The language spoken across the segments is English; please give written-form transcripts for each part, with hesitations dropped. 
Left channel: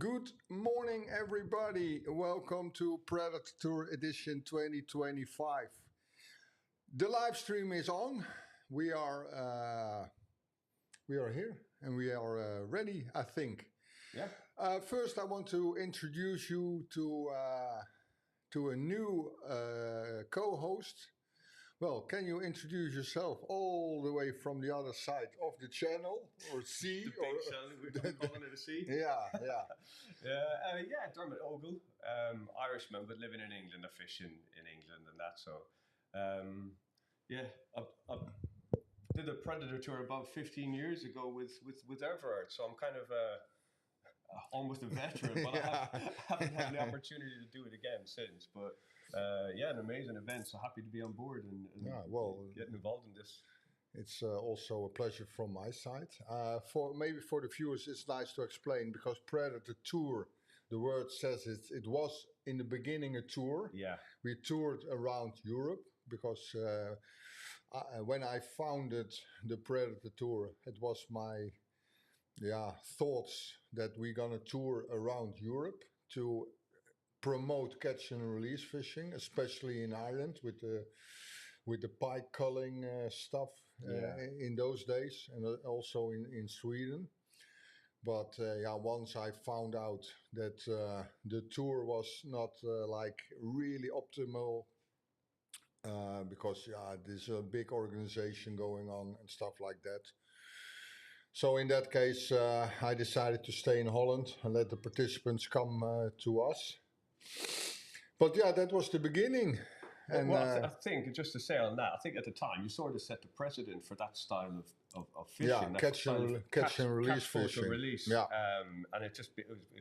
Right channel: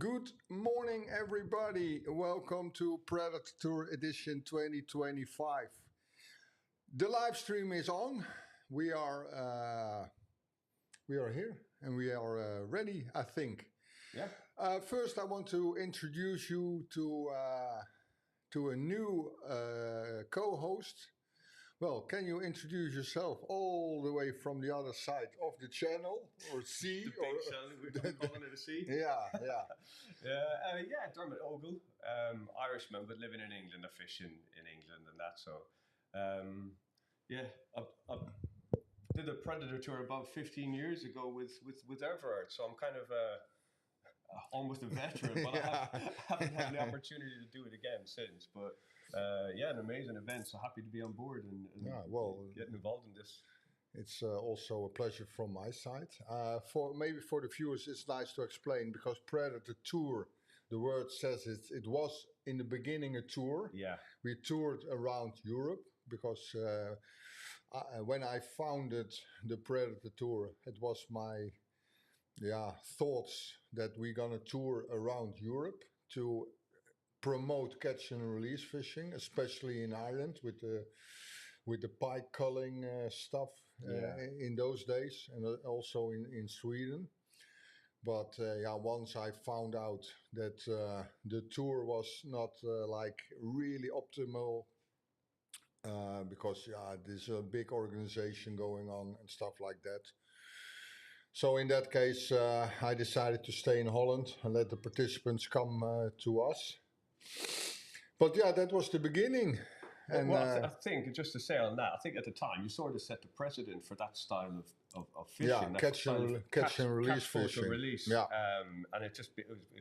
Good morning, everybody. Welcome to Predatortour Edition 2025. The live stream is on. We are here and we are ready, I think. Yeah. First, I want to introduce you to a new co-host. Well, can you introduce yourself all the way from the other side of the channel or sea? The big channel, we're calling it a sea. Yeah. Dermot Ogle, Irishman, but living in England, fishing in England and that. So, I did a Predatortour about 15 years ago with Everard. So I'm kind of almost a veteran, but I haven't had the opportunity to do it again since. But an amazing event. So happy to be on board and getting involved in this. It's also a pleasure from my side. For the viewers, it's nice to explain because Predatortour, the word says it was in the beginning a tour. Yeah, we toured around Europe because when I founded the Predatortour, it was my thoughts that we're gonna tour around Europe to promote catch and release fishing, especially in Ireland with the pike culling stuff in those days, and also in Sweden. But once I found out that the tour was not like really optimal because there's a big organization going on and stuff like that. So in that case, I decided to stay in Holland and let the participants come to us. But that was the beginning. And, I think, just to say on that, I think at the time you sort of set the precedent for that style of fishing. Yeah, catch and release fishing. Yeah. And it was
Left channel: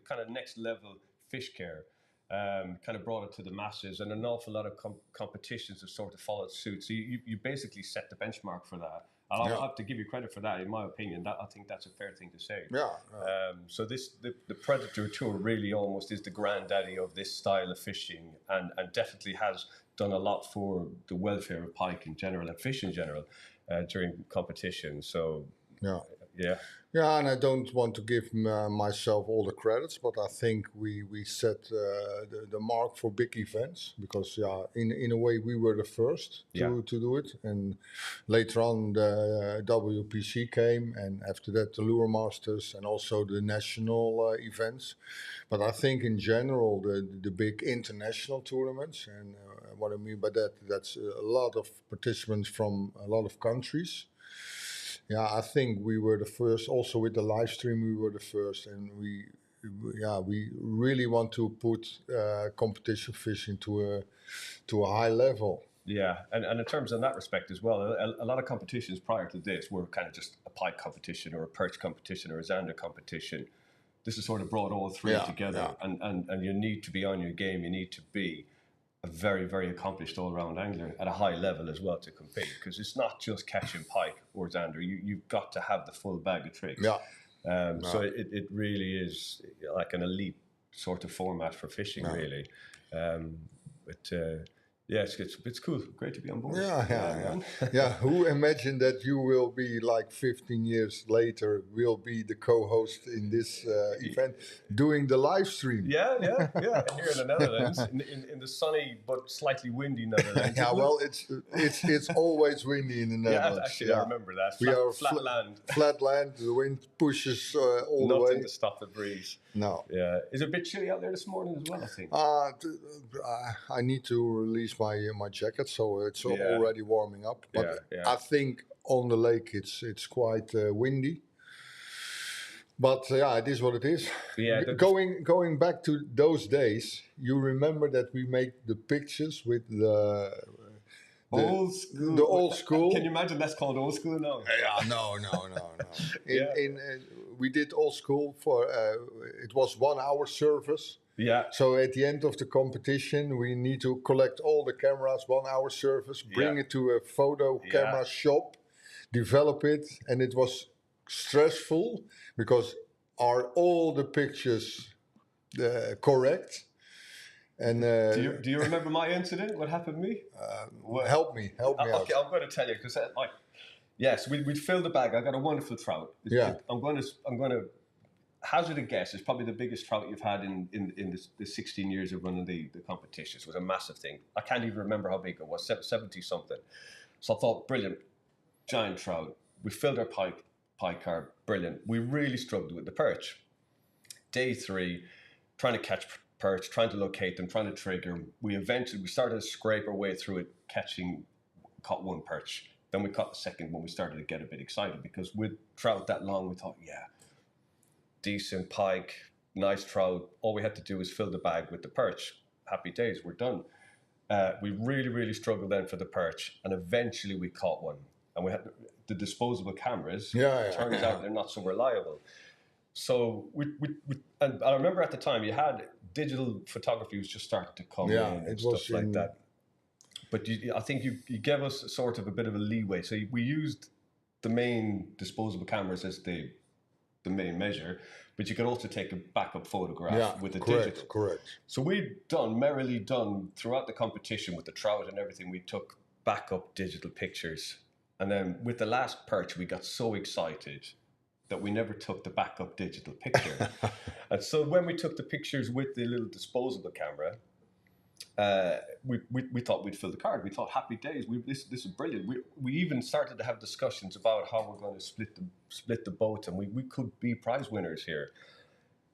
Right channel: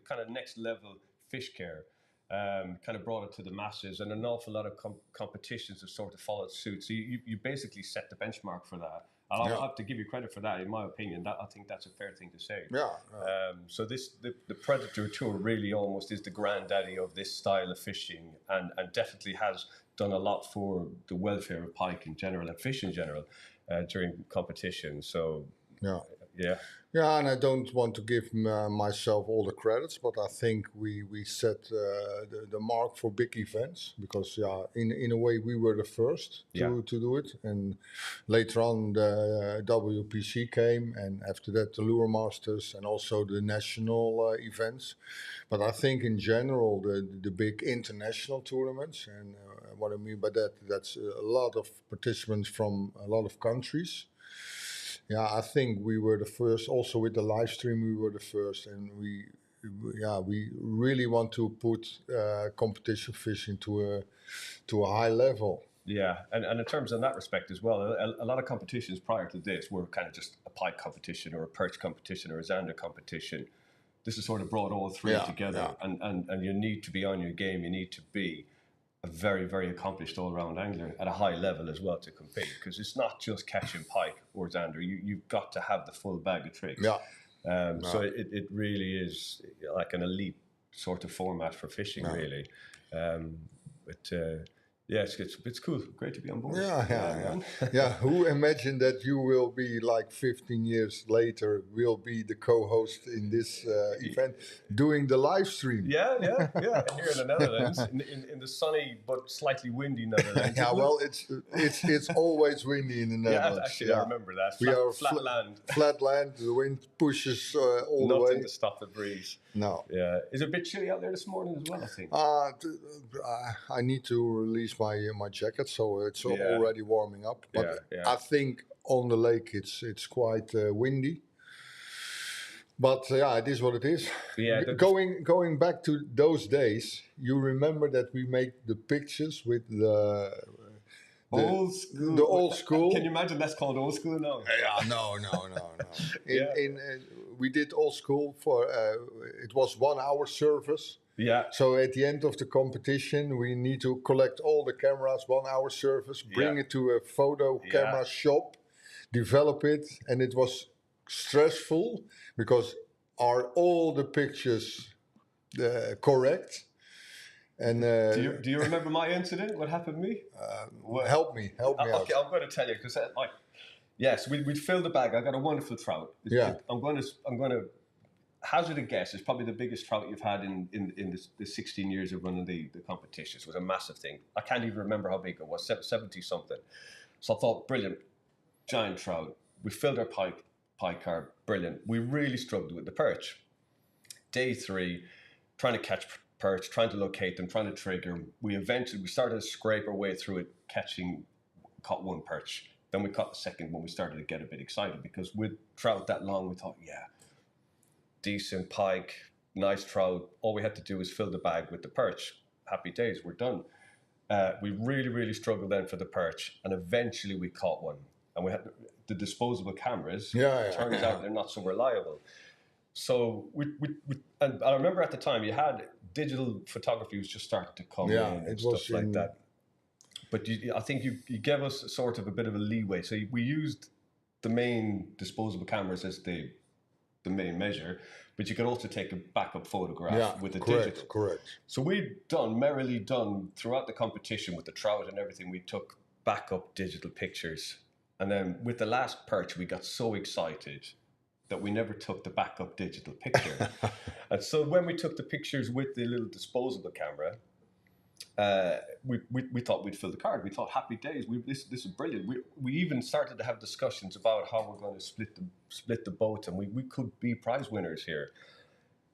kind of next level fish care. Kind of brought it to the masses, and an awful lot of competitions have sort of followed suit. So you basically set the benchmark for that. And I'll have to give you credit for that, in my opinion. I think that's a fair thing to say. So the Predatortour really almost is the granddaddy of this style of fishing, and definitely has done a lot for the welfare of pike in general and fish in general during competition. So and I don't want to give myself all the credits, but I think we set the mark for big events because in a way we were the first to do it, and later on the WPC came, and after that the Lure Masters and also the national events. But I think in general the big international tournaments, and what I mean by that's a lot of participants from a lot of countries. Yeah, I think we were the first. Also with the live stream, we were the first, and we really want to put competition fishing to a high level. Yeah, and in terms of that respect as well, a lot of competitions prior to this were kind of just a pike competition or a perch competition or a zander competition. This has sort of brought all three together, and you need to be on your game. You need to be a very, very accomplished all-round angler at a high level as well to compete, because it's not just catching pike or zander. You've got to have the full bag of tricks. So it really is like an elite sort of format for fishing, really. It's cool. Great to be on board. Who imagined that you will be like 15 years later will be the co-host in this event doing the live stream? Yeah. Here in the Netherlands, in the sunny but slightly windy Netherlands. It's always windy in the Netherlands. I remember that. We are flat land. Flat land. The wind pushes all the way. Nothing to stop the breeze. No. Yeah. Is it a bit chilly out there this morning as well, I think? I need to release my jacket, so it's already warming up. But I think on the lake it's quite windy. But it is what it is. Yeah. Going back to those days, you remember that we made the pictures with the old school. The old school. Can you imagine that's called old school now? No. We did old school for it was 1 hour service. Yeah. So at the end of the competition, we need to collect all the cameras, 1 hour service, bring it to a photo camera shop, develop it, and it was stressful because are all the pictures correct? And do you remember my incident? What happened to me? Help me out. Okay, I'm going to tell you because we'd filled the bag. I got a wonderful trout. I'm going to hazard a guess, it's probably the biggest trout you've had in the 16 years of running the competitions. It was a massive thing. I can't even remember how big it was, 70 something. So I thought, brilliant, giant trout. We filled our pike carb, brilliant. We really struggled with the perch. Day 3, trying to catch perch, trying to locate them, trying to trigger. We started to scrape our way through it, caught one perch. Then we caught the second one. We started to get a bit excited because with trout that long, we thought, yeah, decent pike, nice trout. All we had to do was fill the bag with the perch. Happy days, we're done. We really, really struggled then for the perch, and eventually we caught one. And we had the disposable cameras. Turns out they're not so reliable. So and I remember at the time you had digital photography was just starting to come in and stuff like that. But I think you gave us sort of a bit of a leeway. So we used the main disposable cameras as the main measure, but you could also take a backup photograph with the digital. Correct. So we'd merrily done throughout the competition with the trout and everything, we took backup digital pictures. And then with the last perch, we got so excited that we never took the backup digital picture. And so when we took the pictures with the little disposable camera, we thought we'd fill the card. We thought, happy days. This is brilliant. We even started to have discussions about how we're going to split the boat, and we could be prize winners here.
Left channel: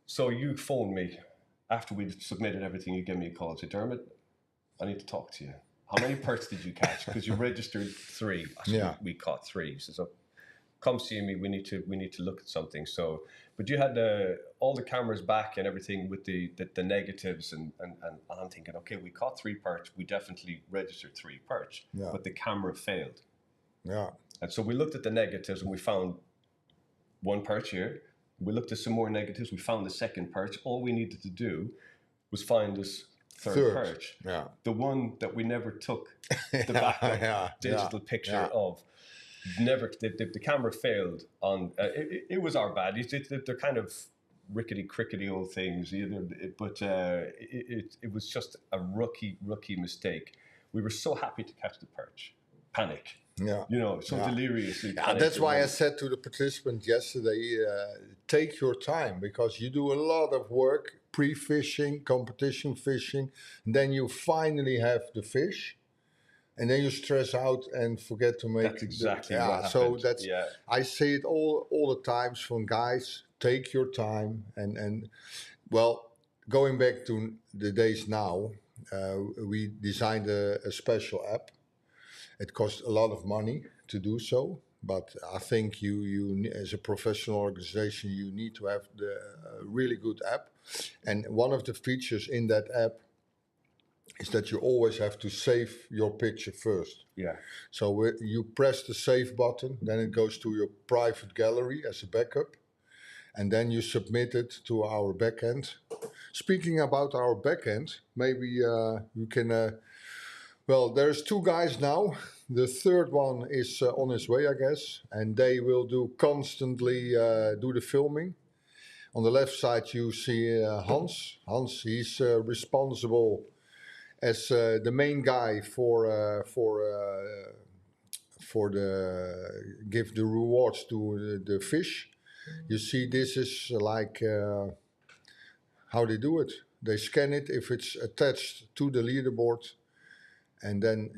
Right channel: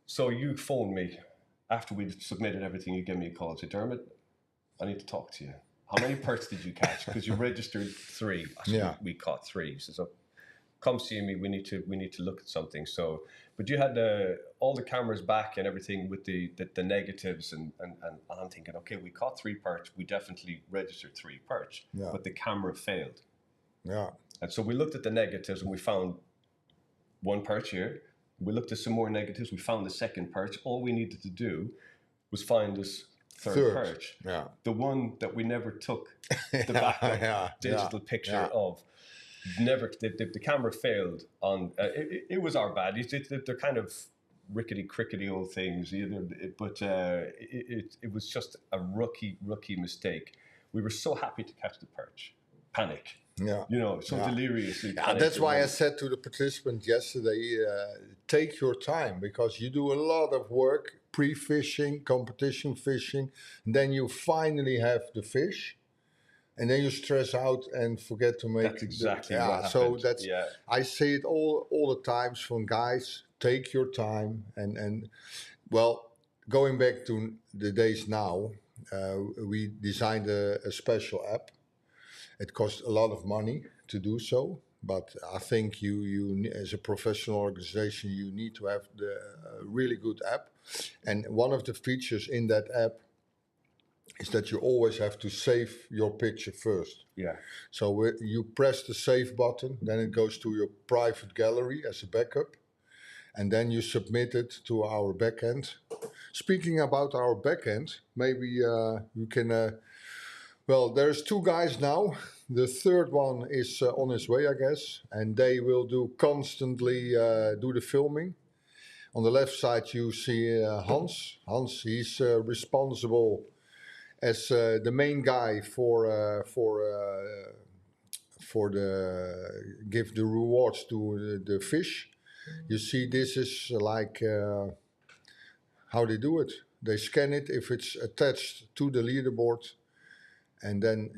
So you phoned me after we'd submitted everything. You gave me a call and said, Dermot, I need to talk to you. How many perch did you catch? Because you registered 3. I said, we caught 3. He says, come see me. We need to look at something. So, but you had all the cameras back and everything with the negatives, and I'm thinking, okay, we caught 3 perch. We definitely registered 3 perch, but the camera failed. Yeah. And so we looked at the negatives and we found 1 perch here. We looked at some more negatives. We found the second perch. All we needed to do was find this third perch. Yeah. The one that we never took the backup digital picture of. Never, the camera failed on. It was our bad. They're kind of rickety old things, but it was just a rookie mistake. We were so happy to catch the perch, panic. Deliriously. That's why I said to the participant yesterday, take your time, because you do a lot of work, pre-fishing, competition fishing, and then you finally have the fish. And then you stress out and forget to make. That's exactly what happened. So that's I say it all the times from guys. Take your time and well, going back to the days now, we designed a special app. It cost a lot of money to do so, but I think you as a professional organization, you need to have the really good app. And one of the features in that app is that you always have to save your picture first. Yeah. So you press the save button, then it goes to your private gallery as a backup, and then you submit it to our backend. Speaking about our backend, maybe you can. Well, there's 2 guys now. The third one is on his way, I guess, and they will constantly do the filming. On the left side, you see Hans. Hans, he's responsible as the main guy for give the rewards to the fish. You see, this is like how they do it. They scan it if it's attached to the leaderboard, and then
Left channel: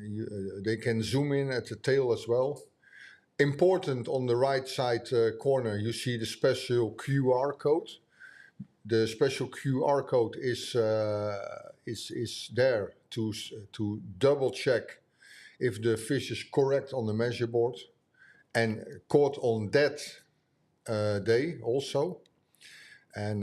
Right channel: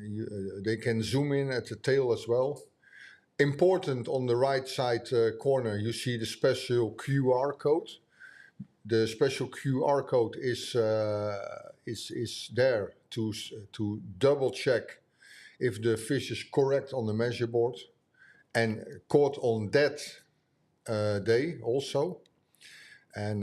they can zoom in at the tail as well. Important, on the right side corner, you see the special QR code. The special QR code is there to double check if the fish is correct on the measure board and caught on that day also. And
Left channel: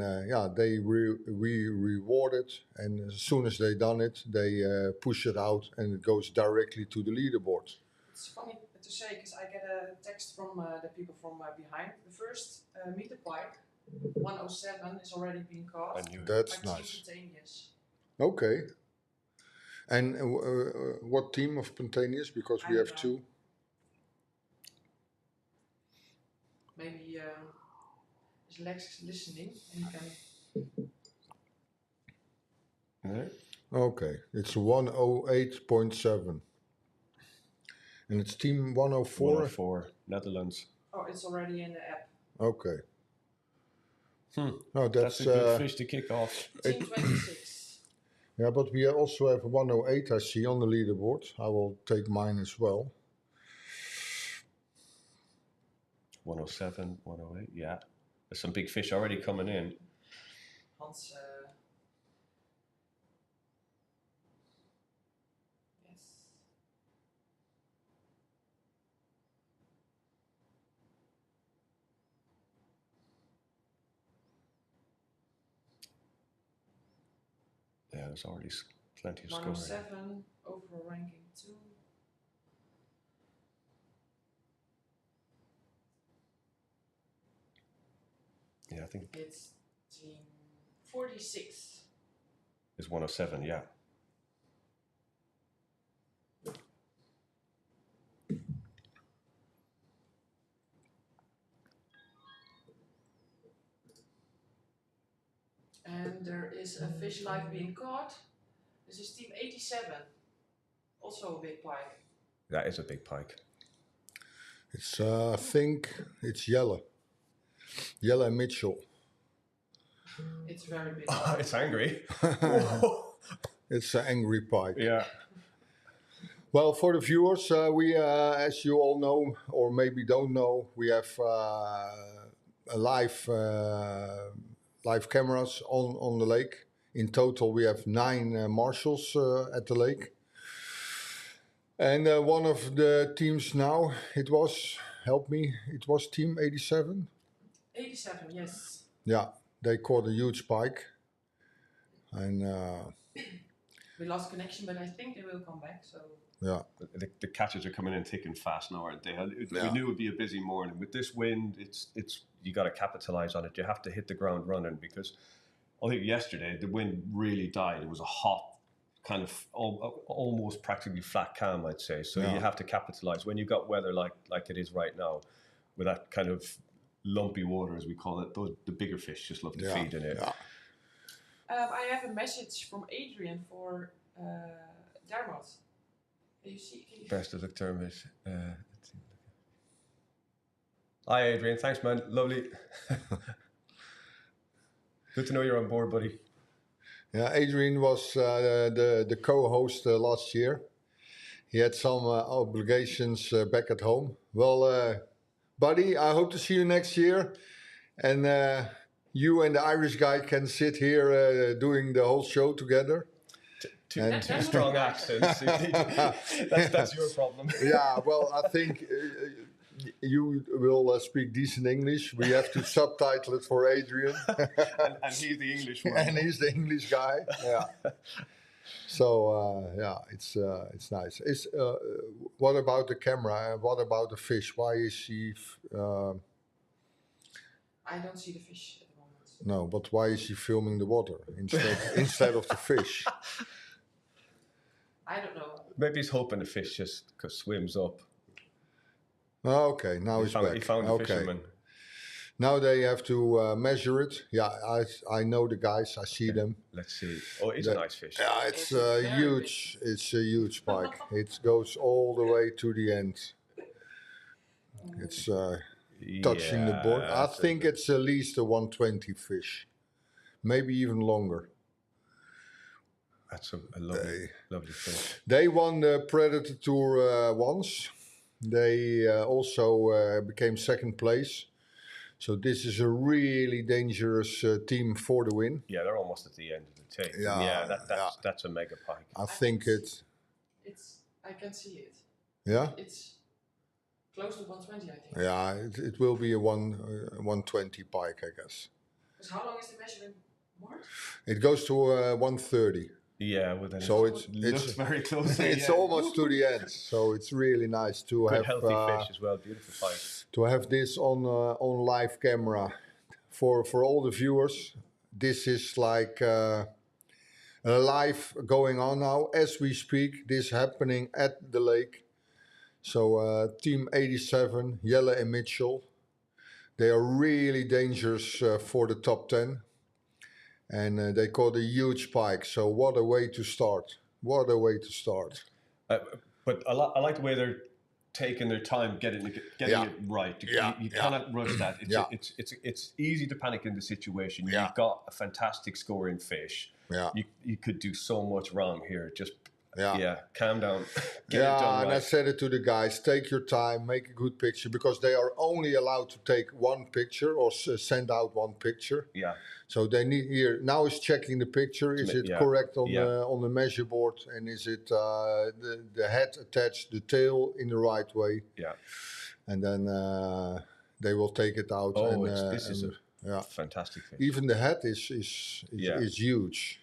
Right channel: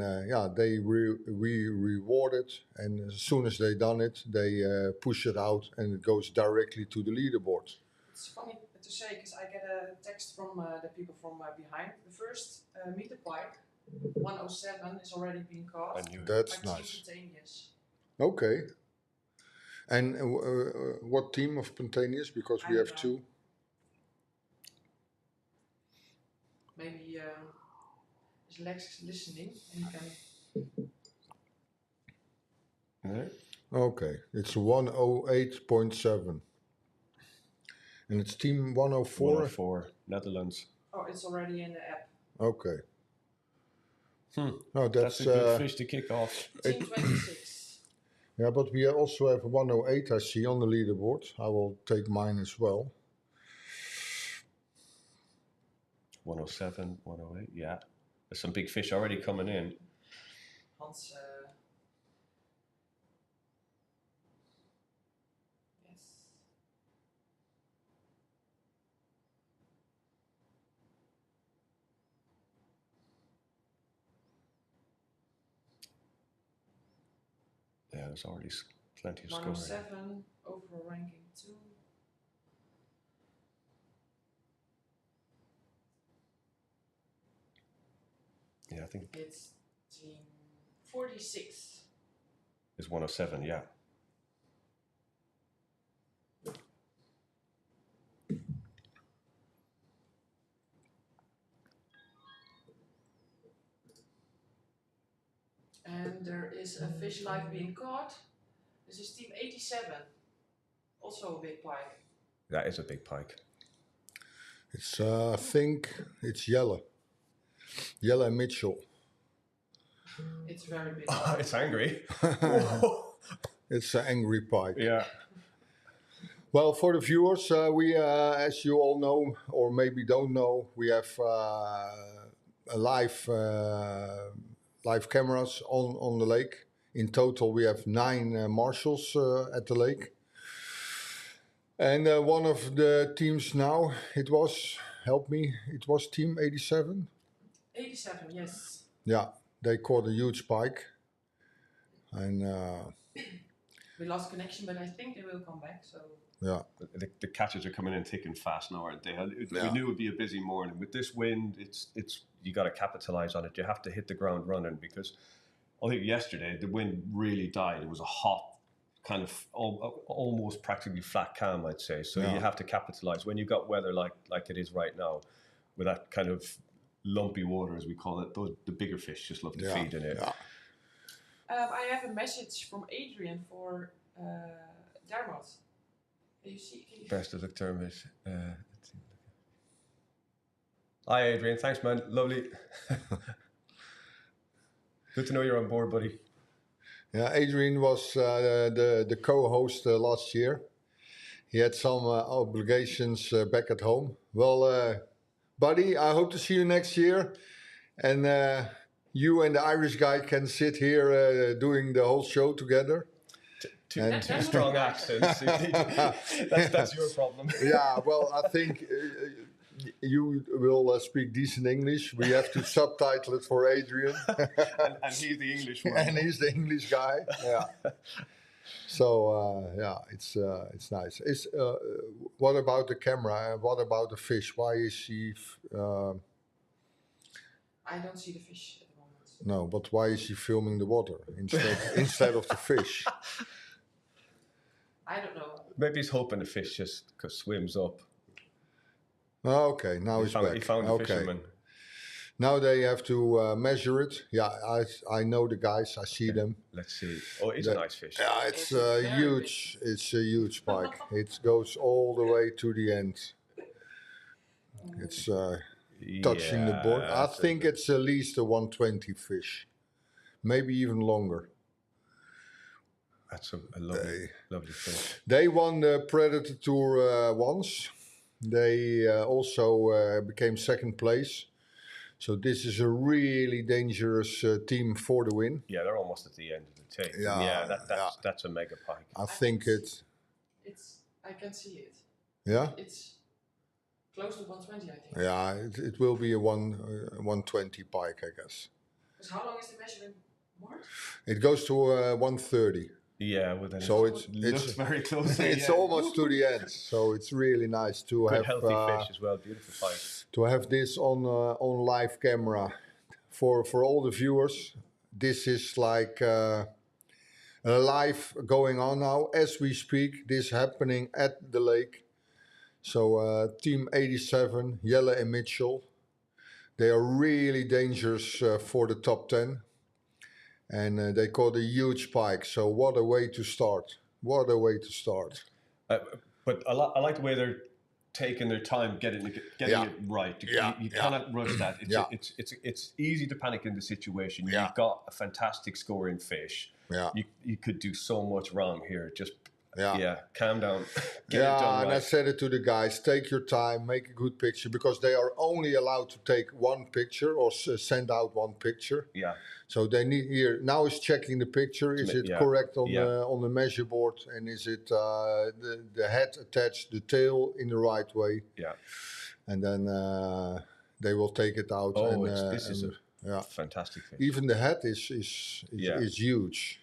they reward it, and as soon as they done it, they push it out and it goes directly to the leaderboard. It's funny to say, because I get a text from the people from behind. The first meter pike, 107, is already being caught. That's nice. Okay. And what team of spontaneous? Because we have 2. Maybe is Lex listening and he can. Okay, it's 108.7. And it's team 104? 104, Netherlands. Oh, it's already in the app. Okay. No, That's a good fish to kick off. Team 26. yeah, but we also have 108 I see on the leaderboard. I will take mine as well. 107, 108, yeah. There's some big fish already coming in. Hans. Yes. Yeah, there's already plenty of scoring. 107, overall ranking 2. Yeah, I think It's team 46. it's 107, yeah. And there is a fish live being caught. This is team 87. Also a big pike. That is a big pike. It's I think it's Jelle. Jelle Mitchell. It's very big. It's angry. It's an angry pike. Yeah. Well, for the viewers, we, as you all know, or maybe don't know, we have a live cameras on the lake. In total, we have 9 marshals at the lake. And one of the teams now, it was, help me, it was team 87? 87, yes. Yeah, they caught a huge pike. And We lost connection, but I think they will come back. So yeah, The catches are coming in thick and fast now, aren't they? We Yeah. knew it would be a busy morning. With this wind, it's you got to capitalize on it. You have to hit the ground running because I think yesterday the wind really died. It was a hot, kind of almost practically flat calm, I'd say. So Yeah. you have to capitalize when you've got weather like it is right now, with that kind of lumpy water, as we call it. The bigger fish just love to feed in it. Yeah. I have a message from Adrian for Dermot. Can you see? Best of the term is. Hi, Adrian. Thanks, man. Lovely. Good to know you're on board, buddy. Yeah, Adrian was the co-host last year. He had some obligations back at home. Well, buddy, I hope to see you next year. And you and the Irish guy can sit here doing the whole show together. Two strong accents. That's your problem. Yeah, well, I think you will speak decent English. We have to subtitle it for Adrian. and he's the English one. And he's the English guy. Yeah. So yeah, it's nice. What about the camera? What about the fish? Why is she? I don't see the fish at the moment. No, but why is she filming the water instead of the fish? I don't know. Maybe he's hoping the fish just swims up. Oh, okay, now he's back. He found the fisherman. Now they have to measure it. Yeah, I know the guys. I see them. Let's see. Oh, it's a nice fish. Yeah, it's It's huge. It's a huge pike. It goes all the way to the end. It's touching the board. I think it's at least a 120 fish, maybe even longer. That's a lovely fish. They won the Predatortour once. They also became second place. So this is a really dangerous team for the win. Yeah, they're almost at the end of the tape. Yeah, that's a mega pike. I think it's. I can see it. Yeah. It's close to 120, I think. Yeah, it will be a 120 pike, I guess. Because how long is the measurement board? It goes to 130. Yeah, well then So it looks very close. It's almost to the end. So it's really nice to Good have healthy fish as well. Beautiful pike. to have this on live camera for all the viewers. This is like live going on now as we speak. This happening at the lake. So Team 87, Jelle and Mitchell, they are really dangerous for the top 10. And they caught a huge pike. So what a way to start. What a way to start. But I like the way taking their time getting it right. You cannot rush that. It's easy to panic in the situation. Yeah. You've got a fantastic scoring fish. Yeah. You could do so much wrong here. Just calm down. Get it Yeah, done and right. I said it to the guys, take your time, make a good picture, because they are only allowed to take one picture or send out one picture. Yeah. So they need here, now is checking the picture, is it correct on the measure board, and is it the head attached, the tail in the right way? Yeah. And then they will take it out. Oh, and, this is a fantastic fish. Even the head is huge.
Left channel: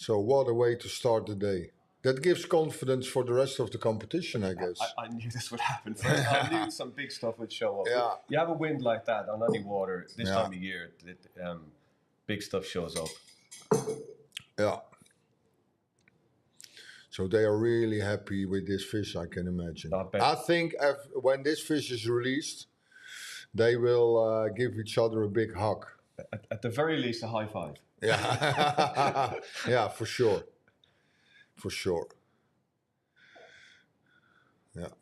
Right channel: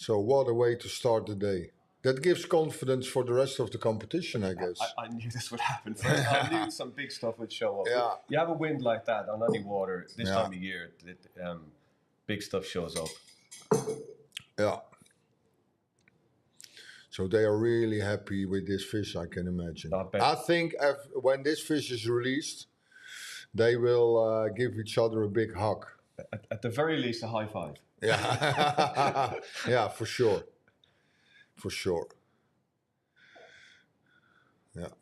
So what a way to start the day. That gives confidence for the rest of the competition, I guess. I knew this would happen. I knew some big stuff would show up. Yeah. You have a wind like that on any water this time of year, big stuff shows up. Yeah. So they are really happy with this fish, I can imagine. I think when this fish is released, they will give each other a big hug. At the very least, a high five. Yeah, yeah, for sure. For sure. Yeah.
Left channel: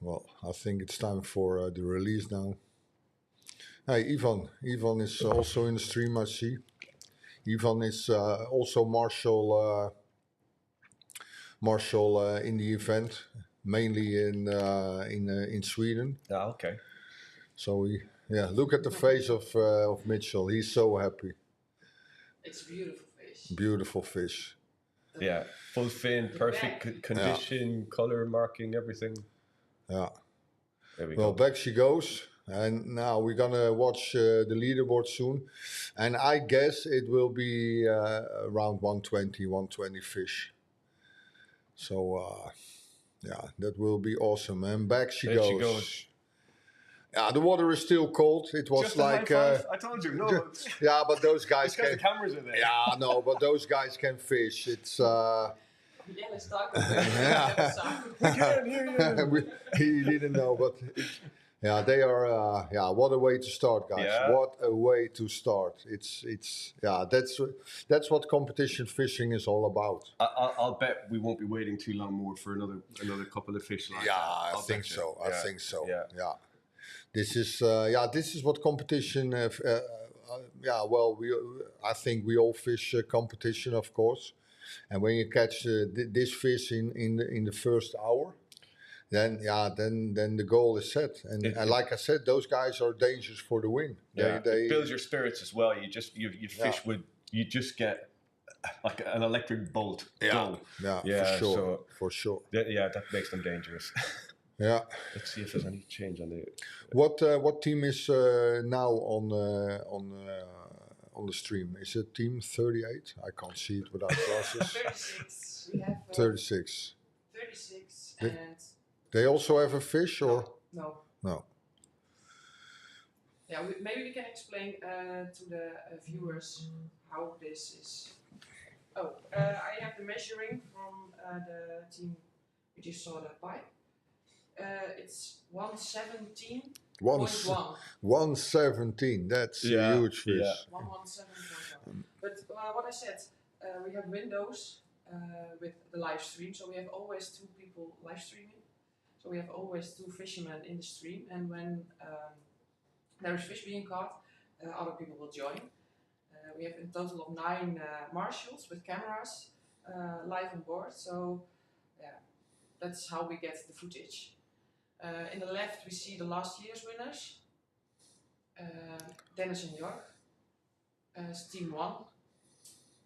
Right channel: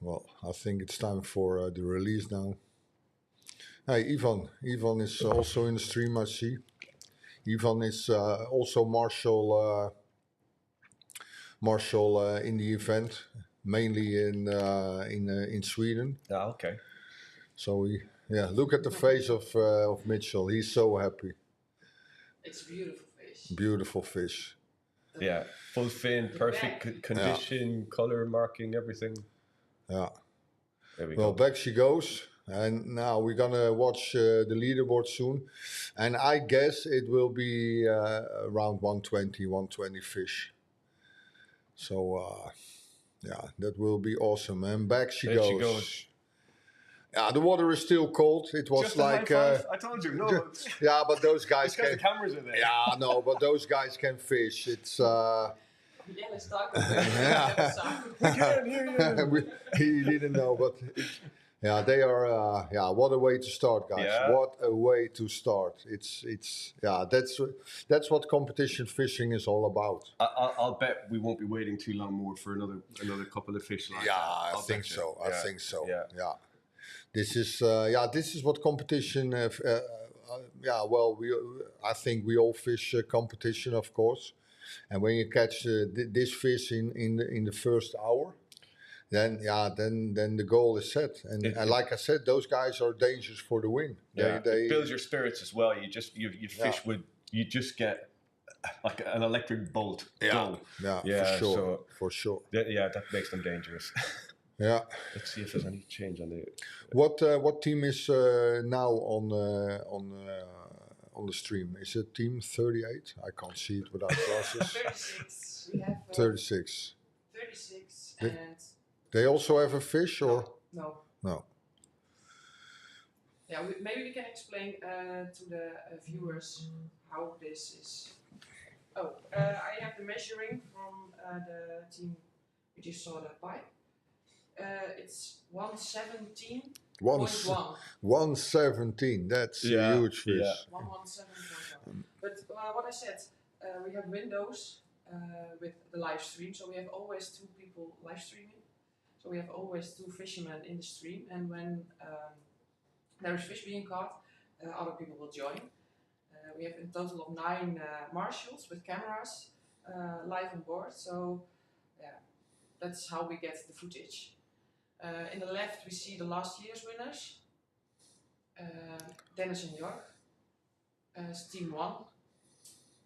Well, I think it's time for the release now. Hey, Ivan. Ivan is also in the stream, I see. Ivan is also marshal in the event, mainly in Sweden. Ah, okay. So look at the face of Mitchell. He's so happy. It's a beautiful fish. Beautiful fish. Yeah, full fin, perfect condition, color marking, everything. Yeah. There we go. Back she goes. And now we're gonna watch the leaderboard soon, and I guess it will be around 120 fish. So that will be awesome. And back she goes. Yeah, the water is still cold. It was just like I told you, no. Yeah, but those guys can. The cameras are there. Yeah, no, but those guys can fish. It's. Yeah, let's talk about We can't hear you. He didn't know, but. They are. What a way to start, guys! Yeah. What a way to start! It's. That's what competition fishing is all about. I'll bet we won't be waiting too long more for another couple of fish like that. I think so. I think so. Yeah. This is what competition. I think we all fish competition, of course, and when you catch this fish in the first hour. Then the goal is set, and like I said, those guys are dangerous for the win. It builds your spirits as well. You fish with you just get like an electric bolt. Yeah, for sure. That makes them dangerous. Yeah. Let's see if there's any change on the. What team is now on the stream? Is it team 38? I can't see it without glasses. 36. We have 36. 36 and. They also have a fish, or no? Yeah, maybe we can explain to the viewers how this is. I have the measuring from the team we just saw that pipe. It's 117.1. 117. That's a huge fish. Yeah. 117.1. But what I said, we have windows with the live stream, so we have always 2 people live streaming. So we have always 2 fishermen in the stream, and when there is fish being caught, other people will join. We have a total of 9 marshals with cameras live on board. So that's how we get the footage. In the left we see the last year's winners, Dennis and York, team 1.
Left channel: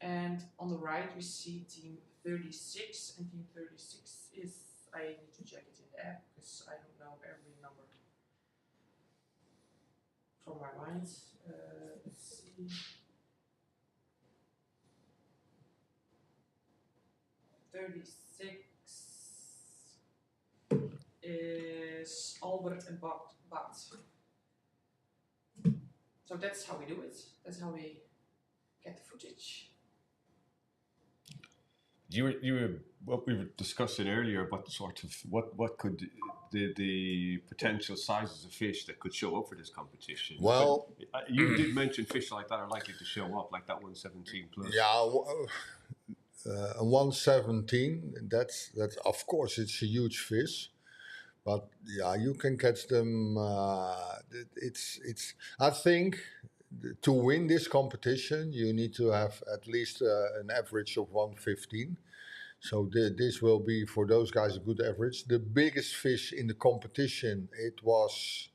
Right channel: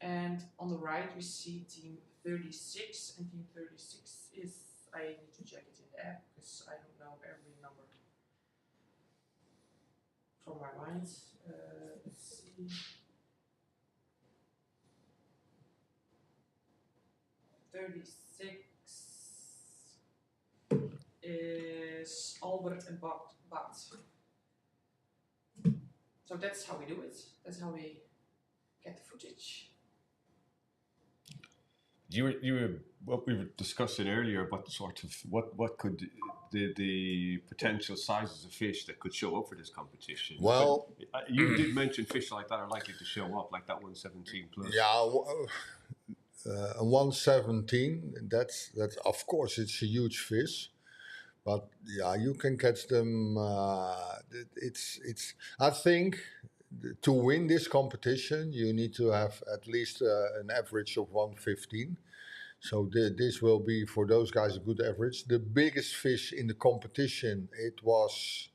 And on the right we see team 36, and team 36 is, I need to check it in the app because I don't know every number from my mind. Let's see. 36 is Albert and Bart. So that's how we do it. That's how we get the footage. You were what we were discussing earlier about sort of what could the potential sizes of fish that could show up for this competition. Well, but you did mention fish like that are likely to show up, like that 117 plus. Yeah, a 117. That's of course it's a huge fish, but yeah, you can catch them. It's. I think to win this competition, you need to have at least an average of 115. So this will be for those guys a good average. The biggest fish in the competition, it was,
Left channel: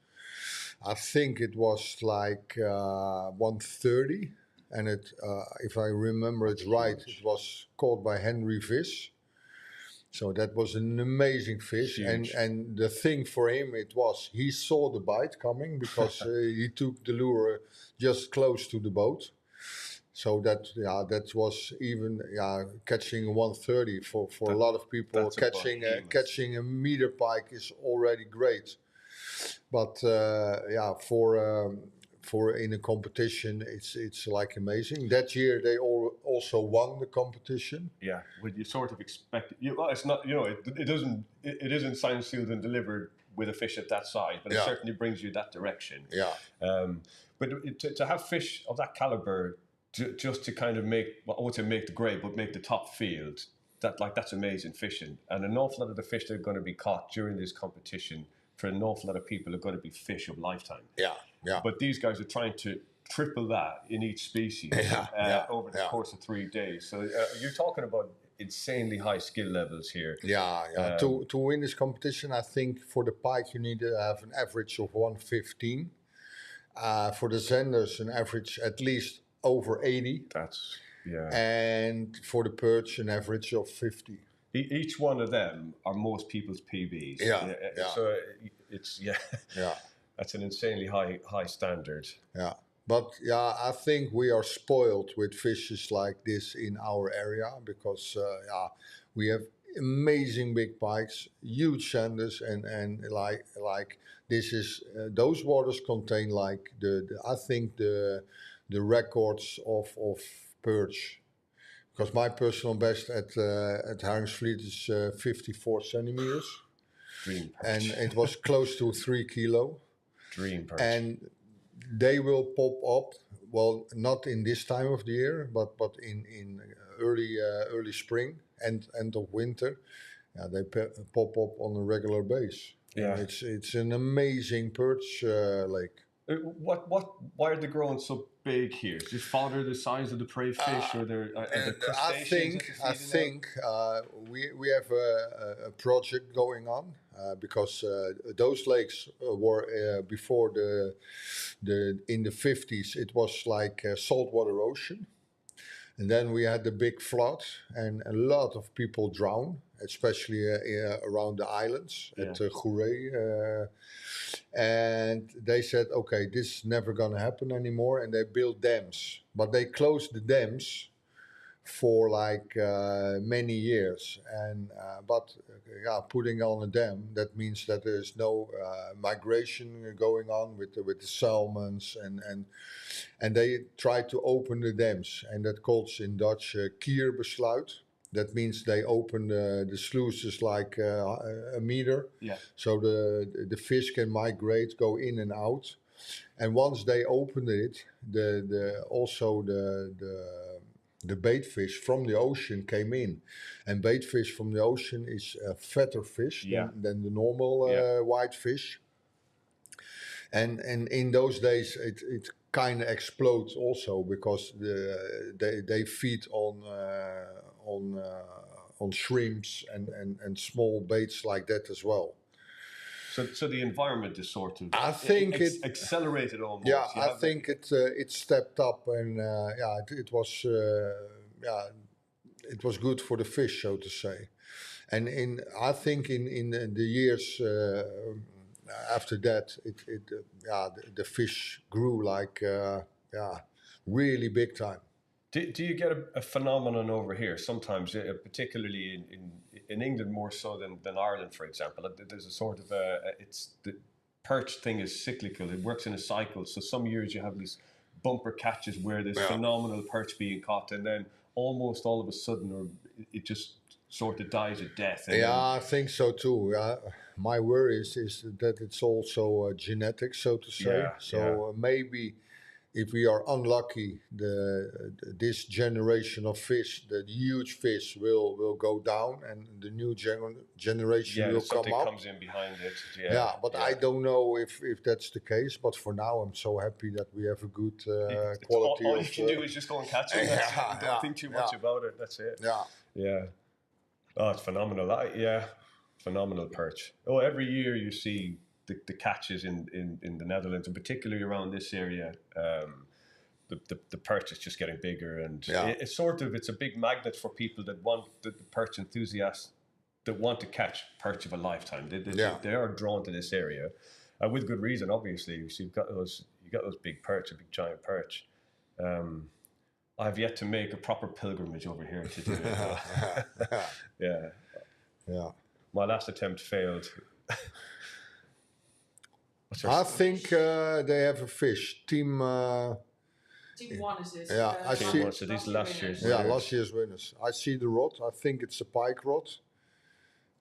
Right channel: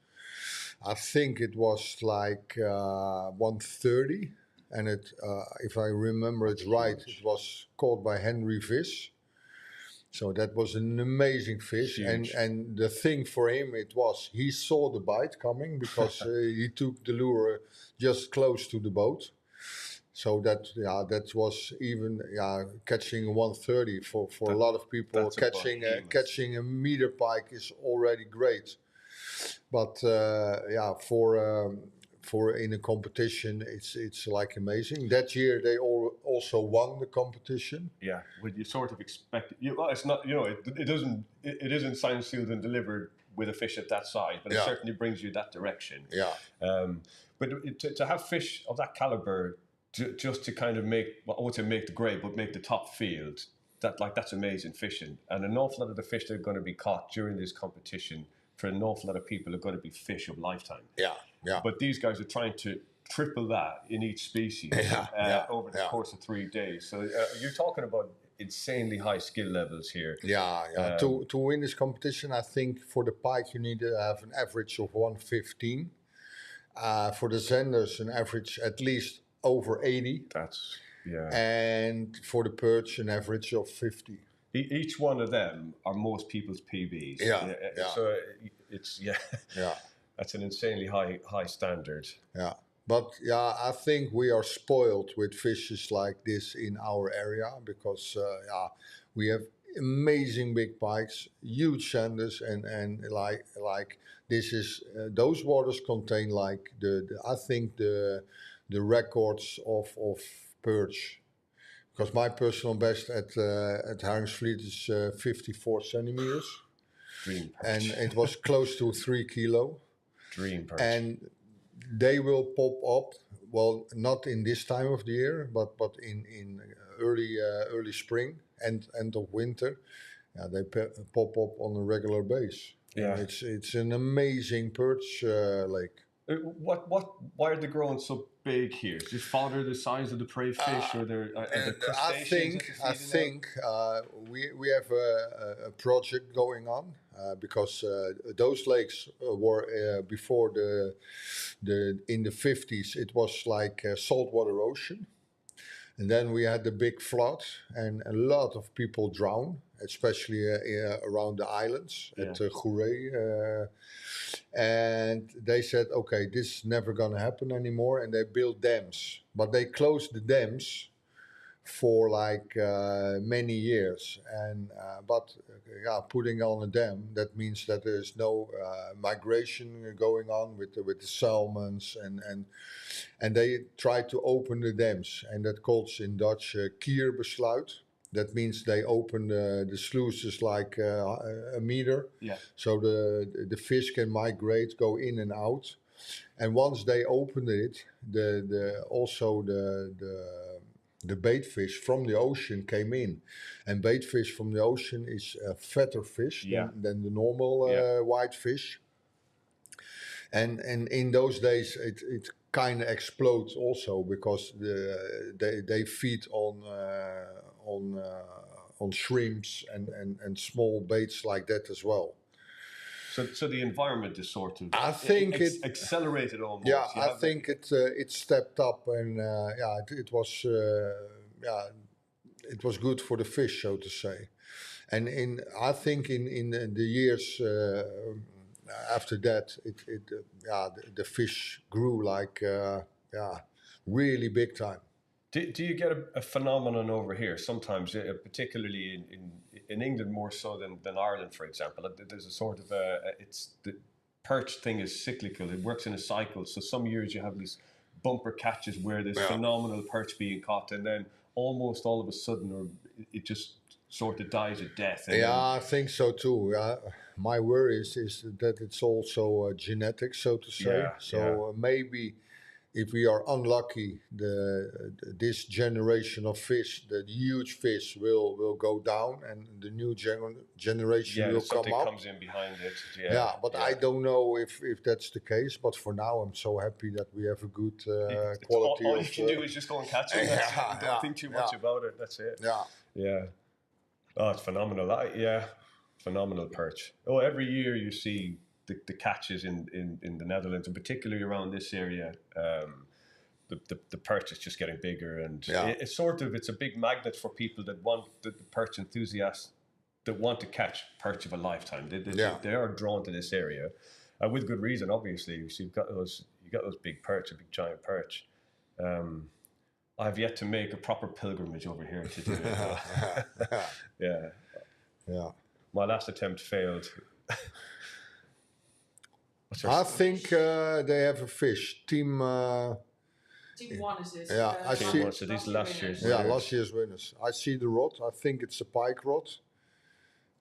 I think it was like 130, and if I remember it right, it was caught by Henry Fish. So that was an amazing fish, Huge. and the thing for him it was he saw the bite coming because he took the lure just close to the boat. So that was even catching 130 for a lot of people. Catching a meter pike is already great, but for in a competition it's like amazing. That year they also won the competition. Yeah, would you sort of expect it? Well, it's not, it isn't signed, sealed, and delivered with a fish at that size, but it certainly brings you that direction. Yeah. But to have fish of that caliber, just to kind of make, well, I won't say make the grade, but make the top field, that's amazing fishing. And an awful lot of the fish that are going to be caught during this competition, for an awful lot of people, are going to be fish of lifetime. Yeah. But these guys are trying to triple that in each species over the course of 3 days. So you're talking about insanely high skill levels here. To win this competition, I think for the pike you need to have an average of 115. For the zenders, an average at least over 80. And for the perch, an average of 50. Each one of them are most people's PBs. So it's that's an insanely high standard. Yeah. But I think we are spoiled with fishes like this in our area because we have amazing big pikes, huge sanders, and like this is those waters contain like I think the records of perch. Because my personal best at Haringsvliet is 54 centimeters. Dream perch. And it was close to 3 kilo. Dream perch. And they will pop up, well, not in this time of the year, but in early spring and end of winter. They pop up on a regular base. Yeah. And it's an amazing perch lake. Why are they growing so big here? Is this fodder the size of the prey fish, or are there crustaceans? I think we have a project going on because those lakes were before in the 50s. It was like a saltwater ocean, and then we had the big flood, and a lot of people drowned, especially around the islands at Goeree. And they said, okay, this is never going to happen anymore. And they built dams. But they closed the dams for like many years. And putting on a dam, that means that there's no migration going on with the salmons. And they tried to open the dams. And that calls in Dutch kierbesluit. That means they open the sluices like a meter, so the fish can migrate, go in and out. And once they opened it, the bait fish from the ocean came in, and bait fish from the ocean is a fatter fish than the normal white fish. And in those days, it kind of explodes also because they feed on shrimps and small baits like that as well. So the environment is sort of it accelerated almost. Yeah, I think it stepped up, and it was good for the fish, so to say. And I think in the years after that, the fish grew like really big time. Do you get a phenomenon over here sometimes, particularly in England more so than Ireland, for example? There's a sort of the perch thing is cyclical. It works in a cycle. So some years you have these bumper catches where there's phenomenal perch being caught, and then almost all of a sudden, it just sort of dies a death. I think so too. My worry is that it's also genetic, so to say. Maybe if we are unlucky, this generation of fish, the huge fish, will go down, and the new generation will come something up. comes in behind it. Yeah, but I don't know if that's the case. But for now, I'm so happy that we have a good quality. All you can do is just go and catch it. Don't think too much about it. That's it. Yeah. Oh, it's phenomenal. Phenomenal perch. Oh, every year you see the catches in the Netherlands, and particularly around this area. The perch is just getting bigger, and it's a big magnet for people that want the perch enthusiasts that want to catch perch of a lifetime. They are drawn to this area, with good reason, obviously. So you've got those big perch, a big giant perch. I've yet to make a proper pilgrimage over here to do it. Yeah. My last attempt failed. I think they have a fish. Team 1 is this. Yeah, I see. So these last year's winners. Last year's winners. I see the rod. I think it's a pike rod.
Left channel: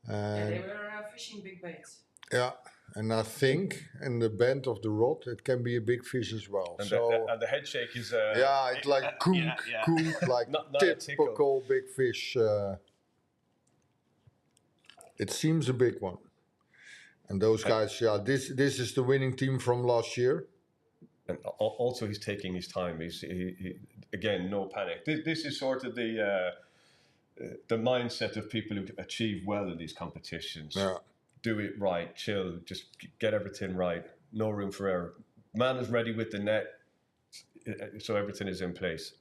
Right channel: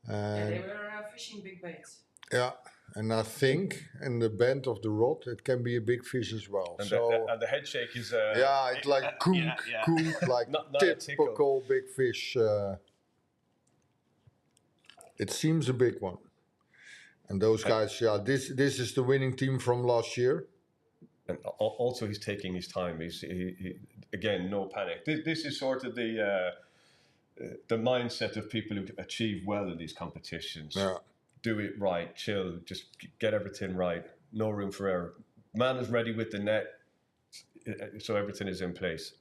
They were fishing big baits. Yeah, and I think in the bend of the rod it can be a big fish as well. And the head shake is it's like kook, like not typical big fish. It seems a big one. And those guys, this is the winning team from last year. And also, he's taking his time. He again, no panic. This is sort of the mindset of people who achieve well in these competitions. Yeah. Do it right, chill, just get everything right. No room for error. Man is ready with the net, so everything is in place.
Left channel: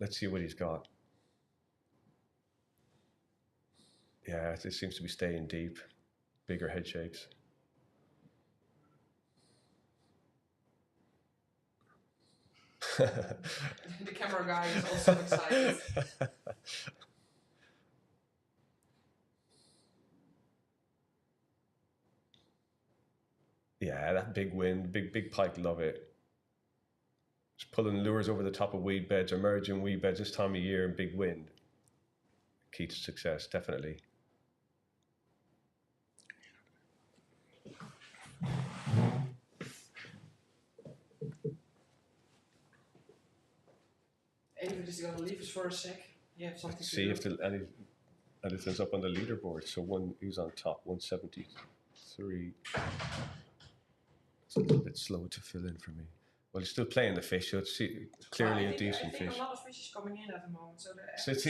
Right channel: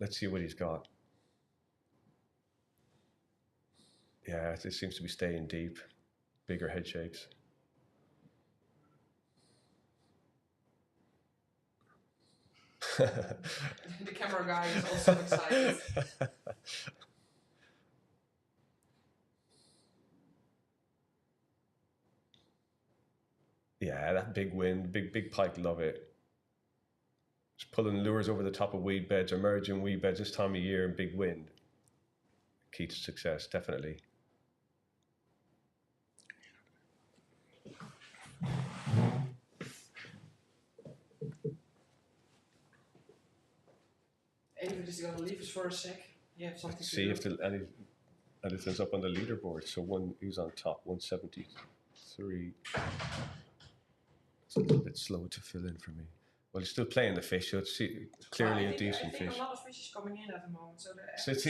Let's see what he's got. Yeah, this seems to be staying deep. Bigger head shakes. The camera guy is also excited. Yeah, that big wind, big pike, love it. Just pulling lures over the top of weed beds, emerging weed beds this time of year in big wind. Key to success, definitely. David is going to leave us for a sec. You have something to see do. if anything's up on the leaderboard. So he's on top, 173. It's a little bit slow to fill in for me. Well, he's still playing the fish, so it's clearly a decent fish. I think a lot of fish is coming in at the moment. So it's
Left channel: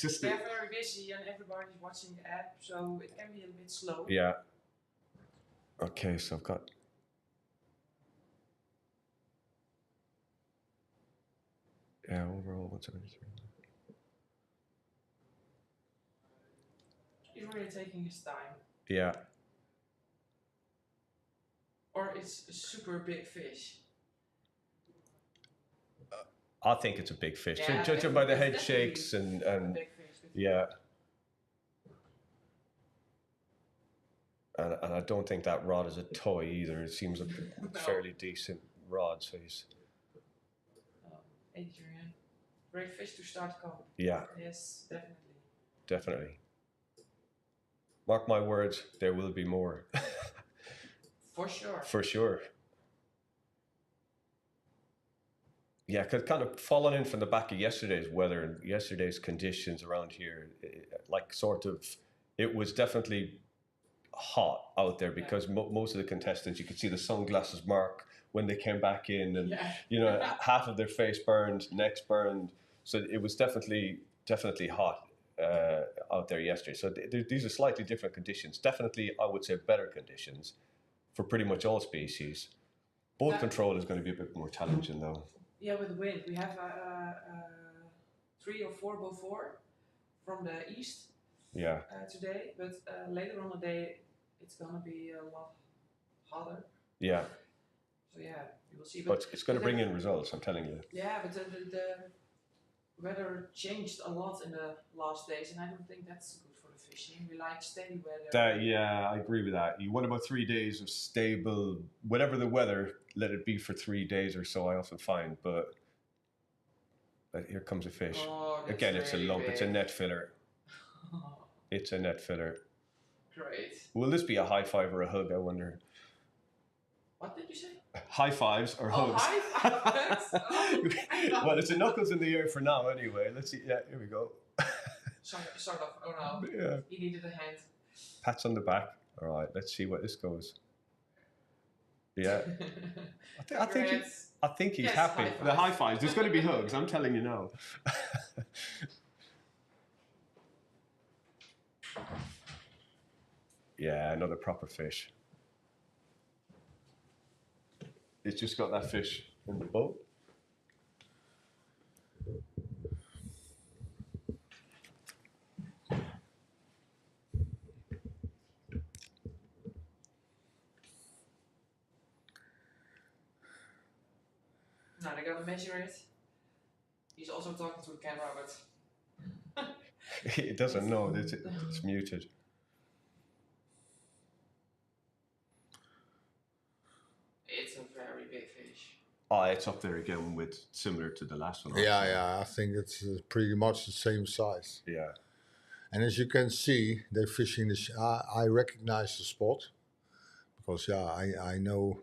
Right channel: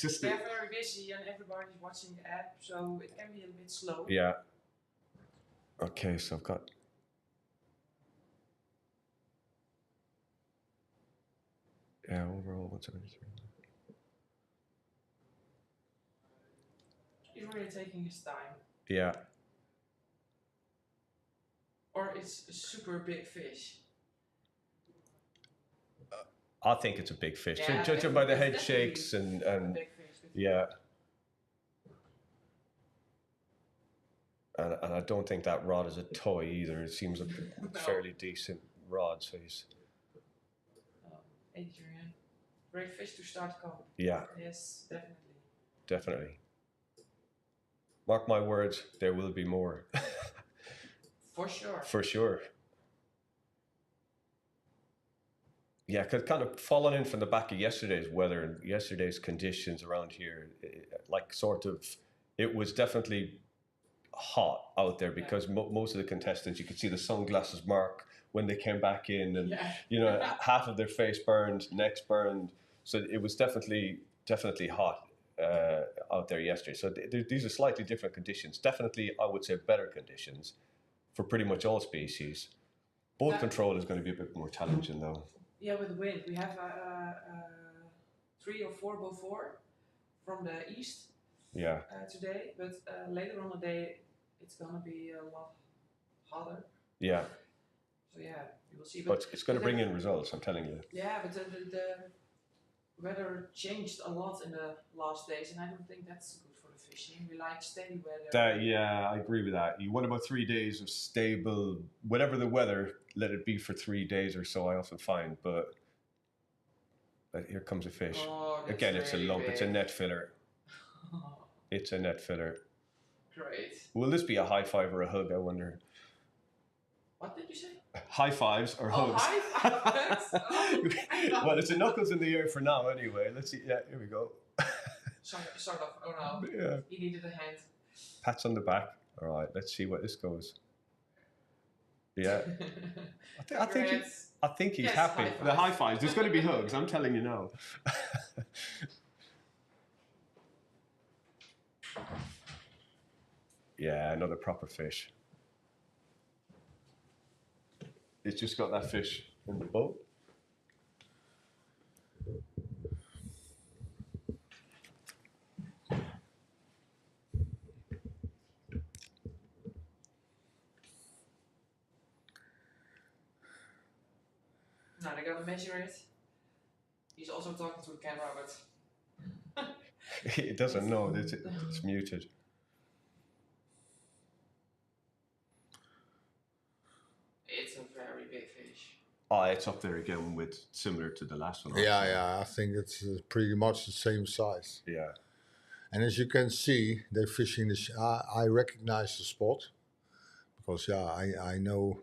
just they're very busy and everybody's watching the app, so it can be a bit slow. Yeah. Okay, so I've got... Yeah, overall 173. He's really taking his time. Yeah. Or it's a super big fish. I think it's a big fish. Judging by the head shakes and big fish, yeah. And I don't think that rod is a toy either. It seems a fairly decent rod. So he's... Adrian. Great fish to start comp. Yeah. Yes, definitely. Definitely. Mark my words, there will be more. For sure. For sure. Yeah, because kind of falling in from the back of yesterday's weather and yesterday's conditions around here, it was definitely hot out there because most of the contestants, you could see the sunglasses mark when they came back in, and half of their face burned, necks burned. So it was definitely hot out there yesterday. So these are slightly different conditions. Definitely, I would say better conditions for pretty much all species. Boat control is going to be a bit more challenging though. Yeah, with the wind. We have 3 or 4 before from the east today, but later on the day it's going to be a lot hotter. Yeah. So yeah, you will see. But it's going to bring in results, I'm telling you. Yeah, but the weather changed a lot in the last days, and I don't think that's good for the fishing. We like steady weather. I agree with that. You want about 3 days of stable, whatever the weather, let it be for 3 days or so, I often find. But here comes a fish. Again, it's really a lump. Big. It's a net filler. It's a net filler. Great. Will this be a high five or a hug, I wonder? What did you say? high fives or Oh, hugs. high fives! Oh, Well, it's a knuckles in the air for now anyway. Let's see. Yeah, here we go. sort of. Oh no. Yeah. He needed a hand. Pats on the back. All right, let's see where this goes. Yeah. I think he's Yes, happy. high The high five. fives. There's going to be hugs. I'm telling you now. Yeah, another proper fish. It's just got that fish in the boat. Now they're gonna measure it. He's also talking to the camera, but It doesn't know. It's muted. it's a very big fish. Oh, it's up there again with similar to the last one. Yeah, also. yeah. I think it's pretty much the same size. Yeah. And as you can see, they're fishing this. I recognize the spot because I know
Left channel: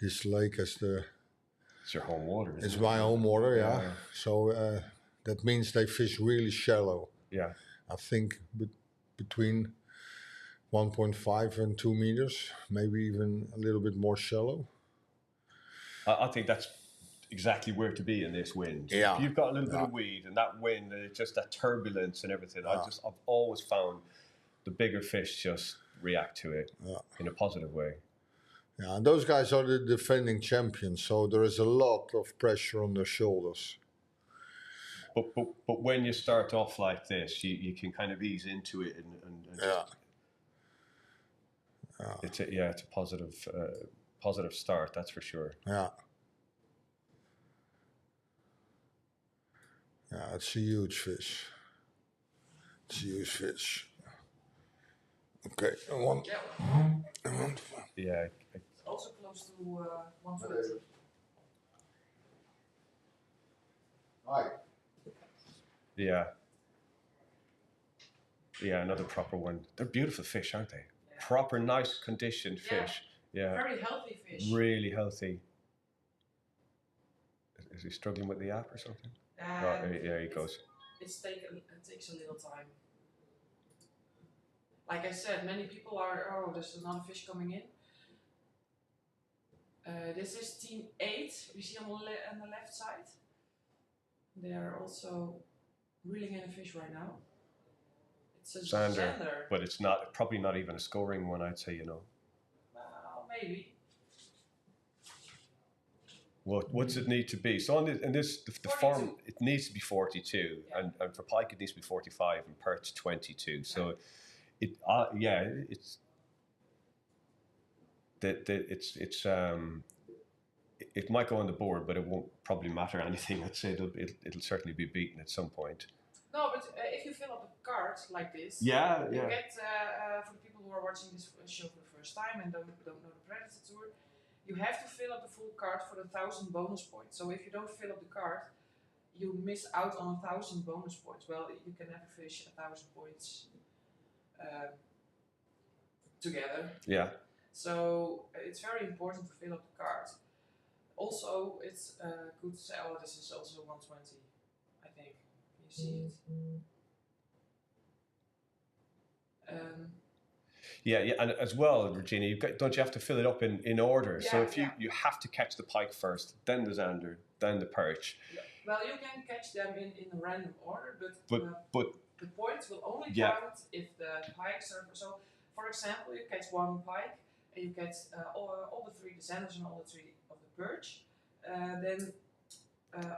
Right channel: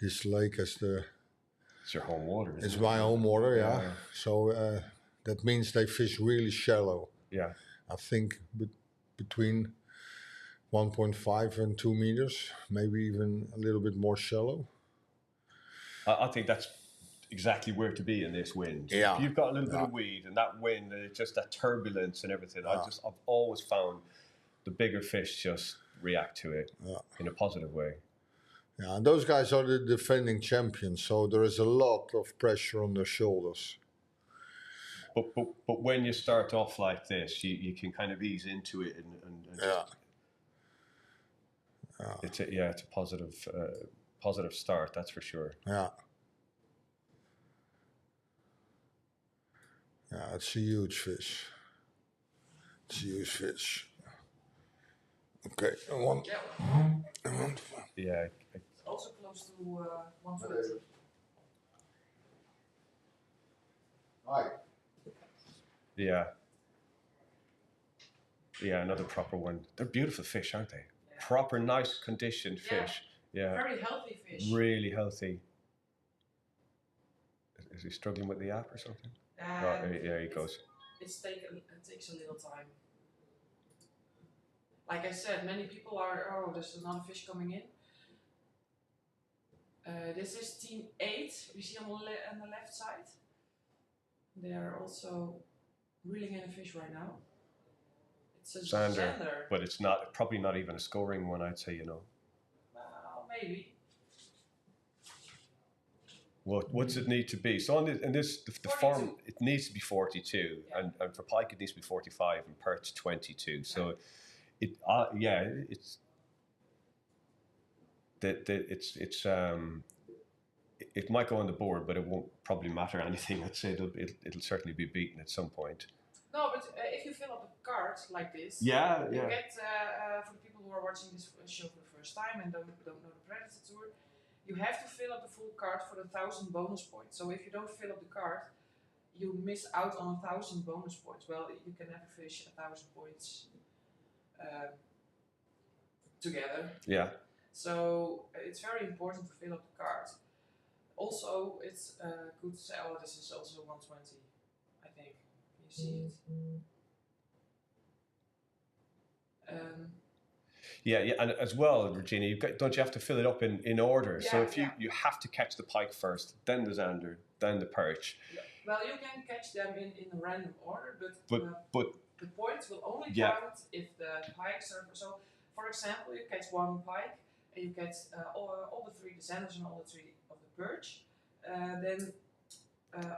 this lake as It's your home water. Isn't it's it? my home water. Yeah. Yeah. So that means they fish really shallow. Yeah. I think between 1.5 and 2 meters, maybe even a little bit more shallow. I think that's exactly where to be in this wind. Yeah. If you've got a little bit of weed and that wind, and it's just that turbulence and everything. I've always found the bigger fish just react to it in a positive way. Yeah, and those guys are the defending champions, so there is a lot of pressure on their shoulders. But when you start off like this, you can kind of ease into it and it's a positive start, that's for sure. Yeah. Yeah, it's a huge fish. It's a huge fish. Okay, Yeah. It's also close to 120. Hi. Yeah. Yeah, another proper one. They're beautiful fish, aren't they? Yeah. Proper, nice conditioned Yeah. fish. Yeah. Very healthy fish. Really healthy. Is he struggling with the app or something? Right, there he goes. It takes a little time. Like I said, many people are, there's another fish coming in. This is team 8, we see on the left side. They are also reeling in a fish right now. It's a Zander. But it's probably not even a scoring one, I'd say, Well, maybe. What's it need to be? So the form, it needs to be 42, and for pike it needs to be 45, and perch 22. So it might go on the board, but it won't probably matter anything. I'd say it'll certainly be beaten at some point. No, but if you fill up the card like this, you get for the people who are watching this show for the first time and don't know the Predatortour, you have to fill up the full card for the 1,000 bonus points. So if you don't fill up the card, you miss out on 1,000 bonus points. Well, you can never fish 1,000 points together. Yeah. So it's very important to fill up the card. Also, it's good to say, this is also 120, I think. You see it. And as well, Regina, don't you have to fill it up in order? Yeah, so if you have to catch the pike first, then the zander, then the perch. Yeah. Well, you can catch them in a random order, but the points will only count if the pikes are. So, for example, you catch one pike and you catch all the 3 zanders and all the 3 of the perch. Then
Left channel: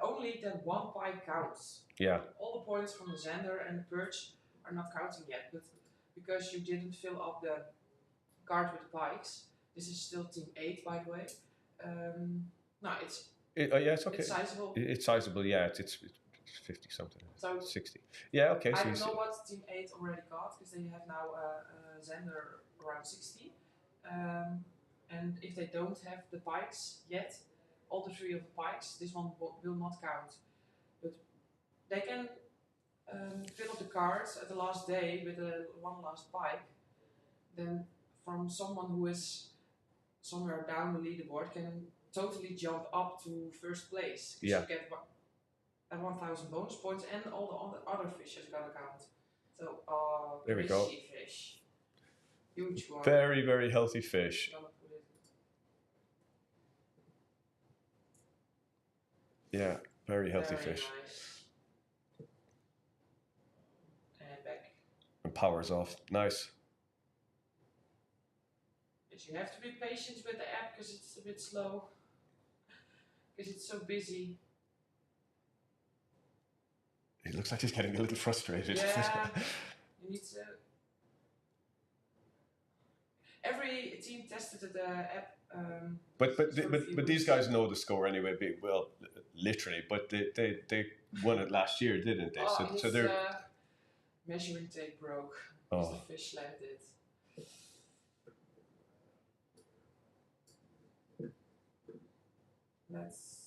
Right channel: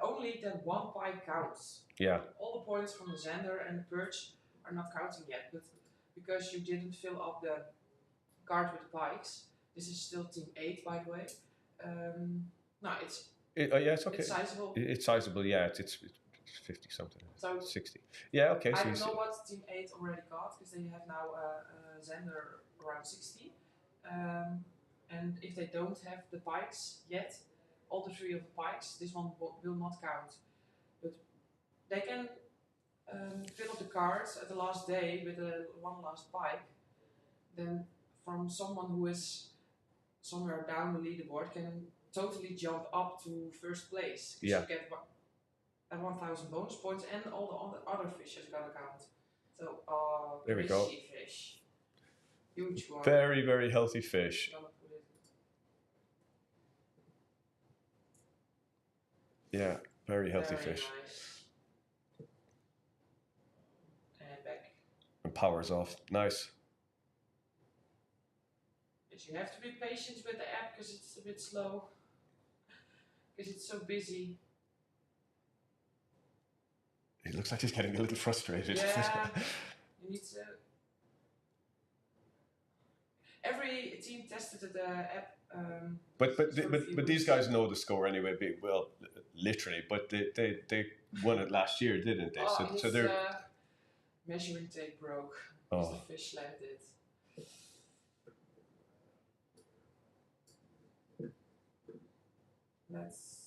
only that one pike counts. Yeah. All the points from the zander and the perch are not counting yet, but because you didn't fill up the card with the pikes, this is still team 8, by the way. It's okay. It's sizable. It's sizable, yeah. It's 50 something. So 60. Yeah, okay. I don't know what team 8 already got, because they have now a zander around 60. And if they don't have the pikes yet, all the 3 of the pikes, this one will not count. But they can fill up the cards at the last day with one last pike. Then from someone who is somewhere down the leaderboard can totally jump up to first place. Yeah. You get 1,000 bonus points, and all the other fish is gonna count. So, There we go. crazy fish. Huge one. Very, very healthy fish. Yeah, very healthy Very fish. nice. And back. And powers off. Nice. But you have to be patient with the app because it's a bit slow. Because it's so busy. It looks like he's getting a little frustrated. Yeah. You need to. Every team tested the app. But these guys know the score anyway. Well, literally. But they won it last year, didn't they? Oh, So they're measuring tape broke. Oh. Because the fish landed. Let's.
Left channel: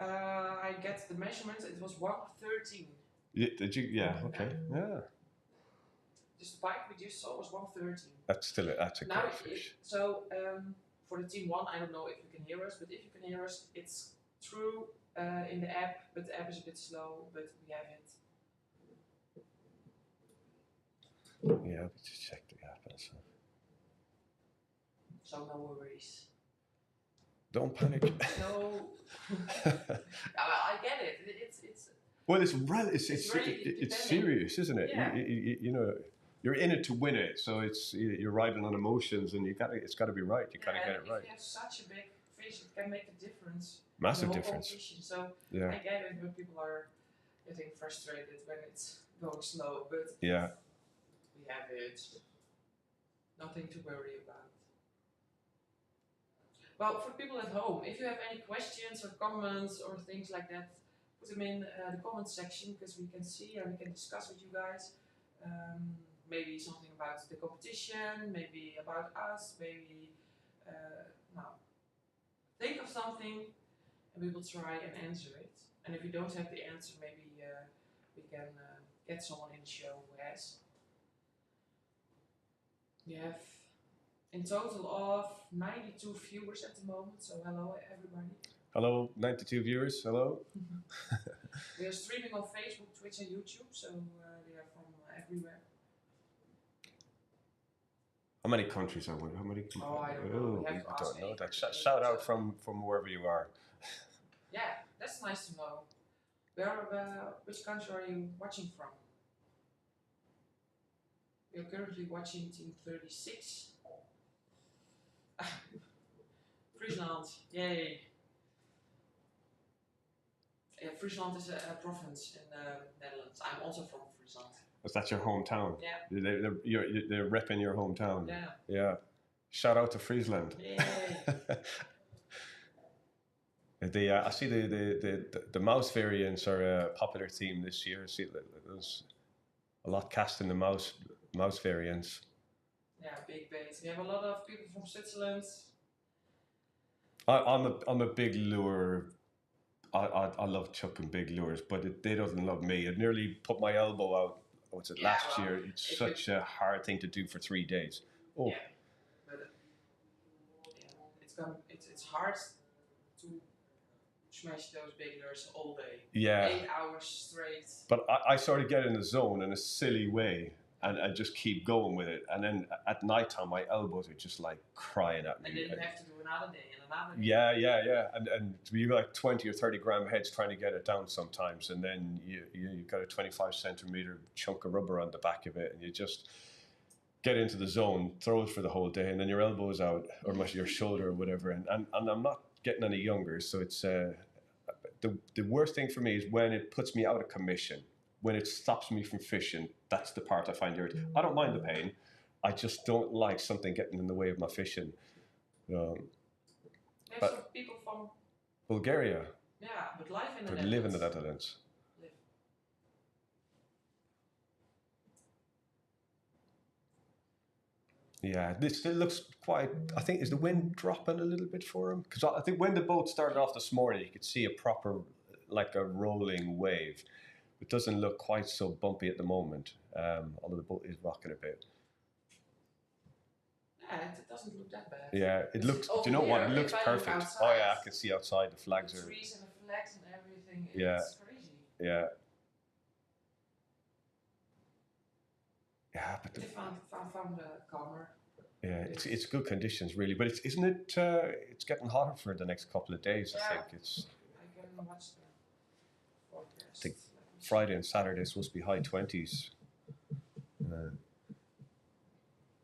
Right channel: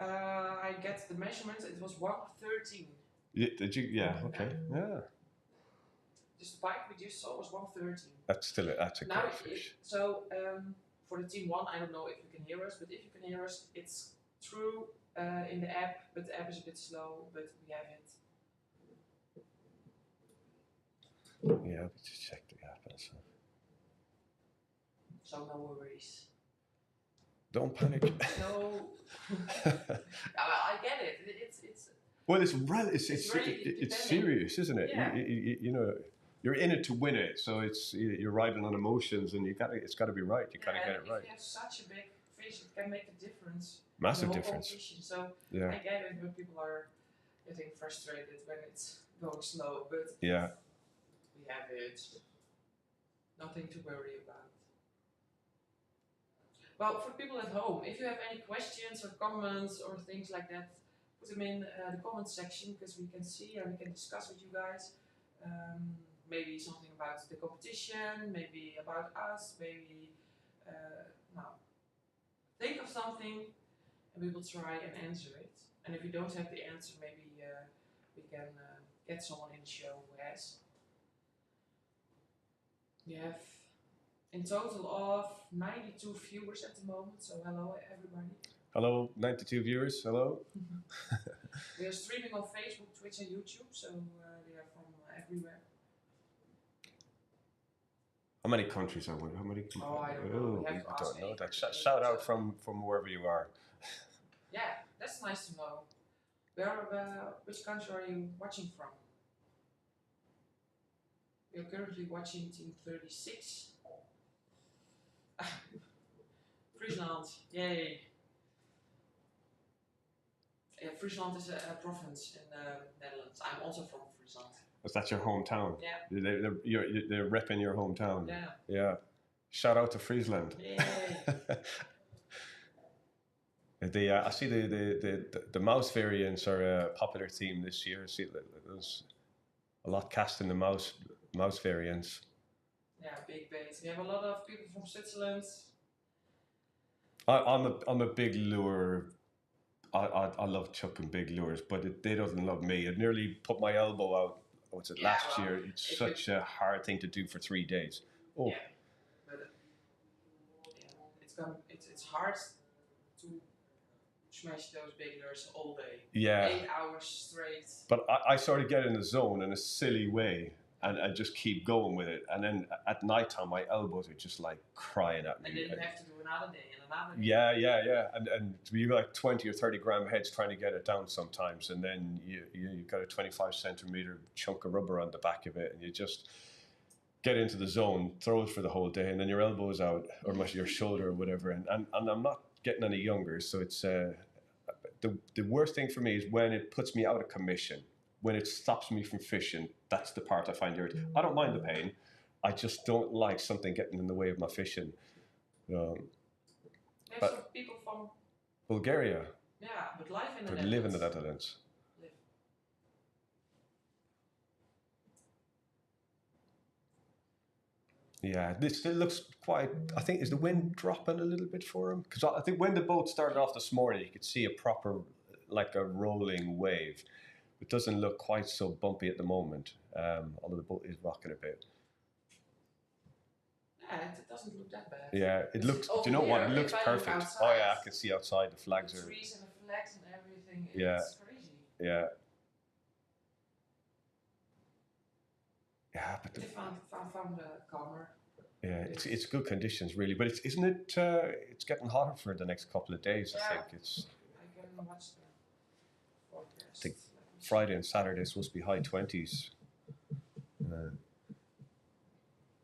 I get the measurements. It was 113. Did you? Yeah. Okay. Yeah. Just the spike we just saw was 113. That's a Now, great fish. so for the team 1, I don't know if you can hear us, but if you can hear us, it's true in the app, but the app is a bit slow, but we have it. Yeah, we just check the app and so. So no worries. Don't panic. No. I get it. It's. Well, it's serious, isn't it? Yeah. You know, you're in it to win it, so you're riding on emotions, and it's got to be right. You got to get it right. If you have such a big fish, it can make a difference. Massive in the whole difference. competition. So Yeah. I get it when people are getting frustrated when it's going slow, but Yeah. we have it. Nothing to worry about. Well, for people at home, if you have any questions or comments or things like that, put them in the comment section because we can see and we can discuss with you guys. Maybe something about the competition, maybe about us, maybe think of something and we will try and answer it. And if you don't have the answer, maybe we can get someone in the show who has. We have in total of 92 viewers at the moment, so hello everybody. Hello, 92 viewers. Hello. We are streaming on Facebook, Twitch, and YouTube, so they are from everywhere. How many countries are we? How many? Oh, I don't know. We have to ask don't know that. anybody. Shout out from wherever you are. Yeah, that's nice to know. Which country are you watching from? We are currently watching Team 36. Friesland, yay! Yeah, Friesland is a province in the Netherlands. I'm also from Friesland. Is that your hometown? Yeah. They're repping your hometown. Yeah. Yeah. Shout out to Friesland. Yay! I see the mouse variants are a popular theme this year. I see there's a lot cast in the mouse variants. Yeah, big baits. We have a lot of people from Switzerland. I'm a big lure. I love chucking big lures, but they doesn't love me. It nearly put my elbow out. What's it? Last year. It's such a hard thing to do for 3 days. Oh. Yeah, but it's hard to smash those big lures all day. Yeah. 8 hours straight. But I sort of get in the zone in a silly way. And just keep going with it. And then at night time, my elbows are just like crying at me. And then you have to do another day and another day. Yeah. And you got like 20 or 30 gram heads trying to get it down sometimes. And then you got a 25 centimeter chunk of rubber on the back of it. And you just get into the zone, throw it for the whole day. And then your elbow's out or your shoulder or whatever. And I'm not getting any younger. So it's the worst thing for me is when it puts me out of commission. When it stops me from fishing, that's the part I find irritating. I don't mind the pain. I just don't like something getting in the way of my fishing. There's some people from Bulgaria. Yeah, but live in the But Netherlands. live in the Netherlands. Live. Yeah, this still looks quite. I think is the wind dropping a little bit for him? Because I think when the boat started off this morning, you could see a proper, like a rolling wave. it doesn't look quite so bumpy at the moment, although the boat is rocking a bit. Yeah, it doesn't look that bad. Yeah, it looks. Do you know what? It looks perfect. Outside, oh yeah, I can see outside. The flags the are. trees and the flags and everything. Yeah. It's crazy. Yeah. Yeah, but They found the calmer. yeah, it's good conditions really, but isn't it? It's getting hotter for the next couple of days. I think it's. I can watch the forecast. I think Friday and Saturday is supposed to be high 20s.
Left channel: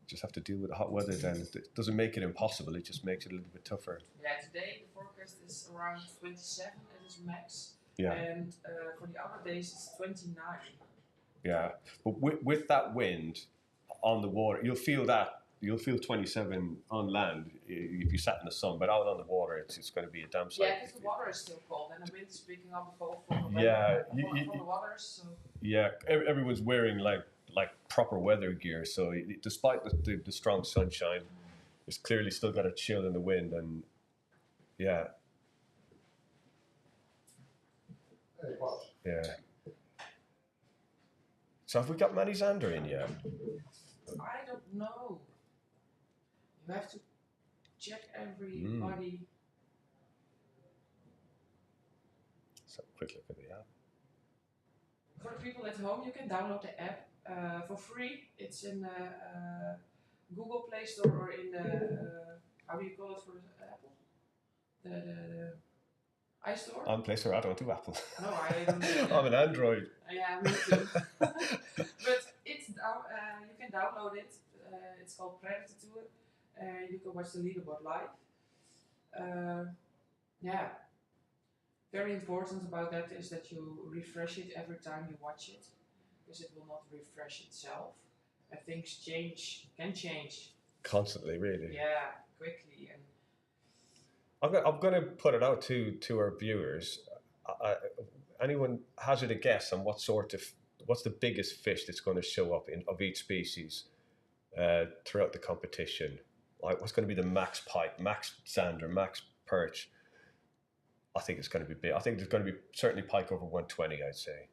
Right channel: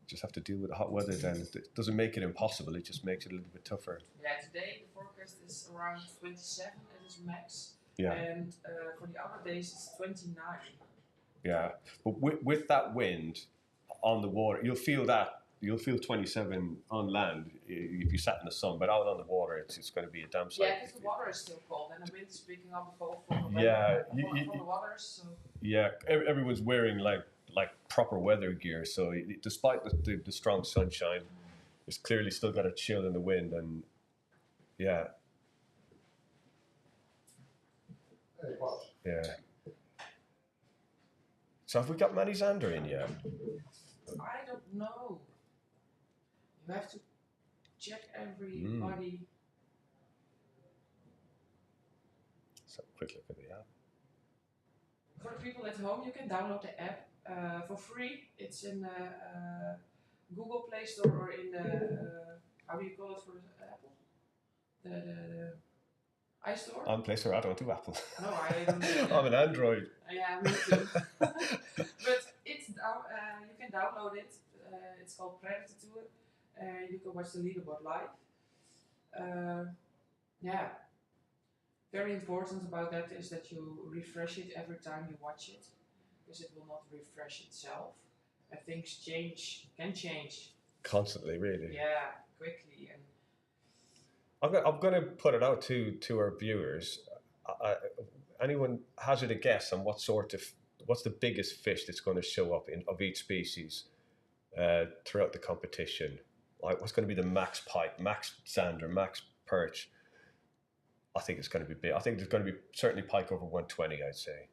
Just have to deal with the hot weather then. It doesn't make it impossible, it just makes it a little bit tougher. Yeah, today the forecast is around 27, it is max. Yeah. And for the other days it's 29. Yeah, but with that wind on the water, you'll feel 27 on land if you sat in the sun, but out on the water it's going to be a damn sight. Yeah, because the water is still cold and the wind is picking up both from the water. So. Yeah, everyone's wearing like proper weather gear, so despite the strong sunshine, it's clearly still got a chill in the wind, and yeah. Yeah. So have we got Manny Zander in yet? I don't know. You have to check everybody. So quick look at the app. For the people at home, you can download the app for free. It's in Google Play Store or in the how do you call it for Apple? The iStore. On Play Store, I don't do Apple. No, I don't do I'm an Android. Yeah, me too. But it's you can download it. It's called Predatortour. You can watch the leaderboard live. Yeah. Very important about that is that you refresh it every time you watch it, because it will not refresh itself. And things can change. Constantly, really. Yeah, quickly. And I'm going to put it out to our viewers. Anyone hazard a guess on what's the biggest fish that's going to show up of each species throughout the competition? Like, what's going to be the max pike, max zander, max perch? I think it's going to be big. I think there's going to be certainly pike over 120, I'd say.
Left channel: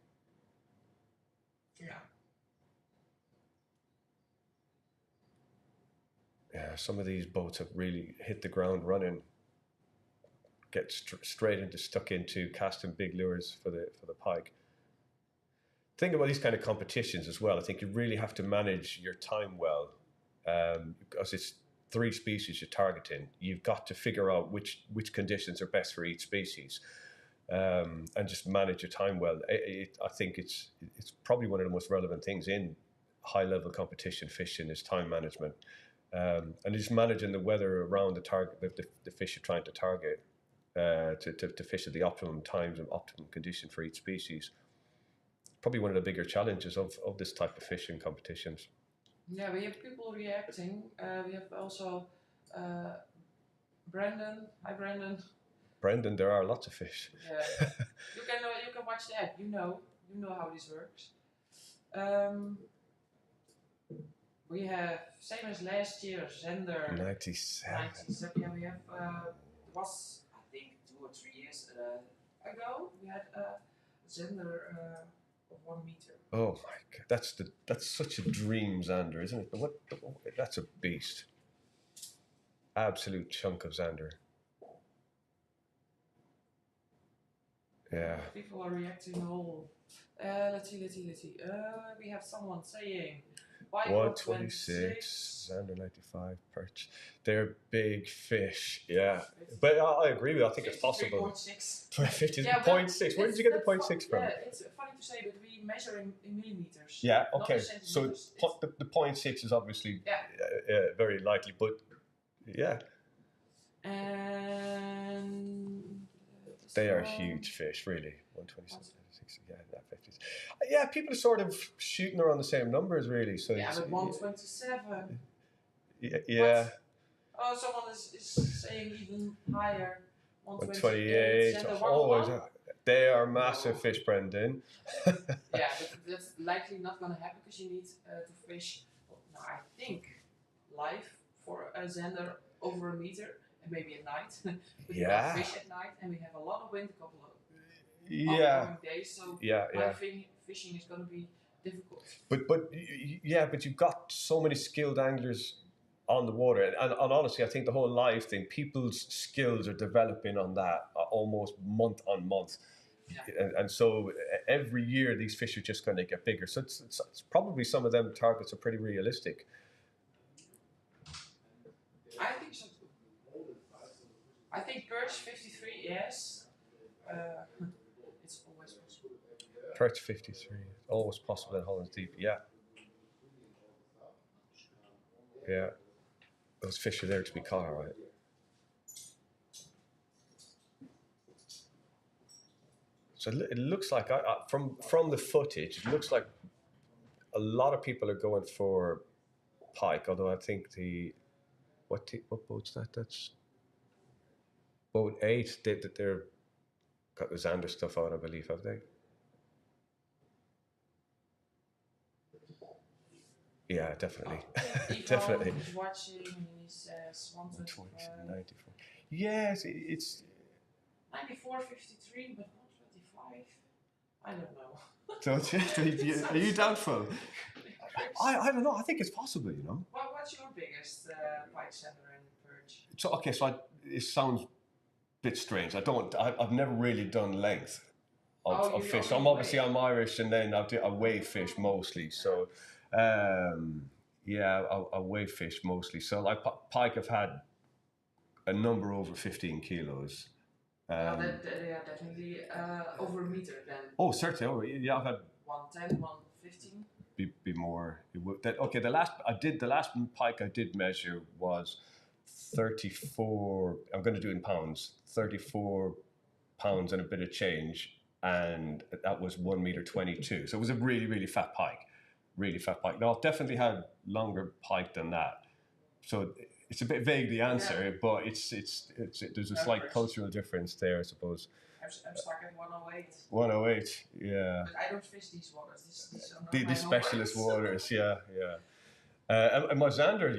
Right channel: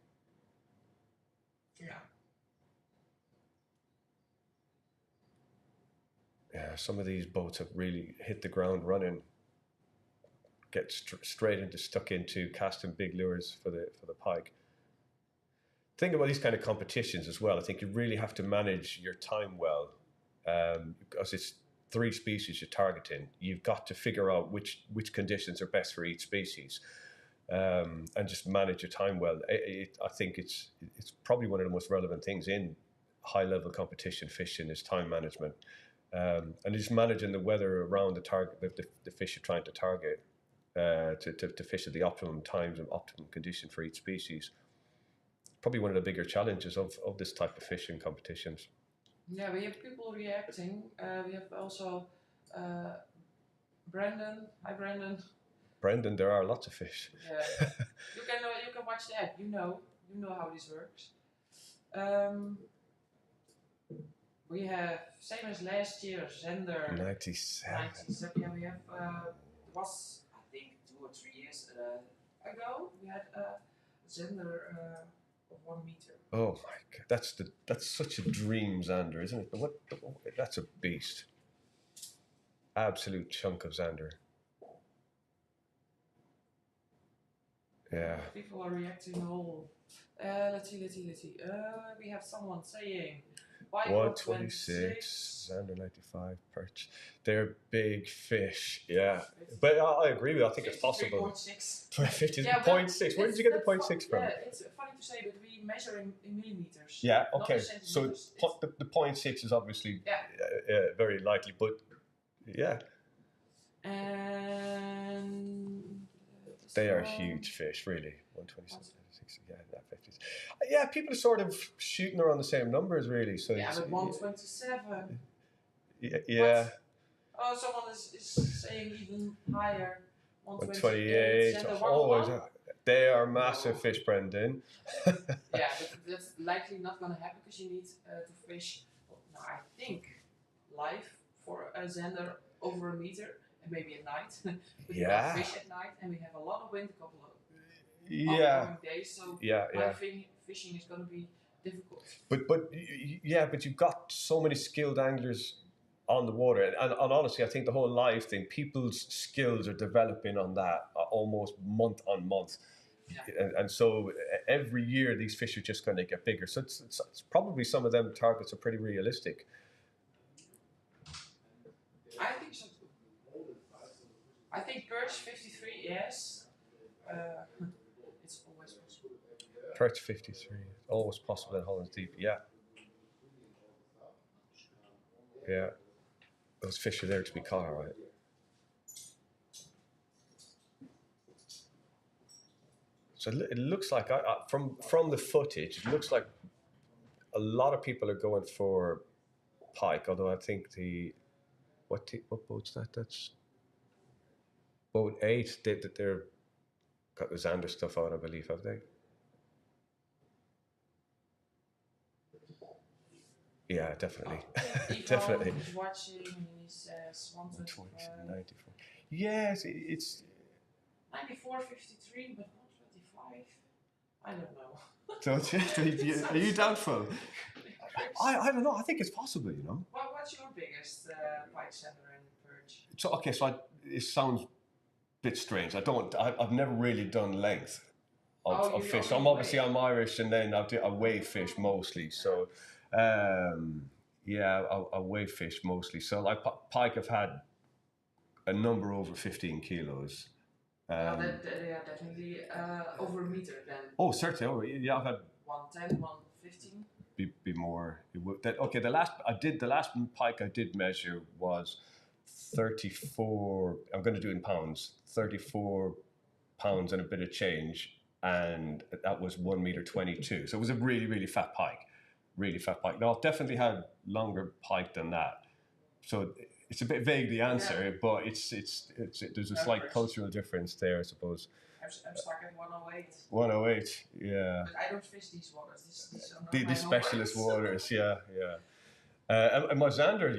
Yeah. Yeah, some of these boats have really hit the ground running. Get stuck into casting big lures for the pike. Think about these kind of competitions as well. I think you really have to manage your time well, because it's 3 species you're targeting. You've got to figure out which conditions are best for each species, and just manage your time well. I think it's probably one of the most relevant things in high level competition fishing is time management, and just managing the weather around the target, the fish you're trying to target, to fish at the optimum times and optimum condition for each species. Probably one of the bigger challenges of this type of fishing competitions. Yeah, we have people reacting. We have also Brandon. Hi, Brandon. Brendan, there are lots of fish. Yeah. you can watch the app. You know how this works. We have same as last year. Zander 97. 97. Yeah, we have was I think 2 or 3 years ago. We had Zander of 1 meter. Oh my God, that's such a dream zander, isn't it? But that's a beast. Absolute chunk of zander. Yeah. People are reacting all. Let's see. We have someone saying 126, zander 95 perch. They're big fish, yeah. But I agree with you. I think it's possible. 50.6. 50.6. Where did you get the 0.6 from? Yeah, it's funny to say, but we measure in millimeters. Yeah, okay. So the 0.6 is obviously very likely, but yeah. And they are huge fish, really. 126. Yeah, 50s. Yeah, people are sort of shooting around the same numbers, really. So yeah, but 127. Yeah. Oh, someone is saying even higher. 128. Oh, they are massive fish, Brendan. Yeah, but that's likely not going to happen because you need to fish. Now, I think live for a zander over 1 meter and maybe at night. But you can fish at night, and we have a lot of wind, a couple of upcoming days. So my fishing is going to be difficult. But you've got so many skilled anglers on the water, and honestly, I think the whole live thing, people's skills are developing on that almost month on month. Yeah. And so every year these fish are just going to get bigger. So it's probably some of them targets are pretty realistic. I think so too. I think perch 53, yes. It's always possible. Perch 53, always possible in Holland's Deep. Yeah. Yeah. Those fish are there to be caught, all right. So it looks like, from the footage, it looks like a lot of people are going for pike, although I think what boat's that? That's boat 8. They're got the Xander stuff out, I believe, have they? Yeah, definitely. Definitely. He's watching and he says 124. Yes, it's 94, 53, but 125. I don't know. Don't you? Are you doubtful? I don't know. I think it's possible, you know. Well, what's your biggest pike, Xander, and perch? So okay, it sounds a bit strange. I've never really done length of fish. I'm Irish, and then I weigh fish mostly. So I weigh fish mostly. So like pike, I've had a number over 15 kilos. They are definitely over a meter then. Oh, certainly. Yeah, I've had 110, 115. Be more. Okay, the last pike I did measure was 34. I'm going to do it in pounds. 34 pounds and a bit of change, and that was 1 meter 22. So it was a really, really fat pike. Really fat pike. Now I've definitely had longer pike than that. So it's a bit vague, the answer, but it's there's a slight cultural difference there, I suppose. I'm stuck at 108. 108, yeah. But I don't fish these waters. These specialist waters, yeah. And my Xander,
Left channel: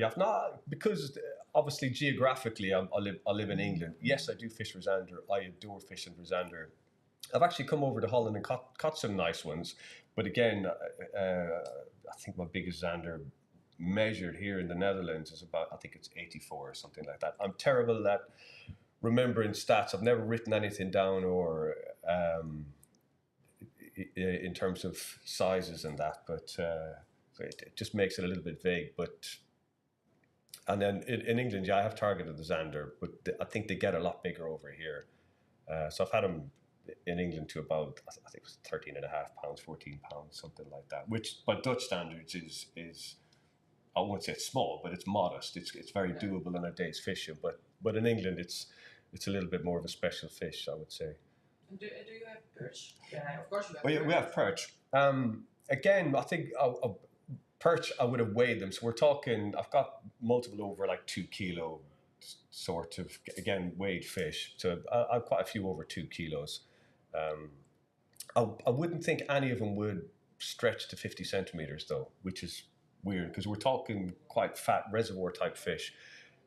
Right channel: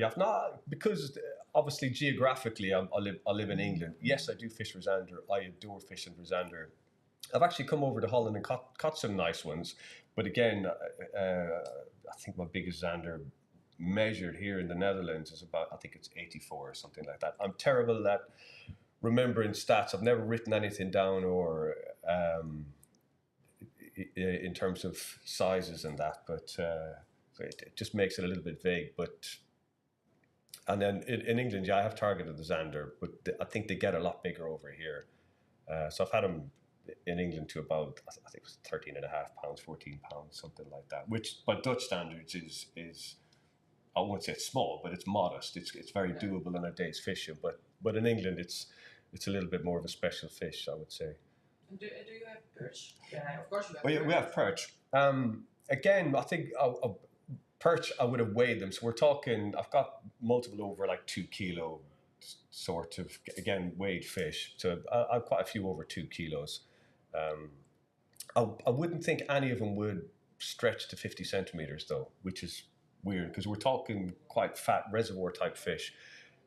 because obviously geographically I live in England. Yes, I do fish for Xander. I adore fishing for Xander. I've actually come over to Holland and caught some nice ones. But again, I think my biggest Xander measured here in the Netherlands is about, I think it's 84 or something like that. I'm terrible at remembering stats. I've never written anything down or in terms of sizes and that, but so it just makes it a little bit vague. And then in England, I have targeted the Xander, but I think they get a lot bigger over here. So I've had them in England to about, I think it was 13 and a half pounds, 14 pounds, something like that, which by Dutch standards is I won't say it's small, but it's modest. It's very doable in a day's fishing. But in England, it's a little bit more of a special fish, I would say. And do you have perch? Yeah, of course you have. Well, we have perch. Again, I think perch, I would have weighed them. So we're talking, I've got multiple over like 2 kilo sort of, again, weighed fish. So I've quite a few over 2 kilos. I wouldn't think any of them would stretch to 50 centimeters though, which is weird because we're talking quite fat reservoir type fish.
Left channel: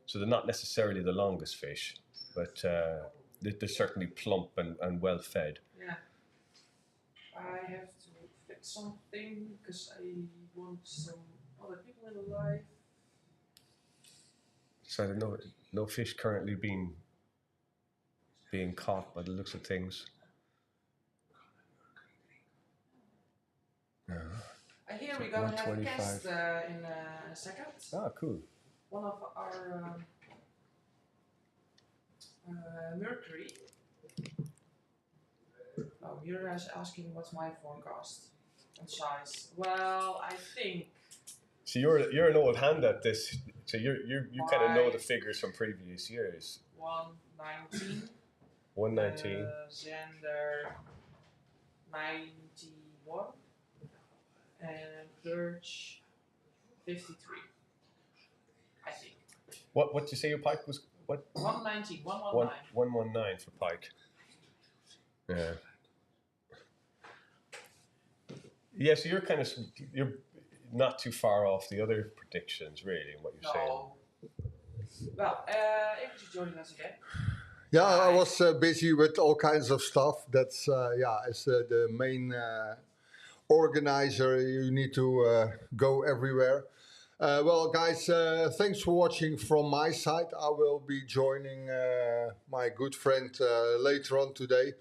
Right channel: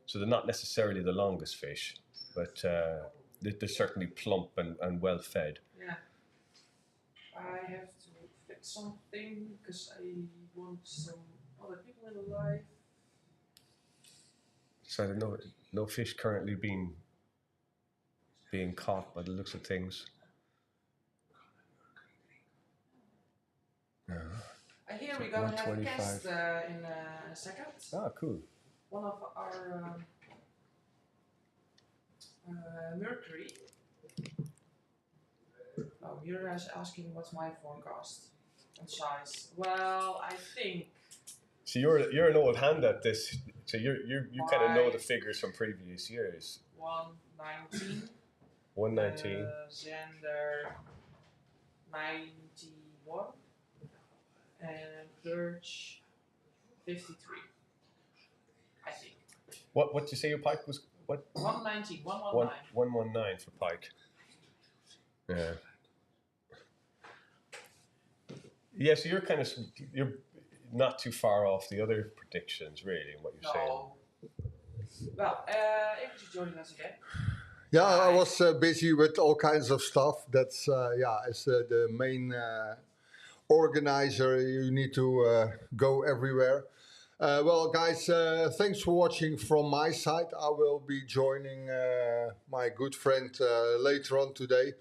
So they're not necessarily the longest fish, but they're certainly plump and well fed. Yeah. I have to fix something because I want some other people in the life. So I don't know, no fish currently being caught by the looks of things. No. I hear we're going to have a guest in a second. Ah, cool. One of our Mercury. Oh, you're asking what's my forecast and size. Well, I think. So you're an old hand at this. So you kind of know the figures from previous years. 119. 119. Xander 91. And perch 53. I think. What did you say your pike was? What? 119. 119. 119 for pike. Yeah. Yeah, so you're not too far off the other predictions, really, in what you're saying. Well, if you're joining us again. Yeah, I was busy with all kinds of stuff. That's it's the main organizer, you need to go everywhere. Well, guys, thanks for watching from my side. I will be joining my good friend later on today.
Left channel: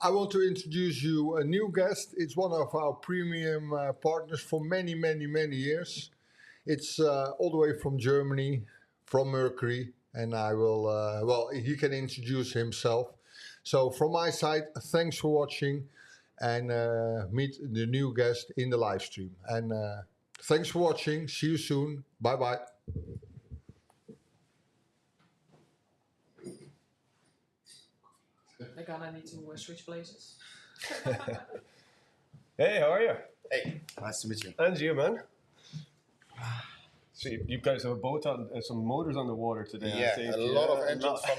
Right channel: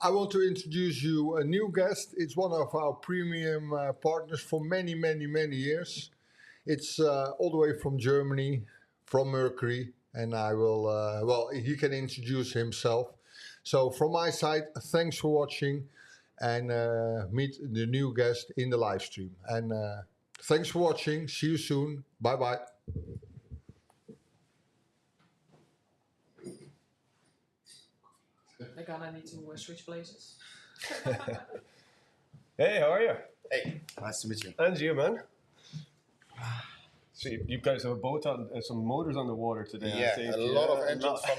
I want to introduce you a new guest. It's one of our premium partners for many, many, many years. It's all the way from Germany, from Mercury, and I will, well, he can introduce himself. So from my side, thanks for watching, and meet the new guest in the live stream. And thanks for watching. See you soon. Bye-bye. They're gonna need to switch places. Hey, how are you? Hey, nice to meet you. And you, man. So you guys have a boat on, some motors on the water today. Yeah, I think. a lot of engines from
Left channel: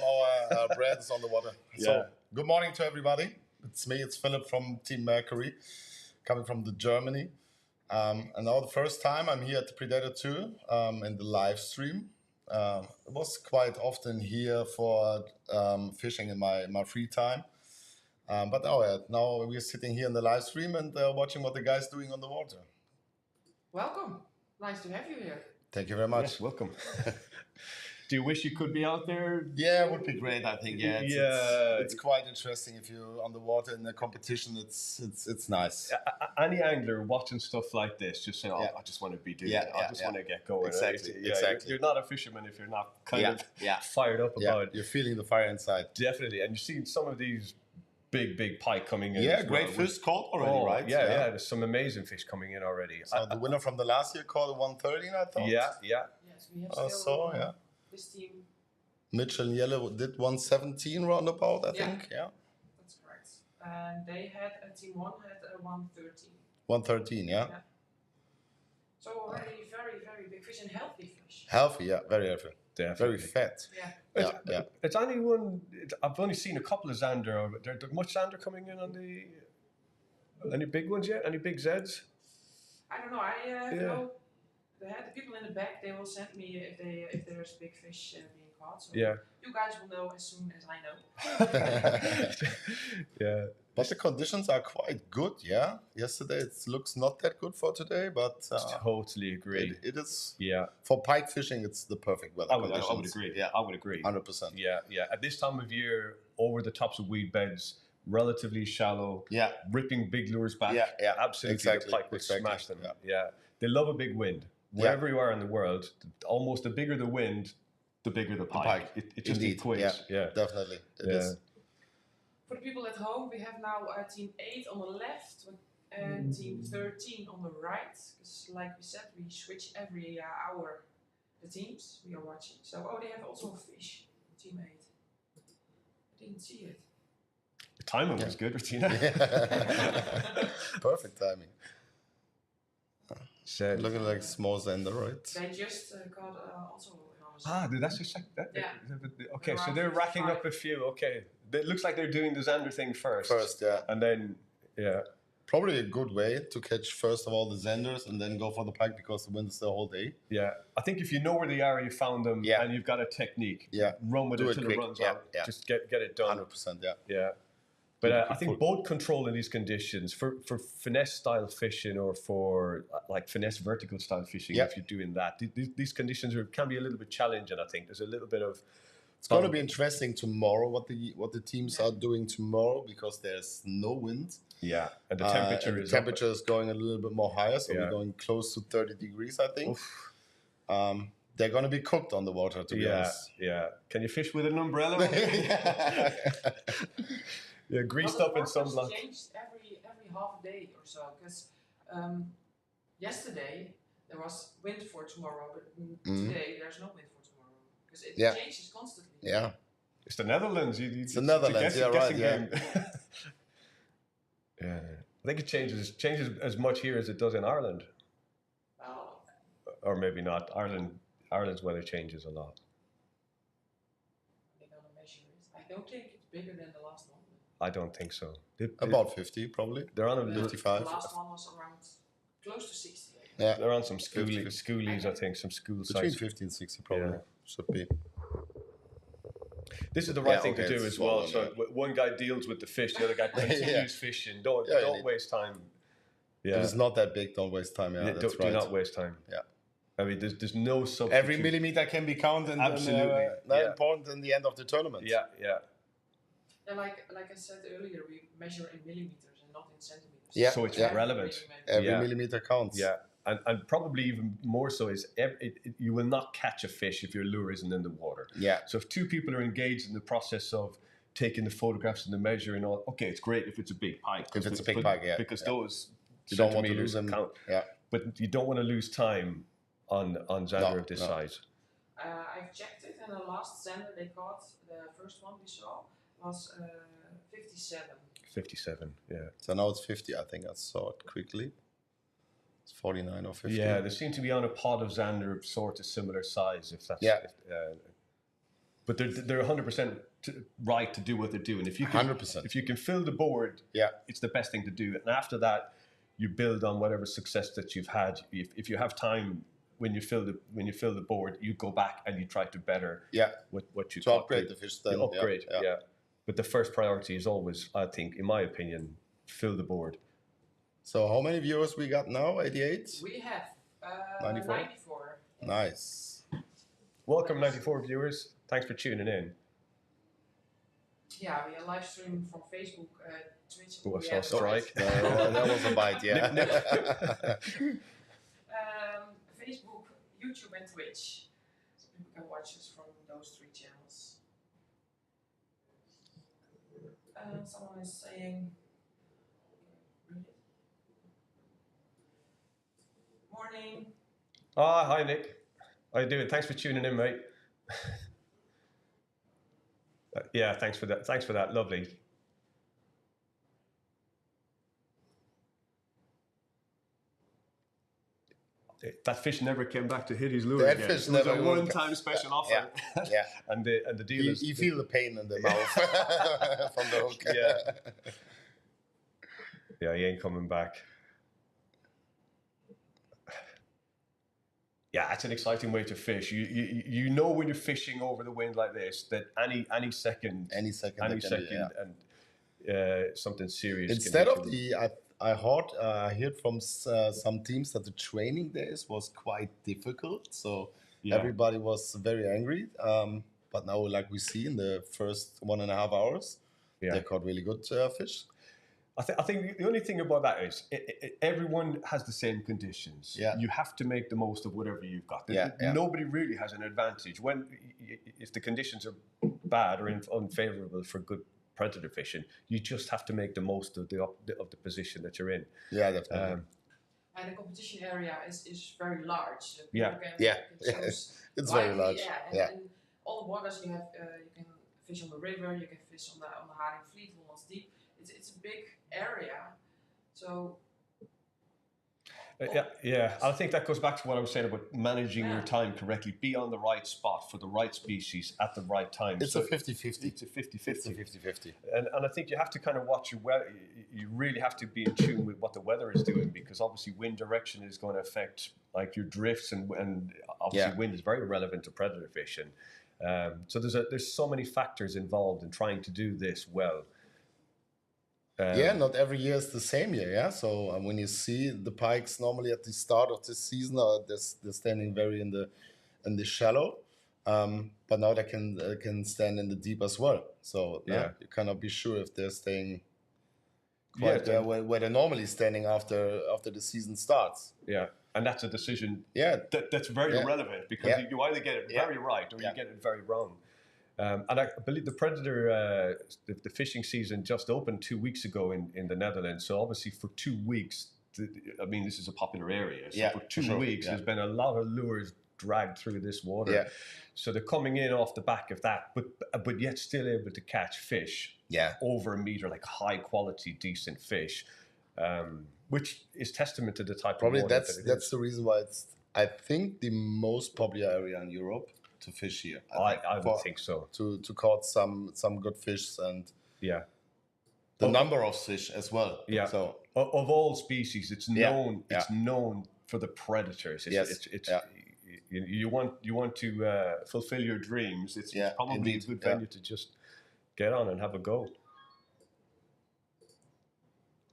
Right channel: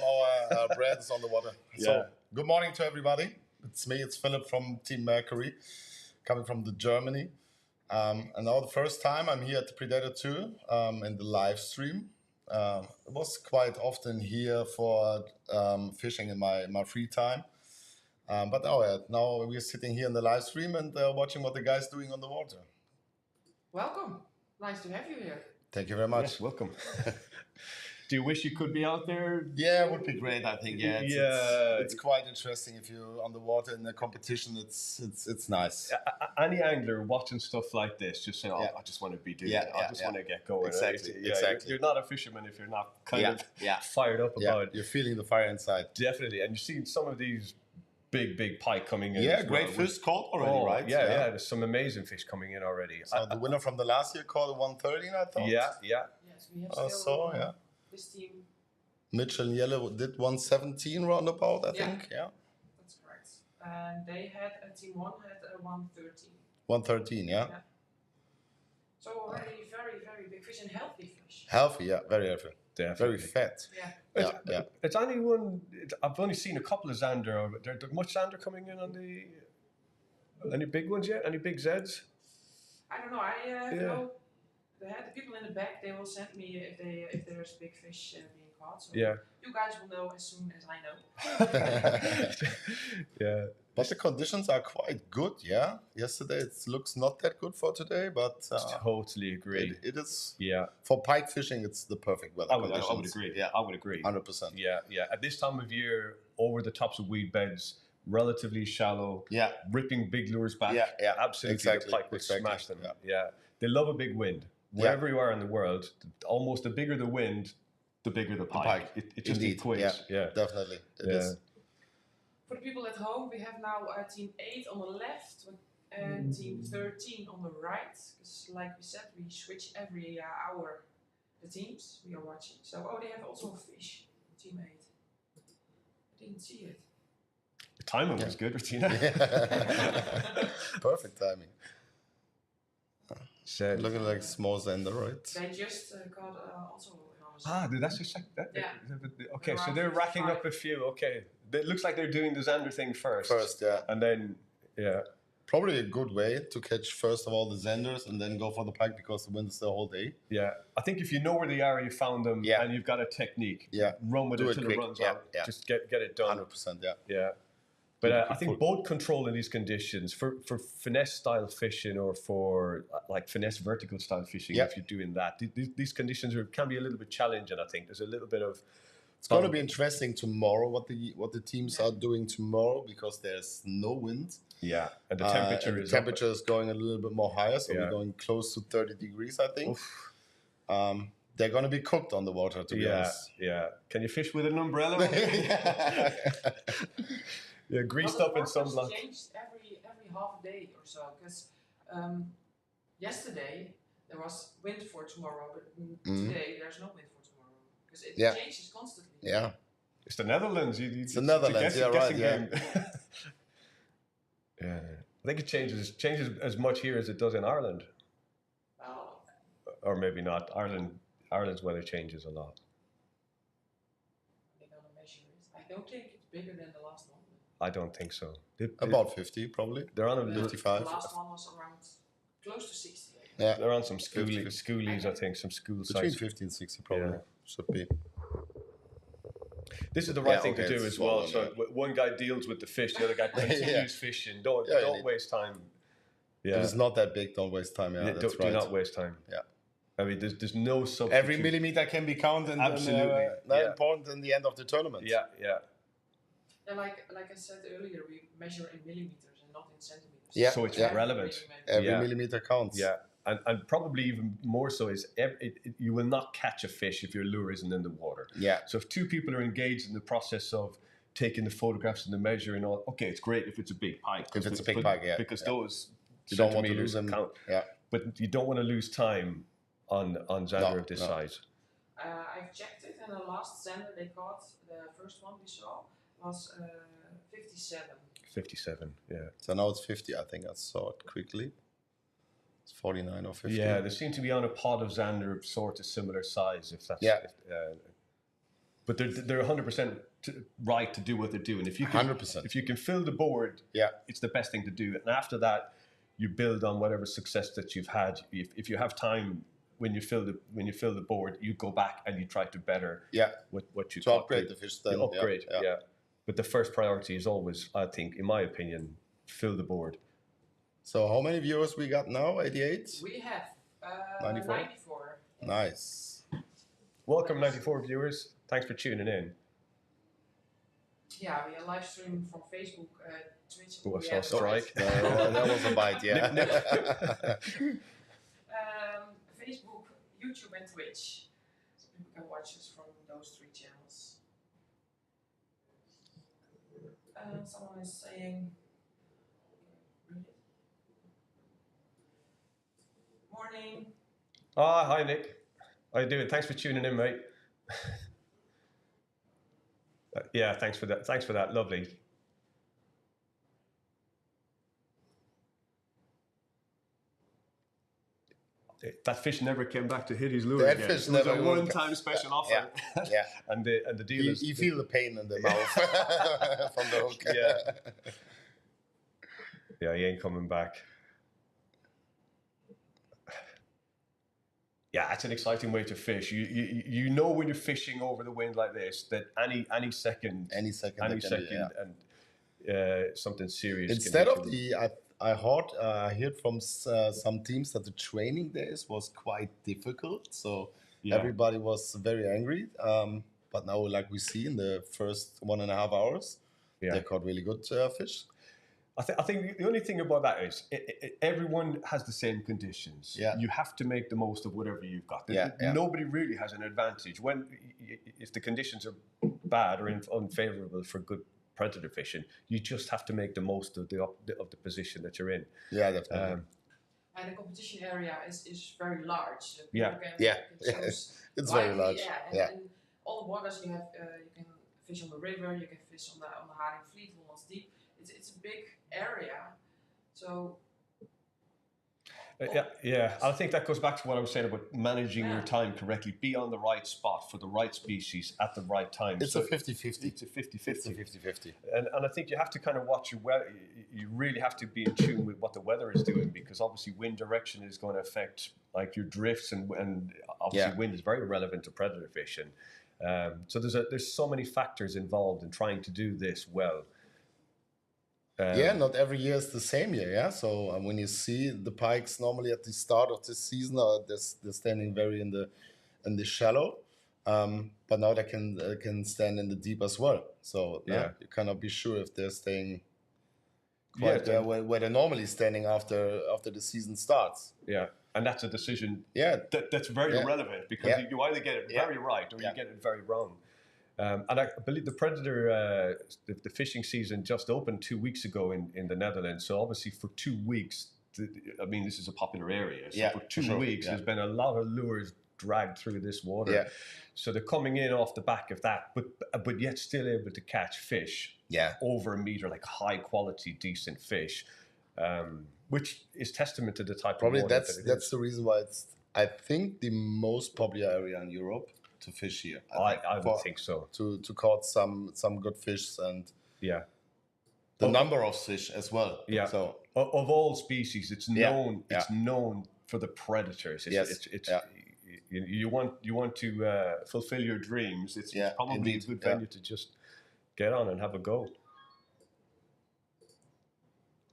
our brands on the water. Yeah. So, good morning to everybody. It's me, it's Philip from Team Mercury, coming from Germany. And now the first time I'm here at the Predatortour in the live stream. It was quite often here for fishing in my free time. But now we're sitting here in the live stream and watching what the guys doing on the water. Welcome. Nice to have you here. Thank you very much. Yes, welcome. Do you wish you could be out there? Yeah, it would be great. I think. Yeah, Yeah. it's quite interesting if you're on the water in a competition. It's nice. Any angler watching stuff like this just say, "Oh, Yeah. I just want to be doing Yeah, it. I yeah, just yeah. want to get going." Exactly, Yeah, exactly. You're not a fisherman if you're not kind Yeah, of yeah. fired up Yeah, about it. you're feeling the fire inside. Definitely, and you've seen some of these big pike coming in. Yeah, as great well. fish caught already, Oh, right? Yeah. There's some amazing fish coming in already. So the winner from the last year caught a 113, I thought. Yeah. Yes, we have I still saw, yeah. this team. Mitchell and Yellow did 117 roundabout, I Yeah. think. Yeah. That's correct. And they had team 1 had a 113. 113, yeah. Yeah. So already very big fish and healthy fish. Healthy, yeah, very healthy. Definitely. Very fat. Yeah. Yeah. It's only one. I've only seen a couple of Xander. There much Xander coming in on the. Any big ones yet? Any big Zeds? I don't know. I know the people in the back. They will send me if there's big fish being caught. So Yeah. you guys will know as soon as I know. Yeah. But the conditions are quite good, yeah. Yesterday it looks not that good for today, but Totally agree. it is Yeah. for pike fishing. It's the perfect weather I would conditions. agree. Yeah, I would agree. 100%. Yeah. At this time of year, over the tops of weed beds, relatively shallow. Yeah. Ripping big lures back. Yeah. Absolutely. Exactly, The pike would exactly, smash them. yeah. Yeah. They love a big wind. Wherever you are in the world, almost the bigger the wind, the bigger the pike. It just Indeed. equates. Yeah. Definitely. It Yeah. is. For the people at home, we have now team 8 on the left and team 13 on the right. Because like we said, we switch every hour the teams we are watching. So, they have also a fish, team 8. I didn't see it. The timing was good, Bettina. Perfect timing. So, Looking like small Xander, right? They just got also an did that just like that? Yeah. Okay, so Around they're racking 55. up a few. Okay. It looks like they're doing the Xander thing first. First, yeah. And then, yeah. Probably a good way to catch first of all the Xanders and then go for the pike because the wind is the whole day. Yeah. I think if you know where they are, you found them, Yeah. and you've got a technique, Yeah. run with Do it it till quick. it runs Yeah, out. yeah. Just get it done. 100%, yeah. Yeah. But I think boat control in these conditions, for finesse style fishing or for like finesse vertical style fishing, Yeah. if you're doing that, these conditions can be a little bit challenging, I think. There's a little bit of... It's going to be interesting tomorrow what the teams are doing tomorrow because there's no wind. Yeah, and the And temperature the is temperature is going a little bit more higher, so Yeah. we're going close to 30 degrees, I think. They're going to be cooked on the water, to be honest. Yeah. Can you fish with an umbrella? Yeah, greased up in sunblock. Changed every half day or so. Because yesterday there was wind for tomorrow, but today there's no wind for tomorrow. Because it changes constantly. Yeah. It's the Netherlands. It's the Netherlands, yeah, right, game. Yeah. I think it changes as much here as it does in Ireland. Well, Or maybe not. Ireland's weather changes a lot. they're gonna measure it. I don't think it's bigger than the last one. I don't think so. About 50, probably. They're on a 55. The last one was around close to 60. Yeah. They're on some 50. schoolies, I think, some school Between size. 50 and 60, probably. Yeah. Should be. This is the right thing okay, to do it's as well. swollen, So one guy deals with the fish, the other guy continues fishing. Don't Yeah, you need- waste time. Yeah. If it's not that big, don't waste time. Yeah, that's Do right. not waste time. Yeah. I mean, there's no substitute. Every millimeter can be counted. Absolutely. And important in the end of the tournament. Yeah, yeah. And like I said earlier, we measure in millimeters and not in centimeters. Yeah. So it's Yeah. relevant. Every Yeah. millimeter counts. Yeah. And probably even more so is you will not catch a fish if your lure isn't in the water. Yeah. So if two people are engaged in the process of taking the photographs and the measuring, all, okay, it's great if it's a big pike. If it's a big pike, yeah. Because Yeah. those You don't want to centimeters lose them. count. Yeah. But you don't want to lose time on Xander No, of this no. size. I've checked it, and the last Xander they caught, the first one we saw, was 57. 57, yeah. So now it's 50. I think I saw it quickly. It's 49 or 50. Yeah, they seem to be on a pod of Xander of sort of similar size, if that's... Yeah. But they're 100% right to do what they're doing. If you can, 100%. If you can fill the board, Yeah. it's the best thing to do. And after that, you build on whatever success that you've had. If you have time when you fill the board, you go back and you try to better Yeah. what you To caught. upgrade the fish then. You upgrade, Yeah. yeah. But the first priority is always, I think, in my opinion, fill the board. So how many viewers we got now? 88? We have 94? 94. Nice. Welcome, 94 viewers. Thanks for tuning in. Yeah, we are live streaming from Facebook, Twitch. Oh, I we saw a have- strike. That was a bite, yeah. Facebook, YouTube, and Twitch. So people can watch us from those 3 channels. Someone is saying, morning. Hi, Nick. How you doing? Thanks for tuning in, mate. Yeah, thanks for that. Thanks for that. Lovely. That fish never came back to hit his lure That again. fish It was never a would. one-time special offer. Yeah, yeah. and the deal is... You feel the pain in the mouth from the hook. Yeah. Yeah, he ain't coming back. Yeah, it's an exciting way to fish. You know when you're fishing over the wind like this that any second Any second. something serious. Instead can of hit you. the, I heard from some teams that the training days was quite difficult. So Yeah. everybody was very angry. But now, like we see in the first 1.5 hours, they caught really good fish. I think the only thing about that is everyone has the same conditions. Yeah. You have to make the most of whatever you've got. Yeah, yeah. Nobody really has an advantage if the conditions are bad or unfavorable for good predator fishing. You just have to make the most of the position that you're in. Yeah, definitely. And the competition area is very large. So Yeah. people Yeah. can choose It's very widely, large. Yeah, Yeah. and all the waters you have, you can fish on the river, you can fish on the Haringvliet, Hollands Diep. It's a big area, so Yeah. I think that goes back to what I was saying about managing your time correctly. Be on the right spot for the right species at the right time. It's a 50-50. It's a 50-50. It's a 50-50. And I think you have to kind of watch your weather. You really have to be in tune with what the weather is doing, because obviously wind direction is going to affect like your drifts, and obviously wind is very relevant to predator fishing. So there's so many factors involved in trying to do this well. Not every year is the same year. Yeah, so when you see the pikes normally at the start of the season, they're standing very in the shallow, but now they can stand in the deep as well. So you cannot be sure if they're staying quite where they're normally standing after the season starts. Yeah, and that's a decision. Yeah, that's very relevant, because you either get it very right or you get it very wrong. And I believe the Predator, the fishing season just opened 2 weeks ago in the Netherlands. So obviously for 2 weeks, this is a popular area. So for 2 weeks, there's been a lot of lures dragged through this water. Yeah. So they're coming in off the back of that, but yet still able to catch fish over a meter, like high quality, decent fish, which is testament to the type probably of water that's the reason why it's, I think, the most popular area in Europe to fish here. I would think so. To caught some good fish, and the number of fish as well. Yeah. So of all species, it's known. It's known for the predators. You want to fulfill your dreams. It's probably a good venue to just get on and have a go.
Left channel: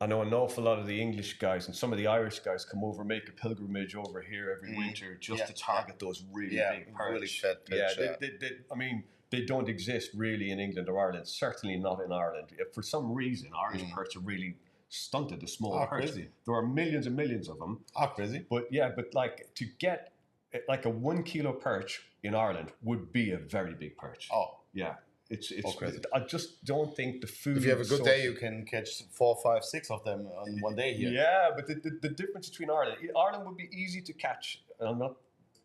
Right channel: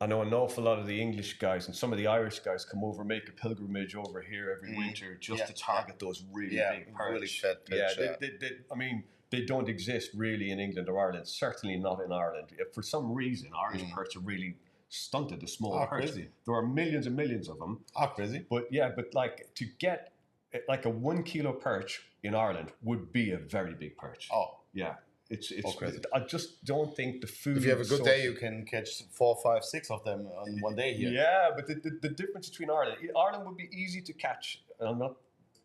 I know an awful lot of the English guys and some of the Irish guys come over, make a pilgrimage over here every winter just to target those really big perch. Really fat perch. I mean, they don't exist really in England or Ireland. Certainly not in Ireland. For some reason, Irish perch are really stunted. The small perch. Crazy. There are millions and millions of them. Crazy. But like to get like a 1 kilo perch in Ireland would be a very big perch. Yeah. It's crazy. I just don't think the food. If you have a good day, you can catch 4, 5, 6 of them on one day here. Yeah, but the difference between Ireland would be easy to catch. And I'm not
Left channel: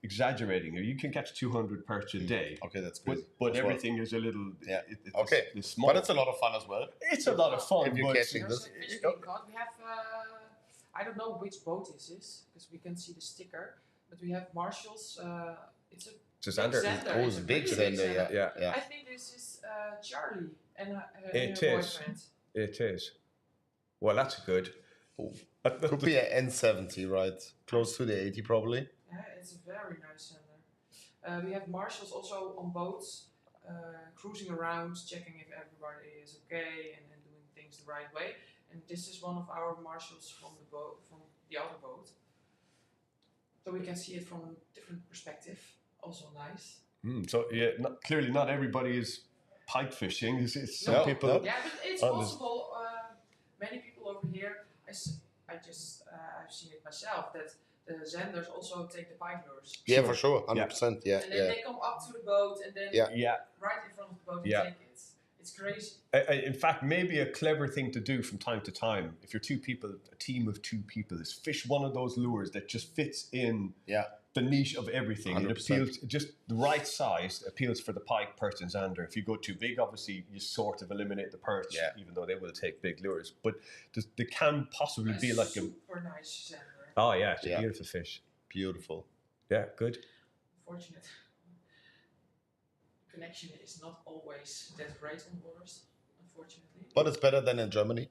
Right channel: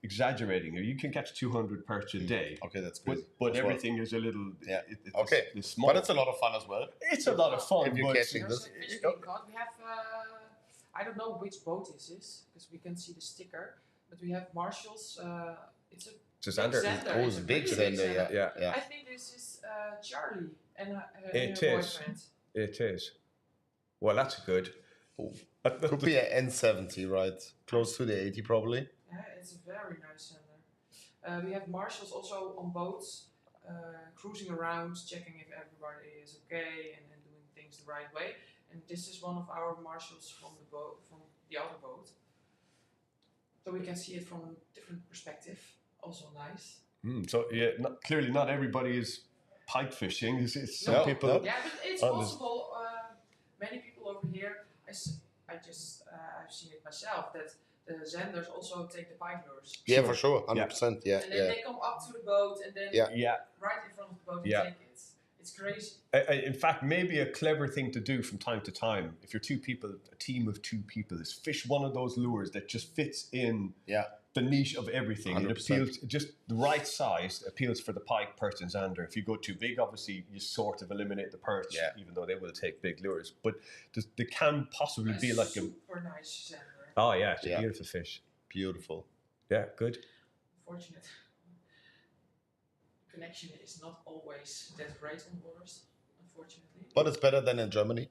exaggerating here. You can catch 200 perch a day. Okay, that's good. But everything is a little. It's small. But it's a lot of fun as well. It's a lot of fun. If you're catching There's this. a fish being caught. We have, I don't know which boat this is because we can see the sticker, but we have Marshall's. It's a Zander. Oh, it's a big Zander. Yeah. I think this is Charlie and her It is. boyfriend. It is. Well, that's good. Could be an N70, right? Close to the 80 probably. Yeah, it's a very nice Zander. We have Marshals also on boats, cruising around, checking if everybody is okay and doing things the right way. And this is one of our Marshals from the boat, from the other boat. So we can see it from a different perspective. Also nice. So clearly not everybody is pike fishing. It's some people. Yeah, but it's possible. Many people over here, I've seen it myself that the Zanders also take the pike lures. Yeah, for sure, 100%. Yeah, and then they come up to the boat and then right in front of the boat and take it. It's crazy. In fact, maybe a clever thing to do from time to time, if you're two people, a team of 2 people, is fish one of those lures that just fits in the niche of everything. 100%. It appeals, just the right size appeals for the pike, perch, and zander. If you go too big, obviously you sort of eliminate the perch, even though they will take big lures. But they can possibly be like a super nice zander. Oh yeah, it's a beautiful fish. Beautiful. Yeah, good. Unfortunate. Connection is not always that great on waters, unfortunately. But it's better than in Germany.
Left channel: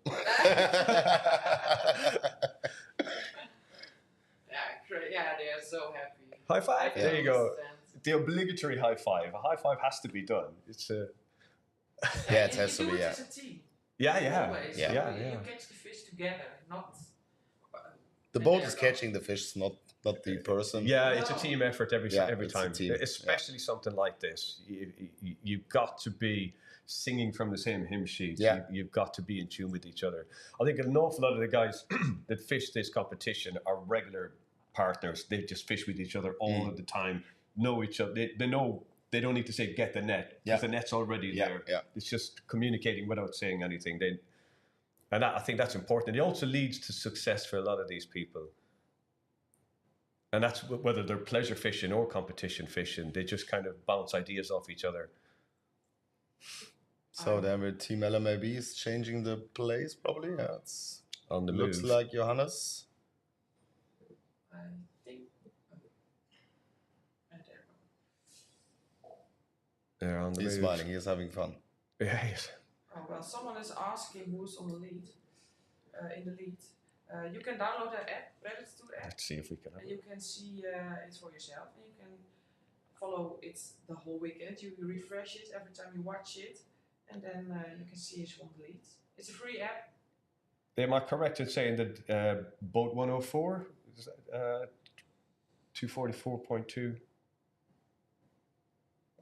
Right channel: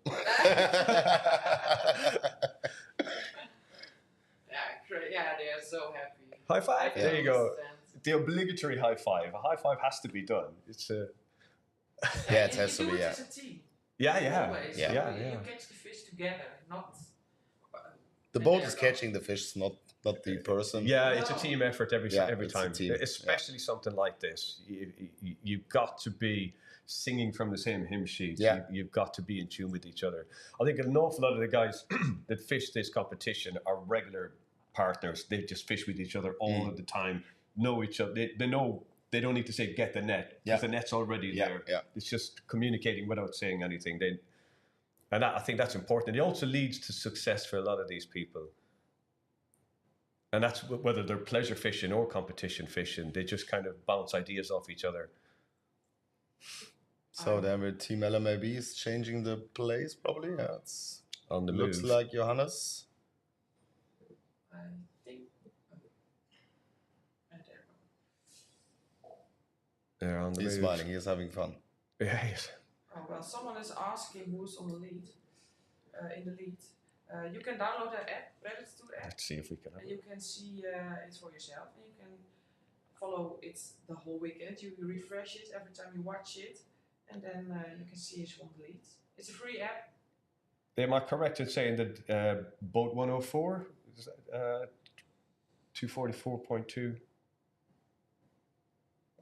Yeah, they are so happy. High five. There you go. The obligatory high five. A high five has to be done. It's a. It has to be. You do it as a team. Yeah. Always. You catch the fish together, not. The boat is catching the fish, not the person. Yeah, it's a team effort every time. Team. Especially something like this. You've got to be singing from the same hymn sheet. Yeah. You've got to be in tune with each other. I think an awful lot of the guys that fish this competition are regular partners. They just fish with each other all of the time, know each other. They know they don't need to say get the net because the net's already there. Yeah. It's just communicating without saying anything. I think that's important. It also leads to success for a lot of these people. And that's whether they're pleasure fishing or competition fishing. They just kind of bounce ideas off each other. So then with Team LMAB is changing the place probably. Yeah, it's on the looks move. like Johannes. I think. And They're on the He's move. smiling. He's having fun. Yeah, he is. Oh well, someone is asking who's on the lead. In the lead, you can download the app, Predatortour app. Let's see if we can. And you can see it for yourself, and you can follow it the whole weekend. You refresh it every time you watch it, and then you can see who's on the lead. It's a free app. Am I correct in saying that boat 104 is 244.2?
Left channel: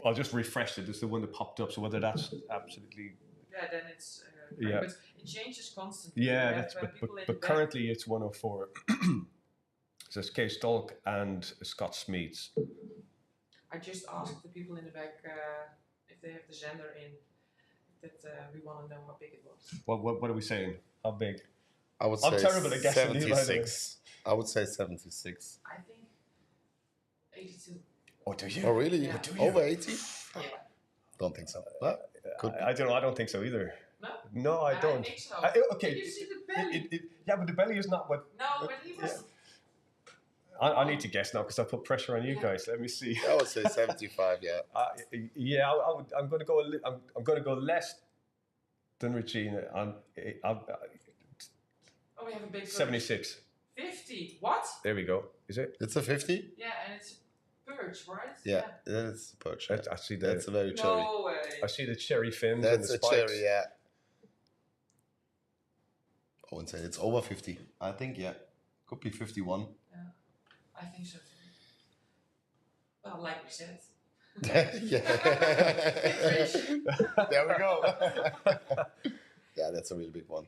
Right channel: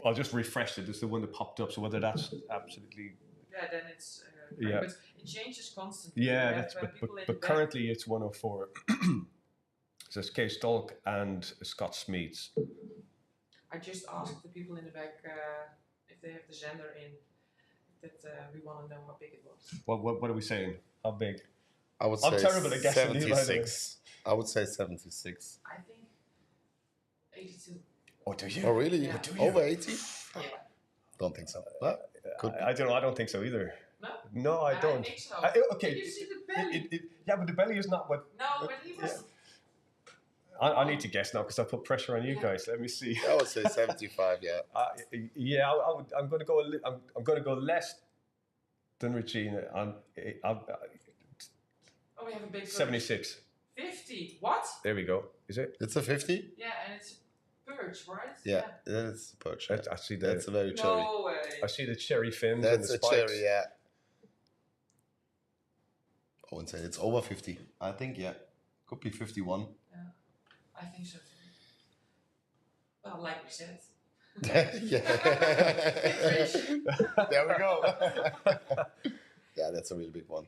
I'll just refresh it. It's the one that popped up. So whether that's absolutely. Yeah, then it's. But it changes constantly. Yeah, that's but currently it's 104. So it's Kay Stolk and Scott Smeets. I just asked the people in the back if they have the Zander in. That we want to know how big it was. What are we saying? How big? I would say I'm terrible at guessing. 76. I would say 76. I think 82. Oh, do you? Oh, really? Yeah. Over 80? Yeah. Don't think so. Well, I don't know. I don't think so either. No? No, I don't. I think so. Okay. Did you see the belly? Yeah, but the belly is not what. No, but he was. I need to guess now because I put pressure on you guys. Let me see. I would say 75. Yeah. I'm going to go. I'm going to go less than Regina. Oh, we have a big 76. 50. What? There we go. Is it? It's a 50? Yeah, and it's perch, right? Yeah, that's a perch. Yeah. I see the. That's a very cherry. No way. I see the cherry fins. That's and the a spikes. cherry, yeah. wouldn't say it's over 50. I think, yeah. Could be 51. Yeah, I think so too. Well, like we said. There we go. Yeah, that's a really big one.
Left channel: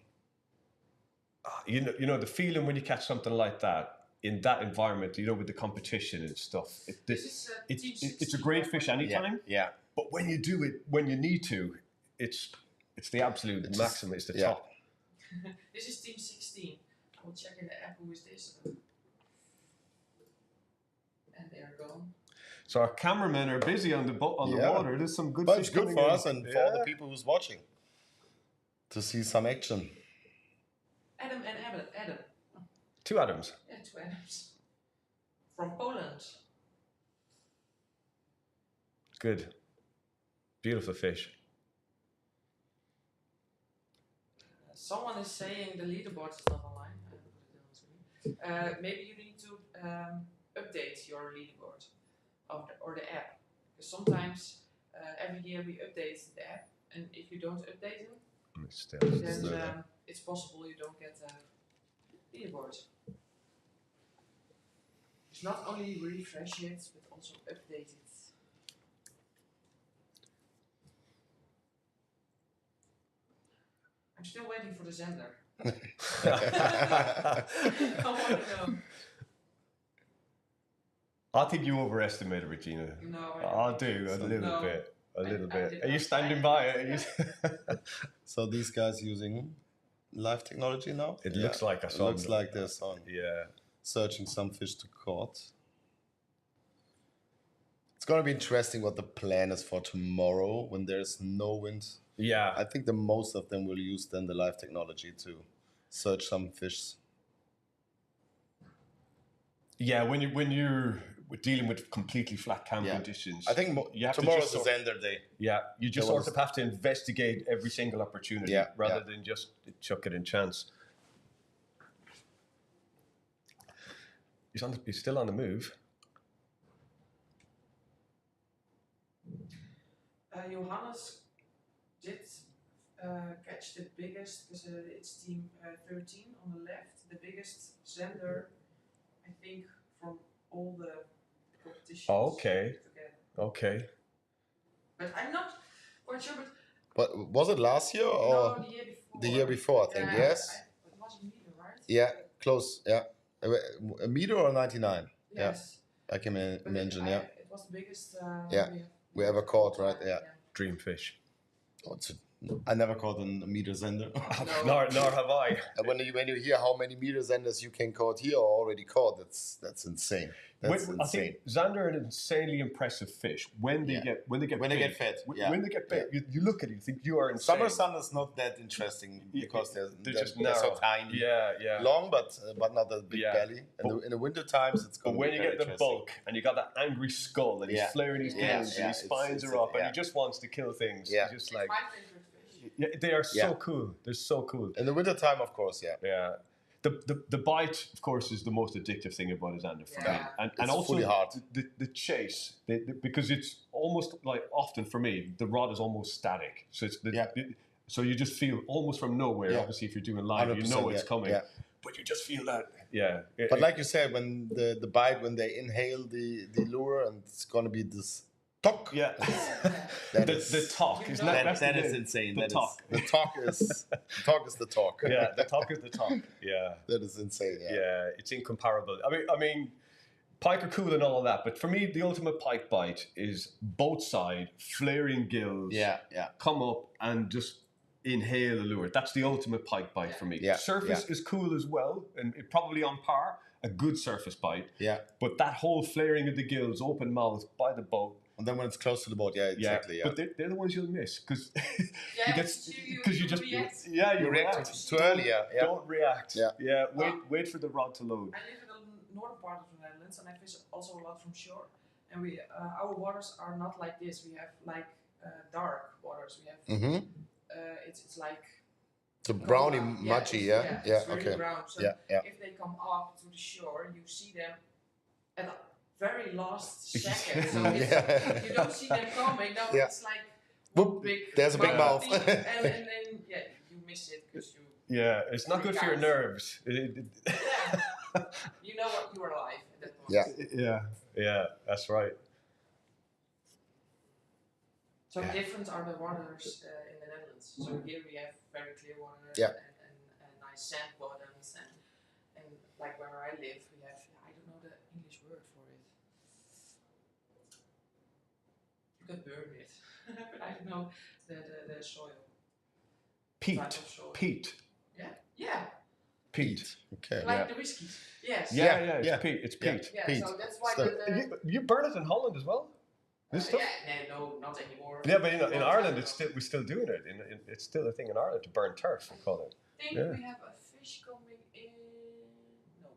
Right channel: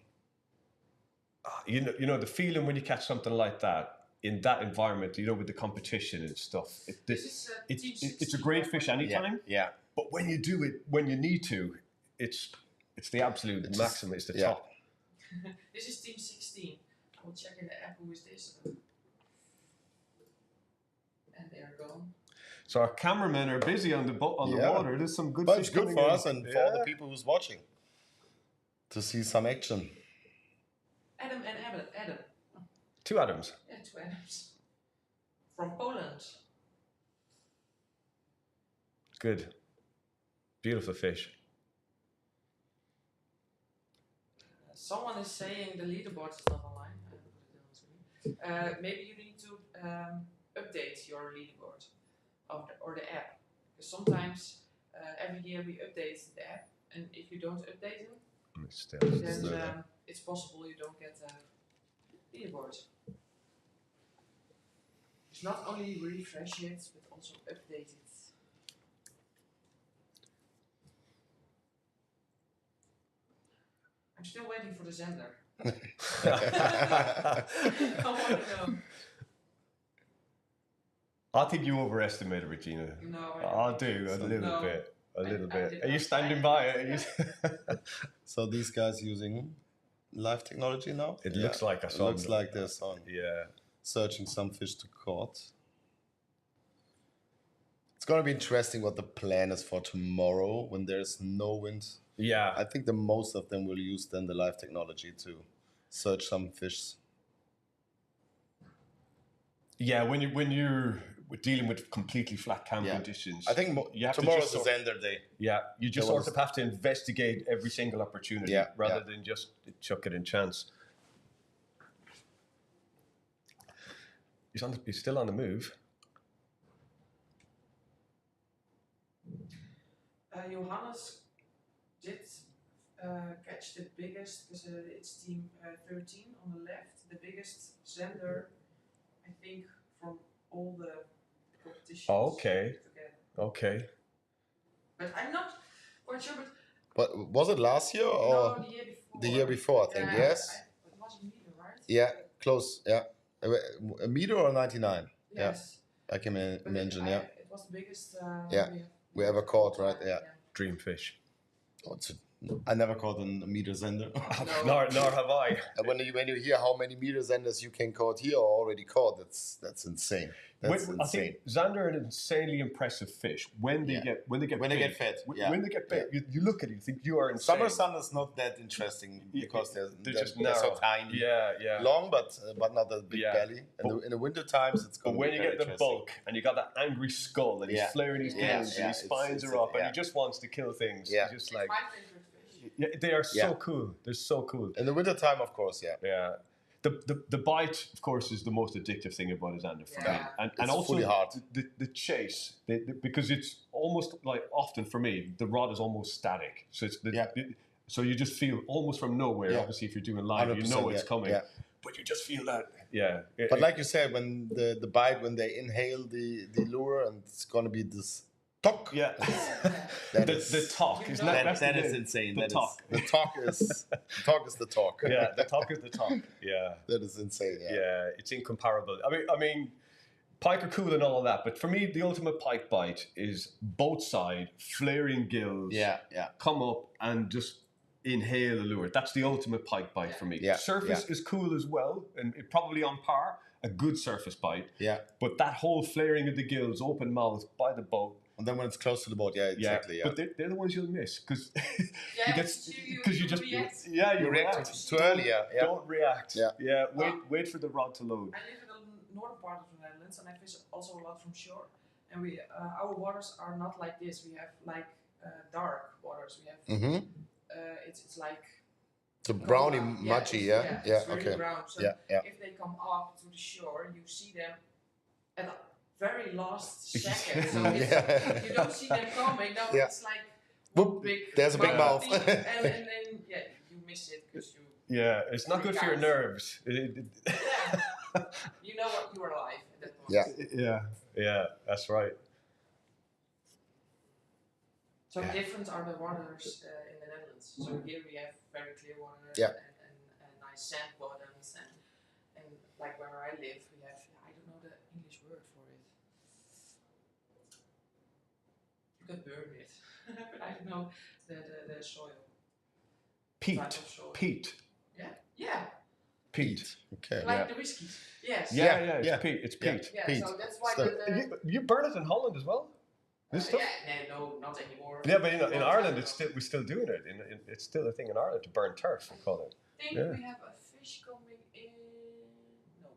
You know the feeling when you catch something like that in that environment, with the competition and stuff. It's a great fish anytime. Yeah. But when you do it, when you need to, it's the absolute maximum. It's the top. This is team 16. I will check in the app who is this. And they are gone. So our cameramen are busy on the water. There's some good. But fish it's good coming for in. us and for all the people who's watching to see some action. Adam and Adam. 2 Adams. Yeah, 2 Adams. From Poland. Good. Beautiful fish. Someone is saying the leaderboard is not online. I put it on screen. Maybe you need to update your leaderboard or the app. Because sometimes every year we update the app, and if you don't update it, then it's possible you don't get the leaderboard. It's not only refresh it, but also update it. I'm still waiting for the Zender. I want to know. I think you overestimated Regina. No, I do a little bit. A little bit. Are you not standing by it? So these guys using live technology now? It looks like I It saw looks them. like they're on. Yeah. Searching some fish to caught. It's going to be interesting what the plan is for tomorrow when there's no wind. Yeah. I think the most of them will use then the live technology to search some fish. Yeah, when you're dealing with completely flat camp conditions, I think you have tomorrow's to the Zender day. Yeah, you just sort of have to investigate every single opportunity rather than just chuck it in chance. He's still on the move. Johannes did catch the biggest, because it's team 13 on the left, the biggest Zender, I think, from all the competitions. Oh, okay. Together. Okay. But I'm not quite sure. But was it last year or no, the year before? the year before? I think yes. It was a meter, right? Yeah, close. Yeah, a meter or 99. Yes. Yeah, I can imagine. It was the biggest. We ever caught, right? Yeah. Dream fish. Oh, I never caught a meter Zender. nor have I. And when you hear how many meter Zenders you can caught here or already caught, that's insane. That's insane. I think Zander are an insanely impressive fish when they get When they big. get fed. When they get big, you look at it, you think you are insane. Summer sun is not that interesting because they're just they're so narrow. tiny. Yeah. Long, but not a big belly. And in the winter times, it's going But to when be you very get the interesting. bulk and you got that angry skull and he's flaring his gills and his spines are up and he just wants to kill things. Yeah. He's just like, My favorite fish. yeah, they are so cool. They're so cool. In the winter time, of course, Yeah. The bite, of course, is the most addictive thing about a Zander for me. And It's also fully hard. the chase, because it's almost like often for me, the rod is almost static. So it's so you just feel almost from nowhere. Obviously, if you're doing live, you know it's coming. Yeah. But you just feel that, But like you said, when the bite, when they inhale the lure, and it's gonna be this talk. Yeah. the talk is that is insane. The talk. The talk is the talk. Yeah, the talk is the talk. Yeah. That is insane. Yeah, it's incomparable. I mean, pike are cool and all of that, but for me, the ultimate pike bite is both side, flaring gills. Yeah. Come up and just inhale the lure. That's the ultimate pike bite for me. Yeah. Surface is cool as well, and probably on par. A good surface bite. Yeah. But that whole flaring of the gills, open mouth by the boat. And then when it's close to the boat, exactly. But they're the ones you'll miss because you just react. you react too early. Don't react. Yeah. Wait for the rod to load. I live in the northern part of the Netherlands, and I fish also a lot from shore. And we our waters are not like this. We have like dark waters. We have it's like the brownie mudgy. Yeah. It's Okay. really brown. So Yeah. if they come up to the shore, you see them at the very last second. So you don't see them coming. No, it's like Whoop, big. there's a big mouth. and then you miss it because you Yeah, it's not good for your nerves. Yeah. You know what you are alive at that point. Yeah. Yeah, that's right. So different are the waters in the Netherlands. So here we have very clear water and nice sand bottoms and like where I live we have, I don't know the English word for it. You can burn it, but I don't know the soil. Peat. Peat. Yeah. Peat. Okay. Like the whiskey. Yes. Yeah, it's peat. It's peat. Yeah, peat. so that's why So You burn it in Holland as well? This stuff? no, not anymore. Yeah, but in Ireland, we're still doing it. It's still a thing in Ireland to burn turf. We call it. I think we have a fish coming in. No.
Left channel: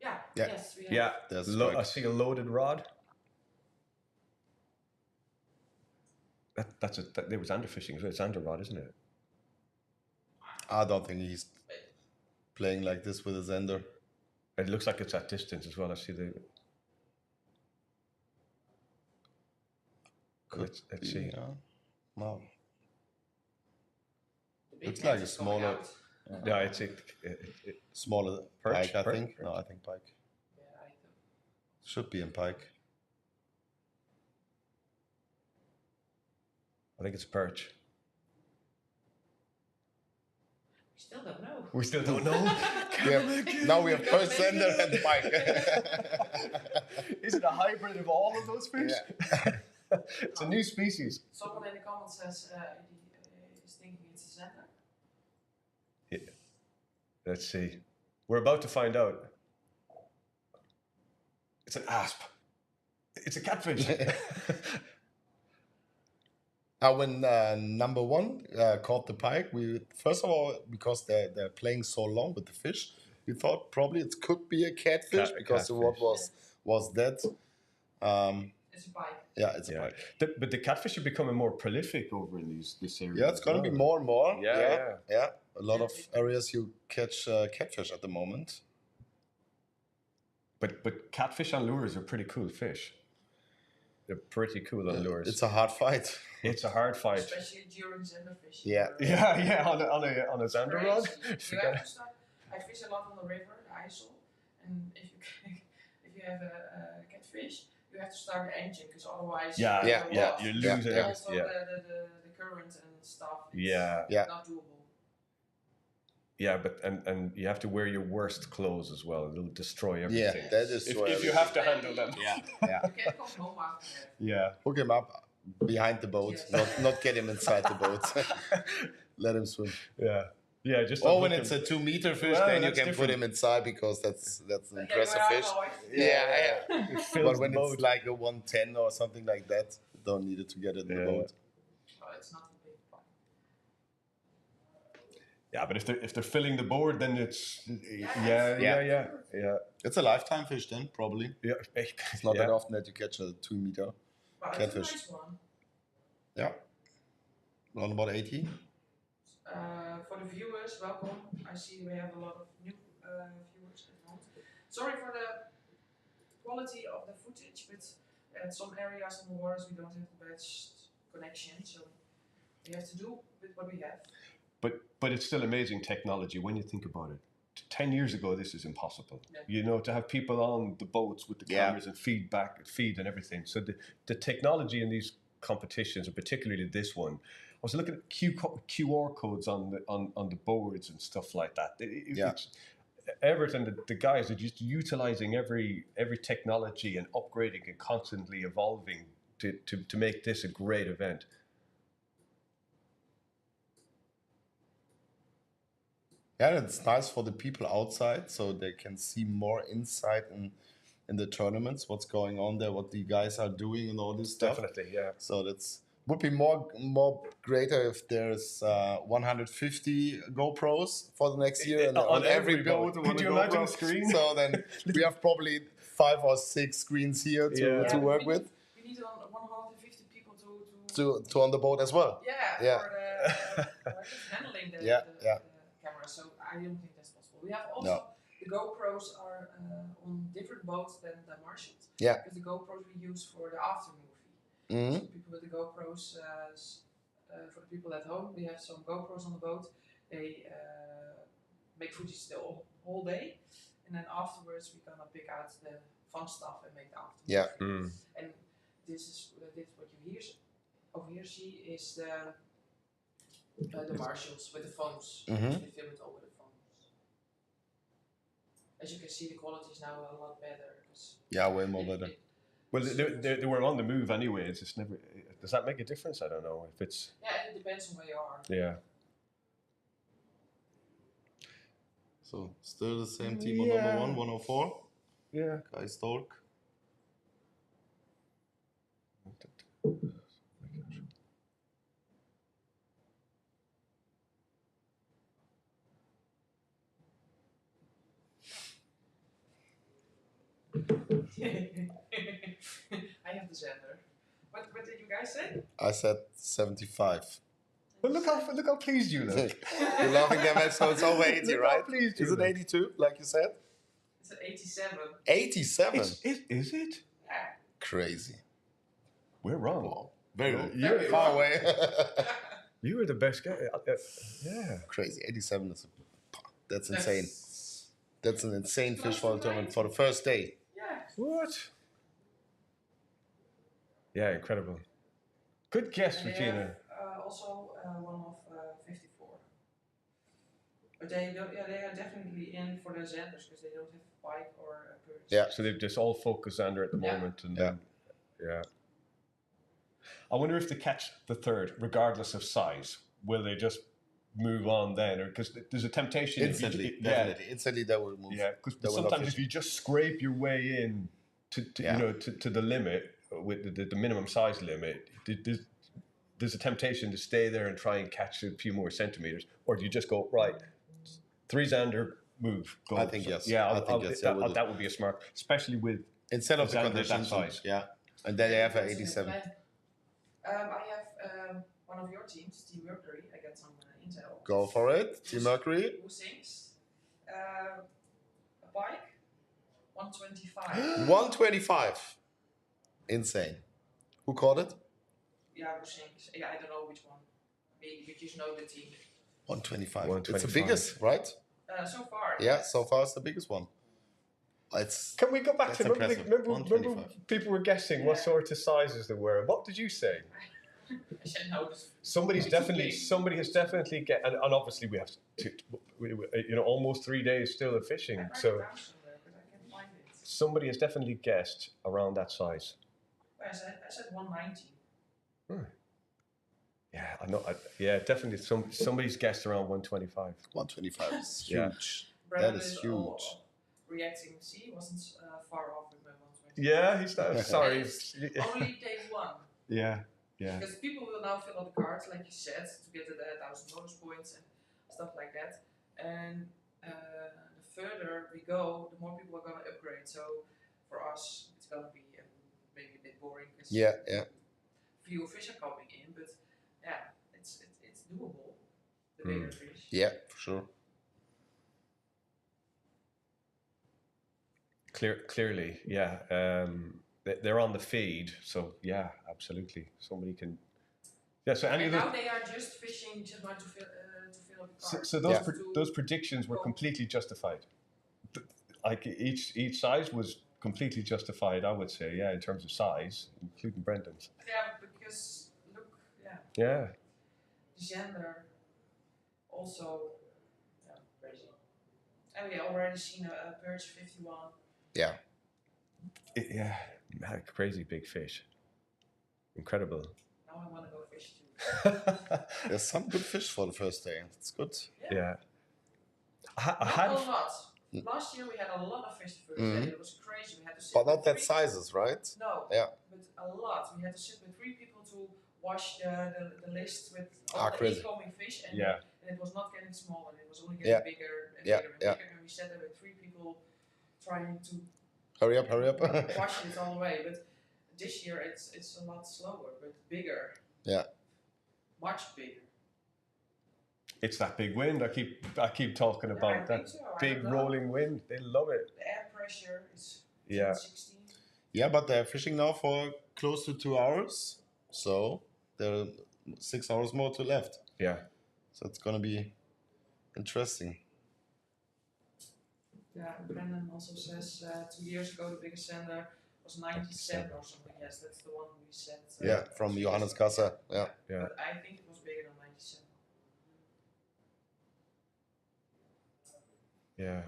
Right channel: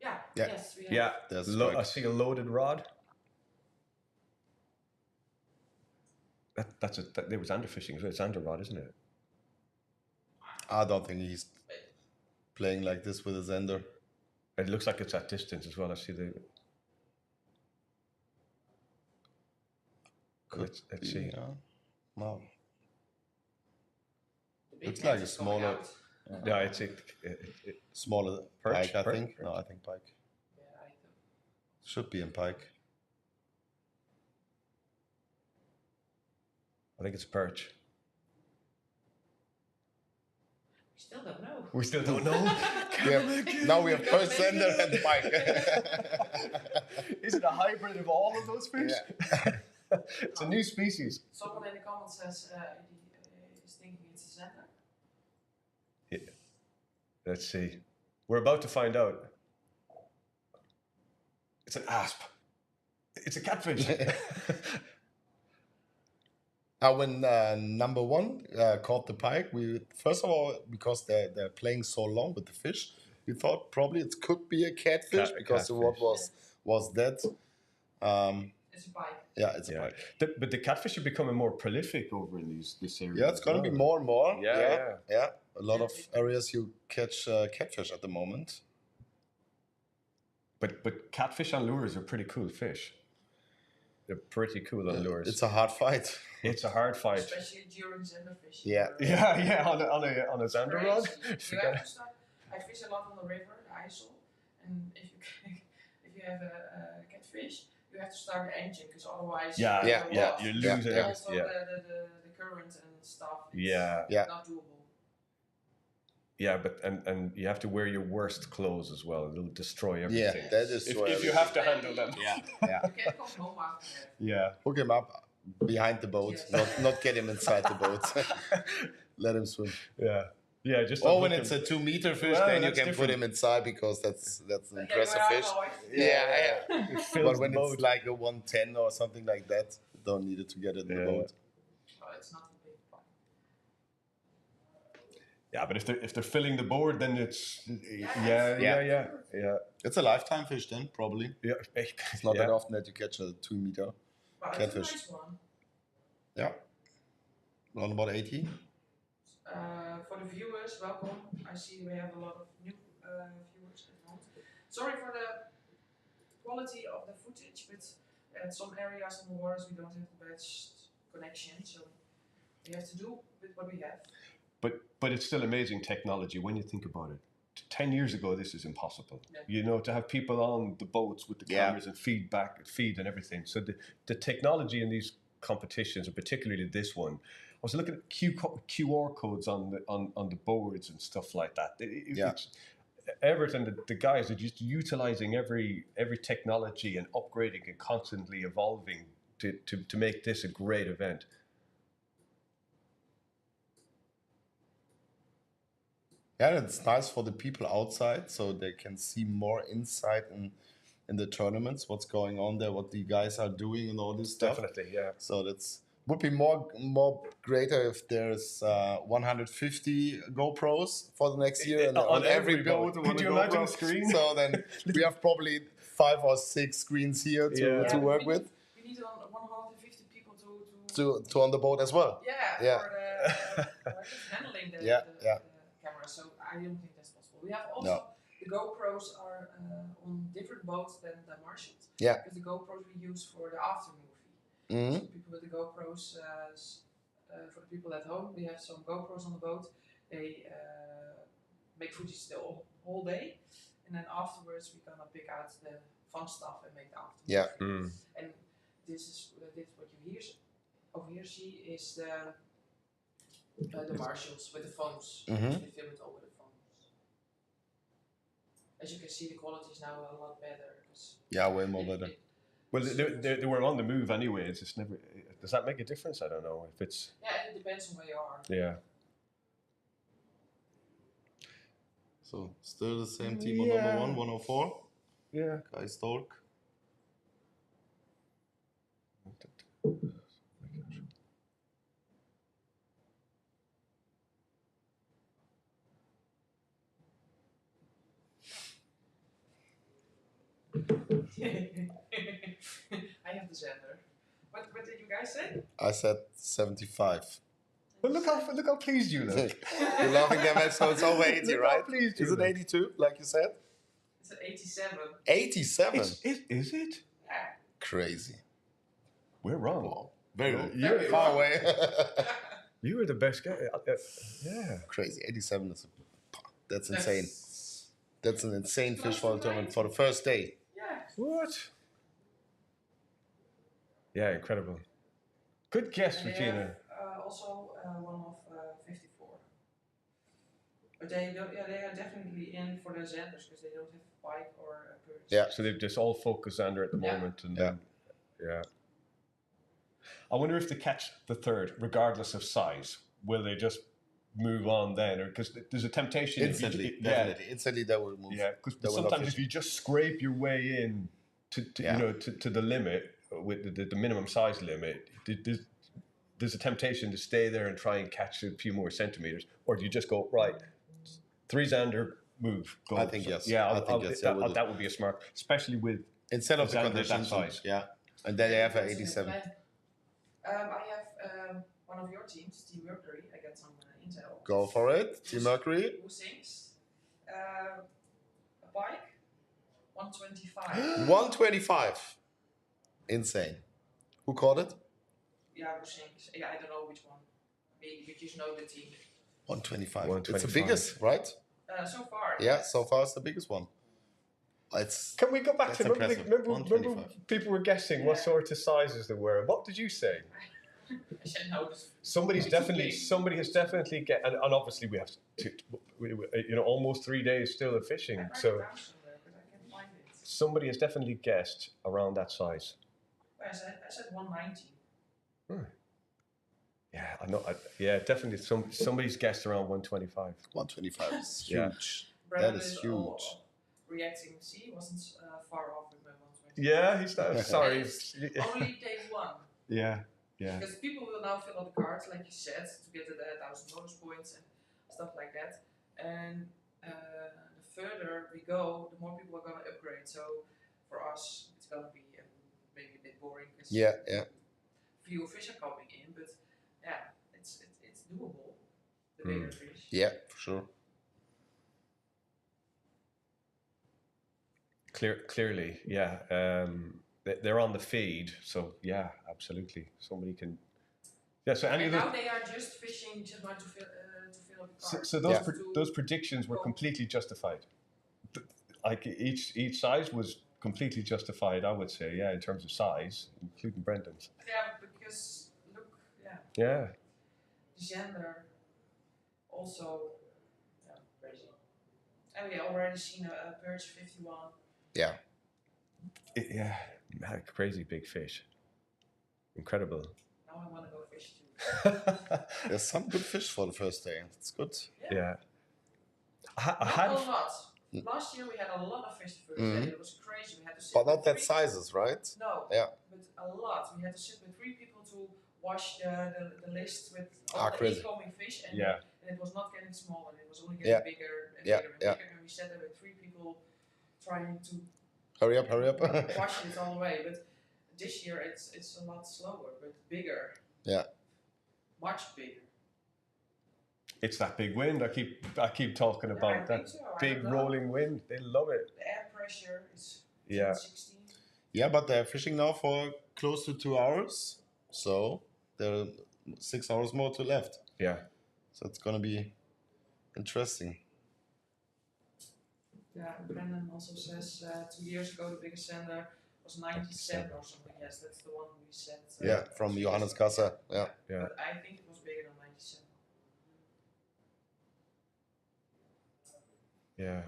Yeah. Yes, we have. Yeah. I see a loaded rod. There was underfishing as well. It's under rod, isn't it? I don't think he's playing like this with his ender. It looks like it's at distance as well. I see the. Let's see. No. Looks like a smaller. Yeah, it's a Smaller perch, pike, I perch, think. perch. No, I think pike. Yeah, I think. Should be in pike. I think it's a perch. We still don't know. We still don't know. Now we have first ender and pike. Is it a hybrid of all of those fish? Yeah. It's a new species. Someone in the comments says is thinking it's a center. Yeah. Let's see. We're about to find out. It's an asp. It's a catfish. When number one caught the pike, we first of all, because they're playing so long with the fish, we thought probably it could be a catfish because the rod was dead. It's a pike. Yeah, it's a pike. But the catfish are becoming more prolific over in this area. Yeah, it's going to be more and more. Yeah. A lot of areas you catch catfish at the moment. But catfish on lures are pretty cool fish. They're pretty cool on lures. It's a hard fight. It's a hard fight. Especially during zander fishing. Yeah. On a zander rod. You have to start. I fish a lot on the river, the IJssel, and if you have a catfish, you have to start the engine because otherwise you lose it. Also the current and stuff. It's not doable. Yeah, but and you have to wear your worst clothes as well. It'll destroy everything. Yeah, that is if you have to handle them. Yeah. You can't come home after that. Yeah. Hook him up behind the boat, not get him inside the boat. Let him swim. Yeah, just. Or when it's a 2 meter fish, then you can put him inside because that's an impressive fish. Yeah. But when it's like a 110 or something like that, you don't need it to get it in the boat. Oh, it's not a big one. Yeah, but if they're filling the board, then it's yeah. It's a lifetime fish then, probably. Yeah, It's not that often that you catch a 2 meter catfish. It's a nice one. Yeah, around about 80. For the viewers, welcome. I see we have a lot of new viewers at the moment. Sorry for the quality of the footage, but at some areas on the waters we don't have the best connection, so we have to do with what we have. But it's still amazing technology when you think about it. 10 years ago, this is impossible. Yeah. To have people on the boats with the cameras and feed and everything. So the technology in these competitions, and particularly this one, I was looking at QR codes on the boards and stuff like that. It's, Everett and the guys are just utilizing every technology and upgrading and constantly evolving to make this a great event. Yeah, it's nice for the people outside, so they can see more insight in the tournaments, what's going on there, what the guys are doing, and all this stuff. Definitely, yeah. So would be more greater if there's 150 GoPros for the next year and on every boat. Could you imagine a screen? So then we have probably 5 or 6 screens here to work with. We need 150 people to on the boat as well. Yeah. For handling the camera. So I don't think that's possible. We have also the GoPros are on different boats than the Martians. Yeah. Because the GoPros we use for the after movie. Mm-hmm. So people with the GoPros, for the people at home, we have some GoPros on the boat. they make footage the whole day, and then afterwards we're gonna pick out the fun stuff and make the afternoon. Yeah. film. And this is what you over here see is the marshals with the phones. Mhm. They film it all with the phones. As you can see, the quality is now a lot better. Yeah, way more better. Well, they were on the move anyway. It's just never. Does that make a difference? I don't know if it's. Yeah, it depends on where you are. Yeah. So still the same team on Yeah. number 1, 104. Yeah. Guy Stork. I have the Xander. What did you guys say? I said 75. Well, look how pleased you look. You're laughing at so it's over 80, Look how right? pleased you Is it look. 82, like you said? It's an 87. 87? Yeah. Is it? Crazy. We're wrong. Very Very far wrong. away. You were the best guy. Yeah. Crazy. 87 is that's insane. That's an insane fish for a tournament for the first day. Yeah. What? Yeah, incredible. Good guess, And they Regina. have also one of 54. But they don't. Yeah, they are definitely in for the Xanders because they don't have pike or birds. Yeah. So they've just all focused under at the Yeah. moment, and Yeah. yeah. I wonder if they catch the third, regardless of size, will they just move on then, or because there's a temptation Instantly, definitely. Instantly they will move. Yeah, because They will not sometimes if fish. you just scrape your way in to Yeah. to the limit with the minimum size limit, there's a temptation to stay there and try and catch a few more centimeters, or do you just go right, 3 Xander, move? Go. I think yes. Yeah, I think yes, they will do. that would be a smart, especially with Instead of the Xander that conditions, size. yeah. And then they have an That's in the 87. plan. I have one of your teams, Team Mercury. I got some intel. Go for it. Team Mercury. Who sings? A bike, 125. 125. Insane. Who caught it? Yeah, who sings? Yeah, I don't know which one. Maybe you just know the team. 125. It's 125. the biggest, right? So far. Yeah, so far it's the biggest one. It's Can we go back That's to remember impressive. remember 125. people were guessing what Yeah. sort of sizes there were? What did you say? I said no. Somebody has It's definitely get, and obviously we have almost 3 days still of I fishing, write it so down somewhere, but I can't find it. somebody has definitely guessed around that size. I said 190. Yeah, I know. Yeah, definitely. Somebody's guessed around 125. 125 is Yeah. huge. Brandon is all huge. reacting. See, he wasn't far off with my 120. Yeah, he's not. Sorry. Only day one. Yeah, yeah. Because people will now fill out the cards, like you said, to get the 1,000 bonus points and stuff like that. And the further we go, the more people are going to upgrade. So for us, it's going to be maybe a bit boring because Yeah, yeah. few fish are coming in, but yeah, it's doable. The bigger fish. Yeah, for sure. Clearly, yeah. They're on the feed, so yeah, absolutely. Somebody can. Yeah. So any And of now those. they are just fishing to fill up the So, cards. so those Yeah. those predictions were completely justified. Like each size was completely justified, I would say. Yeah, in terms of size, including Brendan's. Yeah, because look, yeah, Yeah. gender also crazy. And we already seen a perch 51. Yeah. Yeah. Man, crazy big fish. Incredible. Now I want to go fish too. There's some good fish for the first day. It's good. Yeah. I Not had. a lot. Last year we had a lot of fish the first day. It was crazy. We had to sit But not with that three- sizes, right? No. Yeah. But a lot. We had to sit with 3 people to wash the list with all the Crazy. incoming fish, and, Yeah. and it was not getting smaller. It was only getting Yeah. bigger and Yeah, bigger and yeah. bigger. And we sat there with 3 people trying to Hurry up, hurry up. wash it all the way. But this year it's a lot slower, but bigger. Yeah. Much bigger. It's that big wind. I keep talking Yeah, I about think that so. I big don't know. rolling wind. They love it. The air pressure is Yeah. 16. Yeah, but they're fishing now for close to 2 hours. So there are 6 hours more to left. Yeah. So it's gonna be Interesting. Yeah, Brendan also says 2 years ago the biggest sender was 97 or something. Yes, that's the one we said. Yeah, from Johannes Kassa. Yeah. Yeah. But I think it was bigger than 97. Yeah.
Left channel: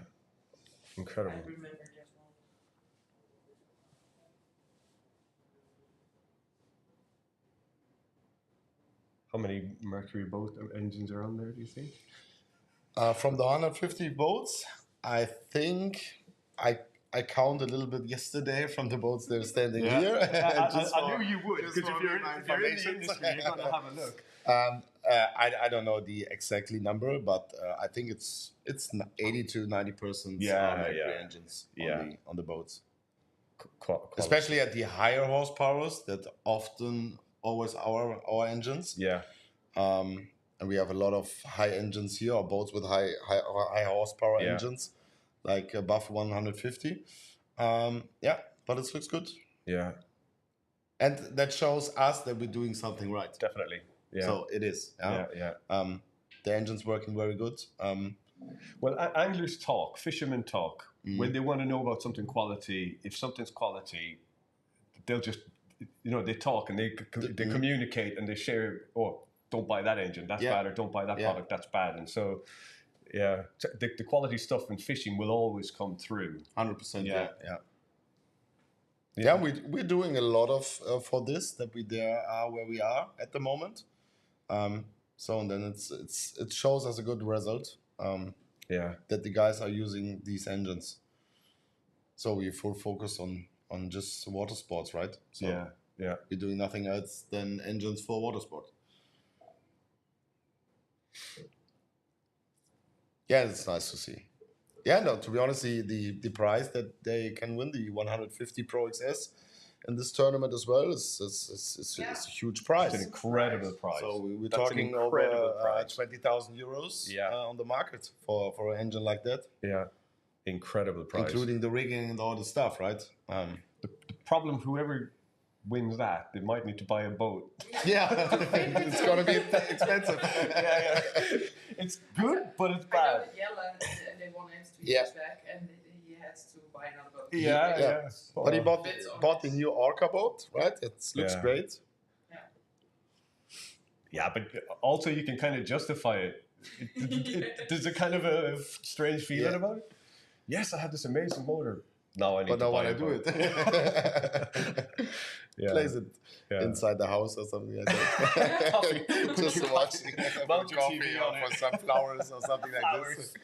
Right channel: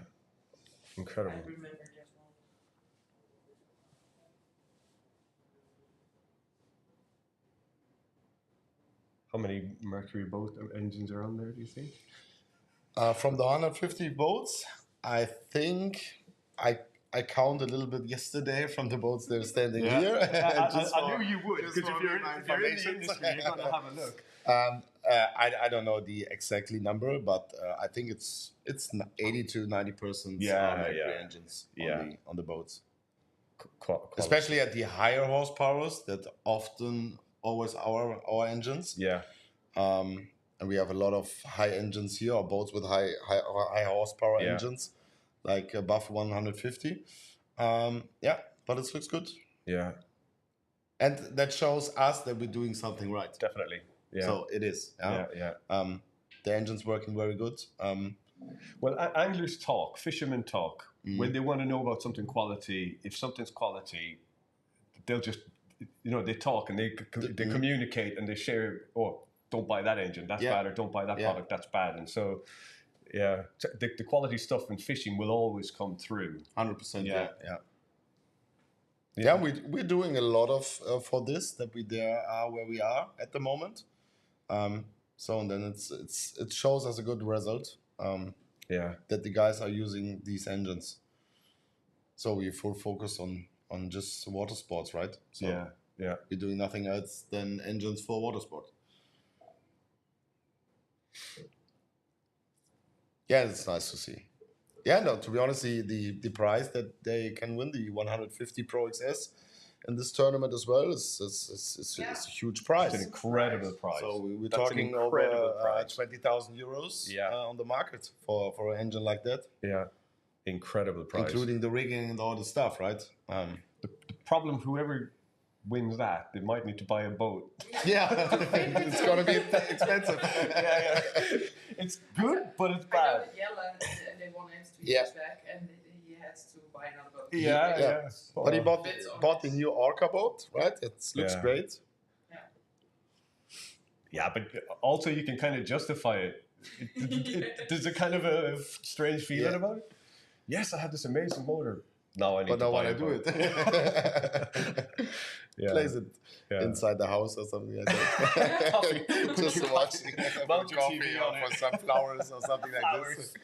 I Incredible. remember that one. How many Mercury boat engines are on there, do you think? From the 150 boats, I think I counted a little bit yesterday from the boats that are standing here. I knew you would, because just if for you're in the information. industry, you're going to have a look. I don't know the exactly number, but I think it's 80 to 90% Mercury engines on the boats. Especially at the higher horsepowers, that often always our engines. Yeah. And we have a lot of high engines here, or boats with high horsepower engines, like above 150. But it looks good. Yeah. And that shows us that we're doing something right. Definitely. Yeah. So it is. The engine's working very good. Well, anglers talk, fishermen talk. When they want to know about something quality, if something's quality, they'll just, they talk and they communicate and they share, don't buy that engine, that's bad, or don't buy that product, that's bad. And so, the quality stuff in fishing will always come through. 100%, yeah. We're doing a lot of for this, that we are where we are at the moment. So and then it shows us a good result. That the guys are using these engines. So we full focus on just water sports, right? So we're doing nothing else than engines for water sport. Yeah, it's nice to see. Yeah, no, to be honest, the prize that they can win, the 150 Pro XS in this tournament as well, is a huge prize. It's an incredible prize. So we're talking over 20,000 euros on the market for an engine like that. Yeah, incredible prize. Including the rigging and all the stuff, right? The problem, whoever wins that, they might need to buy a boat. Yeah, it's going to be expensive. It's good, but it's I bad. know that Jelle, and they won it 2 years back, and he had to buy another boat. Yeah. But he bought the new Orca boat, right? It looks great. Yeah, but also you can kind of justify it. There's a kind of a strange feeling about it. Yes, I have this amazing motor. Now I need to buy a boat. But now when I do it. Place it inside the house or something like that. Just watching coffee or for some flowers or something like this.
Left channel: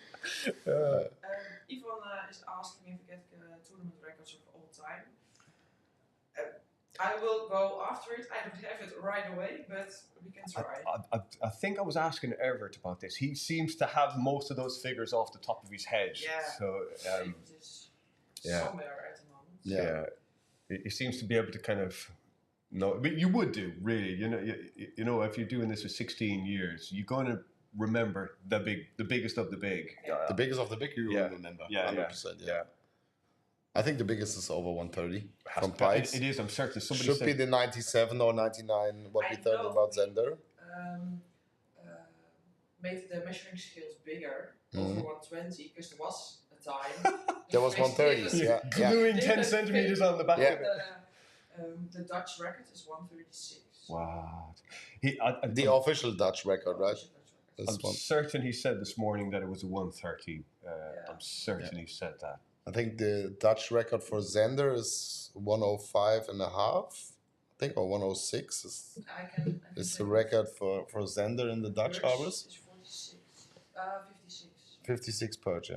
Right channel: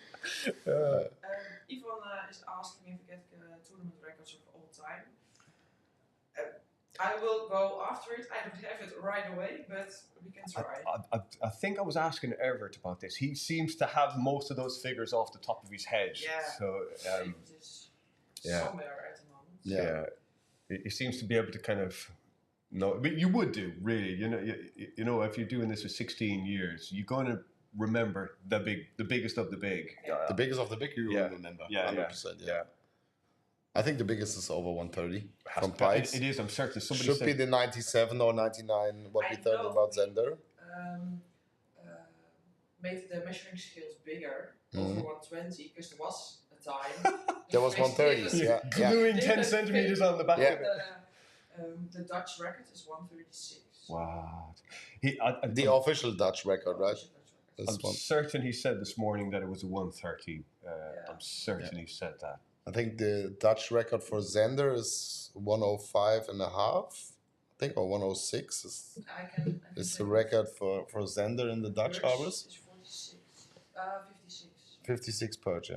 Yvonne is asking if we get tournament records of all time. I will go after it. I don't have it right away, but we can try. I think I was asking Everett about this. He seems to have most of those figures off the top of his head. Yeah. So it is somewhere at the moment. Yeah. He seems to be able to kind of know. But you would do, really. You know, if you're doing this for 16 years, you're going to remember the biggest of the big. The biggest of the big, you will remember. 100%. Yeah. I think the biggest is over 130 from Pikes. It is, I'm certain. Somebody should be the 97 or 99, what we thought about Zender. Made the measuring scales bigger, over 120, because there was a time. There was 130. Gluing 10 centimeters on the back of it. The Dutch record is 136. Wow. The official Dutch record, right? I'm certain he said this morning that it was a 130. I'm certain he said that. I think the Dutch record for Zender is 105 and a half. I think, or 106 is the record for Zender in the Dutch harbors. 56. 56 perch,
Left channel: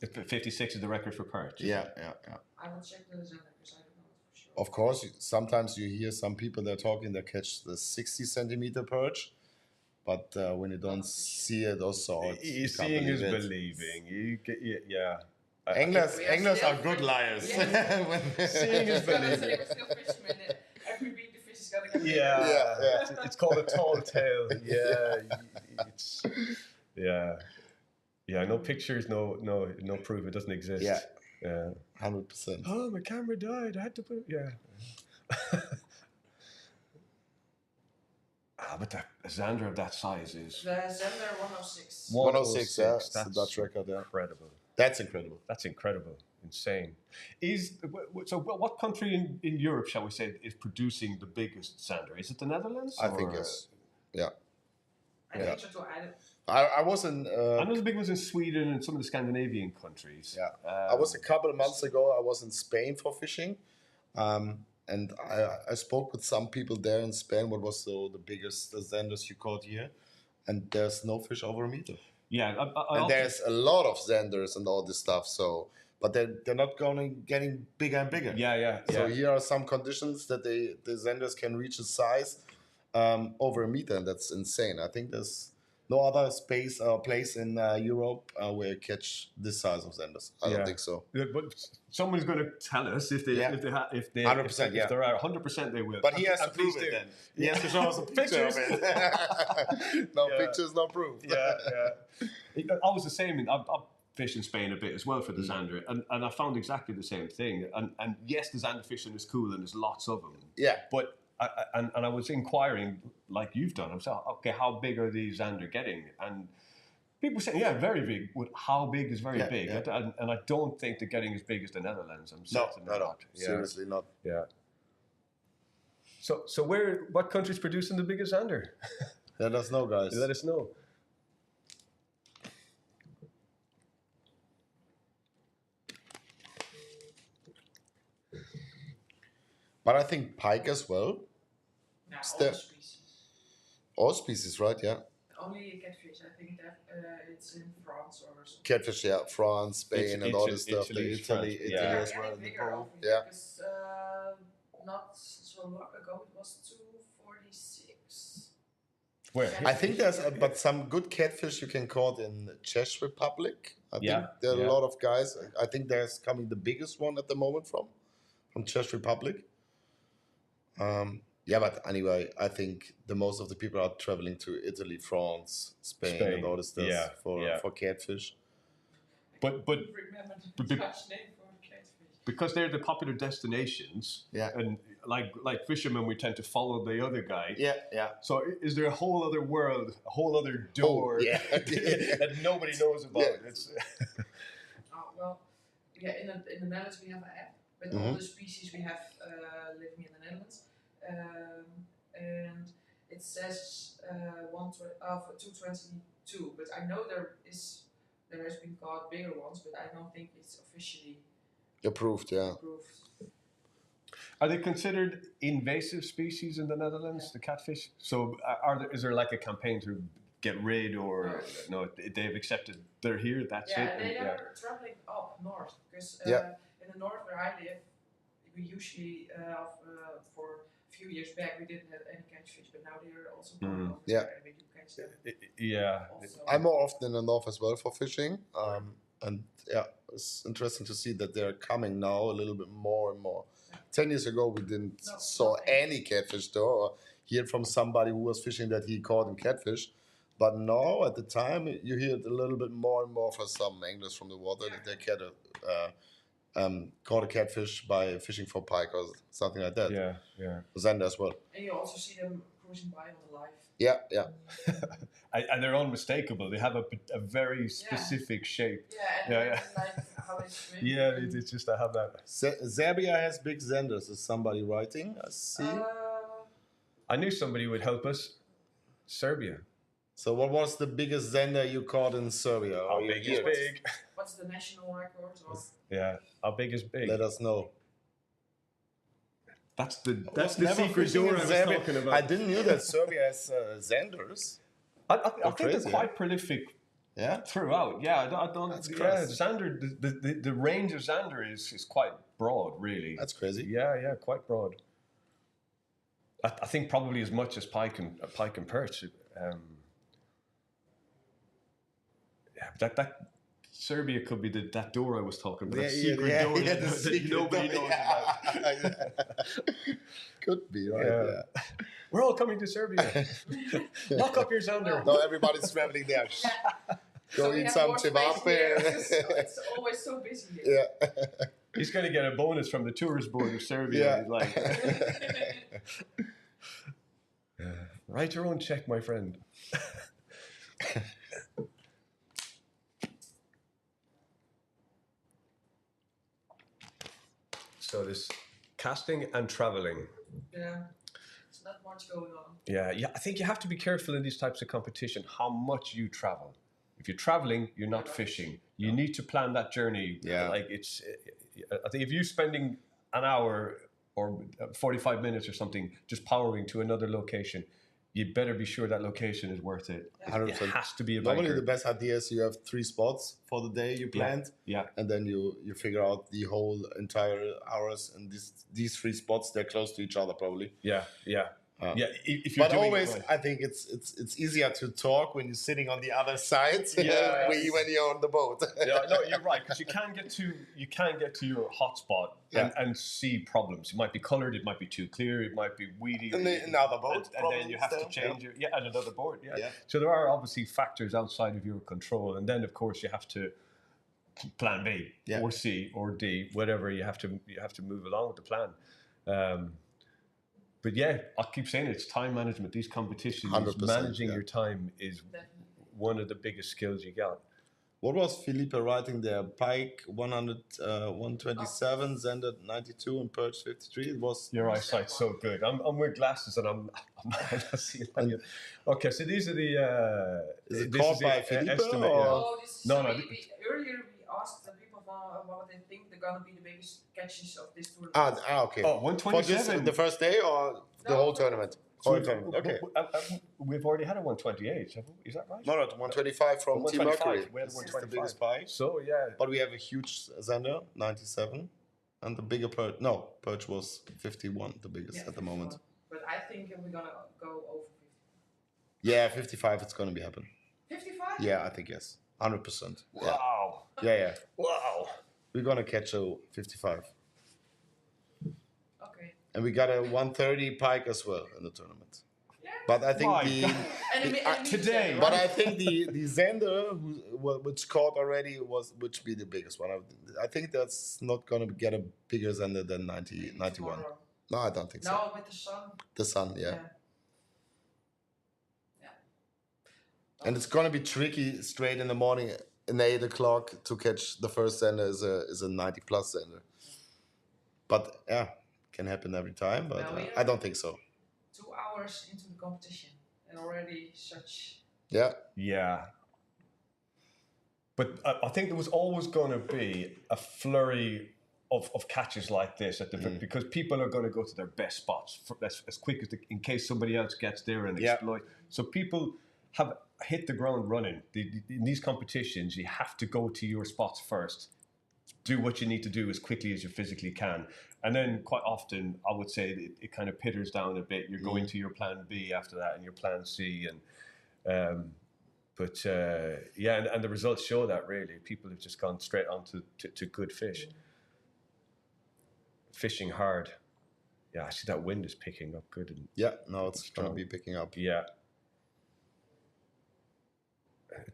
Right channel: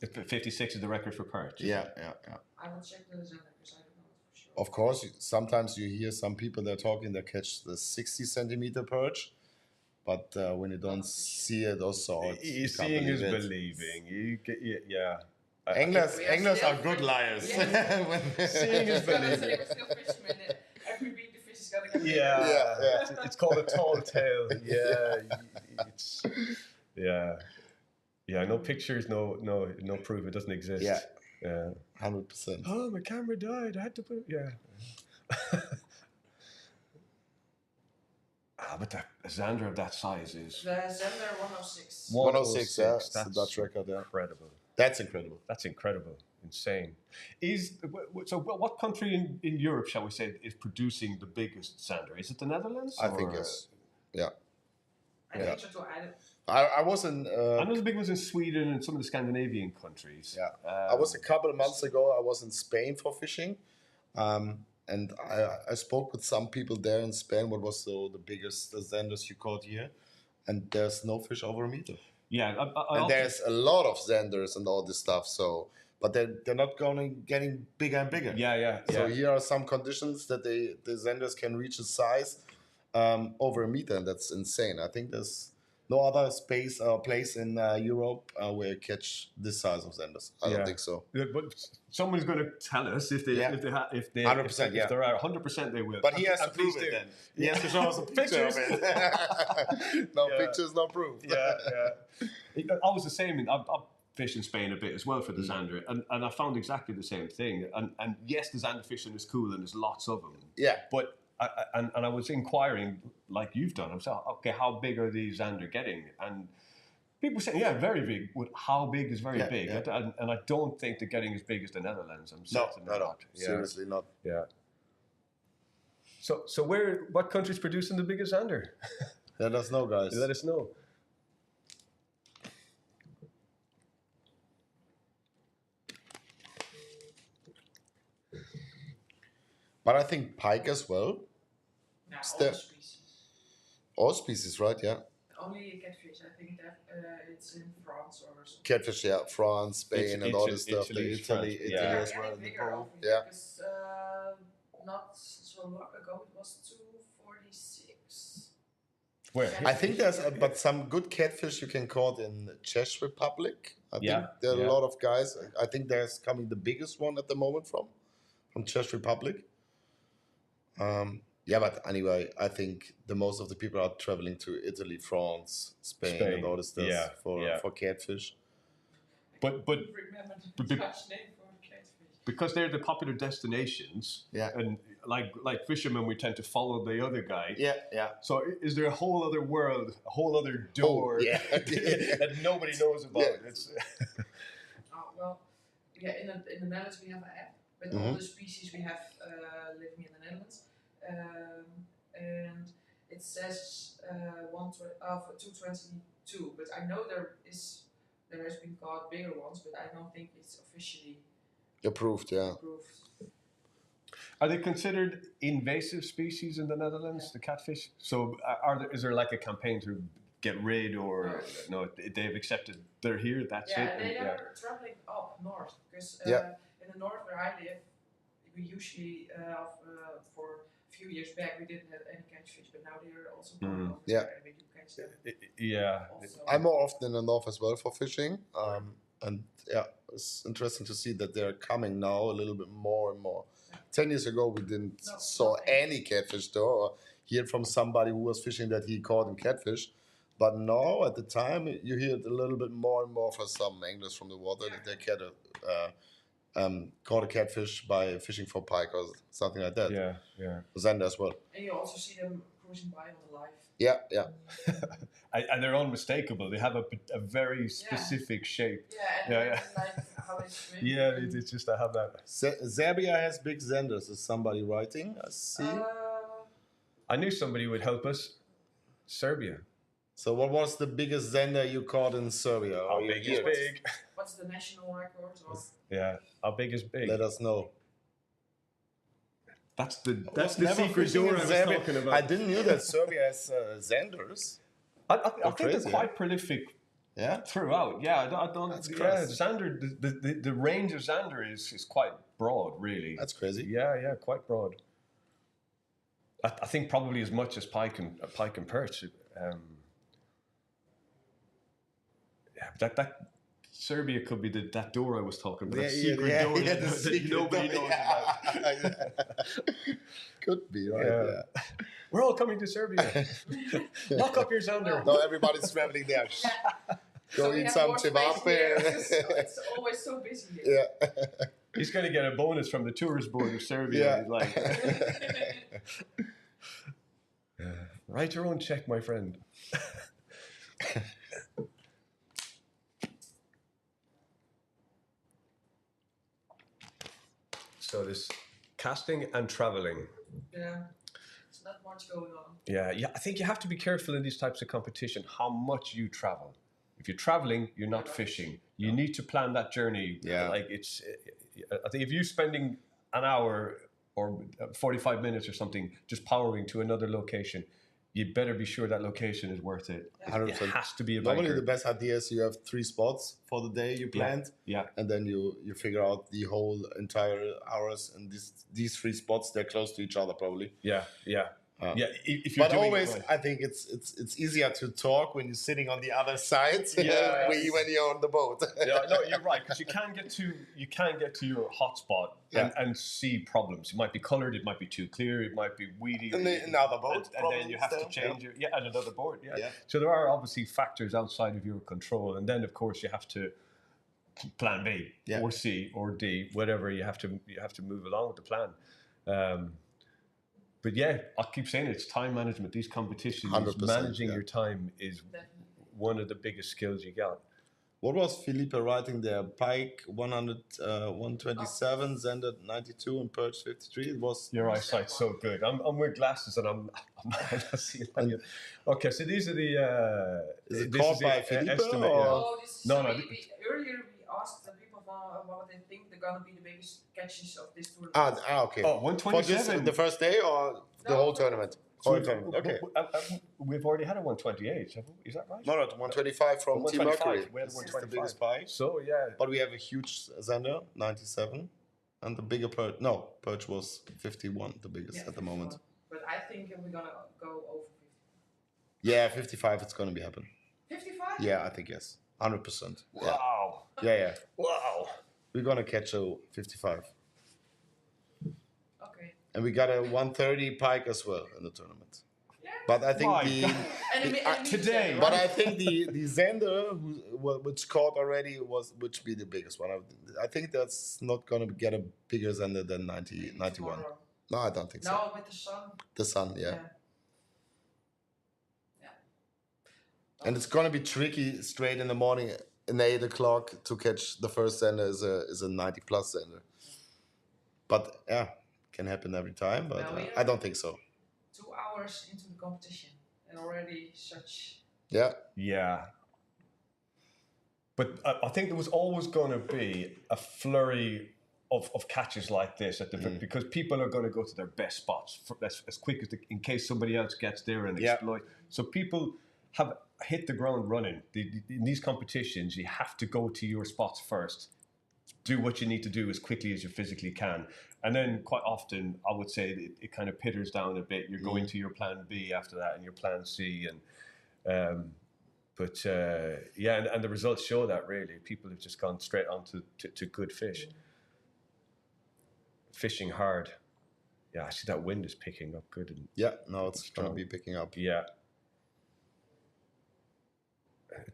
56 is the record for perch. I will check the Zender because I don't know it for sure. Of course, sometimes you hear some people that are talking that catch the 60 centimeter perch. But when you don't see it or saw it, seeing is believing. Anglers are good liars. Seeing is believing. Every week the fish is gonna get bigger. It's called a tall tale. No pictures, no proof. It doesn't exist. 100%. Oh, my camera died. I had to put. but a Zander of that size is The Zender 106. 106, yeah, it's the That's Dutch record, yeah. incredible. That's incredible. That's incredible. Insane. So what country in Europe, shall we say, is producing the biggest Zander? Is it the Netherlands? I think yes. Yeah. I think so too. I was in. I know the big ones in Sweden and some of the Scandinavian countries. Yeah. I was a couple of months ago. I was in Spain for fishing, and I spoke with some people there in Spain. What was the biggest Zanders you caught here? And there's no fish over a meter. Yeah, And there's a lot of Zanders and all this stuff. So, but they're not getting bigger and bigger. Yeah. So here are some conditions that the Zanders can reach a size over a meter, and that's insane. I think there's no other space or place in Europe where you catch this size of Zanders. I don't think so. Yeah, but someone's going to tell us if they 100%, if yeah. there are 100% they will. But he has to And please prove it do. then. He has to show us a picture of it. No pictures, no proof. I was the same. I fished in Spain a bit as well for the Zander, and I found exactly the same thing. And yes, the Zander fishing is cool, and there's lots of them. Yeah. But I was inquiring, like you've done. I'm saying, okay, how big are these Zander getting? And people saying, yeah, very big. But how big is very big? Yeah. And I don't think they're getting as big as the Netherlands. I'm No, certain no. not. Yeah. Seriously not. Yeah. So what country's producing the biggest Zander? Let us know, guys. Let us know. But I think pike as well. Now, Still- all species. All species, right? Yeah. Only catfish. I think that it's in France or something. Catfish, yeah. France, Spain, and all this stuff. Italy, Italy, France, Italy yeah. as well. Getting bigger over Yeah. here, 'cause, not so long ago it was 246. Where? I think there's but some good catfish you can caught in Czech Republic. I think there are a lot of guys. I think there's coming the biggest one at the moment from Czech Republic. Yeah, but anyway, I think the most of the people are traveling to Italy, France, Spain. And all this stuff for catfish. But Remember the but- Dutch name for catfish. because they're the popular destinations, and like fishermen, we tend to follow the other guy. Yeah. So is there a whole other world, a whole other door that nobody knows about? Yeah. It's Well, yeah, in the Netherlands we have an app with all the species we have living in the Netherlands, and it says 222. But I know there has been caught bigger ones, but I don't think it's officially Approved, yeah. approved. Are they considered invasive species in the Netherlands, the catfish? So is there like a campaign to get rid, or no? They've accepted they're here. That's it. Yeah, they and- are traveling up north because in the north where I live, we usually for a few years back we didn't have any catfish, but now they are also going over Yeah. there and we do catch them. Yeah. Also. I'm more often in the north as well for fishing. And yeah, it's interesting to see that they're coming now a little bit more and more. 10 years ago, we didn't saw any catfish though, or hear from somebody who was fishing that he caught in catfish. But now, at the time, you hear it a little bit more and more from some anglers from the water that they caught a catfish by fishing for pike or something like that. Yeah. Zander as well. And you also see them cruising by on the live. Yeah. And they're unmistakable. They have a very specific shape. Yeah, and like how they swim. Yeah, it's just I have that. Serbia has big Zanders. Is somebody writing? I see. I knew somebody would help us. Serbia. So what was the biggest Zander you caught in Serbia? How big is big? What's the national record? Or? Yeah. How big is big? Let us know. That's the Never secret fishing door in I was Serbia. talking about. I didn't know that Serbia has Zanders. I think they're crazy, quite prolific Yeah. throughout. Yeah, I don't. That's Yeah, crazy. Zander. The range of Zander is quite broad, really. That's crazy. Yeah, quite broad. I think probably as much as pike and perch. Yeah, that Serbia could be that door I was talking about. That secret door that nobody knows about. Could be, right? Yeah. We're all coming to Serbia. Lock up your Zander. No, everybody's traveling there. Go we eat have some more space here, cevape. 'cause it's always so busy here. Yeah. He's going to get a bonus from the tourist board of Serbia. Yeah. He's like, Write your own check, my friend. So this casting and traveling. Yeah, it's not much going on. Yeah, I think you have to be careful in these types of competition how much you travel. If you're traveling, you're not fishing. You need to plan that journey. Yeah. Like I think if you're spending an hour or 45 minutes or something just powering to another location, you better be sure that location is worth it. 100%. It has to be a Normally, biker. the best idea is you have 3 spots for the day you planned, Yeah. and then you figure out the whole entire hours, and these 3 spots, they're close to each other probably. Yeah. If you're But doing always, it right. I think it's easier to talk when you're sitting on the other side Yeah. when you're on the boat. Yeah, no, you're right, because you can get to your hotspot and see problems. It might be coloured, it might be too clear, it might be weedy. And then another boat, and then you have to still, change and another board. Yeah. So there are obviously factors outside of your control, and then of course you have to plan B or C or D, whatever you have to move along with the plan. But yeah, I keep saying it's time management. These competitions, 100%, managing your time is one of the biggest skills you got. What was Felipe writing there? Pike 100, 127, Zender 92, and Perch 53. It was Your eyesight's so good. I'm wearing glasses and I'm not seeing any. Okay, so these are the. Is it this caught is by the Felipe estimate, or- yeah. Oh, this is No, so no, earlier we asked the people what they think they're gonna be the biggest catches of this tournament. okay. Oh, For this, 127. the first day or the No, whole for- tournament? So Whole tournament. Okay. We've already had a 128. Is that right? No, 125 from Team 125. Mercury. We had This is the 125. biggest pike. So yeah. But we have a huge Zender, 97. And the bigger Perch, Perch was 51, the biggest at the moment. But I think we're gonna go over 50. Yeah, 55, it's going to be happen. 55? Yeah, I think yes. 100%. Yeah. Wow. Yeah. Wow. We're going to catch a 55. Okay. And we got a 130 pike as well in the tournament. Yeah. But I think My the... God. Today, But I think the Zender, which caught already, which be the biggest one. I think that's not going to get a bigger Zender than 91. Tomorrow. No, I don't think so. No, with the sun. The sun, yeah. Yeah. And it's going to be tricky straight in the morning in 8 o'clock to catch the first Zender is a 90 plus Zender. But yeah, can happen every time, but I don't think so. 2 hours into the competition and already such. Yeah. Yeah. But I think there was always going to be a flurry of catches like this at the because people are going to go to their best spots as quick as in case somebody else gets there and exploit. So people have hit the ground running. In these competitions, you have to go to your spots first. Do what you need to do as quickly as you physically can. And then quite often, I would say it kind of pitters down a bit. You're going to your plan B after that and your plan C. And and the results show that really. People have just gone straight on to good fish. Fishing hard. Yeah, I see that wind is picking up good. And Yeah, no, it's going to be picking up. yeah.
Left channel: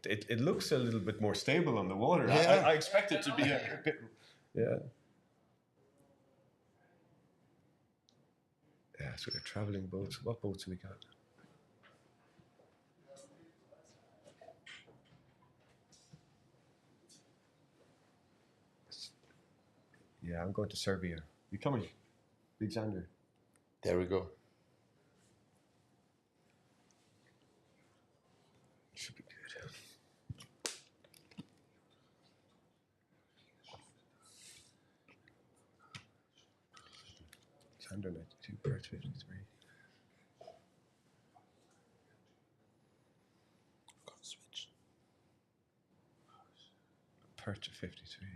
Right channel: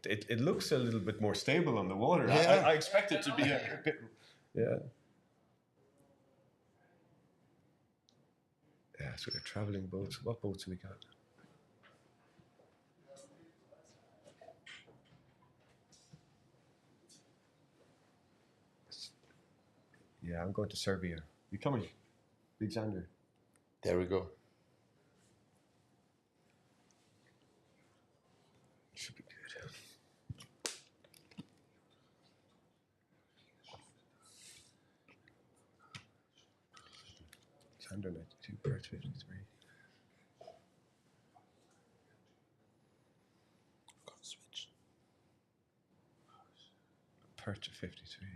It looks a little bit more stable on the water. Yeah. I expect it to be a bit... Yeah. Yeah, so they're travelling boats. What boats have we got? Yeah, I'm going to Serbia. You coming? Big Xander. There we go. Should be good. Xander 92, Perch 53. Switch. Perch 53.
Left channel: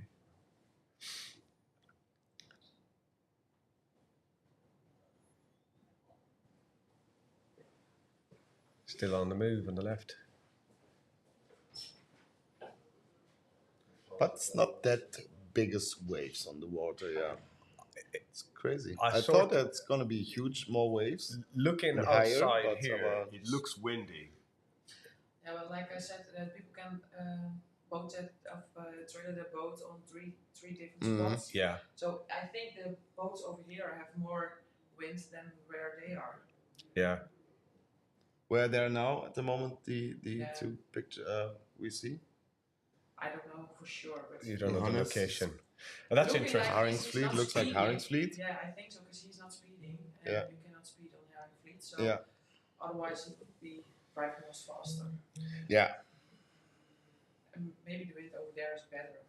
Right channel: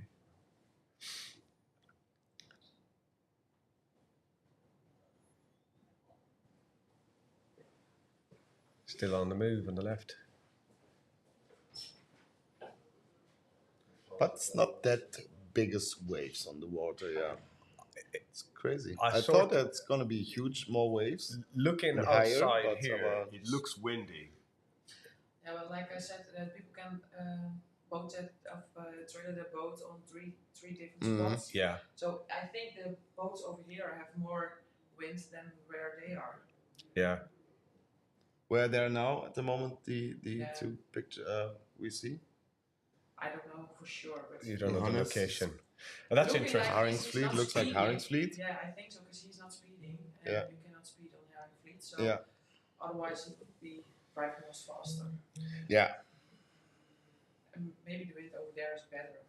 Still on the move on the left. But it's not that biggest waves on the water, yeah. It's crazy. I thought it's going to be huge, more waves. Looking and higher, outside but here, it looks windy. Yeah, well, like I said, people can trailer their boat on three different spots. Yeah. So I think the boats over here have more wind than where they are. Yeah. where they're now at the moment, the Yeah. two picture we see? I don't know for sure, but You don't know the Johannes. location. Well, that's looking interesting. like Haring's he's fleet not looks like speeding. Haring's fleet. Yeah, I think so because he's not speeding, and Yeah. you cannot speed on Haring fleet. So Yeah. otherwise, it would be driving us faster. Yeah. And maybe the wind over there is better.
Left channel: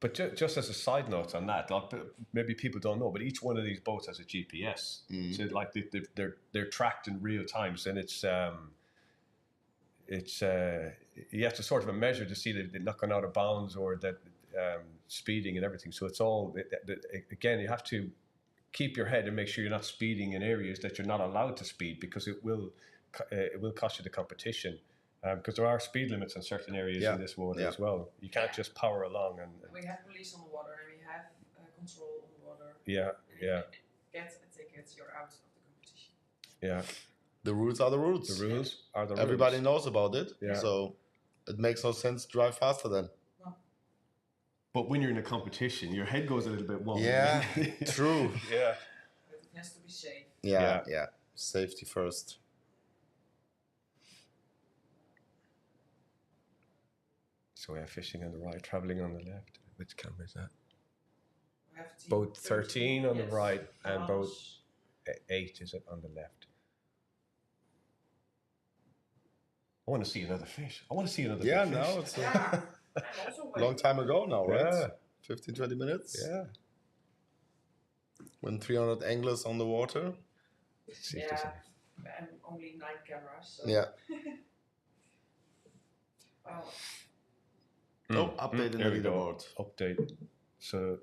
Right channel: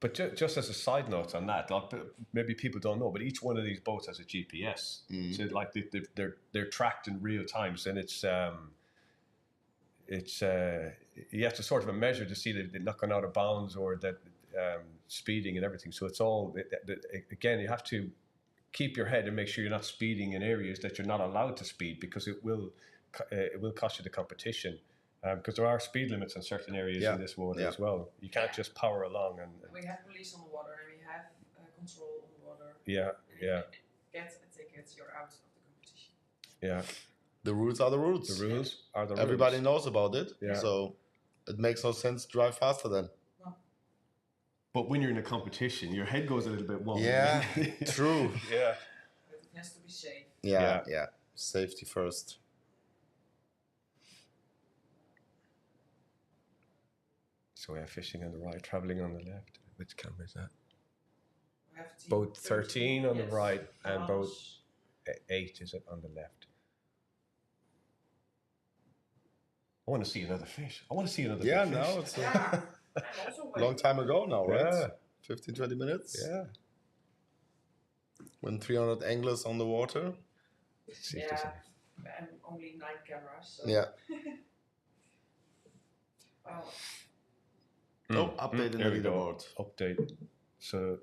But just as a side note on that, like, maybe people don't know, but each one of these boats has a GPS. So like they're tracked in real time, and you have to sort of a measure to see that they're not going out of bounds or that speeding and everything. So it's all again, you have to keep your head and make sure you're not speeding in areas that you're not allowed to speed, because it will cost you the competition. Because there are speed limits in certain areas in this water as well. You can't just power along. And we have police on the water and we have control on the water. Yeah. And if you get a ticket, you're out of the competition. Yeah. The rules are the rules. The rules are the rules. Everybody knows about it. Yeah. So it makes no sense to drive faster then. But when you're in a competition, your head goes a little bit wonky. Yeah, true. Yeah. But it has to be safe. Yeah. Safety first. So we have fishing on the right, traveling on the left. Which camera is that? We have team Boat 13 on the yes. right and boat Johannes. 8 is it on the left. I want to see another fish. I want to see another Yeah, big now fish. it's Yeah. I'm also a waiting. long time ago now, right? Yeah. 15, 20 minutes. Yeah. When 300 anglers on the water. Let's see if there's Yeah, and only 9 cameras. So. Yeah. Wow. Oh, update in There the we go. leaderboard. Update. So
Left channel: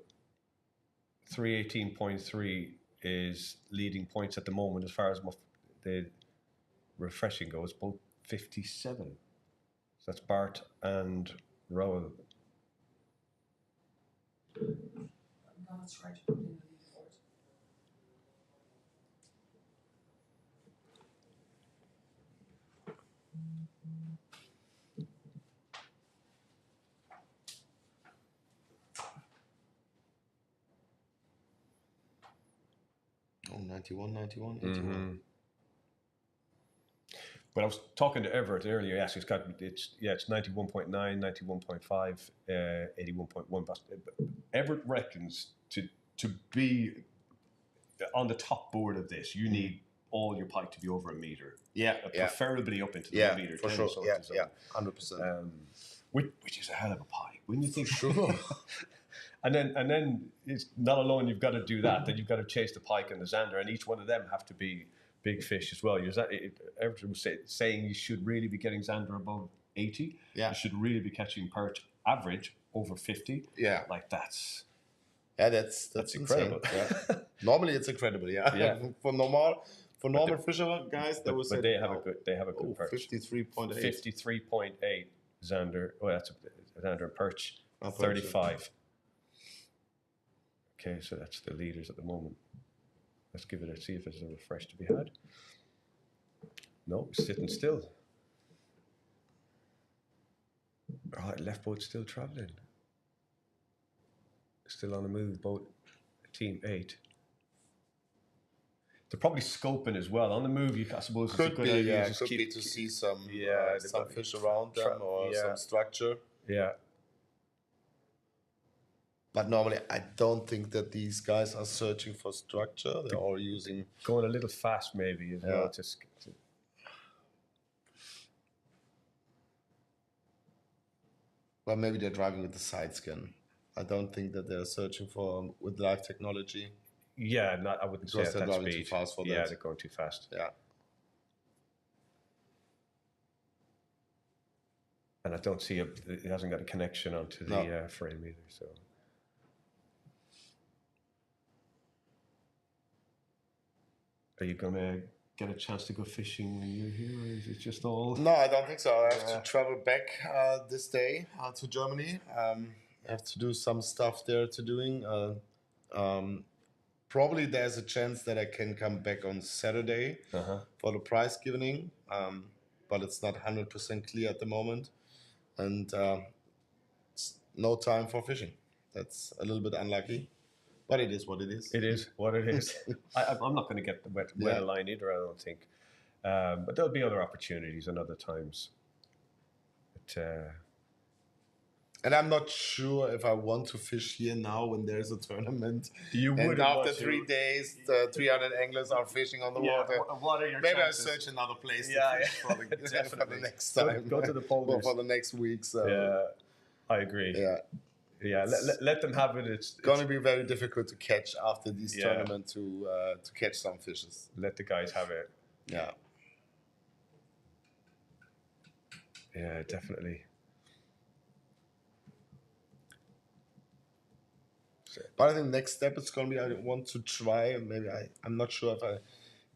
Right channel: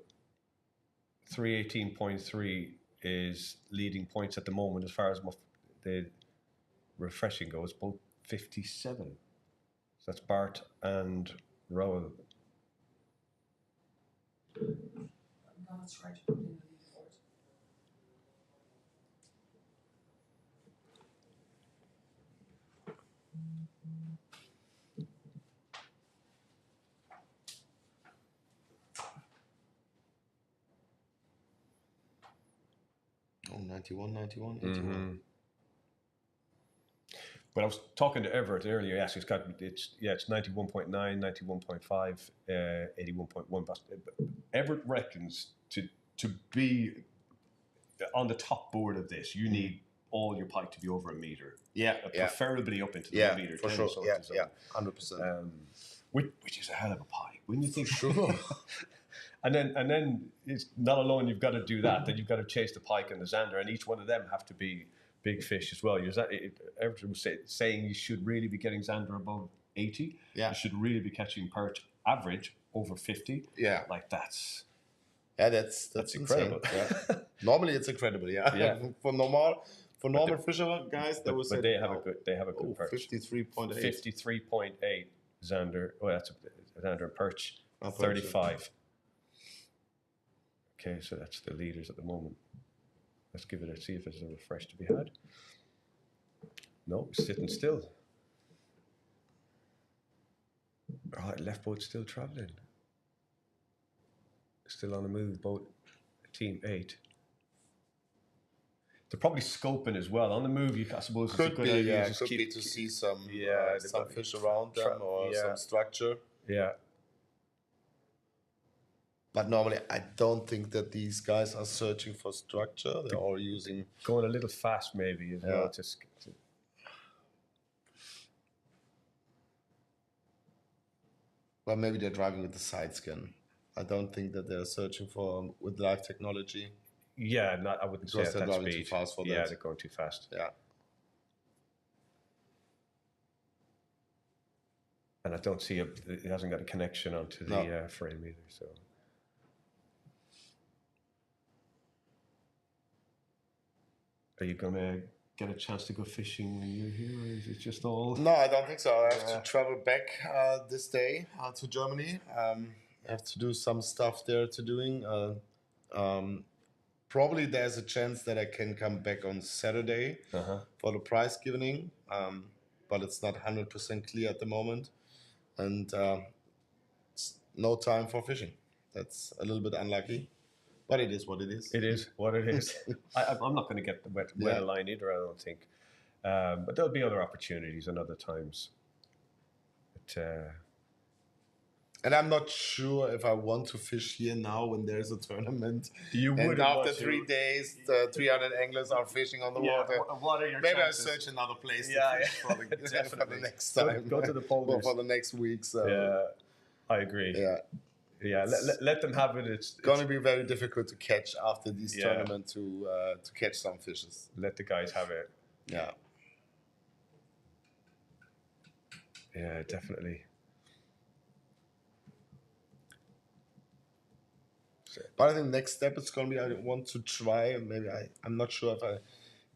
318.3 is leading points at the moment as far as the refreshing goes, both 57. So that's Bart and Rowan. I'm gonna try to put in the leaderboard. Oh, 91, 81, 81. But I was talking to Everett earlier. Yes, it's 91.9, 91.5, 81.1. But Everett reckons to be on the top board of this, you need all your pike to be over a meter. Yeah, Preferably up into the yeah, meter. for 10 sure. sort Yeah, of zone. yeah, 100%. Which is a hell of a pike, wouldn't you think? Sure. And then it's not alone. You've got to do that. Then you've got to chase the pike and the zander, and each one of them have to be big fish as well. Everton was saying you should really be getting zander above 80. Yeah. You should really be catching perch average over 50. Yeah. Like that's That's incredible. insane. Yeah. Normally it's incredible, yeah. Yeah. For normal fisher guys, they would say But they have a good perch. 53.8. 53.8 zander. Oh, that's a zander and perch. Oh, perch, 35. Okay, so that's the leaders at the moment. Let's give it a see if there's a refresh to be had. No, sitting still. All right, left boat still travelling. Still on the move, boat team 8. They're probably scoping as well. On the move, I suppose it's a Could good be, idea yeah. to just Could keep, be to see some they've some got- fish around them or some structure. Yeah. But normally, I don't think that these guys are searching for structure. They're all using. Going a little fast maybe as well. Well, maybe they're driving with the side scan. I don't think that they're searching for with live technology. Yeah, I wouldn't say Because at they're that driving speed. too fast for Yeah, that. they're going too fast. Yeah. And I don't see it hasn't got a connection onto the frame either. So. Are you gonna get a chance to go fishing when you're here, or is it just all? No, I don't think so. I have to travel back this day to Germany. I have to do some stuff there to doing. Probably there's a chance that I can come back on Saturday for the prize giving, but it's not 100% clear at the moment. And it's no time for fishing. That's a little bit unlucky, but it is what it is. It is what it is. I'm not going to get the weather line either, I don't think. But there'll be other opportunities and other times. But, And I'm not sure if I want to fish here now when there's a tournament. You and wouldn't after want to. 3 days, the 300 anglers are fishing on the water. What are your Maybe chances? I search another place to Yeah, fish for, the, for definitely. the next time. Go to the polders. Or for the next week. So. Yeah, I agree. Yeah. Let them have it. It's going to be very difficult to catch after this tournament to catch some fishes. Let the guys have it. Yeah. Yeah, definitely. But I think next step is going to be I want to try, maybe I'm not sure if I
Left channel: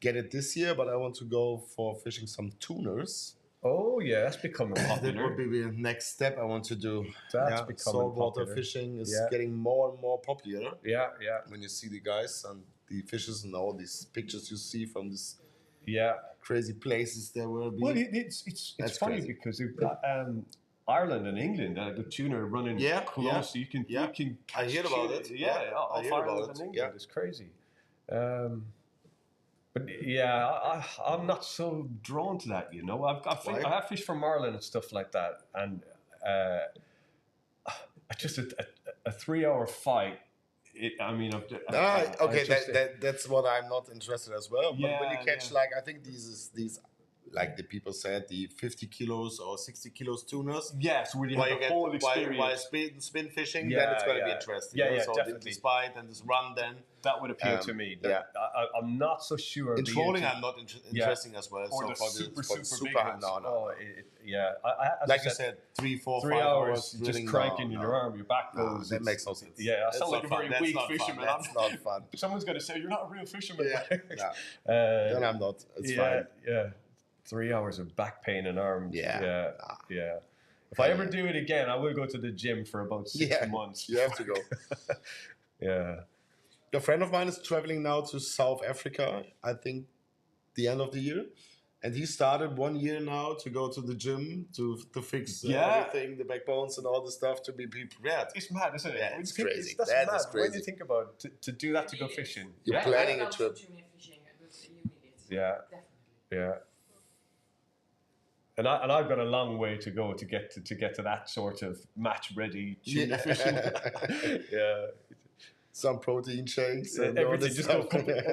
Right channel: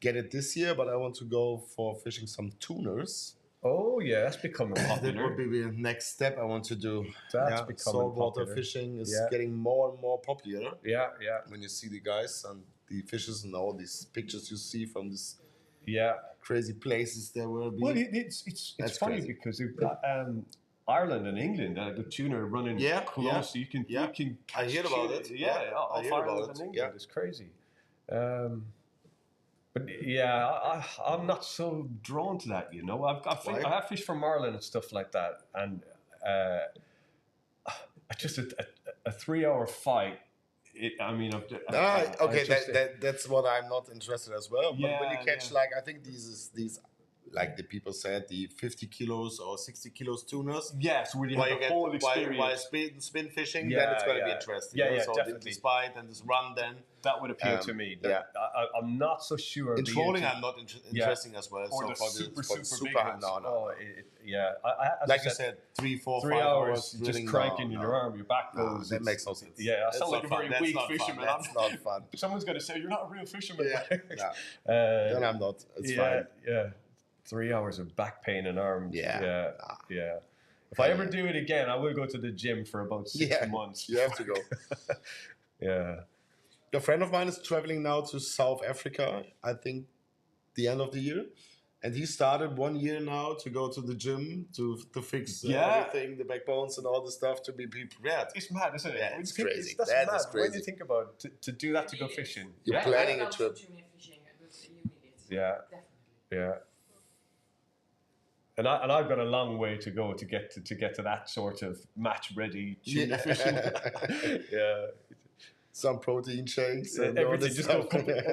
get it this year, but I want to go for fishing some tuners. Oh yeah, that's becoming That popular. would be the next step I want to do. That's becoming saltwater popular. fishing is getting more and more popular. Yeah. When you see the guys and the fishes and all these pictures you see from these crazy places there will be. Well, it's funny crazy. because you've got Ireland and England, the tuner running close. So you can I heard about it. Off Ireland and England. It's crazy. But I'm not so drawn to that. You know, I have fished from Ireland and stuff like that, and just a 3-hour fight. That's what I'm not interested as well. But when you catch I think these like the people said, the 50 kilos or 60 kilos tuners. Yes, where you have the whole experience. While spin fishing, then it's going to be interesting. So definitely. This bite and this run then. That would appeal to me. I'm not so sure. In trolling, I'm not interesting as well. Or so the super big ones. No. Like you said, 3, 4, 3 5 hours just cranking your arm, your back goes. That makes no sense. Yeah, I sound like a very weak fisherman. That's not fun. Someone's going to say, you're not a real fisherman. Then I'm not. It's fine. Yeah. 3 hours of back pain and arms. Yeah. If I ever do it again, I will go to the gym for about 6 months. You have to go. A friend of mine is traveling now to South Africa, I think the end of the year. And he started 1 year now to go to the gym to fix everything, the backbones and all the stuff to be prepared. It's mad, isn't it? Yeah, it's crazy. That's That mad. is crazy. When you think about to do that to go fishing. You're planning a trip. Yeah. And I've got a long way to go to get to that sort of match ready tuna fishing. Some protein shakes and everything. Just go.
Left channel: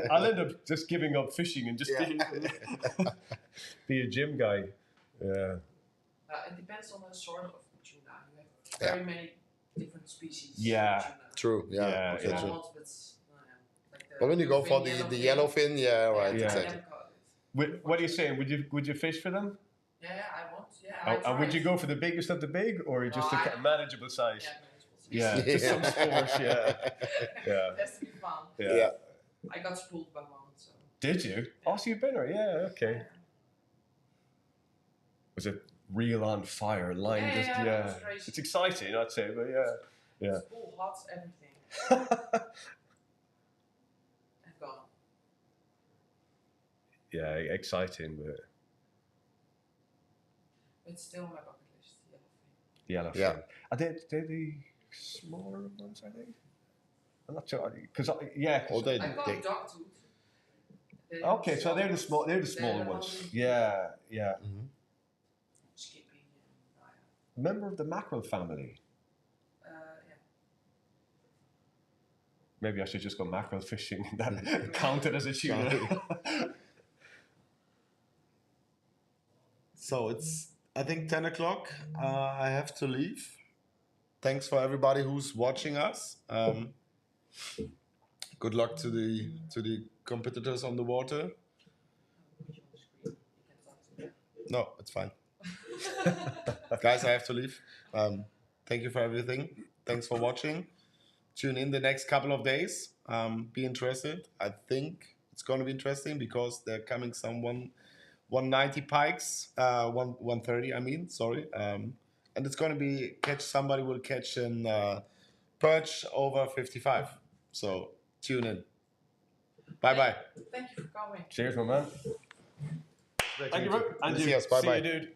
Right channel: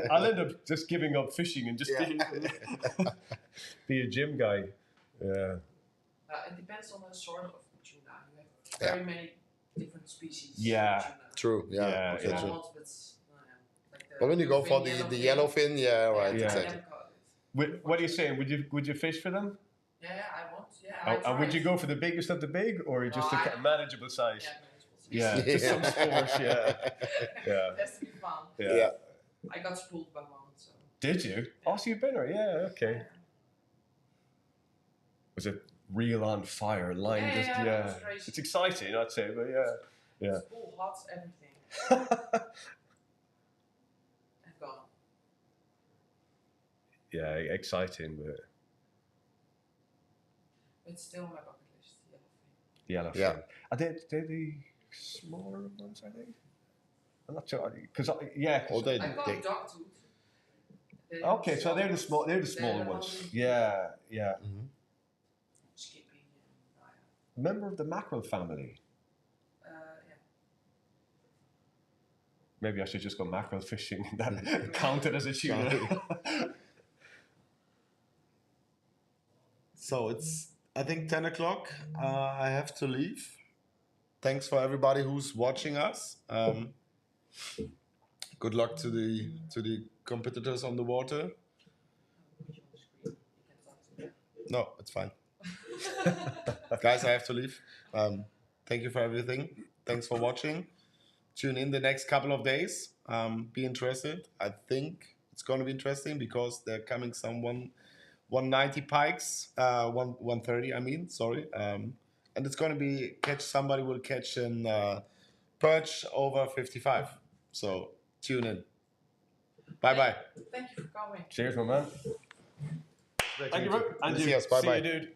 I'll end up just giving up fishing and just be a gym guy. Yeah. It depends on the sort of tuna. You have very many different species. Yeah. Of tuna. True. Yeah. True. But when you go for the yellowfin, exactly. What are you saying? Would you fish for them? Yeah, I want. Yeah. And would you go for the biggest of the big, or just a manageable size? Yeah, just some sport. Yeah. It has to be fun. Yeah. I got spooled by one. So. Did you? Oh, so you've been there? Yeah. Okay. Was it reel on fire? Line just It was crazy. It's exciting, I'd say, but yeah. Spool, hot, everything. I've gone. Yeah, exciting, but it's still on my bucket list. Yellowfin. Yeah. Are they the smaller ones? I think. I'm not sure because I got dogtooth. Okay, so they're the smaller ones. Yeah. Mm-hmm. Skippy. Member of the mackerel family. Maybe I should just go mackerel fishing. That counted as a tuna. So it's, I think, 10 o'clock. I have to leave. Thanks for everybody who's watching us. Good luck to the competitors on the water. No, it's fine. Guys, I have to leave. Thank you for everything. Thanks for watching. Tune in the next couple of days. Be interested. I think it's going to be interesting because they're coming some 190 pikes, 130. I mean, sorry. And it's going to be somebody will catch an perch over 55. So tune in. Bye. Thank you for coming. Cheers, my man. Thank you, and you. Yes, bye. See you, dude.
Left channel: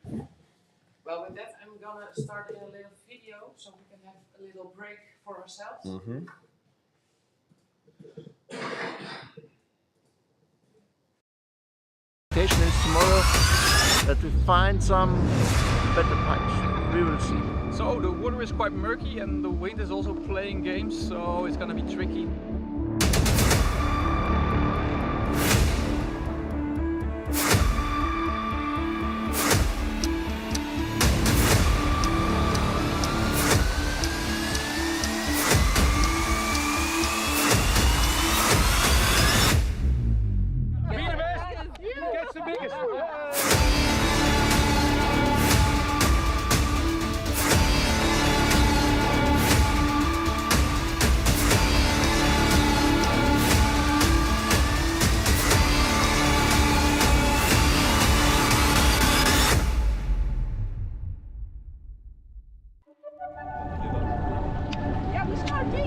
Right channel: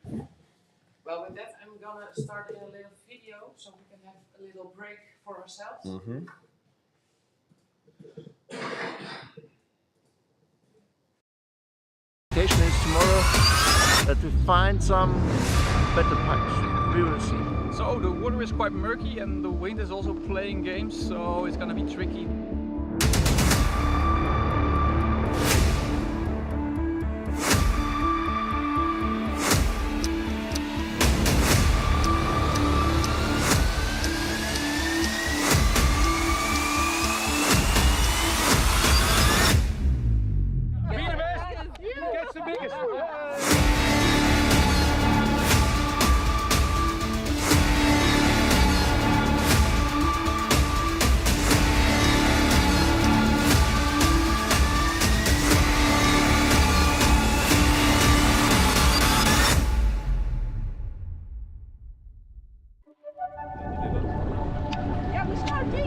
Well, with that, I'm gonna start a little video so we can have a little break for ourselves. Mm-hmm. expectation is tomorrow that we find some better pipes. We will see. So the water is quite murky and the wind is also playing games, so it's gonna be tricky. Ja, we starten!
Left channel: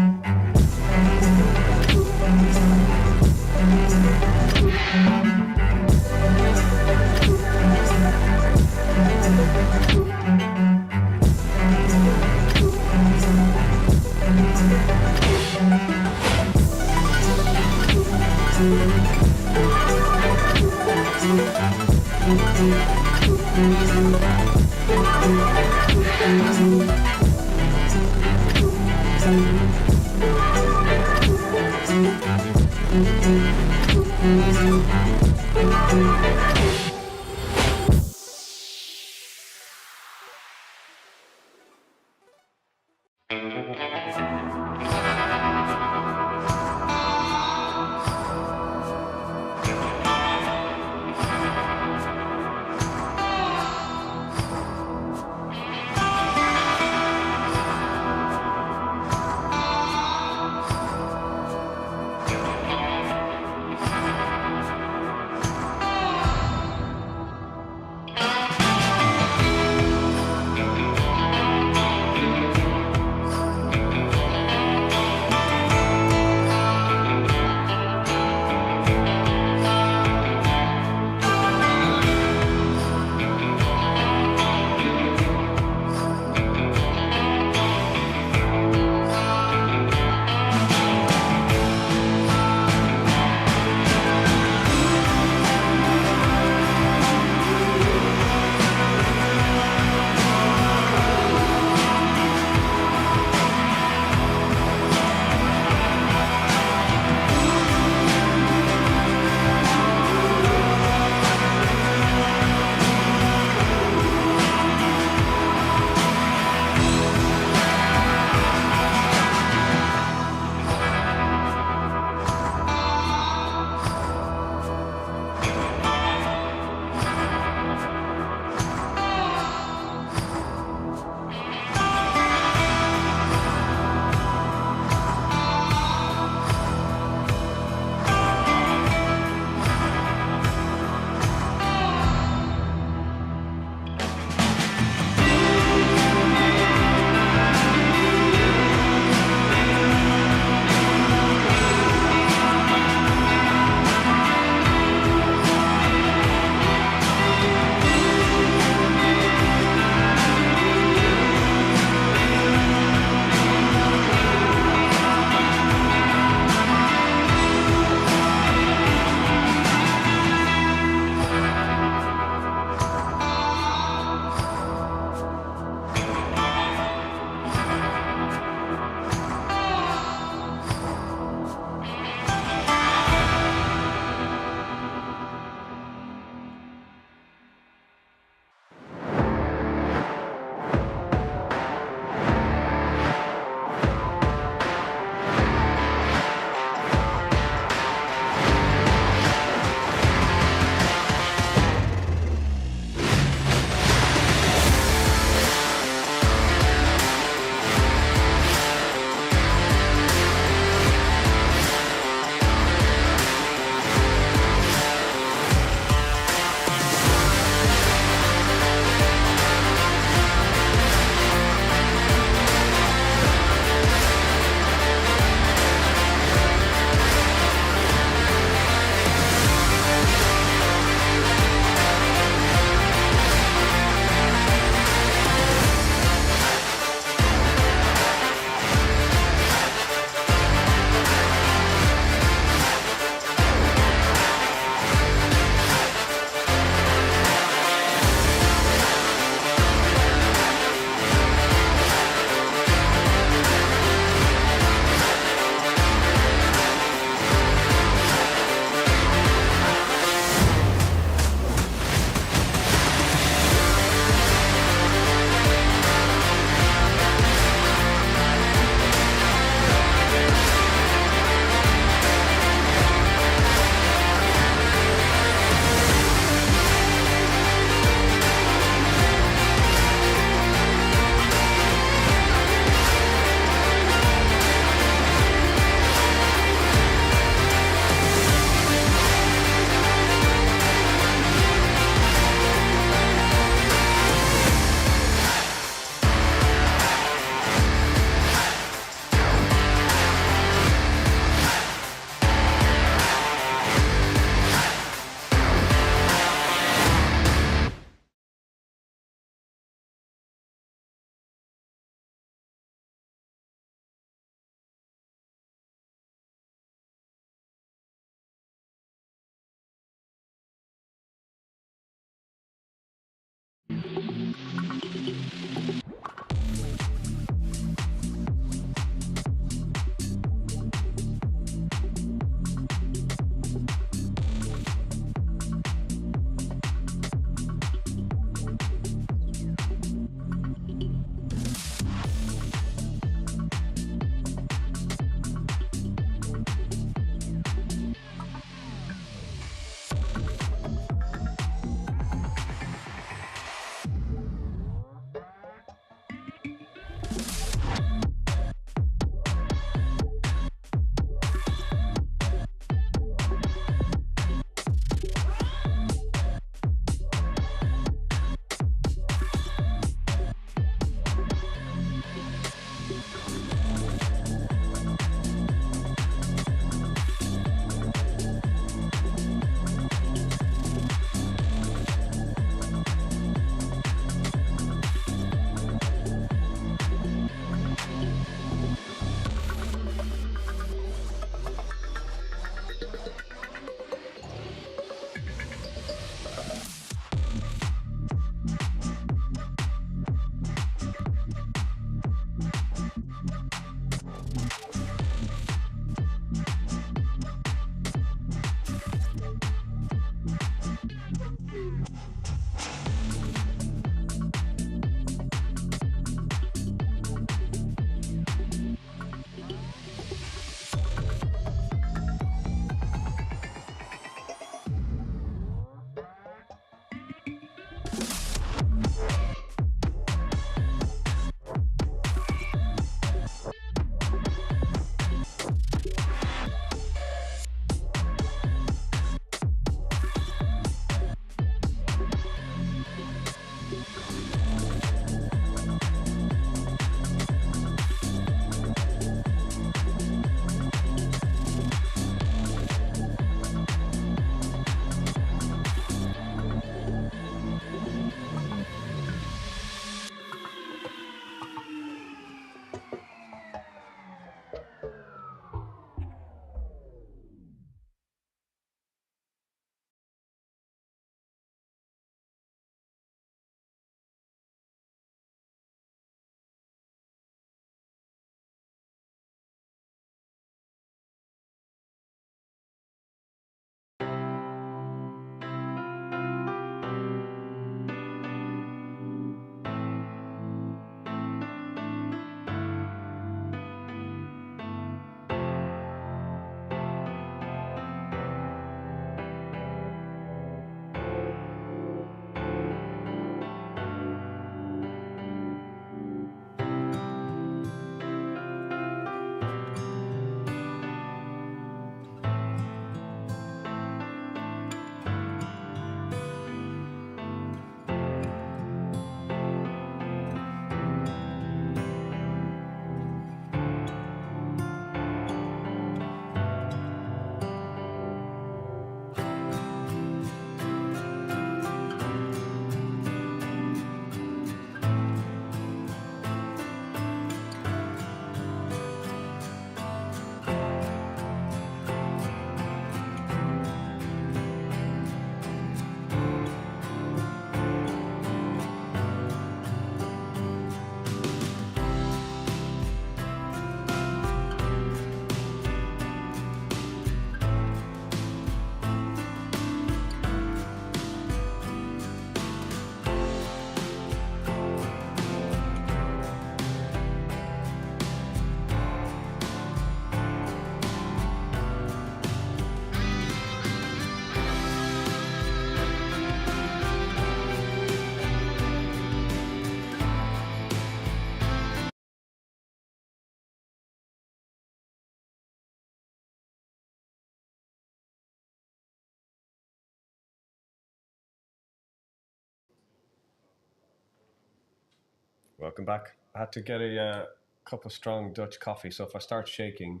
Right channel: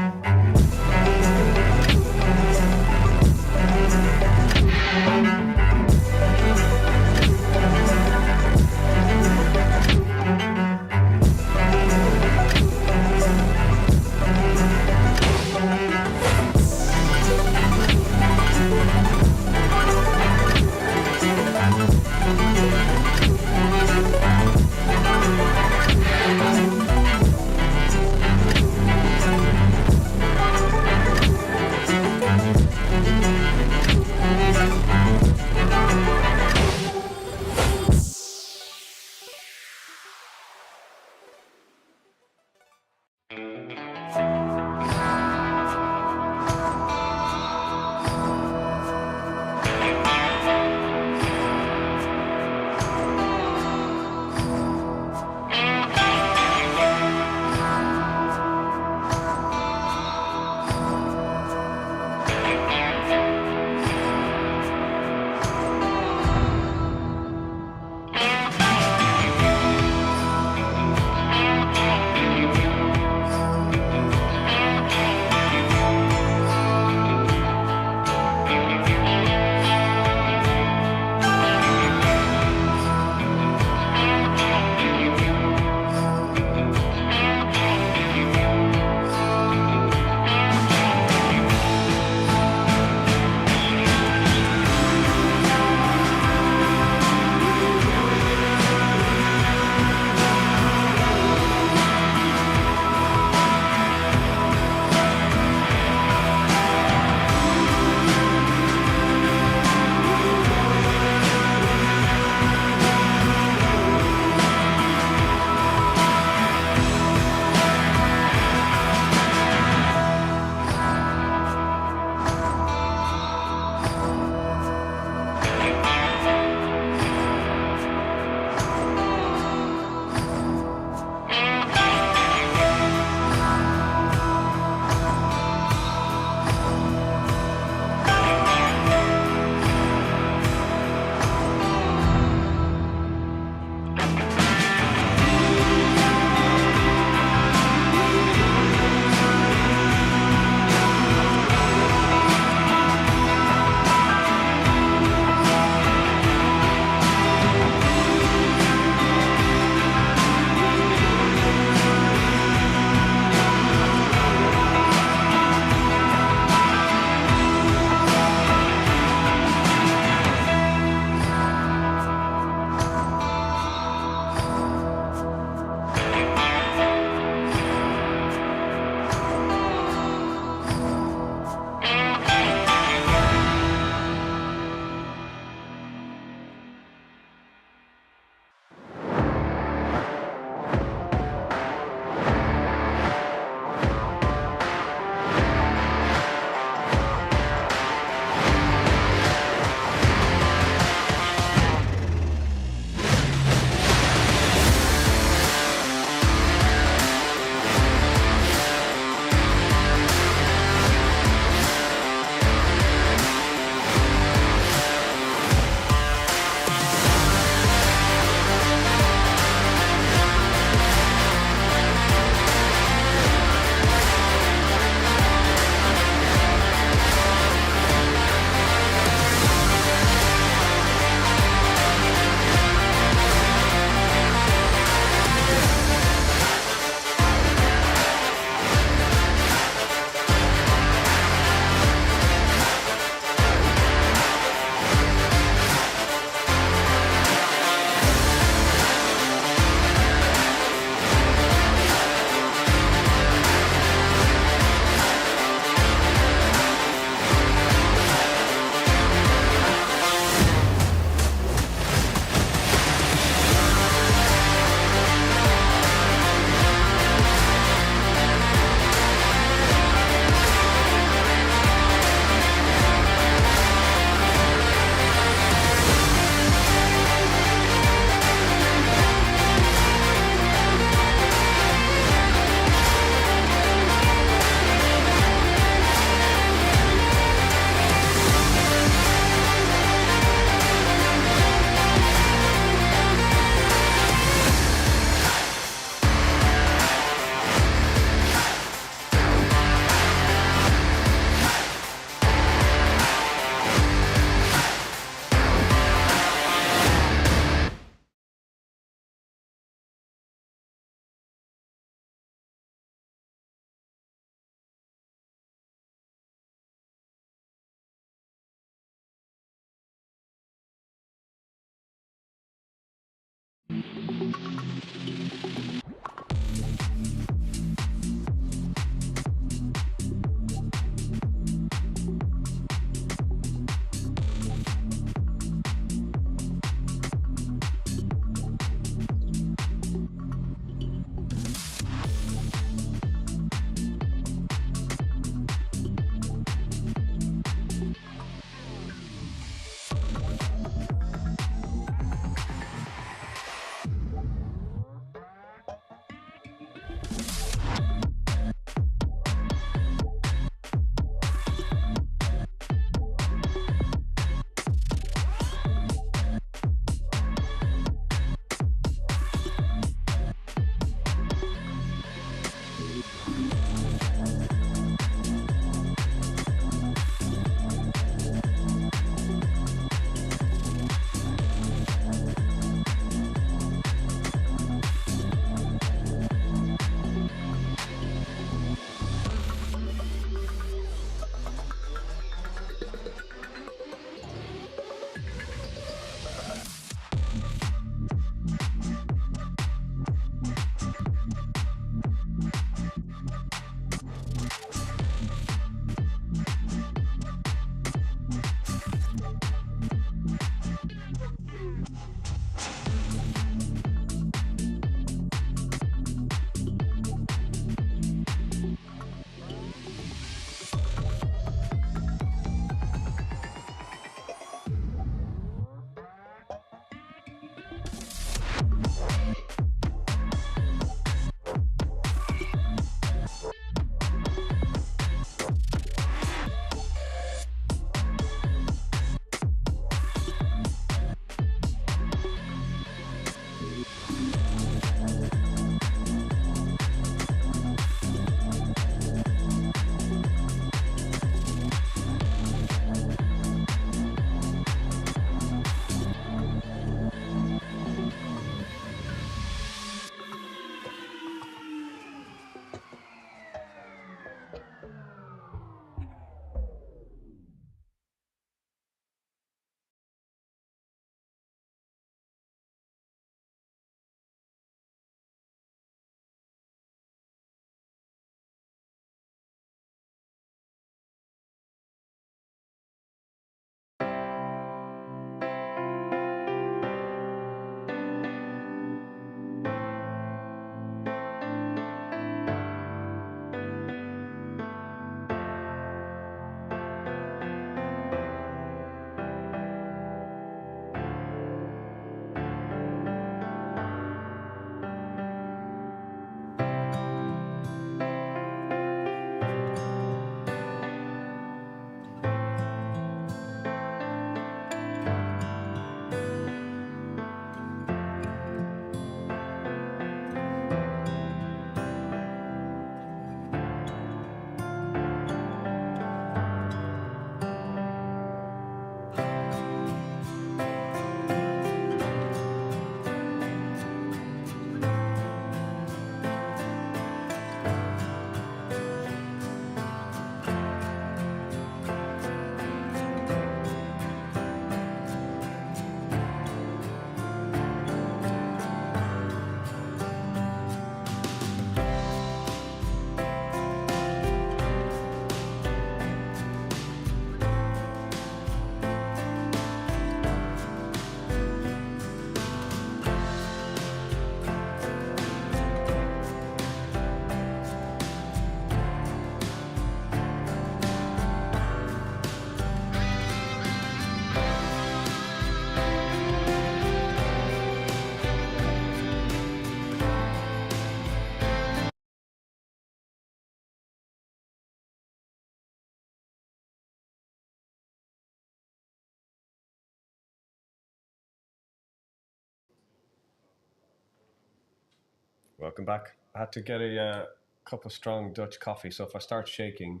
Welcome back. I had to get a cup of strong Dutch coffee, so if I start shaking,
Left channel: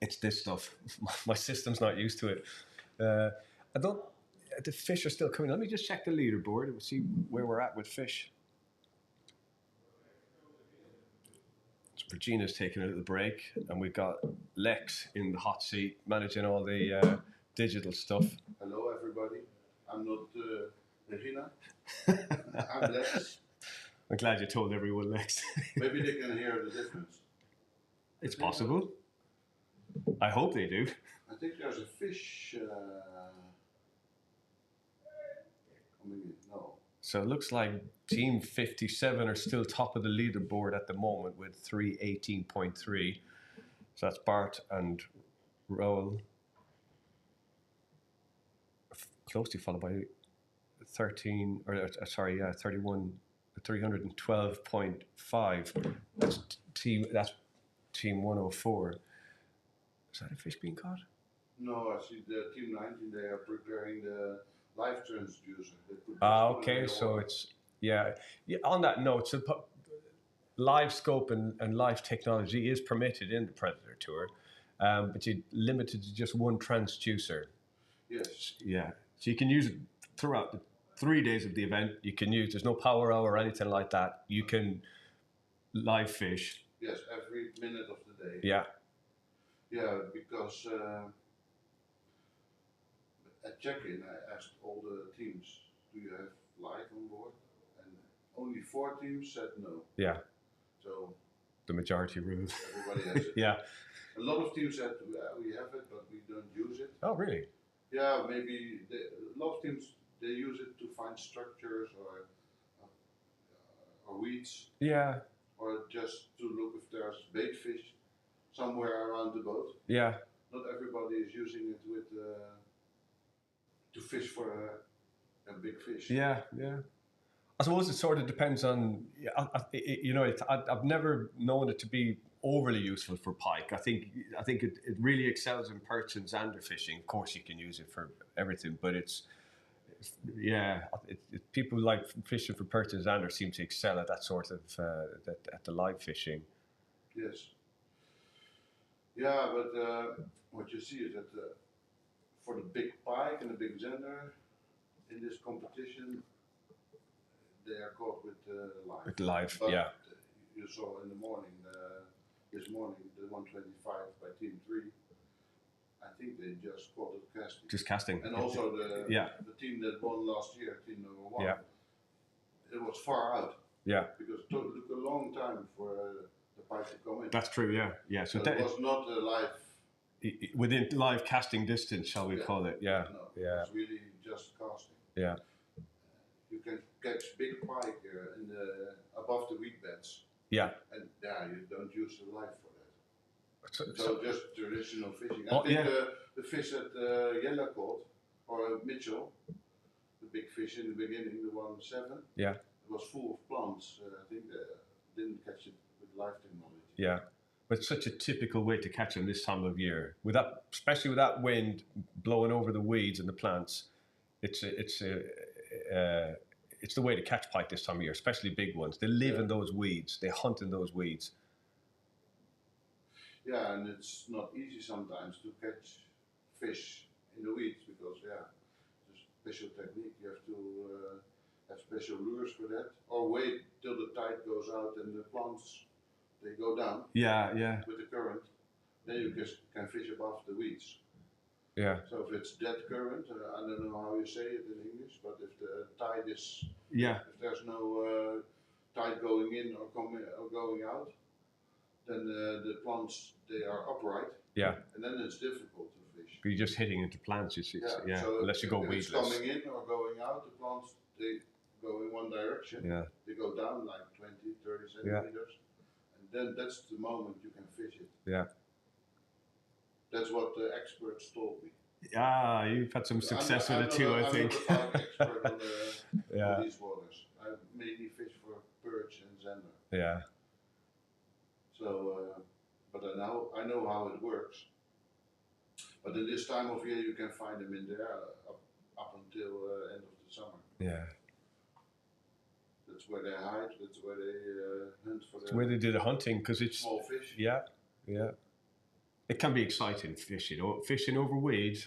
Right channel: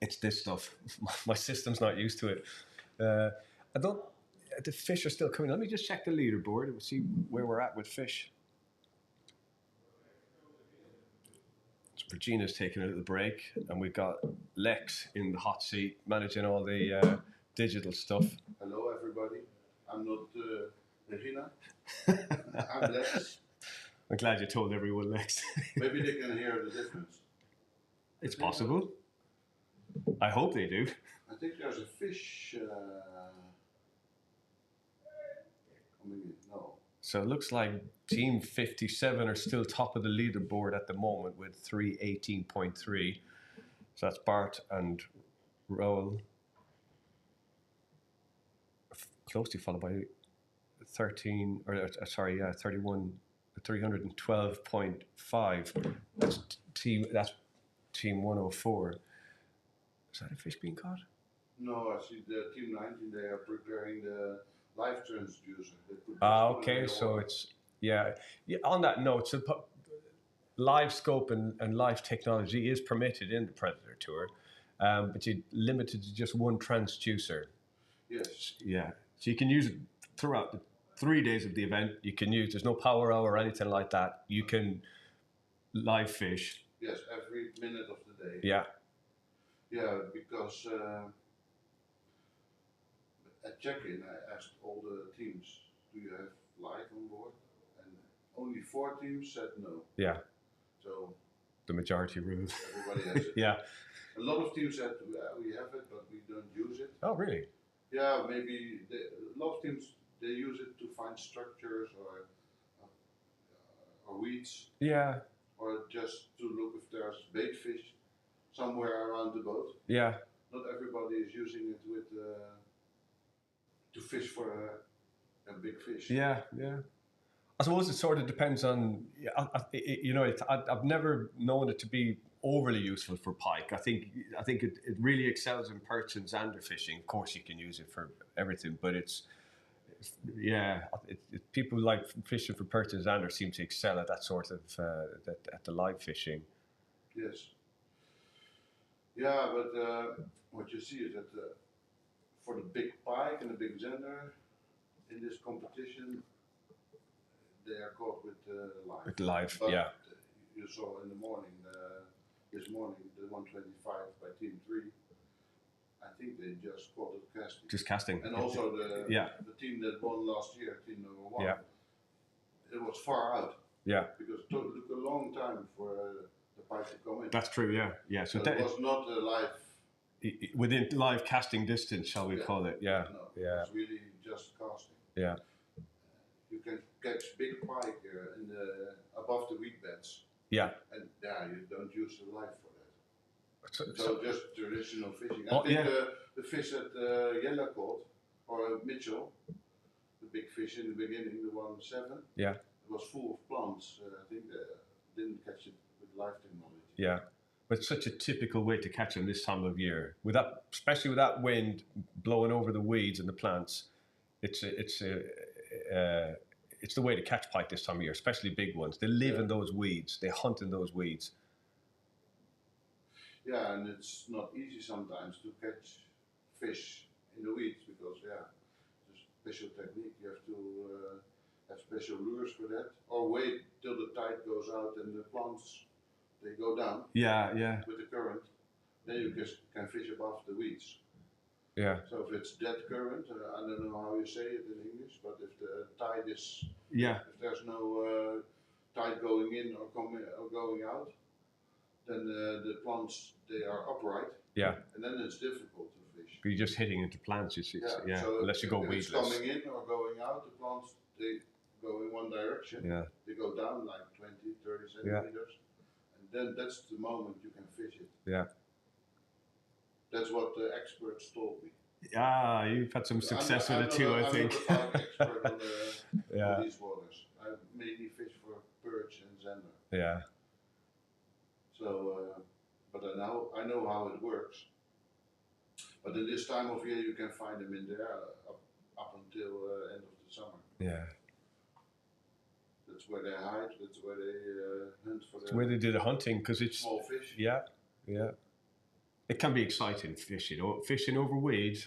it's this stuff. My system's not used to it. I don't. The fish are still coming. Let me just check the leaderboard and see where we're at with fish. So Regina's taking a little break, and we've got Lex in the hot seat managing all the digital stuff. Hello, everybody. I'm not Regina. I'm Lex. I'm glad you told everyone, Lex. Maybe they can hear the difference. It's possible. I hope they do. I think there's a fish coming in. No. So it looks like Team 57 are still top of the leaderboard at the moment with 318.3. So that's Bart and Roel. Closely followed by 312.5. That's team 104. Is that a fish being caught? No, I see the Team 19, they are preparing the live transducer. Okay, so it's, yeah. On that note, so live scope and live technology is permitted in the Predatortour, but you're limited to just one transducer. Yes. Yeah, so you can use it throughout the 3 days of the event. You can use, there's no power hour or anything like that. You can live fish. Yes, every minute of the day. Yeah. Yeah, because at check-in I asked all the teams, do you have live on board? And only 4 teams said no. Yeah. So the majority rules. Everybody has it. Yeah. A lot of teams said we have it, but we don't use it. Oh, really? Yeah, maybe a lot of teams they use it to find structures or weeds. Yeah. Or just to look if there's bait fish somewhere around the boat. Yeah. Not everybody is using it with to fish for a big fish. Yeah, yeah. I suppose it sort of depends on, I've never known it to be overly useful for pike. I think it really excels in perch and zander fishing. Of course, you can use it for everything, but people like fishing for perch and zander seem to excel at that sort of at the live fishing. Yes. Yeah, but what you see is that for the big pike and the big zander in this competition, they are caught with live. With live, but yeah. You saw in the morning, this morning, the 125 by Team 3. I think they just caught it casting. Just casting. And also the team that won last year, team number 1. Yeah. It was far out. Yeah. Because it took a long time for the pike to come in. That's true. Yeah. Yeah. So it was not a live. Within live casting distance, shall we call it? Yeah. No, yeah. It's really just casting. Yeah. You can catch big pike in above the weed beds. Yeah. And you don't use the live for that. So just traditional fishing. I think the fish that Jelle caught, or Mitchell, the big fish in the beginning, the 1.7, it was full of plants. I think they didn't catch it with live technology. Yeah. But it's such a typical way to catch them this time of year. With that, especially with that wind blowing over the weeds and the plants, it's the way to catch pike this time of year, especially big ones. They live in those weeds. They hunt in those weeds. Yeah, and it's not easy sometimes to catch fish in the weeds because, it's a special technique. You have to have special lures for that, or wait till the tide goes out and the plants they go down. Yeah, yeah. With the current, then you just can fish above the weeds. Yeah. So if it's dead current, I don't know how you say it in English, but if the tide is, if there's no tide going in or going out, then the plants they are upright. Yeah. And then it's difficult to fish. But you're just hitting into plants, So unless you go if weedless. it's coming in or going out, the plants they go in one direction. Yeah. They go down like 20, 30 centimeters. And then that's the moment you can fish it. Yeah. That's what the experts told me. Ah, you've had some success with it too, I think. I'm not an expert on these waters. I mainly fish for perch and zander. Yeah. So, but I know how it works. But in this time of year, you can find them in there up until end of the summer. Yeah. That's where they hide. That's where they hunt for It's where they do the hunting because it's small fish. yeah. It can be exciting fishing. Fishing over weed,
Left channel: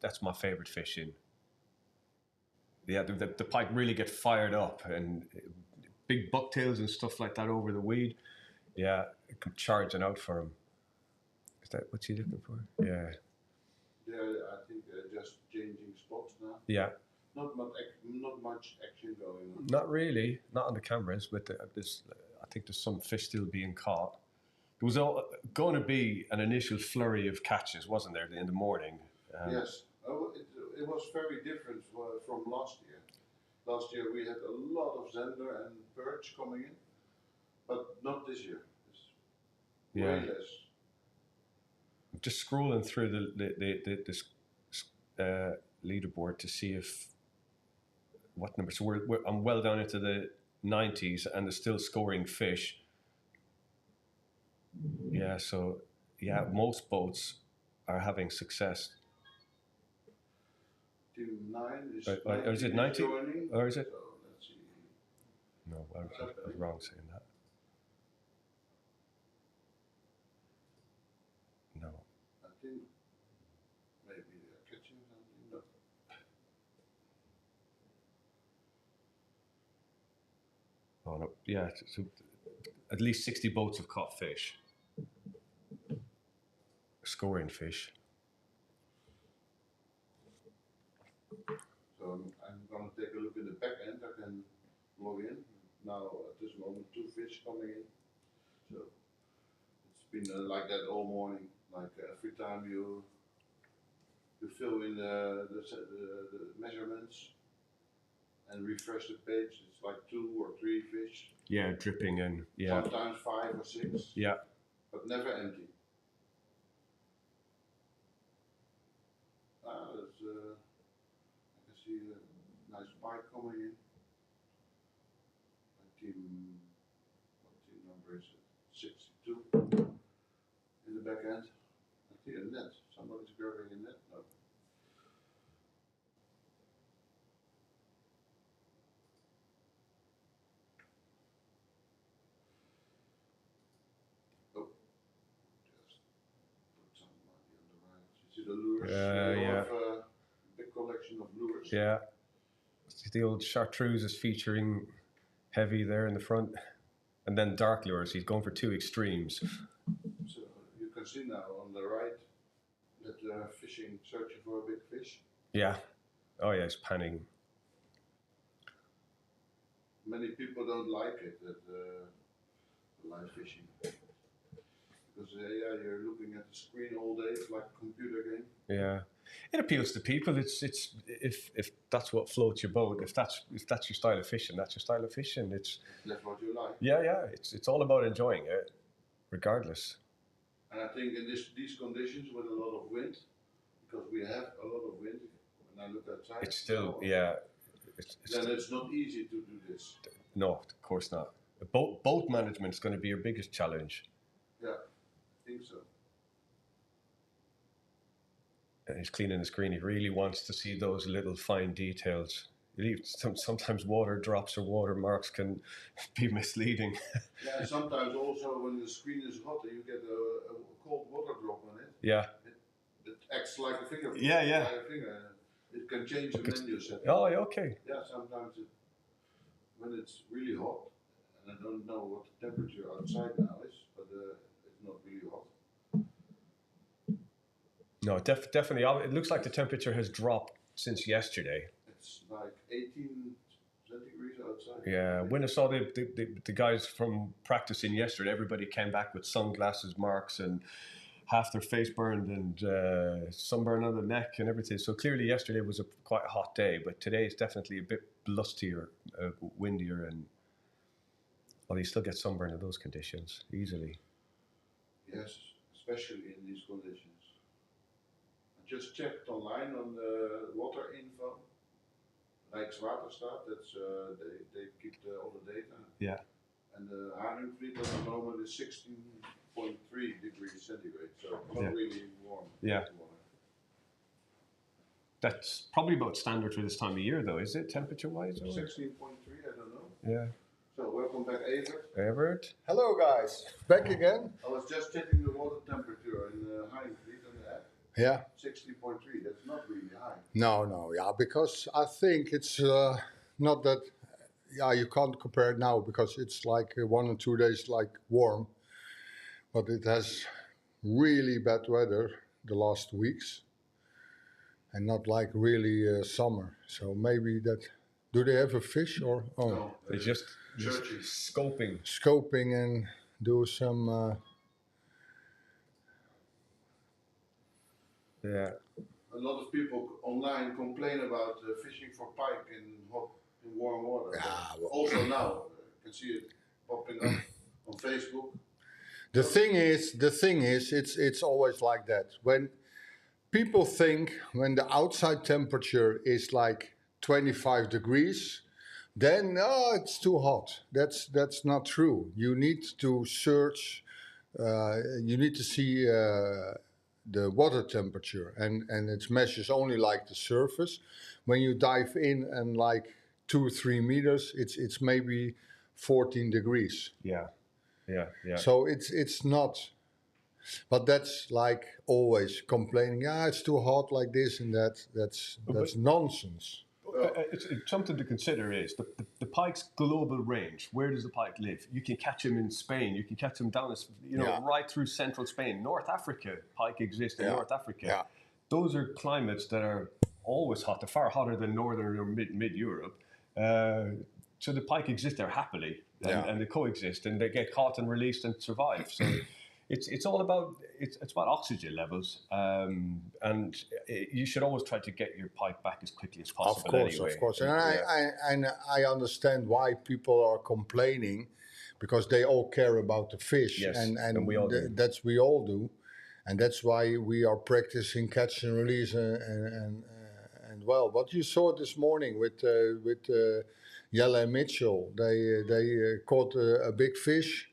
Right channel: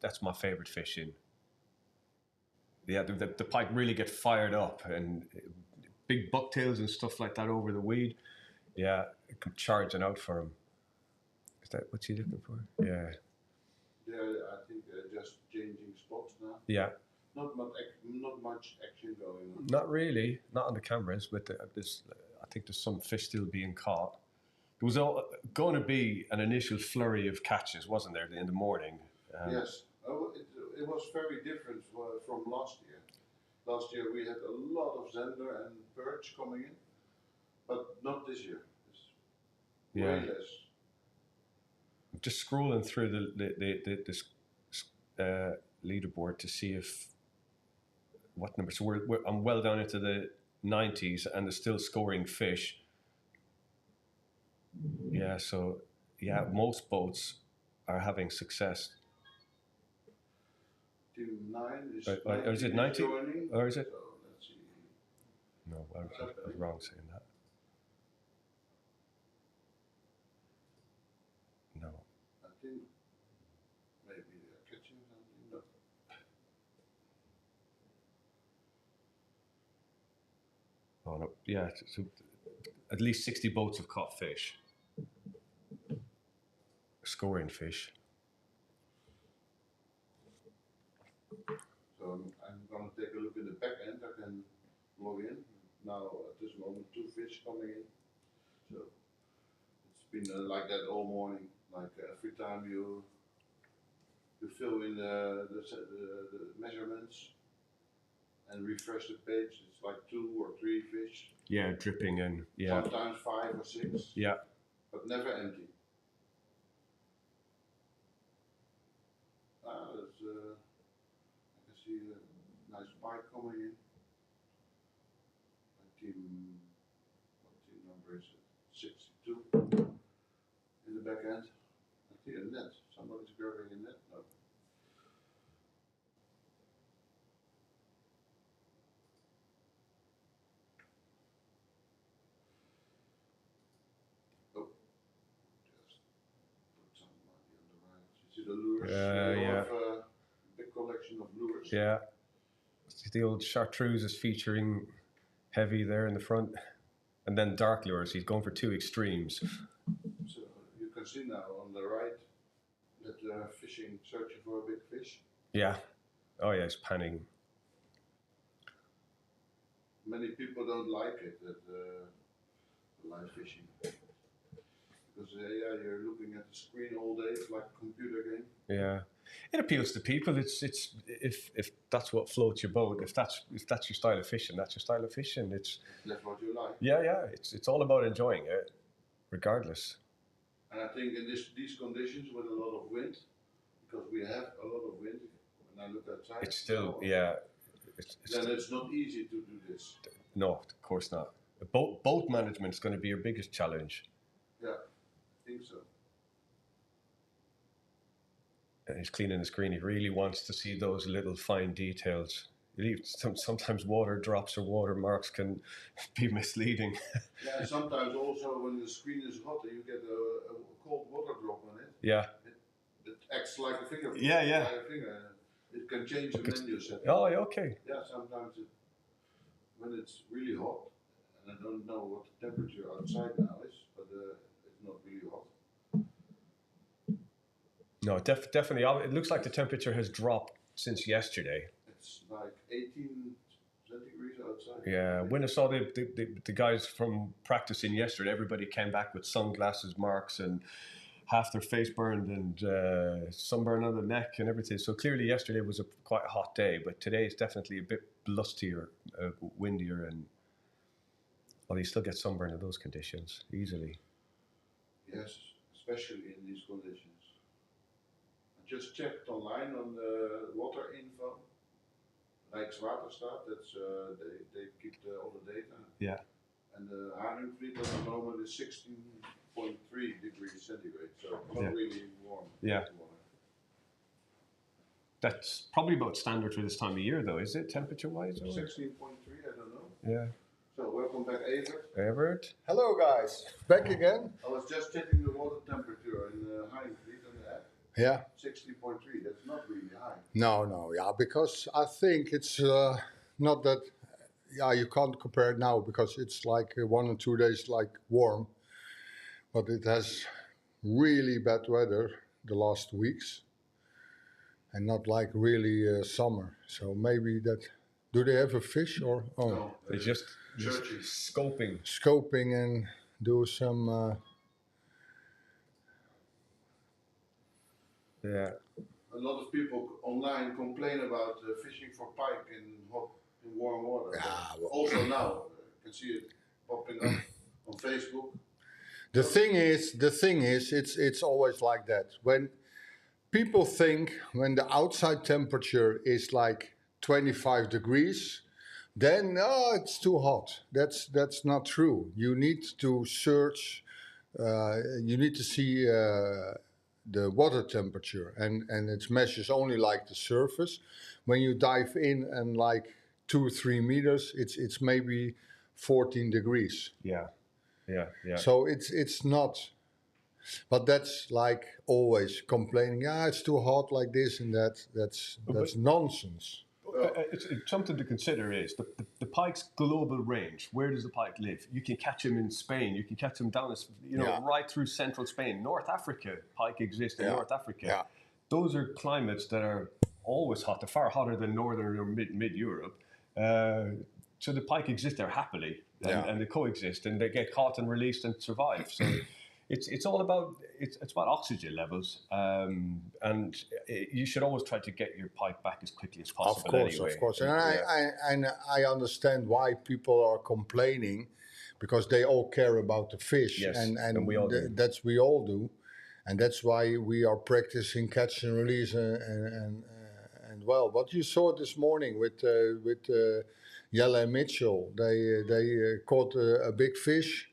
that's my favorite fishing. Yeah, the pike really get fired up and big bucktails and stuff like that over the weed. Yeah, it come charging out for him. Is that what you're looking for? Yeah. I think they're just changing spots now. Yeah. Not much action going on. Not really, not on the cameras, but I think there's some fish still being caught. There was going to be an initial flurry of catches, wasn't there, in the morning? Yes, it was very different from last year. Last year we had a lot of zander and perch coming in, but not this year. It's way less. I'm just scrolling through the leaderboard to see if what number. So I'm well down into the 90s, and they're still scoring fish. Yeah, so most boats are having success. Team 9 is. Or is it 90? Joining, or is it? So let's see. No, I was wrong saying that. No. I think maybe they're catching something, but Oh no, yeah. So at least 60 boats have caught fish. Scoring fish. so I'm gonna take a look in the back end. I can log in now. At this moment, 2 fish coming in. So it's been like that all morning. Like every time you fill in the measurements and refresh the page, it's like 2 or 3 fish. Yeah, dripping in. Yeah. Sometimes 5 or 6. Yeah. But never empty. I can see a nice pike coming in. What team number is it? 62 in the back end. I see a net. Somebody's grabbing a net. No. The lures. Have a big collection of lures. Yeah. The old chartreuse is featuring heavy there in the front. And then dark lures, he's going for 2 extremes. So you can see now on the right that they're fishing, searching for a big fish. Yeah. Oh yeah, he's panning. Many people don't like it, that live fishing. Because you're looking at the screen all day. It's like a computer game. Yeah, it appeals to people. It's if that's what floats your boat. If that's your style of fishing, that's your style of fishing. That's what you like. Yeah. It's all about enjoying it, regardless. And I think in these conditions with a lot of wind, because we have a lot of wind. When I look outside, It's still then it's not easy to do this. No, of course not. Boat management is going to be your biggest challenge. Yeah. I think so. And he's cleaning the screen. He really wants to see those little fine details. Sometimes water drops or watermarks can be misleading. Yeah, sometimes also when the screen is hot and you get a cold water drop on it. Yeah. It acts like a fingerprint. Yeah. Like a finger. It can change the menu setting. Oh, yeah, okay. Yeah, sometimes when it's really hot, and I don't know what the temperature outside now is, but it's not really hot. No, definitely. It looks like the temperature has dropped since yesterday. It's like 18 centigrades outside. Yeah, when I saw the guys from practicing yesterday, everybody came back with sunglasses marks and half their face burned and sunburn on the neck and everything. So clearly yesterday was quite a hot day, but today is definitely a bit blustier, windier, and you still get sunburn in those conditions easily. Yes, especially in these conditions. I just checked online on the water info. Rijkswaterstaat, that's they keep all the data. Yeah. And the Haringvliet at the moment is 16.3 degrees centigrade, so not really warm. Yeah. That's probably about standard for this time of year, though, is it, temperature-wise? 16.3, I don't know. Yeah. So welcome back, Evert. Evert? Hello guys, back again. I was just checking the water temperature in Heinfleet on the app. Yeah. 60.3. That's not really high. No, yeah, because I think it's not that. Yeah, you can't compare it now because it's like 1 or 2 days like warm, but it has really bad weather the last weeks, and not like really summer. So maybe that. Do they have a fish or No, They just searching. scoping. and do some? Yeah. A lot of people online complain about fishing for pike in warm water. Yeah, well- Also now, you can see it popping up on Facebook. The thing is, it's always like that. When people think when the outside temperature is like 25 degrees, then it's too hot. That's not true. You need to search. You need to see the water temperature, and it measures only like the surface. When you dive in and like 2 or 3 meters, it's maybe 14 degrees. Yeah. So it's not, but that's like always complaining. It's too hot like this and that. That's nonsense. It's something to consider is the pike's global range. Where does the pike live? You can catch him in Spain. You can catch him down, right through central Spain. North Africa, pike exists in North Africa. Yeah. Those are climates that are always hot. They're far hotter than northern or mid Europe. So the pike exist there happily, and they coexist, and they get caught and released and survive. So it's all about it's about oxygen levels, and you should always try to get your pike back as quickly as possible. Of course, and I understand why people are complaining, because they all care about the fish, Yes, and we all do. that's we all do, and that's why we are practicing catch and release and well. What you saw this morning with Jelle and Mitchell, they caught a big fish,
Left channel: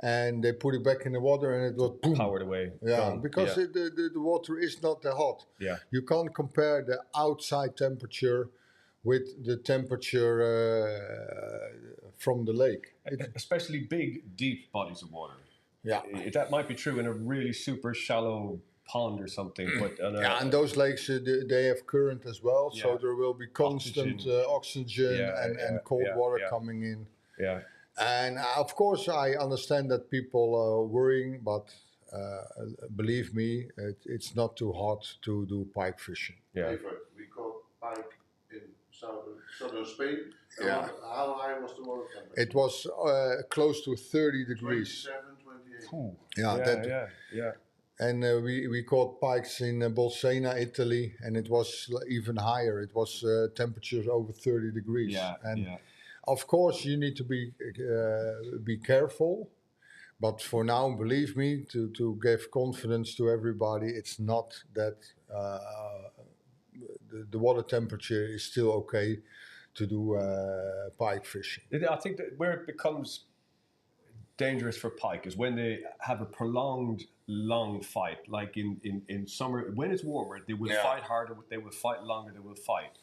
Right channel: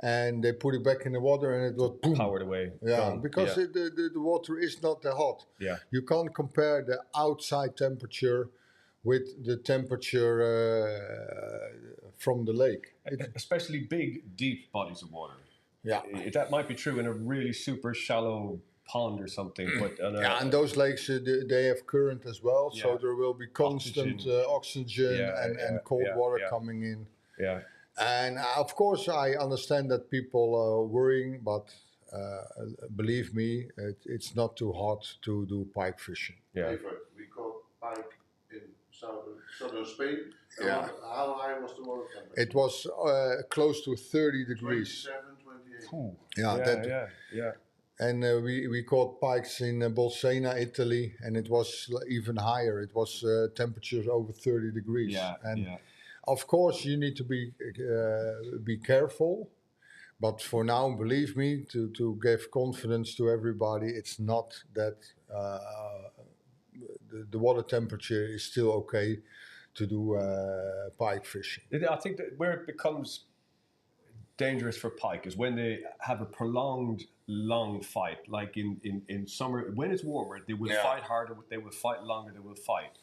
and they put it back in the water, and it was boom. Powered away. Yeah, gone. because the water is not that hot. Yeah. You can't compare the outside temperature with the temperature from the lake. Especially big, deep bodies of water. Yeah. That might be true in a really super shallow pond or something, but And those lakes, they have current as well, so Yeah. there will be constant oxygen and cold water coming in. Yeah. And of course, I understand that people are worrying, but believe me, it's not too hot to do pike fishing. Yeah. Evert, we caught pike in southern Spain. Yeah. How high was the water temperature? It was close to 30 degrees. 27, 28. Yeah. And we caught pikes in Bolsena, Italy, and it was even higher. It was temperatures over 30 degrees. Of course, you need to be careful, but for now, believe me, to give confidence to everybody, it's not that the water temperature is still okay to do pike fishing. I think that where it becomes dangerous for pike is when they have a prolonged, long fight. Like in summer, when it's warmer, they will fight harder, they will fight longer, they will fight.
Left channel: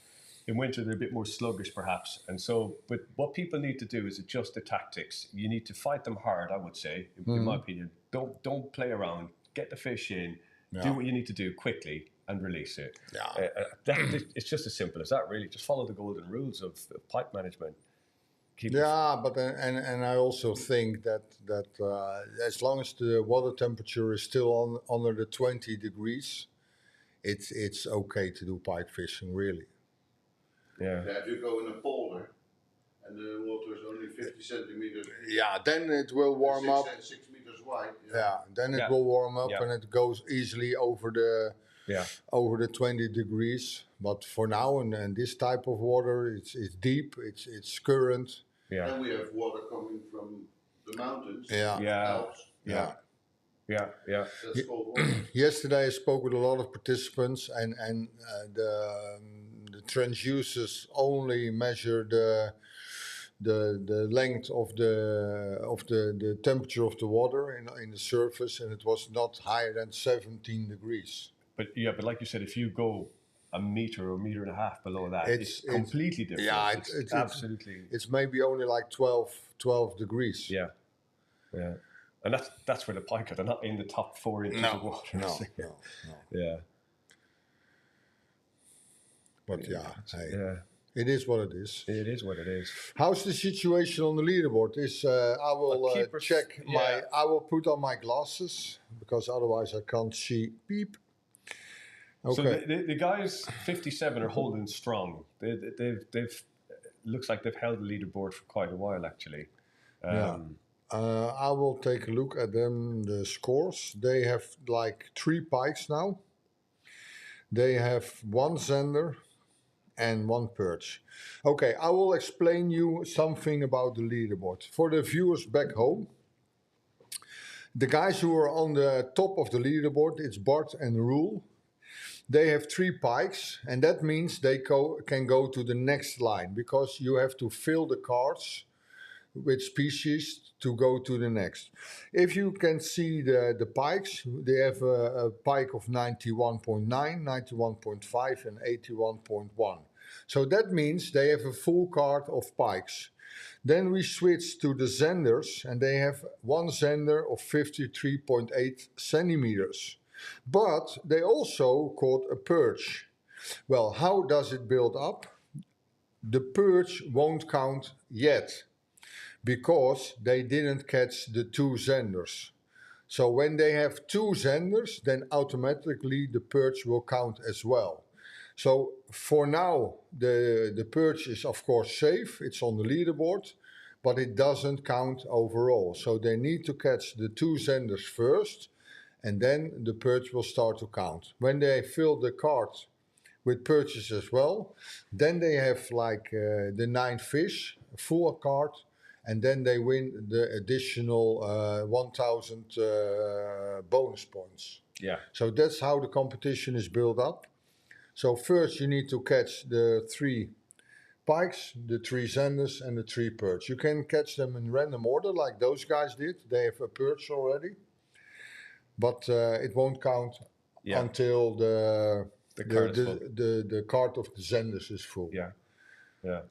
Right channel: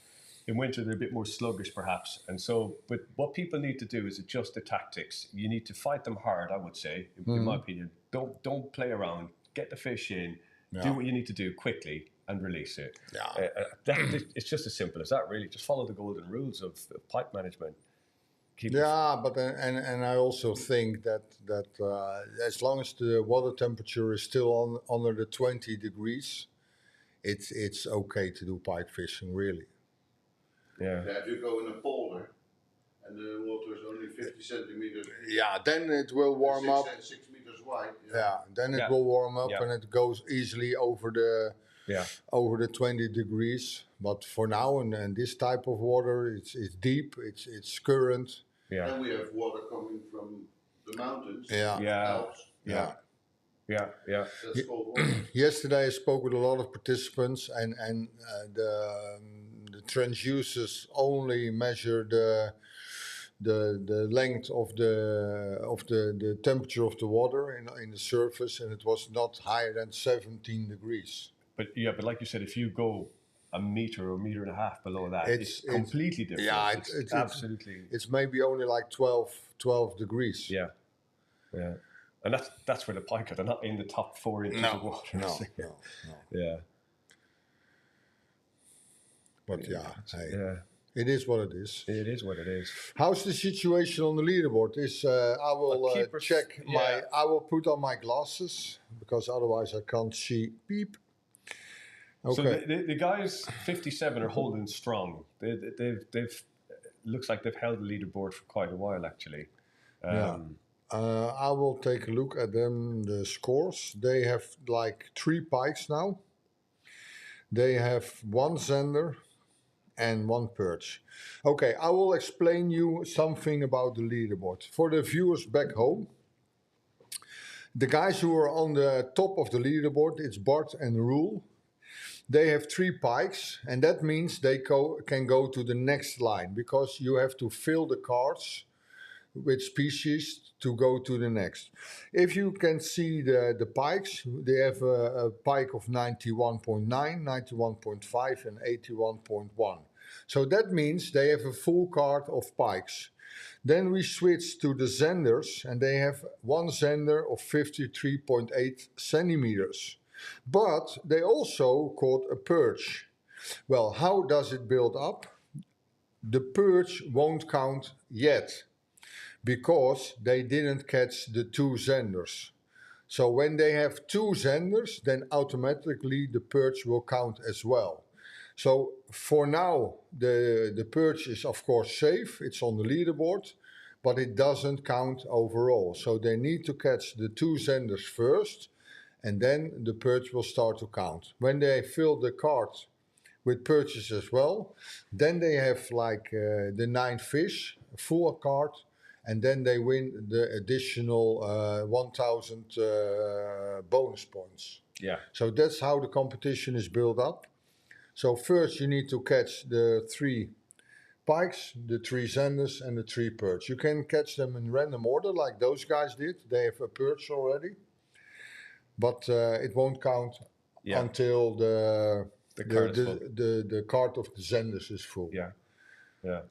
In winter, they're a bit more sluggish, perhaps. And so, but what people need to do is adjust the tactics. You need to fight them hard, I would say, in my opinion. Don't play around. Get the fish in. Do what you need to do quickly and release it. It's just as simple as that, really. Just follow the golden rules of pike management. But and I also think that as long as the water temperature is still under the 20 degrees, it's okay to do pike fishing, really. Yeah, if you go in a polder and the water is only 50 centimeters. Yeah, then it will warm up. 6 meters wide. Then it will warm up and it goes easily over the 20 degrees. But for now, and this type of water, it's deep, it's current. Yeah. And we have water coming from the mountains. Alps. That's cold water. Yesterday I spoke with a lot of participants, and the transducers only measure the length of the temperature of the water in the surface, and it was not higher than 17 degrees. But like you said, if you go a meter or a meter and a half below that, it's completely different. Yeah, it's absolutely. It's maybe only like 12 degrees. Yeah, yeah, and that's where the pike are. They're not in the top 4 inches of water. No. Yeah. But hey, Yeah. it is what it is. It is what it is. How's the situation on the leaderboard? I will check my. I will put on my glasses because otherwise I can't see. Beep. Okay. So the guys 57 are holding strong. They've looks like they've held the leaderboard for quite a while actually. I will take a look at them. The scores. They have like 3 pikes now. They have 1 Zender and 1 perch. Okay, I will explain you something about the leaderboard. For the viewers back home, the guys who are on the top of the leaderboard, it's Bart and Roel. They have 3 pikes, and that means they can go to the next line because you have to fill the cards with species to go to the next. If you can see the pikes, they have a pike of 91.9, 91.5 and 81.1. So that means they have a full card of pikes. Then we switch to the Zenders, and they have 1 Zender of 53.8 centimeters. But they also caught a perch. Well, how does it build up? The perch won't count yet, because they didn't catch the 2 Zenders. So when they have 2 Zenders, then automatically the perch will count as well. So for now, the perch is of course safe, it's on the leaderboard, but it doesn't count overall. So they need to catch the 2 Zenders first, and then the perch will start to count. When they fill the card with perches as well, then they have like the 9 fish, a full card, and then they win the additional 1,000 bonus points. Yeah. So that's how the competition is built up. So first you need to catch the 3 pikes, the 3 Zenders and the 3 perch. You can catch them in random order like those guys did. They have a perch already. But it won't count until the card of the Zenders is full. Yeah, yeah.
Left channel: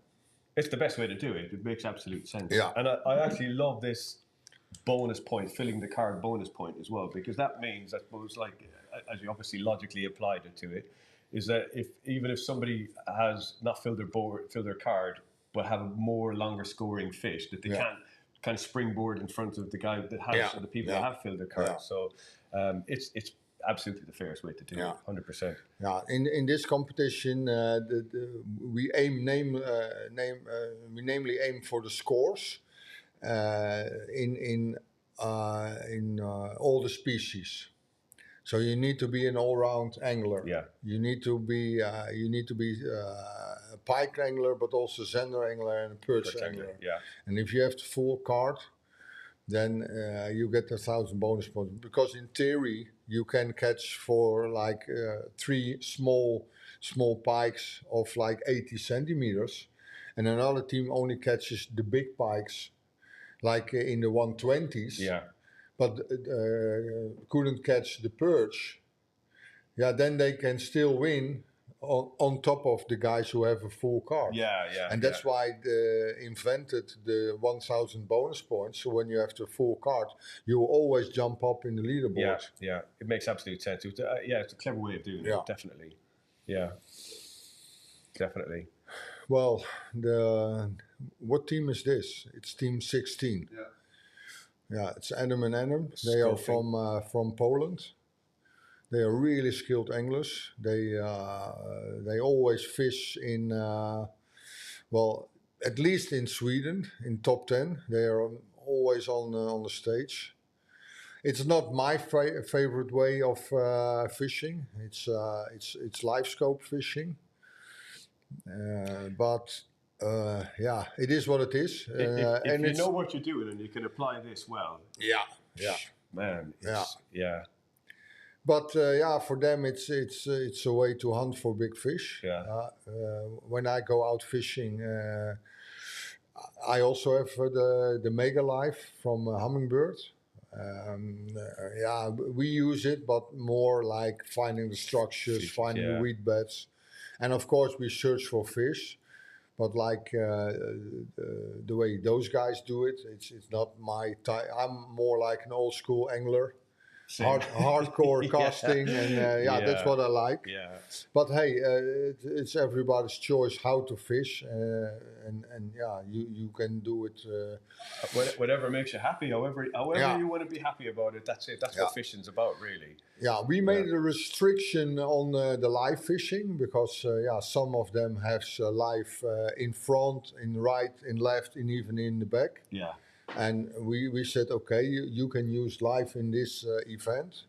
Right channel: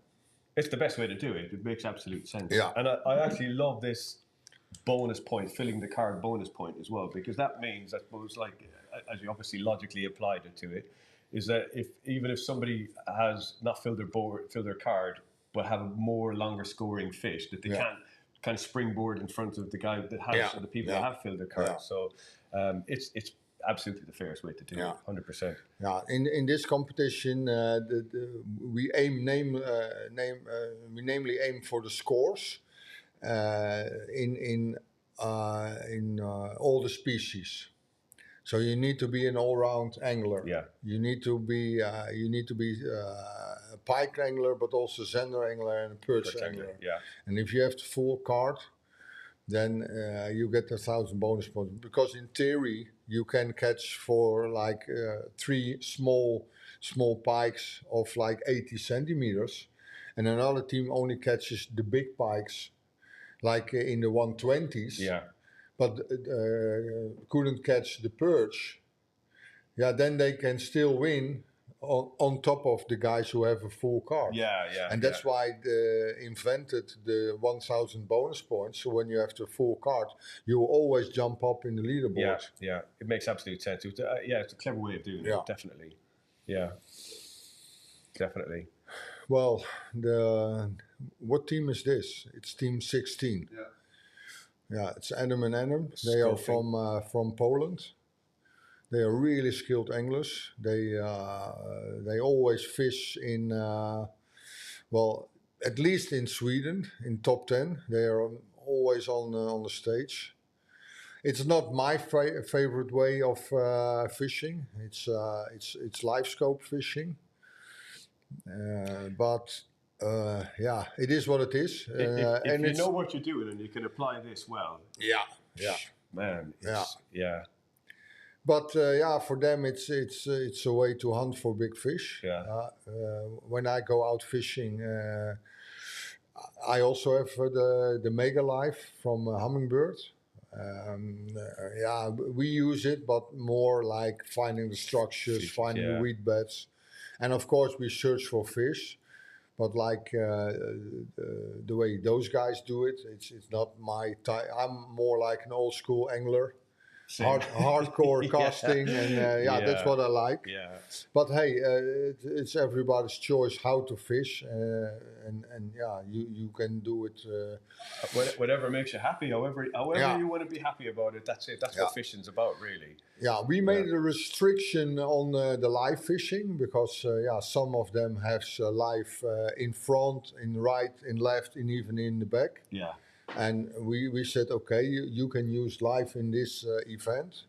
It's the best way to do it. It makes absolute sense. Yeah. And I actually love this bonus point, filling the card bonus point as well, because that means, I suppose, like, as you obviously logically applied it to it, is that even if somebody has not filled their card, but have a more longer scoring fish, that they can't kind of springboard in front of the guy that has, or the people that have filled their card. So it's absolutely the fairest way to do it, 100%. Yeah, in this competition, we namely aim for the scores in all the species. So you need to be an all-round angler. Yeah. You need to be a pike angler, but also Zender angler and a perch angler. Yeah. And if you have the full card, then you get 1,000 bonus points. Because in theory, you can catch for like 3 small pikes of like 80 centimeters, and another team only catches the big pikes, like in the 120s. Yeah. But couldn't catch the perch. Yeah, then they can still win on top of the guys who have a full card. Yeah, yeah. And that's why they invented the 1,000 bonus points. So when you have the full card, you will always jump up in the leaderboard. Yeah, yeah. It makes absolute sense. It's a clever way of doing it, definitely. Yeah, definitely. Well, what team is this? It's team 16. Yeah. Yeah, it's Adam and Adam. They are from Poland. They are really skilled anglers. They always fish in, well, at least in Sweden, in top 10. They are always on the stage. It's not my favorite way of fishing. It's live scope fishing, but. Yeah, it is what it is. If you know what you're doing and you can apply this well. Yeah. Man. But for them it's a way to hunt for big fish. Yeah. When I go out fishing, I also have the Mega Life from Hummingbird. We use it, but more like finding the structures, finding the weed beds. And of course, we search for fish. But like the way those guys do it, it's not my type. I'm more like an old school angler, hardcore casting, and that's what I like. Yeah. But hey, it's everybody's choice how to fish, and you can do it. Whatever makes you happy, however Yeah. you want to be happy about it. That's it. That's what fishing's about, really. Yeah, we made a restriction on the live fishing because some of them have live in front, in right, in left, and even in the back. Yeah. And we said, okay, you can use live in this event,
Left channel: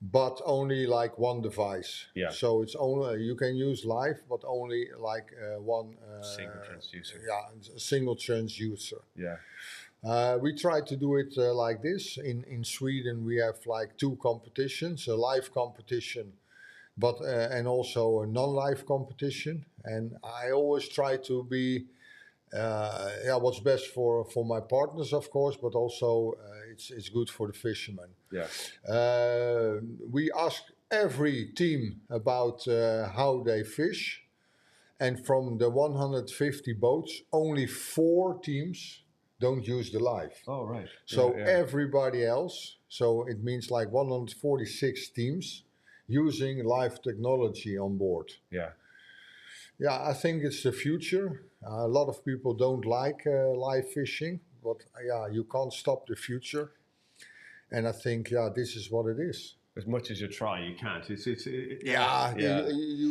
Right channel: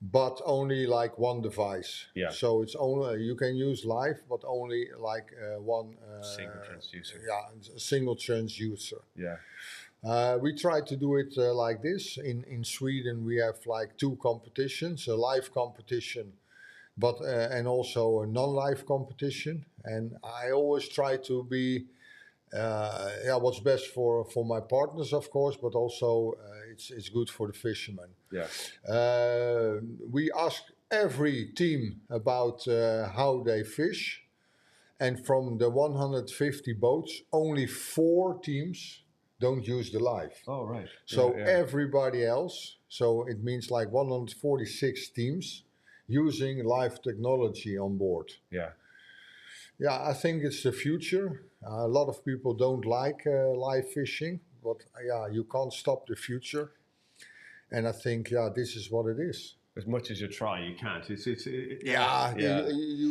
but only like one device. Yeah. So it's only you can use live, but only like one Single transducer. Yeah, a single transducer. Yeah. We try to do it like this. In Sweden, we have like 2 competitions: a live competition, but and also a non-live competition. And I always try to be what's best for my partners, of course, but also it's good for the fishermen. Yeah. We ask every team about how they fish, and from the 150 boats, only 4 teams don't use the live. Oh, right. So Yeah. everybody else, so it means like 146 teams using live technology on board. Yeah. Yeah, I think it's the future. A lot of people don't like live fishing, but you can't stop the future. And I think, this is what it is. As much as you try, you can't. You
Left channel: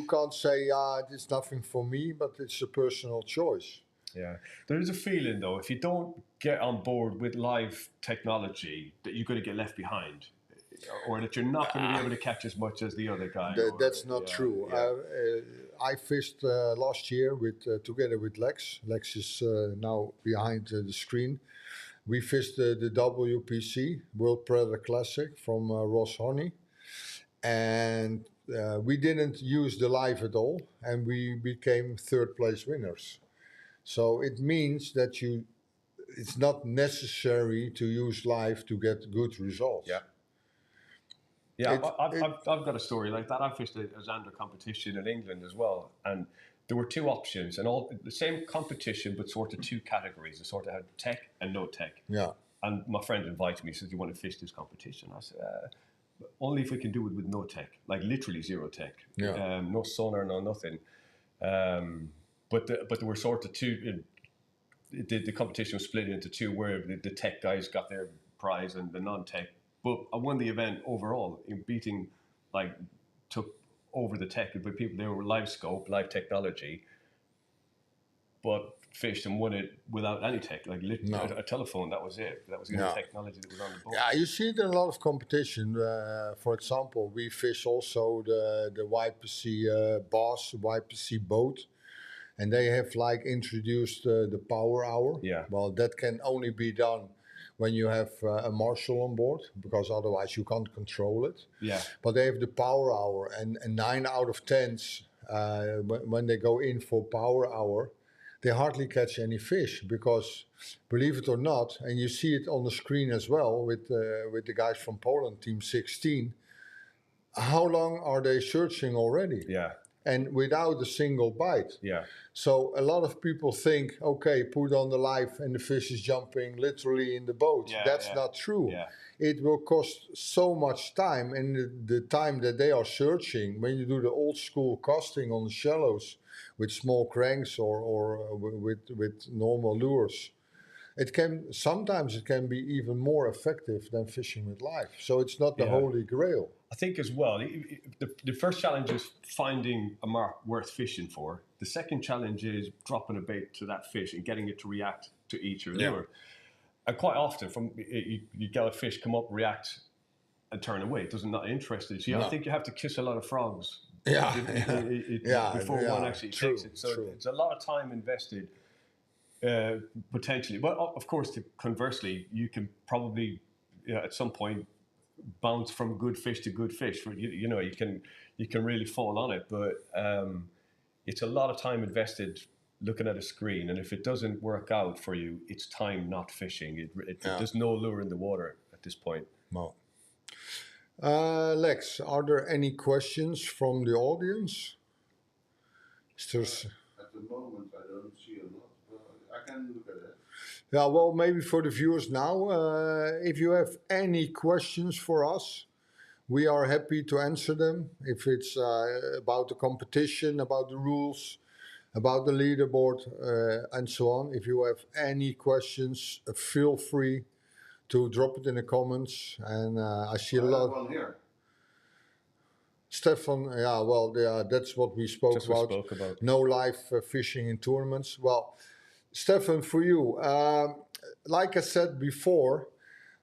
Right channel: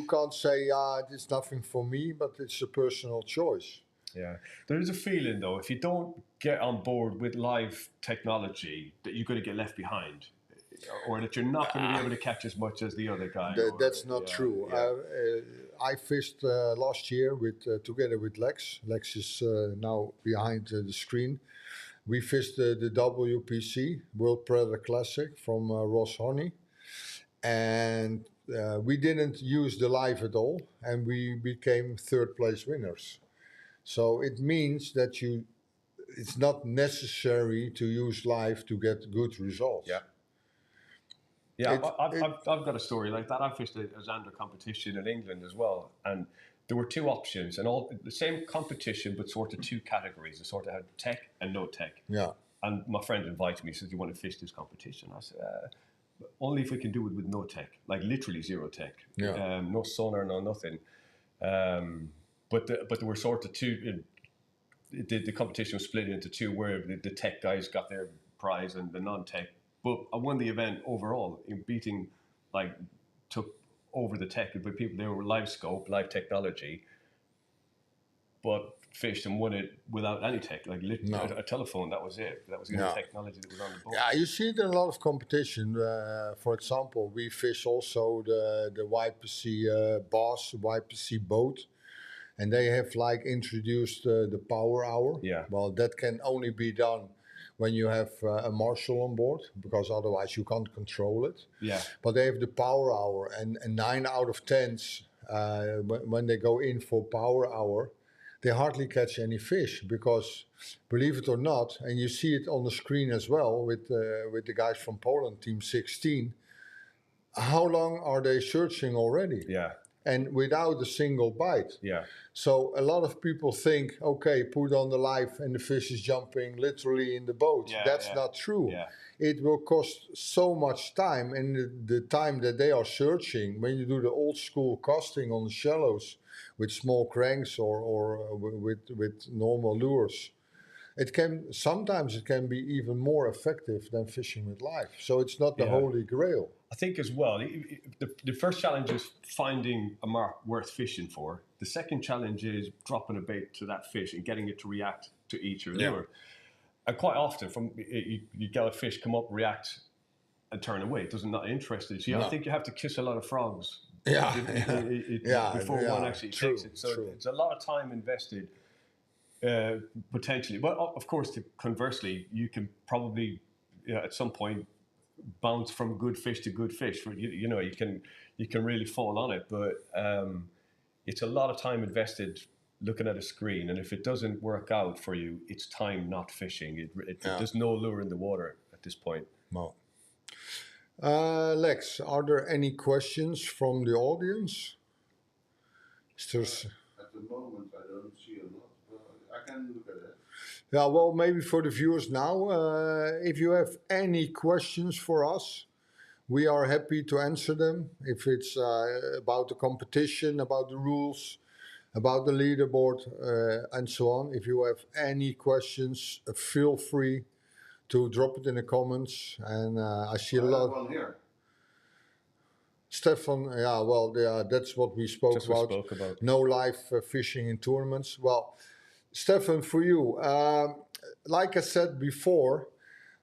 can't say, it's nothing for me, but it's a personal choice. Yeah. There is a feeling, though, if you don't get on board with live technology, that you're going to get left behind. Or that you're not going to be able to catch as much as the other guy. That's not true. Yeah. I fished last year together with Lex. Lex is now behind the screen. We fished the WPC, World Predator Classic, from Ross Honey. And we didn't use the live at all, and we became 3rd place winners. So it means that it's not necessary to use live to get good results. Yeah. Yeah, I've got a story like that. I fished a Zander competition in England as well, and there were 2 options, and all the same competition, but sort of 2 categories. It sort of had tech and no tech. Yeah. And my friend invited me. He said, "You want to fish this competition?" I said, "Only if we can do it with no tech, like literally 0 tech. Yeah. No sonar, no nothing." But there were sort of 2. The competition was split into 2, where the tech guys got their prize and the non-tech. But I won the event overall in beating, took over the tech. But people, they were live scope, live technology, but fished and won it without any tech, a telephone. That was it. That was the only technology that was on the boat. Yeah, you see it in a lot of competition. For example, we fish also the YPC Boss, YPC boat, and they have introduced the power hour. Yeah. Well, that can only be done when you have a marshal on board, because otherwise you can't control it. Yeah. But they have the power hour, and 9 out of 10, when they go in for power hour, they hardly catch any fish, because, believe it or not, and you see it on the screen as well with the guys from Poland, Team 16, how long are they searching already? Yeah. And without a single bite. Yeah. So a lot of people think, okay, put on the live and the fish is jumping literally in the boat. Yeah, That's not true. Yeah. It will cost so much time, and the time that they are searching, when you do the old school casting on the shallows with small cranks or with normal lures, sometimes it can be even more effective than fishing with live. So it's not the holy grail. I think as well, the first challenge is finding a mark worth fishing for. The second challenge is dropping a bait to that fish and getting it to react to each lure. Yeah. And quite often, you get a fish come up, react, and turn away. It doesn't not interested. So I think you have to kiss a lot of frogs. Before one actually takes it. So it's a lot of time invested, potentially. But of course, conversely, you can probably at some point bounce from good fish to good fish. You can really fall on it, but it's a lot of time invested looking at a screen, and if it doesn't work out for you, it's time not fishing. There's no lure in the water at this point. No. Lex, are there any questions from the audience? Stirs. At the moment, I don't see a lot, but I can look at it. Yeah, well, maybe for the viewers now, if you have any questions for us, we are happy to answer them. If it's about the competition, about the rules, about the leaderboard, and so on. If you have any questions, feel free to drop it in the comments. And I see a I have lot. one here. Stefan, yeah, well, yeah, that's what we spoke Just we about. spoke about. No live fishing in tournaments. Well, Stefan, for you, like I said before,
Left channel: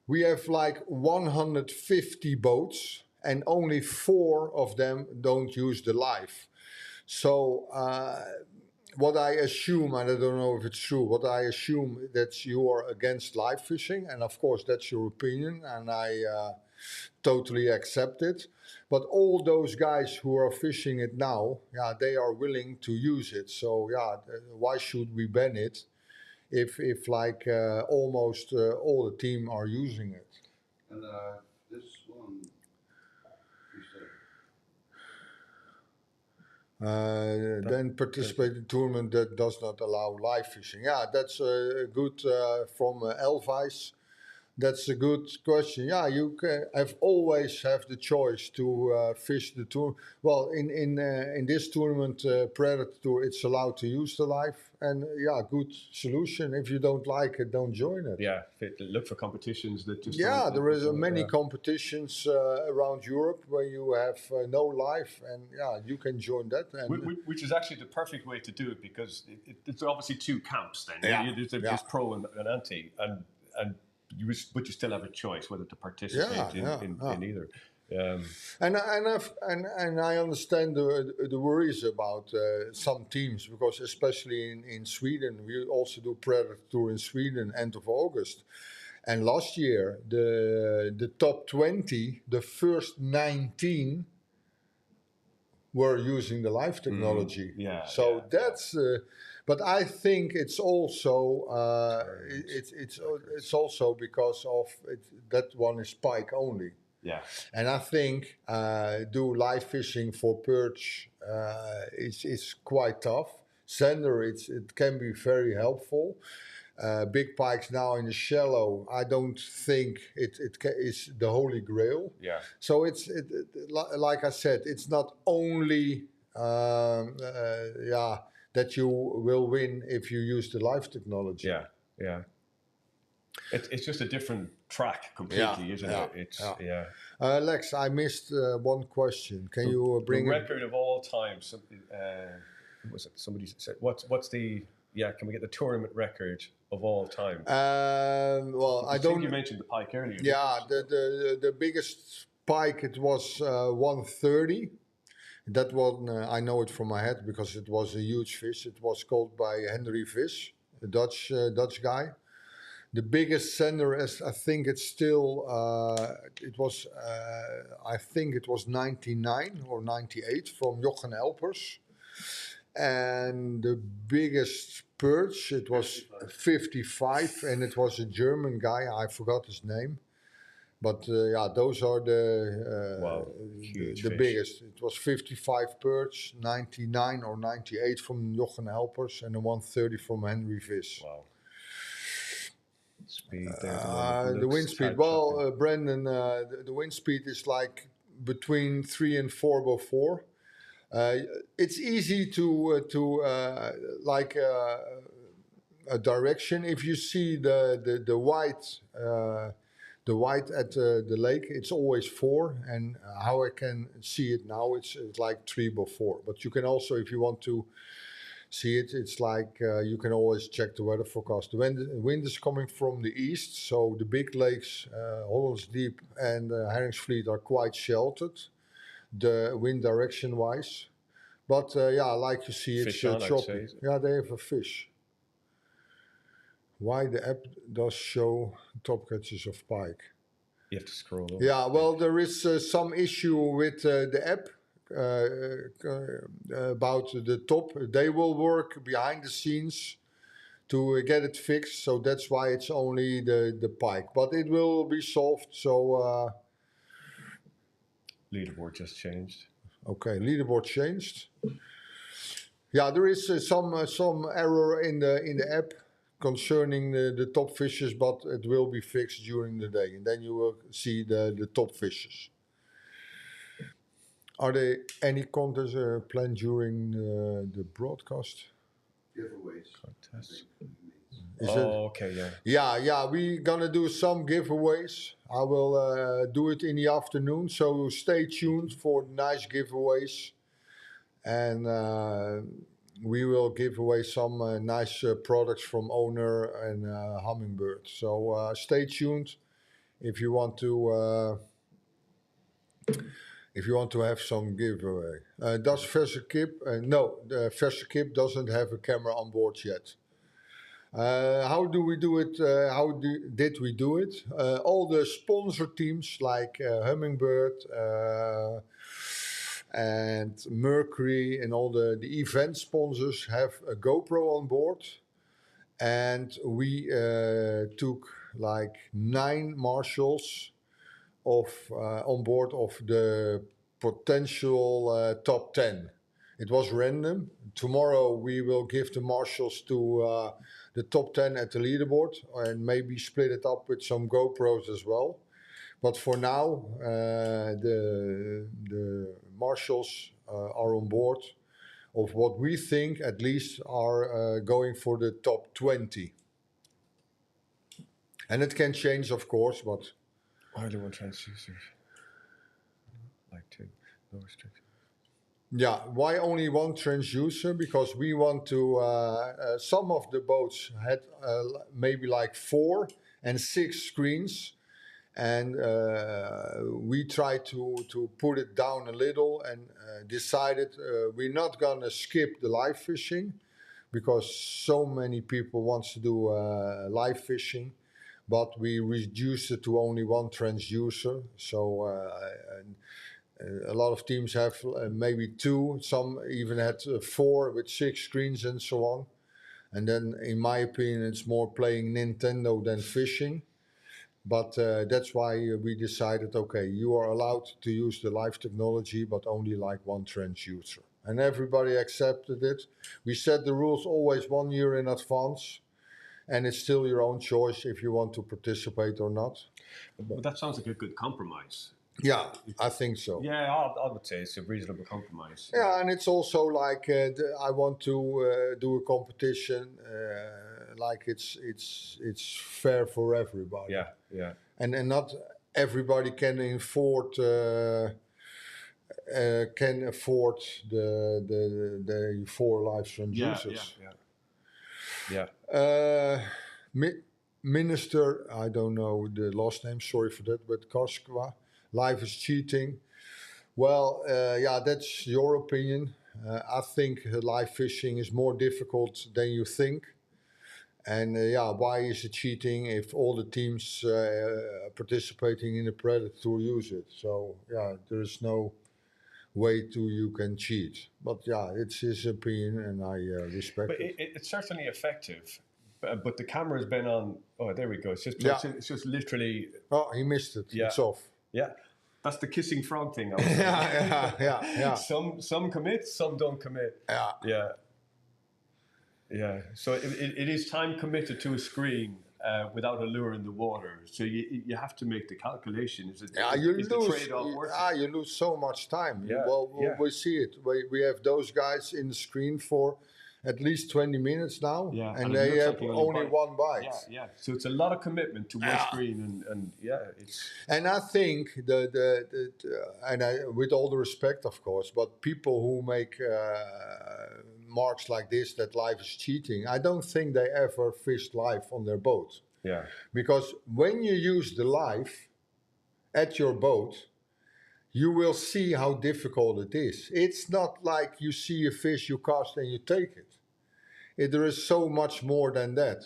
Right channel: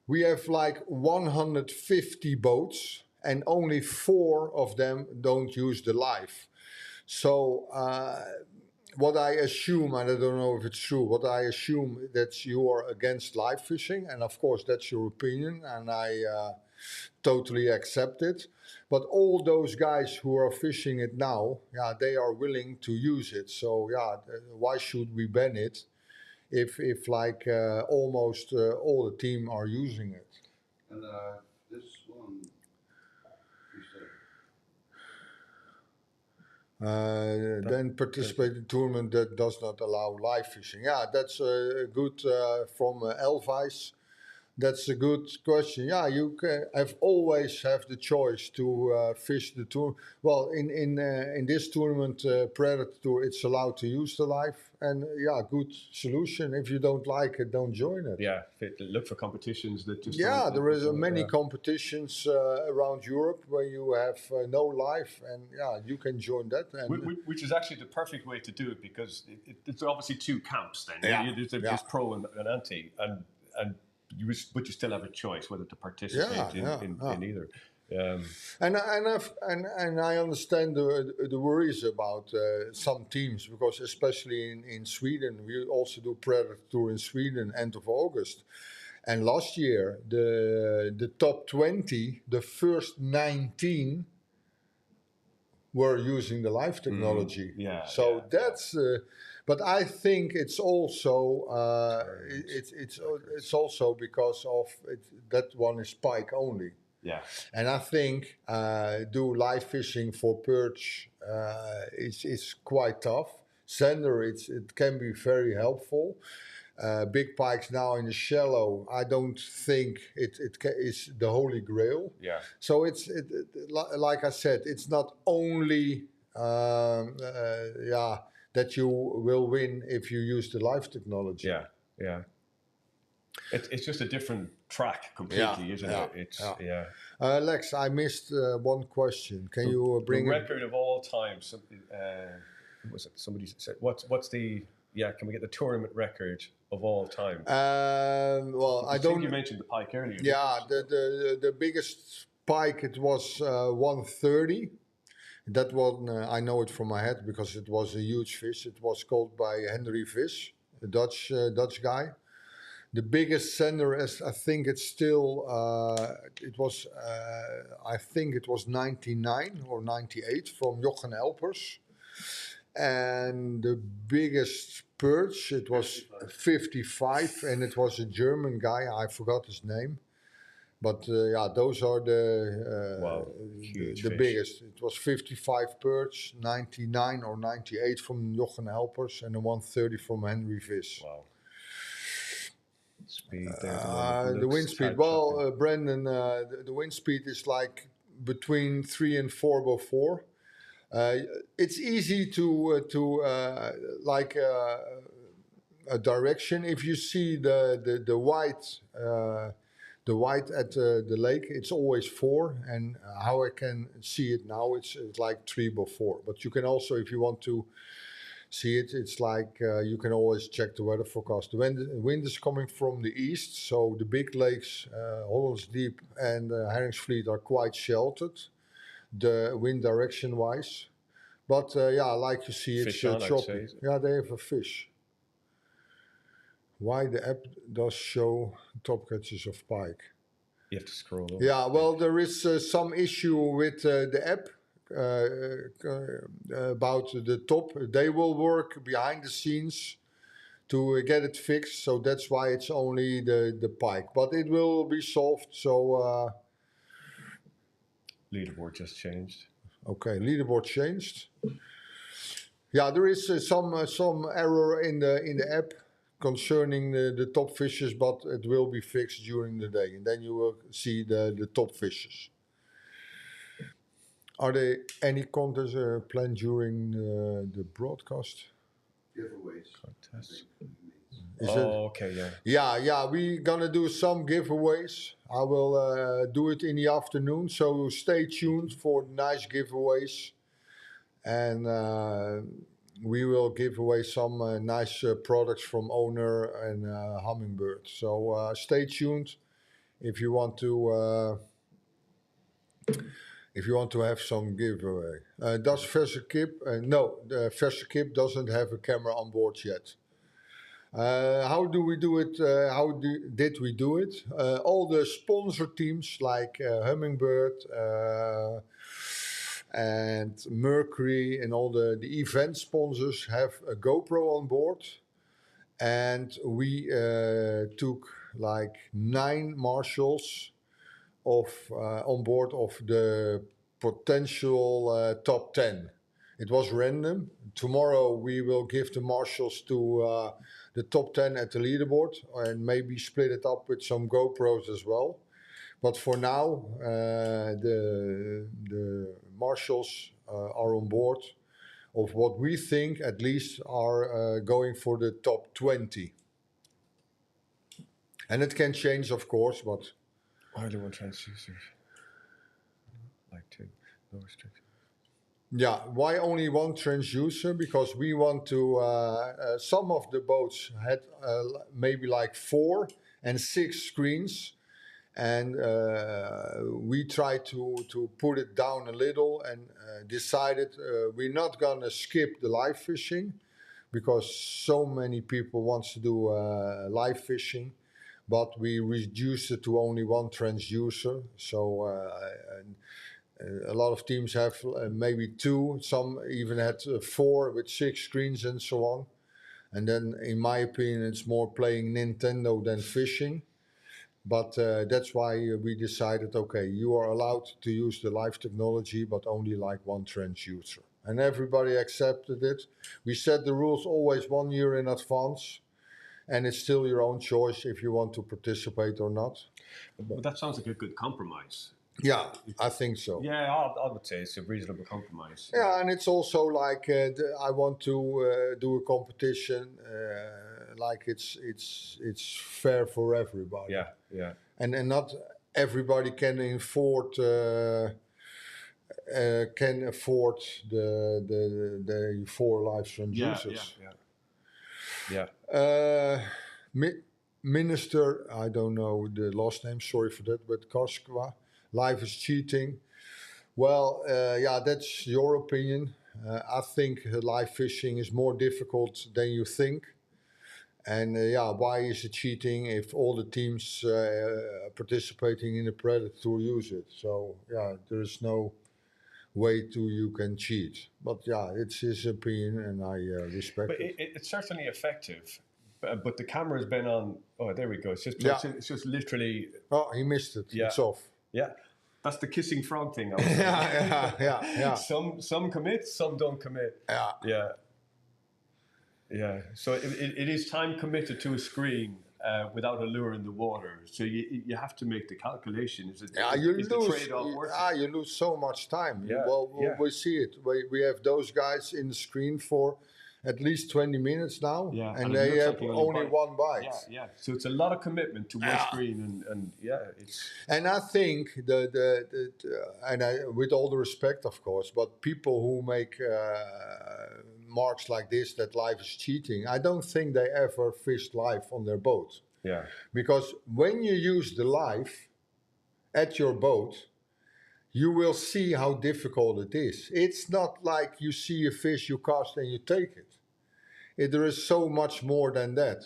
we have like 150 boats, and only 4 of them don't use the live. So what I assume, and I don't know if it's true, what I assume that you are against live fishing, and of course that's your opinion, and I totally accept it. But all those guys who are fishing it now, yeah, they are willing to use it. So yeah, why should we ban it if like almost all the team are using it? And this one, you said. Then participate in tournament that does not allow live fishing. Yeah, that's good from Elvis. That's a good question. Yeah, you have always have the choice to fish the tour. Well, in this tournament, Predatortour, it's allowed to use the live, and yeah, good solution. If you don't like it, don't join it. Yeah, look for competitions that just. Yeah, don't- there is don't- many yeah. competitions around Europe where you have no live, and yeah, you can join that. And Which is actually the perfect way to do it, because it's obviously 2 camps then. Yeah, There's pro and anti, and but you still have a choice whether to participate in either. And I understand the worries about some teams, because especially in Sweden, we also do Predatortour in Sweden end of August. And last year, the top 20, the first 19 were using the live technology. yeah, So yeah, that's. But I think it's also it's also because of that one is pike only. Yeah. And I think do live fishing for perch is quite tough. Sender, it can be very helpful. Big pikes now in the shallow, I don't think it is the holy grail. Yeah. So like I said, it's not only that you will win if you use the live technology. Yeah, yeah. It's just a different track completely, isn't it? It's Lex, I missed one question. Can you bring the record of all time? Was it somebody said? What's the? Yeah, can we get the tournament record of all time? Well, I don't. think you mentioned the pike earlier. Yeah, the biggest pike, it was 130. That one I know it from my head because it was a huge fish. It was caught by Henry Fish, a Dutch guy. The biggest sender, I think it's still, I think it was 99 or 98 from Jochen Elpers. And the biggest perch, it was 55, and it was a German guy, I forgot his name. But yeah, those are the fish. biggest. It was 55 perch, 99 or 98 from Jochen Elpers, and a 130 from Henry Fish. Wow. Speed there. The wind speed. Well, Brendan, the wind speed is like between 3 and 4 by 4. It's easy to like a direction. If you see the white. The white at the lake, it's always 4, and how I can see it now, it's like 3 by 4. But you can also, if you want to see it, it's like you can always check the weather forecast. The wind is coming from the east, so the big lakes, Hollands Diep and Herringsvliet are quite sheltered, the wind direction wise. But yeah, like you see, it's choppy. Yeah, they have a fish. Why the app does show top catches of pike. You have to scroll over. Yeah, well, there is some issue with the app about the top. They will work behind the scenes to get it fixed, so that's why it's only the pike. But it will be solved, so... leaderboard just changed. Okay, leaderboard changed. Yeah, there is some error in the app concerning the top fishes, but it will be fixed during the day, and then you will see the top fishes. Are there any contests planned during the broadcast? Giveaways. Contest. Is okay, yeah. Yeah, we're gonna do some giveaways. I will do it in the afternoon, so stay tuned for nice giveaways. And we will give away some nice products from Owner and Hummingbird. So stay tuned if you want to have some giveaway. Does Verse Kip? No, the Verse Kip doesn't have a camera on board yet. How do we do it? Did we do it? All the sponsor teams like Hummingbird and Mercury and all the event sponsors have a GoPro on board. And we took like 9 marshals on board of the potential top 10. It was random. Tomorrow we will give the marshals to the top 10 at the leaderboard and maybe split it up with some GoPros as well. But for now, the marshals are on board of what we think at least are going for the top 20. And it can change, of course, but... I don't want transducers. Like to, no restriction. Yeah, why only one transducer? Because we want to... some of the boats had maybe like 4 and 6 screens. And we tried to put it down a little and decided we're not going to skip the live fishing because so many people want to do live fishing, but we reduced it to only one transducer. So a lot of teams have maybe 2, some even had 4 with 6 screens and so on. And then in my opinion it's more playing Nintendo than fishing. But that's why we decided, okay, you are allowed to use the live technology, but only like one transducer. And everybody accepted it. We set the rules always 1 year in advance. And it's still your own choice if you want to participate or not. But that sounds like a good compromise. Yeah, I think so. Yeah, I would say it's a reasonable compromise. Yeah, and it's also like I want to do a competition like it's fair for everybody. Yeah, yeah. And not everybody can afford the 4 live transducers. Yeah. Minister, I don't know the last name, sorry for that, but Karskwa, live is cheating. Well, yeah, that's your opinion. I think live fishing is more difficult than you think. And yeah, why is it cheating if all the teams participating in the Predatortour use it? So yeah, there is no way you can cheat. But yeah, it's his opinion and I respect but it. It's certainly effective. But the camera's been on. Oh, there we go. It's just literally. Oh, he missed it. Yeah. It's off. Yeah, that's the kissing frog thing. yeah. Some commit, some don't commit. Yeah. So it is time committed to a screen without a lure in the water. So you have to make the calculation. Is the trade-off worth it? You lose so much time. Yeah. We see it. We have those guys in the screen for at least 20 minutes now, and they have only one bite. Yeah. So it's a lot of commitment to one screen, and it's. And I think with all the respect, of course, but people who make marks like this that live is cheating, I don't think they ever fished live on their boat. Yeah. Because when you use the live at your boat, you will see how difficult it is. It's not like you see a fish, you cast and you take it. There is so much more than that.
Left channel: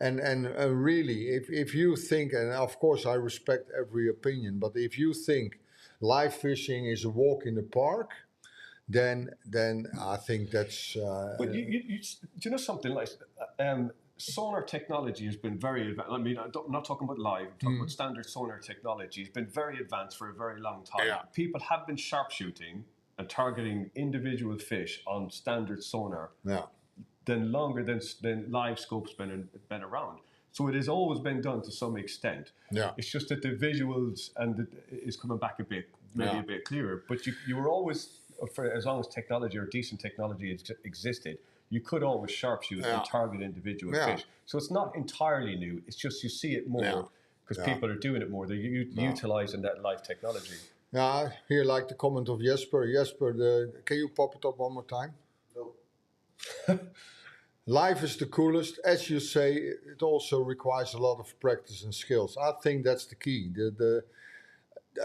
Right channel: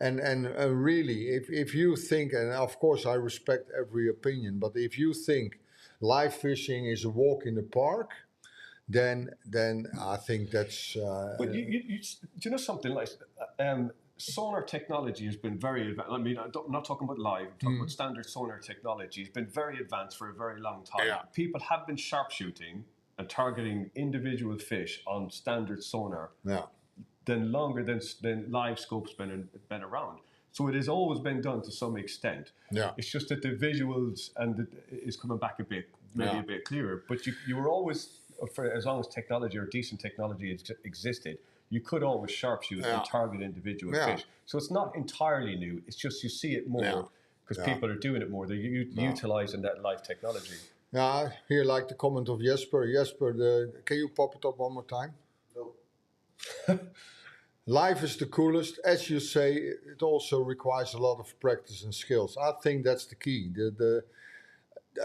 And really, if you think, and of course I respect every opinion, but if you think live fishing is a walk in the park, then I think that's... but do you know something like... sonar technology has been very advanced. I mean, I'm not talking about live, I'm talking about standard sonar technology. It's been very advanced for a very long time. Yeah. People have been sharpshooting and targeting individual fish on standard sonar Yeah. than longer than live scopes been around. So it has always been done to some extent. Yeah. It's just that the visuals is coming back a bit, maybe a bit clearer. But you were always, for as long as technology or decent technology existed, you could always sharpshoot and target individual fish. So it's not entirely new. It's just you see it more because people are doing it more. They're utilizing that live technology. Yeah, I hear like the comment of Jesper. Jesper, can you pop it up one more time? No. Life is the coolest. As you say, it also requires a lot of practice and skills. I think that's the key.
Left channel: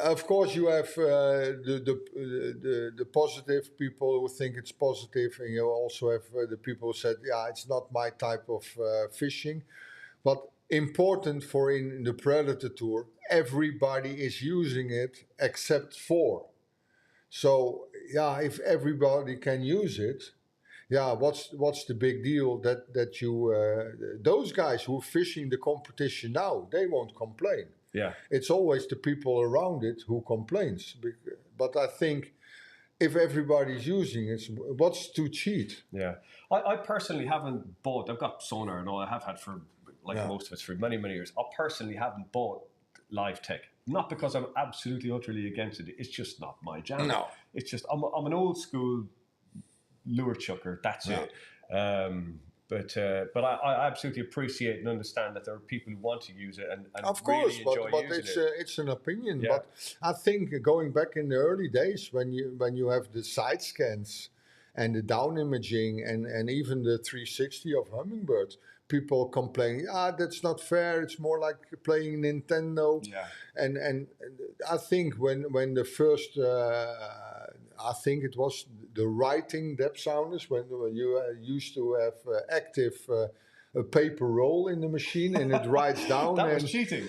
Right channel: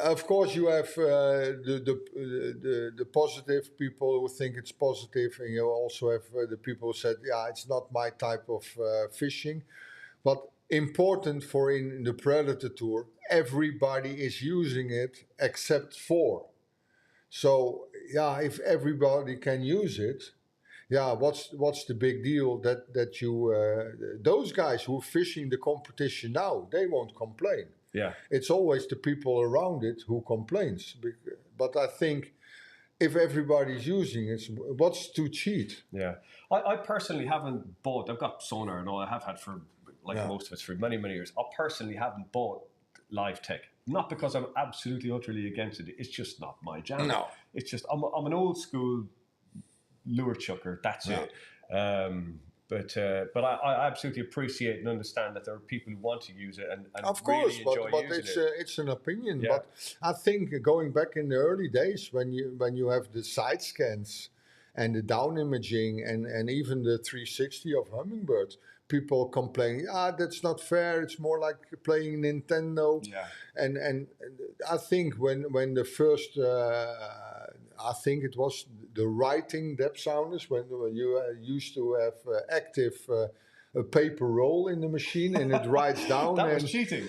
Of course, you have the positive people who think it's positive, and you also have the people who said, yeah, it's not my type of fishing. But important for in the Predatortour, everybody is using it except for. So, yeah, if everybody can use it, yeah, what's the big deal that you those guys who are fishing the competition now, they won't complain. Yeah, it's always the people around it who complains. But I think if everybody's using it, what's to cheat? Yeah, I personally haven't bought. I've got sonar and all. I have had for most of us for many years. I personally haven't bought live tech. Not because I'm absolutely utterly against it. It's just not my jam. No, it's just I'm an old school lure chucker. That's it. But I absolutely appreciate and understand that there are people who want to use it and of course, really enjoy but using it. It's an opinion. Yeah. But I think going back in the early days when you have the side scans and the down imaging and even the 360 of Hummingbird, people complain, that's not fair. It's more like playing Nintendo. Yeah. And I think when the first, I think it was the writing depth sounders, when you used to have active a paper roll in the machine and it writes down. That was cheating.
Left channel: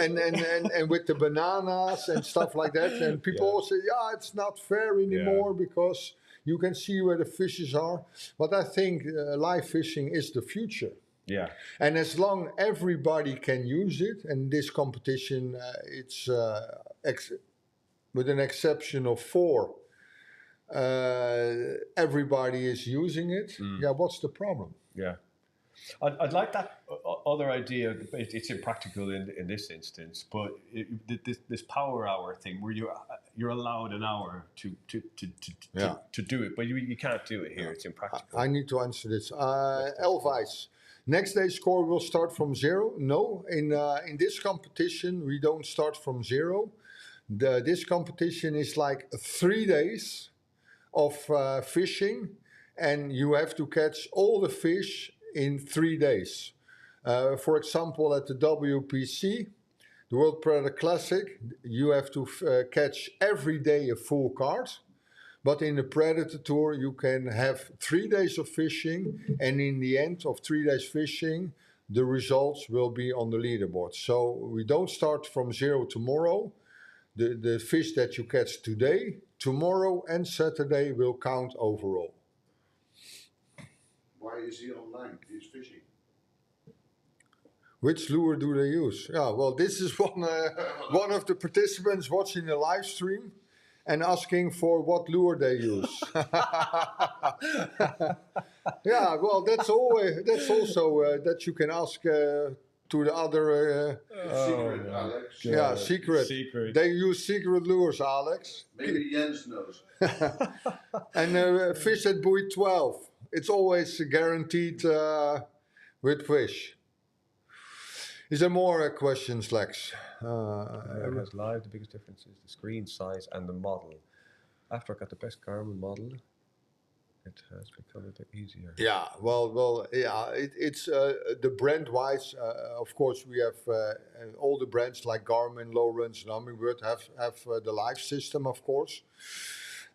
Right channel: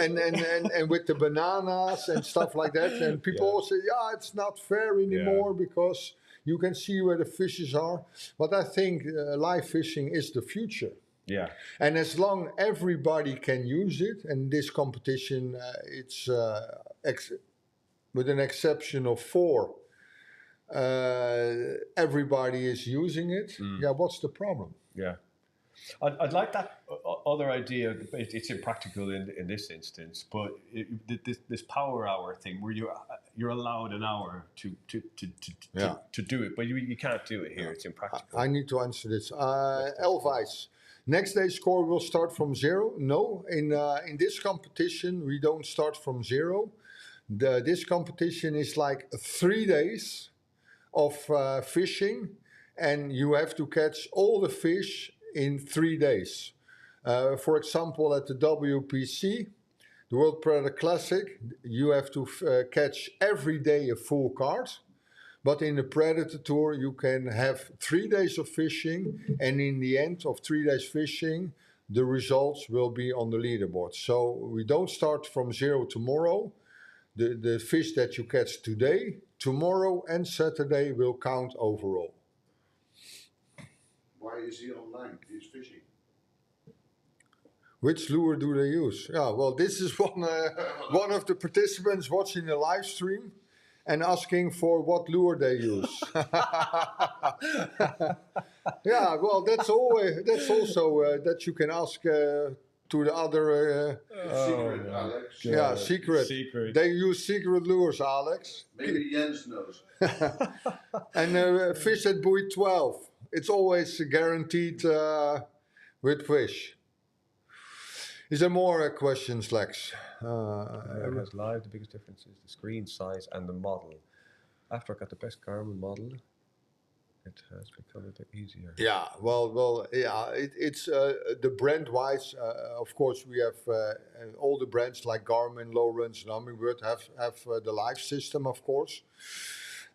And with the bananas and stuff like that. And people all say, it's not fair anymore because you can see where the fishes are. But I think live fishing is the future. Yeah. And as long everybody can use it, and this competition, it's with an exception of 4, everybody is using it. Yeah, what's the problem? Yeah. I'd like that other idea. It's impractical in this instance, but this power hour thing where you're allowed an hour to do it, but you can't do it here. It's impractical. I need to answer this. Elvice. Next day's score will start from 0. No, in this competition we don't start from 0. This competition is like 3 days of fishing, and you have to catch all the fish in 3 days. For example, at the WPC, the World Predator Classic, you have to catch every day a full card. But in the Predatortour, you can have 3 days of fishing, and in the end of 3 days fishing, the results will be on the leaderboard. So we don't start from 0 tomorrow. The fish that you catch today, tomorrow, and Saturday will count overall. Why is he online? He's fishing. Which lure do they use? Yeah, well, this is one of the participants watching the live stream and asking for what lure they use. Yeah, well, that's also that you can ask to the other. Secret, Alex. Yeah, secret. They use secret lures, Alex. Maybe Jens knows. And fish at buoy 12. It's always guaranteed with fish. Is there more questions, Lex? It has live. The biggest difference is the screen size and the model. After I got the best Garmin model, it has become a bit easier. Yeah, well, yeah. It's the brand-wise. Of course, we have all the brands like Garmin, Lowrance, and Hummingbird have the live system, of course.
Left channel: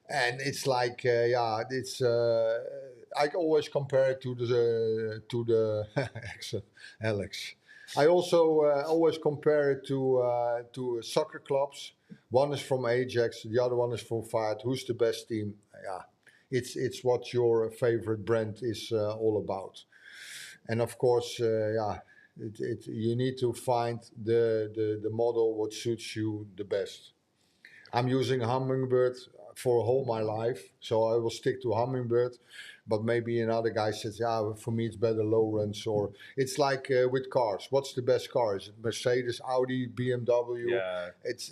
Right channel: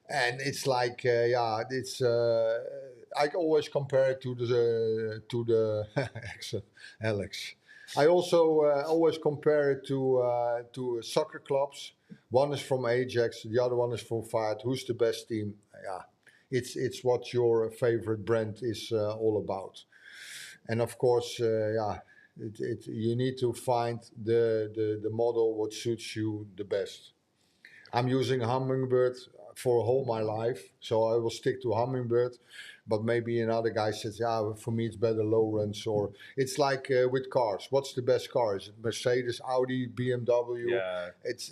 And it's like, it's. I always compare it to the Alex. I also always compare it to soccer clubs. One is from Ajax, the other one is from Fiat. Who's the best team? Yeah, it's what your favorite brand is all about. And of course, you need to find the model what suits you the best. I'm using Hummingbird. for all my life. So I will stick to hummingbird. But maybe another guy says, yeah, for me it's better Lowrance. Or it's like with cars. What's the best car? Is it Mercedes, Audi, BMW? Yeah. It's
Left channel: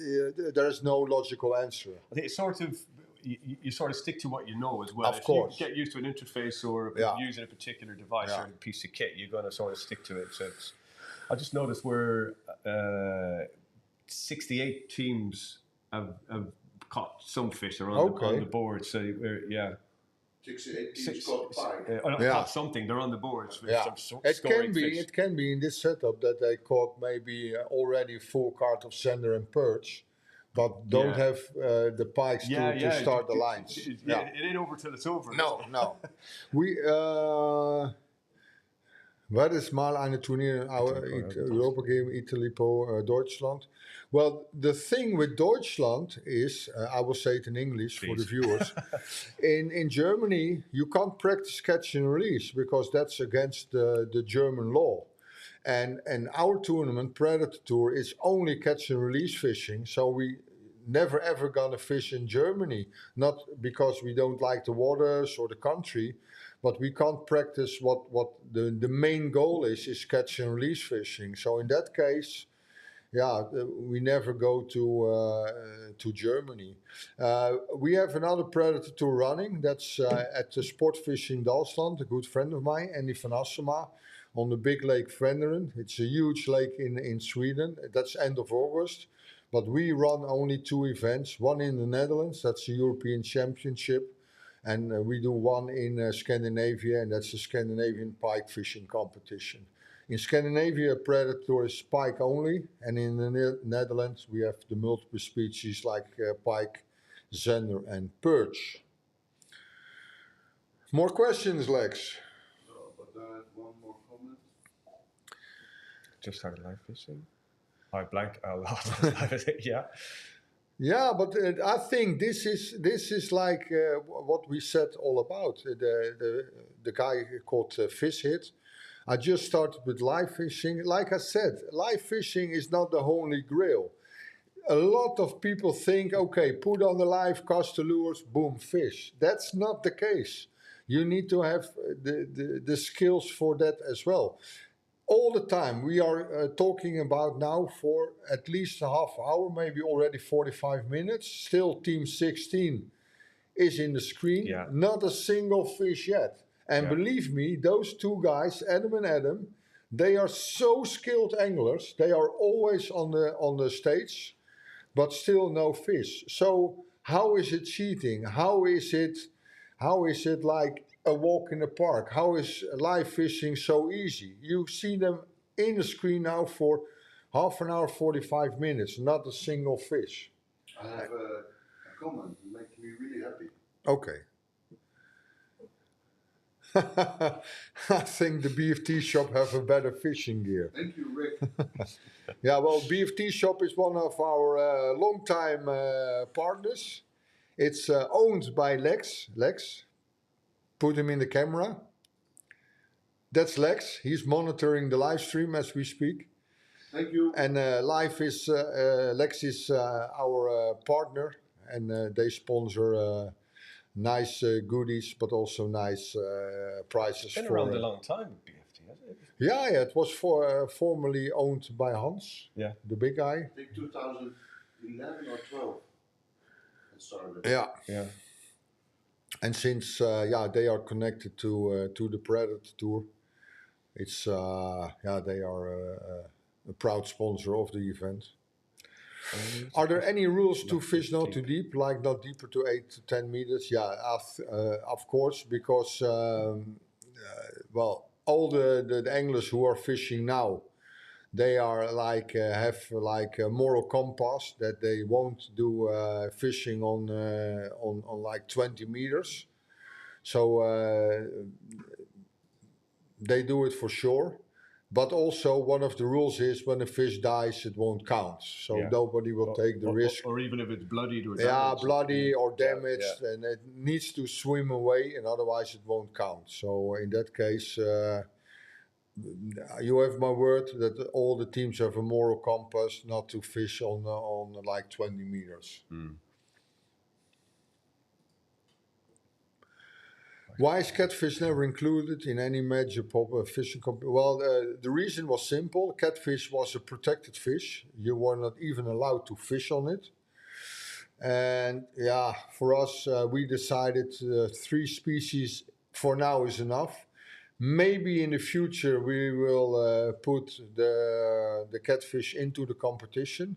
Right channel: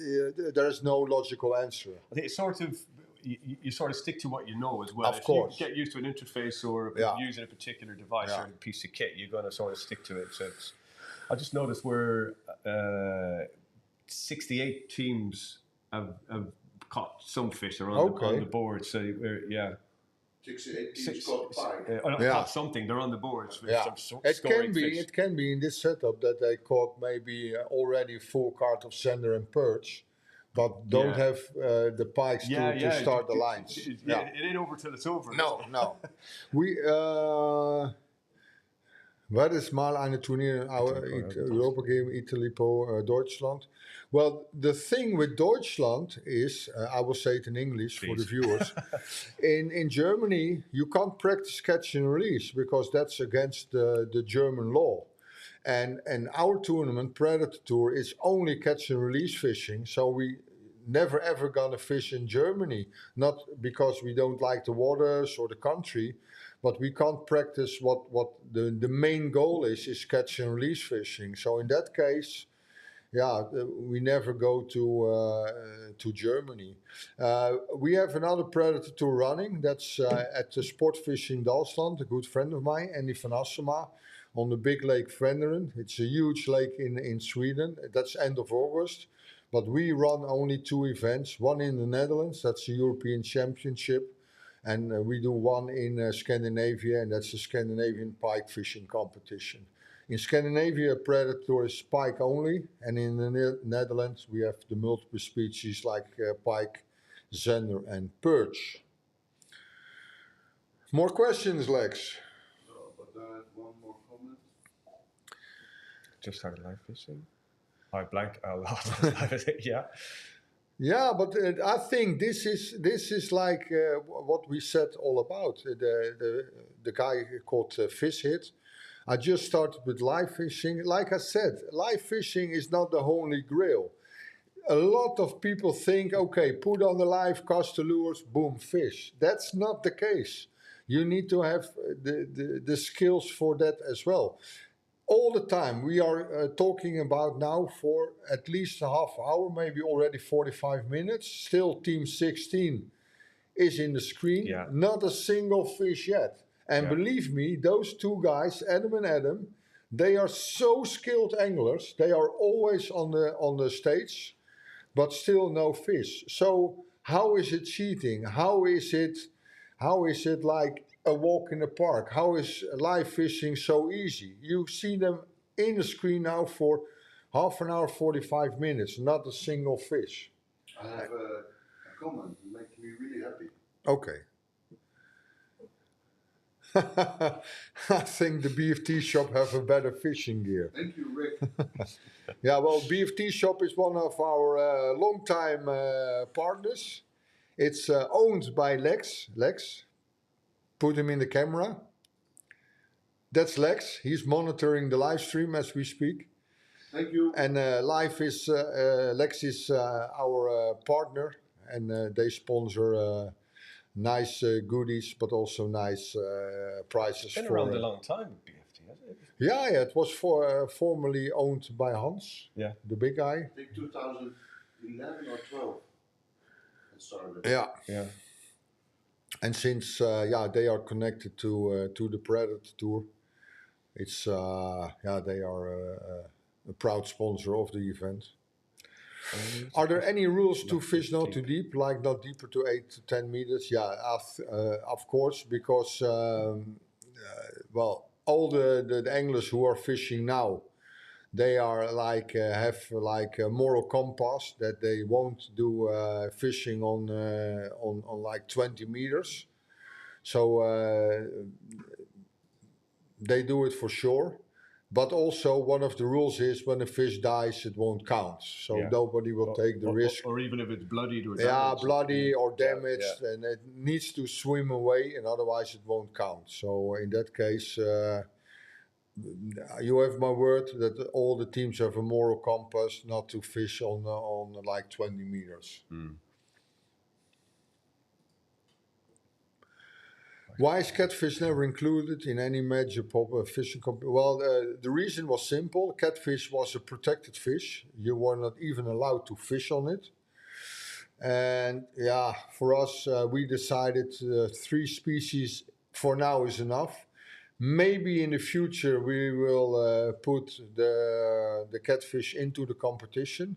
there is no logical answer. I think it's sort of you sort of stick to what you know as well. Of if course. you get used to an interface or Yeah. using a particular device Yeah. or a piece of kit, you're going to sort of stick to it. So it's, I just noticed we're 68 teams have caught some fish are on the board. So we're 68 teams caught pike. caught something. They're on the boards. With some It can be. fish. It can be in this setup that they caught maybe already full card of sender and perch, but don't have the pikes to start the lines. It ain't over till it's over. No. We wat is mal eine Turnier Europa Game Italy po Deutschland? Well, the thing with Deutschland is, I will say it in English for the viewers. in Germany, you can't practice catch and release because that's against the German law. And our tournament, Predatortour, is only catch and release fishing. So we never ever gonna fish in Germany. Not because we don't like the waters or the country, but we can't practice what the main goal is catch and release fishing. So in that case, we never go to Germany. We have another Predatortour running. That's at the Sport Fishing Dalsland, a good friend of mine, Andy van Assema, on the big lake Venderen. It's a huge lake in Sweden. That's end of August. But we run only 2 events. One in the Netherlands, that's the European Championship. And we do one in Scandinavia, and that's the Scandinavian pike fishing competition. In Scandinavia, Predator is pike only, and in the Netherlands we have the multiple species like pike, zender, and perch. More questions, Lex? But I have one more comment. Just started live fishing. I blank a lot. Yeah. Yeah, but I think this is like what we said all about. The guy called Fish Hit. I just started with live fishing. Like I said, live fishing is not the holy grail. A lot of people think, okay, put on the live, cast the lures, boom, fish. That's not the case. You need to have the skills for that as well. All the time, we are talking about now for at least a half hour, maybe already 45 minutes. Still, Team 16 is in the screen. Yeah. Not a single fish yet. And believe me, those 2 guys, Adam and Adam, they are so skilled anglers. They are always on the stage, but still no fish. So how is it cheating? How is it like a walk in the park? How is live fishing so easy? You see them in the screen now for half an hour, 45 minutes, not a single fish. I have a comment. It makes me really happy. Okay. I think the BFT shop have a better fishing gear. Thank you, Rick. Yeah, well, BFT shop is one of our long-time partners. It's owned by Lex. Lex, put him in the camera. That's Lex. He's monitoring the live stream as we speak. Thank you. And Lex is our partner, and they sponsor nice goodies, but also nice prizes. It's been for around a long time with BFT, hasn't it? Yeah, it was formerly owned by Hans, the big guy. I think 2011 or 12 it started. Yeah. And since they are connected to the Predatortour, it's they are a proud sponsor of the event. Are there any rules to fish not too deep, like not deeper to 8 to 10 meters? Yeah, of course, because all the anglers who are fishing now, they are like have like a moral compass that they won't do fishing on like 20 meters. So they do it for sure. But also one of the rules is when a fish dies, it won't count. So nobody will take the risk. Or even if it's bloodied or damaged. Yeah, bloody or damaged, and it needs to swim away, and otherwise it won't count. So in that case, you have my word that all the teams have a moral compass not to fish on like 20 meters. Why is catfish never included in any major fishing competition? Well, the reason was simple. Catfish was a protected fish. You were not even allowed to fish on it. And yeah, for us, we decided 3 species for now is enough. Maybe in the future we will put the catfish into the competition.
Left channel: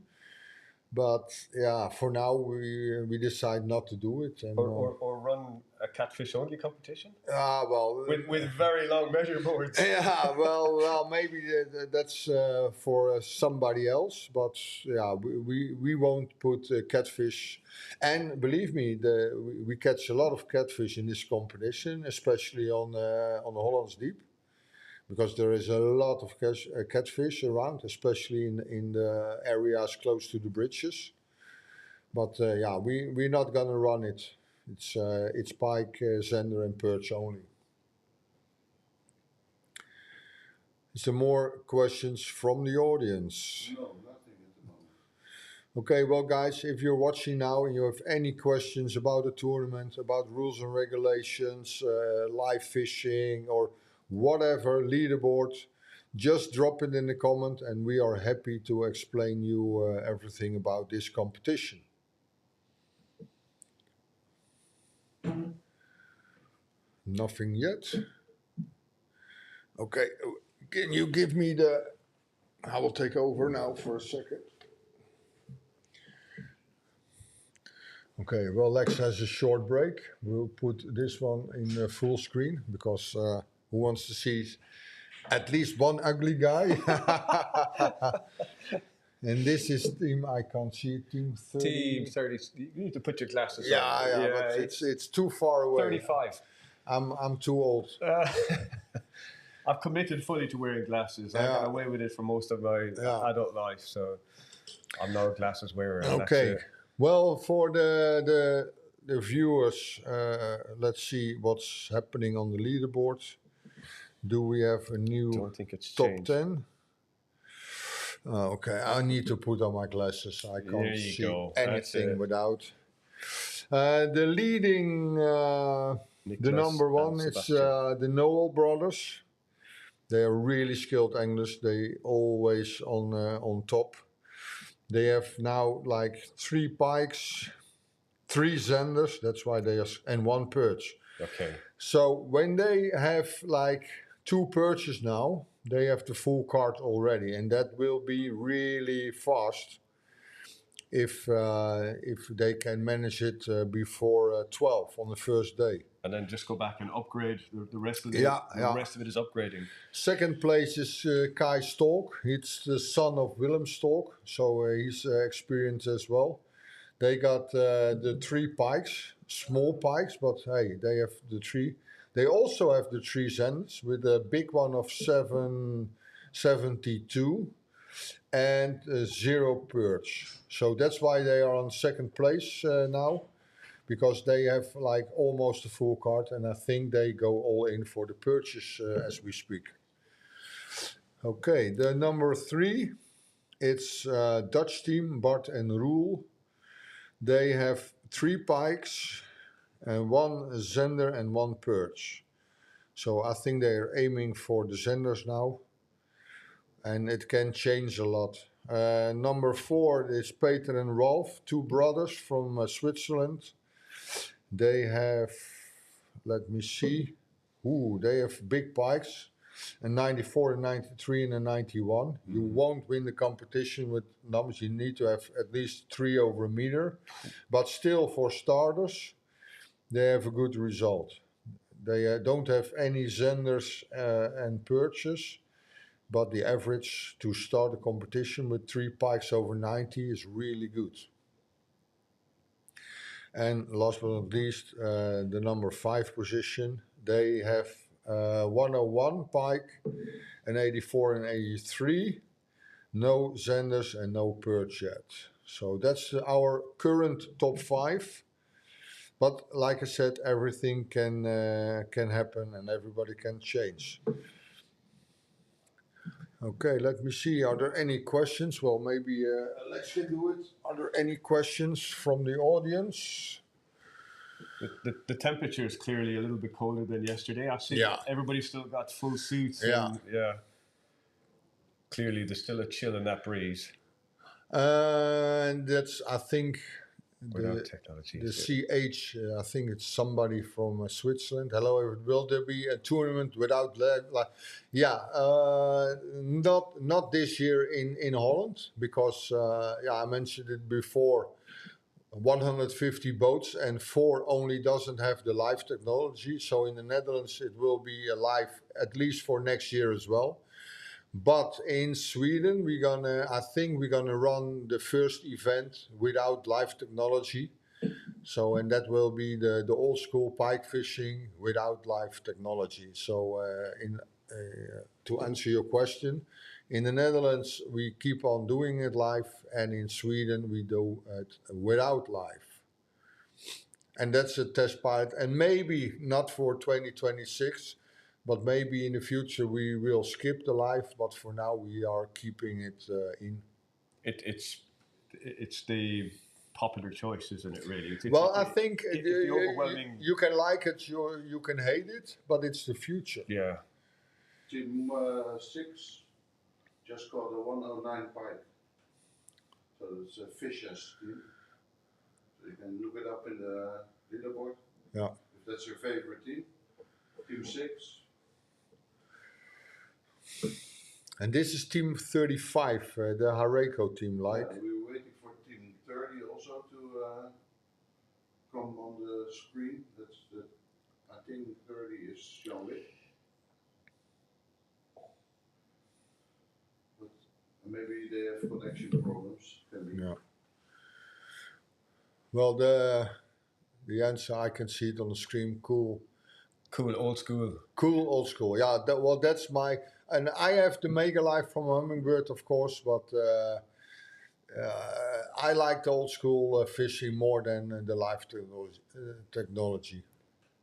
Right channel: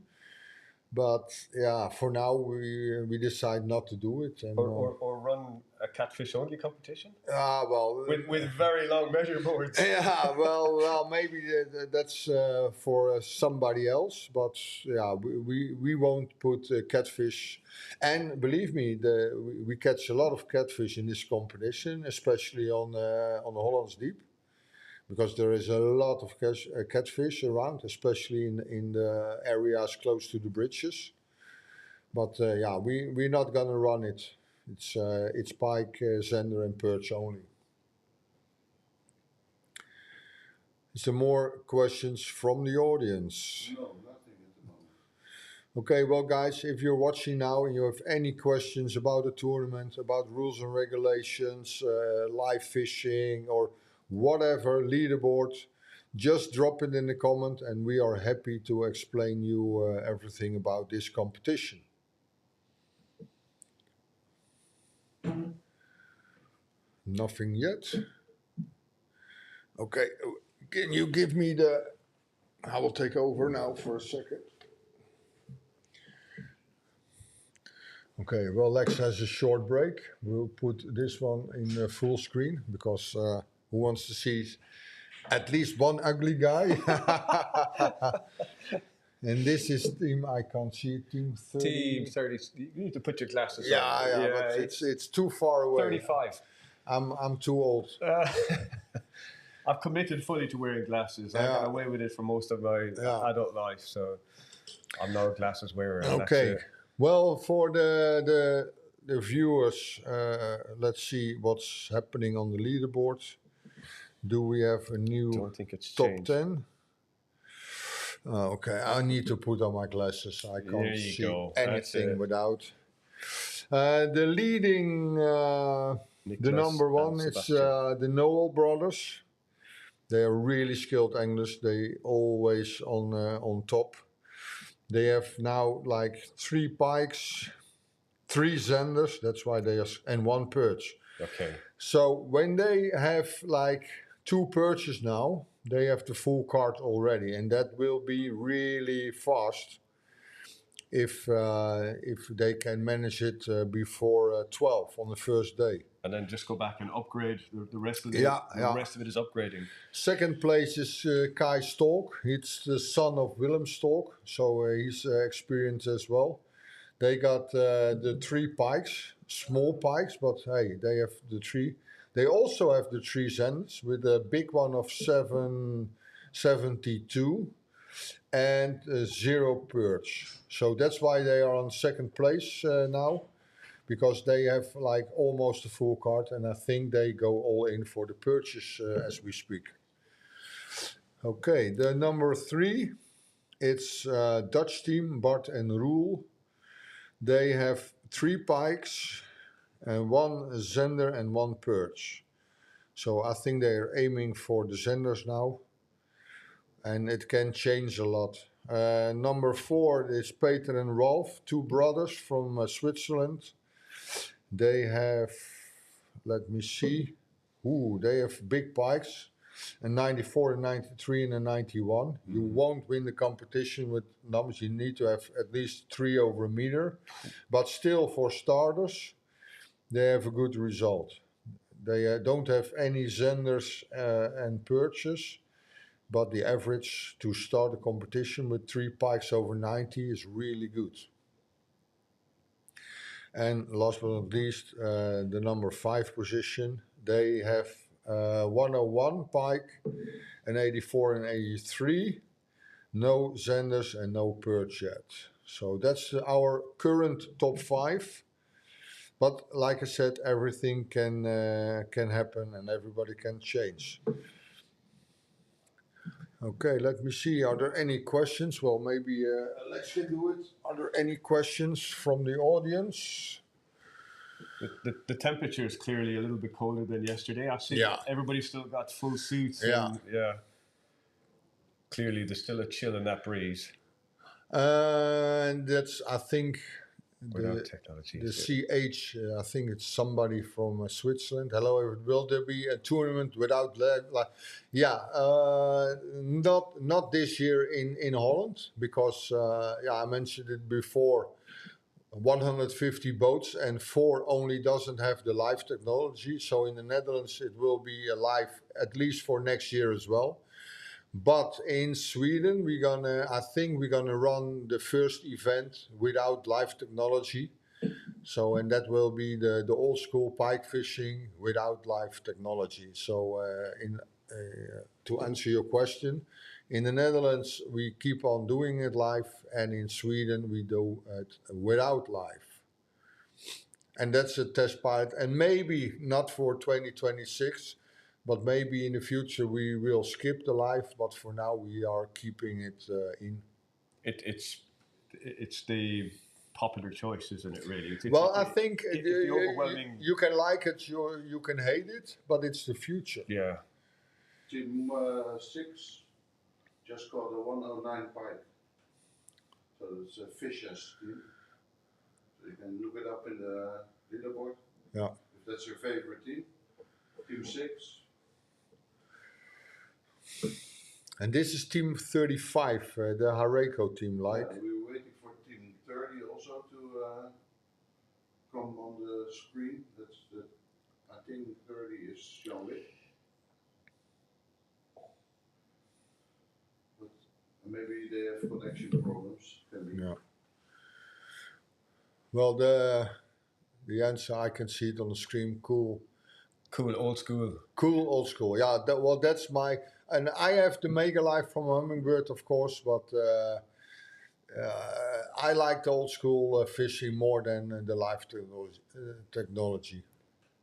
But yeah, for now we decide not to do it. And, or run a catfish only competition well, with very long measure boards. yeah, well, maybe that's for somebody else. But yeah, we won't put catfish. And believe me, we catch a lot of catfish in this competition, especially on the Hollands Deep, because there is a lot of catfish around, especially in the areas close to the bridges. But yeah, we're not gonna run it. It's pike, zender, and perch only. Is there more questions from the audience? No, nothing at the moment. Okay, well, guys, if you're watching now and you have any questions about the tournament, about rules and regulations, live fishing, or whatever, leaderboard, just drop it in the comment and we are happy to explain you everything about this competition. Nothing yet. Okay, can you give me I will take over now for a second. Okay, well, Lex has a short break. We'll put this one in full screen because who wants to see at least one ugly guy? And this is team, I can't see it, team 30. Team 30. You need to put your glasses on. Yeah, but it's too far away. 35. I'm too old. I've committed fully to wearing glasses. I got away with it for most of my adult life, so I'm now a glasses wearer. Okay. Well, for the viewers, let's see what's happening on the leaderboard. Do we have a new top changed. 10? Okay, I need to put on my glasses. I can't see anything without. The leading, the number one is the Noel brothers. They are really skilled anglers. They always on top. They have now like 3 pikes, 3 zenders. That's why they are, and 1 perch. Okay. So when they have like 2 perches now, they have the full card already, and that will be really fast if they can manage it before 12 on the first day. And then just go back and upgrade the rest of it. The rest of it is upgrading. Second place is Kai Stolk. He's the son of Willem Stolk, so he's experienced as well. They got the 3 pikes, small pikes, but hey, they have the 3. They also have the 3 zenders with a big one of 772 and 0 perch. So that's why they are on second place now, because they have like almost a full card, and I think they go all in for the perches as we speak. Okay, the number 3, it's Dutch team, Bart and Roel. They have 3 pikes and 1 zender and 1 perch. So I think they are aiming for the zenders now, and it can change a lot. Number 4 is Peter and Rolf, 2 brothers from Switzerland. They have, let me see, they have big pikes, a 94, a 93 and a 91. You won't win the competition with numbers. You need to have at least 3 over a meter, but still for starters, they have a good result. They don't have any zenders and perches, but the average to start a competition with 3 pikes over 90 is really good. And last but not least, the number 5 position, they have 101 pike, an 84 and 83, no zenders and no perch yet. So that's our current top 5. But like I said, everything can happen and everybody can change. Okay, let me see. Are there any questions? Well, maybe Alex can do it. Are there any questions from the audience? The temperature is clearly a little bit colder than yesterday. I see everybody still got full suits. Yeah. And, yeah. Clearly, there's still a chill in that breeze. And that's, I think, Without technology. the CH, I think it's somebody from Switzerland. Hello, will there be a tournament without not this year in Holland, because I mentioned it before. 150 boats and 4 only doesn't have the live technology. So in the Netherlands it will be live at least for next year as well. But in Sweden I think we're gonna run the first event without live technology. So, and that will be the old school pike fishing without live technology. So to answer your question, in the Netherlands we keep on doing it live, and in Sweden we do it without live. And that's a test pilot, and maybe not for 2026, but maybe in the future we will skip the live, but for now we are keeping it in. It's the popular choice, isn't it, really? I think the overwhelming... you can like it, you can hate it, but it's the future. Yeah. Team 6 just caught a 109 pike. So it's a Fisher's team. So you can look it up in the leaderboard. Yeah. If that's your favorite team. Team 6. And this is team 35, the Hareko team, like. Yeah, we were waiting for team 30 also to come on the screen. That's I think 30 is Jean-Luc. But maybe they have connection problems. Can be. Yeah. Well, the answer, I can see it on the screen. Cool. Cool old school. Cool old school. Yeah. That's my. And I have the Mega Life from Hummingbird, of course, but I like the old school fishing more than the live technology.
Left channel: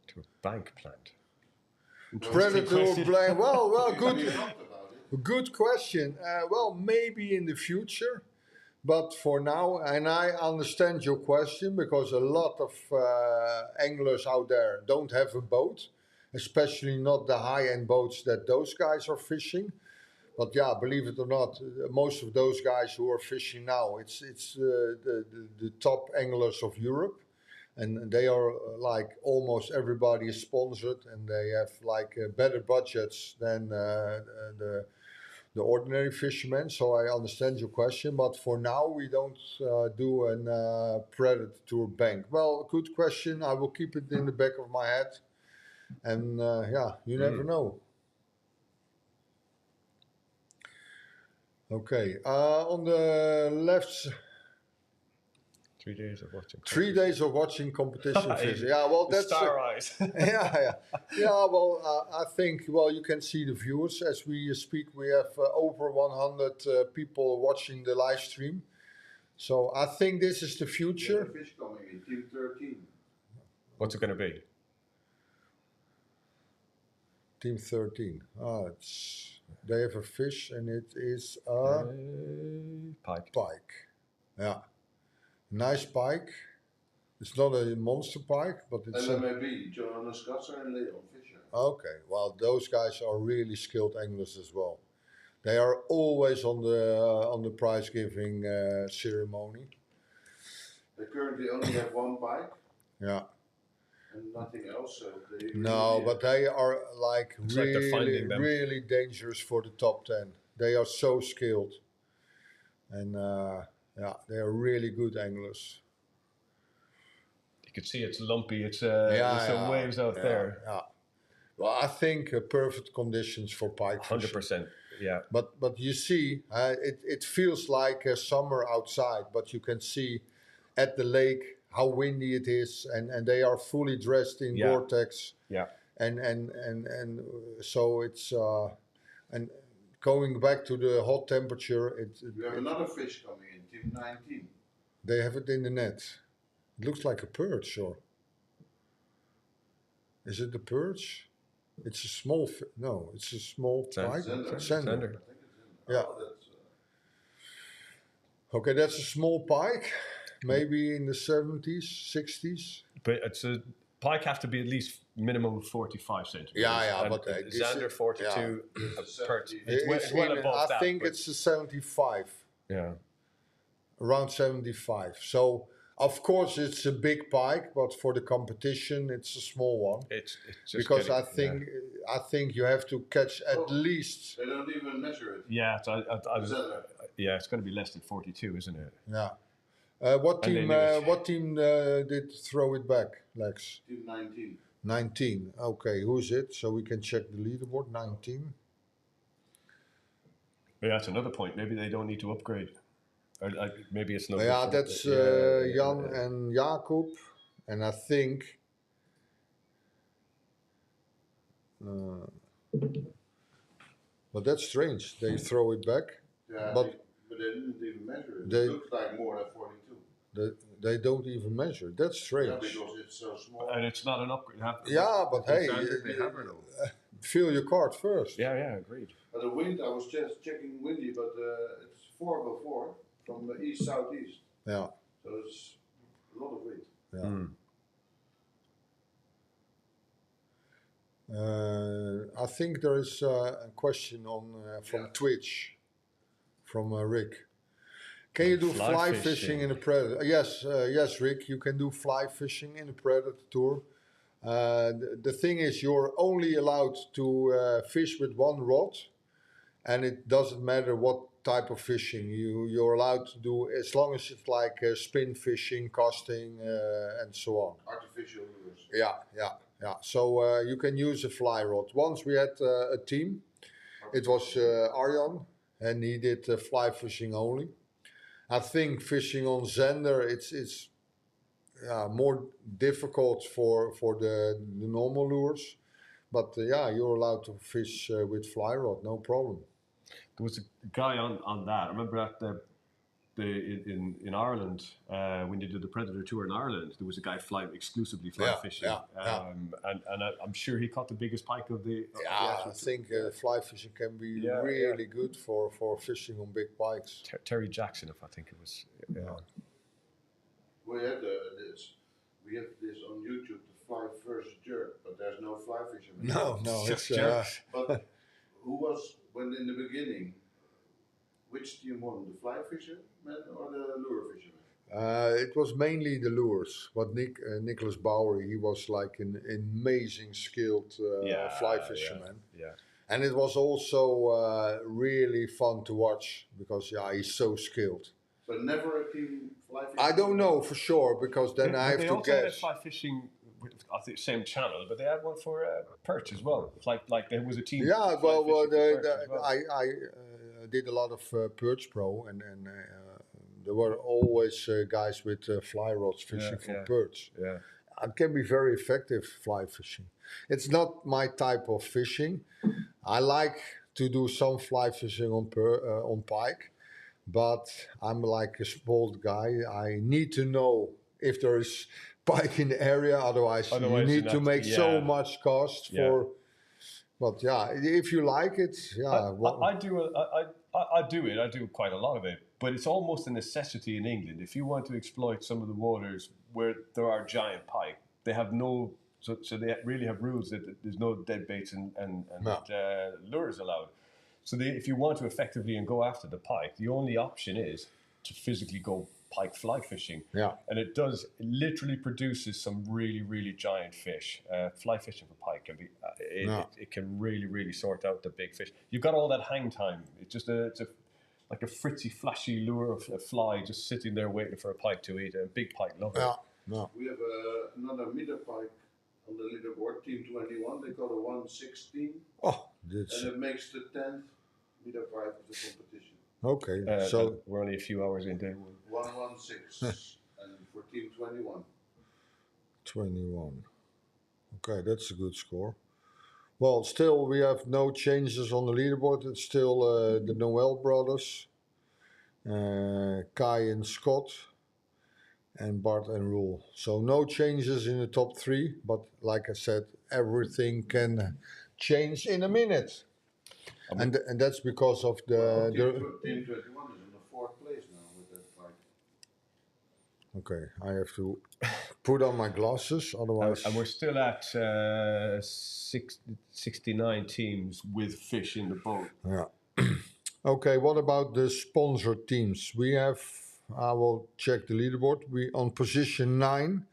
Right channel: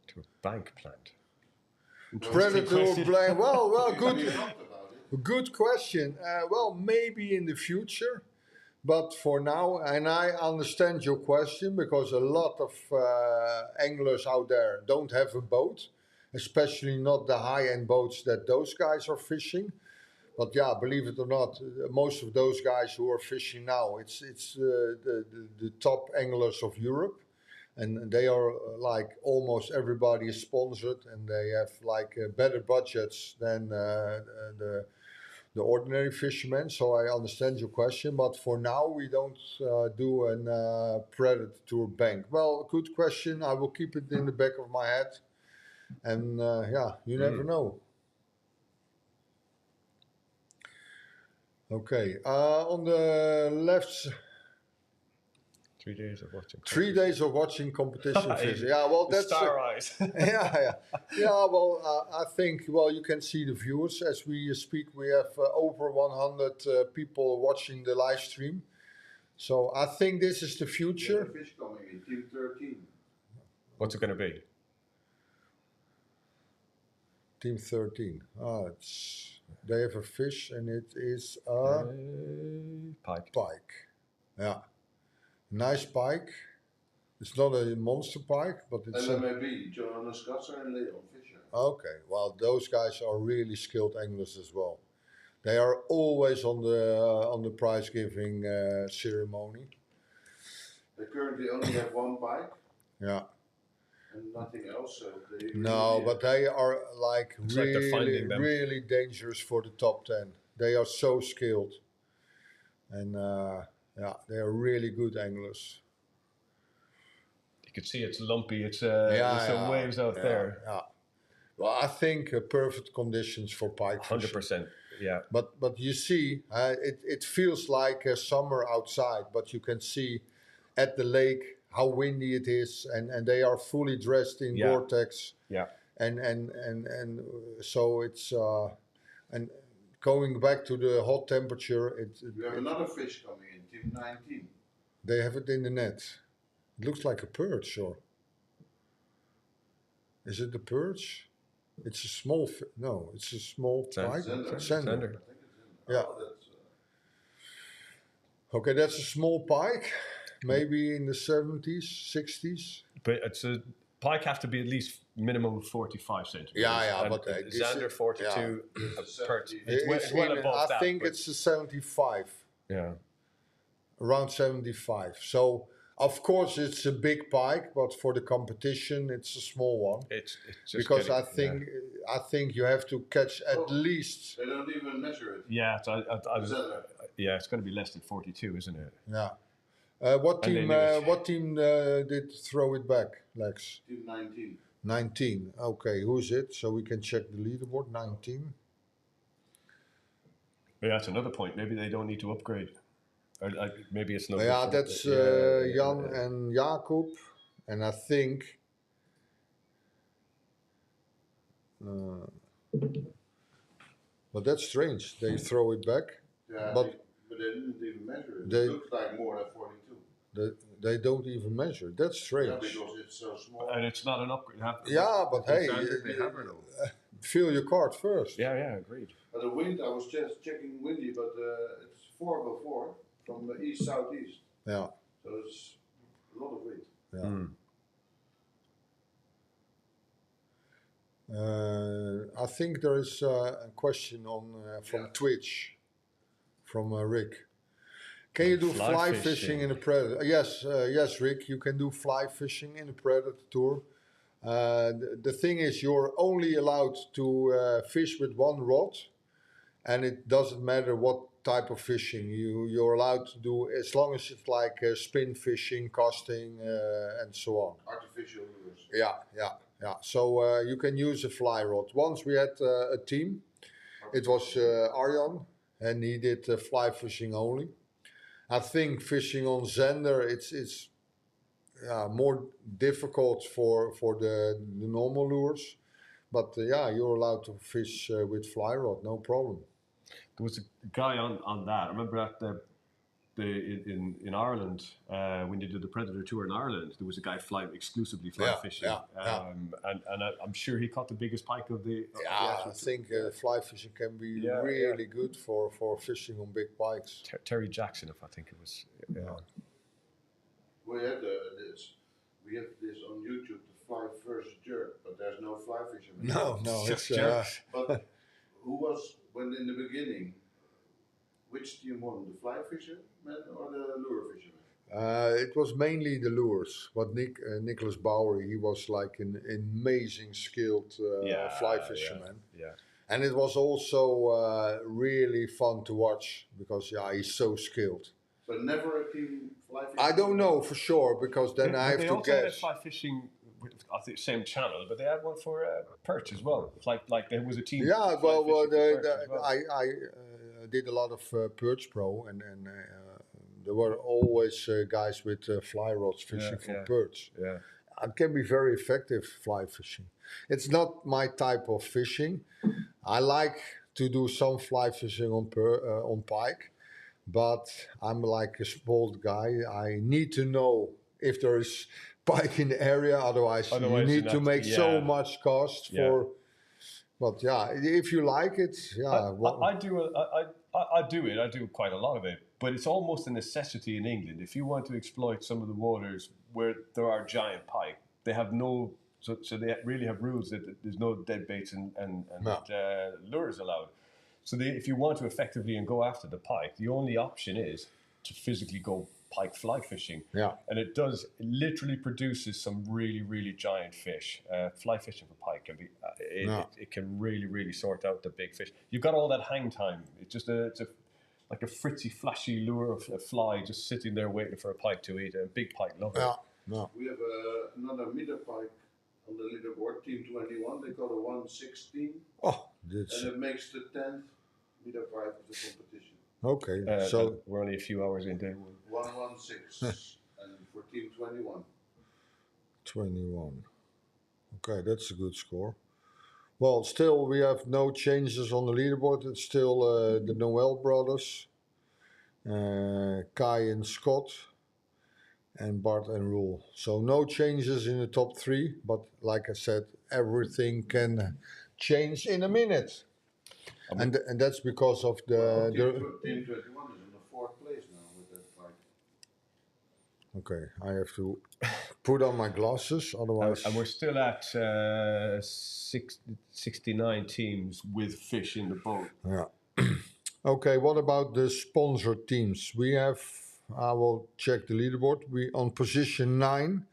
To a bank plant. Predator plant. Well, good question. Well, maybe in the future, but for now, and I understand your question, because a lot of anglers out there don't have a boat. Especially not the high-end boats that those guys are fishing. But yeah, believe it or not, most of those guys who are fishing now, it's the top anglers of Europe. And they are like, almost everybody is sponsored, and they have like better budgets than the ordinary fishermen. So I understand your question, but for now we don't do a Predatortour bank. Well, good question. I will keep it in the back of my head. And you never know. Okay, on the left. 3 days of watching. 3 days of watching competition fishing. Yeah, well, that's star eyes. yeah. Well, I think you can see the viewers as we speak. We have over 100 people watching the live stream. So I think this is the future. There's a fish coming in, team 13. What's it going to be? Team 13. They have a fish, and it is a pike. Yeah, nice pike. It's not a monster pike, but it's. LMAB, Johannes Katzer and Leon Fischer. Okay, well, those guys are really skilled anglers as well. They are always on the prize giving ceremony. They currently only have 1 pike. Yeah. And nothing else. So but they are like really dangerous for the top 10. They are so skilled, and they are really good anglers. You can see it's lumpy. It's there's some waves out there. Yeah. Well, I think perfect conditions for pike fishing. 100%. Yeah. But you see, it feels like summer outside, but you can see at the lake how windy it is, and they are fully dressed in Gore-Tex. Yeah. And so it's and going back to the hot temperature. We have another fish coming in, team 19. They have it in the net. It looks like a perch, or is it a perch? It's a small. No, it's a small pike. Sender. Yeah. Okay, that's a small pike. Maybe in the 70s, 60s. But it's pike have to be at least minimum 45 centimeters. Yeah, and but Xander 42, perch. It's well in, above I that. think but- it's a 75, yeah. around 75. So of course it's a big pike, but for the competition it's a small one. It's just Because getting- I think you have to catch at least. They don't even measure it. Yeah, so Is that yeah, it's going to be less than 42, isn't it? Yeah. What And they team? knew it. What team did throw it back, Lex? Team 19? 19. Okay, who's it? So we can check the leaderboard. 19. Yeah, that's another point. Maybe they don't need to upgrade. Or, maybe it's not. Yeah, good for- that's Jan and Jacob, and I think. But that's strange. They throw it back. Yeah, But- but they didn't even measure it. They- It looked like more than 42. They don't even measure. That's Yeah, strange. because it's so small. And it's not an upgrade. Yeah, but hey, they have it all. fill your card first. Yeah, agreed. But the wind, I was just checking windy, but it's 404 from the east southeast. Yeah. So it's a lot of wind. Yeah. I think there is a question on from Twitch from Rick. Can you do Fly fly fishing. fishing in a Predator? Yes, Rick. You can do fly fishing in a Predatortour. The thing is, you're only allowed to fish with one rod, and it doesn't matter what type of fishing you're allowed to do, as long as it's like spin fishing, casting, and so on. Artificial lures. Yeah. So you can use a fly rod. Once we had a team. It was Arjan, and he did fly fishing only. I think fishing on Xander, it's more difficult for the normal lures. But you're allowed to fish with fly rod, no problem. There was a guy on that. I remember at in Ireland when they did the Predatortour in Ireland. There was a guy exclusively fly fishing, and I'm sure he caught the biggest pike of the. I think fly fishing can be really good for fishing on big pikes. Terry Jackson, if I think it was. We had we have this on YouTube, the fly versus jerk, but there's no fly fisherman. No, it's But who was when in the beginning? Which team won, the fly fisherman or the lure fisherman? It was mainly the lures, but Nicholas Bowery, he was like an amazing skilled fly fisherman. Yeah. And it was also really fun to watch because he's so skilled. So never a team fly fisherman? I don't know for sure because then I have they to also had guess. fly fishing. I think same channel, but they had one for perch as well. Like there was a team. Yeah, fly well, fishing for perch as well. I did a lot of Perch Pro, and there were always guys with fly rods fishing for perch. Yeah. It can be very effective fly fishing. It's not my type of fishing. I like to do some fly fishing on pike, but I'm like a spoiled guy. I need to know if there is pike in the area. Otherwise you you're need to not- make so much cost Yeah. for. But if you like it, I do it. I do quite a lot of it, but it's almost a necessity in England. If you want to exploit some of the waters where there are giant pike, they have no. So they really have rules that there's no dead baits and lures allowed. So if you want to effectively and go after the pike, the only option is to physically go pike fly fishing. Yeah. And it literally produces some really, really giant fish. Fly fishing for pike can be, it can really, really sort out the big fish. You've got all that hang time. It's just like a fritzy, flashy lure of a fly just sitting there waiting for a pike to eat. A big pike love it. We have another meter pike on the leaderboard, Team 21. They call it 116. Oh, that's And it makes the 10th meter pike of the competition. okay. So we're only a few hours in day one. 116. And for Team 21. 21. Okay, that's a good score. Well, still we have no changes on the leaderboard. It's still the Noel brothers, Kai and Scott, and Bart and Roel. So no changes in the top three, but like I said, everything can change in a minute. And that's because of Team the 21 is in the 4th place now with that pike. okay, I have to put on my glasses, otherwise. And we're still at 69 teams with fish in the boat. Yeah. Okay, what about the sponsor teams? We have, I will check the leaderboard. We on position 9,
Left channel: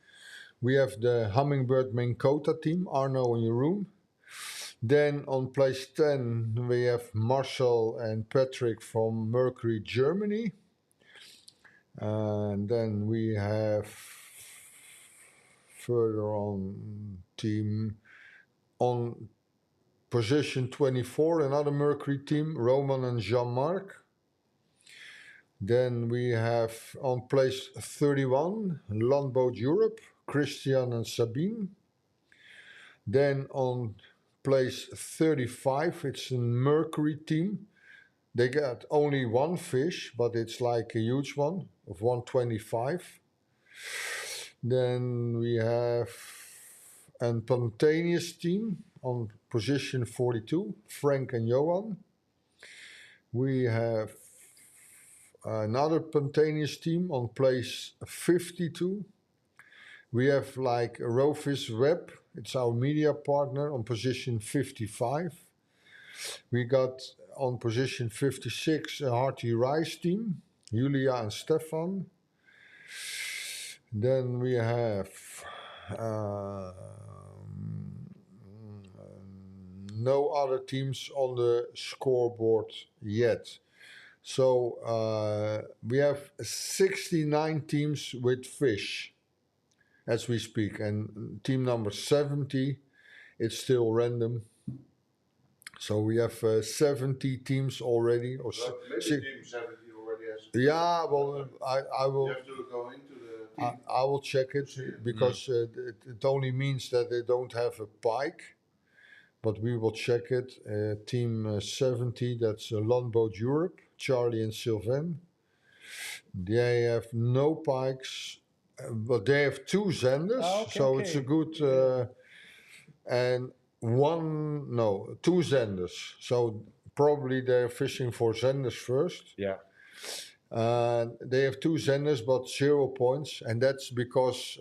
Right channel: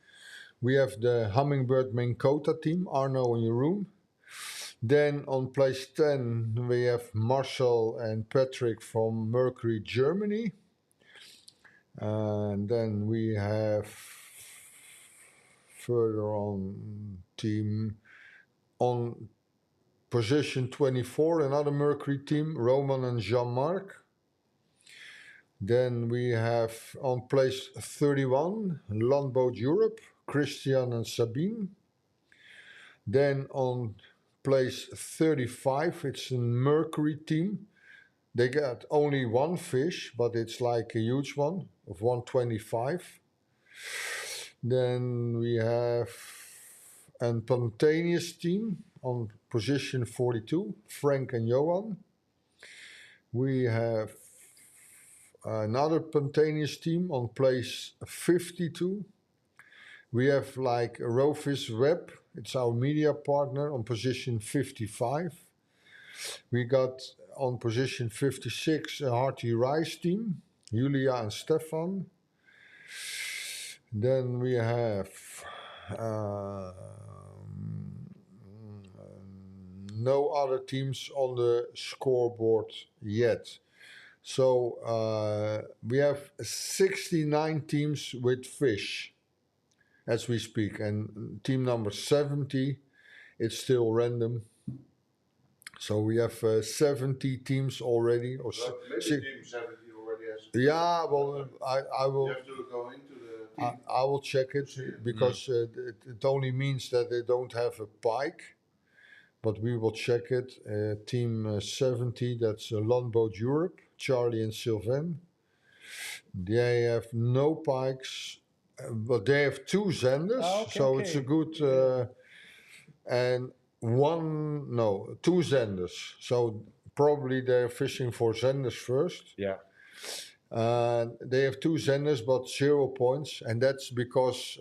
we have the Hummingbird Maine Kota team, Arno in your room. Then on place 10, we have Marcel and Patrick from Mercury, Germany. And then we have further on team on position 24, another Mercury team, Roman and Jean-Marc. Then we have on place 31, Landboat Europe, Christian and Sabine. Then on place 35, it's a Mercury team. They got only one fish, but it's like a huge one of 125. Then we have a spontaneous team on position 42, Frank and Johan. We have another spontaneous team on place 52. We have like a Rowfish Web, it's our media partner, on position 55. We got on position 56 a Hearty Rice team, Julia and Stefan. Then we have no other teams on the scoreboard yet. So we have 69 teams with fish as we speak, and team number 70, it's still random. So we have 70 teams already. Or maybe team 70 already has. Yeah, well, I will. You have to go into the team. I will check it because it only means that they don't have a pike. But we will check it. Team 70, that's Landboat Europe, Charlie and Sylvain. They have no pikes, but they have 2 Zenders. So it's a good... and 2 Zenders. So probably they're fishing for Zenders first. Yeah. They have 2 Zenders, but 0 points. And that's because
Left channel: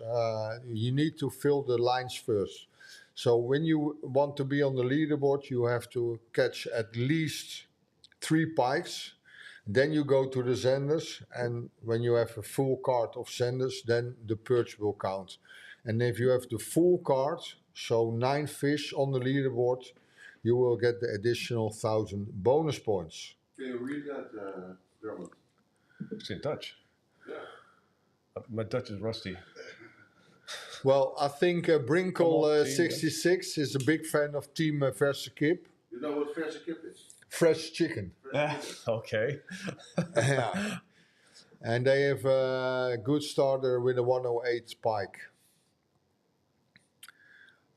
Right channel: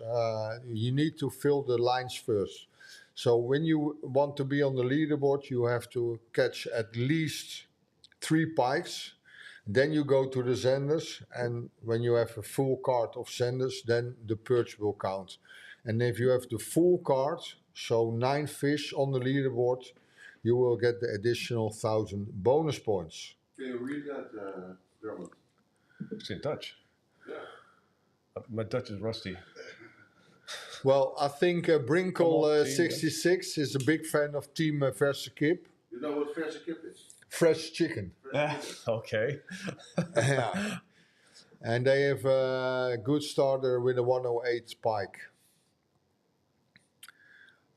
you need to fill the lines first. So when you want to be on the leaderboard, you have to catch at least 3 pikes. Then you go to the Zenders, and when you have a full card of Zenders, then the perch will count. And if you have the full card, so 9 fish on the leaderboard, you will get the additional 1,000 bonus points. Can you read that, Dermot? It's in Dutch. Yeah. My Dutch is rusty. Well, I think Brinkel 66 is a big fan of Team Verse Kip. You know what Verse Kip is? Fresh chicken. Okay. Yeah. And they have a good starter with a 108 pike.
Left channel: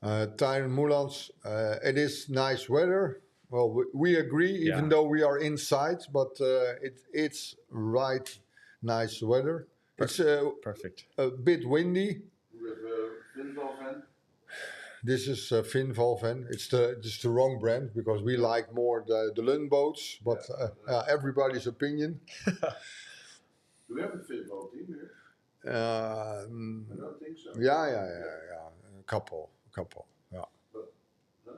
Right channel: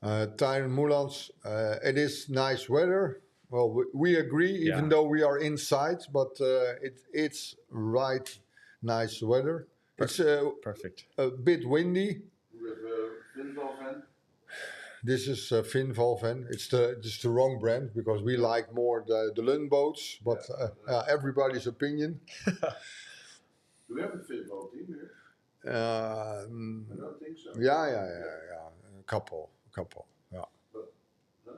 Tyron Moulans, it is nice weather. Well, we agree, even though we are inside, but it's right nice weather. It's perfect. A bit windy. With Finvalven. This is Finvalven. It's the wrong brand because we like more the Lund boats, but everybody's opinion. Do we have a Finval team here? I don't think so. Yeah. A couple. Yeah. But, no?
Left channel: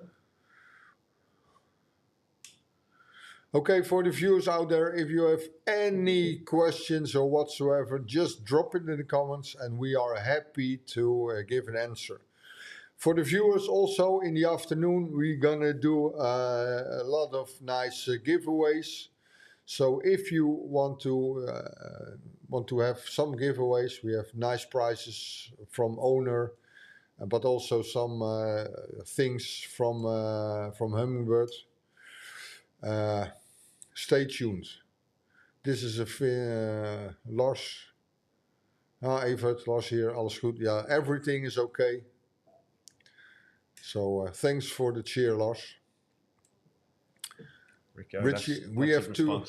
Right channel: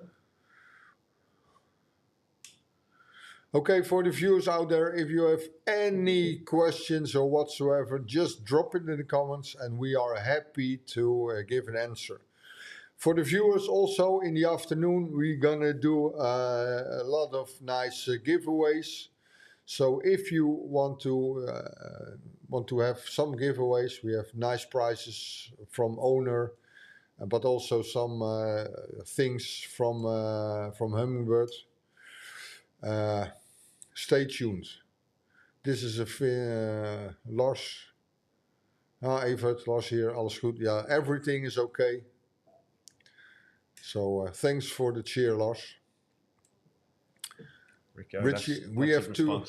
Okay, for the viewers out there, if you have any questions or whatsoever, just drop it in the comments and we are happy to give an answer. For the viewers also, in the afternoon, we're gonna do a lot of nice giveaways. So if you want to have some giveaways, we have nice prizes from owner, but also some things from Hummingbird. Stay tuned. This is a Lars. Evert, Lars here, alles goed. Yeah, everything is okay. So thanks for the cheer, Lars. Richie, we have 2.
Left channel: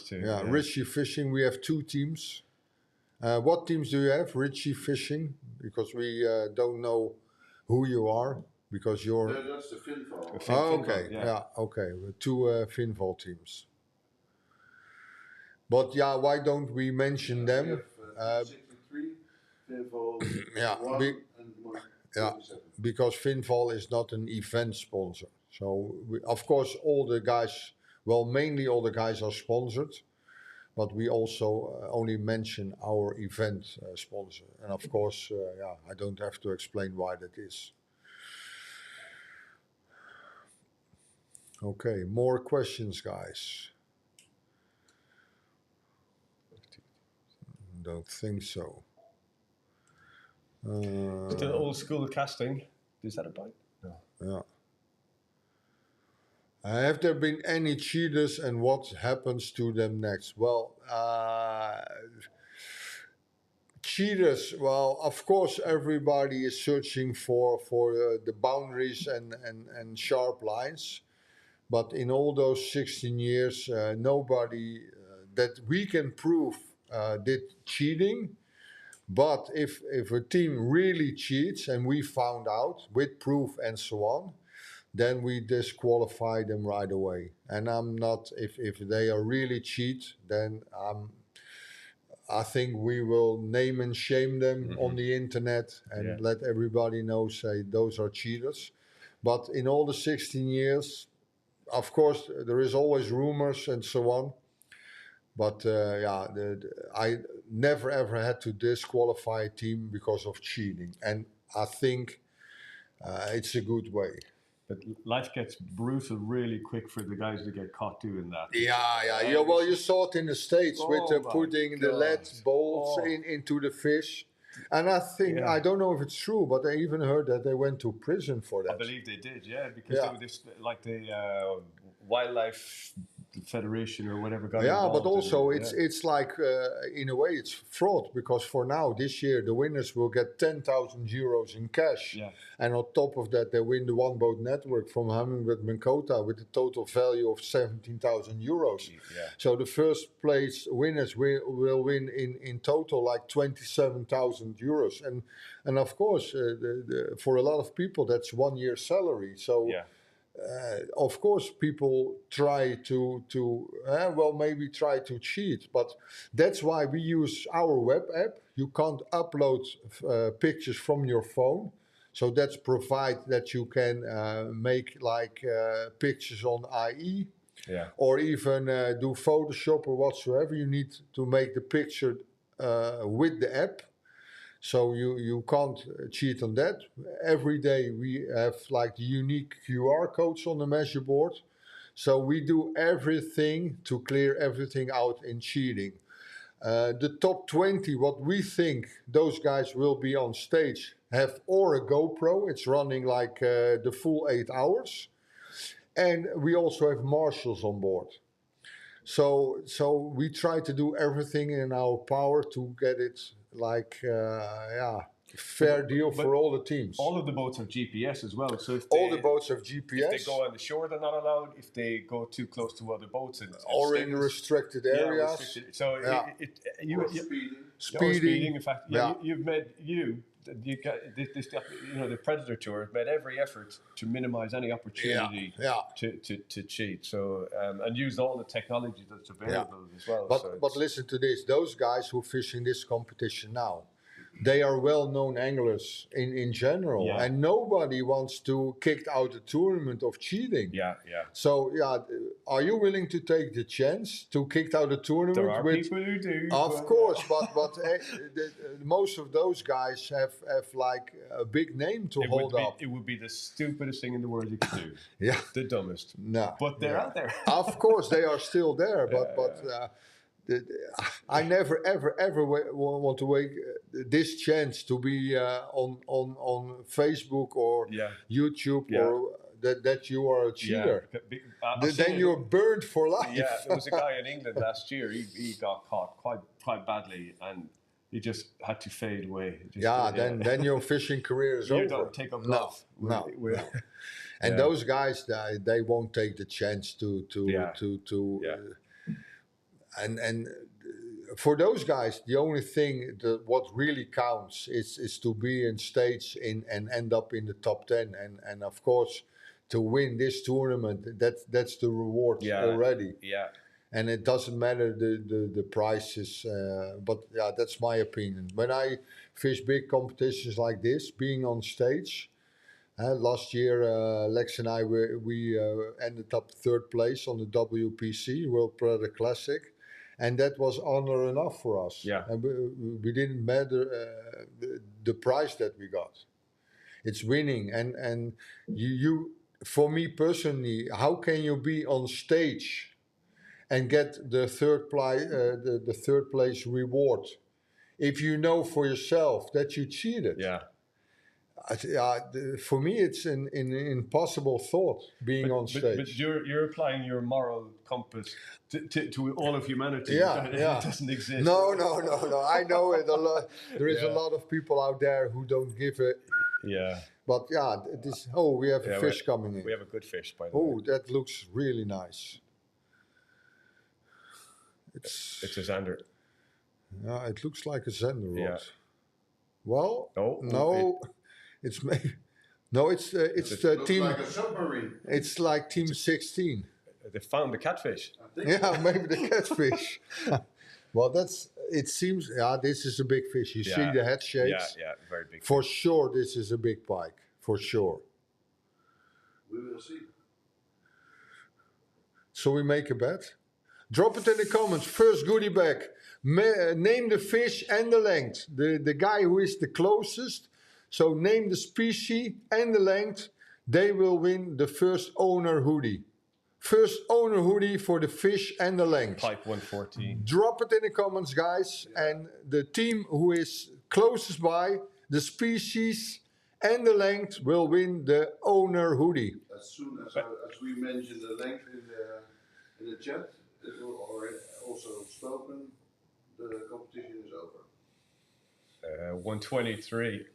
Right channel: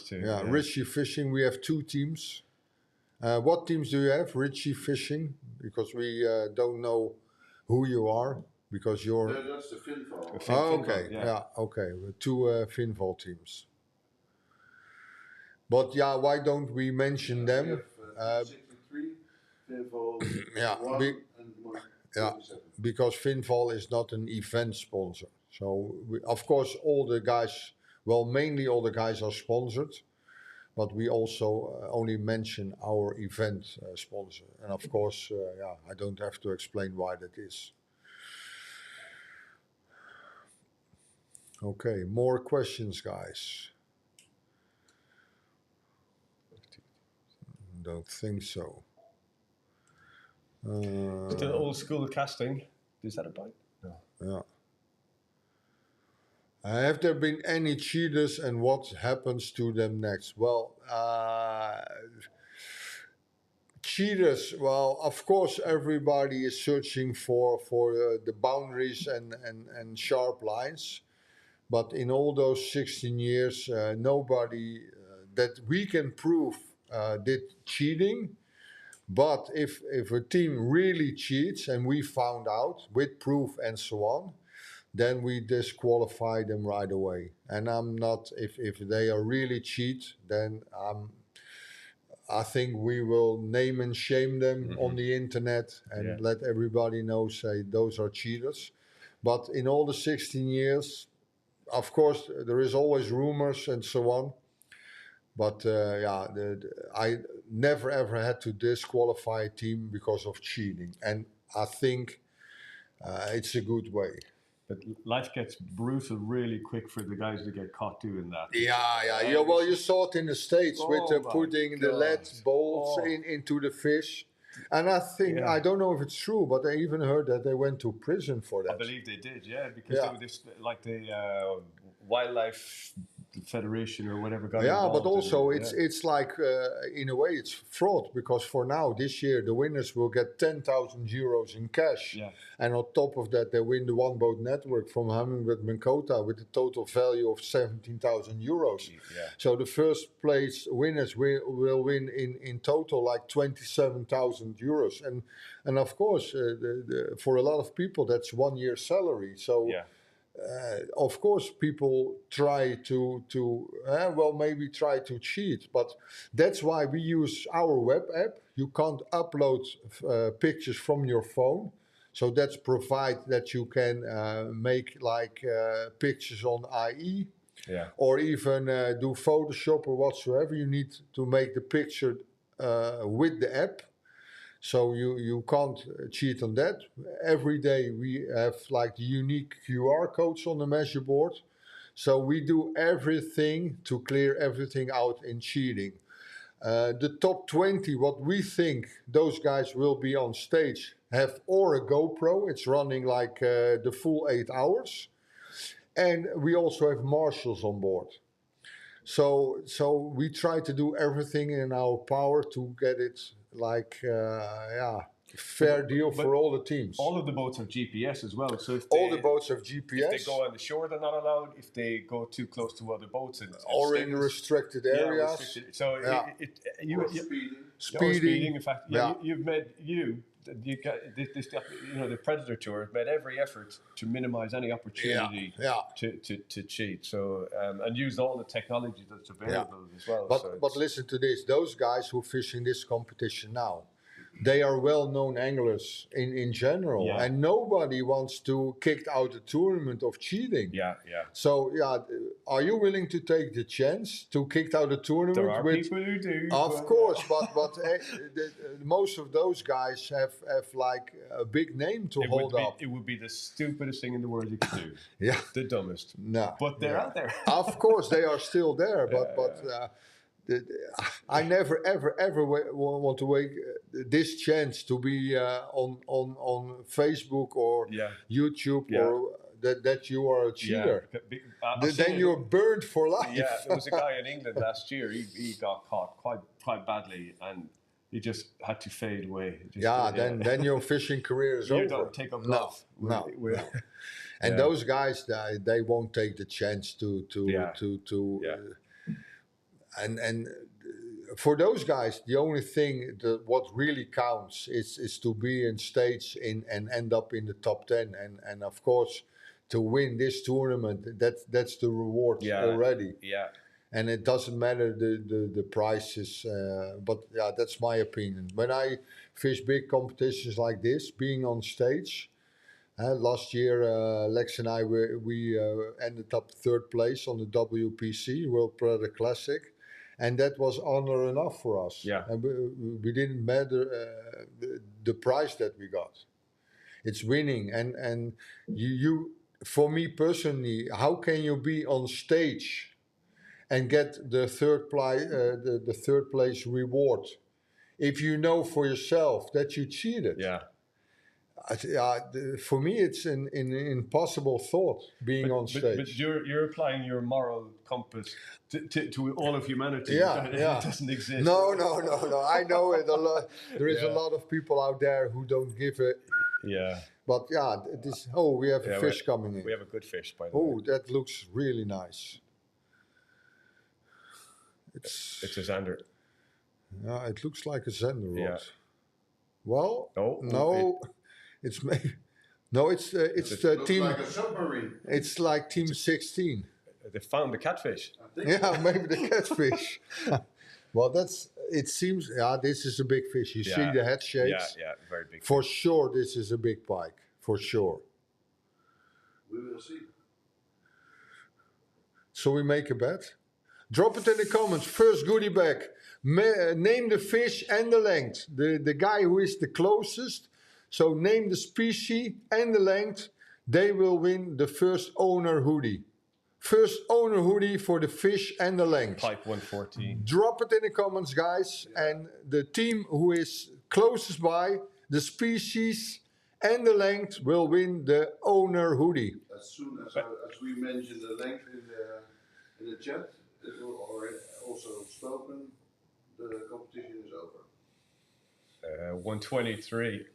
Richie Fishing, we have 2 teams. What teams do you have? Richie Fishing, because we don't know who you are, because you're... That's the Finval. okay, okay, with 2 Finval teams. But why don't we mention them? We have 63, Finval 1 and Yeah, 47. because Finval is not an event sponsor. So, of course, all the guys, well, mainly all the guys are sponsored, but we also only mention our event sponsor. And of course, yeah, I don't have to explain why that is. Okay, more questions, guys? Don't think so. Still old school casting. Is that a bite? No. Yeah. Have there been any cheaters and what happens to them next? Well, cheaters, well, of course, everybody is searching for the boundaries and sharp lines. But in all those 16 years, nobody that we can prove did cheating. But if a team really cheats and we found out with proof and so on, then we disqualify them right away. And I'm not, if they are really cheat, then I think we will name and shame them on the internet and let everybody know, say those are cheaters. But in all the 16 years, of course, there is always rumors and so on. But yeah, I never ever had to disqualify a team because of cheating. And I think it's a good way. But life gets brutal really quick for the guys that get caught doing that. Yeah. Well, you saw it in the States with my putting the lead bolts into the fish. And I think, I don't know if it's true, but I even heard that they went to prison for that. I believe they did, because they were this, like the Wildlife Federation or whatever got Yeah, involved but also in it, it's like in a way it's fraud, because for now this year the winners will get 10,000 euros in cash, and on top of that they win the one boat network from Hummingbird Minkota with a total value of 17,000 euros. So the first place winners will win in total like 27,000 euros, and of course for a lot of people that's 1 year's salary. So. Of course, people try to maybe try to cheat, but that's why we use our web app. You can't upload pictures from your phone, so that's provide that you can make like pictures on IE, or even do Photoshop or whatsoever. You need to make the picture with the app. So you can't cheat on that. Every day we have like the unique QR codes on the measure board. So we do everything to clear everything out in cheating. The top 20, what we think those guys will be on stage, have or a GoPro. It's running like the full 8 hours. And we also have marshals on board. So we try to do everything in our power to get it like fair deal for all the teams. All of the boats have GPS as well. So if all the boats have GPS. If they go on the shore, they're not allowed. If they go too close to other boats, or in restricted areas. So speeding. In fact, you've made the Predatortour made every effort to minimize any opportunity to cheat. So and use all the technology that's available as well. But listen to this: those guys who fish in this competition now, they are well-known anglers in general, and nobody wants to kick out the tournament of cheating. So are you willing to take the chance to kick out the tournament? There are people who do. Of course, but most of those guys have like a big name to hold up. It would be the stupidest thing in the world you could do. The dumbest. No, but they're out there. Of course, they are still there, but. I never ever want to wait this chance to be on Facebook or YouTube or that you are a cheater. Then you're burned for life. There was a guy in England last year. He got caught quite badly, and he just had to fade away. Then your fishing career is over. You don't take up love. No. And those guys, they won't take the chance to And for those guys, the only thing what really counts is to be in stage and end up in the top 10, and of course to win this tournament. That's the reward already. and it doesn't matter the prices. But yeah, that's my opinion. When I fish big competitions like this, being on stage. Last year, Lex and I we ended up third place on the WPC World Predator Classic, and that was honor enough for us. Yeah. And we didn't matter the prize that we got. It's winning, and you for me personally, how can you be on stage and get the the third place reward if you know for yourself that you cheated? Yeah. For me, it's an impossible thought being on stage. But you're applying your moral compass to all of humanity. Yeah, It doesn't exist. No. I know it a lot. There is a lot of people out there who don't give it. Yeah. But yeah, this. Oh, we have a fish coming in. We have a good fish, by the way. Oh, that looks really nice. It's a Zander. Yeah, it looks like a Zander rod. Yeah. Well, no. It's Looks team. like a submarine. It's like team 16. They found the catfish. I think. Yeah, maybe the catfish. Well, it seems. Yeah, this is a big fish. You see the head shapes. Yeah, very big. For sure, this is a big pike. For sure. We will see. So we make a bet. Drop it in the comments. First goodie bag. Name the fish and the length. The guy who is the closest. So name the species and the length. They will win the first owner hoodie. First owner hoodie for the fish and the length. Pike 114. Drop it in the comments, guys. And the team who is closest by, the species and the length will win the owner hoodie. As soon as we mention the length in the chat, it will already also spoken. The competition is over. 123.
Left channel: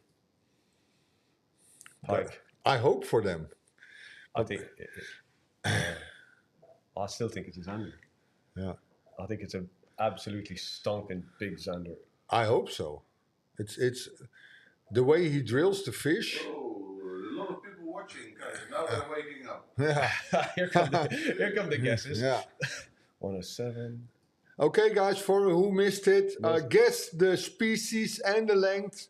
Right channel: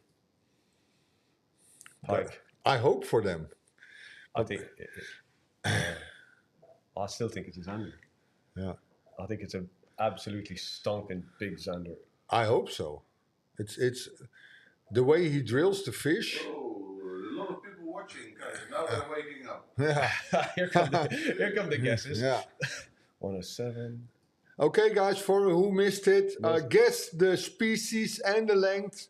Pike. I hope for them. I think. I still think it's a Zander. Yeah. I think it's an absolutely stonking big Zander. I hope so. It's the way he drills the fish. Oh, a lot of people watching, guys. Now they're waking up. Yeah. Here come the guesses. Yeah. 107. Okay, guys, for who missed it, guess the species and the length.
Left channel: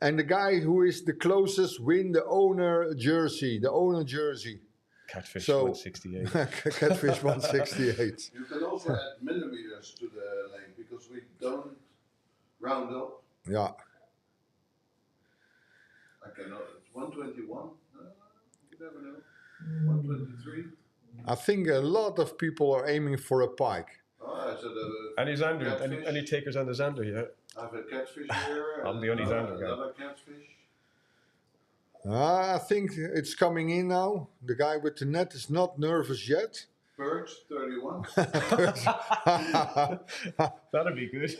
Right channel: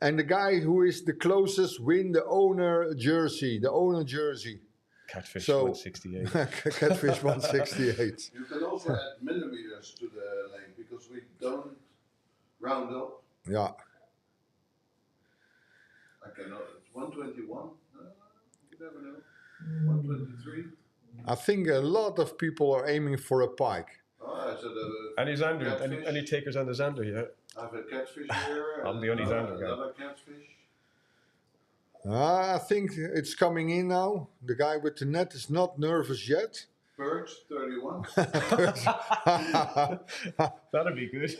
And the guy who is the closest win the owner jersey. The owner jersey. Catfish So- 168. Catfish 168. You can also add millimeters to the length because we don't round up. Yeah. I cannot. It's 121. You never know. 123. I think a lot of people are aiming for a pike. Oh, I said Any Zander? catfish. Any takers on the Zander? Yeah. I have a catfish here. I'm the only Zander guy. Another catfish. I think it's coming in now. The guy with the net is not nervous yet. Perch 31. That'd be good.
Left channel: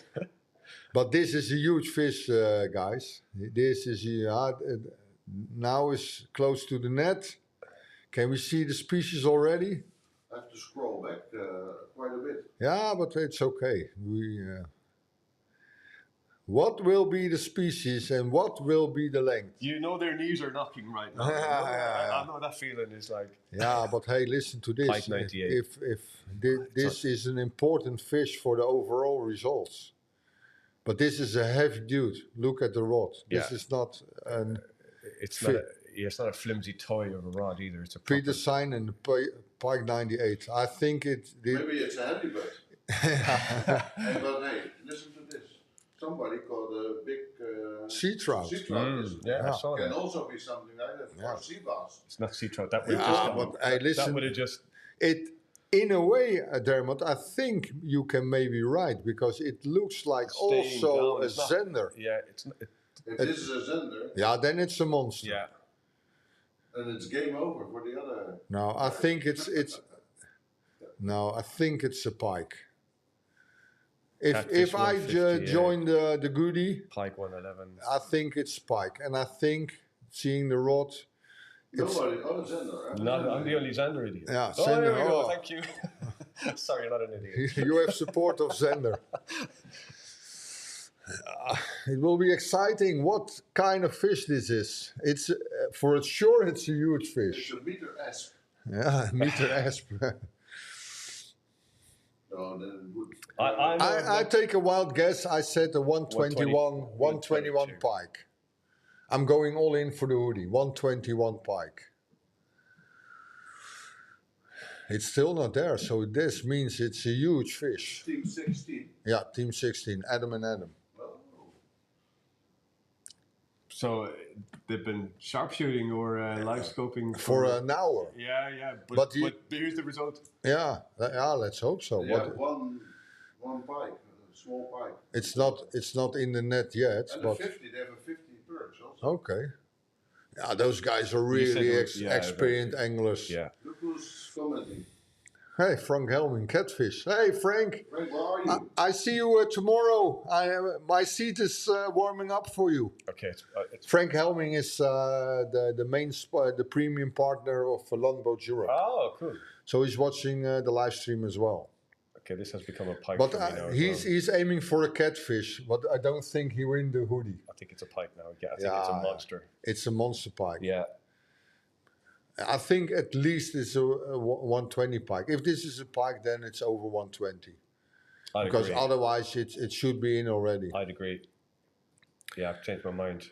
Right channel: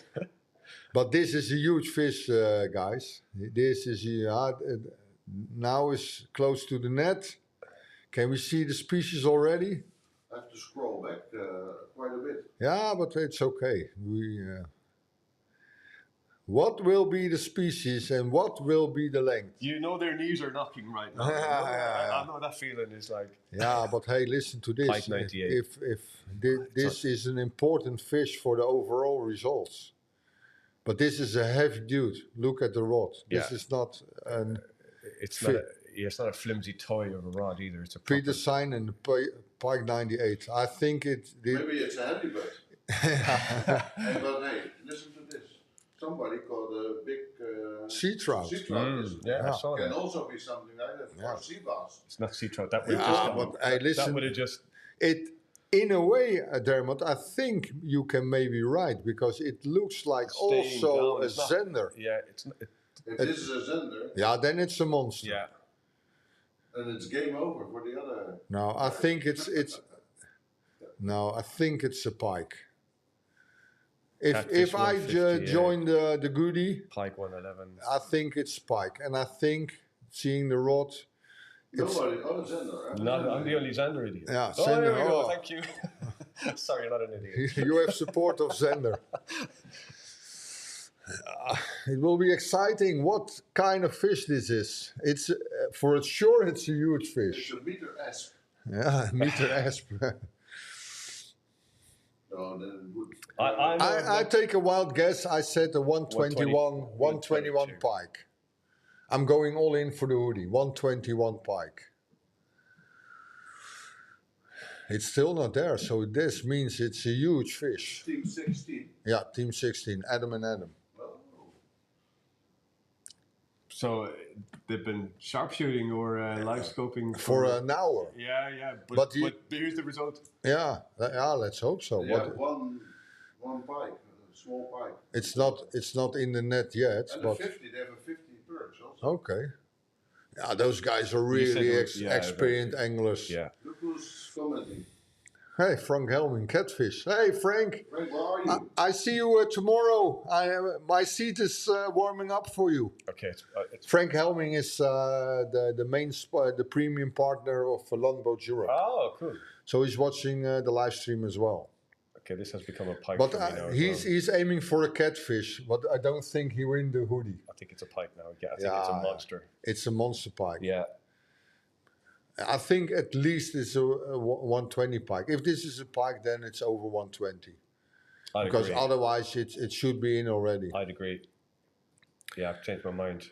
But this is a huge fish, guys. This is now is close to the net. Can we see the species already? I have to scroll back quite a bit. Yeah, but it's okay. What will be the species and what will be the length? You know their knees are knocking right now. I know that feeling is like. Yeah, but hey, listen to this. Pike 98. If this is an important fish for the overall results. But this is a heavy dude. Look at the rod. This Yeah. is not an It's not a flimsy toy of a rod either. It's a Peter Sign and Pike 98. I think Maybe it's a handy bird. But hey, listen to this. Somebody caught a big sea trout. Sea trout. I saw Can that. also be something like that for sea bass. It's not sea trout. That would But hey, that listen. would have just. In a way, Dermot, I think you can maybe right because it looks like Staying also down, a it's not- Zender. Yeah, it's not. If this is a Zender, Yeah, then it's a monster. Yeah. then it's game over for the other. No, I think it's a pike. If Catfish I 158. join the goodie, Pike 111. I think it's pike, and I think seeing the rod, Nobody. Oh, Zender. Huh? No, I'm the only Zander idiot. Yeah, Oh, there we Zander, go. oh. Thank you. Sorry, not an idiot. you have support of Zender. It will be exciting. What kind of fish this is? It's for sure it's a huge It's fish. a meter asp. Yeah, meter asp. No, then it would. I take a wild guess. I said a 121, 121 pike. I'm going all in for the hoodie. 121 pike. It's still not there, so this means it's a huge fish. Team 16. Yeah, Team 16, Adam and Adam. Well, So they've been sharpshooting or live scoping For an hour. Yeah. But But here's the result. Yeah, let's hope so. yeah, But one pike, a small pike. it's not in the net yet. And But they have a 50 perch also. okay. Yeah, those guys are You said really it was- yeah, experienced anglers. Yeah. Look who's commenting. Hey, Frank Helming, Catfish. Hey, Frank. Frank, where are you? I see you tomorrow. My seat is warming up for you. Okay. It's Frank Helming is the main the premium partner of Longboat Europe. oh, cool. So he's watching the live stream as well. Okay, this has become a pike But for me now. as he's aiming for a catfish, but I don't think he win the hoodie. I think it's a pike now. Yeah, I think it's a Yeah. monster. It's a monster pike. Yeah. I think at least it's a 120 pike. If this is a pike, then it's over 120. I'd Because agree. otherwise it should be in already. I'd agree. Yeah, I've changed my mind.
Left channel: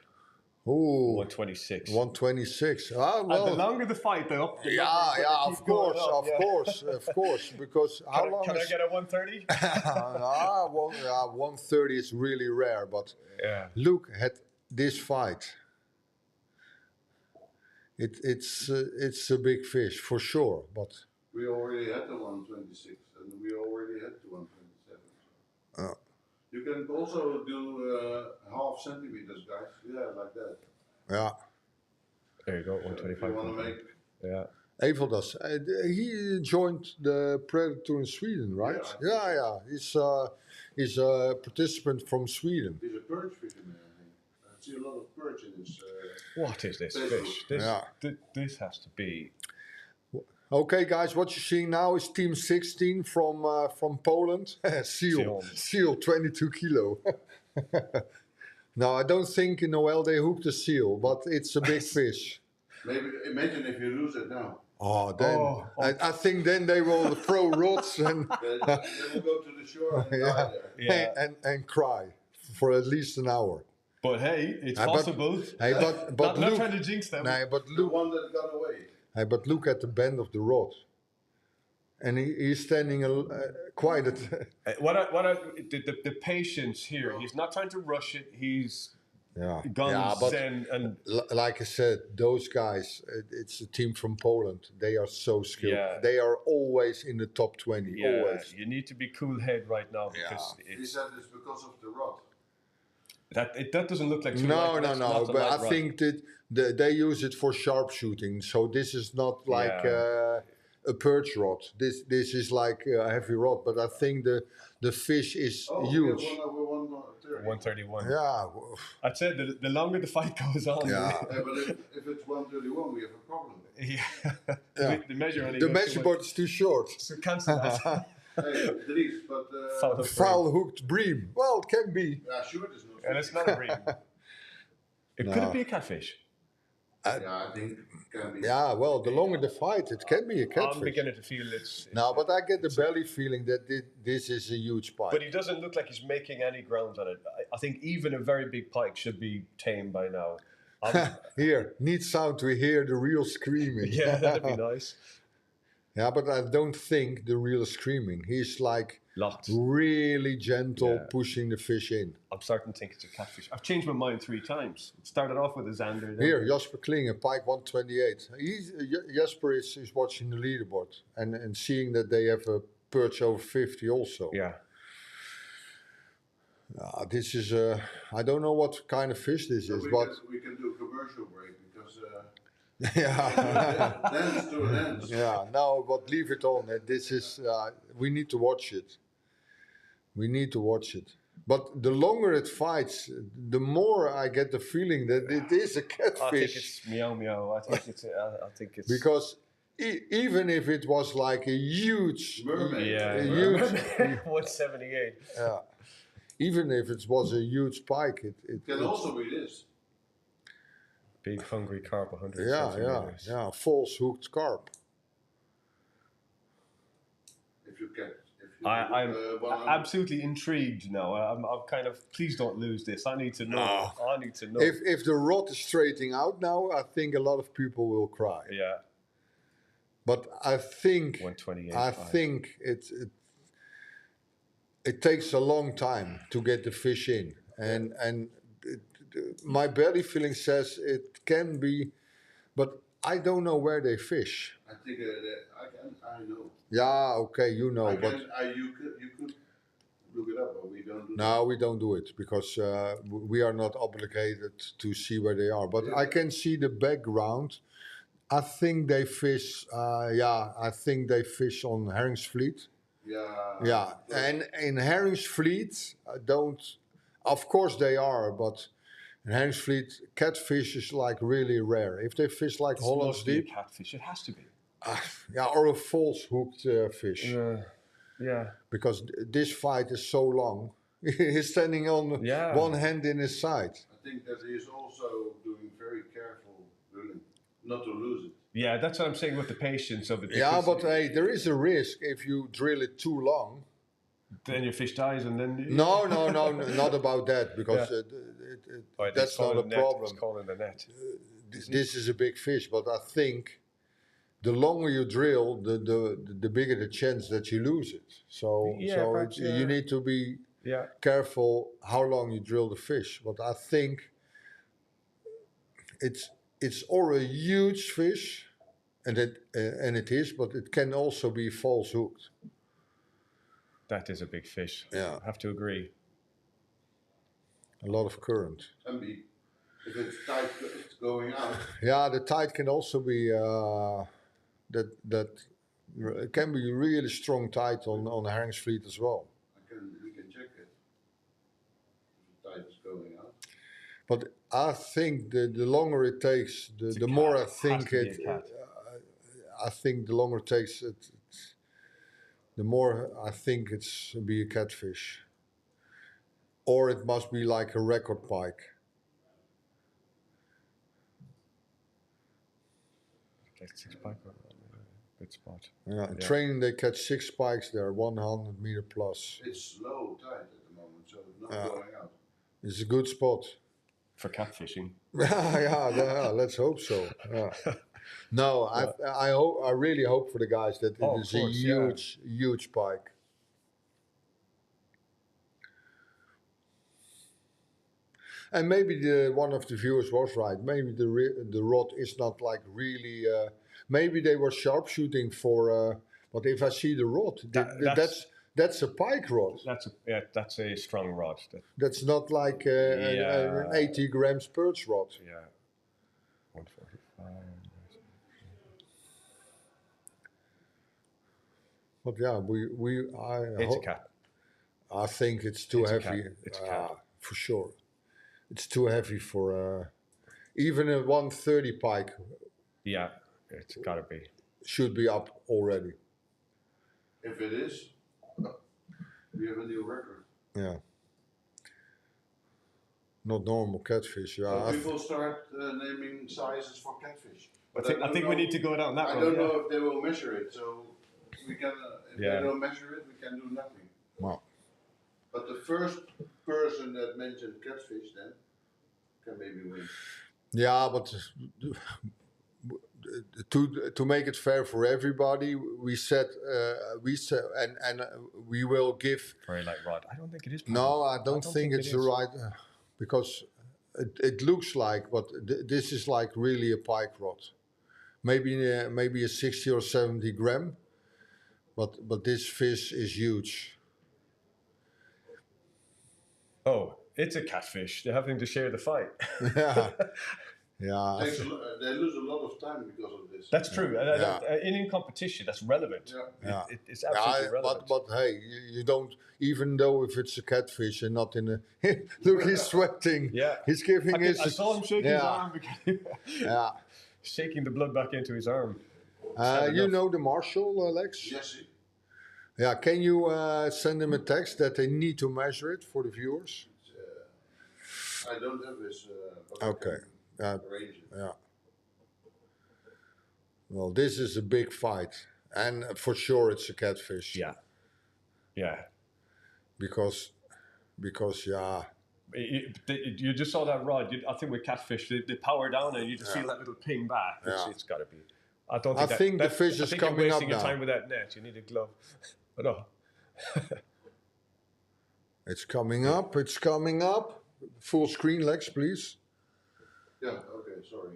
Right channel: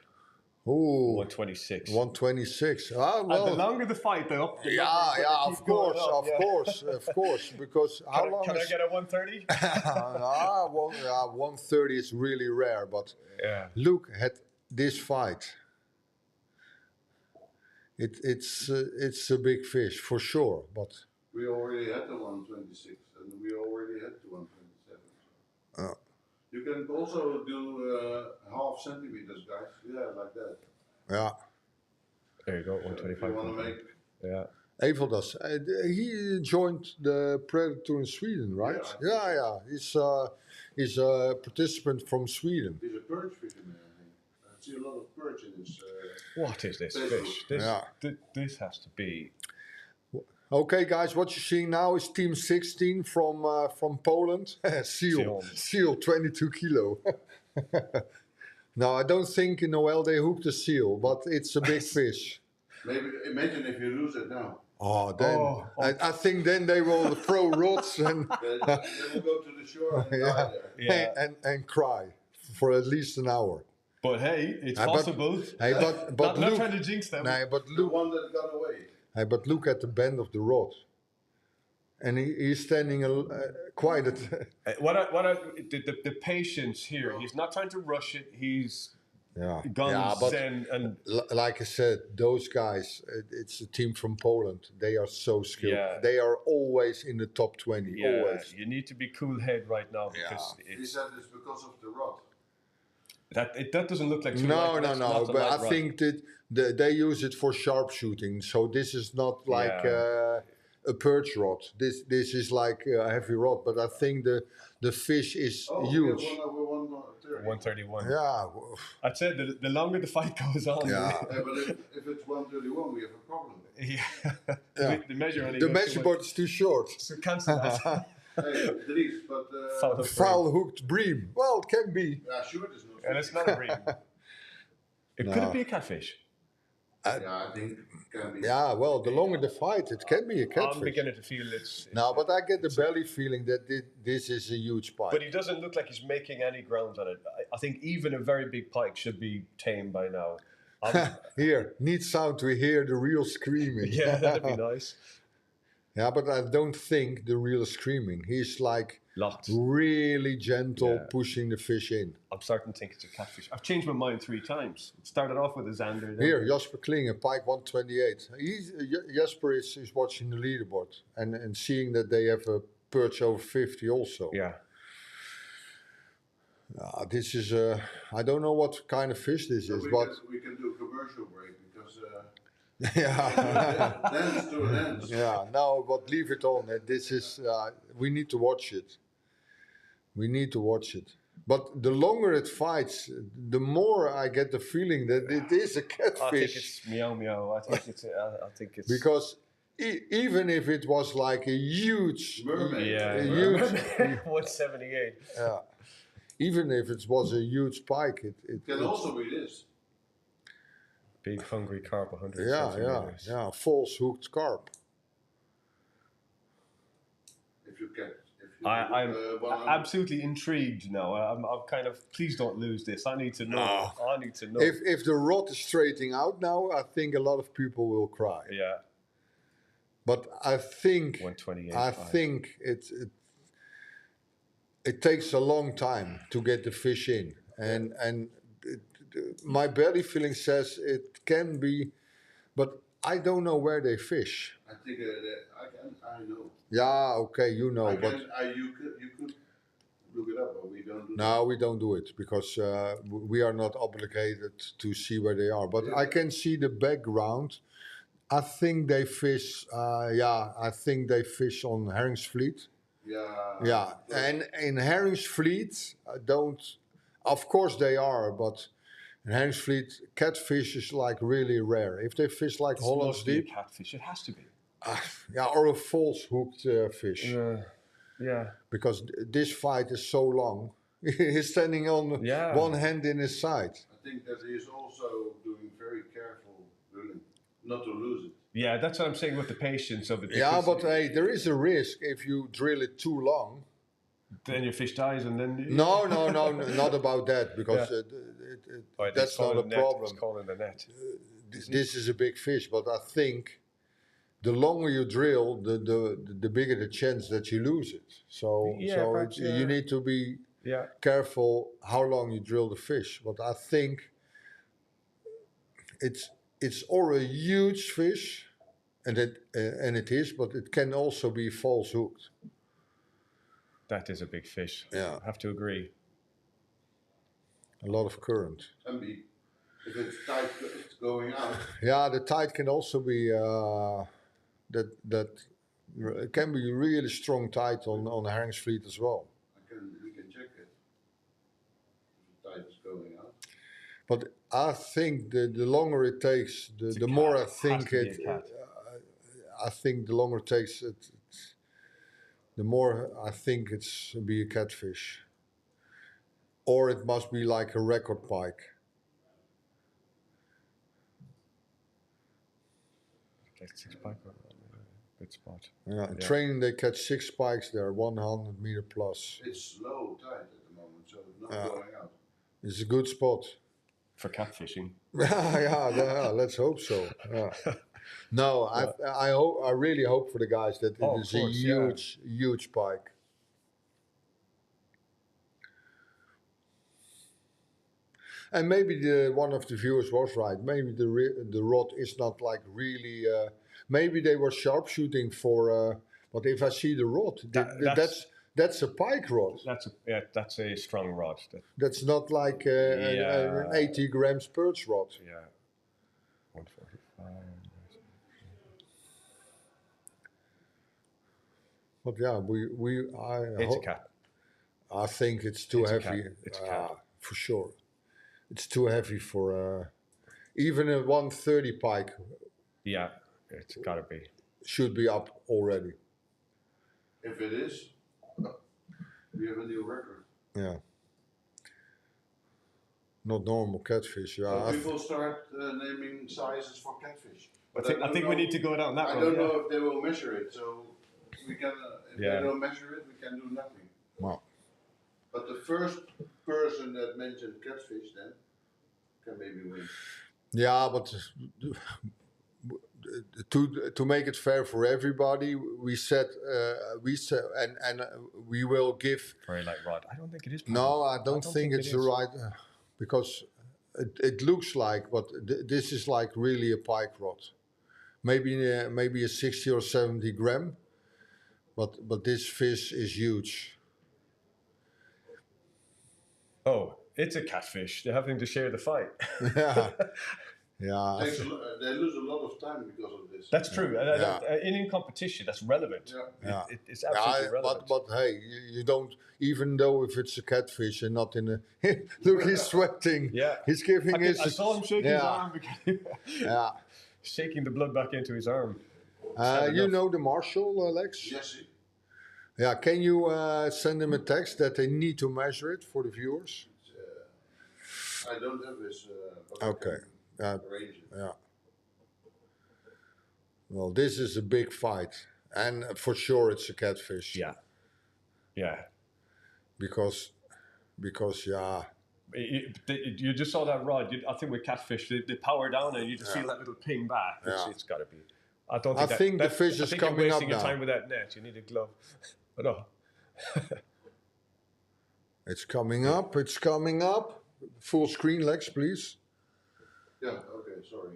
Ooh, 126. 126. Ah, And the well, longer the fight, though. the yeah, longer yeah, it of keeps going course, up, yeah. of course. Because how long Can I is... get a 130? well, 130 is really rare, but Yeah. look at this fight. It's a big fish for sure, but We already had the 126 and we already had the 127. You can also do half centimeters, guys. Yeah, like that. yeah. There you go, If you 125. want to make. Yeah. Eveldas, he joined the Predatortour in Sweden, right? Yeah. He's a participant from Sweden. He's a perch fisherman, I think. I see a lot of perch in his. What is this Facebook. fish? This, Yeah. this has to be. Okay, guys, what you're seeing now is Team 16 from Poland. Seal, 22 kilo. No, I don't think in Noel they hooked a seal, but it's a big fish. Maybe imagine if you lose it now. Oh, then Oh, I think then they will throw rods and Then we'll go to the shore and Yeah. die there. Yeah. and cry for at least an hour. But hey, it's But- possible. Hey, but not look, trying to jinx them. nee, but The look, one that got away. hey, but look at the bend of the rod, and he's standing quite at. The patience here. He's not trying to rush it. He's Yeah, guns yeah, but and like I said, those guys, it's a team from Poland. They are so skilled. Yeah. They are always in the top 20. yeah, Always. you need to be cool head right now because He it's said it's because of the rod. that doesn't look like too No, light, no, that's no. not a But light I rod. think that they use it for sharpshooting. So this is not like a perch rod. This is like a heavy rod. But I think the fish is huge. We have 130. 131. Yeah, I'd say the longer the fight goes on, Yeah. Yeah, but if it's 131, we have a problem. yeah. the measure only the goes measure to board is too short. so cancel that. Hey, Dries, but Foul of Foul hooked bream. Well, it can be. yeah, sure, it is not. and it's not a bream. Could it be a catfish? Yeah, I think it can be. Yeah, well, the longer the fight, it can be a I'm catfish. beginning to feel it's No, but I get the belly feeling that this is a huge pike. But he doesn't look like he's making any ground on it. I think even a very big pike should be tame by now. Here, neat sound to hear the real screaming. Yeah, that'd be nice. Yeah, but I don't think the real screaming. He's like Locked. really gentle, Yeah. pushing the fish in. I'm starting to think it's a catfish. I've changed my mind 3 times. It started off with a Xander. Then Here, Jasper Klingen, pike 128. Jasper is watching the leaderboard and seeing that they have a perch over 50 also. Yeah. This is I don't know what kind of fish this So is, we but can do a commercial break because yeah. dance to an end. Yeah, no, but leave it on. This is, we need to watch it. We need to watch it. But the longer it fights, the more I get the feeling that it is a I think catfish. it's meow meow. I think it's Because even if it was like a huge, Mermaid. yeah. a huge 178. even if it was a huge pike, It can also be this. Big hungry carp, 100 yeah, centimeters. false hooked carp. If you I'm 100. absolutely intrigued now. I'm kind of, please don't lose this. I need to know. I need to know. If the rod is straightening out now, I think a lot of people will cry. Yeah. But I think 128. it takes a long time to get the fish in, and my belly feeling says it can be, but I don't know where they fish. I think I know. Yeah, okay, you know, You but could look it up, but we don't do no, we don't do it because we are not obligated to see where they are. But I can see the background. I think they fish. I think they fish on Herringsvliet. Yeah, and in Herringsvliet, don't. Of course they are, but in Herringsvliet, catfish is like really rare. If they fish like It's Hollands mostly a Deep, catfish. It has to be. or a false hooked fish, Yeah. because this fight is so long. He's standing on one hand in his side. I think that he is also doing very careful drilling, not to lose it. Yeah, that's what I'm saying with the patience of it. Yeah, because but hey, there is a risk if you drill it too long. then your fish dies, and then No, not about that, because that's not a problem. It's caught in the net. This is a big fish, but I think the longer you drill, the bigger the chance that you lose it. So you need to be careful how long you drill the fish. But I think it's or a huge fish, and it is, but it can also be false hooked. That is a big fish. Yeah. I have to agree. A lot of current. Can be. If it's tight, it's going out. Yeah, the tide can also be it can be really strong tide on Herringsvliet as well. We can check it. If the tide is going out. But I think the longer it takes, the more I think it. I think the longer it takes, the more I think it's be a catfish. Or it must be like a record pike. Like 6 pike, good spot. Yeah, in training they catch 6 pikes there, 100 meter plus. It's low tide at the moment, so it's not going out. It's a good spot. For catfishing. yeah, let's hope so. Yeah. No, I really hope for the guys that it is a huge pike. And maybe one of the viewers was right. Maybe the rod is not like really. Maybe they were sharpshooting for. But if I see the rod, that's a pike rod. That's a strong rod. That's not like an 80 grams perch rod. Yeah. 145. But yeah, It's a cat. I think it's too heavy. It's a cat. For sure. It's too heavy for even a 130 pike. Yeah, it's gotta be. Should be up already. If it is, we have a new record. Yeah. Not normal catfish. Yeah. So people start naming sizes for catfish. But I think we need to go down that road. I don't know if they will measure it, so we can. If they don't measure it, we can do nothing. Wow. But the first person that mentioned catfish then can maybe win. Yeah, but to make it fair for everybody, we said and we will give. Very light rod. I don't think it is. No, I don't think it's the right because it looks like, but this is like really a pike rod. Maybe a 60 or 70 gram, but this fish is huge. Oh, it's a catfish. They're having to share the fight. Yeah. They lose a lot of time because of this. That's true. In competition, that's relevant. Yeah. It's absolutely relevant. But hey, you don't, even though if it's a catfish and not in a... Look, he's sweating. Yeah. He's giving I saw him shaking his arm. Yeah. Shaking the blood back into his arm. You know the marshal, Lex? Yes. Yeah, can you send him a text that they need to measure it for the viewers? I don't have this. Okay. Arrange it. Yeah. Well, this is a big fight, and for sure it's a catfish. Yeah. Yeah. because yeah. You just saw that rod. I think with catfish, they power down and you just feel that little ping back. It's got to be. I don't think I think the fish is coming you're up wasting your now. time with that net. You need a glove. But no. It's coming up. It's coming up. Full screen, Lex, please. Yeah, okay, sorry.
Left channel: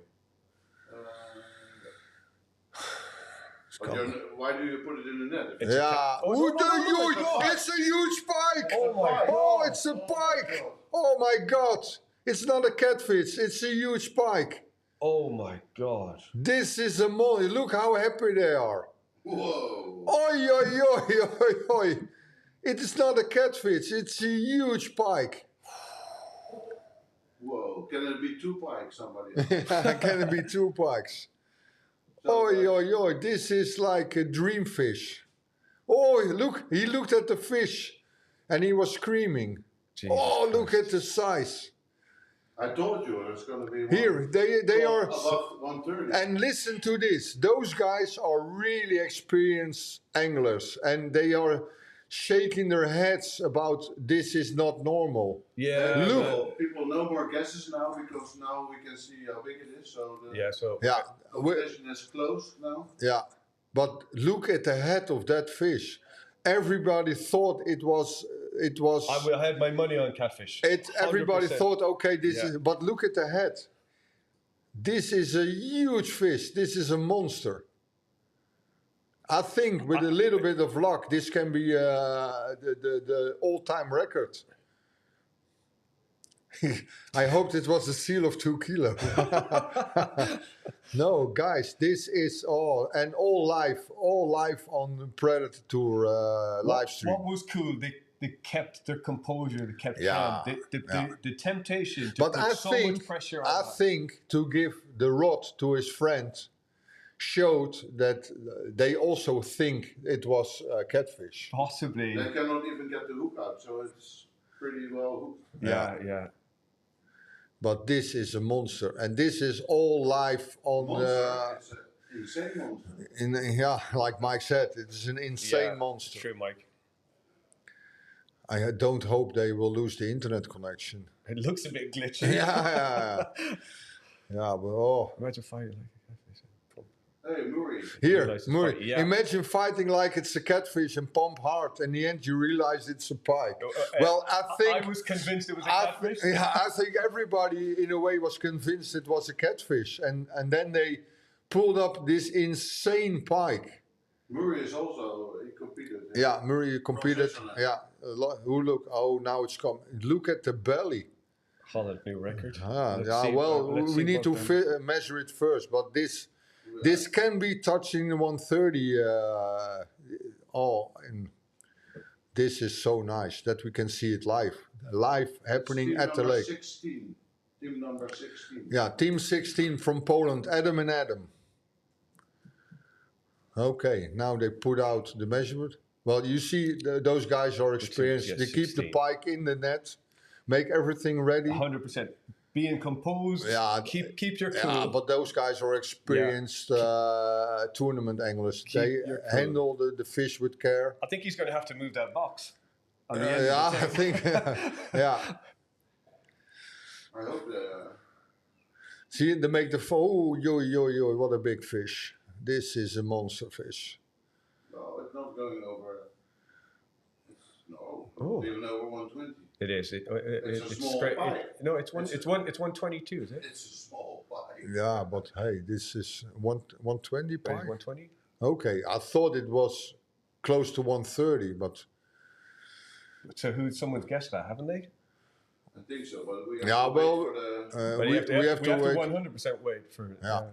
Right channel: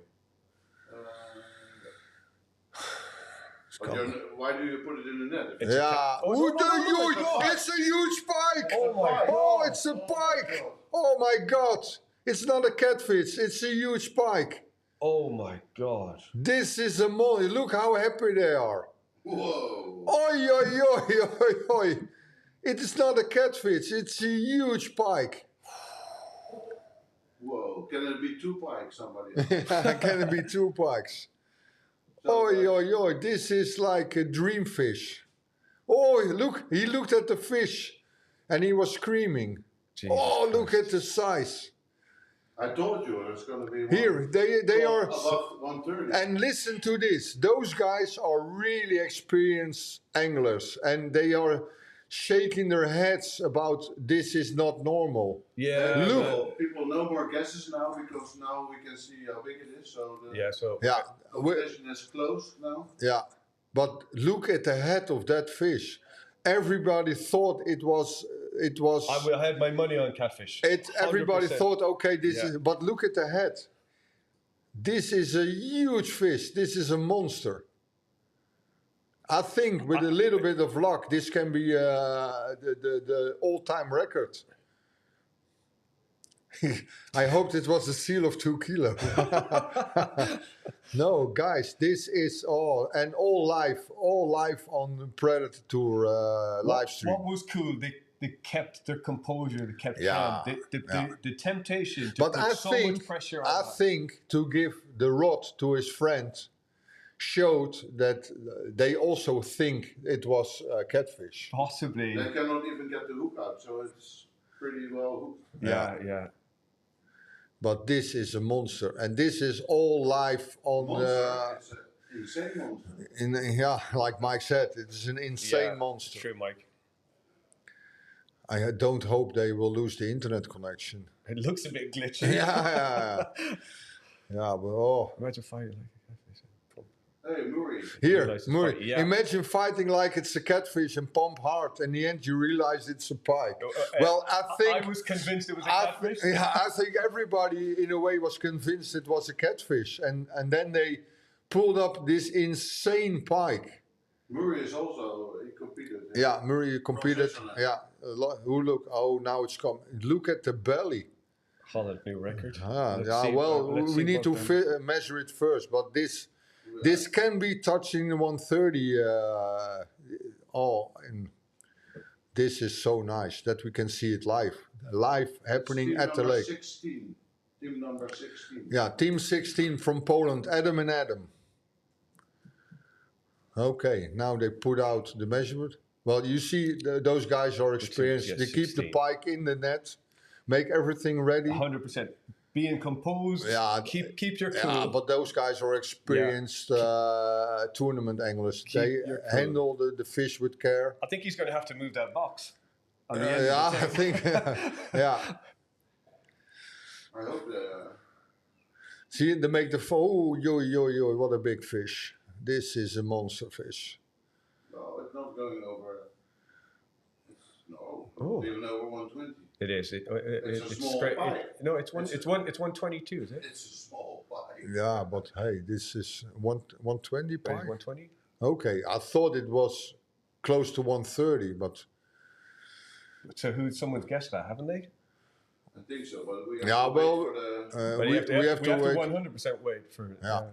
It's But coming. why do you put it in the net? Yeah. Oh, no, It's a huge pike. Oh my Oh, God. it's a pike. Oh my God. It's not a catfish. It's a huge pike. Oh my God. This is a molly. Look how happy they are. Whoa! Oi, oi, oi, oi, oi. It is not a catfish. It's a huge pike. Whoa! Can it be 2 pikes? Somebody? Can it be 2 pikes? Oi, oi, oi. This is like a dream fish. Oh, look. He looked at the fish and he was screaming. Jesus Look Christ. at the size. I told you it's going to be Here, they are. above 130. And listen to this. Those guys are really experienced anglers. And they are shaking their heads about this is not normal. Yeah. Look. People know more guesses now because now we can see how big it is. So the So. Yeah. competition is closed now. Yeah, but look at the head of that fish. Everybody thought it was. I had my money on catfish. Everybody 100%. thought, okay, this Yeah. is. But look at the head. This is a huge fish. This is a monster. I think with a little bit of luck, this can be the all-time record. I hoped it was a seal of 2 kilos. No, guys, this is all live on the Predatortour live stream. What was cool? They kept their composure. They kept Yeah, calm. yeah. The temptation to But put I so think, much pressure on I that. think to give the rod to his friend showed that they also think it was catfish. Possibly. They cannot even get the hook out, so it's pretty well hooked. Yeah. But this is a monster, and this is all live on. Monster, it's an insane monster. Like Mike said, it is an insane monster. True, Mike. I don't hope they will lose the internet connection. It looks a bit glitchy. Yeah, but Imagine fighting like a catfish. Hey, Murray. Here, Realize it's Murray, pike, yeah. imagine fighting like it's a catfish and pump hard. In the end, you realize it's a pike. Well, I was convinced it was a catfish. I think everybody, in a way, was convinced it was a catfish. And then they pulled up this insane pike. Murray is also, he competed. Yeah, Murray competed. Professional. Yeah, now it's come. Look at the belly. Holland new record. We need to measure it first, but this can be touching the 130. And this is so nice that we can see it live happening Team at the number lake. 16. Team number 16. Yeah, team 16 from Poland, Adam and Adam. Okay, now they put out the measurement. Well, you see, those guys are experienced. Yes, they keep 16. the pike in the net, make everything ready. 100%. Being composed. Yeah, keep your cool. Yeah, but those guys are experienced tournament anglers. They your cool. handle the fish with care. I think he's going to have to move that box. On the end of I the tank. think. Yeah. I hope See, they make the yo, what a big fish. This is a monster fish. no, it's not going over. It's Oh. even over 120. It is. It's a small straight. pike. No, it's 122, is it? It's a small pike. Yeah, but hey, this is 120 pike. 120. Okay, I thought it was close to 130, but So someone's guessed that, haven't they? I think so, but we have yeah, to well, wait for the. But we have to wait. 100% wait for it. Yeah.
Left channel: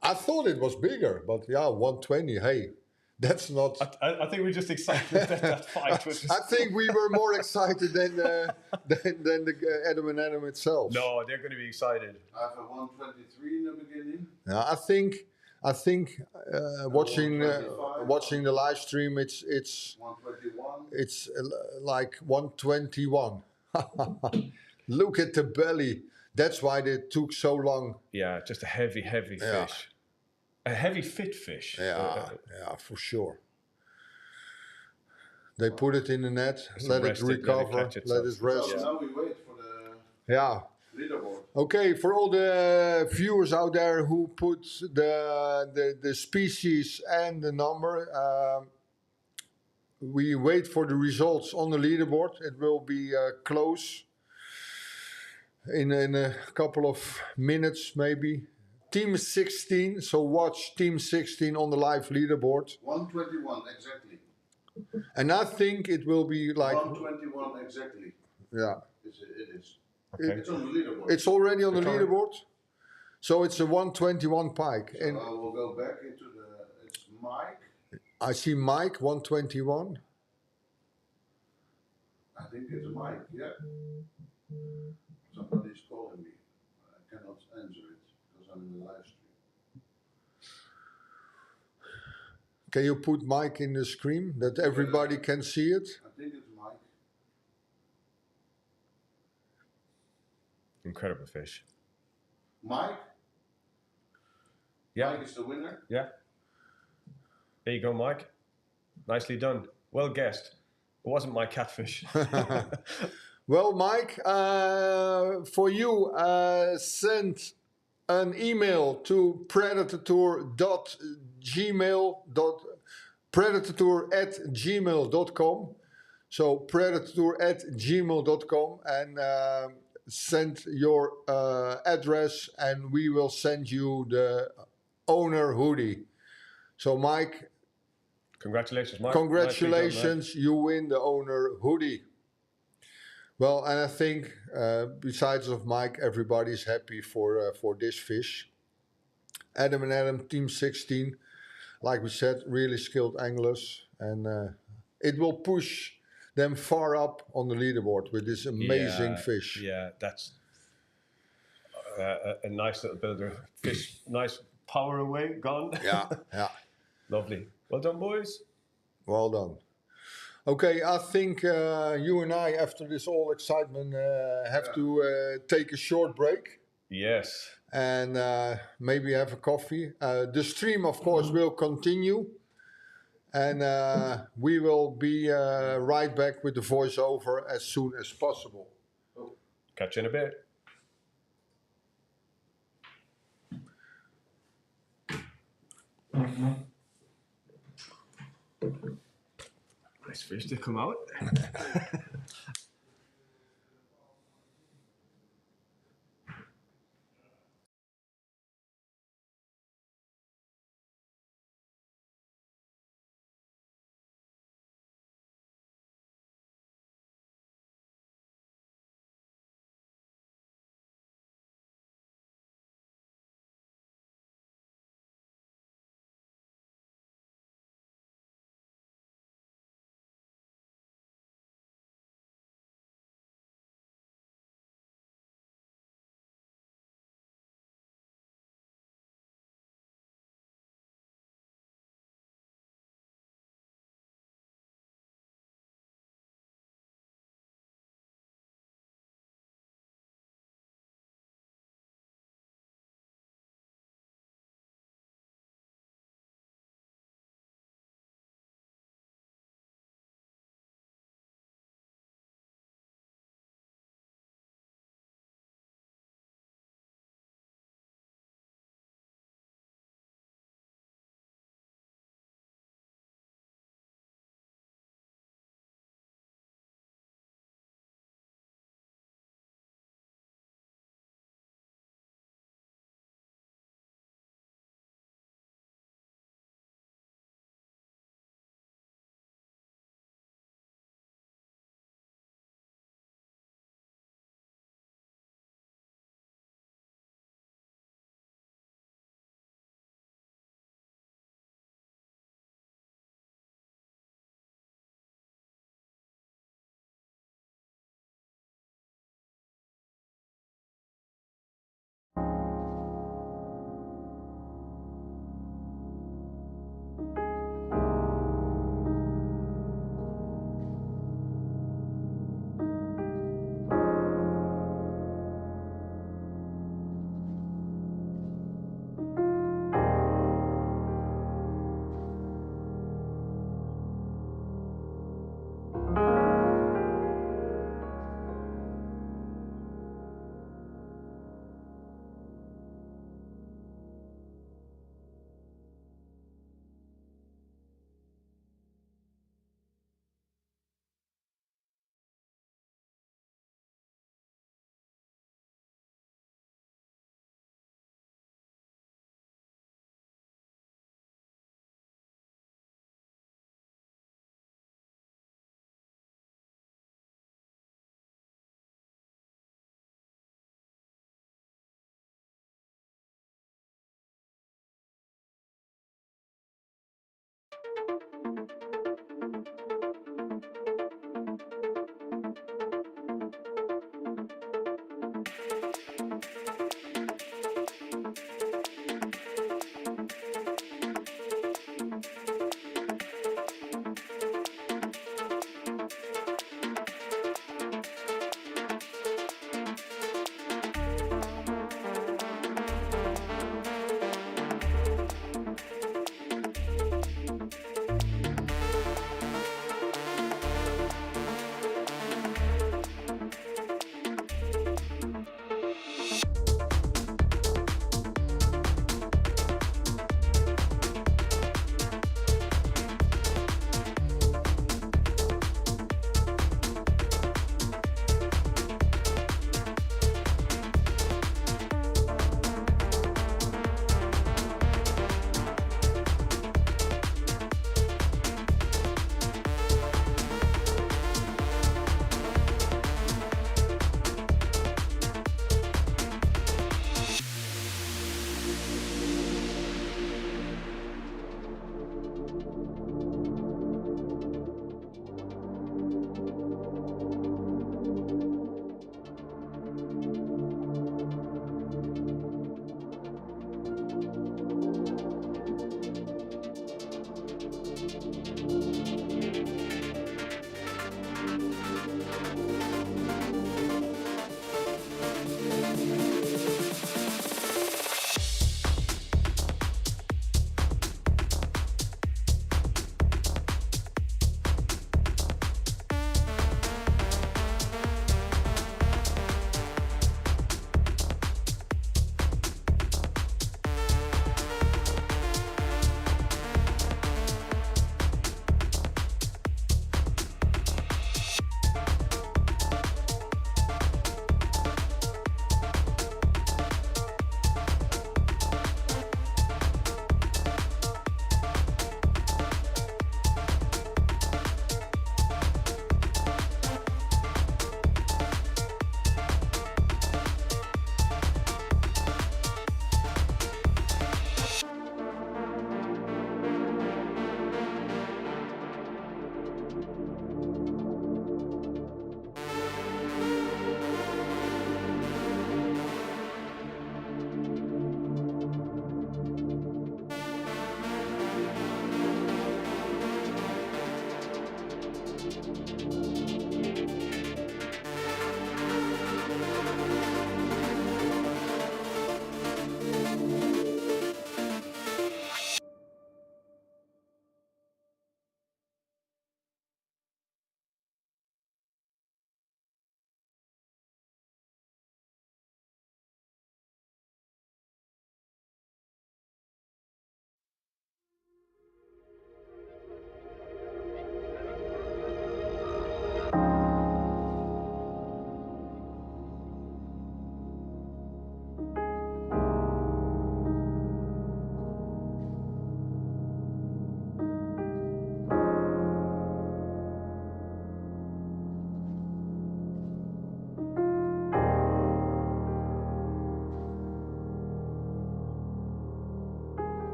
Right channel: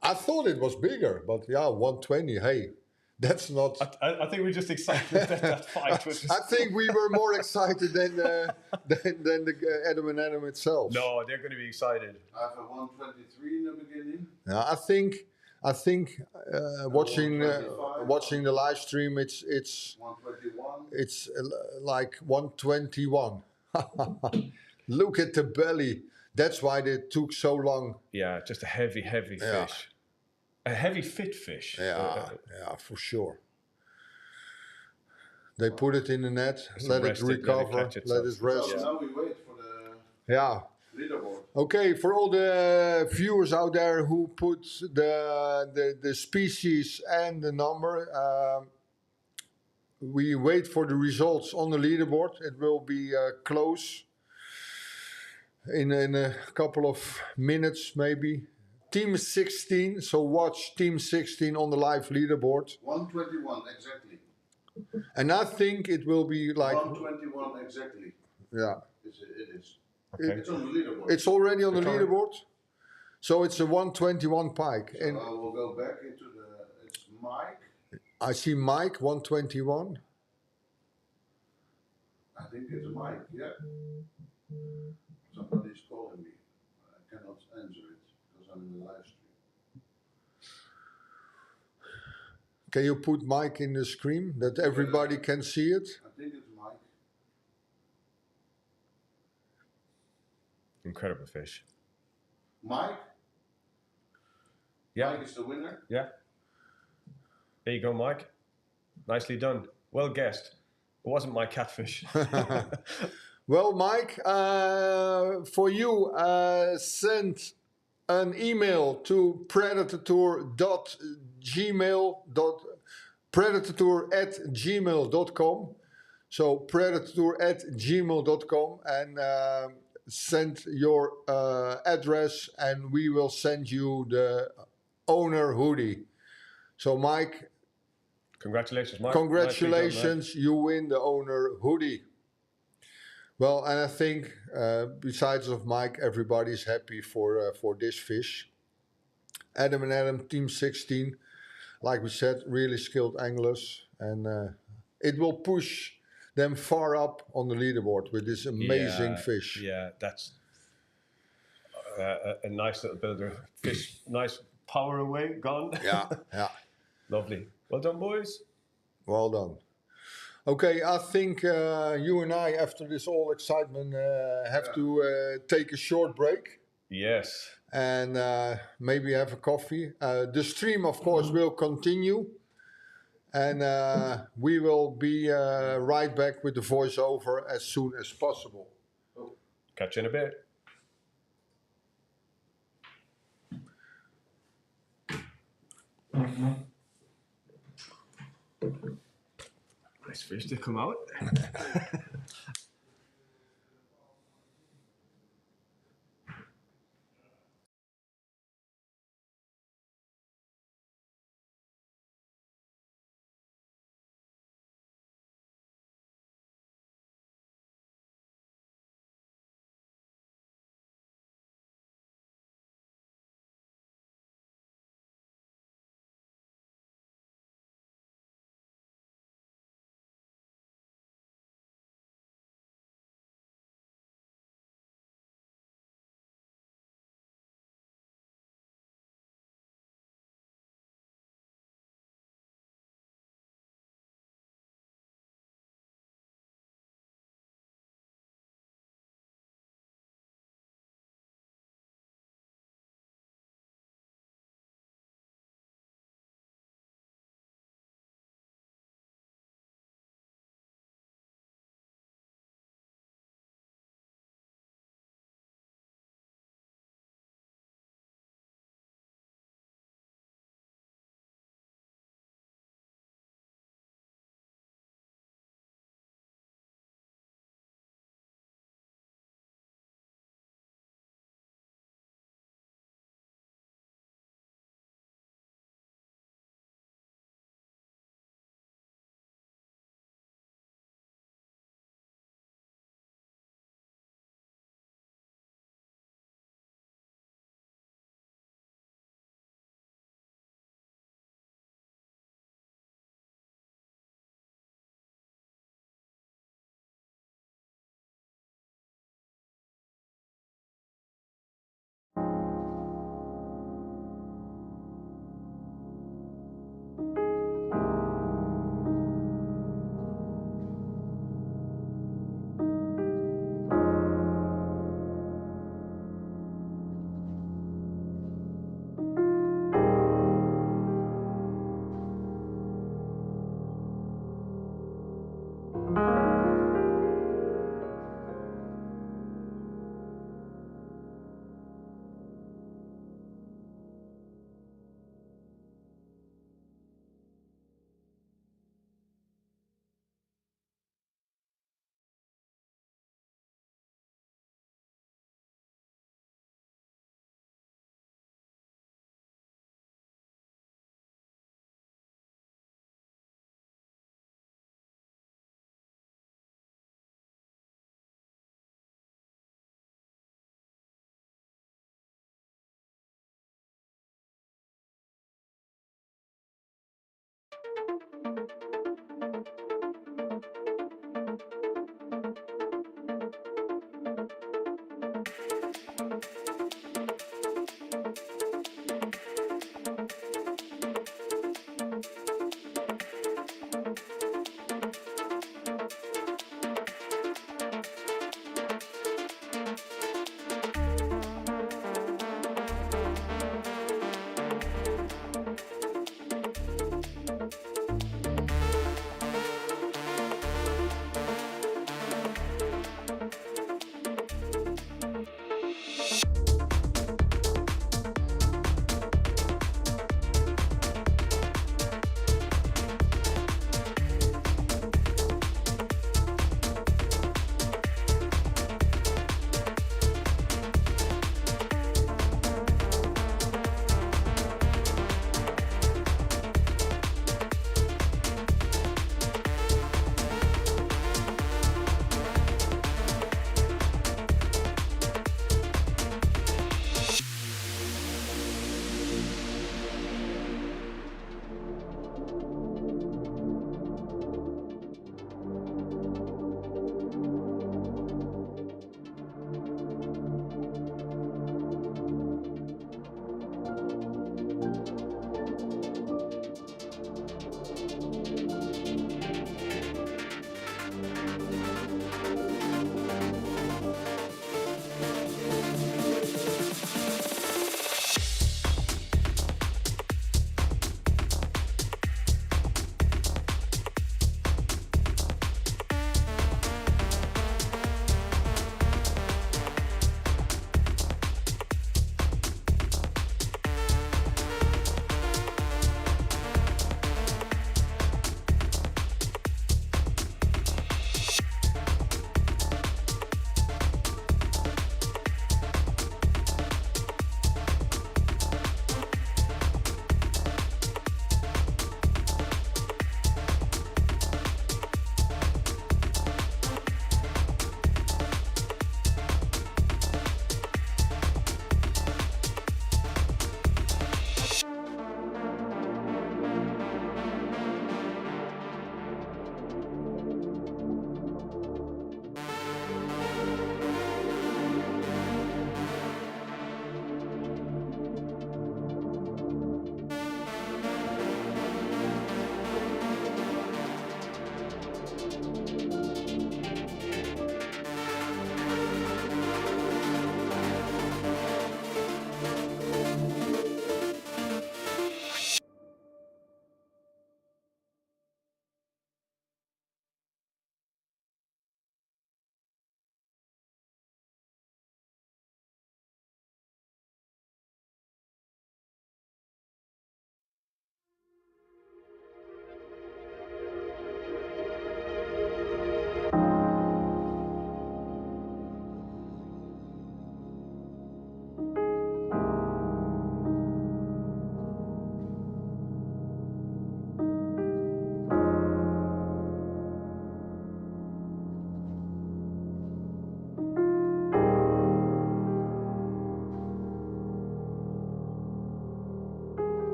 I thought it was bigger, but yeah, 120. Hey, that's not. I think we're just excited that fight was. I think we were more excited than the Adam and Adam itself. No, they're going to be excited. I have a 123 in the beginning. Yeah, I think watching the live stream, it's 121. it's like 121. Look at the belly. That's why they took so long. Yeah, just a heavy Yeah. fish. A heavy fit fish. Yeah, for sure. They put it in the net, let it rest it, let it recover, catch let itself. it rest. So now we wait for the Yeah. leaderboard. Okay, for all the viewers out there who put the species and the number, we wait for the results on the leaderboard. It will be close in a couple of minutes, maybe. Team 16, so watch Team 16 on the live leaderboard. 121 exactly. And I think it will be like... 121 exactly. Yeah. It is. Okay. It's on the leaderboard. It's already on the Okay. leaderboard. So it's a 121 pike. So And I will go back into it's Mike. I see Mike, 121. I think it's Mike, yeah. Somebody's calling me. I cannot answer it because I'm in the live stream. Can you put Mike in the screen that everybody can see it? I think it's Mike. Incredible fish. Mike? Yeah. Mike is the winner. Yeah. There you go, Mike. Nicely done. Well guessed. It wasn't my catfish. Well, Mike, for you, send an email to predatortour@gmail.com. So predatortour@gmail.com and send your address and we will send you the owner hoodie. So Mike, Congratulations, Mike. congratulations, you win the owner hoodie. Well, and I think besides of Mike, everybody's happy for this fish. Adam and Adam, Team 16, like we said, really skilled anglers, and it will push them far up on the leaderboard with this amazing fish. Yeah, that's a nice little builder fish. Nice power away, gone. Yeah, yeah. Lovely. Well done, boys. Well done. Okay, I think you and I, after this all excitement, have to take a short break Yes. and maybe have a coffee. The stream, of course, will continue. And we will be right back with the voiceover as soon as possible. Catch you in a bit. Nice fish to come out.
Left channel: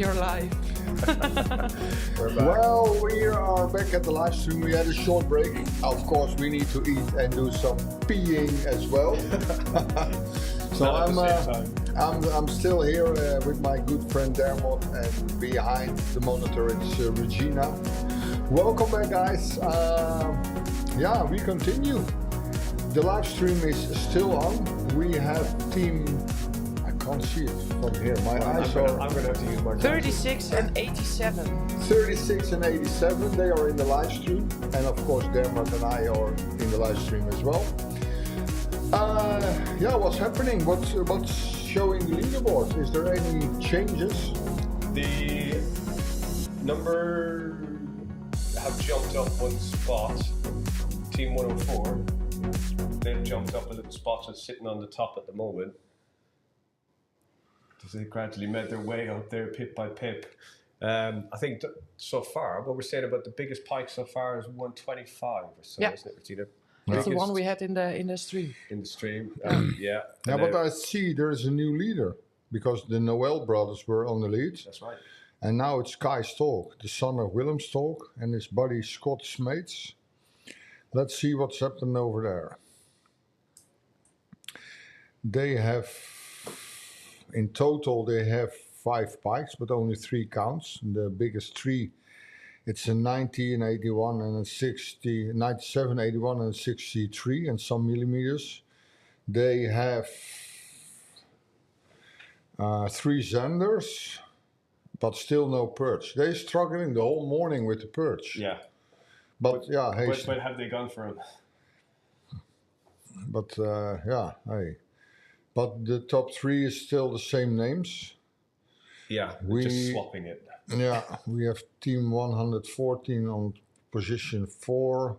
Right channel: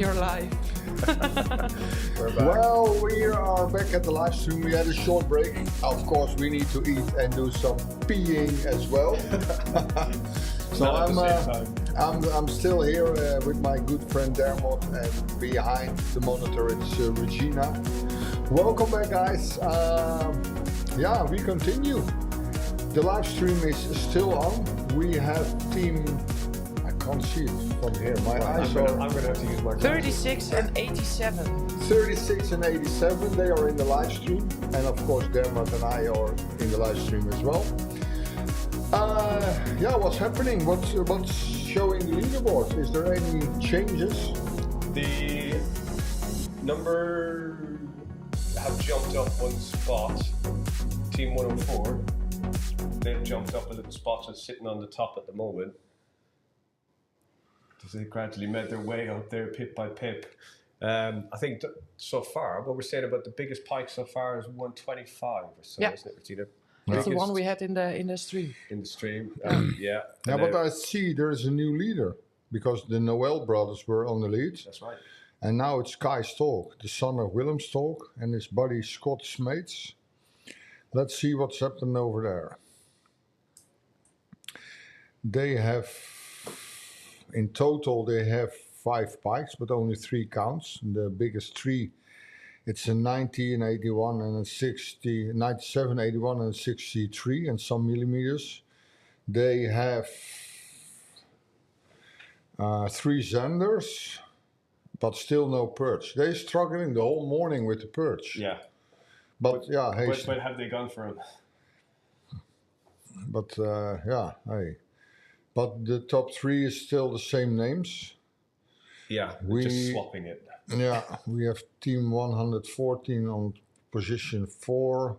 You're live. We're back. Well, we are back at the live stream. We had a short break. Of course, we need to eat and do some peeing as well. So Not at the same time. I'm still here with my good friend Dermot, and behind the monitor it's Regina. Welcome back, guys. Yeah, we continue. The live stream is still on. We have team. I can't see it from here. My eyes are. I'm gonna have to use my glasses. 36 and 87. 36 and 87, they are in the live stream, and of course Dermot and I are in the live stream as well. Yeah, what's happening? What's showing the leaderboard? Is there any changes? The number have jumped up one spot. Team 104, they've jumped up a little spot and sitting on the top at the moment. They gradually made their way up there, pip by pip. I think so far, what we're saying about the biggest pike so far is 125 or so, Yeah. isn't it, Regina? That's the Biggest one we had in the stream. in the stream. Yeah. Yeah, And but now- I see there is a new leader because the Noel brothers were on the lead, That's right. and now it's Kai Stolk, the son of Willem Stolk, and his buddy Scott Smeets. Let's see what's happened over there. They have, in total, they have 5 pikes, but only 3 counts. The biggest 3, it's a 90, an 81, and a 60, 97, 81, and 63, and some millimeters. They have 3 Zanders, but still no perch. They're struggling the whole morning with the perch. Yeah. But yeah, hey, But have they gone for him? but yeah, hey. But the top 3 is still the same names. Yeah, We- just swapping it. Yeah, we have team 114 on position 4.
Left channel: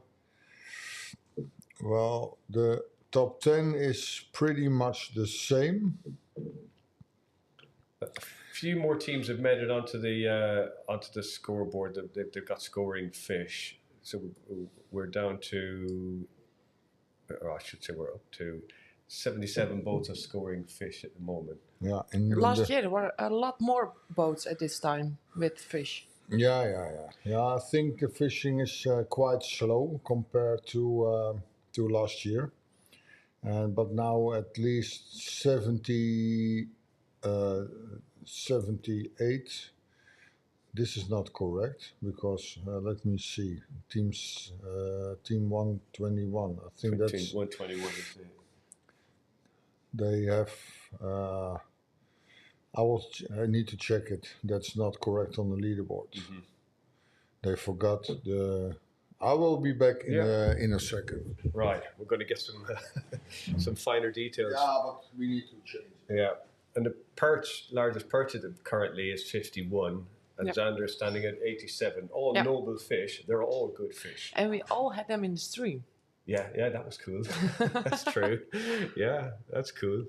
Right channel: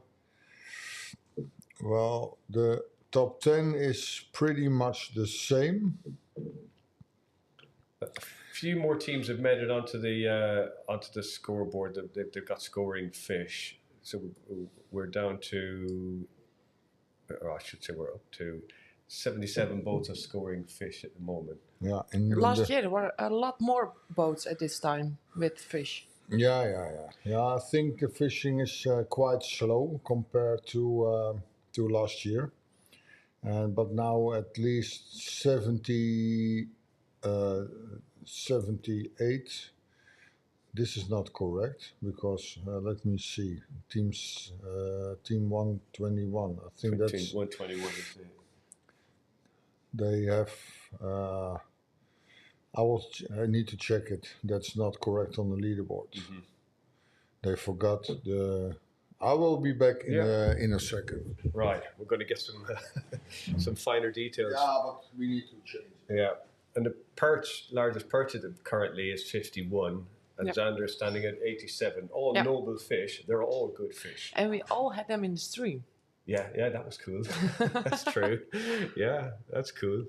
Well, the top 10 is pretty much the same. A few more teams have made it onto the scoreboard. They've got scoring fish. So we're down to, or I should say we're up to 77 boats are scoring fish at the moment. Yeah, and Last year there were a lot more boats at this time with fish. Yeah, I think the fishing is quite slow compared to last year. But now at least 78. This is not correct because let me see. Team 121. I think Team that's 121 is it. they have. I need to check it. That's not correct on the leaderboard. They forgot the. I will be back in a second. Right, we're going to get some some finer details. but we need to change. Yeah, and the largest perch of them currently is 51, and Yeah. Xander is standing at 87. All Yeah. noble fish. They're all good fish. And we all had them in the stream. Yeah, that was cool. That's true. Yeah, that's cool.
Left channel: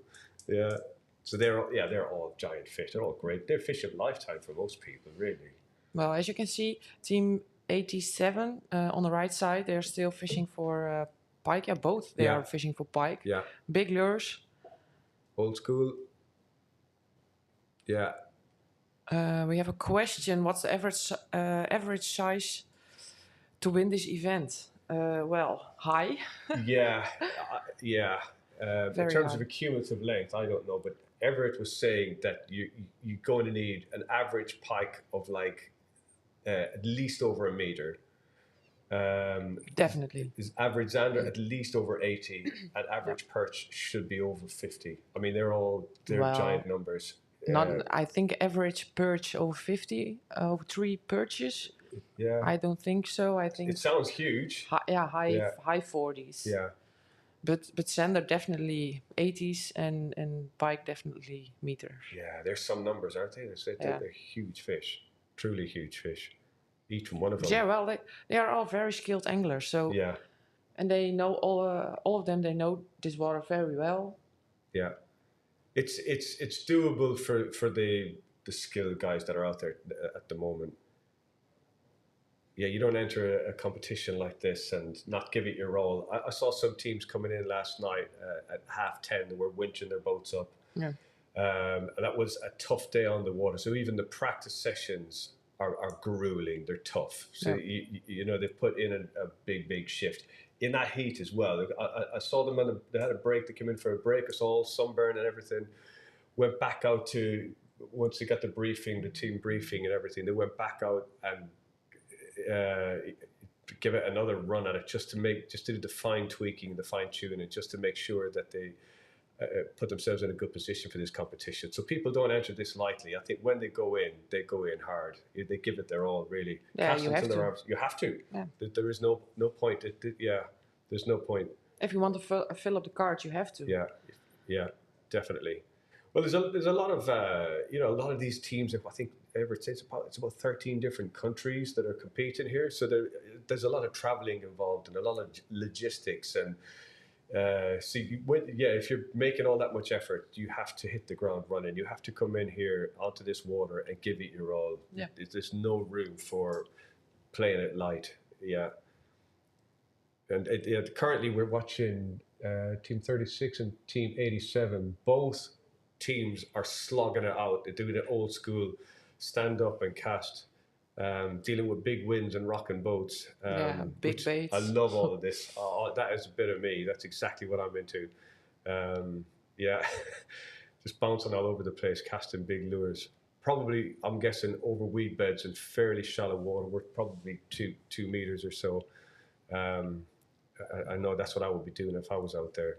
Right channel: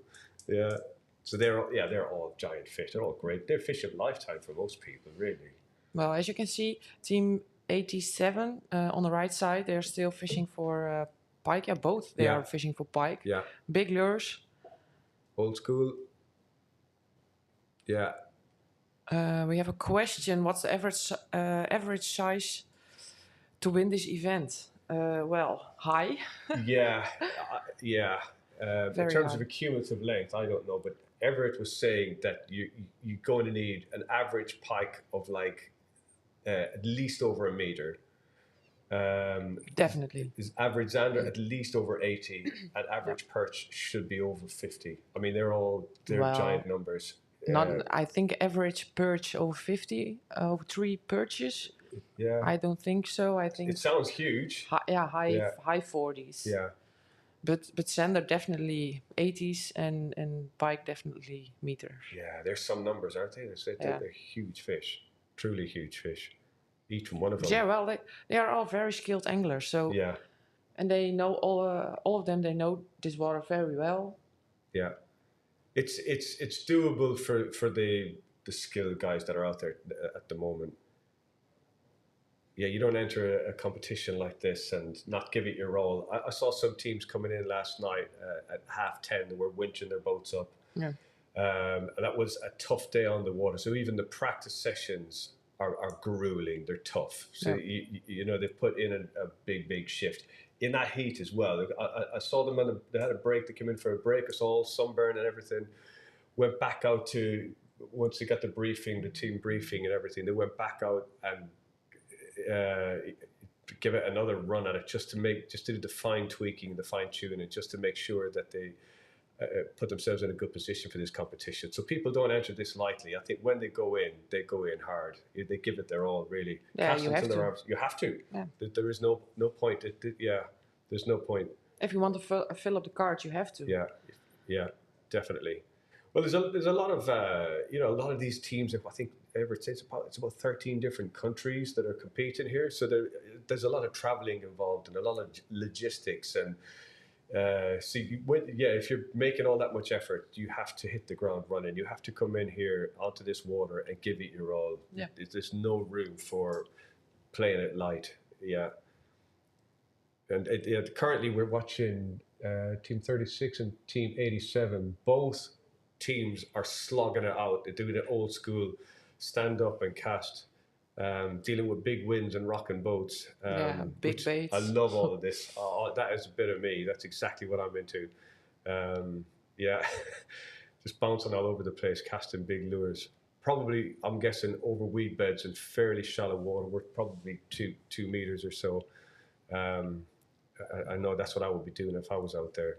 Yeah, so they're all giant fish. They're all great. They're fish of lifetime for most people, really. Well, as you can see, team 87 on the right side, they're still fishing for pike. Yeah, both. They Yeah. are fishing for pike. Yeah, Big lures. old school. Yeah. We have a question. What's the average size to win this event? Well, high. Yeah, yeah. In Very terms high. of a cumulative length, I don't know, but Everett was saying that you're going to need an average pike of like at least over a meter. Definitely. Is average Xander at least over 80, and average perch should be over 50. I mean, they're Well, giant numbers. Not, I think average perch over 50, 3 perches. Yeah, I don't think so. I think it sounds huge. high 40s. Yeah, But Sander definitely 80s and pike definitely meters. yeah. There's some numbers, aren't they? They're huge fish, truly huge fish. Each one of them. Yeah, well, they are all very skilled anglers. So Yeah, and they know all of them. They know this water very well. yeah. It's doable for the skilled guys that are out there at the moment. Yeah, you don't enter a competition like this and not give it your all. I saw some teams coming in last night at 10:30. They were winching their boats up. Yeah. And that was a tough day on the water. So even the practice sessions are grueling. They're tough. So you know they've put in a big shift in that heat as well. I saw them they had a break. They came in for a break. It's all sunburn and everything. Went back out to once they got the briefing, the team briefing and everything. They went back out and give it another run at it just to do the fine tweaking, the fine tuning, just to make sure that they put themselves in a good position for this competition. So people don't enter this lightly. I think when they go in hard. They give it their all, really. Yeah, you have to. Arms. You have to. Yeah. There is no point. There's no point. If you want to fill up the cards, you have to. Yeah, definitely. Well, there's a lot of a lot of these teams. I think it's about 13 different countries that are competing here. So there's a lot of traveling involved and a lot of logistics and. If you're making all that much effort, you have to hit the ground running. You have to come in here onto this water and give it your all. Yeah. There's no room for playing it light. Yeah. And currently we're watching Team 36 and Team 87. Both teams are slogging it out. They're doing it old school, stand up and cast. Dealing with big winds and rocking boats. Big baits. I love all of this. That is a bit of me. That's exactly what I'm into. Just bouncing all over the place, casting big lures. Probably, I'm guessing, over weed beds in fairly shallow water. We're probably 2 meters or so. I know that's what I would be doing if I was out there.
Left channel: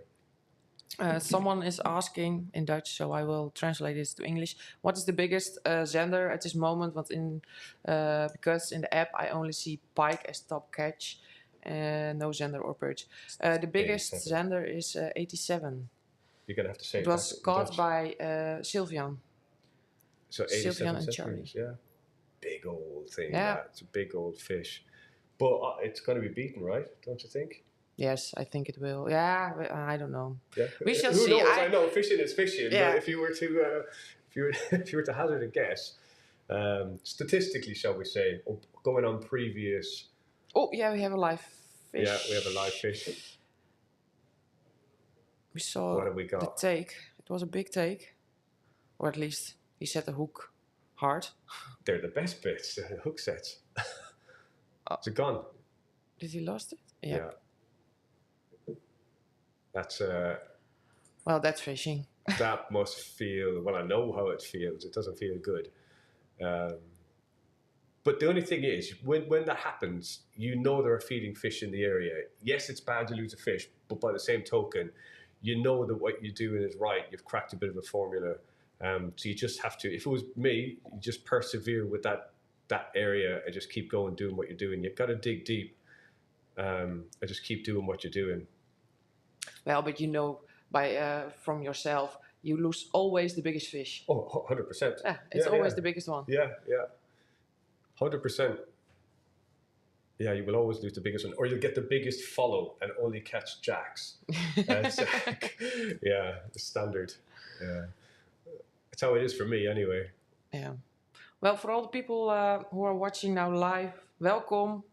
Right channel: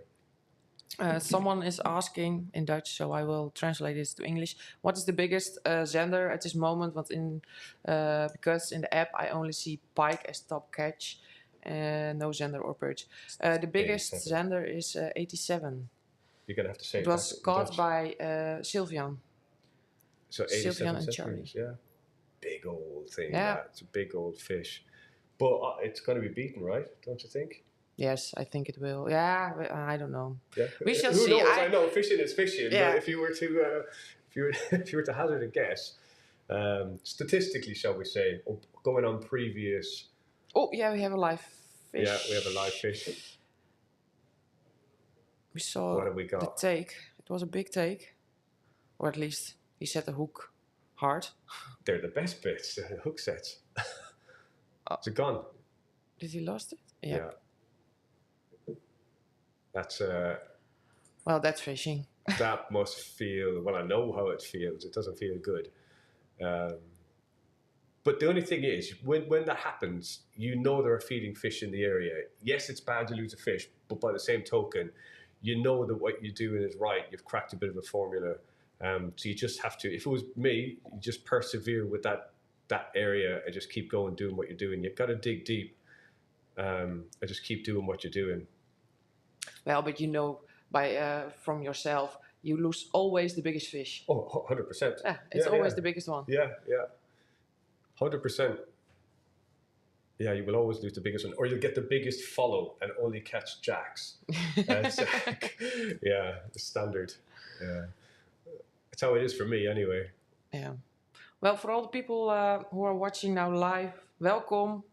Someone is asking in Dutch, so I will translate this to English. What is the biggest zender at this moment? Because in the app I only see pike as top catch, no zender or perch. The biggest 87. zender is 87. You're gonna have to say it was caught by Sylvian. So 87 Sylvian and centimeters, Charlie. yeah. Big old thing. Yeah. It's a big old fish, but it's going to be beaten, right? Don't you think? Yes, I think it will. Yeah, I don't know. Yeah. We shall Who see. knows? I know fishing is fishing, Yeah. but if you were to hazard a guess, statistically, shall we say, or going on previous. Oh yeah, we have a live fish. Yeah, we have a live fish. We saw What have we got? the take. It was a big take, or at least he set the hook hard. They're the best bits, the hook sets. It's a gun. Did he lost it? Yeah. That's Well, that's fishing. that must feel. Well, I know how it feels. It doesn't feel good. But the only thing is, when that happens, you know there are feeding fish in the area. Yes, it's bad to lose a fish, but by the same token, you know that what you're doing is right. You've cracked a bit of a formula. So you just have to. If it was me, you just persevere with that area and just keep going, doing what you're doing. You've got to dig deep and just keep doing what you're doing. Well, but you know, from yourself, you lose always the biggest fish. Oh, 100%. Yeah, it's always the biggest one. Yeah. 100%. Yeah, you will always lose the biggest one, or you'll get the biggest follow and only catch jacks. Yeah, the standard. Yeah, that's how it is for me, anyway. Yeah. Well, for all the people who are watching now live, welcome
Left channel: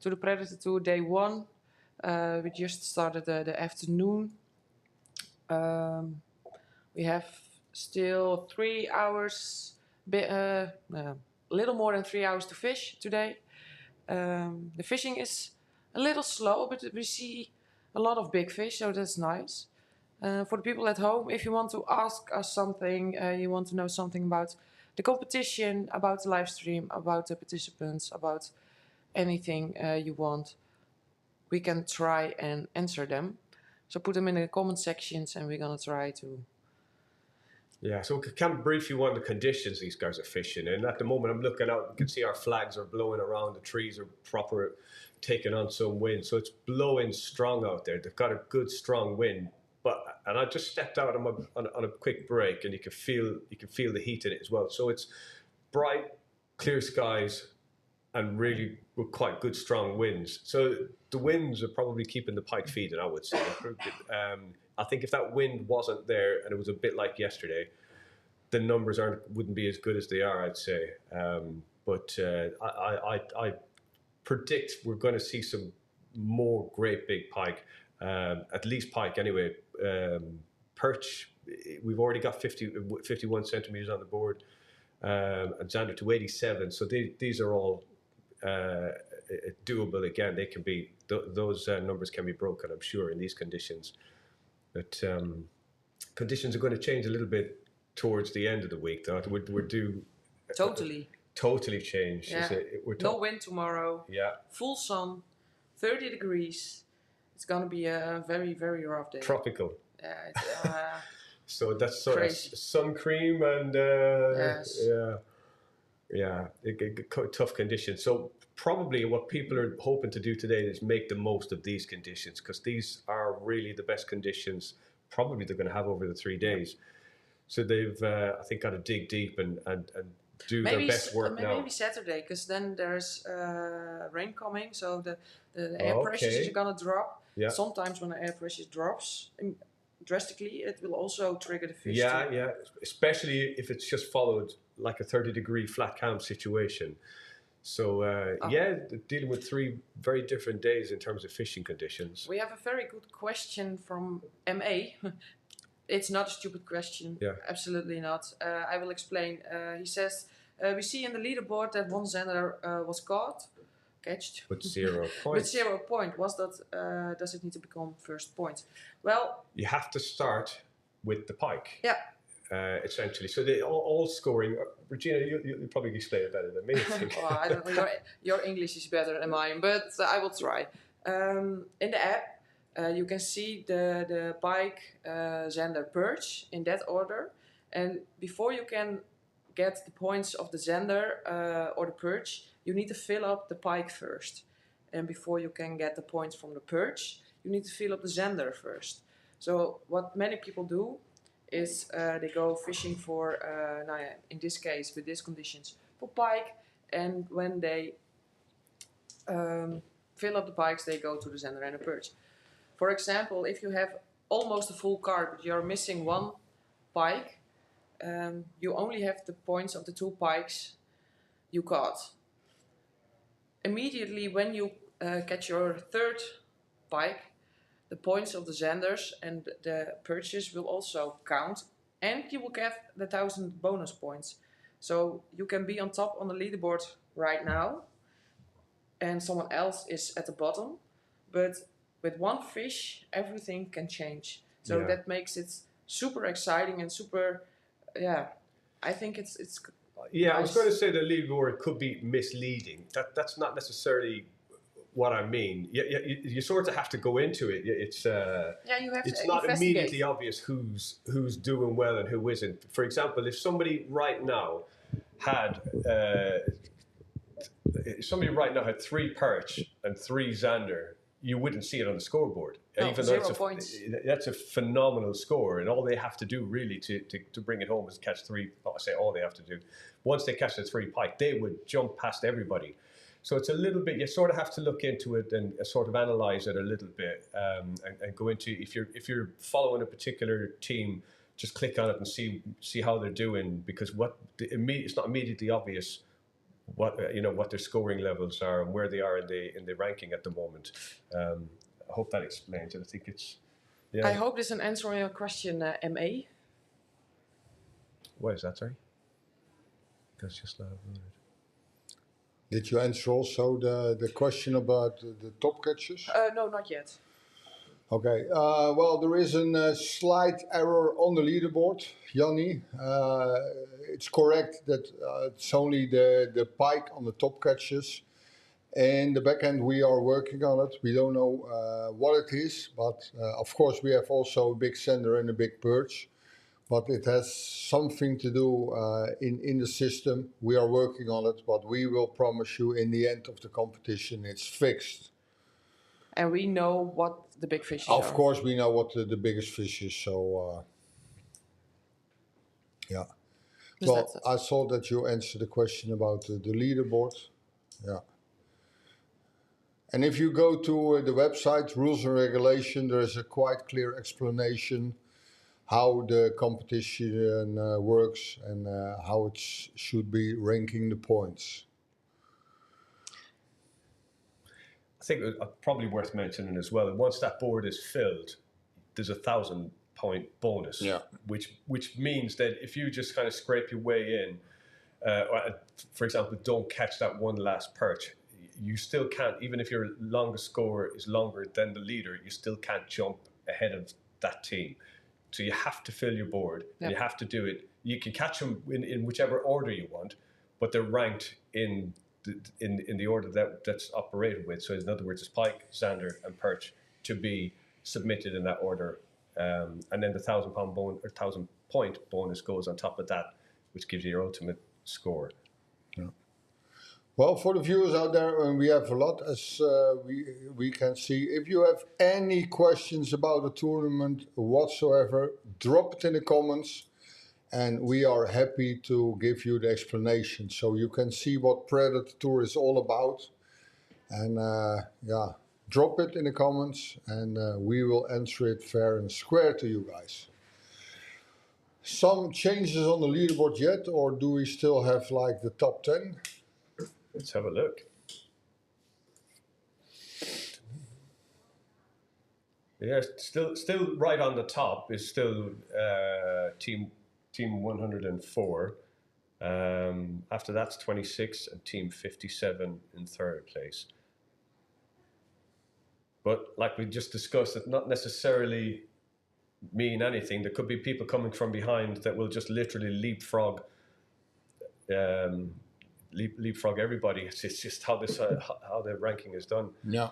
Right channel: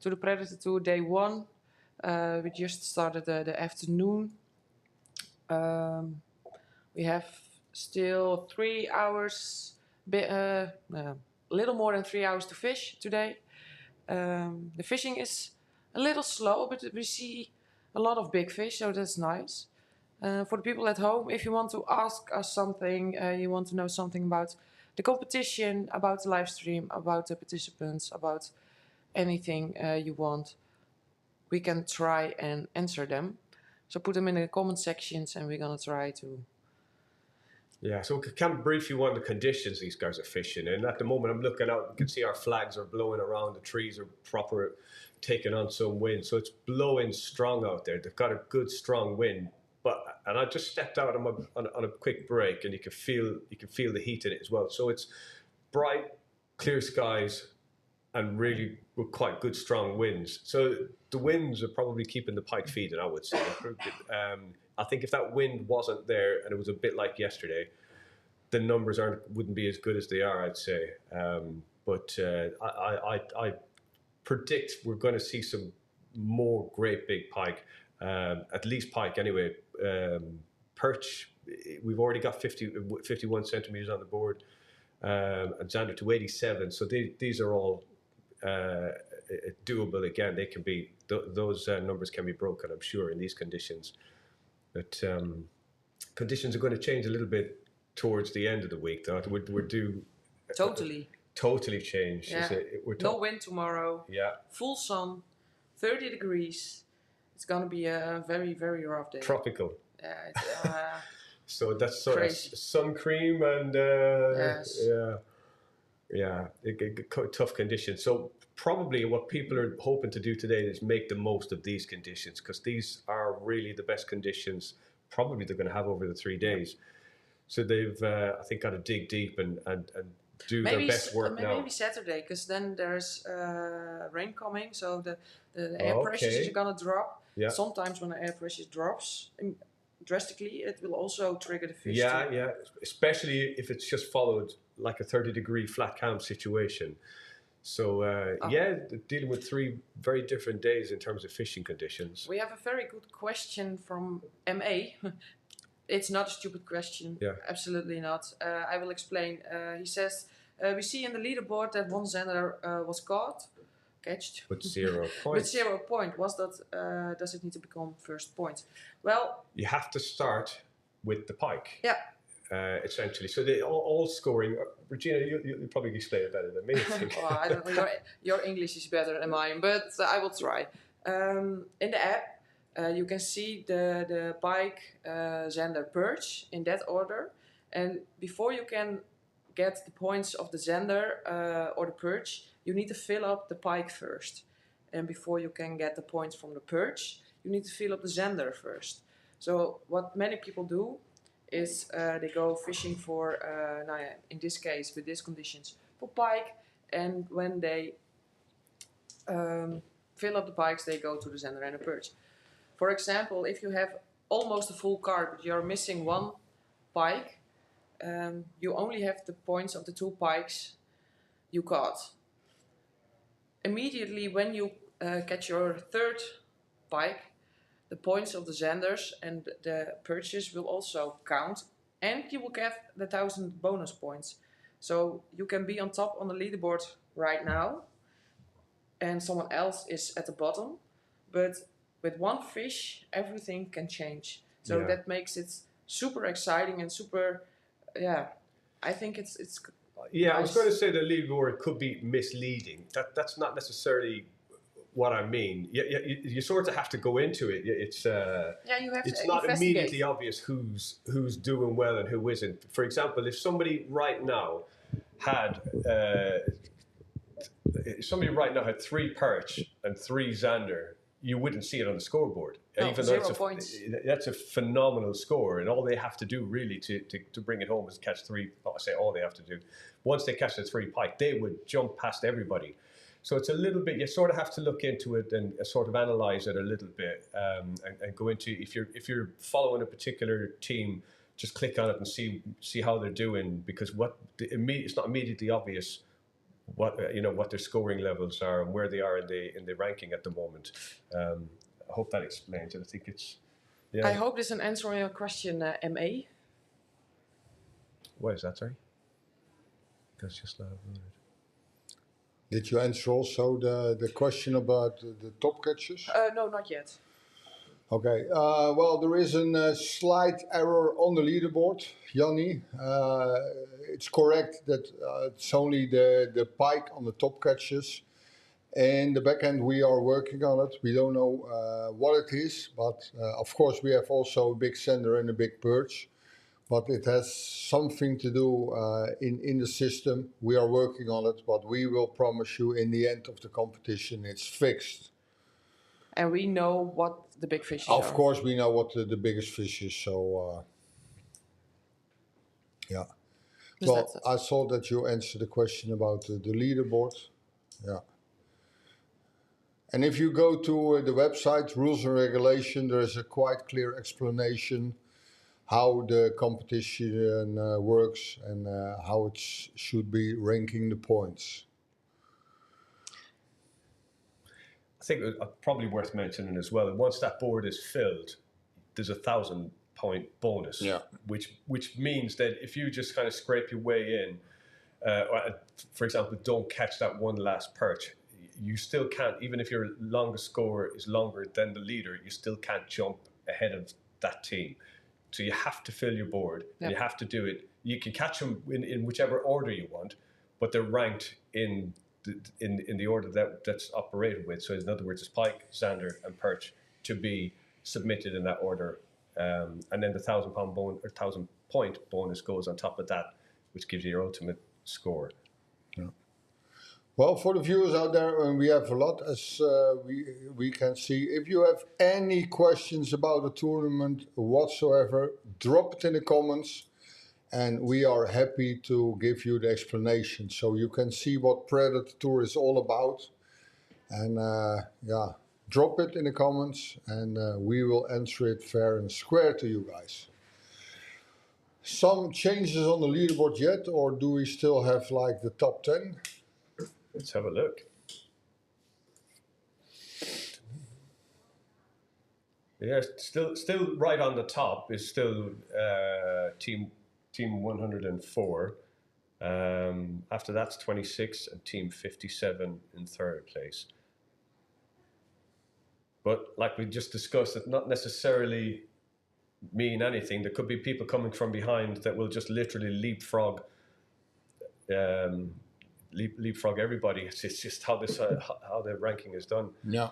to the Predatortour Day 1. We just started the afternoon. We have still 3 hours, little more than 3 hours to fish today. The fishing is a little slow, but we see a lot of big fish, so that's nice. For the people at home, if you want to ask us something, you want to know something about the competition, about the live stream, about the participants, about anything you want, we can try and answer them. So put them in the comment sections and we're going to try to... Yeah, so we can brief you on the conditions these guys are fishing in. At the moment, I'm looking out, you can see our flags are blowing around, the trees are proper, taking on some wind. So it's blowing strong out there. They've got a good, strong wind. And I just stepped out on a quick break, and you can feel the heat in it as well. So it's bright, clear skies, and really with quite good, strong winds. So the winds are probably keeping the pike feeding, I would say. I think if that wind wasn't there and it was a bit like yesterday, the numbers wouldn't be as good as they are, I'd say. But I predict we're going to see some more great big pike, at least pike anyway. Perch we've already got 51 centimeters on the board, and Xander to 87. So these are all doable. Again, they can be those numbers can be broken, I'm sure, in these conditions. But conditions are going to change a little bit towards the end of the week, though. We're due totally change. Yeah. No wind tomorrow. Yeah. Full sun, 30 degrees. It's going to be a very, very rough day. Tropical. Yeah. It's, so that's sort of sun cream and yes. Tough conditions. So probably what people are hoping to do today is make the most of these conditions, because these are really the best conditions probably they're going to have over the 3 days. So they've, I think, got to dig deep and do their best work now. Maybe Saturday, because then there's rain coming, so the air pressures are going to drop. Yeah. Sometimes when the air pressure drops drastically, it will also trigger the fish. Yeah, especially if it's just followed like a 30-degree flat cam situation. So dealing with 3 very different days in terms of fishing conditions. We have a very good question from MA. It's not a stupid question. Yeah. Absolutely not. I will explain. He says, we see in the leaderboard that one Xander was catched. With 0 points. With 0 point. Does it need to become first point? Well, you have to start with the pike. Yeah. Essentially. So they all scoring. Regina, you probably explain it better than me. Well, I don't know. Your English is better than mine, but I will try. In the app, you can see the pike, Xander, perch in that order. And before you can get the points of the Xander or the perch, you need to fill up the pike first. And before you can get the points from the perch, you need to fill up the Xander first. So what many people do is they go fishing for, in this case, with these conditions, for pike. And when they fill up the pikes, they go to the Xander and the perch. For example, if you have almost a full cart, but you're missing 1 pike, you only have the points of the 2 pikes you caught. Immediately when you catch your 3rd pike, the points of the Xanders and the perches will also count, and you will get the 1,000 bonus points. So you can be on top on the leaderboard right now, and someone else is at the bottom, but with 1 fish, everything can change. So that makes it super exciting and super, I think it's Yeah, nice. I was going to say the leaderboard could be misleading. That's not necessarily what I mean. You sort of have to go into it. It's it's not immediately obvious who's doing well and who isn't. For example, if somebody right now had 3 perch and 3 Xander, you wouldn't see it on the scoreboard. No, even 0 though points. That's a phenomenal score, and all they have to do really to bring it home is catch 3. I say all they have to do. Once they catch the 3 pike, they would jump past everybody. So it's a little bit. You sort of have to look into it and sort of analyze it a little bit, and go into if you're following a particular team, just click on it and see how they're doing, because it's not immediately obvious what their scoring levels are and where they are in the ranking at the moment. I hope that explains it. I think it's. Yeah. I hope this is an answer on your question, MA. What is that? Sorry. That's just loud. Did you answer also the question about the top catches? No, not yet. Okay. Well, there is a slight error on the leaderboard, Yanni. It's correct that it's only the pike on the top catches. And the back end, we are working on it. We don't know what it is, but of course we have also a big Xander and a big perch. But it has something to do in the system. We are working on it, but we will promise you in the end of the competition it's fixed. And we know what the big fish are. Of course we know what the biggest fish is, so yeah. Well, I saw that you answered the question about the leaderboard. Yeah. And if you go to the website, Rules and Regulation, there is a quite clear explanation how the competition works and how it should be ranking the points. I think it's probably worth mentioning as well, once that board is filled, there's 1,000 point bonus. Yeah. Which means that if you just kind of scrape your way in, or, for example, don't catch that one last perch, you still can't, even if your longest score is longer than the leader, you still can't jump ahead of that team. So you have to fill your board. And you have to do it. You can catch them in whichever order you want, but they're ranked in the order that's operated with. So in other words, it's pike, zander, and perch to be submitted in that order. And then the 1,000 point bonus goes on top of that, which gives you your ultimate score. Yeah. Well, for the viewers out there, and we have a lot, as we can see. If you have any questions about the tournament whatsoever, drop it in the comments, and we are happy to give you the explanation, so you can see what Predatortour is all about. And drop it in the comments, and we will answer it fair and square to you guys. Some changes on the leaderboard yet, or do we still have like the top 10? Let's have a look. Yeah, still right on the top is still team 104. After that's 26 and team 57 in third place. But like we just discussed, it not necessarily mean anything. There could be people coming from behind that will just literally leapfrog everybody. It's just how the ranking is done. Yeah.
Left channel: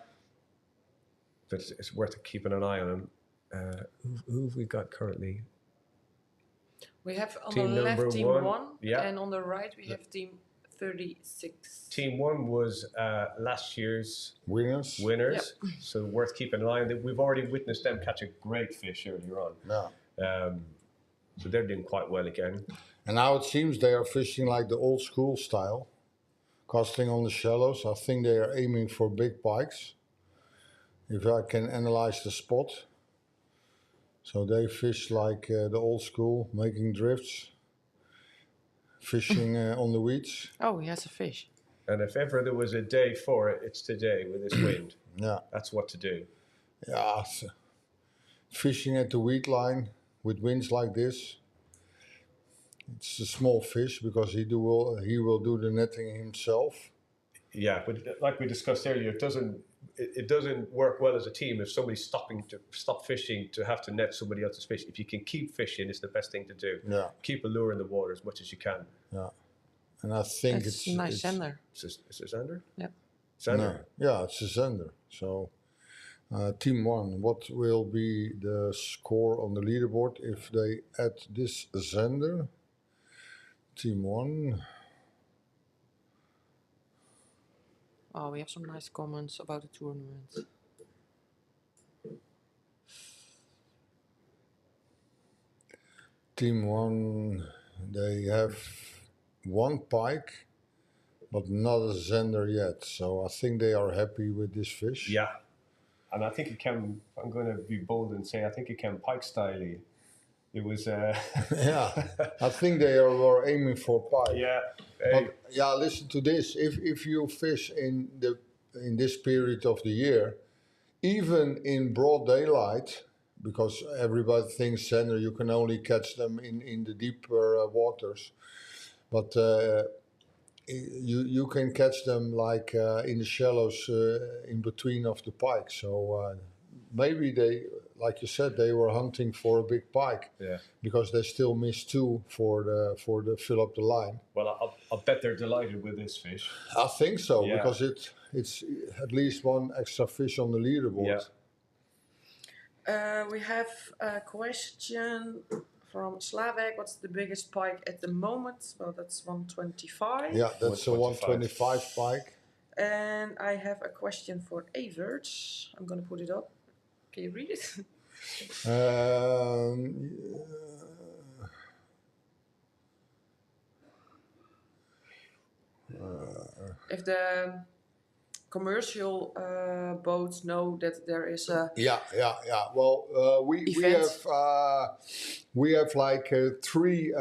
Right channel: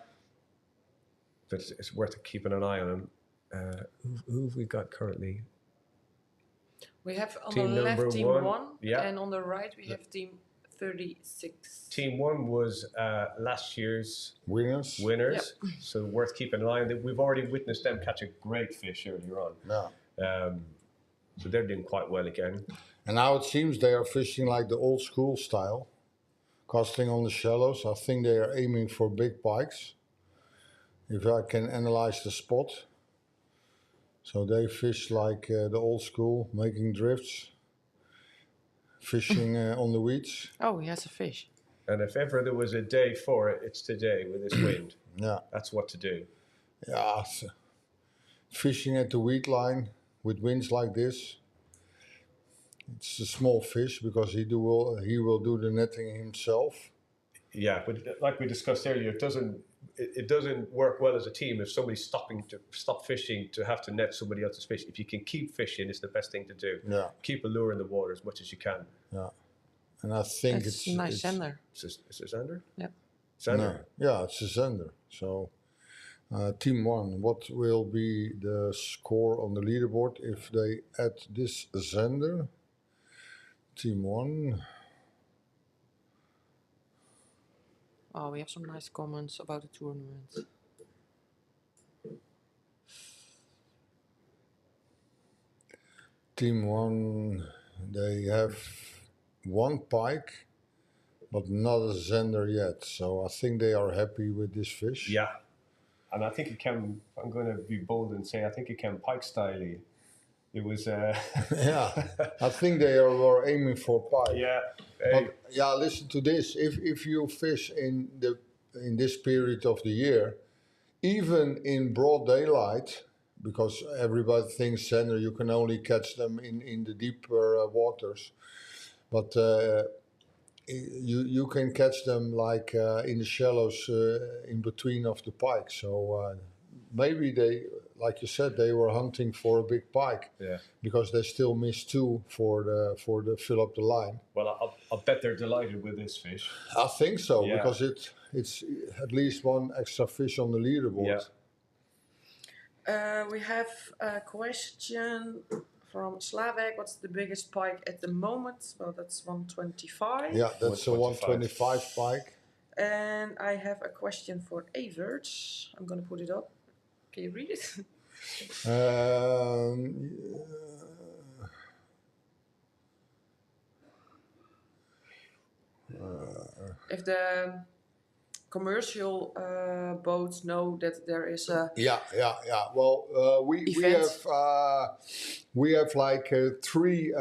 But it's worth keeping an eye on. Who have we got currently? We have on Team the left number team one. 1, Yeah. and on the right we have team 36. Team 1 was last year's Winners. Yep. So worth keeping an eye on. We've already witnessed them catch a great fish earlier on. Yeah. So they're doing quite well again. And now it seems they are fishing like the old school style, casting on the shallows. I think they are aiming for big pikes, if I can analyze the spot. So they fish like the old school, making drifts, fishing on the weeds. Oh, he has a fish. And if ever there was a day for it, it's today with this wind. Yeah. That's what to do. Yeah. Fishing at the weed line with winds like this. It's a small fish because he will do the netting himself. Yeah, but like we discussed earlier, it doesn't work well as a team if somebody's stop fishing to have to net somebody else's fish. If you can keep fishing, it's the best thing to do. Yeah. Keep a lure in the water as much as you can. Yeah. And I think It's a nice zander. Is it zander? Yeah. Zander? No, yeah, it's a zander. So team 1, what will be the score on the leaderboard if they add this zander? Team 1. Oh, we have some nice comments about the tournament. Team 1, they have 1 pike, but not a zander yet. So I think they are happy with this fish. Yeah. And I think it can, I'm going to be bold and say, I think it can pike style. It was... Yeah, I think they were aiming for pike. Yeah. But yeah, listen to this. If you fish in this period of the year, even in broad daylight, because everybody thinks zander, you can only catch them in the deeper waters, but you can catch them like in the shallows in between of the pike. So maybe they, like you said, they were hunting for a big pike. Yeah. Because they still missed 2 for the fill up the line. Well, I'll bet they're delighted with this fish. I think so, Yeah. because it's at least 1 extra fish on the leaderboard. Yeah. We have a question from Slavek. What's the biggest pike at the moment? Well, that's 125. Yeah, that's a 125 pike. And I have a question for Evert. I'm going to put it up. Can you read it? If the commercial boats know that there is a Yeah. Well, we have like 3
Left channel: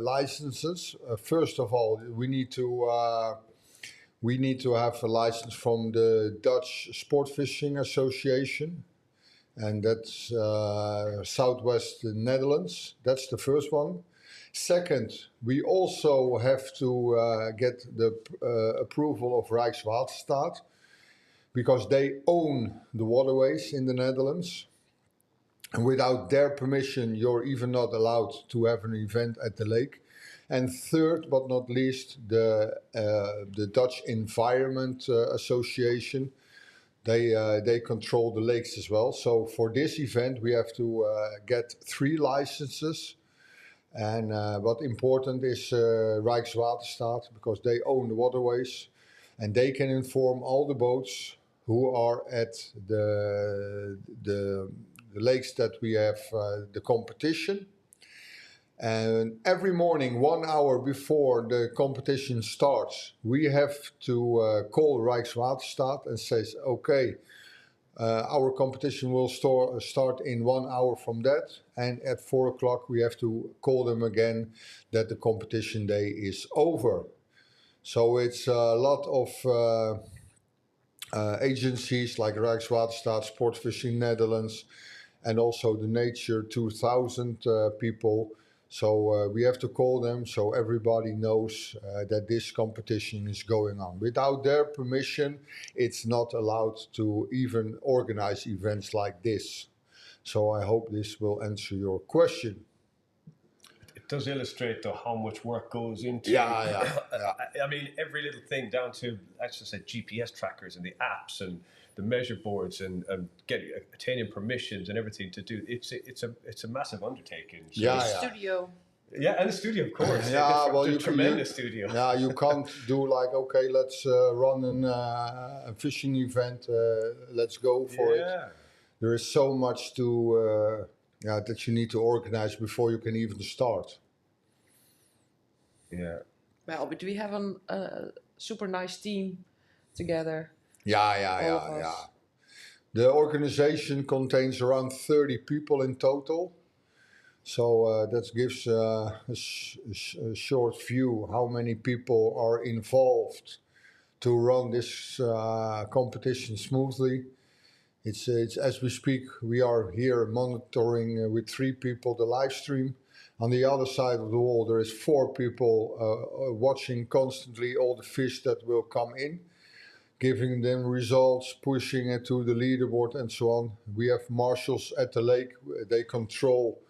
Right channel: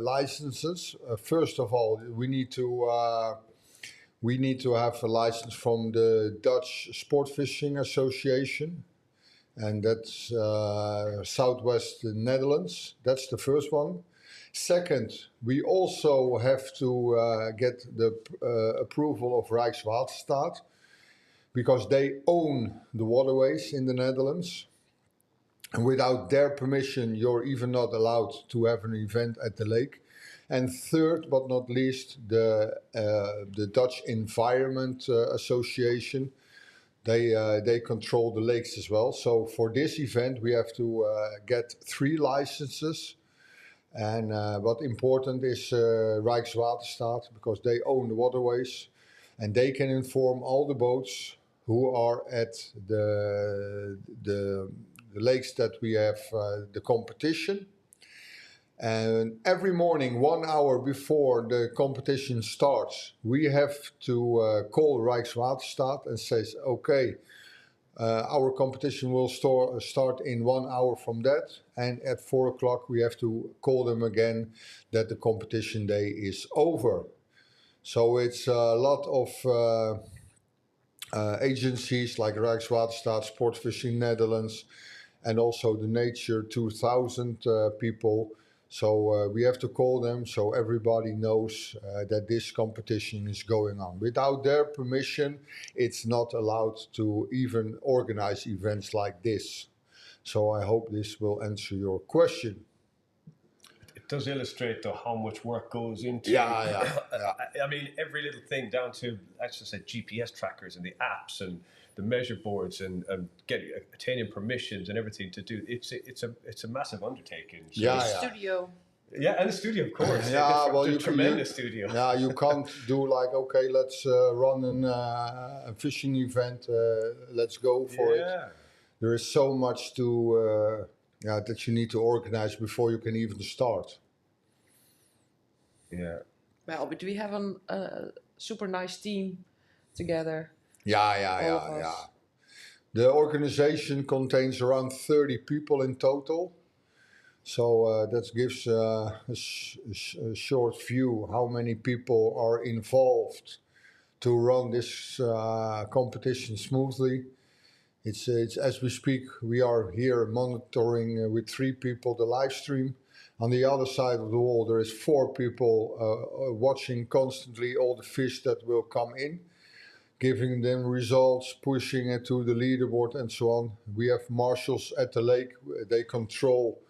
licenses. First of all, we need to have a license from the Dutch Sport Fishing Association, and that's southwest Netherlands. That's the first one. Second, we also have to get the approval of Rijkswaterstaat, because they own the waterways in the Netherlands. And without their permission, you're even not allowed to have an event at the lake. And third, but not least, the Dutch Environment Association. They control the lakes as well. So for this event, we have to get 3 licenses. And what important is Rijkswaterstaat, because they own the waterways, and they can inform all the boats who are at the lakes that we have the competition. And every morning, 1 hour before the competition starts, we have to call Rijkswaterstaat and says, okay, our competition will start in 1 hour from that. And at 4 o'clock, we have to call them again that the competition day is over. So it's a lot of agencies like Rijkswaterstaat, Sportfishing Netherlands, and also the Nature 2000 people. So we have to call them so everybody knows that this competition is going on. Without their permission, it's not allowed to even organize events like this. So I hope this will answer your question. It does illustrate though how much work goes into. Yeah. I mean, every little thing down to, let's just say, GPS trackers and the apps and the measure boards and attaining permissions and everything to do. It's a massive undertaking. So Studio. Yeah, and the studio, of course. Yeah, well, a tremendous studio. Yeah, you can't do like, okay, let's run a fishing event. Let's go for it. There is so much to that you need to organize before you can even start. Yeah. Well, but we have a super nice team together. Yeah. The organization contains around 30 people in total. So that gives a short view how many people are involved to run this competition smoothly. It's as we speak, we are here monitoring with 3 people the live stream. On the other side of the wall, there is 4 people watching constantly all the fish that will come in, giving them results, pushing it to the leaderboard and so on. We have marshals at the lake. They control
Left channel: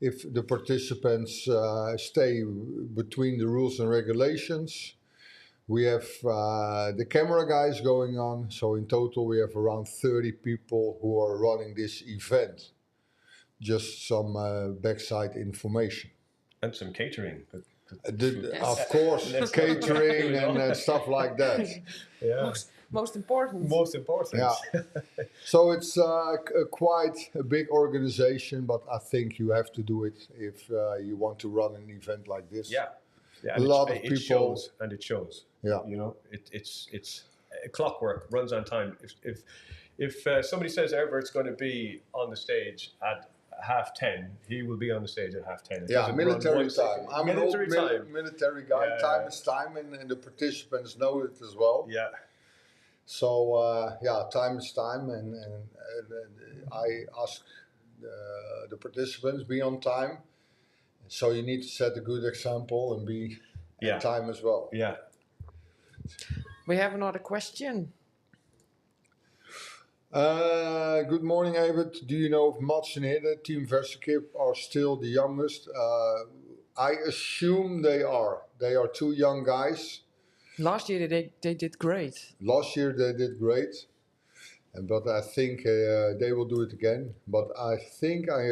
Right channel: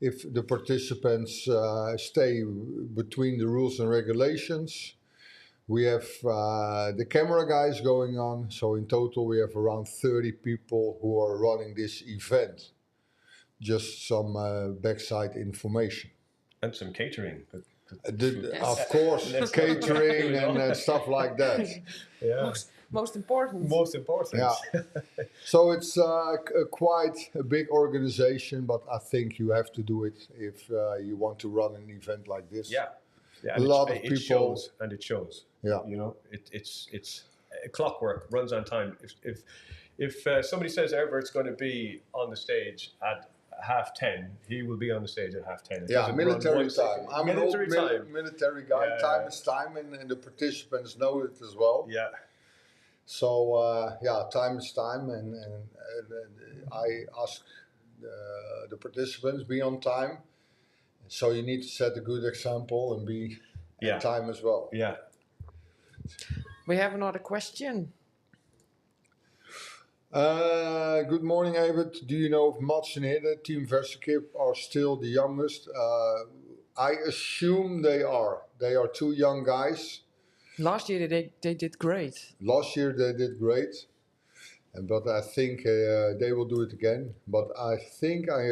if the participants stay between the rules and regulations. We have the camera guys going on. So in total, we have around 30 people who are running this event. Just some backside information. And some catering. Of course, catering and stuff like that. Yeah. Most important. Most important. Yeah. So it's quite a big organization, but I think you have to do it if you want to run an event like this. Yeah. A lot of people. It shows. Yeah. You know, it's clockwork, runs on time. If somebody says Everett's going to be on the stage at 10:30, he will be on the stage at 10:30. Yeah, military time. I'm an old military guy. Yeah. Time is time, and the participants know it as well. Yeah. So time is time, and I ask the participants be on time. So you need to set a good example and be on time as well. Yeah. We have another question. Good morning, Evert. Do you know if Mats and Hidde, Team Versekip, are still the youngest? I assume they are. They are 2 young guys. Last year they did great. Last year they did great, but I think they will do it again. But I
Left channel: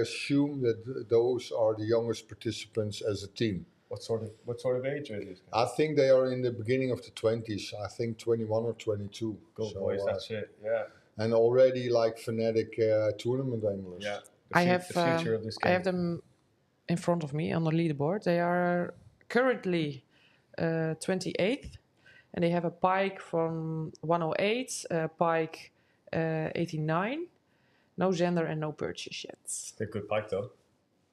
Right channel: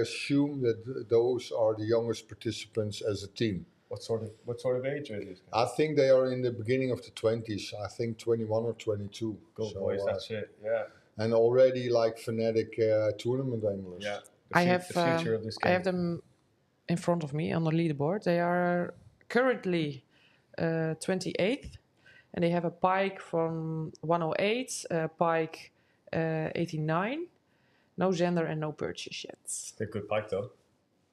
assume that those are the youngest participants as a team. What sort of age are these guys? I think they are in the beginning of the 20s. I think 21 or 22. Go boys, that's it. Yeah. And already like fanatic tournament anglers. Yeah. The future of this game. I have them in front of me on the leaderboard. They are currently 28th, and they have a pike from 108, a pike 89, no Zender and no purchase yet. They're good pike though.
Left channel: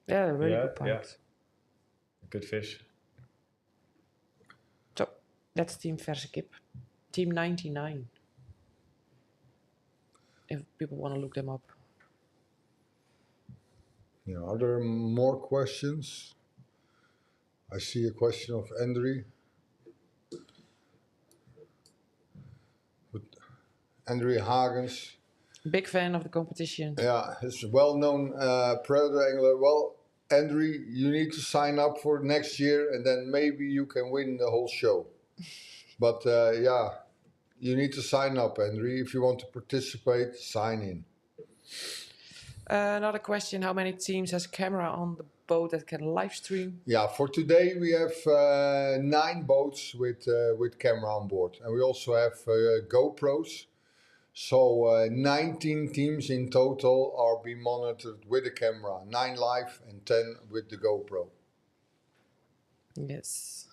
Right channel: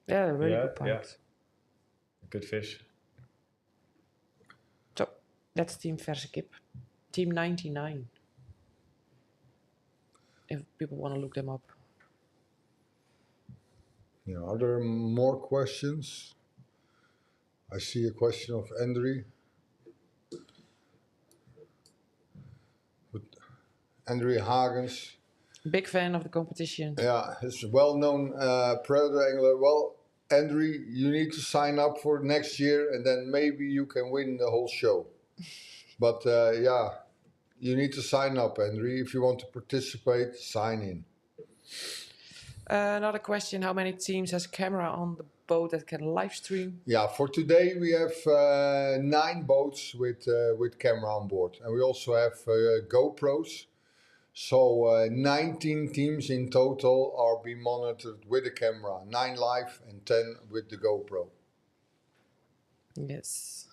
Yeah, they're really good pikes. Yeah. Good fish. So that's Team Versekip. Team 99. If people want to look them up. Yeah, are there more questions? I see a question of Andre. Andre Hagens. Big fan of the competition. Yeah, he's a well-known predator angler. Well, Andre, you need to sign up for next year, and then maybe you can win the whole show. But yeah, you need to sign up, Andre. If you want to participate, sign in. Another question: how many teams has a camera on the boat that can live stream? Yeah, for today we have 9 boats with camera on board, and we also have GoPros. So 19 teams in total are being monitored with a camera, 9 live and 10 with the GoPro. Yes.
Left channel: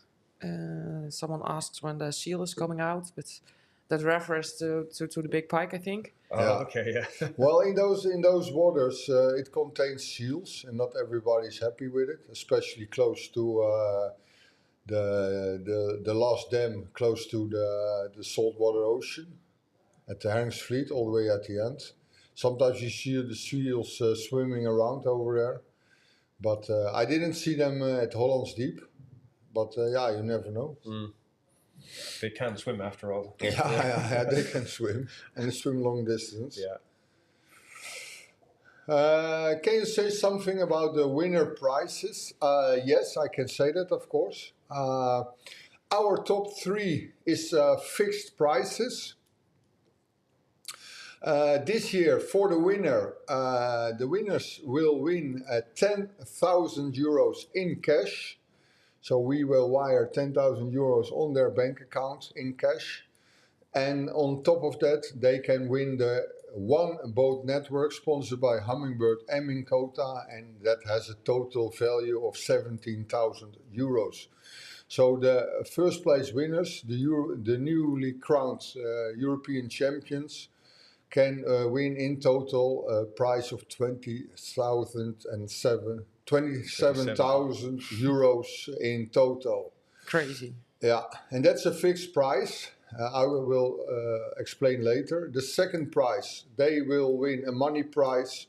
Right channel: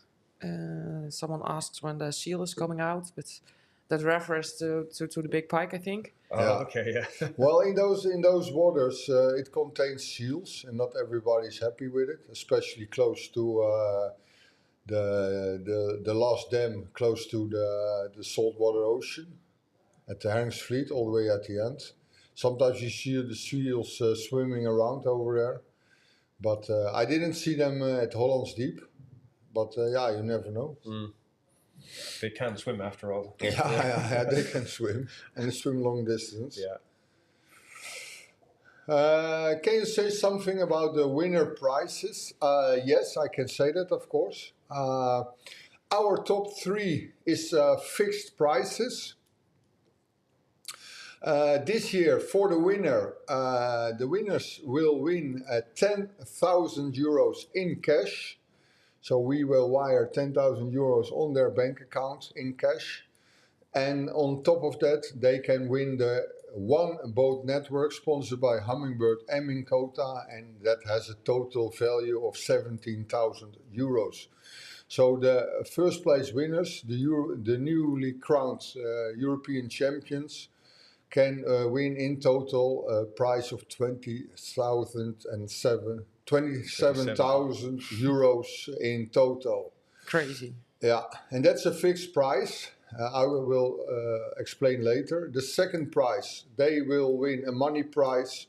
Someone asks when the seal is coming out, but that refers to the big pike, I think. Oh, okay, yeah. Well, in those waters, it contains seals, and not everybody's happy with it, especially close to the last dam, close to the saltwater ocean, at the Herringsvliet, all the way at the end. Sometimes you see the seals swimming around over there, but I didn't see them at Hollands Deep. But yeah, you never know. Mm. They can swim after all. Yeah, they can swim, and they swim long distance. Yeah. Can you say something about the winner prizes? Yes, I can say that, of course. Our top 3 is fixed prizes. This year, for the winners will win 10,000 euros in cash. So we will wire 10,000 euros on their bank account in cash. And on top of that, they can win the One Boat Network sponsored by Hummingbird and Minkota, and that has a total value of 17,000 euros. So the first place winners, the newly crowned European champions, can win in total a prize of 27,000 euros in total. Crazy. Yeah, and that's a fixed price. I will explain later. The second prize, they will win a money prize,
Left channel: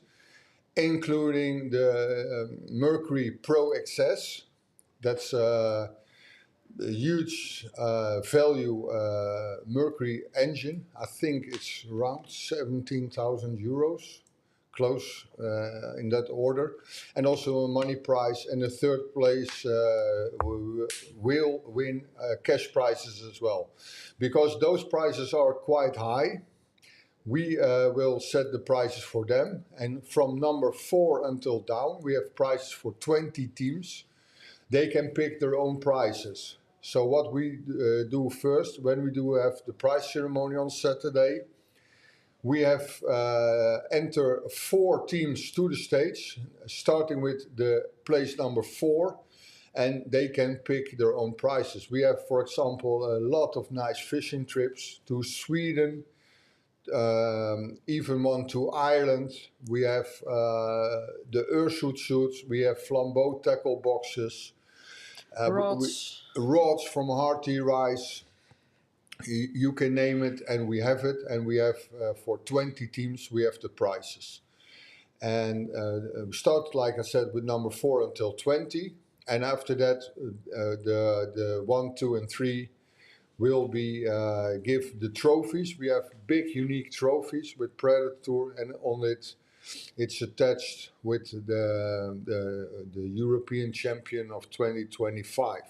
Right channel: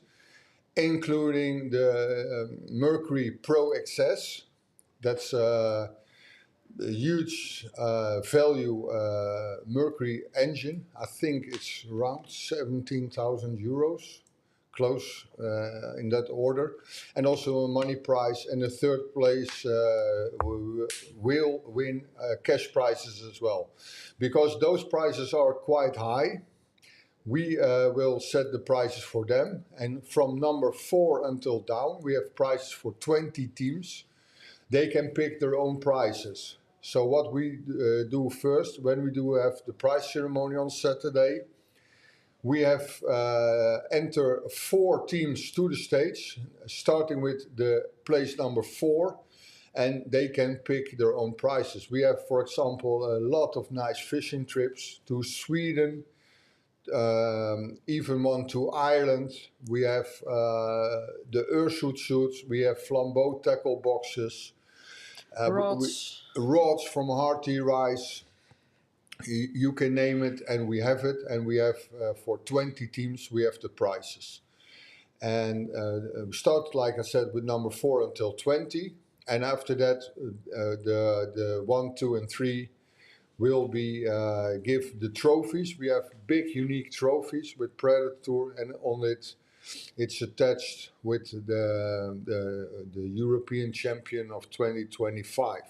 including the Mercury Pro XS. That's a huge value Mercury engine. I think it's around 17,000 euros. Close in that order, and also a money prize, and the third place will win cash prizes as well. Because those prizes are quite high, we will set the prices for them, and from number 4 until down, we have prizes for 20 teams. They can pick their own prizes. So what we do first, when we do have the prize ceremony on Saturday, we have enter 4 teams to the stage, starting with the place number 4, and they can pick their own prizes. We have, for example, a lot of nice fishing trips to Sweden, even one to Ireland. We have the Urshoot suits, we have flambeau tackle boxes, rods from Hearty Rice. You can name it, and we have it, and we have for 20 teams we have the prizes. And we start, like I said, with number 4 until 20, and after that the 1, 2, and 3 will be give the trophies. We have big unique trophies with Predatortour, and on it it's attached with the European champion of 2025.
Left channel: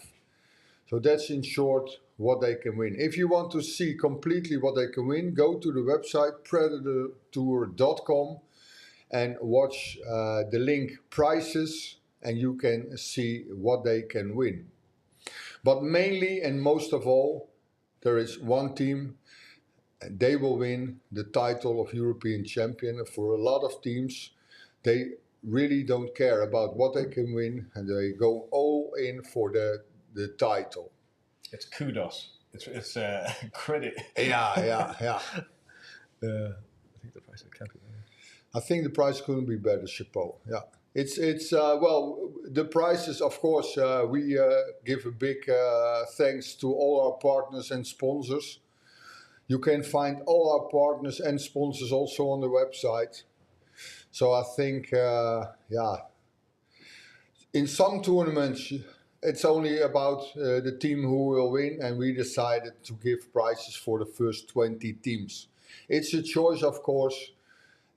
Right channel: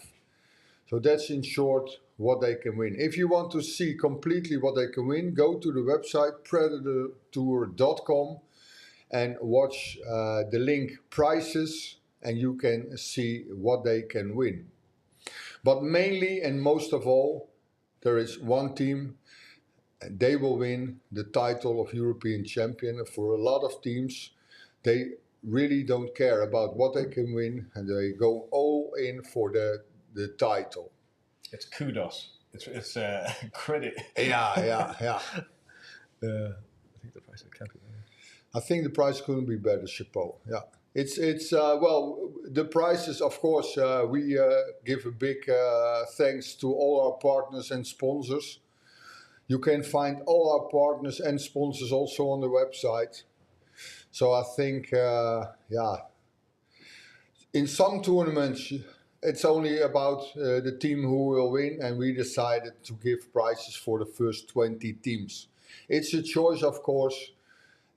So that's in short what they can win. If you want to see completely what they can win, go to the website Predatortour.com and watch the link prizes, and you can see what they can win. But mainly and most of all, there is one team, and they will win the title of European champion. And for a lot of teams, they really don't care about what they can win, and they go all in for the title. It's kudos. It's credit. Yeah. I think the price can't be better. I think the price couldn't be better, chapeau. Yeah, it's well, the prices, of course, we give a big thanks to all our partners and sponsors. You can find all our partners and sponsors also on the website. So I think, yeah, In some tournaments, it's only about the team who will win, and we decided to give prizes for the first 20 teams. It's a choice, of course,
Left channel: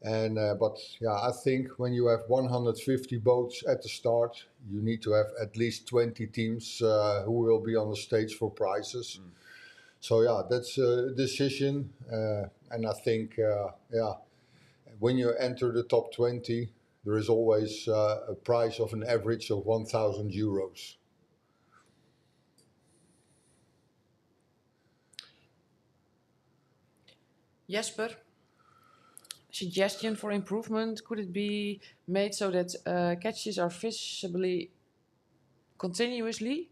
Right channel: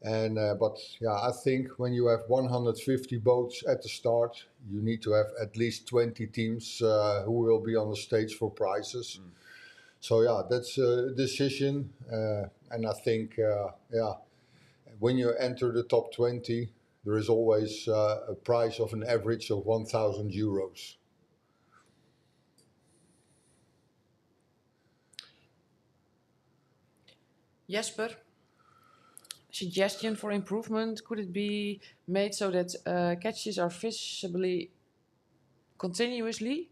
and but yeah, I think when you have 150 boats at the start, you need to have at least 20 teams who will be on the stage for prizes. So yeah, that's a decision, and I think when you enter the top 20, there is always a prize of an average of 1,000 euros. Jesper, suggestion for improvement, could it be made so that catches are visibly continuously?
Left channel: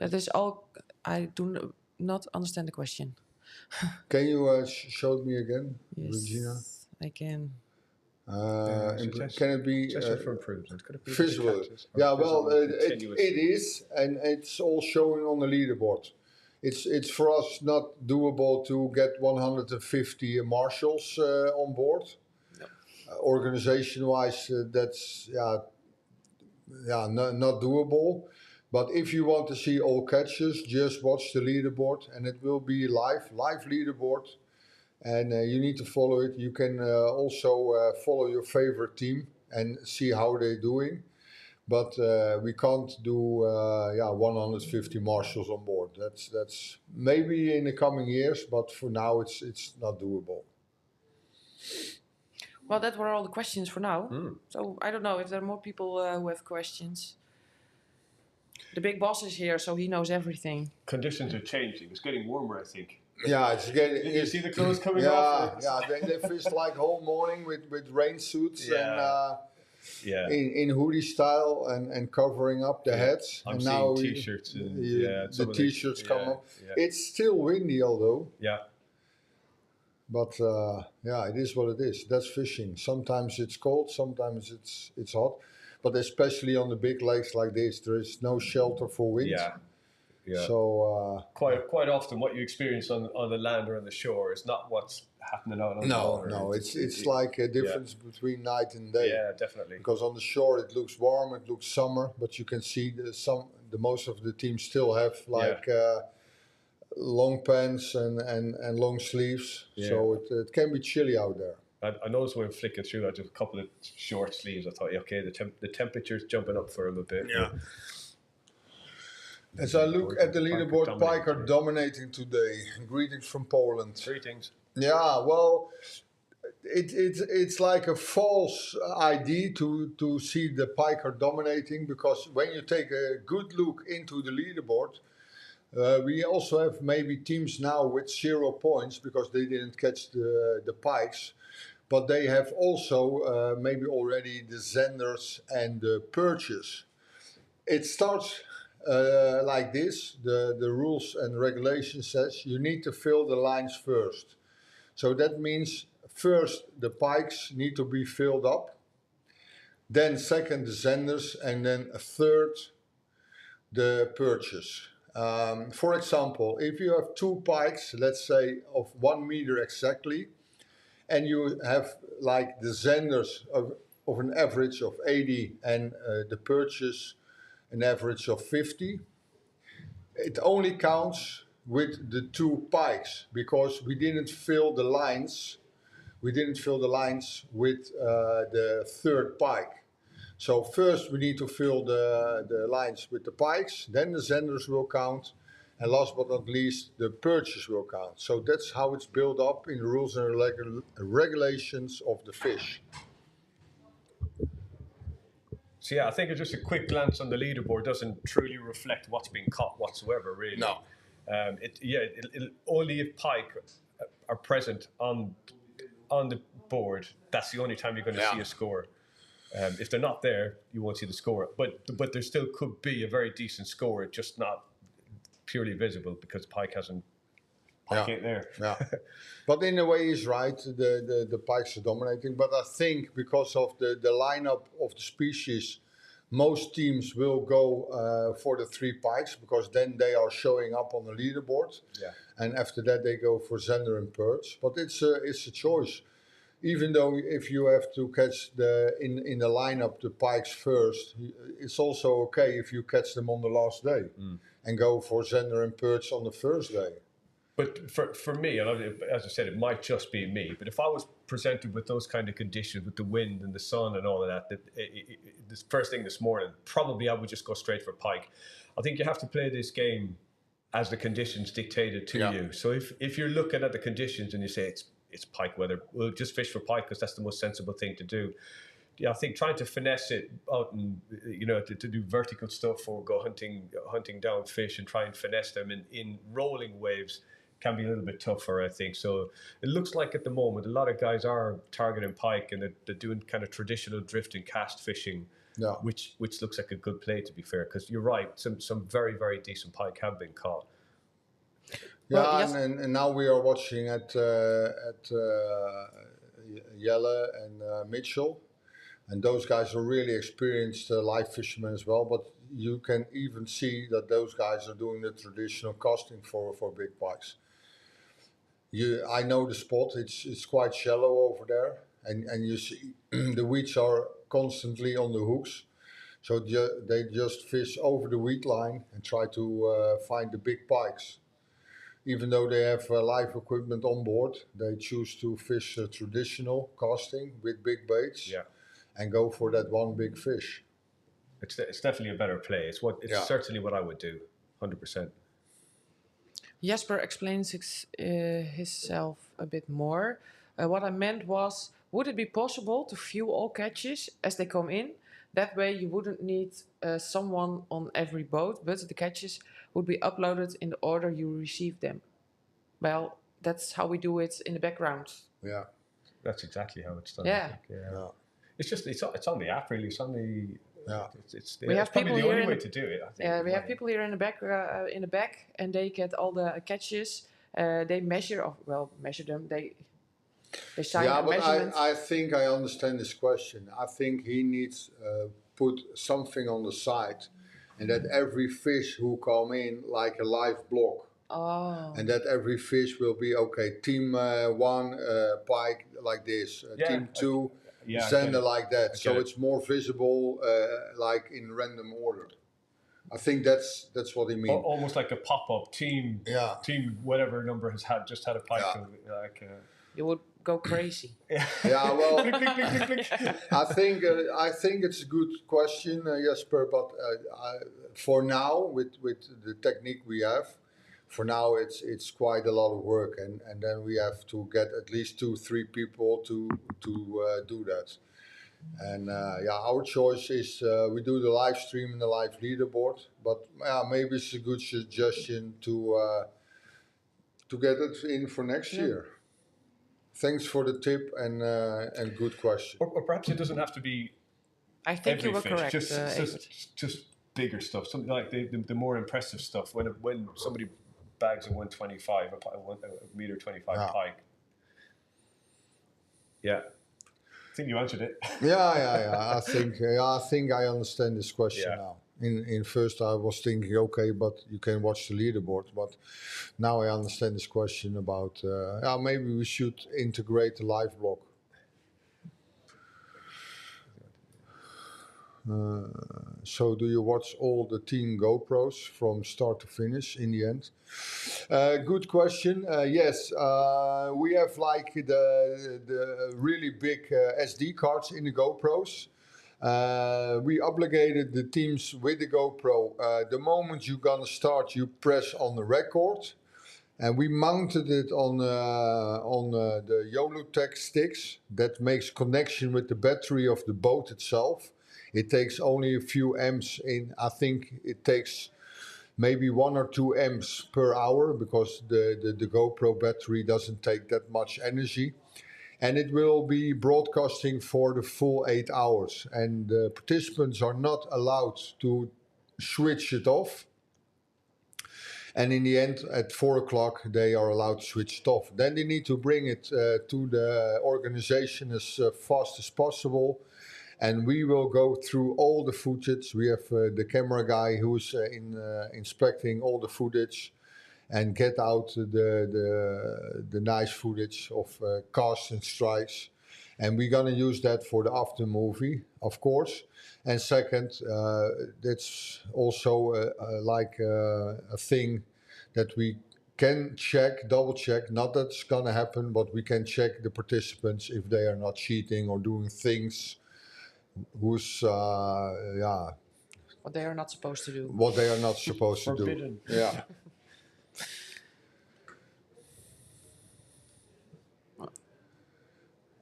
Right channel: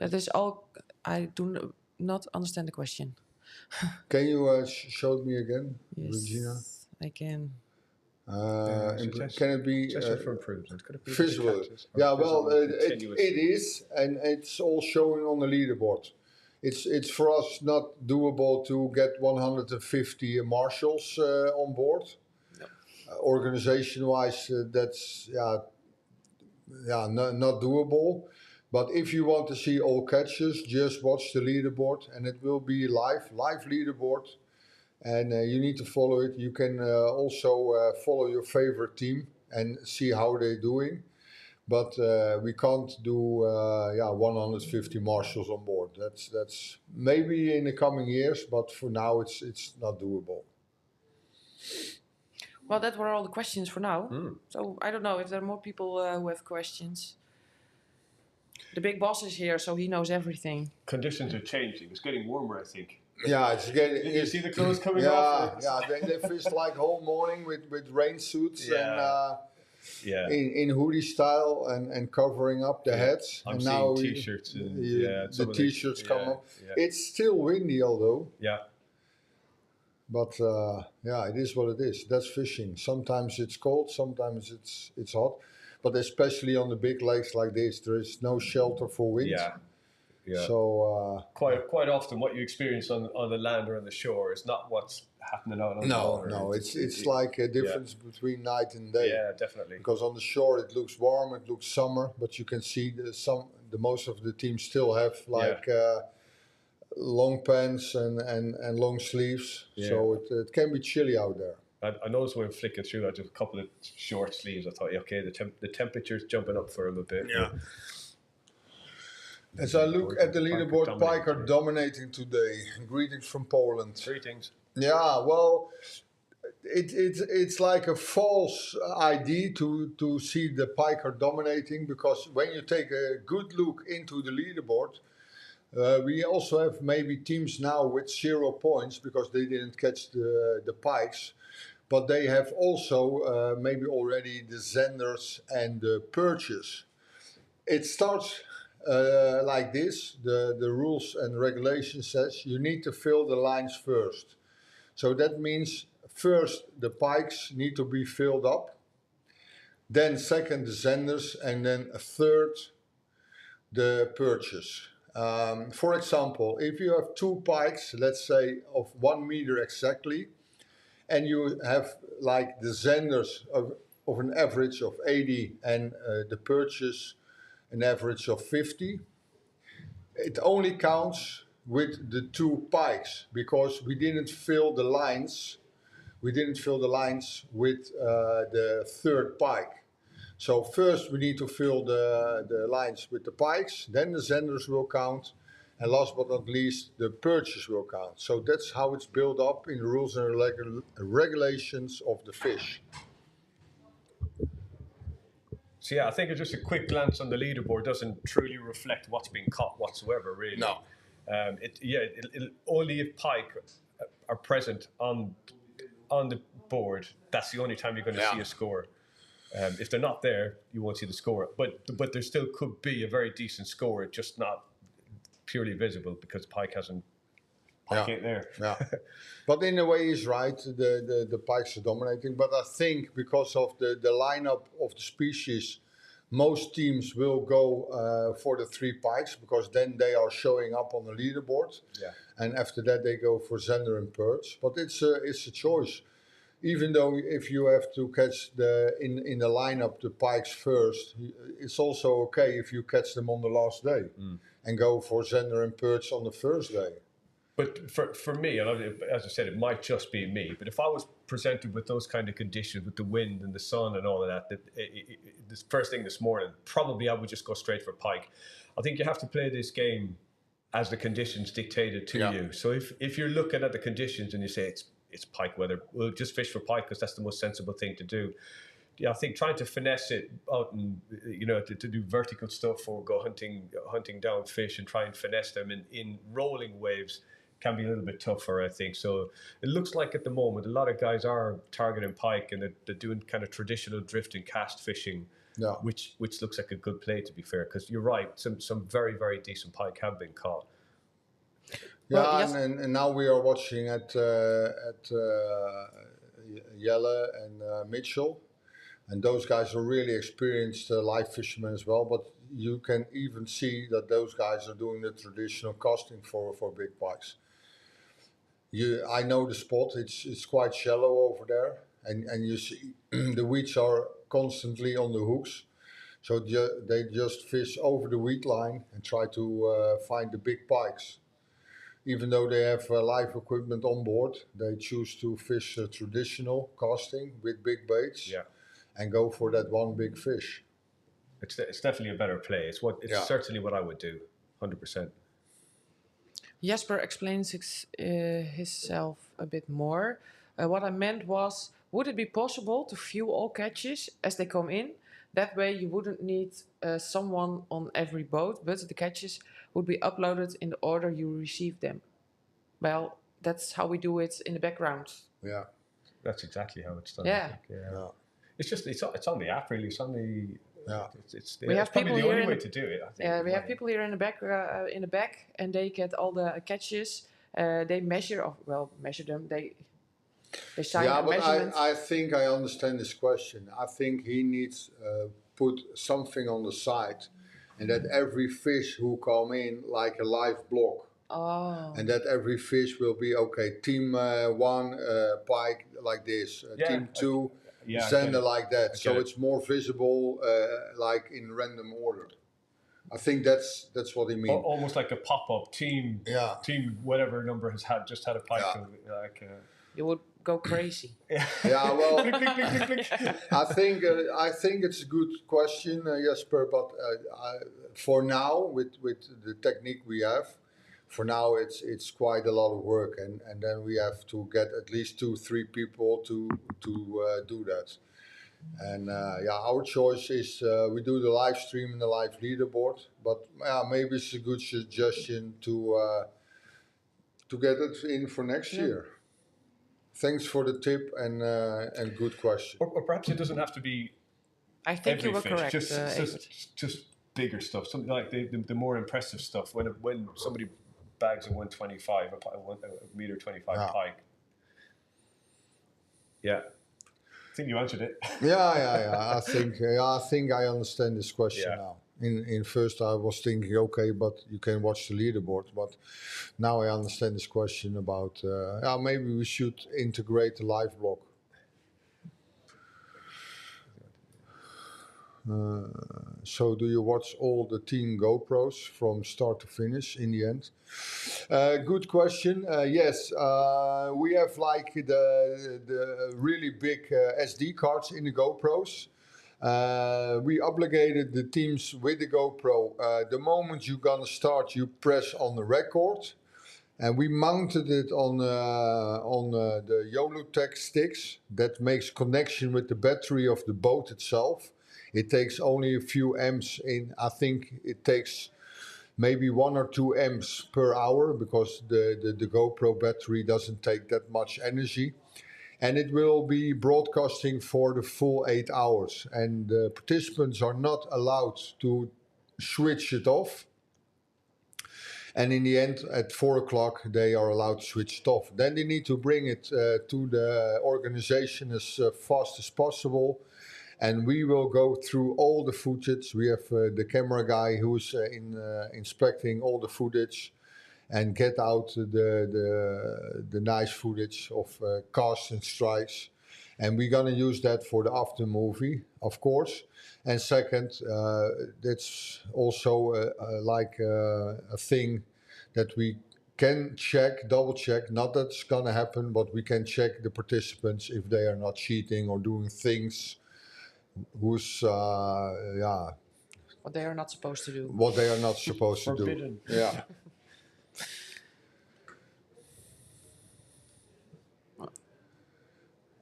That is all. I do not understand the question. Can you show me again, Yes, Regina? I can. Can it be for improvement? Could it be visual? Yeah, well, it is, and it's all showing on the leaderboard. It's for us not doable to get 150 marshals on board. No. Organization-wise, that's not doable. But if you want to see all catches, just watch the leaderboard, and it will be live leaderboard, and you need to follow it. You can also follow your favorite team and see how they're doing. But we can't do 150 marshals on board. That's maybe in the coming years, but for now it's not doable. Well, that were all the questions for now. So I don't know if there are more people who have questions. The big boss is here, so he knows everything. Conditions are changing. It's getting warmer, I think. Yeah, it's getting. Did you see the clothes coming off? Yeah, they fish like whole morning with rain suits in hoodie style and covering up the heads. I'm and seeing now t-shirts and the t-shirts come up. Yeah. It's still windy, although. Yeah. But it is what it is. That's fishing. Sometimes it's cold, sometimes it's hot. But especially on the big lakes like this, there is no shelter for wind. Yeah. So quite often, what you experience on the land or on the shore is not what's happening out on the water. No, it's like a difference between night and day. Yeah, definitely. Because on the shore it looks warm, it looks summer, but you can see the most of the teams still have long pants and long sleeves. Yeah. So it can be chilly out there. I noticed when flicking through, I just a couple of short sleeves. I thought, okay, the temperature's jumping up for a little bit. Yeah. As I look at the leaderboard, pike are dominating today. Greetings from Poland. Greetings. Yeah, well, it's like a false idea to see the pike are dominating, because when you take a good look into the leaderboard, we also have maybe teams now with 0 points because they didn't catch the pikes. But they have also maybe already the zenders and the perches. It starts like this. The rules and regulations says you need to fill the lines first. So that means first the pikes need to be filled up. Then second the zenders, and then a third the perches. For example, if you have 2 pikes, let's say of 1 meter exactly, and you have like the zenders of an average of 80 and the perches an average of 50, it only counts with the 2 pikes, because we didn't fill the lines. We didn't fill the lines with the third pike. So first we need to fill the lines with the pikes, then the zenders will count, and last but not least, the perches will count. So that's how it's built up in the rules and regulations of the fish. So yeah, I think just a quick glance on the leaderboard doesn't truly reflect what's being caught whatsoever, really. No. Only if pike are present on the board, that's the only time you're going to see a score. If they're not there, you won't see the score. But there still could be a very decent score, just not purely visible because pike ain't there. Yeah. But in a way he's right, the pikes are dominating. But I think because of the lineup of the species, most teams will go for the 3 pikes, because then they are showing up on the leaderboard. Yeah. And after that they go for zender and perch. But it's a choice. even though if you have to catch in the lineup the pikes first, it's also okay if you catch them on the last day and go for Zender and perch on the first day. But for me, and as I said, it might just be me, but if I was presented with those kind of conditions, with the wind and the sun and all of that, this first thing this morning, probably I would just go straight for pike. I think you have to play this game as the conditions dictated to you. So if you're looking at the conditions and you say it's pike weather, well, just fish for pike because that's the most sensible thing to do. Yeah, I think trying to finesse it out and to do vertical stuff or go hunting down fish and try and finesse them in rolling waves can be a little bit tougher, I think. So it looks like at the moment a lot of guys are targeting pike and they're doing kind of traditional drift and cast fishing, which looks like a good play, to be fair, because you're right, some very, very decent pike have been caught. Yeah, well, yes. and now we are watching at Jelle and Mitchell, and those guys are really experienced live fishermen as well. But you can even see that those guys are doing the traditional casting for big pikes. I know the spot; it's quite shallow over there, and you see the weeds are constantly on the hooks, so they just fish over the weed line and try to find the big pikes. Even though they have live equipment on board, they choose to fish traditional casting with big baits and go for that one big fish. It's definitely a better play. It's certainly what I would do, 100%. Jasper explains himself a bit more. What I meant was, would it be possible to view all catches as they come in? That way you wouldn't need someone on every boat, but the catches would be uploaded in the order you receive them. Well, that's how we do it in the background. Yeah. That's exactly how it's done. Yeah. I think. Yeah. It's just, it's on the app, really. It's on the... It's we have probably people the only way to do it, I think. Yeah, we have people here in the back, and they get all the catches. They measure them. They sign measurements. I think I understand this question. I think he needs put something on the side, and that every fish who come in like a live block. Oh. And that every fish will be team 1 pike like this, team 2 Zender like that. So it's more visible, like in random order. I think that's what he means. Almost like a pop-up team. Yeah. Team whatever number has just had a pike. Yeah. You would go crazy. Yeah. Well, I think it's a good question, Jasper. But for now, with the technique we have, for now it's quite a lot of work, and then we have to get at least 2-3 people to do that. And our choice is we do the live stream and the live leaderboard, but maybe it's a good suggestion to get it in for next year. Thanks for the tip and good question. Or perhaps it doesn't have to be. I think you were fish, correct. Just bigger stuff, something like the more impressive stuff. When somebody bags a 125, a meter 25 pike. Yeah. I think you answered it. Yeah. I think I understand this question now. In first I was thinking, but you can watch the leaderboard. But now I understand this question about maybe we should integrate the live block. So do you watch all the team GoPros from start to finish in the end? Good question. Yes, we have like the really big SD cards in the GoPros. We obligated the teams with the GoPro. The moment you're gonna start, you press on the record. And we mounted it on the YOLOTech sticks that makes connection with the battery of the boat itself. It takes only a few amps in. I think it takes maybe 1 or 2 amps per hour because the GoPro battery doesn't take that much energy. And it will be broadcasting for the full 8 hours. And the participants are not allowed to switch it off. And in the end, at 4 o'clock, they are allowed to switch it off. Then they need to bring it to the organization as fast as possible. And we will go through all the footage. We have the camera guy who's inspecting all the footage and get out the nice footage of casts and strikes. And we're gonna use that for the after movie, of course. And second, that's also a thing that we can check, double check. Not that it's gonna happen, but we can check the participants if they are not cheating or doing things who's What they are not supposed to do. what they are not supposed to do. Forbidden. Yeah.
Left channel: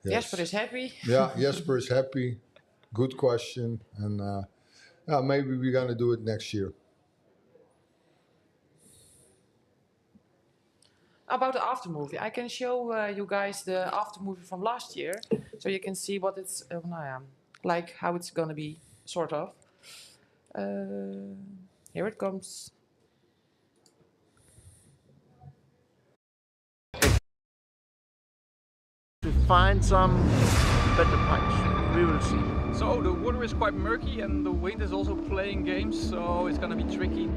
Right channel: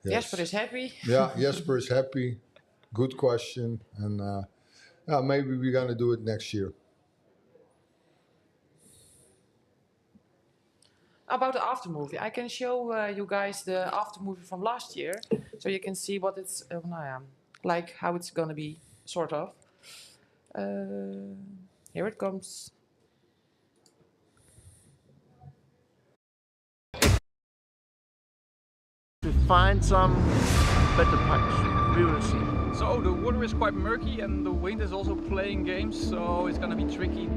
Yes. Jesper is happy. Yeah, Jesper is happy. Good question, and maybe we're gonna do it next year. About the after movie, I can show you guys the after movie from last year, so you can see what it's like, how it's gonna be, sort of. Here it comes. To find some better pipes, we will see. So the water is quite murky and the wind is also playing games, so it's gonna be tricky.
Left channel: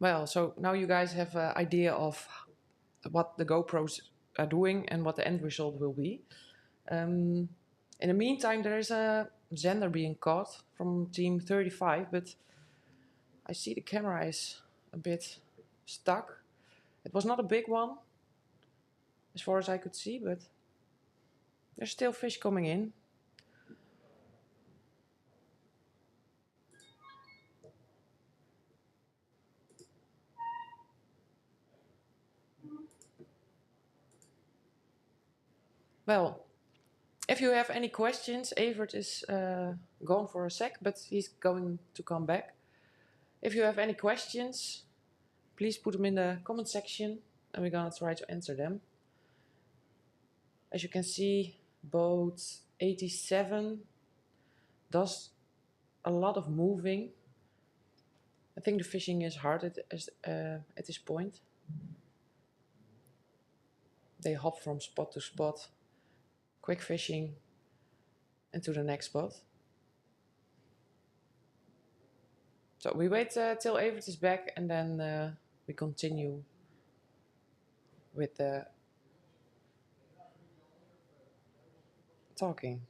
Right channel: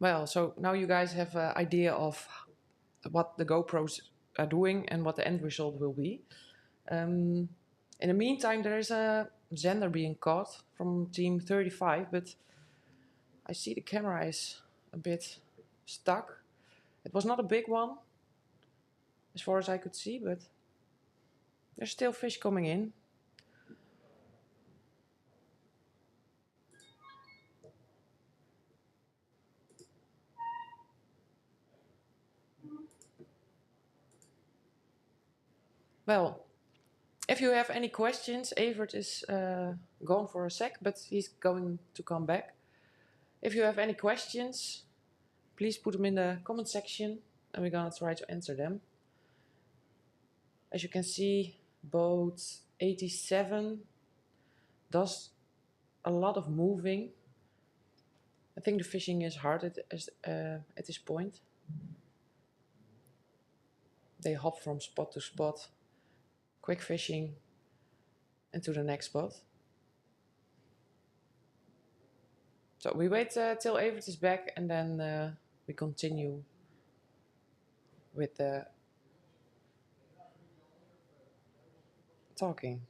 Well, so now you guys have an idea of what the GoPros are doing and what the end result will be. In the meantime, there is a Xander being caught from team 35, but I see the camera is a bit stuck. It was not a big one, as far as I could see, but there's still fish coming in. Well, if you have any questions, Evert is gone for a sec, but he's going to come back. If you have any questions, please put them in the comment section and we're gonna try to answer them. As you can see, boat 87 does a lot of moving. I think the fishing is hard at this point. They hop from spot to spot, quick fishing, and to the next spot. So we wait till Evert is back and then we continue with the talking.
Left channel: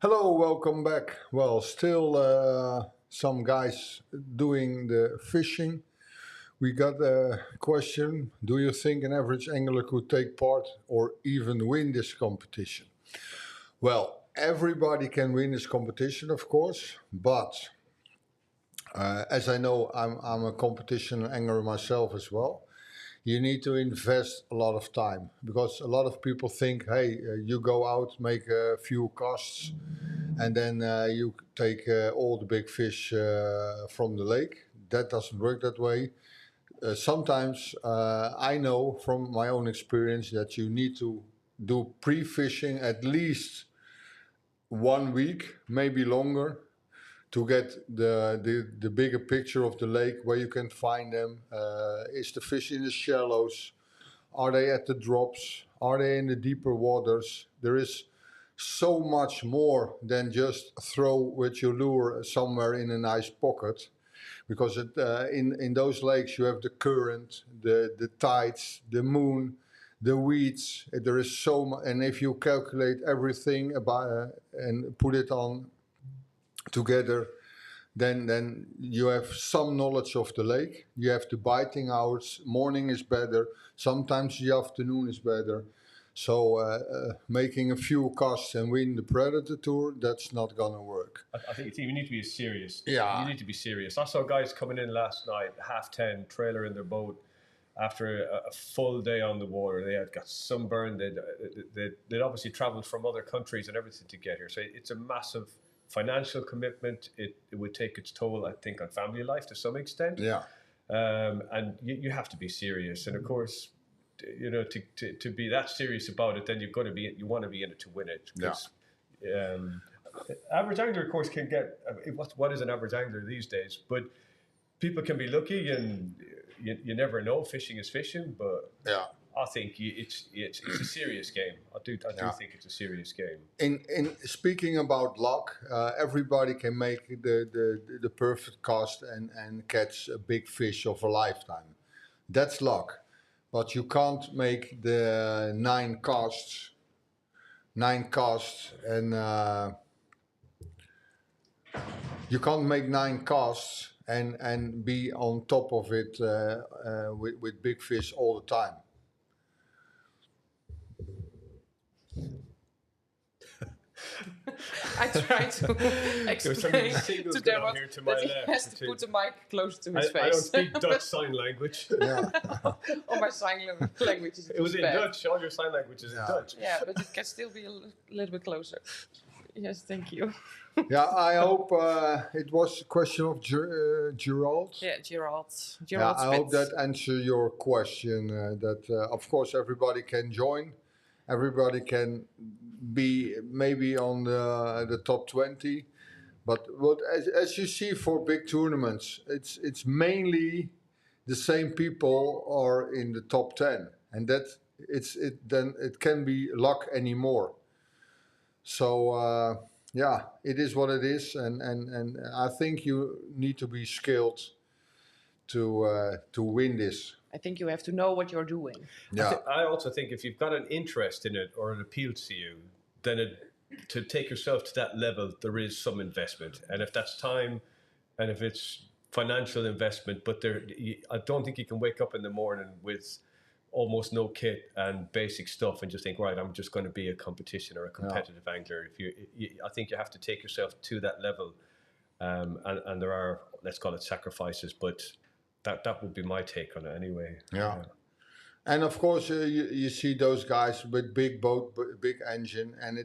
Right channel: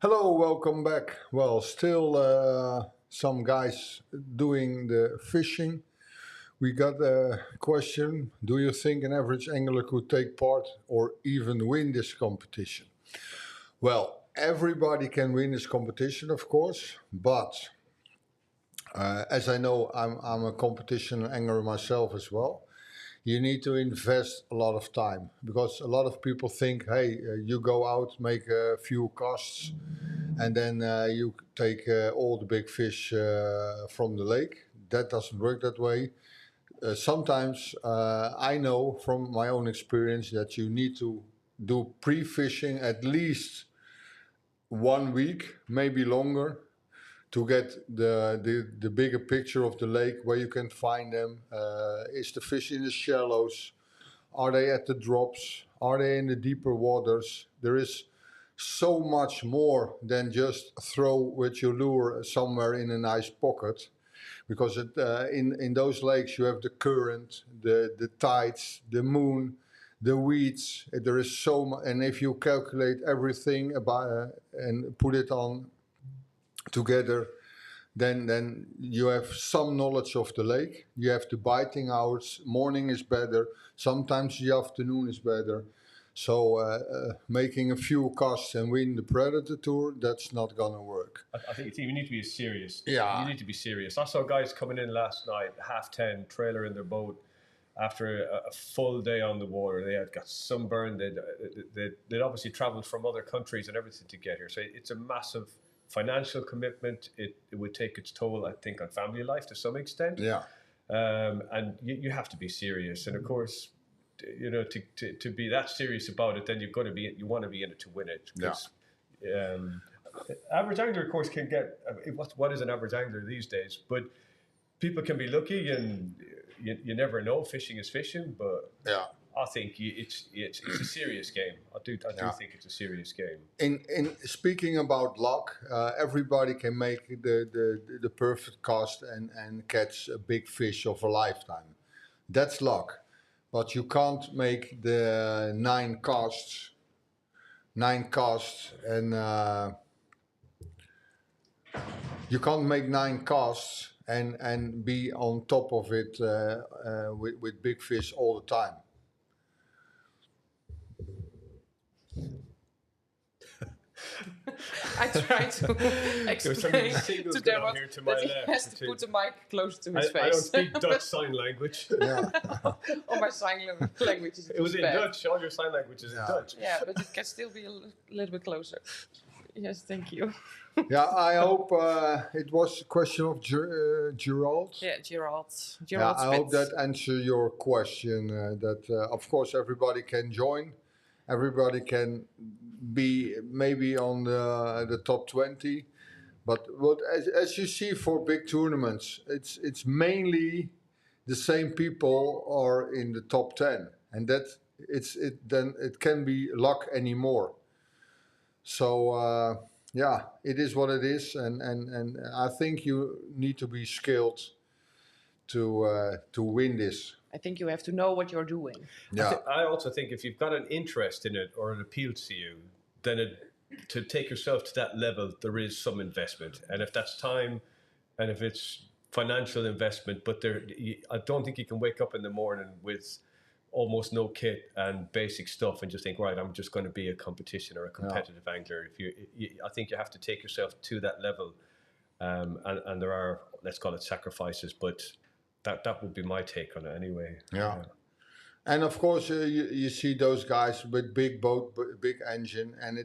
Hello, welcome back. Well, still some guys doing the fishing. We got a question. Do you think an average angler could take part or even win this competition? Well, everybody can win this competition, of course, but as I know, I'm a competition angler myself as well. You need to invest a lot of time because a lot of people think, hey, you go out, make a few casts, and then you take all the big fish from the lake. That doesn't work that way. Sometimes I know from my own experience that you need to do pre-fishing at least 1 week, maybe longer, to get the bigger picture of the lake, where you can find them. Is the fish in the shallows? Are they at the drops? Are they in the deeper waters? There is so much more than just throw with your lure somewhere in a nice pocket, because in those lakes you have the current, the tides, the moon, the weeds. There is so much, and if you calculate everything about and put it on together, then you have some knowledge of the lake. You have the biting hours. Morning is better. Sometimes the afternoon is better. So making a few casts and win the Predatortour, that's not gonna work. I think you need to be serious. Yeah. You need to be serious. I saw guys coming in last night, 10:30, trailer in their boat, after a full day on the water. They had got sunburned. They'd obviously traveled from other countries and everything to get here. So it's a massive financial commitment. It would take its toll, I think, on family life to some extent. Yeah. And you have to be serious. And of course, you know, to be that serious about it, then you want to be in it to win it. Yeah. Average angler, of course, can get what is an average angler these days, but people can be lucky, and you never know. Fishing is fishing, but Yeah. I think it's a serious game. I do think it's a serious game. In speaking about luck, everybody can make the perfect cast and catch a big fish of a lifetime. That's luck, but you can't make the 9 casts, and you can't make 9 casts and be on top of it with big fish all the time. I try to explain to Dermot that he has to put the mic close to his face. I don't speak Dutch sign language. Yeah. Or my sign language is It was in bad. Dutch. All your sign language is in Dutch. Yeah, but it can still be a little bit closer. Yes, thank you. Yeah, I hope it was a question of Gerald. Yeah, Gerald. Yeah, I hope Spitz. that answers your question. Of course, everybody can join. Everybody can be maybe on the top 20. But as you see for big tournaments, it's mainly the same people are in the top 10, and then it can be luck anymore. So yeah, it is what it is, and I think you need to be skilled to win this. I think you have to know what you're doing. Yeah, I also think if you've got an interest in it or it appeals to you, then to take yourself to that level, there is some investment. And if that's time, and if it's financial investment, but I don't think you can wake up in the morning with almost no kit and basic stuff and just think, right, I'm just going to be a competition or a competitive angler. I think you have to take yourself to that level, and there are, let's call it, sacrifices, but that would be my take on it anyway. Yeah. And of course, you see those guys with big boat, big engine, and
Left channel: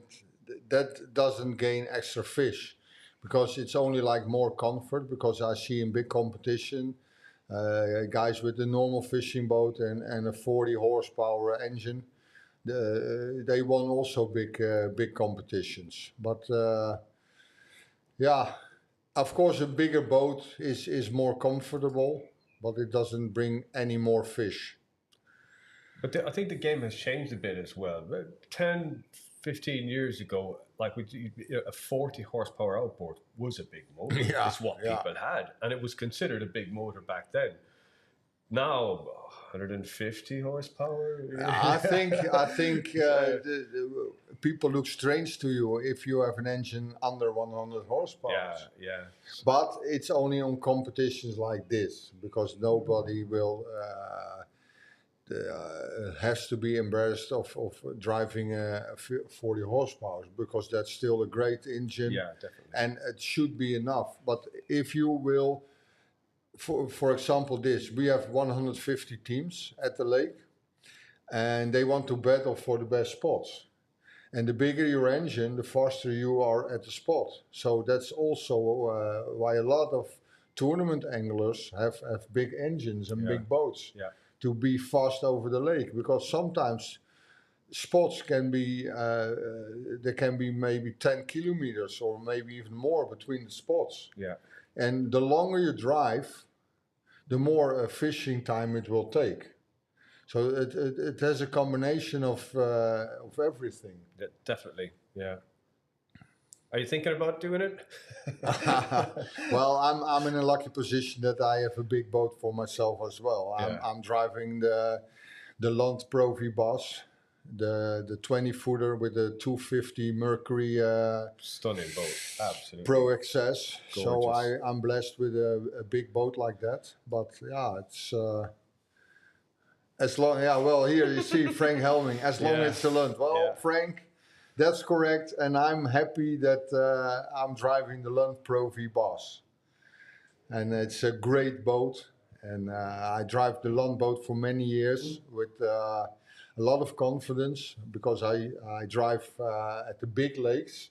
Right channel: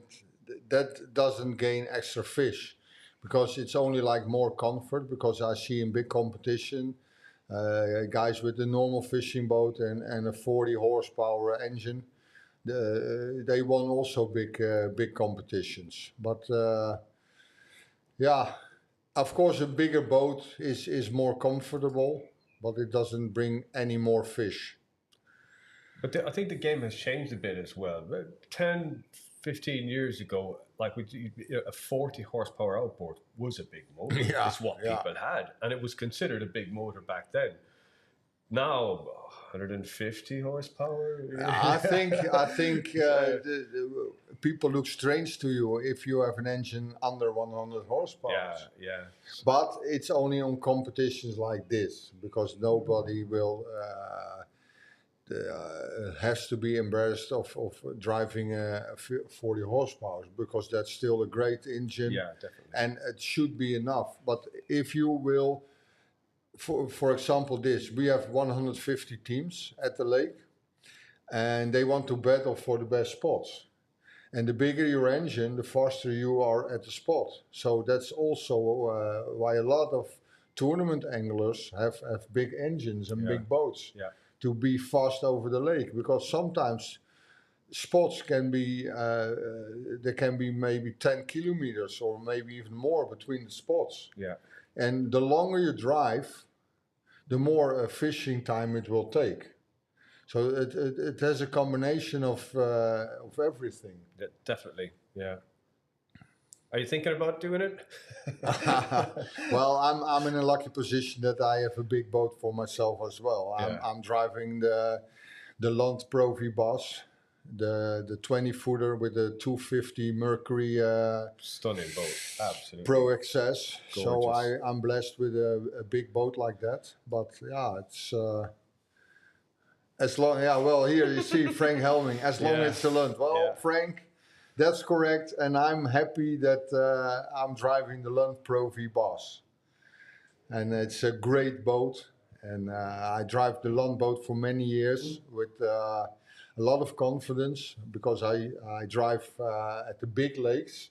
that doesn't gain extra fish, because it's only like more comfort. Because I see in big competition, guys with a normal fishing boat and a 40 horsepower engine, they won also big competitions. But yeah, of course, a bigger boat is more comfortable, but it doesn't bring any more fish. But I think the game has changed a bit as well. 10, 15 years ago, like a 40 horsepower outboard was a big motor. Yeah, It's what people had, and it was considered a big motor back then. Now, 150 horsepower. I think the people look strange to you if you have an engine under 100 horsepower. Yeah. But it's only on competitions like this, because nobody will has to be embarrassed of driving a 40 horsepower, because that's still a great engine. Yeah, definitely. And it should be enough. But if you will for example, this we have 150 teams at the lake, and they want to battle for the best spots. And the bigger your engine, the faster you are at the spot. So that's also why a lot of tournament anglers have big engines and big boats to be fast over the lake, because sometimes spots can be there can be maybe 10 kilometers or maybe even more between the spots. Yeah. And the longer you drive, the more fishing time it will take. So it has a combination of everything. Definitely, yeah. Are you thinking about doing it? Well, I'm in a lucky position that I have a big boat for myself as well. I'm driving the Land Profi Bass, the 20-footer with the 250 Mercury Stunning boat, absolutely. Pro XS. So Gorgeous. I'm blessed with a big boat like that. But yeah, it's as long. Yeah, well, here you see Frank Helming. As long as it's a Lund. Well, Frank, that's correct, and I'm happy that I'm driving the Land Profi Bass, and it's a great boat. And I drive the Land boat for many years with a lot of confidence, because I drive at the big lakes.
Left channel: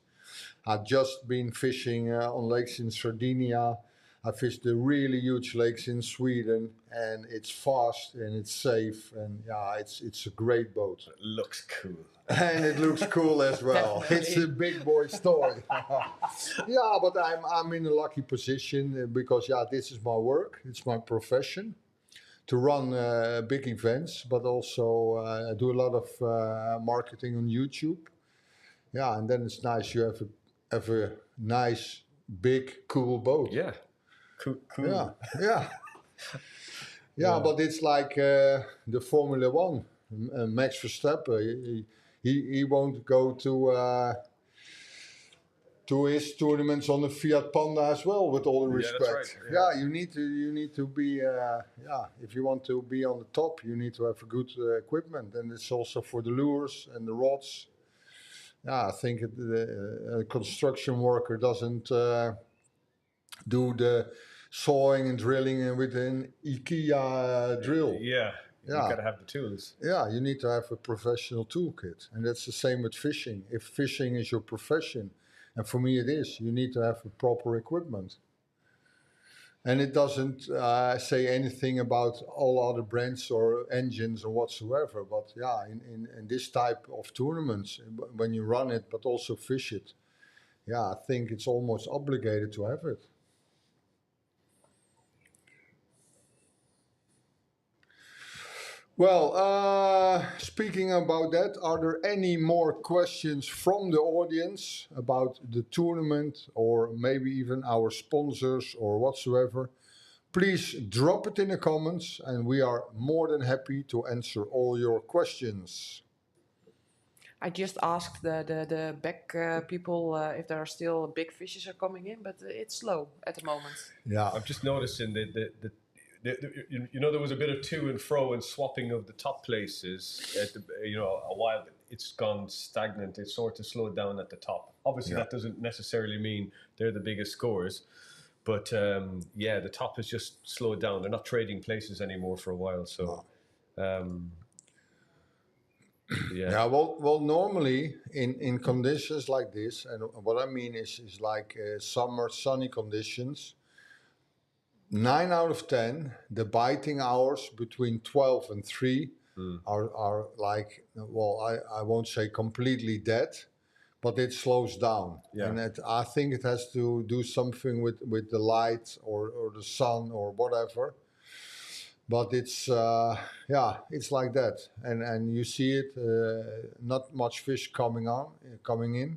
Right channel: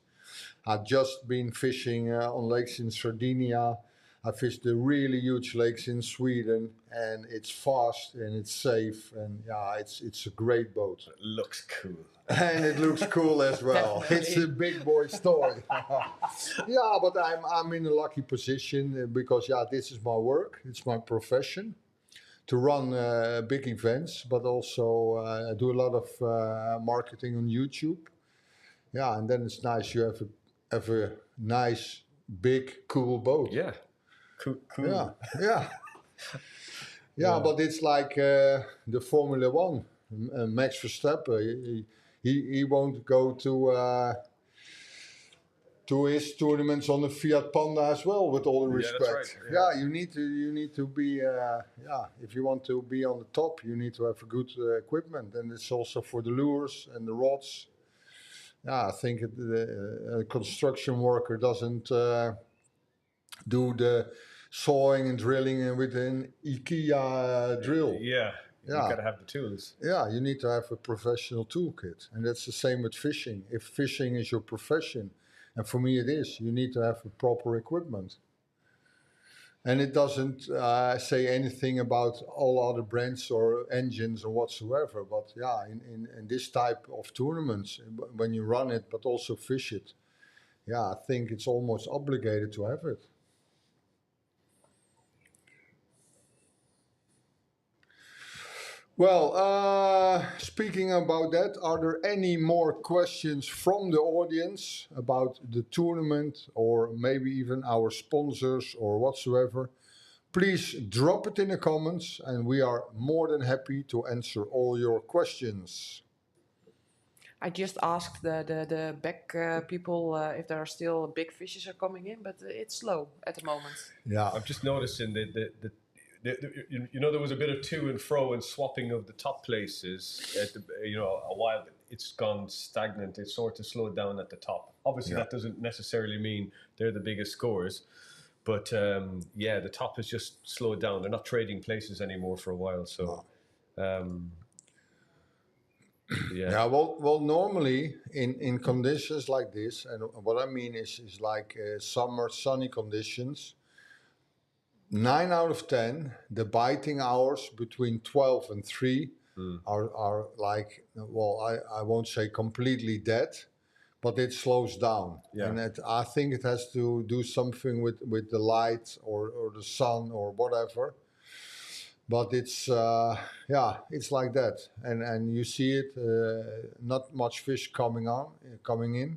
I've just been fishing on lakes in Sardinia. I fished the really huge lakes in Sweden, and it's fast and it's safe, and yeah, it's a great boat. It looks cool. And it looks cool as well. Definitely. It's a big boy story. Yeah, but I'm in a lucky position because this is my work. It's my profession to run big events, but also I do a lot of marketing on YouTube. Yeah, and then it's nice you have a nice big cool boat. Yeah, cool. Yeah, but it's like the Formula One. Max Verstappen, he won't go to his tournaments on the Fiat Panda as well. With all the respect, that's right. You need to be if you want to be on the top, you need to have a good equipment, and it's also for the lures and the rods. Yeah, I think a construction worker doesn't do the sawing and drilling with an IKEA drill. Yeah, you gotta have the tools. Yeah, you need to have a professional toolkit, and that's the same with fishing. If fishing is your profession, and for me it is, you need to have a proper equipment. And it doesn't say anything about all other brands or engines or whatsoever. But yeah, in this type of tournaments, when you run it but also fish it, yeah, I think it's almost obligated to have it. Well, speaking about that, are there any more questions from the audience about the tournament or maybe even our sponsors or whatsoever? Please drop it in the comments and we are more than happy to answer all your questions. I just asked the back people if there are still big fishes are coming in, but it's slow at the moment. Yeah, I'm just noticing that there was a bit of to and fro and swapping of the top places at a while. It's gone stagnant. It's sort of slowed down at the top. Obviously, that doesn't necessarily mean they're the biggest scorers, but the top has just slowed down. They're not trading places anymore for a while. So, well, normally in conditions like this, and what I mean is like summer sunny conditions. 9 out of 10, the biting hours between 12 and 3 are like, well, I won't say completely dead, but it slows down. Yeah. And I think it has to do something with the light or the sun or whatever. But it's, it's like that. And you see it, not much fish coming in.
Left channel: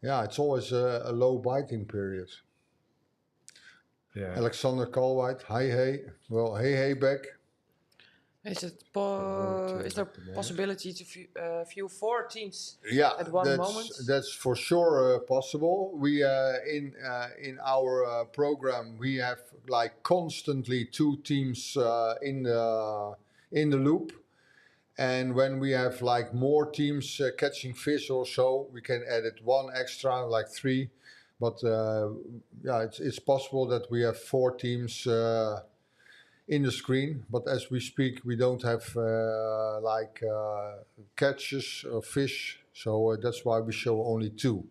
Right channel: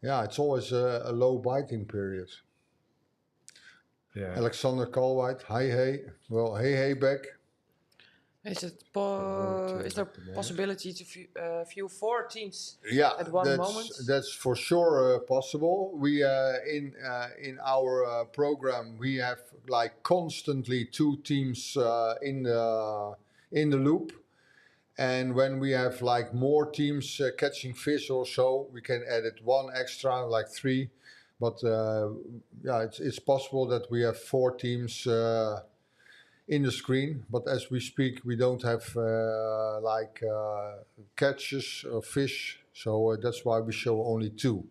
Yeah, it's always a low biting period. Yeah. Alexander Kalweit, hey. Well, hey back. Is there possibility to view 4 teams at one moment? That's for sure possible. We in our program we have like constantly 2 teams in the loop, and when we have like more teams catching fish or so, we can add it 1 extra, like 3. But yeah, it's possible that we have 4 teams in the screen. But as we speak, we don't have catches or fish, so that's why we show only 2.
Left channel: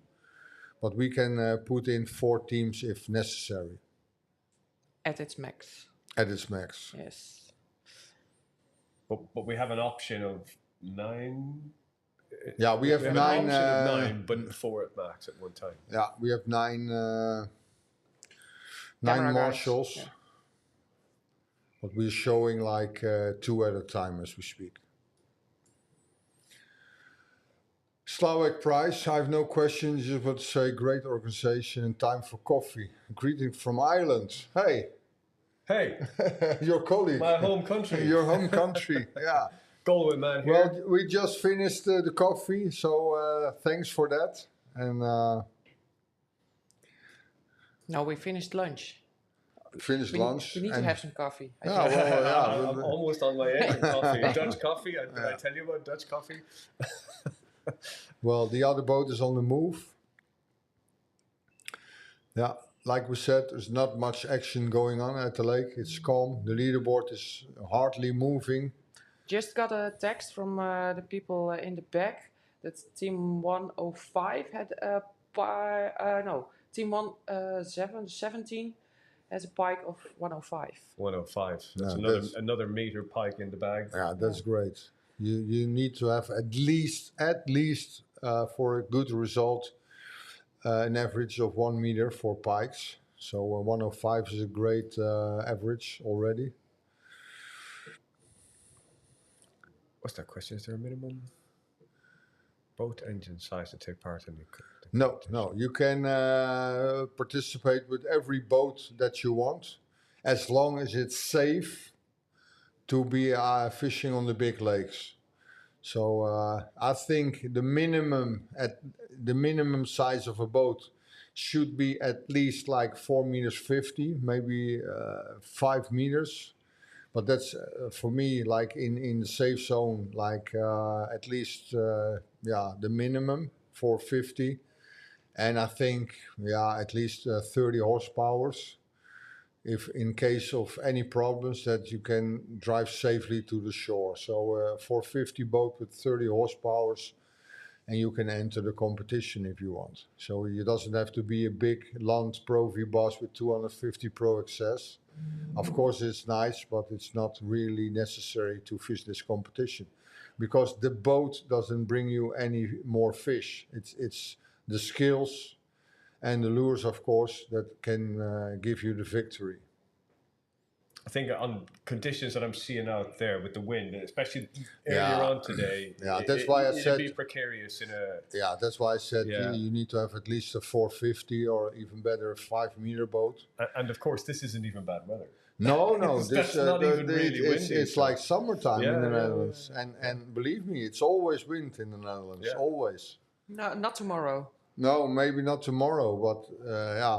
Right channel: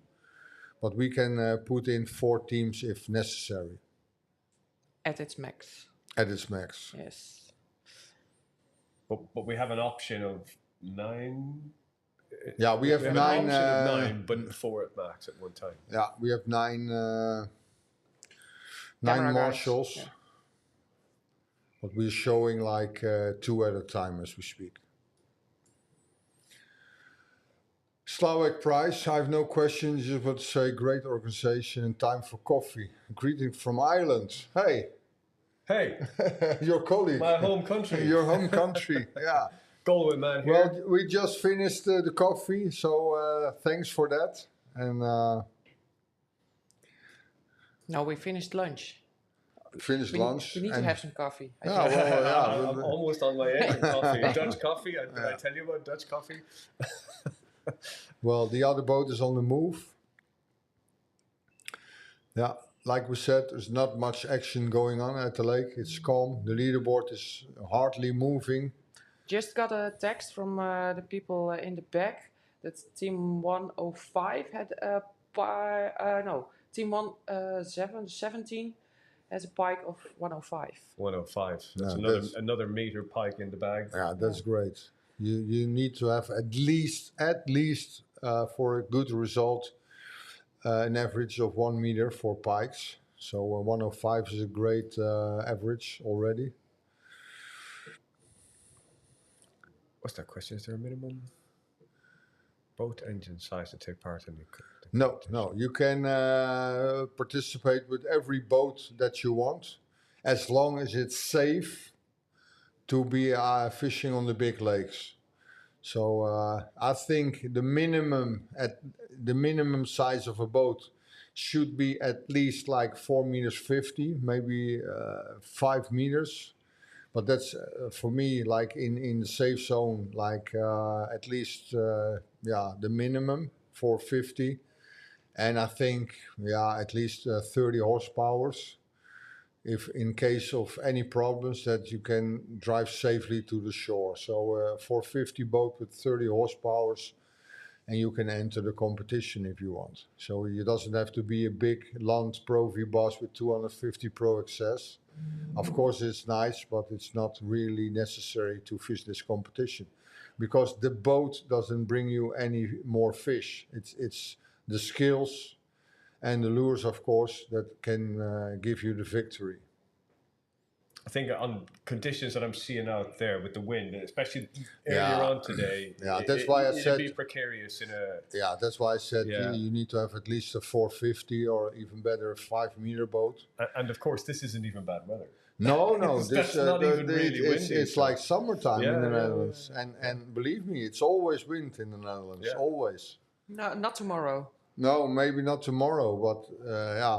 But we can put in 4 teams if necessary. At its max. At its max. Yes. But we have an option of 9. Yeah, we have an 9. option of 9, but 4 at max at one time. Yeah, we have 9. 9 Camera guys, marshals. yeah. But we're showing like 2 at a time as we speak. Slawek Price, I have no questions, just want to say great organization and time for coffee. Greeting from Ireland. Hey, Hey, your colleague. my home country. Your home country, yeah. Galway man here. Well, we just finished the coffee, so thanks for that. And No, we finished lunch. finished lunch. We need to and have some coffee. I yeah, think. well, I'm almost on my way to coffee. Dutch coffee. Did I tell you about Dutch coffee? well, the other boat is on the move. Yeah, like we said, there's not much action going on at the lake. It's calm. The leaderboard is hardly moving. Just got a text from the people in the back that team 105 had a team 17 has a pike of 105. 105. That's Yeah, another meter pike in the bag. Yeah, that's great. You need to have at least for a good result an average of 1 meter for pikes. So 105 is a great average already. What's that question? Is there a minimum boat engine size to take part in the No. You can participate with every boat that you want, as long as it's safe to be fishing on the big lakes. So I think the minimum size of a boat should be at least like 4 meters 50, maybe 5 meters. But that's for me like in the safe zone, like at least the minimum 450. And I think, at least 30 horsepowers, if in case of any problems, that you can drive safely to the shore. So 450 boat with 30 horsepowers, and you can enter the competition if you want. So it doesn't have to be a big Land Pro V-Boss with 250 Pro access. Of course it's nice, but it's not really necessary to fish this competition, because the boat doesn't bring you any more fish. It's the skills and the lures, of course, that can give you the victory. I think on conditions that I'm seeing out there with the wind, especially earlier on today, that's why I said it'd be precarious in a. Yeah, that's why I said you need to have at least a 450 or even better a 5 meter boat. And of course, this isn't even bad weather. No, That's not even really windy. It's like summertime in the Yeah. Netherlands, and believe me, it's always wind in the Netherlands, always. No, not tomorrow. No, maybe not tomorrow, but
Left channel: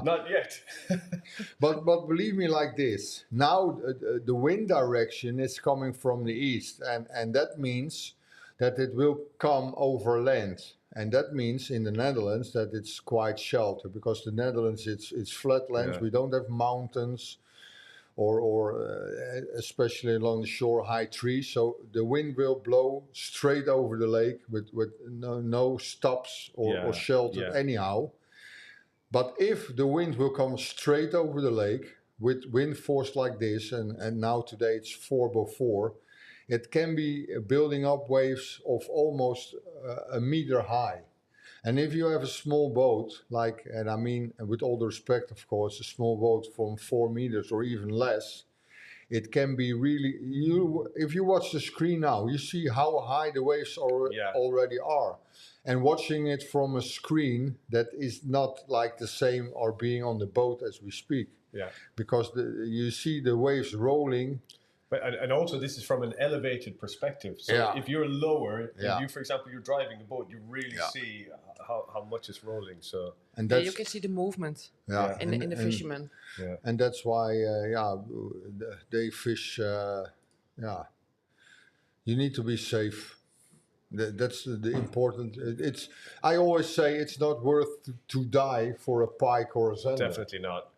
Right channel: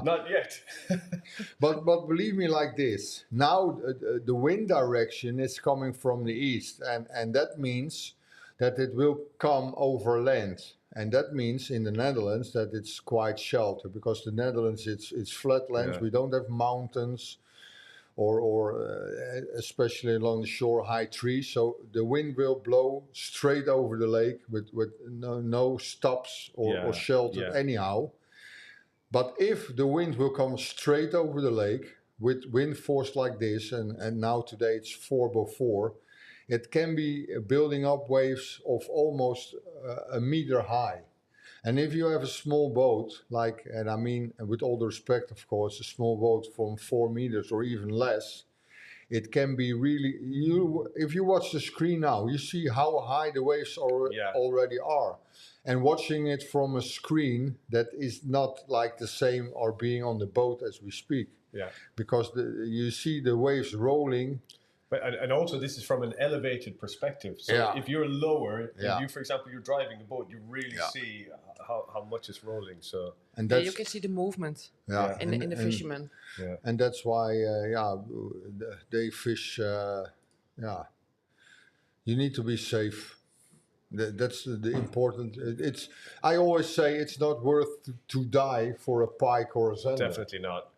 Not yet. But believe me, like this. Now the wind direction is coming from the east, and that means that it will come over land, and that means in the Netherlands that it's quite sheltered, because the Netherlands it's flat lands. Yeah. We don't have mountains, or especially along the shore, high trees. So the wind will blow straight over the lake with no stops or shelter anyhow. But if the wind will come straight over the lake with wind force like this, and now today it's 4x4, it can be building up waves of almost a meter high. And if you have a small boat, and I mean, with all the respect, of course, a small boat from 4 meters or even less, it can be really, if you watch the screen now, you see how high the waves already are. And watching it from a screen, that is not like the same or being on the boat as we speak. Yeah. Because you see the waves rolling. But, and also, this is from an elevated perspective. So if you're lower, if you, for example, you're driving a boat, you really see how much it's rolling. So and you can see the movement in the fishermen. Yeah. And that's why, they fish. You need to be safe. That's the important. It's. I always say it's not worth to die for a pike or a zender. Definitely not.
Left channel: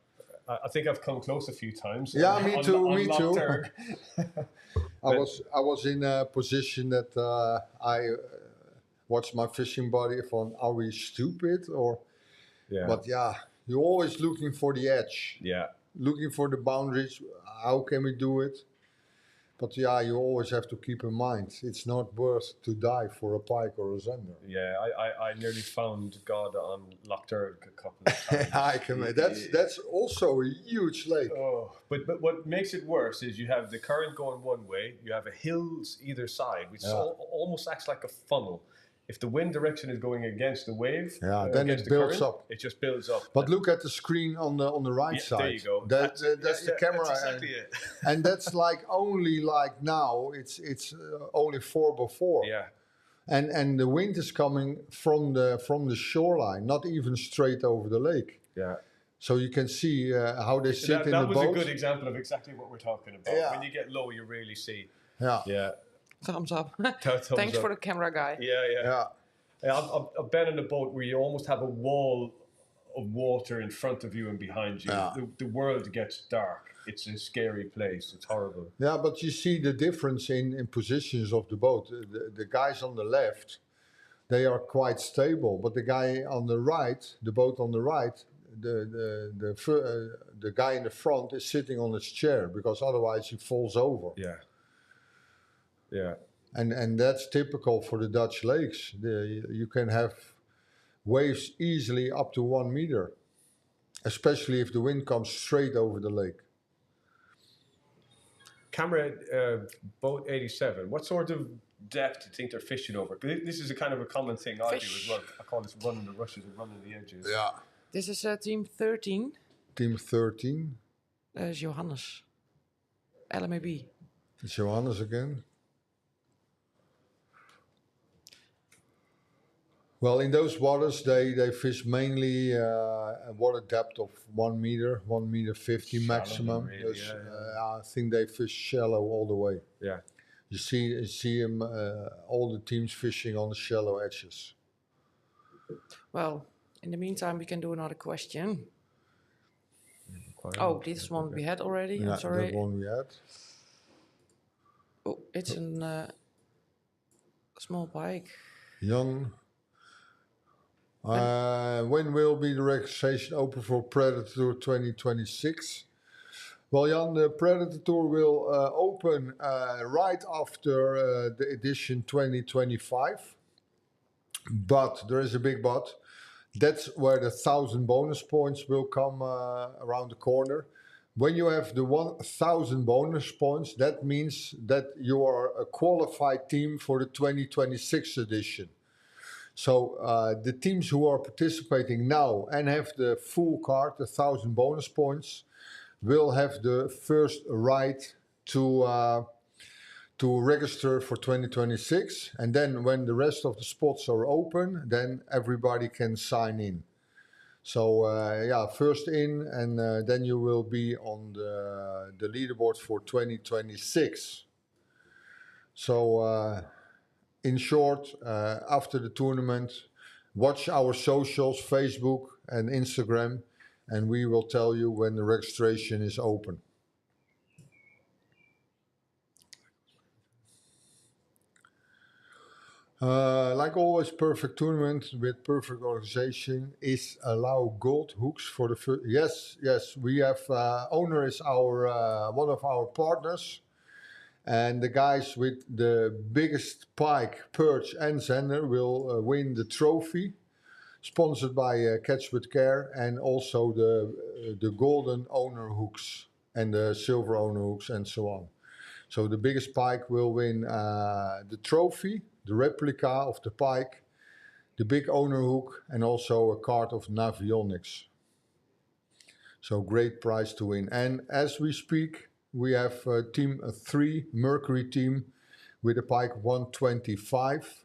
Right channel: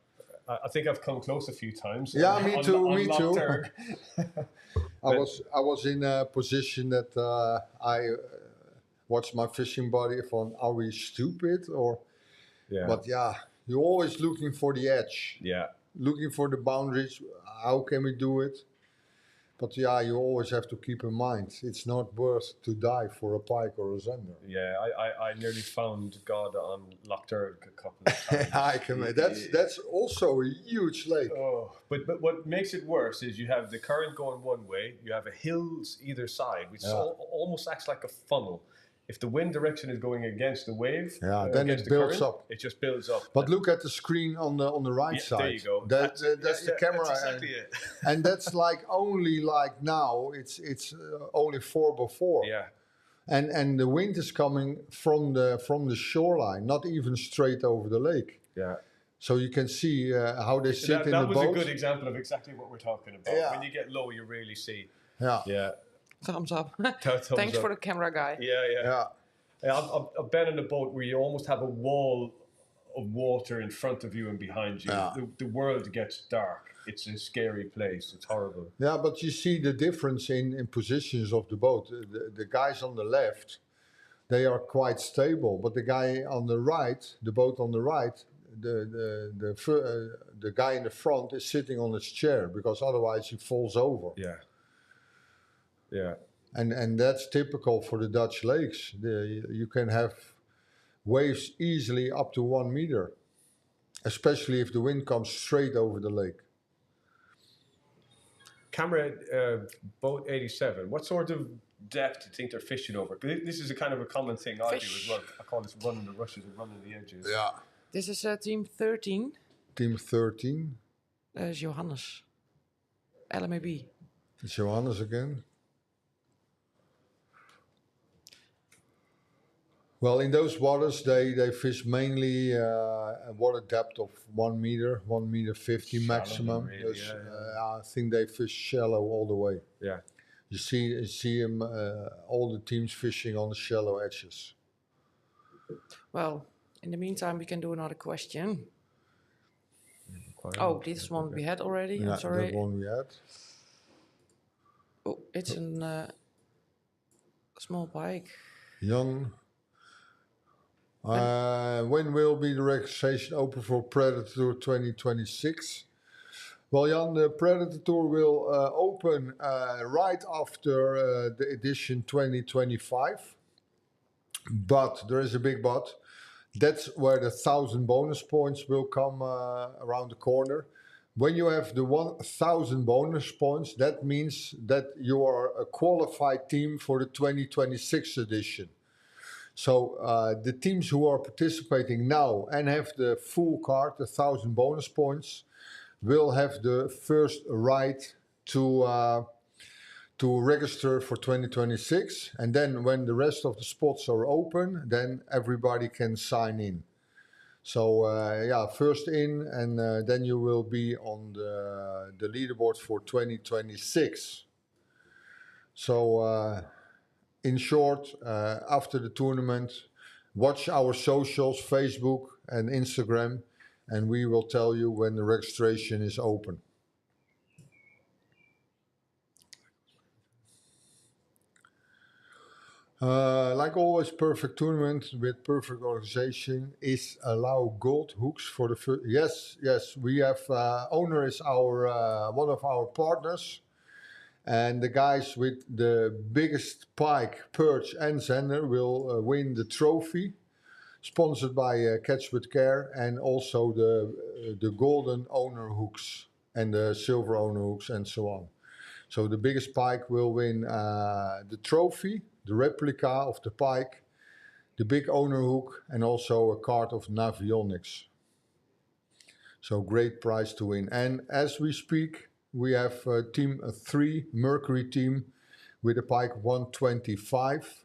I think I've come close a few times. Yeah, me too. Me too. Lockturg. I was in a position that I watched my fishing buddy. From, are we stupid or? Yeah. But yeah, you're always looking for the edge. Yeah. Looking for the boundaries. How can we do it? But yeah, you always have to keep in mind it's not worth to die for a pike or a zender. Yeah, I nearly found God on Lockturg a couple of times. I can. That's also a huge lake. Oh, but what makes it worse is you have the current going one way, you have a hills either side, which almost acts like a funnel. If the wind direction is going against the wave, then it builds up. It just builds up. But look at the screen on the right side. There you go. That's the camera. That's exactly it. And that's only now. It's only 4x4. Yeah. And the wind is coming from the shoreline, not even straight over the lake. Yeah. So you can see how they sit in the boat. That was a good example of exactly what we're talking about. Yeah. When you get low, you really see. Yeah. Yeah. Thumbs up. Thumbs Thanks up. for the camera guy. Yeah. I've been in a boat where you almost have a wall of water in front of you and behind you. Yeah. The world gets dark. It's a scary place. It's horrible. Yeah, but you see the difference in positions of the boat. The guys on the left, they are quite stable, but the guy on the right, the boat on the right, the guy in the front is sitting on his chair because otherwise he falls over. Yeah. Yeah. And that's typical for the Dutch lakes. You can have waves easily up to 1 meter, especially if the wind comes straight over the lake. Camera boat 87. What sort of depth do you think they're fishing over? This is a kind of a common thing I do as well. I call this running the rushes and running the edges. Yeah. This is team 13. Team 13. That is Johannes. LMAB. It's Johannes again. Well, in those waters, they fish mainly a water depth of 1 meter, 1 meter 50 Shallow, maximum. really, I think they fish shallow all the way. Yeah. You see them, all the teams fishing on the shallow edges. Well, in the meantime, we can do another question. Oh, this one we had already. Yeah, I'm sorry. that one we had. Oh, it's a small pike. Jan. When will be the registration open for Predatortour 2026? Well, Jan, the Predatortour will open right after the edition 2025. But there is a big but. That's where the 1,000 bonus points will come around the corner. When you have the 1,000 bonus points, that means that you are a qualified team for the 2026 edition. So the teams who are participating now and have the full card, the 1,000 bonus points, will have the first right to register for 2026. And then when the rest of the spots are open, then everybody can sign in. So first in, and then you will be on the leaderboard for 2026. So in short, after the tournament, watch our socials, Facebook and Instagram, and we will tell you when the registration is open. Like always, perfect tournament with perfect organization is allow gold hooks for the first. Yes, we have owner is our one of our partners, and the guys with the biggest pike, perch, and zender will win the trophy, sponsored by Catch with Care, and also the golden owner hooks and the silver owner hooks and so on. So the biggest pike will win the trophy, the replica of the pike, the big owner hook, and also a card of Navionics. So great prize to win. And as we speak, we have team 3, Mercury team, with a pike 125.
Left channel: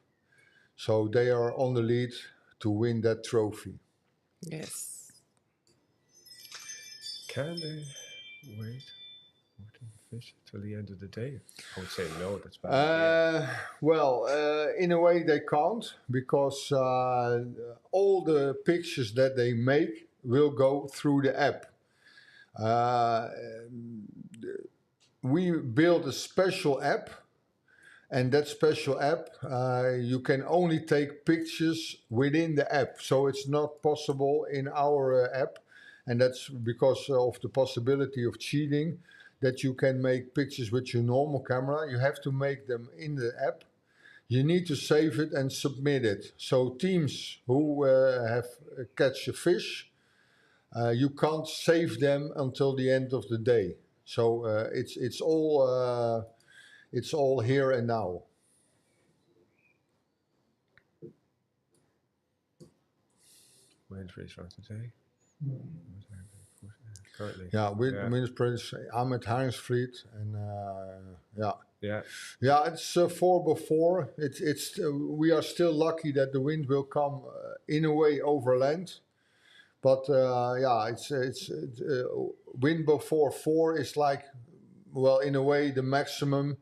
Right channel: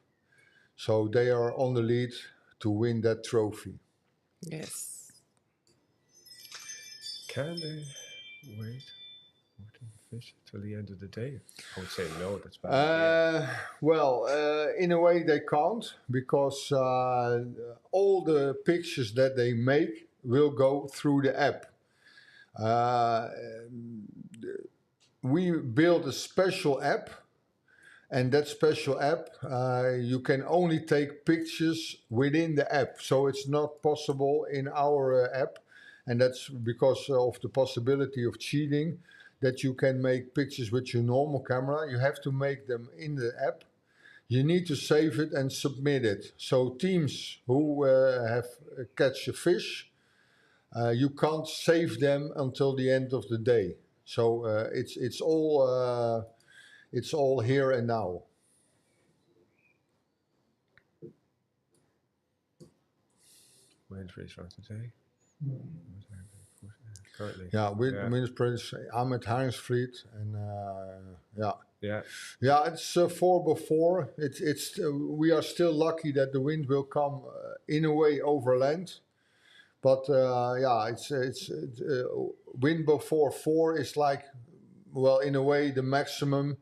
So they are on the lead to win that trophy. Yes. Can they wait? fish till the end of the day? I would say no. That's bad. Well, in a way they can't, because all the pictures that they make will go through the app. We built a special app, and that special app, you can only take pictures within the app. So it's not possible in our app, and that's because of the possibility of cheating, that you can make pictures with your normal camera. You have to make them in the app. You need to save it and submit it. So teams who have catch a fish, you can't save them until the end of the day. So it's all here and now. Wind freeze for today. Currently. Yeah, with Minister Prince, I'm at Haringsvliet, and yeah, it's 4x4. It's we are still lucky that the wind will come in a way overland, but it's wind before 4 is like, well, in a way the maximum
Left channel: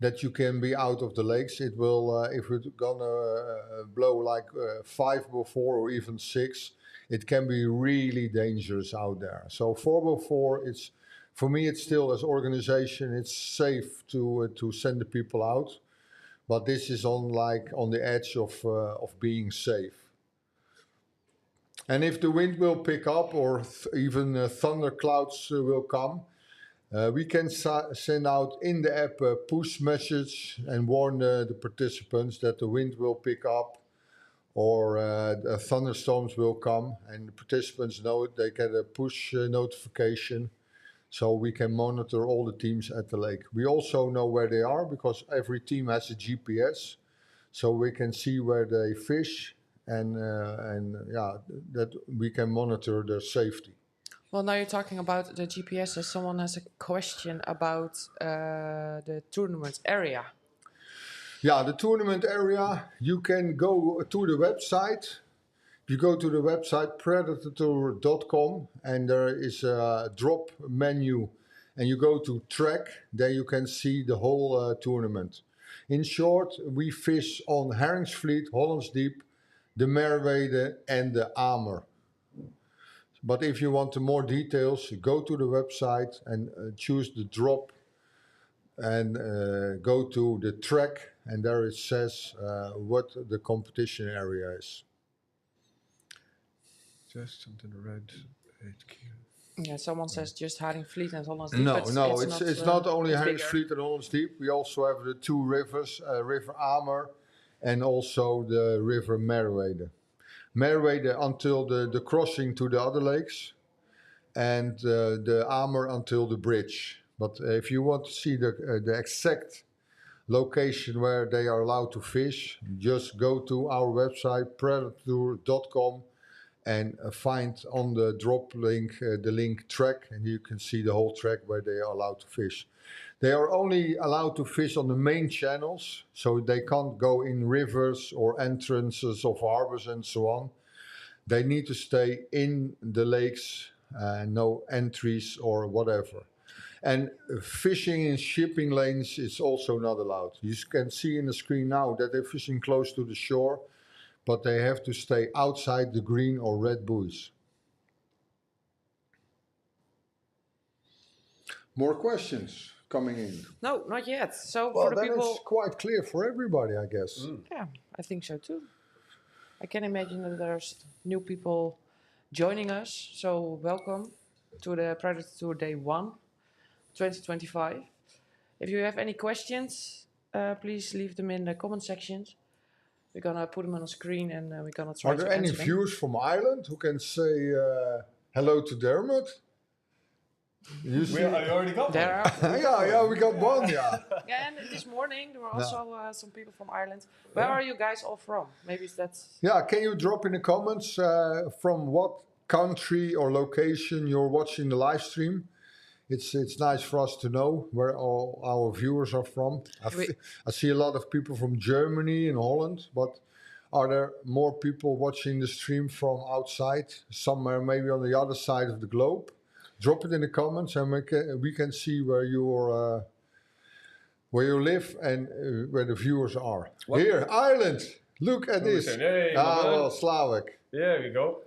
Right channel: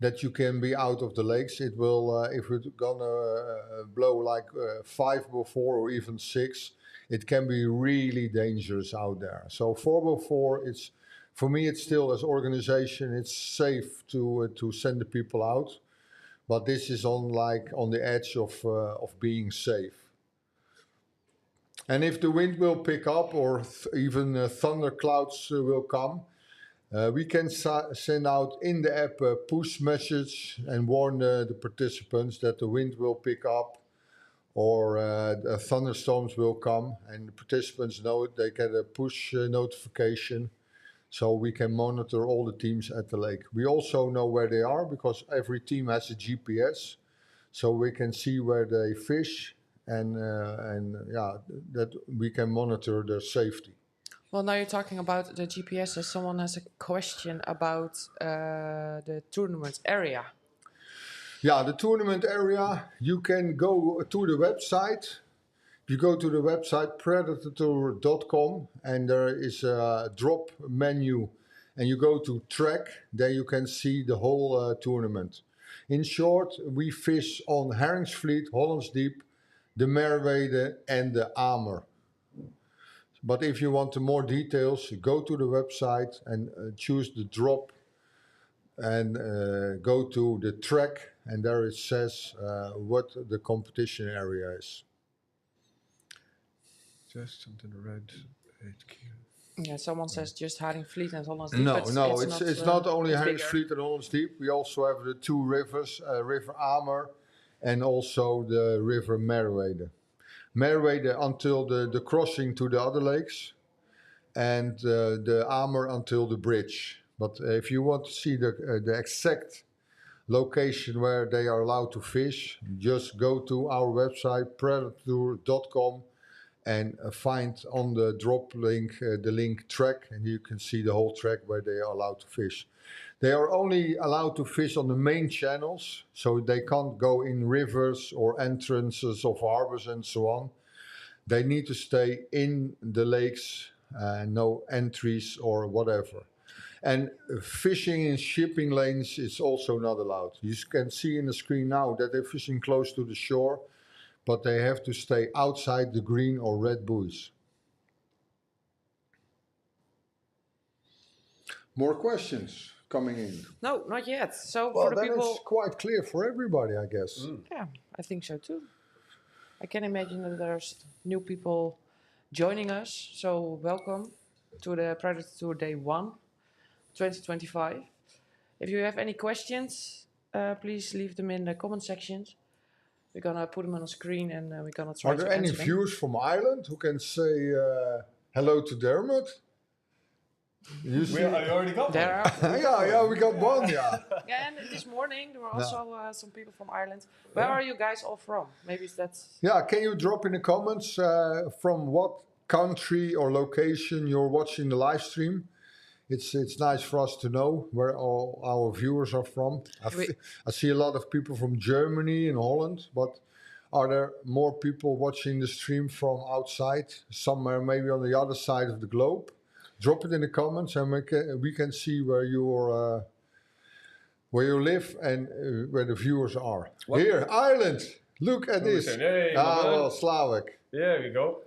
that you can be out of the lakes. It will if it's gonna blow like 5 before or even 6. It can be really dangerous out there. So 4x4, it's, for me, it's still, as organization, it's safe to send the people out, but this is on the edge of being safe. And if the wind will pick up, or even thunder clouds will come, we can send out in the app a push message and warn the participants that the wind will pick up, or thunderstorms will come, and the participants know it. They get a push notification, so we can monitor all the teams at the lake. We also know where they are, because every team has a GPS, so we can see where they fish, and that we can monitor their safety. Well, now you're talking about the GPS. Someone has a question about the tournament area. Yeah, the tournament area, you can go to the website. You go to the website Predatortour.com, and there is a drop menu, and you go to track, then you can see the whole tournament. In short, we fish on Haringsvliet, Hollandsdiep, the Merwede and the Amer. But if you want more details, go to the website and choose the drop, and go to the track, and there it says what the competition area is. Just something red HQ. Yeah, someone says just Haringsvliet and Hollandsdiep. No, it's not only Haringsvliet and Hollandsdiep. We also have the 2 rivers, River Amer and also the River Merwede. Merwede until the crossing to the other lakes, and the Amer until the bridge. But if you want to see the exact location where they are allowed to fish, just go to our website Predatortour.com and find on the drop link the link track, and you can see the whole track where they are allowed to fish. They are only allowed to fish on the main channels, so they can't go in rivers or entrances of harbors and so on. They need to stay in the lakes, no entries or whatever. And fishing in shipping lanes is also not allowed. You can see in the screen now that they're fishing close to the shore, but they have to stay outside the green or red buoys. More questions coming in? No, not yet. So Well, for the then people, it's quite clear for everybody, I guess. yeah, I think so too. I can imagine that there's new people joining us. So welcome to the Predatortour Day 1, 2025. If you have any questions, please leave them in the comment sections. We're gonna put them on the screen, and we're gonna try Are to there any answer them. viewers from Ireland who can say hello to Dermot? You see? I already got There are, yeah, we got one, yeah. yeah, and this morning there were also some people from Ireland. Where are you guys all from? Maybe that's... Yeah, can you drop in the comments from what country or location you're watching the live stream? It's nice for us to know where all our viewers are from. I see a lot of people from Germany and Holland, but are there more people watching the stream from outside, somewhere maybe on the other side of the globe? Drop it in the comments, and we can see where you live and where the viewers are. What? Here, Ireland. Look at this. Hey, my man. well, Slavic. There we go.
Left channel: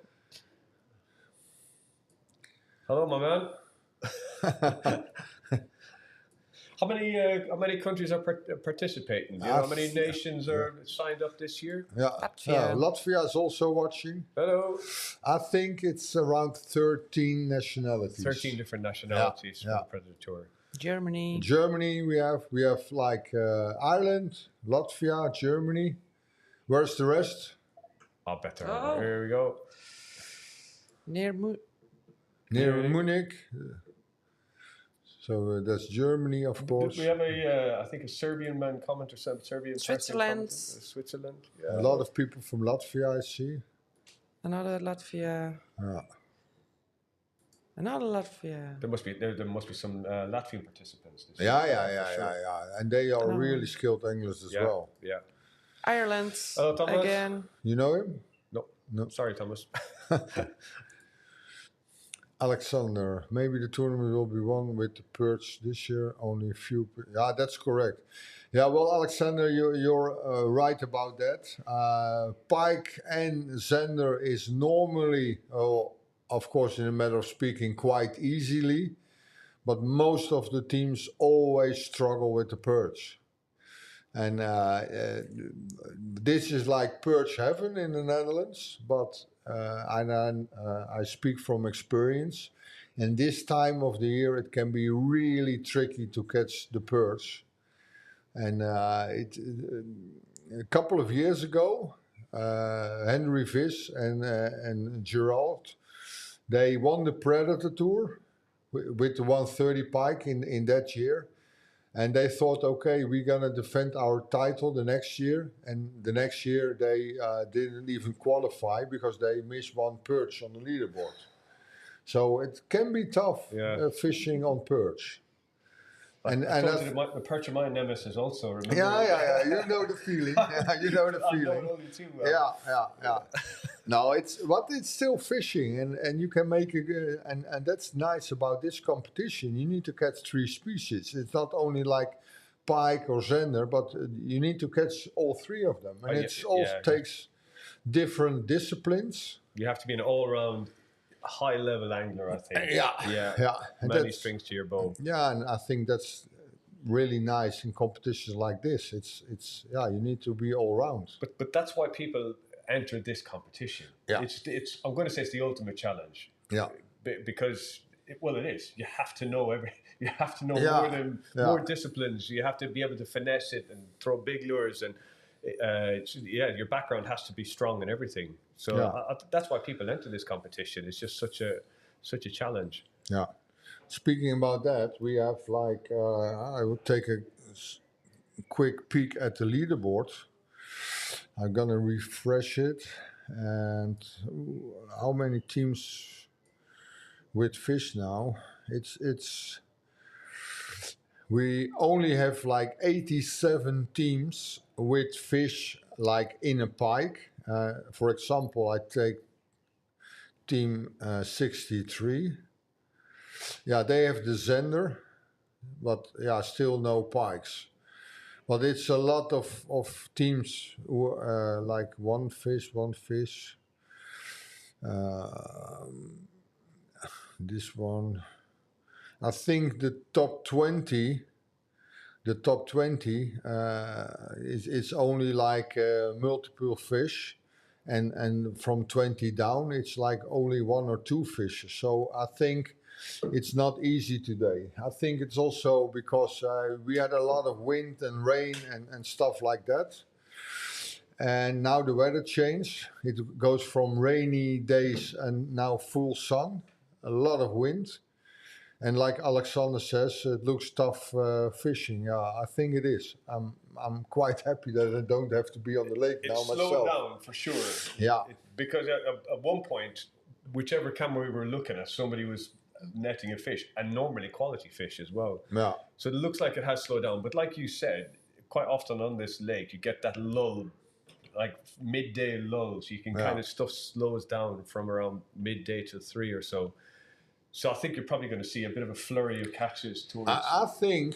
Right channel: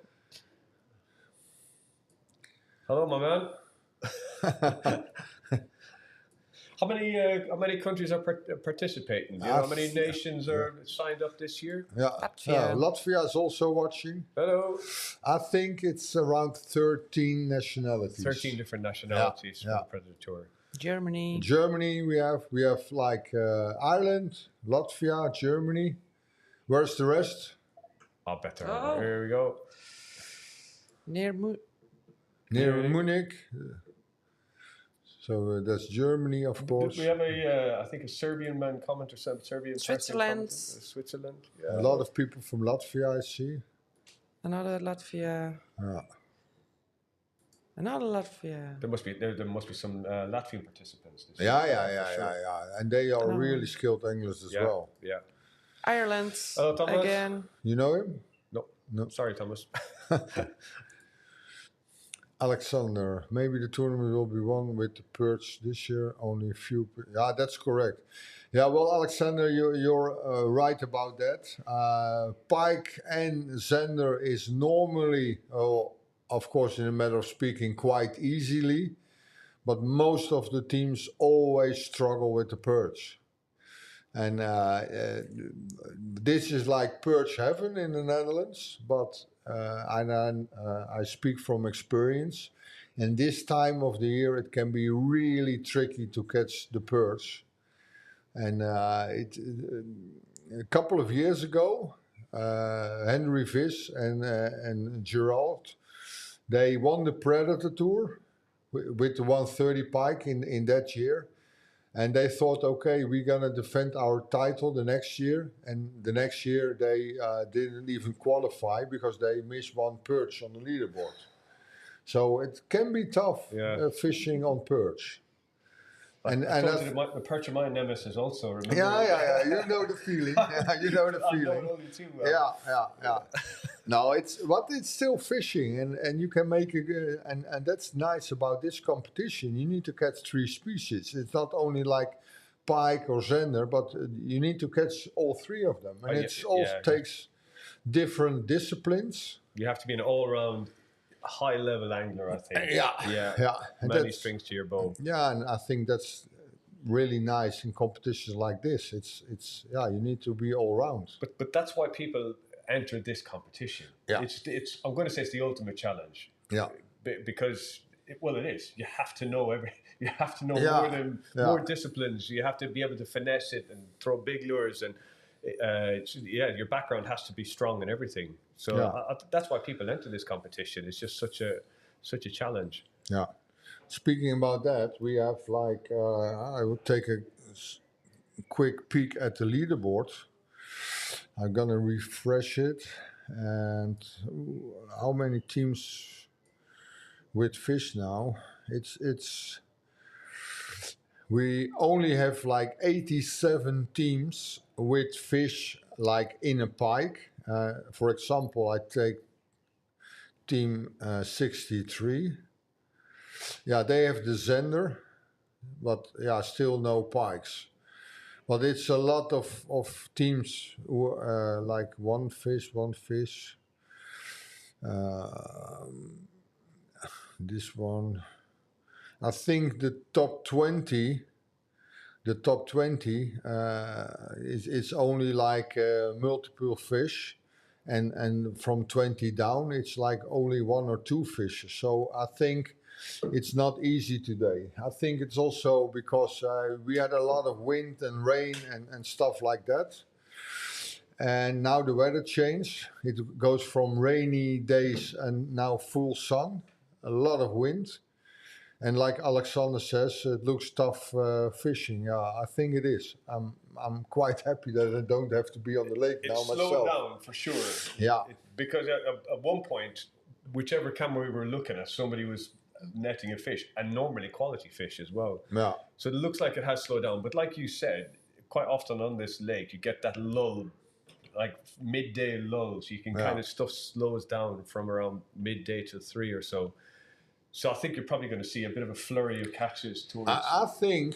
Hello, my man. How many countries are participating? Do you know how many nations are signed up this year? Yeah, Latvia. Latvia is also watching. Hello. I think it's around 13 nationalities. 13 different nationalities Yeah, for the Predatortour. Germany. Germany, we have like Ireland, Latvia, Germany. Where's the rest? I'll bet there. Oh. Here we go. Near Near Munich. So that's Germany, of course. We have I think a Serbian man comment or some Serbian person Switzerland. comment. Switzerland. Yeah. A lot of people from Latvia, I see. Another Latvia. Yeah. Another Latvia. There must be some Latvian participants. This Yeah, year, for sure. And they are Oh. really skilled anglers as well. Yeah. Ireland. Hello, Thomas. Again. You know him? No. Sorry, Thomas. Alexander, maybe the tournament will be won with the perch this year. Only a few. Yeah, that's correct. Yeah, well, Alexander, you're right about that. Pike and Zender is normally, of course, in a matter of speaking, quite easily, but most of the teams always struggle with the perch. And this is like perch heaven in the Netherlands, but I speak from experience. And this time of the year, it can be really tricky to catch the perch. And a couple of years ago, Henry Vis and Gerald, they won the Predatortour with the 130 pike in that year. And they thought, okay, we're going to defend our title the next year. And the next year, they didn't even qualify because they missed one perch on the leaderboard. So it can be tough fishing on perch. And the perch of my nemesis also. Remember? Yeah. You know the feeling. You know the I feeling. know only too well. Yeah. No, it's still fishing, and you can make and that's nice about this competition. You need to catch 3 species. It's not only like pike or zender, but you need to catch all 3 of them, and it also takes different disciplines. You have to be an all-round, high-level angler, I think. Yeah. Many strings to your bow. Yeah, and I think that's really nice in competitions like this. It's you need to be all round. But that's why people enter this competition. Yeah. It's I'm going to say it's the ultimate challenge. Yeah. Because it is. You have to know you have to know more disciplines. You have to be able to finesse it and throw big lures, and your background has to be strong and everything. So that's why people enter this competition. It's just such a challenge. Yeah. Speaking about that, we have I will take a quick peek at the leaderboard. I'm gonna refresh it, and how many teams with fish now? We only have 87 teams with fish in a pike. For example, I take team 63. Yeah, they have the zender, but still no pikes. But it's a lot of teams who one fish. This one, I think the top 20 is only multiple fish, and from 20 down it's only 1 or 2 fishes. So I think it's not easy today. I think it's also because we had a lot of wind and rain and stuff like that. And now the weather changed. It goes from rainy days and now full sun, a lot of wind. And like Alexander says, it looks tough fishing. Yeah, I think it is. I'm quite happy that I don't have to be on the lake now myself. It's slowed down for sure. Yeah. Because at one point, whichever camera we were looking at, somebody was netting a fish, and normally quality fish as well. Yeah. So it looks like it has slowed down. But like you said, quite often on this lake, you get that lull, midday lull. So you can kind of stuff slows down from around midday to 3 or so. So I think you're probably going to see a bit of a flurry of catches towards. I think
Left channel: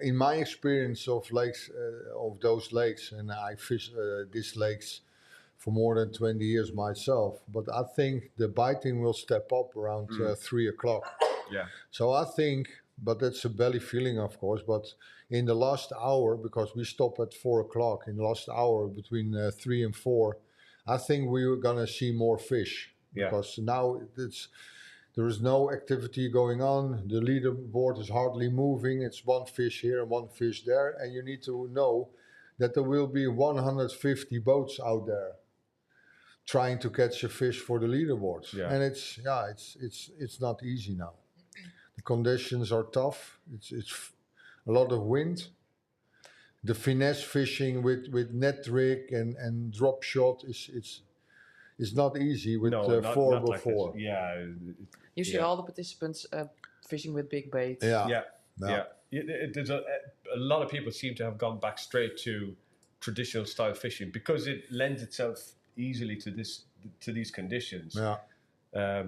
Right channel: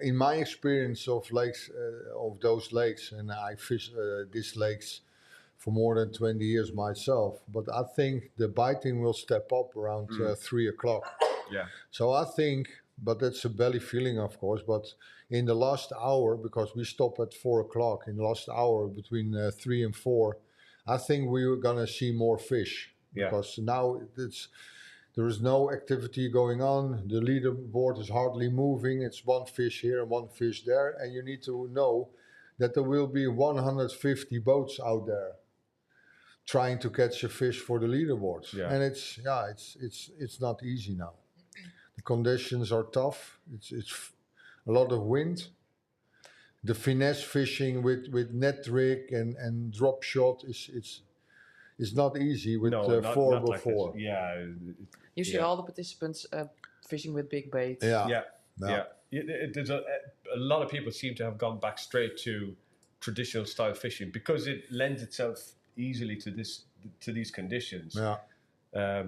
in my experience of lakes, of those lakes, and I fish these lakes for more than 20 years myself, but I think the biting will step up around 3 o'clock. Yeah. So I think, but that's a belly feeling, of course, but in the last hour, because we stop at 4 o'clock, in the last hour between 3 and 4, I think we're going to see more fish. Yeah. Because now there is no activity going on. The leaderboard is hardly moving. It's one fish here and one fish there. And you need to know that there will be 150 boats out there trying to catch a fish for the leaderboards. Yeah. And it's not easy now. The conditions are tough. It's a lot of wind. The finesse fishing with net rig and drop shot is not easy with not 4x4. Like yeah. You see all the participants fishing with big bait. Yeah. There's a lot of people seem to have gone back straight to traditional style fishing because it lends itself easily to these conditions. Yeah.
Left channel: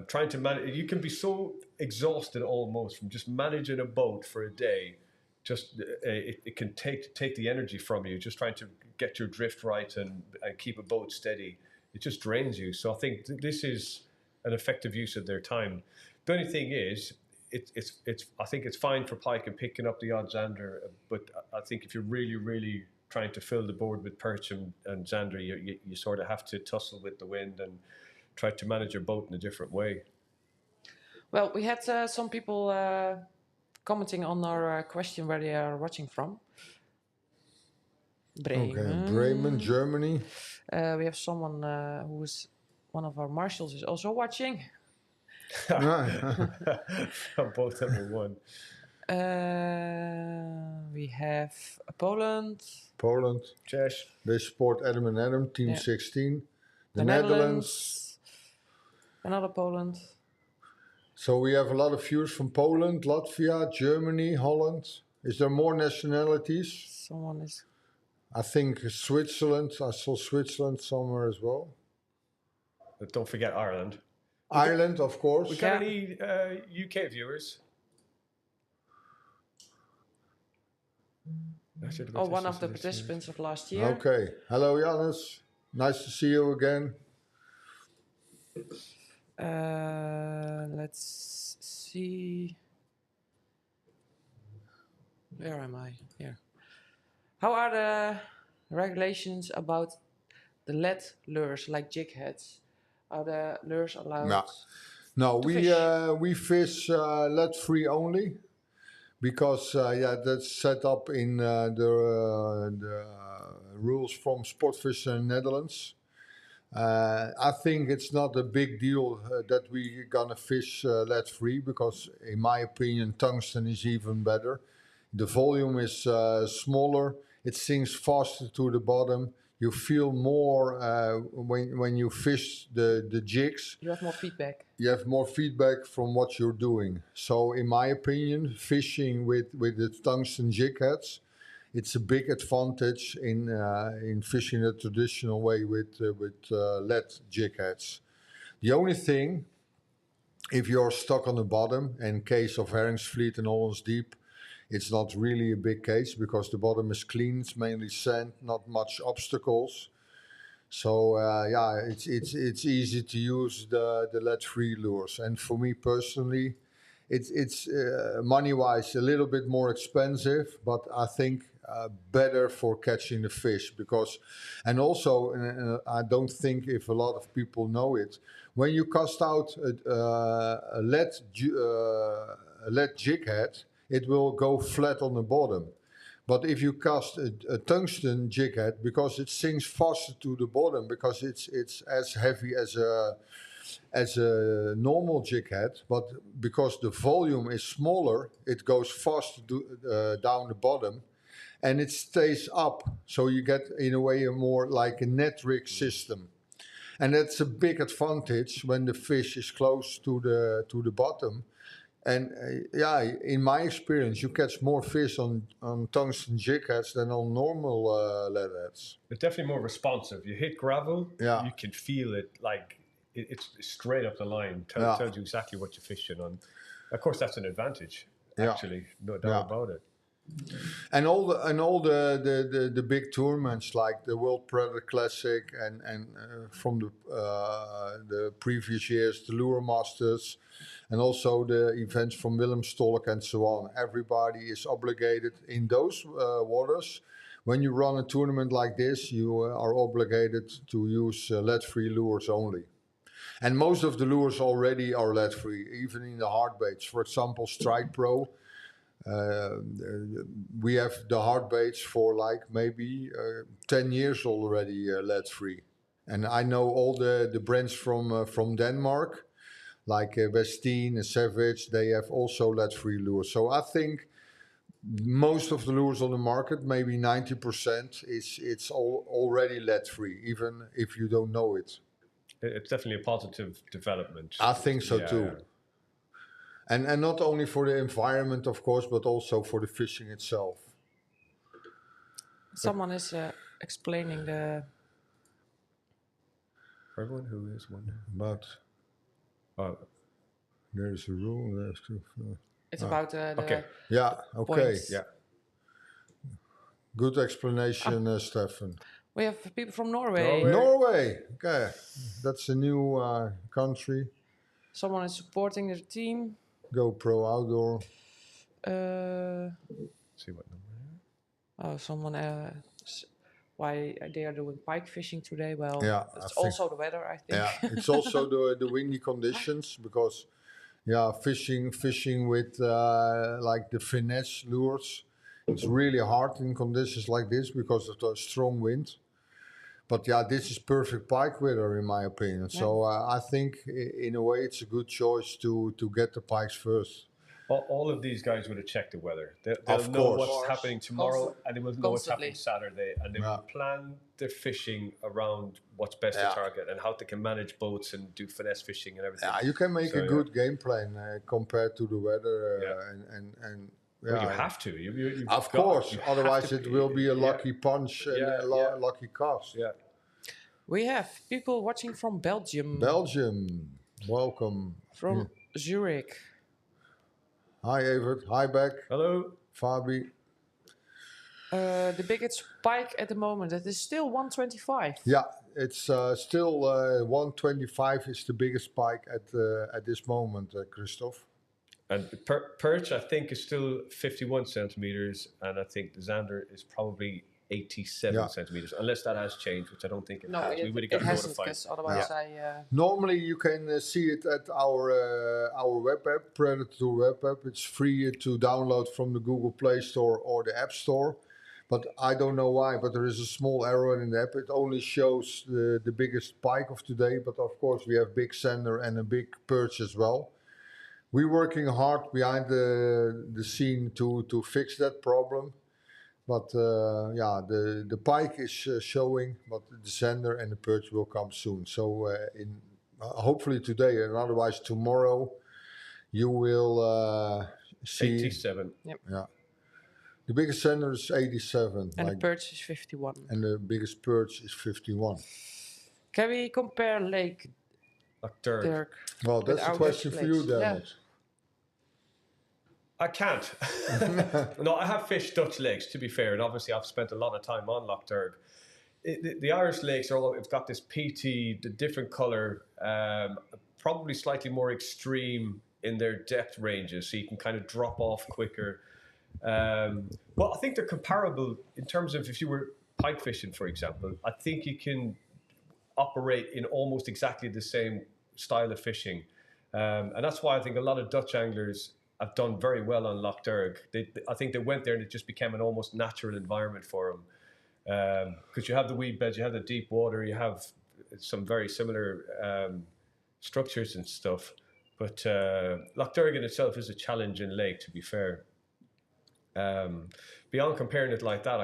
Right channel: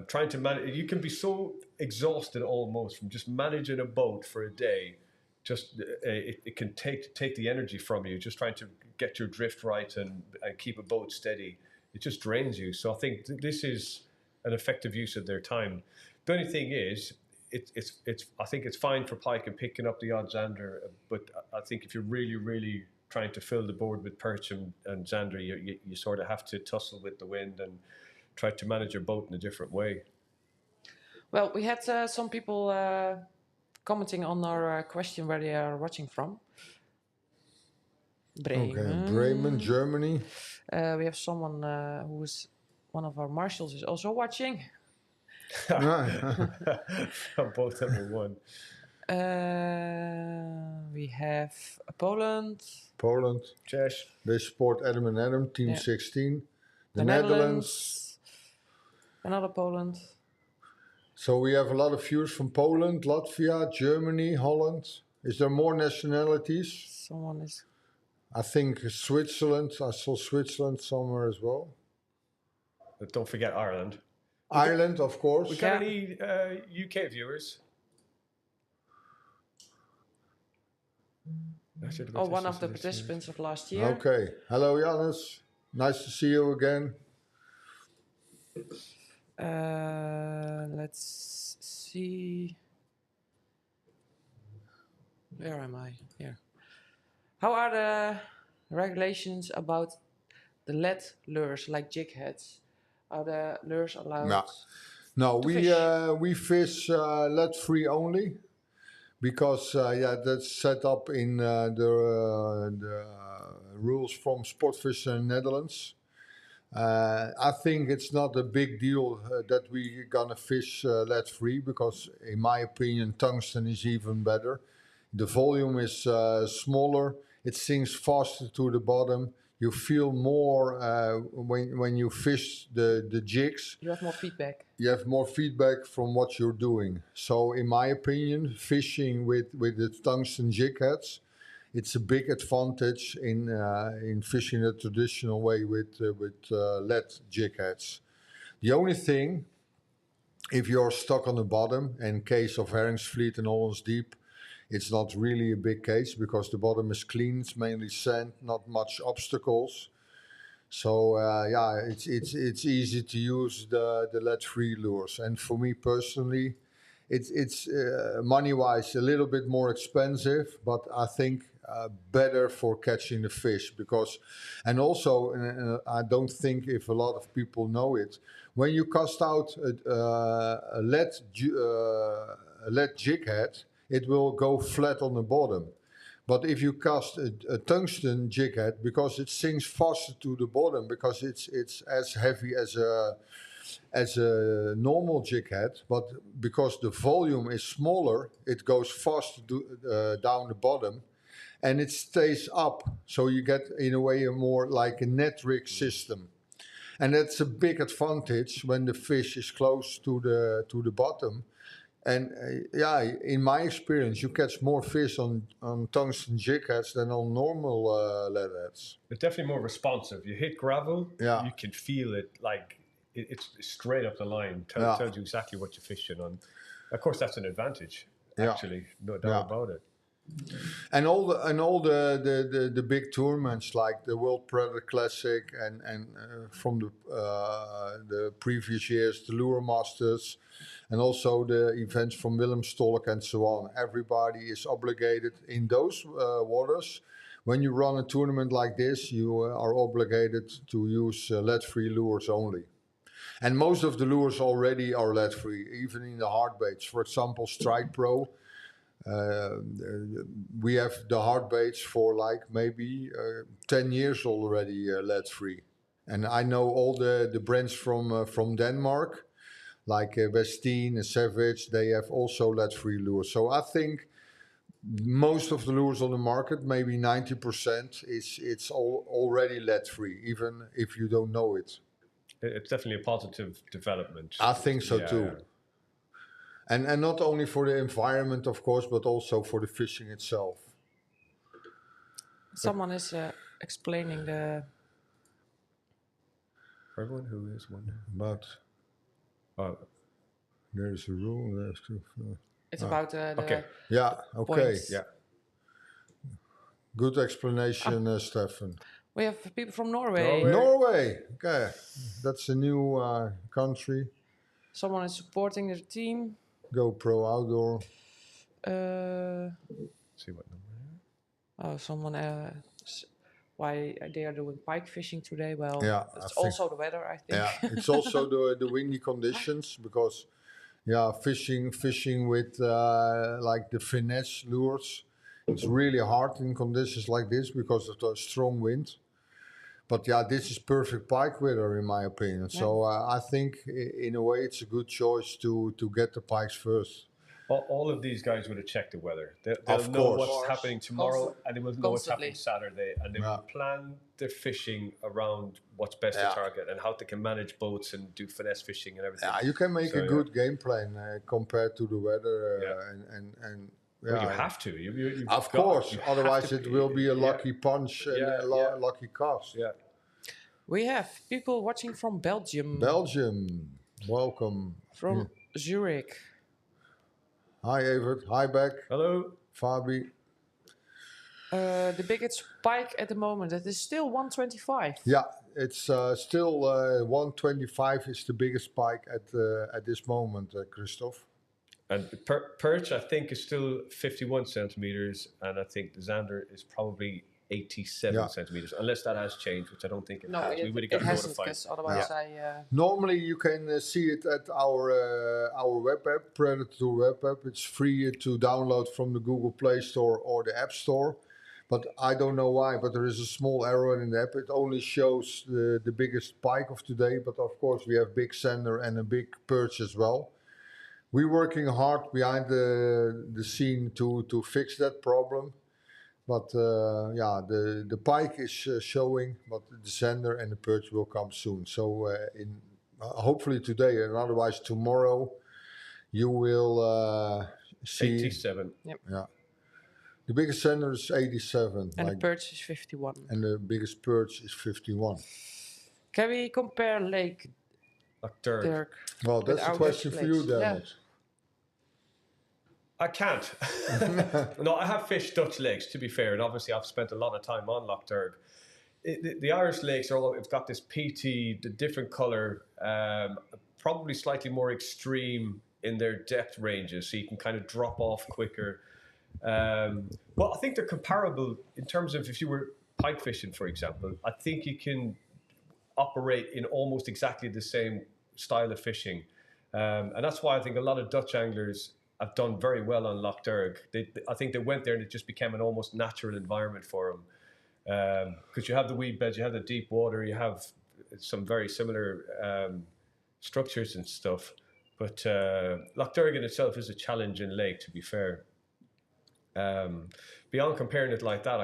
Trying to manage, you can be so exhausted almost from just managing a boat for a day. Just it can take the energy from you. Just trying to get your drift right and keep a boat steady. It just drains you. So I think this is an effective use of their time. The only thing is, I think it's fine for pike and picking up the odd zander, but I think if you're really trying to fill the board with perch and zander, you sort of have to tussle with the wind and try to manage your boat in a different way. Well, we had some people commenting on our question where they are watching from. Bremen. Okay, Bremen, Germany. We have someone who is one of our marshals is also watching. Both of them won. We have Poland. Czech. They support Adam and Adam, Team 16. The Netherlands. Another Poland. So we have a lot of viewers from Poland, Latvia, Germany, Holland. Is there more nationalities? Someone is... I think Switzerland. I saw Switzerland somewhere as well. But don't forget Ireland. Ireland, of course. We got any UK viewers? One of the participants of last year. Okay. Hello, Janus. Nice to see you again. Let's see. Where am I? Here. How are the regulations about the lead lures like jig heads? Are the lures allowed? No, we fish lead free only because that's set up in the rules from Sportvissen Netherlands. I think it's not a big deal that we're gonna fish lead free because, in my opinion, tungsten is even better. The volume is smaller. It sinks faster to the bottom. You feel more when you fish the jigs. You have more feedback. You have more feedback from what you're doing. So, in my opinion, fishing with the tungsten jig heads, it's a big advantage in fishing the traditional way with lead jig heads. The only thing, if you're stuck on the bottom, in case of Herringsvliet and Hollands Deep, it's not really a big case because the bottom is clean. It's mainly sand, not much obstacles. So it's easy to use the lead-free lures. And for me personally, it's money-wise a little bit more expensive, but I think better for catching the fish because, and also I don't think if a lot of people know it, when you cast out a lead jig head, it will go flat on the bottom. But if you cast a tungsten jig head, because it sinks faster to the bottom, because it's as heavy as a normal jig head, but because the volume is smaller, it goes faster down the bottom, and it stays up. So you get, in a way, a more like a net rig system. And that's a big advantage when the fish is close to the bottom. And in my experience, you catch more fish on tungsten jig heads than on normal lead heads. It's definitely more responsive. You hit gravel, you can feel it. Like it's straight up the line. Tells you exactly what you're fishing on. Of course, that's an advantage. Actually, no doubt about it. And all the big tournaments like the World Predator Classic and from the previous years, the Lure Masters, and also the events from Willem Stolk and so on. Everybody is obligated in those waters. When you run a tournament like this, you are obligated to use lead-free lures only. And most of the lures already are lead-free, even in the hard baits. For example, Strike Pro. We have the hard baits for like maybe 10 years already lead-free. And I know all the brands from Denmark, like Westin and Savage, they have also lead-free lures. So I think most of the lures on the market, maybe 90%, it's already lead-free, even if you don't know it. It's definitely a positive development. I think so too. And not only for the environment, of course, but also for the fishing itself. Someone is explaining the... For everyone who is wondering. But there's a rule. It's about the okay. Yeah, okay. points. Yeah. Good explanation, Stefan. We have people from Norway. Norway. Okay. That's a new country. Someone is supporting their team. GoPro Outdoor. See what number? Oh, someone. Why they are doing pike fishing today? Well, Yeah, it's also the weather, I think. Yeah, it's also the windy conditions because, fishing with like the finesse lures, it's really hard in conditions like this because of the strong wind. But this is perfect pike weather in my opinion. Yeah. So I think in a way it's a good choice to get the pikes first. All of these guys would have checked the weather. They'll know what's happening tomorrow, and they will know what's happening Saturday, and they will plan their fishing around what's best to target and how they can manage boats and do finesse fishing and everything. Yeah, you can make a good game plan compared to the weather and well, you have to. Of course, otherwise it will be a lucky punch and a lucky cast. Yeah. We have people watching from Belgium. Belgium, welcome. From Zurich. Hi, Evert. Hi, Beck. Hello. Fabi. The biggest pike at the moment, that is still 125. Yeah, it's still 125 is the biggest pike at this moment, Christophe. And perch, I think, is still 51 centimeters, and I think the Zander is probably 87 centimeters, unless that has changed, which I don't think it has. We would have got notified. Because otherwise Normally, you can see it at our web app, Predatortour web app. It's free to download from the Google Play Store or the App Store. But I don't know why, but there is a small error in the app. It only shows the biggest pike of today, but of course we have big Zander and a big perch as well. We're working hard behind the scene to fix that problem. But the pike is showing, but the Zander and the perch will come soon. So hopefully today, and otherwise tomorrow, you will see 87. Yep. Yeah. The biggest Zander is 87. And the perch is 51. And the biggest perch is 51. Can we compare Lake Dirk? Well, that's a question for you, Dennis. Yeah. I can't. No, I have fished Dutch lakes, to be fair, and obviously I've spent a lot of time on Loch Derg. The Irish lakes have got this PT, the different colour, probably slightly more extreme in their depth ranges, so you can kind of drop off quicker. Well, I think they're comparable in terms of if you were pike fishing, for example. I think you can operate in almost exactly the same style of fishing. And that's why I think a lot of Dutch anglers have done very well on Loch Derg. I think they went there and it just became an almost natural environment for them. Because you have the weed beds, you have the deep water, you have some very similar structures and stuff. But Loch Derg in itself is a challenging lake, to be fair. Beyond comparing it like that,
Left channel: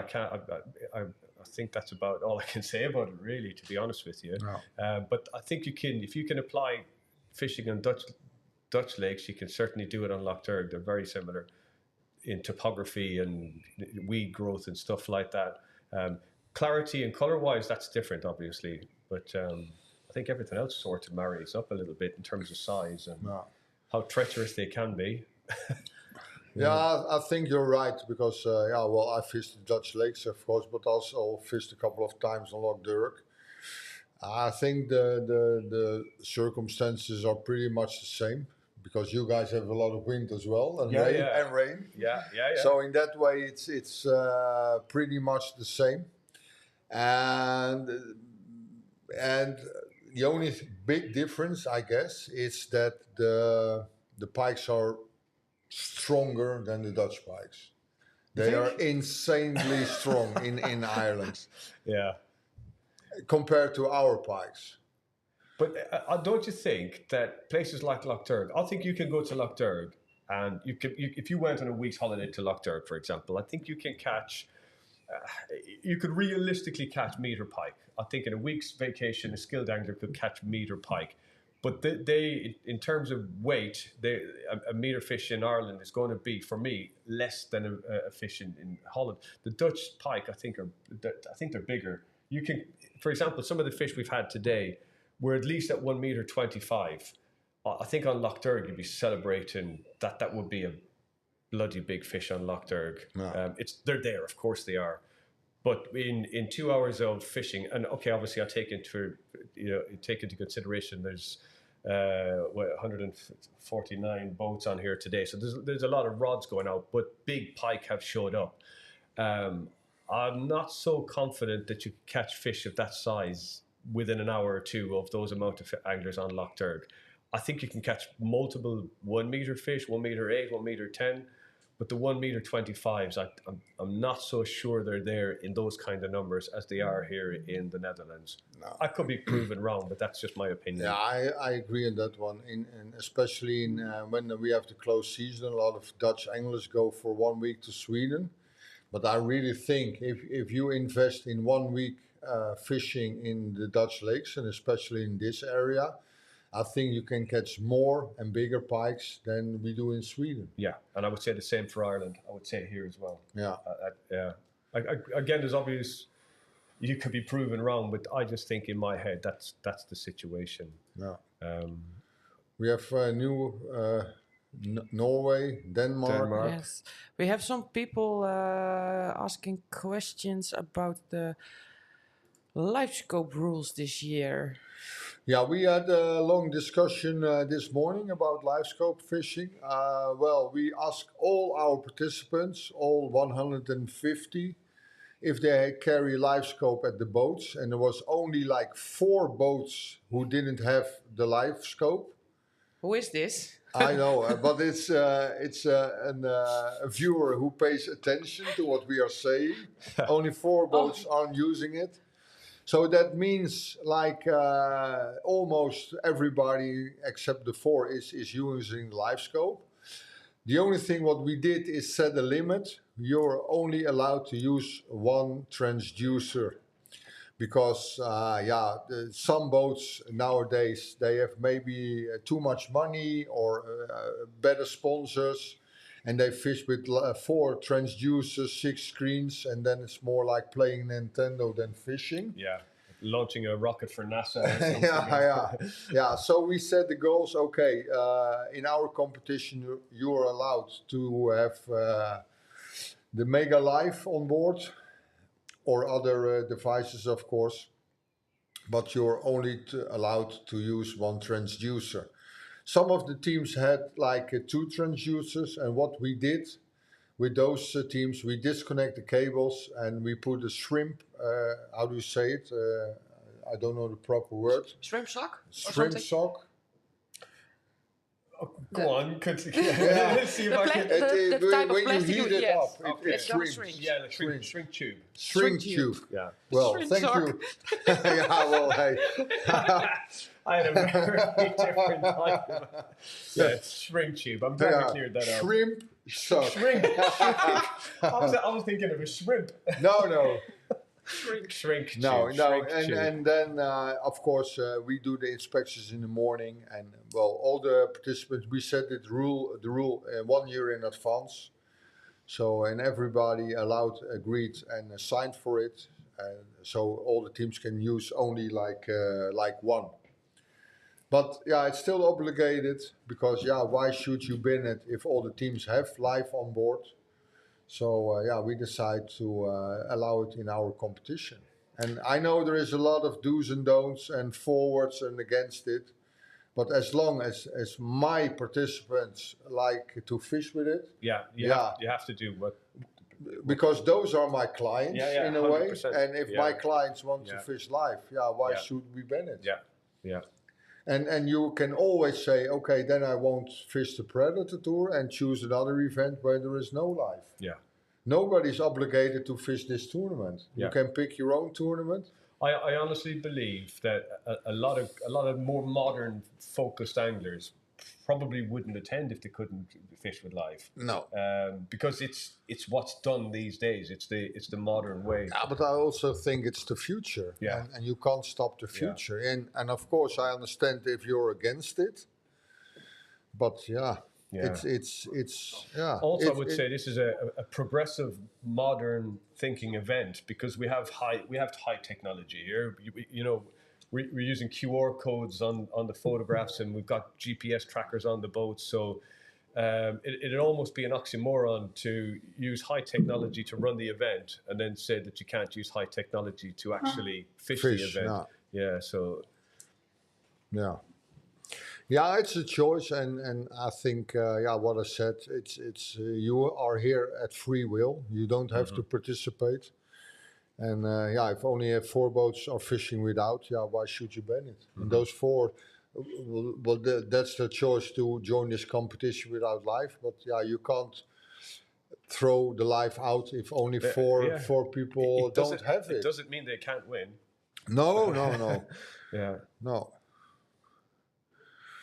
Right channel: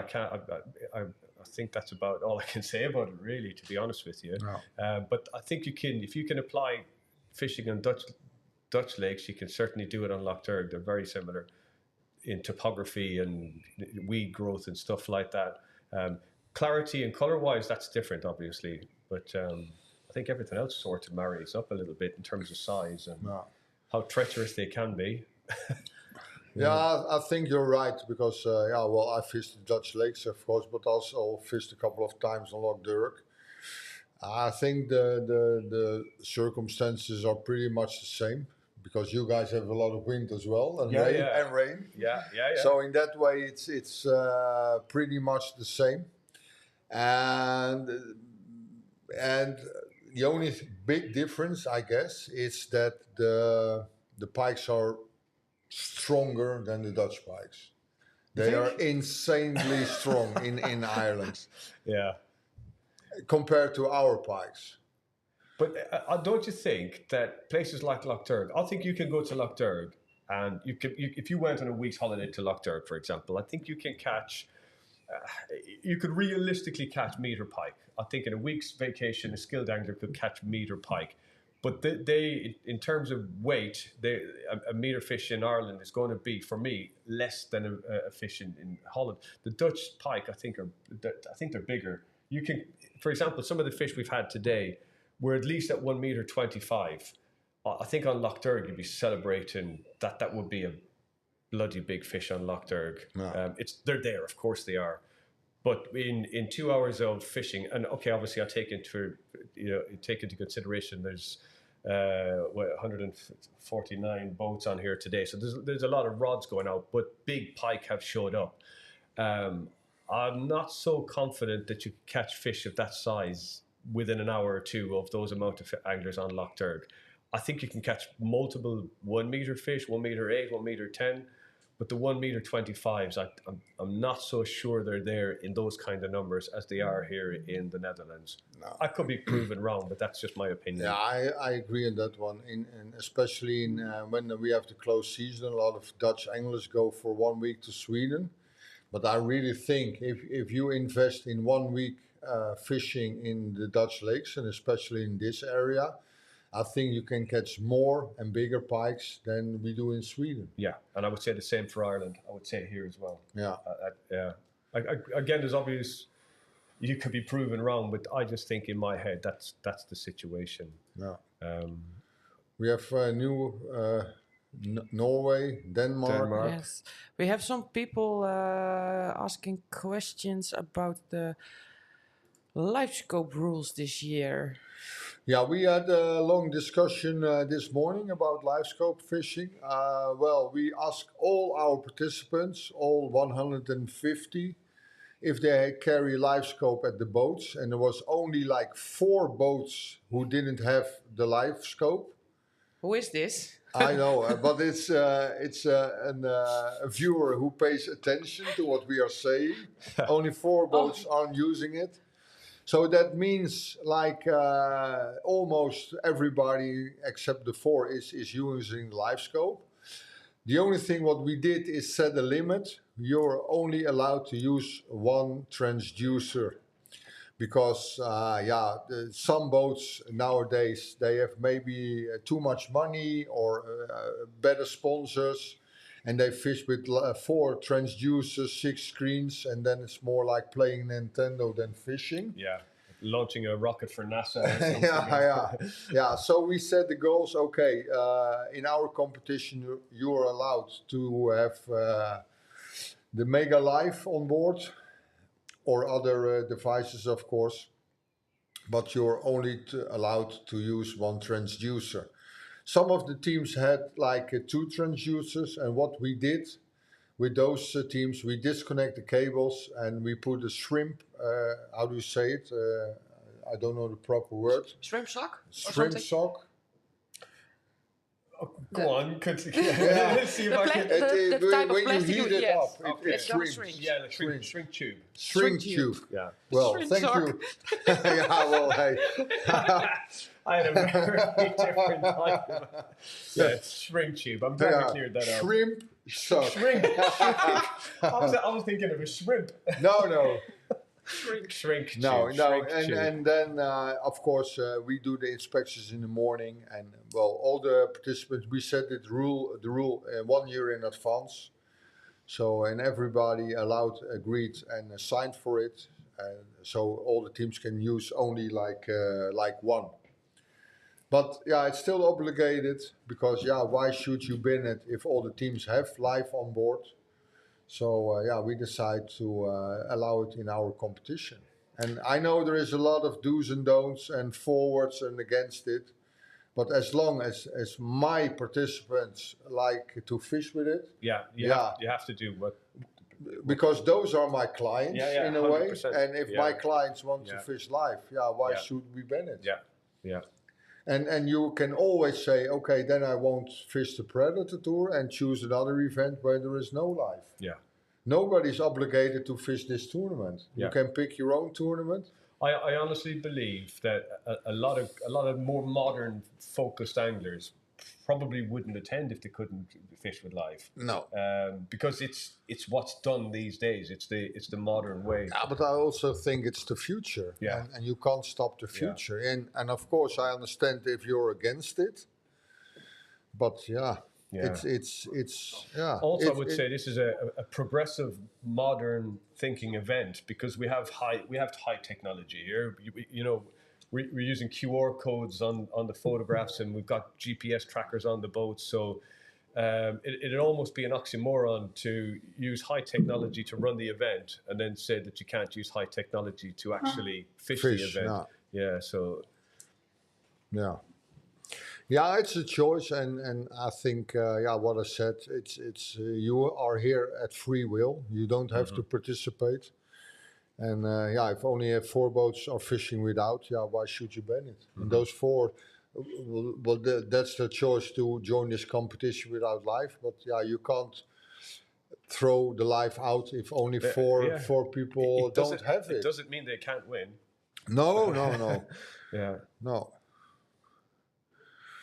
I think that's about all I can say about it, really, to be honest with you. No. But I think if you can apply fishing on Dutch lakes, you can certainly do it on Loch Derg. They're very similar in topography and weed growth and stuff like that. Clarity and color-wise, that's different, obviously. But I think everything else sort of marries up a little bit in terms of size and No. how treacherous they can be. Yeah, I think you're right because I fished the Dutch lakes, of course, but also fished a couple of times on Loch Durk. I think the circumstances are pretty much the same because you guys have a lot of wind as well and rain. Yeah. So in that way, it's pretty much the same, and the only big difference, I guess, is that the pikes are stronger than the Dutch pikes. They are insanely strong in Ireland Yeah. compared to our pikes. But don't you think that places like Loch Durg, I think you can go to Loch Durg and if you went on a week's holiday to Loch Durg, for example, I think you can catch, you could realistically catch meter pike. I think in a week's vacation, a skilled angler could catch meter pike. But they in terms of weight, a meter fish in Ireland is going to be, for me, less than a fish in Holland. The Dutch pike, I think they're bigger. You can, for example, some of the fish we've had today were at least at 1 meter 25. I think on Loch Durg you'd be celebrating that would be a bloody big fish on Loch Durg. No. They're there, of course they are. But in 2 hours of fishing, and okay, obviously I take into consideration there's 149 boats on here today, so there's a lot of rods going out, but big pike have showed up. I'm not so confident that you can catch fish of that size within an hour or two of those amount of anglers on Loch Durg. I think you can catch multiple 1 meter fish, 1 meter 8, 1 meter 10, but the 1 meter 25s, I'm not so sure they're there in those kind of numbers as they are here in the Netherlands. No. I could be proven wrong, but that's just my opinion. Yeah, I agree on that one. And especially when we have the closed season, a lot of Dutch anglers go for 1 week to Sweden. But I really think if you invest in 1 week fishing in the Dutch lakes, and especially in this area, I think you can catch more and bigger pikes than we do in Sweden. Yeah, and I would say the same for Ireland. I would say here as well. Yeah. Again, there's obvious, you could be proven wrong, but I just think in my head that's the situation. Yeah. We have Norway, Denmark. Yes, we have some people asking questions about the live scope rules this year. Yeah, we had a long discussion this morning about live scope fishing. We asked all our participants, all 150, if they carry live scope at the boats, and there was only like 4 boats who didn't have the live scope. Who is this? I know, but it's a viewer who pays attention to what we are saying. Only 4 boats aren't using it. So that means like almost everybody except the 4 is using live scope. The only thing what we did is set a limit. You're only allowed to use 1 transducer because some boats nowadays, they have maybe too much money or better sponsors, and they fish with 4 transducers, 6 screens, and then it's more like playing Nintendo than fishing. Yeah, launching a rocket for NASA or something. Yeah. So we set the goals. Okay, in our competition, you are allowed to have the Mega Live on board or other devices, of course, but you're only allowed to use 1 transducer. Some of the teams had like 2 transducers, and what we did with those teams, we disconnect the cables and we put a shrimp, how do you say it? I don't know the proper word. Shrimp sock? Shrimp sock. Go on, continue. Yeah. Let's see if I can. The type of when you plastic heat it up, it It's called shrinks. Yeah, the shrink tube. Shrink tube. Yeah. Well, Shrimp thank sock. you. Yeah, well, hey. I had a very different type of. Yeah, it's shrink tube. I'm glad we cleared that out. Shrimp sock. Shrink. I was thinking of a shrimp. No. Shrink tube. No, shrink tube. and then of course we do the inspections in the morning, and well, all the participants, we set the rule 1 year in advance. So and everybody agreed and signed for it, and so all the teams can use only like 1. But yeah, it's still obligated because yeah, why should you bin it if all the teams have live on board? So yeah, we decide to allow it in our competition. And I know there is a lot of do's and don'ts and forwards and against it. But as long as my participants like to fish with it, Yeah, yeah, you have to do what. because those are my clients Yeah, in a way. 100%. And if my Yeah. clients want to Yeah. fish live, yeah, why Yeah. should we ban it? Yeah. And you can always say, okay, then I won't fish the Predator Tour and choose another event where there is no live. Yeah. Nobody's obligated to fish this tournament. Yeah. You can pick your own tournament. I honestly believe that a lot of more modern focused anglers probably wouldn't attend if they couldn't fish with live. No. Because it's what's done these days. It's the modern way. Yeah, but I also think it's the future. Yeah. And you can't stop the future. And of course I understand if you're against it. But yeah. It's yeah. Also, I would say this is a progressive, modern thinking event because we have high technology here. You know, we're using QR codes on the photographs, and we've got GPS trackers on the boats. So it'd almost be an oxymoron to use high technology to run the event and then say that you can't use high technology to actually fish the event. No. Yeah. So. Yeah. Yeah, it's a choice, and I think yeah, what I said, it's you are here at free will. You don't have to participate, and yeah, if only 4 boats are fishing without, yeah, why should you ban it? And those 4, well, that's the choice to join this competition without live. But yeah, you can't throw the live out if only four people don't have it. It doesn't mean they can't win. No. Yeah. No.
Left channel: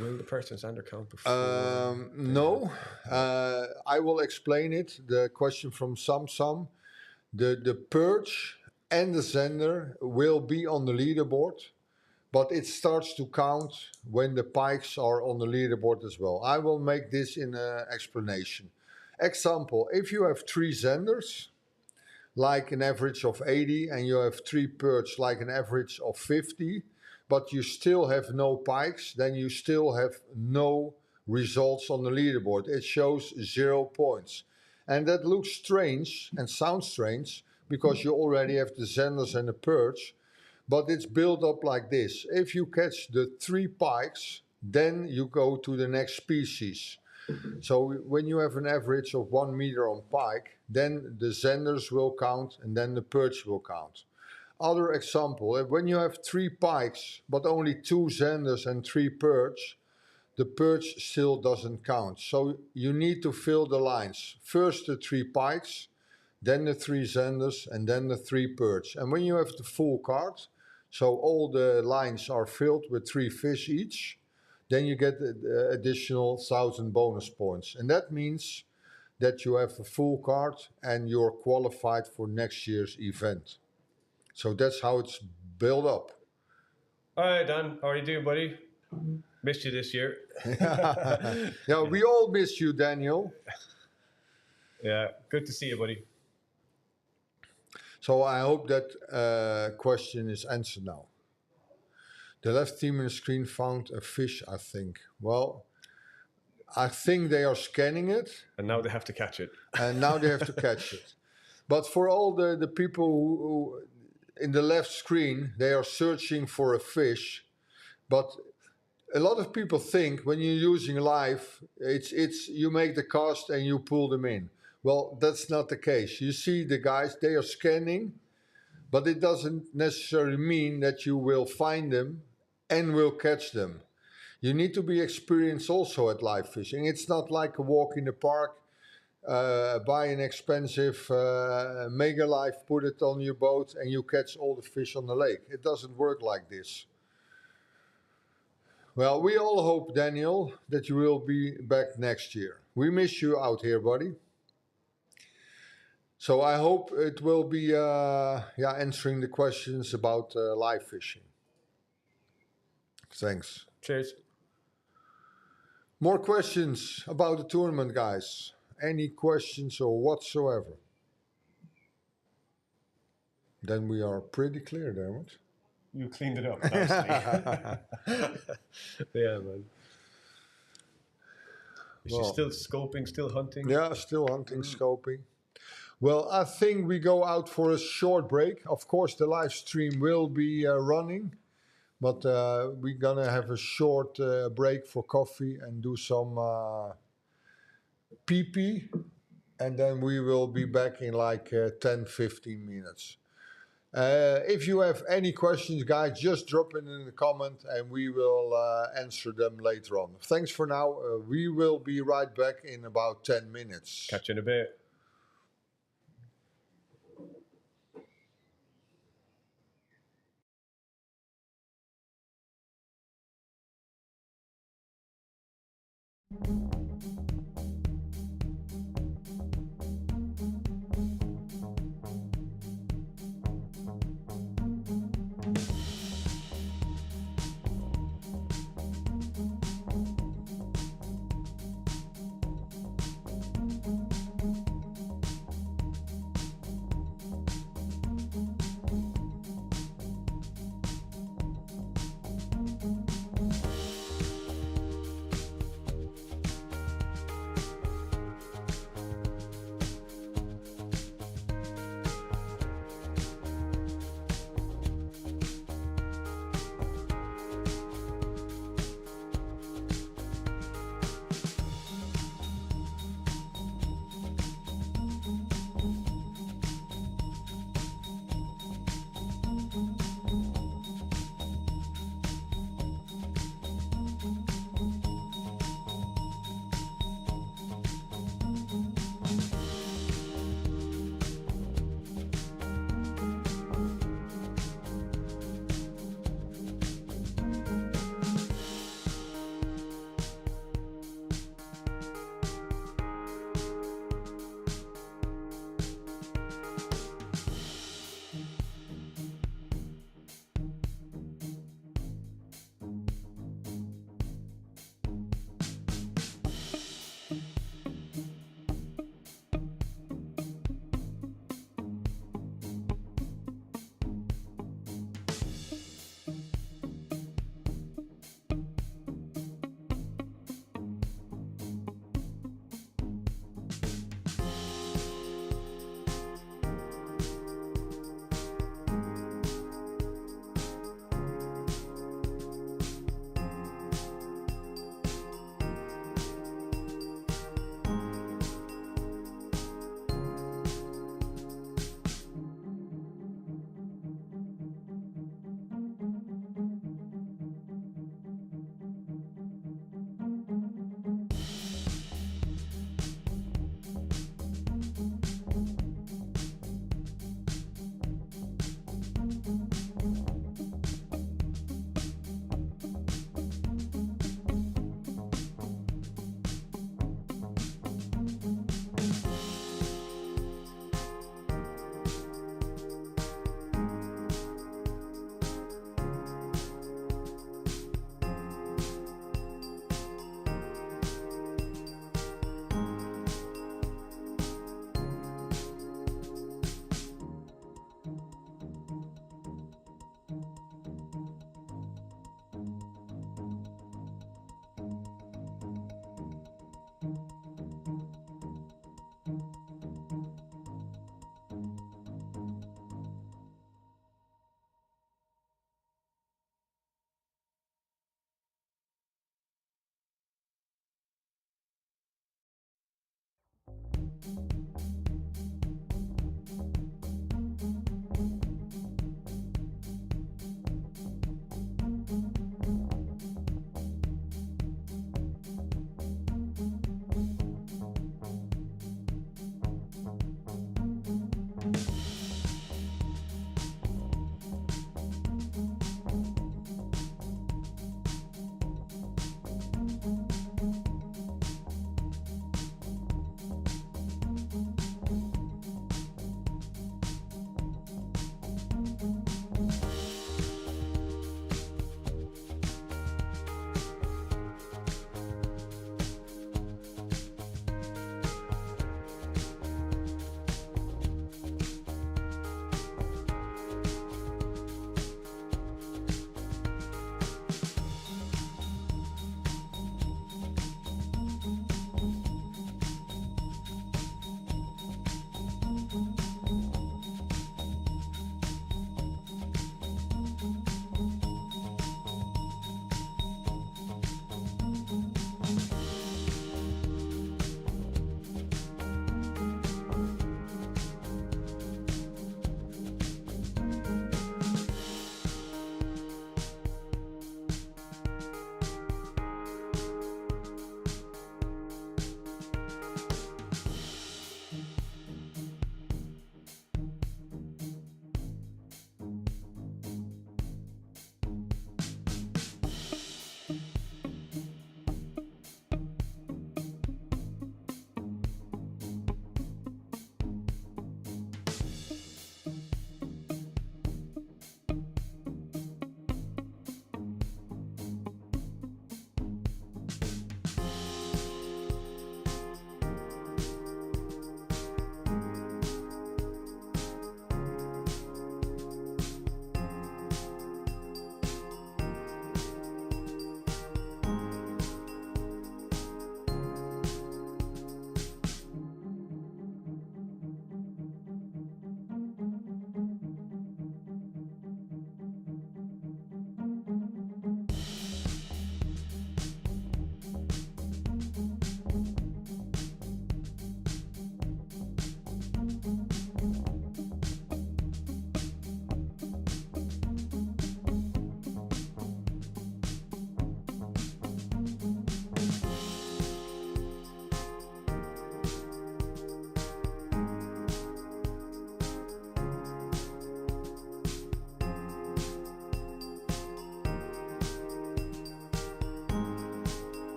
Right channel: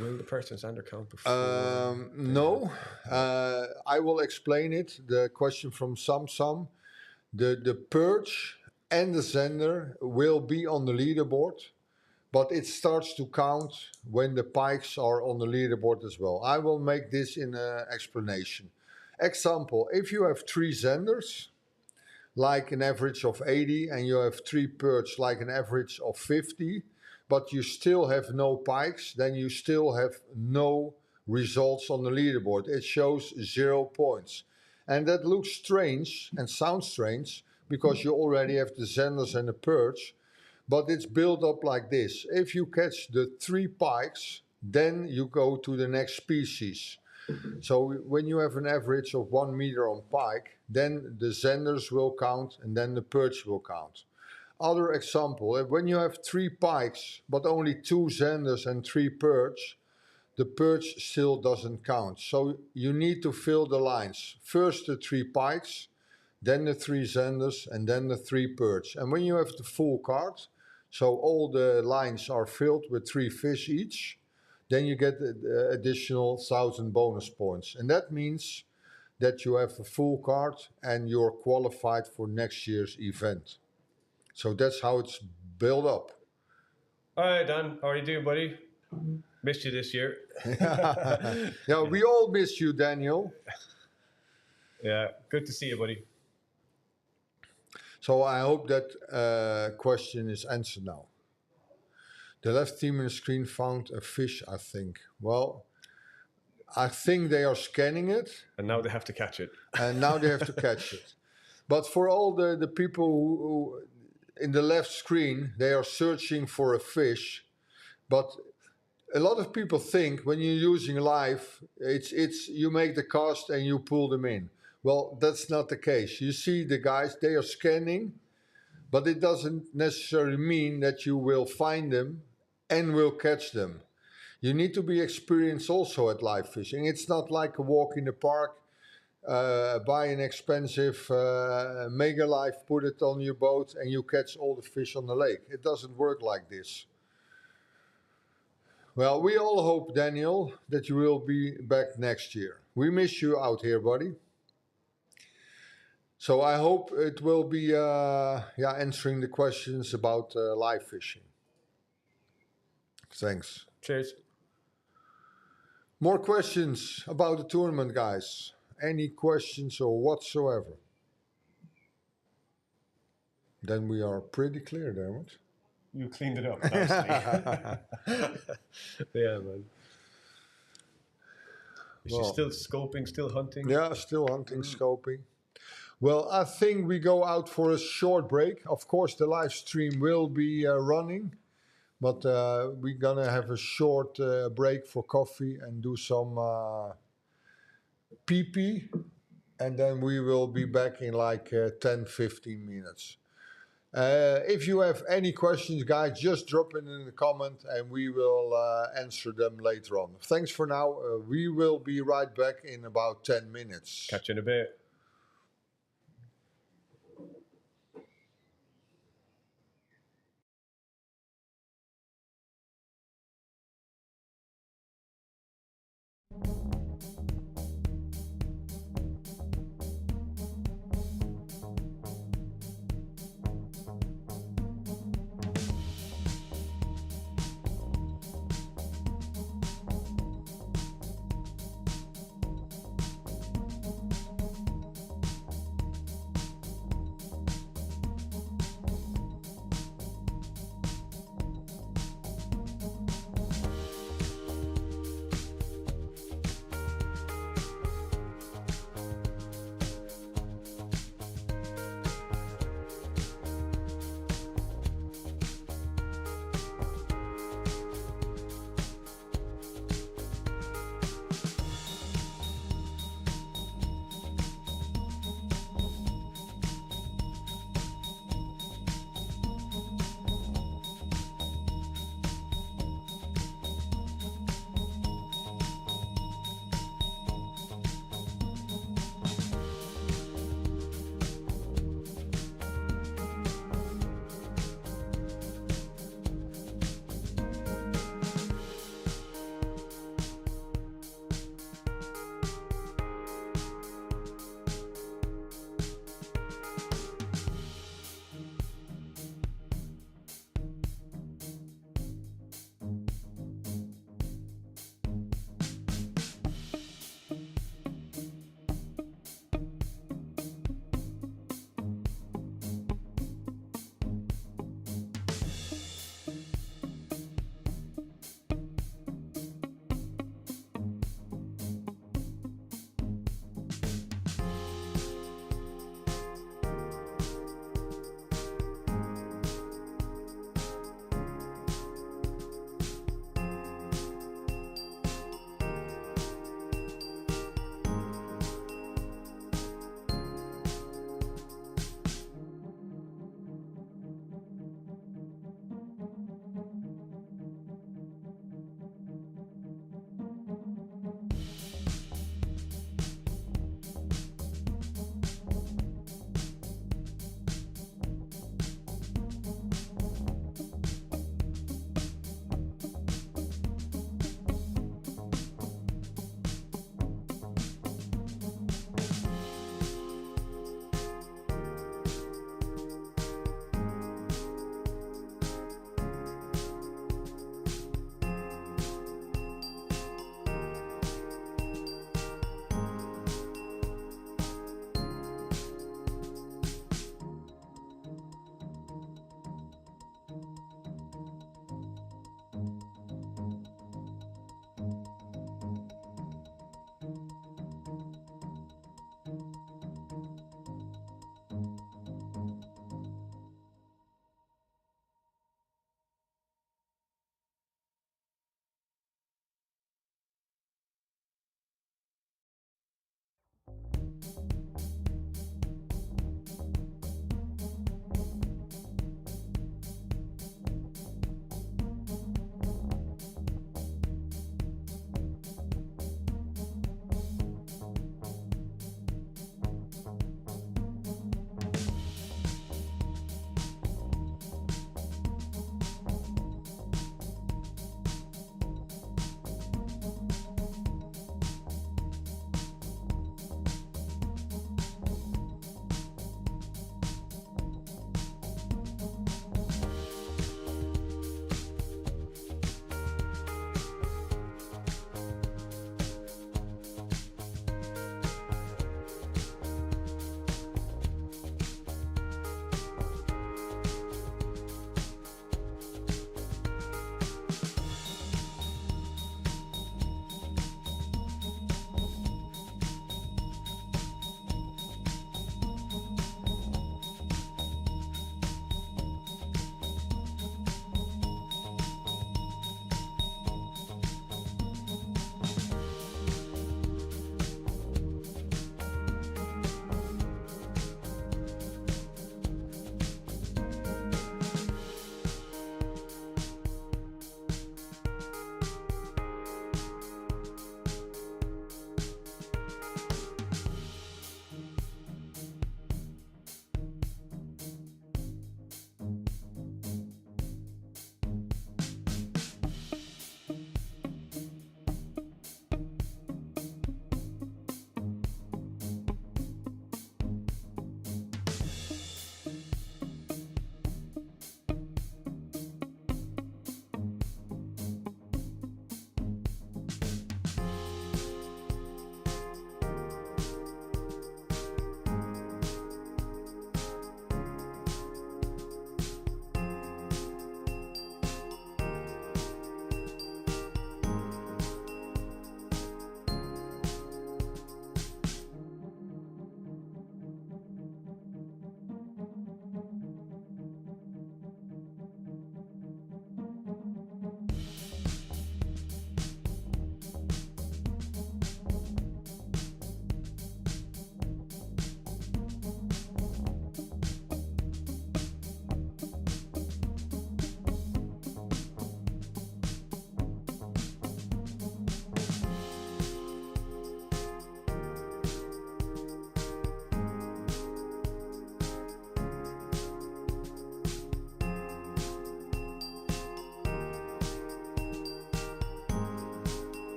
Will the persons under count before? No. I will explain it. The question from Samsam. The perch and the sender will be on the leaderboard, but it starts to count when the pikes are on the leaderboard as well. I will make this in an explanation. Example, if you have 3 senders, like an average of 80, and you have 3 perch, like an average of 50, but you still have no pikes, then you still have no results on the leaderboard. It shows 0 points. And that looks strange and sounds strange because you already have the senders and the perch, but it's built up like this. If you catch the 3 pikes, then you go to the next species. So when you have an average of 1 meter on pike, then the senders will count and then the perch will count. Other example, when you have 3 pikes, but only 2 senders and 3 perch, the perch still doesn't count. So you need to fill the lines. First the 3 pikes, then the 3 senders, and then the 3 perch. And when you have the full card, so all the lines are filled with 3 fish each, then you get the additional 1,000 bonus points. And that means that you have a full card and you're qualified for next year's event. So that's how it's built up. All right, Dan. How are you doing, buddy? Missed you this year. Yeah, we all miss you, Daniel. Yeah, good to see you, buddy. So I hope that question is answered now. The left team in the screen found a fish, I think. Well, I think they are scanning it. And now they have to catch it. And now they have to catch it. But for all the people who in the left screen, they are searching for a fish. But a lot of people think when you're using live, it's you make the cast and you pull them in. Well, that's not the case. You see the guys, they are scanning, but it doesn't necessarily mean that you will find them and will catch them. You need to be experienced also at live fishing. It's not like a walk in the park, buy an expensive mega live, put it on your boat, and you catch all the fish on the lake. It doesn't work like this. Well, we all hope, Daniel, that you will be back next year. We miss you out here, buddy. So I hope it will be answering the questions about live fishing. Thanks. Cheers. More questions about the tournament, guys? Any questions or whatsoever? Then we are pretty clear, Dermot. you cleaned it up nicely. Yeah, man. Is she Well, still scoping, still hunting? Yeah, still hunting, scoping. Well, I think we go out for a short break. Of course, the live stream will be running, but we're gonna have a short break for coffee and do some pee-pee, and then we will be back in like 10-15 minutes. If you have any questions, guys, just drop it in the comment and we will answer them later on. Thanks for now. We will be right back in about 10 minutes. Catch you in a bit.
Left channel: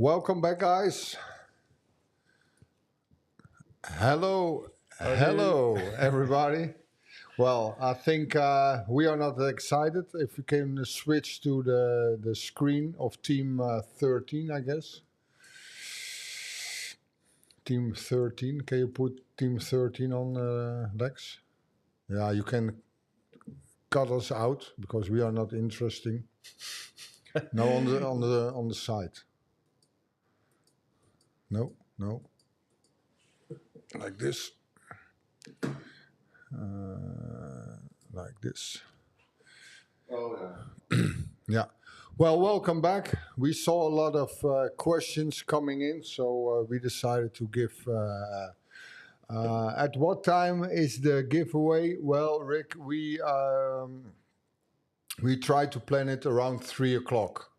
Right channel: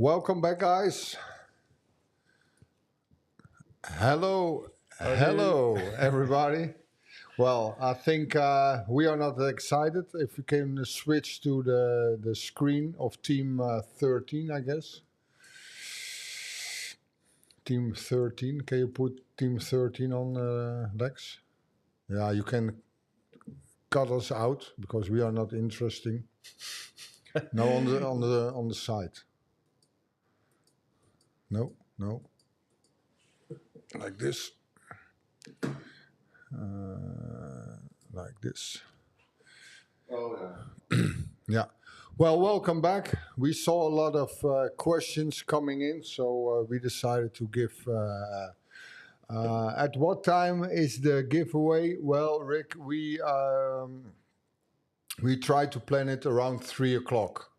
Welcome back, guys. Hello, hello, everybody. Well, I think we are not excited. If you can switch to the screen of Team 13, I guess. Team 13. Can you put Team 13 on, Lex? Yeah, you can cut us out because we are not interesting. No, on the side. No, no. Like this. Like this. Oh yeah. Yeah. Well, welcome back. We saw a lot of questions coming in, so we decided to give. At what time is the giveaway? Well, Rick, we try to plan it around 3 o'clock,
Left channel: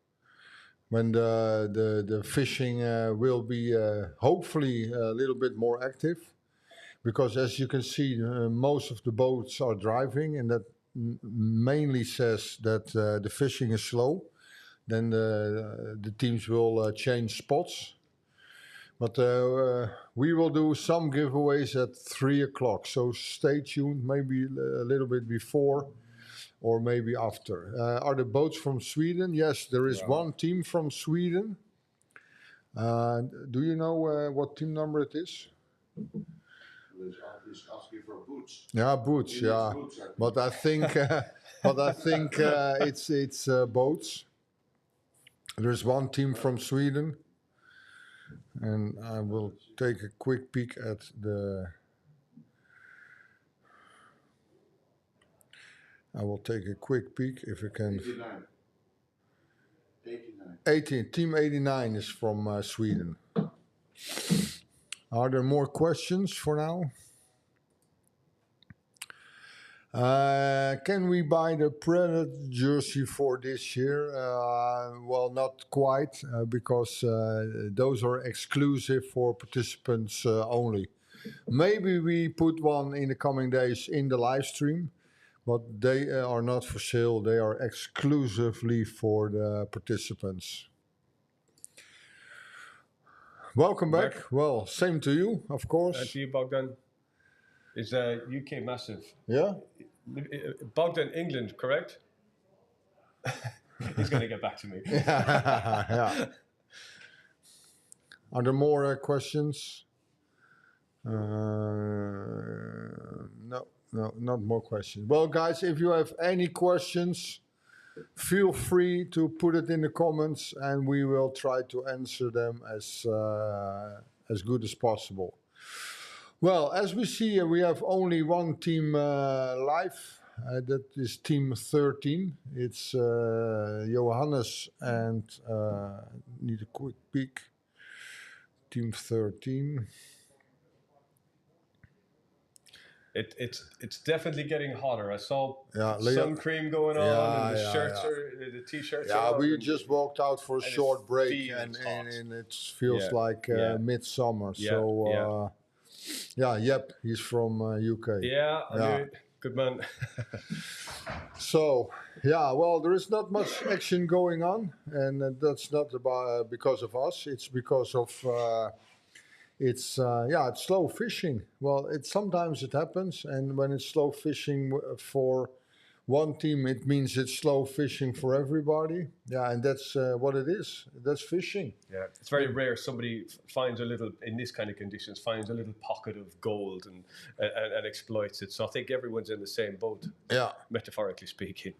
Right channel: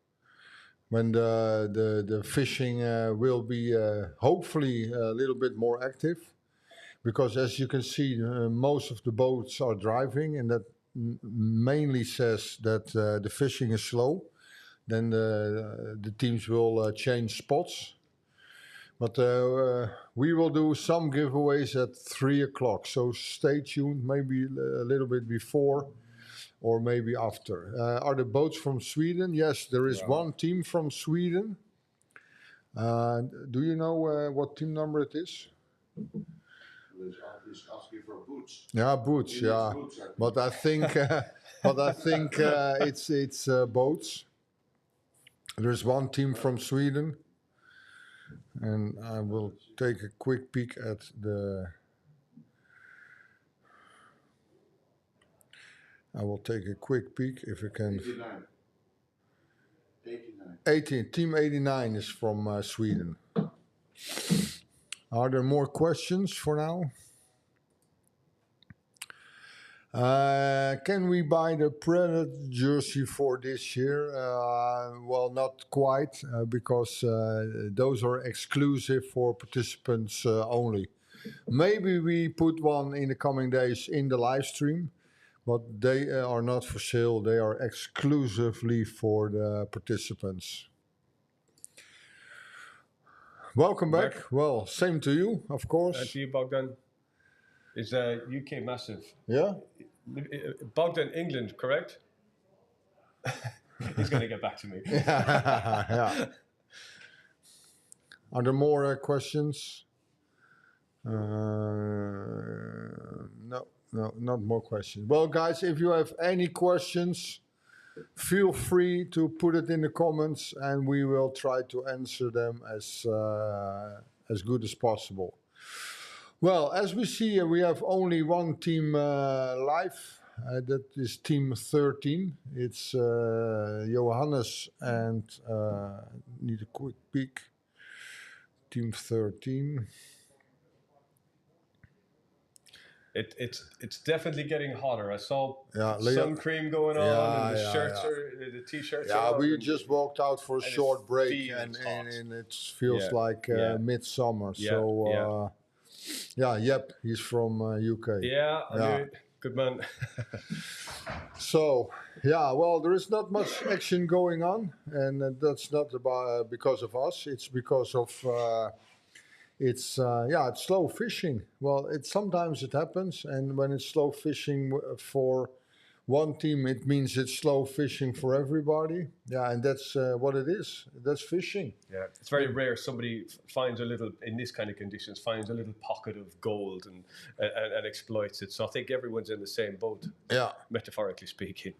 when the fishing will be hopefully a little bit more active, because as you can see, most of the boats are driving, and that mainly says that the fishing is slow. Then the teams will change spots. But we will do some giveaways at 3 o'clock, so stay tuned, maybe a little bit before or maybe after. Are the boats from Sweden? Yes, there is one team from Sweden. Do you know what team number it is? He's asking for boots. Yeah, boots. He Yeah, needs boots, I think. but I think, it's boats. There's one team from Sweden, and I will take a quick peek at the. I will take a quick peek if you can. 89. 89. 18. Team 89 is from Sweden. Are there more questions for now? Can we buy the Predator jersey for this year? Well, not quite, because those are exclusive for participants only. Maybe we put one in the coming days in the live stream, but they are not for sale. They are exclusively for the participants. Welcome back. Well, same to you, of course. To you, Bogdan. Is UK massive? Yeah? Bogdan, England, correct? He's going to get back to me. Yeah. Are there more questions? No, not more questions. Well, guys, if you have any questions, feel free to put it in the comments, and we will try to answer them as good as possible. Well, as we see, we have only one team live. That is Team 13. It's Johannes and need a quick peek. Team 13. It's definitely getting hotter. I saw Leo, sun cream going on, and the shirts are the t-shirts. Yeah, are we up, just walked out for a short break, and it feels like midsummer. So. Yep, he's from UK. Yeah, I knew it. Good man. So, well, there is not much action going on, and that's not because of us. It's because of it's slow fishing. Well, sometimes it happens, and when it's slow fishing for one team, it means it's slow fishing for everybody. Yeah, and that's what it is. That's fishing. Yeah, it's very rare somebody finds in this kind of conditions, finds a little pocket of gold and exploits it. So I think everyone's in the same boat. Yeah, metaphorically speaking.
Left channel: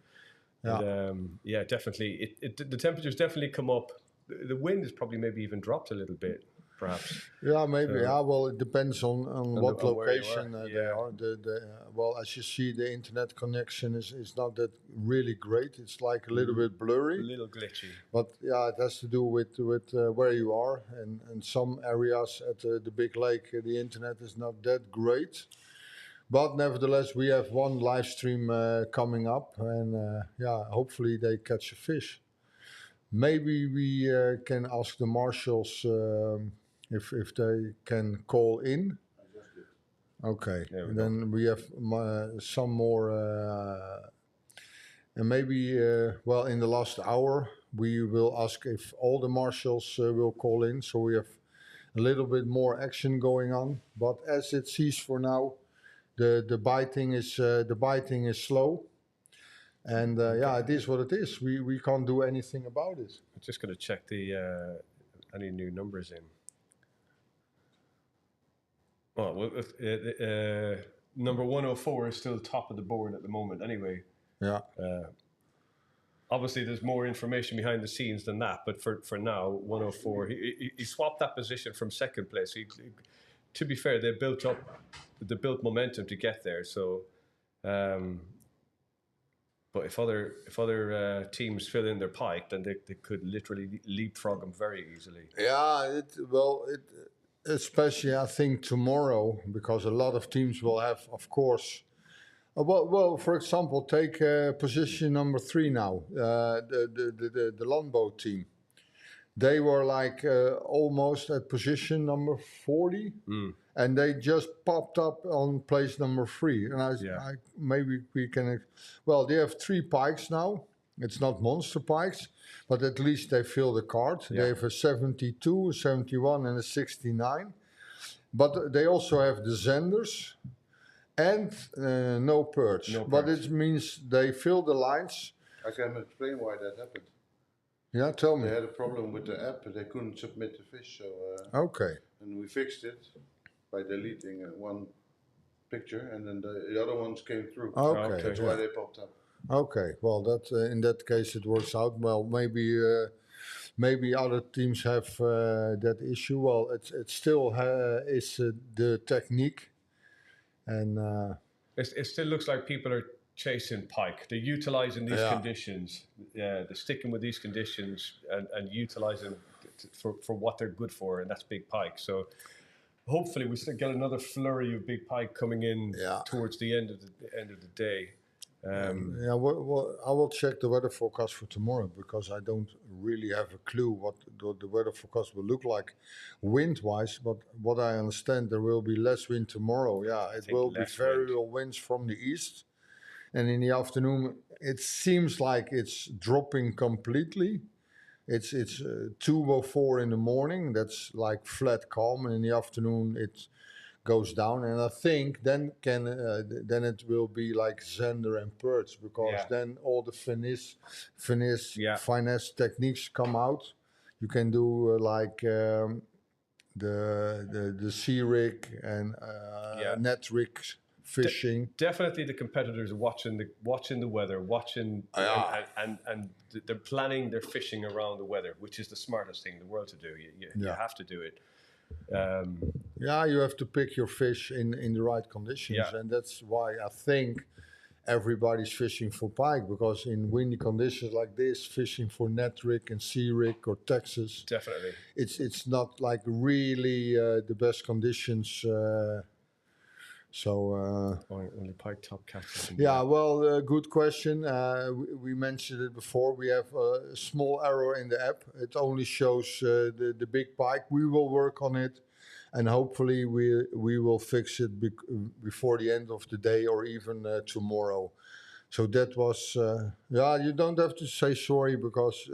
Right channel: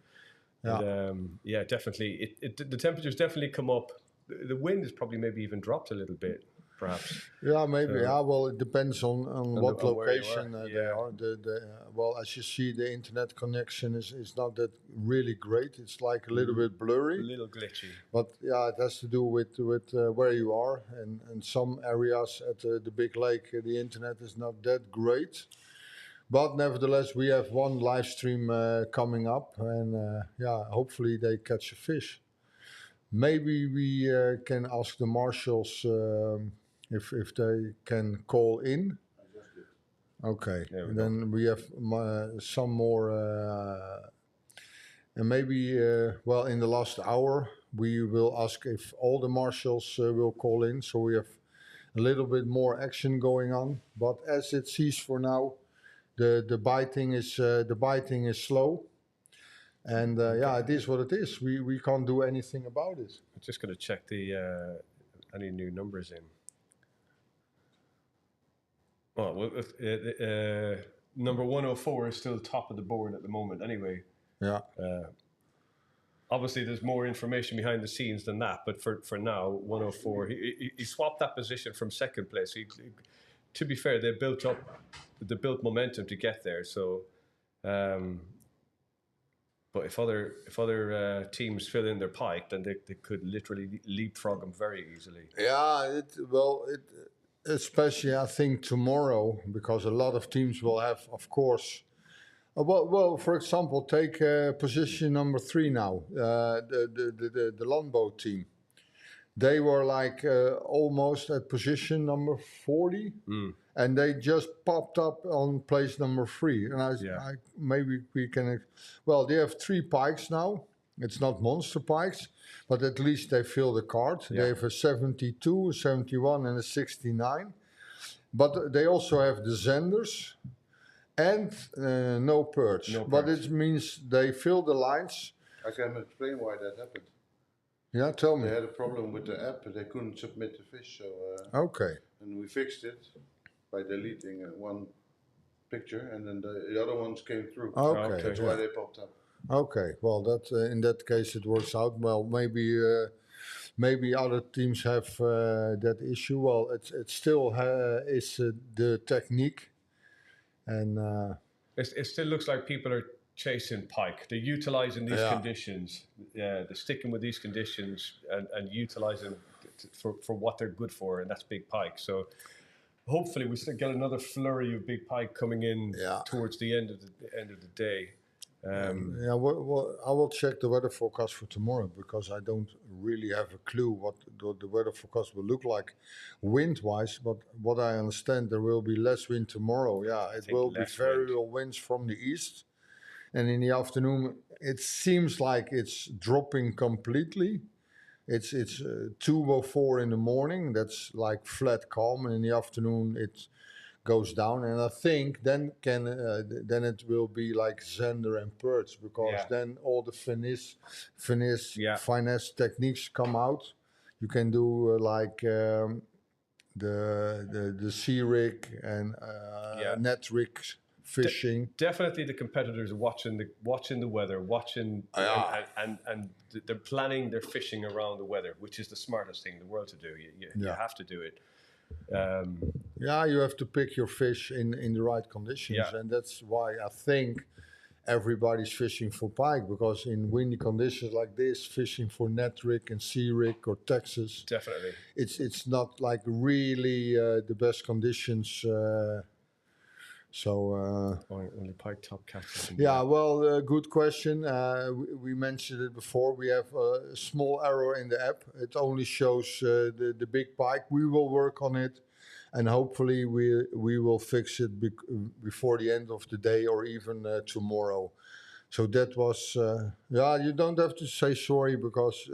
Yeah, and, definitely. The temperatures definitely come up. The wind has probably maybe even dropped a little bit. Perhaps. Yeah, maybe. Well, it depends on what location they are. Well, as you see, the internet connection is not that really great. It's like a little bit blurry. A little glitchy. But it has to do with where you are. And some areas at the big lake, the internet is not that great. But nevertheless, we have one live stream coming up. And hopefully they catch a fish. Maybe we can ask the marshals if they can call in. Okay, then we have some more, and maybe in the last hour we will ask if all the marshals will call in, so we have a little bit more action going on. But as it sees for now, the biting is slow, and yeah, it is what it is. We can't do anything about it. I'm just going to check the any new numbers in. Well, number 104 is still top of the board at the moment. Anyway, Yeah. Obviously, there's more information behind the scenes than that. But for now, 104, he swapped that position from second place. To be fair, they built momentum to get there. So, but if other teams fill in their pike, then they could literally leapfrog them very easily. Yeah, especially I think tomorrow, because a lot of teams will have, of course. Well, for example, take position number 3 now, the longboat team. They were like almost at position number 40, and they just popped up on place number 3. And maybe we can. Well, they have 3 pikes now. It's not monster pikes, but at least they fill the card. Yeah. They have a 72, a 71, and a 69. But they also have the Zenders and no perch. But it means they fill the lines. I can explain why that happened. Yeah, tell me. They had a problem with the app. They couldn't submit the fish. So okay. And we fixed it by deleting one picture, and then the other ones came through. Okay. That's why they popped up. Okay, well, that in that case it works out. Well, maybe other teams have that issue. Well, it still is the technique, and it still looks like people are chasing pike. They're utilizing these conditions. Yeah, they're sticking with these conditions and utilizing for what they're good for, and that's big pike. So hopefully we still get another flurry of big pike coming in towards the end of the day. Well, I will check the weather forecast for tomorrow, because I don't really have a clue what the weather forecast will look like wind-wise. But what I understand, there will be less wind tomorrow. Yeah, it will be variable winds from the east. And in the afternoon, it seems like it's dropping completely. It's 2:04 in the morning. That's like flat calm. And in the afternoon, it goes down, and I think then it will be like Zender and perch, because then all the finesse techniques come out. You can do like the sea rig and net rig fishing. Definitely, the competitors are watching the weather, and they're planning their fishing around the weather, which is the smartest thing in the world to do. You have to do it. You have to pick your fish in the right conditions, and that's why I think everybody's fishing for pike, because in windy conditions like this, fishing for net rig and sea rig or Texas, definitely, it's not like really the best conditions. Only pike top catches. Yeah, well, good question. We mentioned it before. We have a small error in the app. It only shows the big pike. We will work on it, and hopefully we will fix it before the end of the day, or even tomorrow. So that was, you don't have to say sorry, because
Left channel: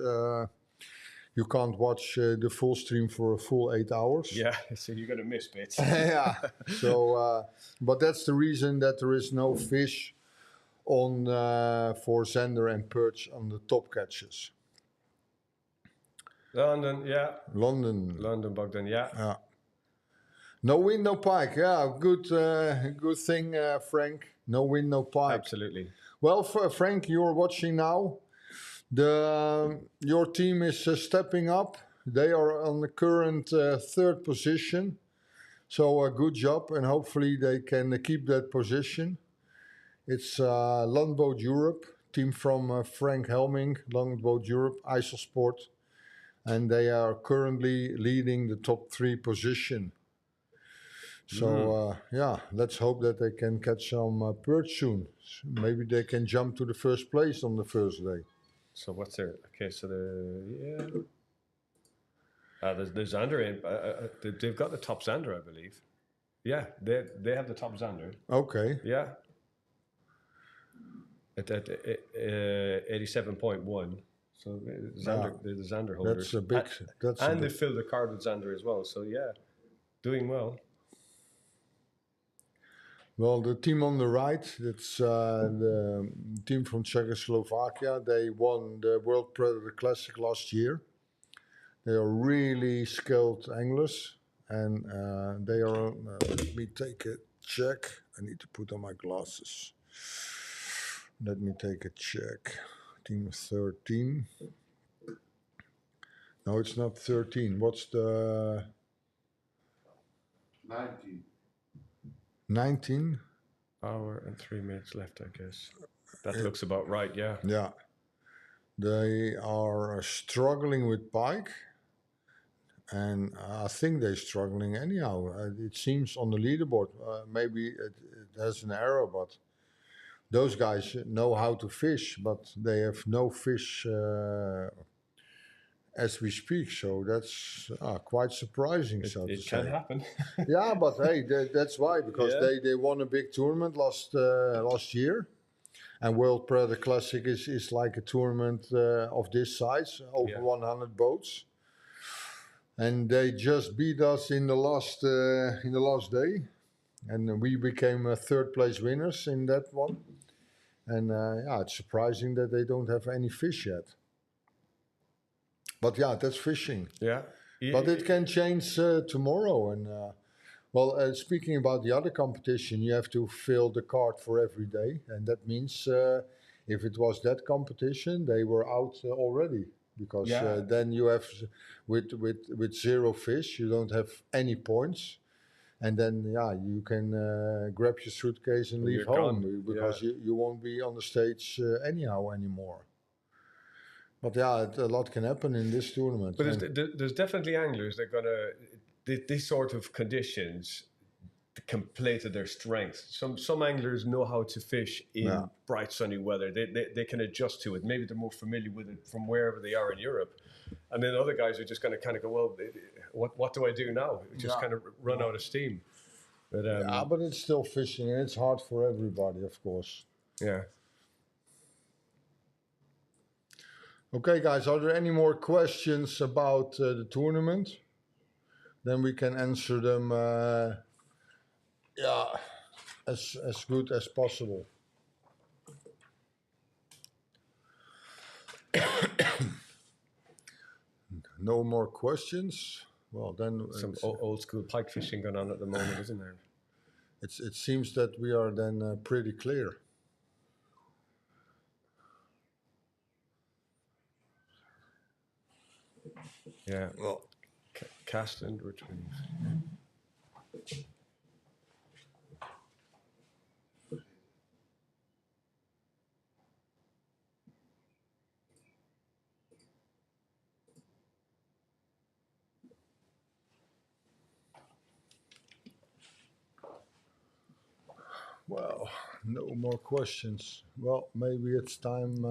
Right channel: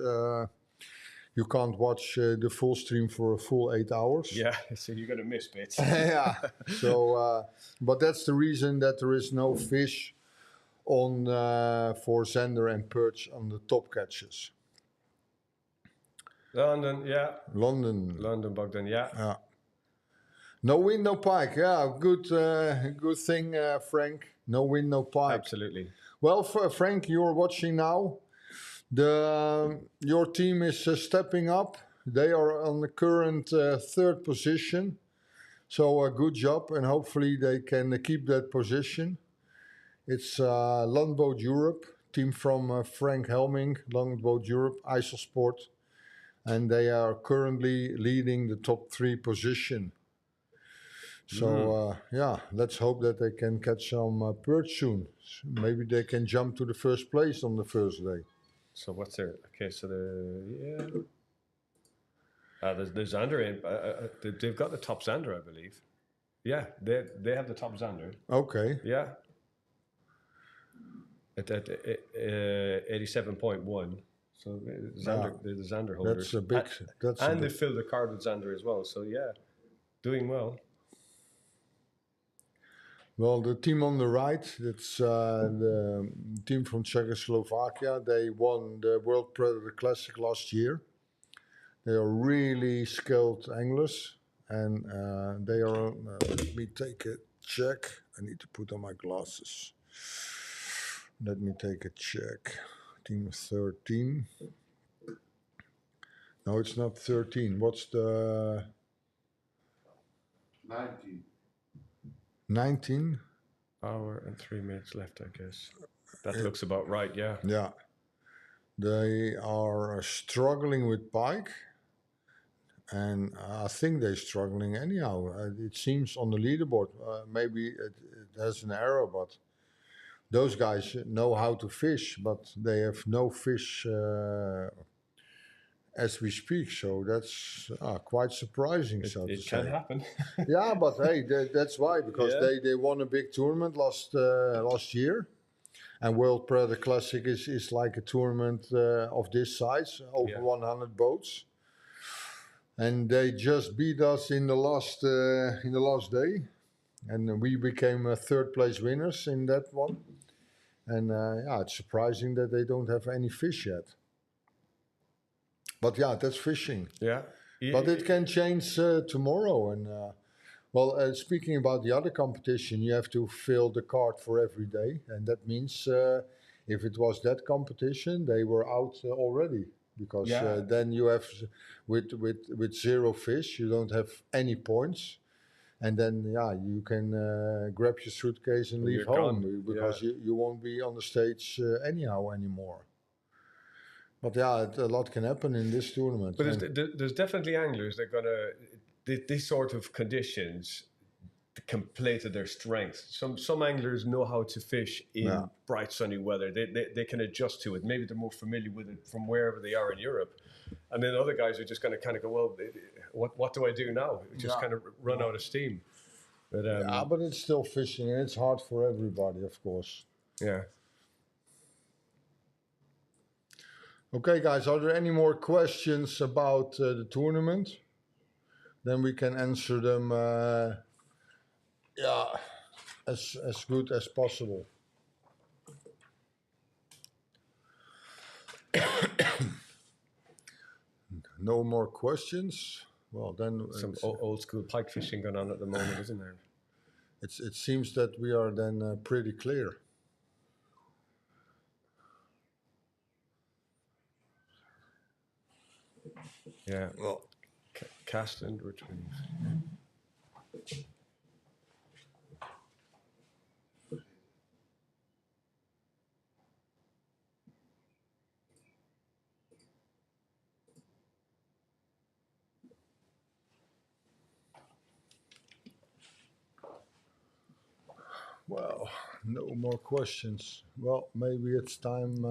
you can't watch the full stream for a full 8 hours. Yeah, so you're going to miss bits. Yeah. So, but that's the reason that there is no fish on for Zender and perch on the top catches. London, Bogdan, Yeah. No wind, no pike. Yeah, good thing, Frank. No wind, no pike. Absolutely. Well, Frank, you're watching now. Your team is stepping up. They are on the current 3rd position. So good job, and hopefully they can keep that position. It's Longboat Europe, team from Frank Helming, Longboat Europe, IJsselsport. And they are currently leading the top 3 position. So, let's hope that they can catch some perch soon. Maybe they can jump to the first place on the first day. So what's their... Okay, so there's Zander in. They've got the top Zander, I believe. Yeah, they have the top Zander. Okay. Yeah. At 87.1. So they're the Xander holders. That's a big. And they filled the card with Xander as well. So yeah, doing well. Well, the team on the right, that's the team from Czechoslovakia. They won the World Predator Classic last year. They are really skilled anglers, and they are. Let me take a check. I need to put on my glasses. Let me take a check. Team 13. No, it's not 13. What's the 19. 19? Hour and 3 minutes left, I guess. That looks about right, yeah. Yeah. They are struggling with pike. And I think they're struggling anyhow. It seems on the leaderboard. Maybe it has an error, but those guys know how to fish, but they have no fish as we speak. So that's quite surprising. It can happen. Yeah, but hey, that's why, because they won a big tournament last year. And World Predator Classic is like a tournament of this size, over 100 boats. And they just beat us in the last day, and we became third place winners in that one. And it's surprising that they don't have any fish yet. But yeah, that's fishing. Yeah. But it can change tomorrow. And speaking about the other competition, you have to fill the card for every day, and that means if it was that competition, they were out already. Because then you have, with 0 fish, you don't have any points. And then, you can grab your suitcase and leave home. Because you won't be on the stage anyhow anymore. But a lot can happen in this tournament. But there's definitely anglers that are going to, these sort of conditions can play to their strengths. Some anglers know how to fish in bright sunny weather. They can adjust to it. Maybe they're more familiar with it from wherever they are in Europe. And then other guys are just going to kind of go, well, what do I do now? Just kind of run out of steam. But, but it's still fishing, and it's hard for everybody, of course. Yeah. Okay, guys, are there any more questions about the tournament? Then we can answer them as good as possible. No more questions? Well, then... Some old school pike fishing going on at the moment, isn't there? It seems that we are then pretty clear. Yeah. Well, cast and retrieve. Well, no more questions. Well, maybe it's time.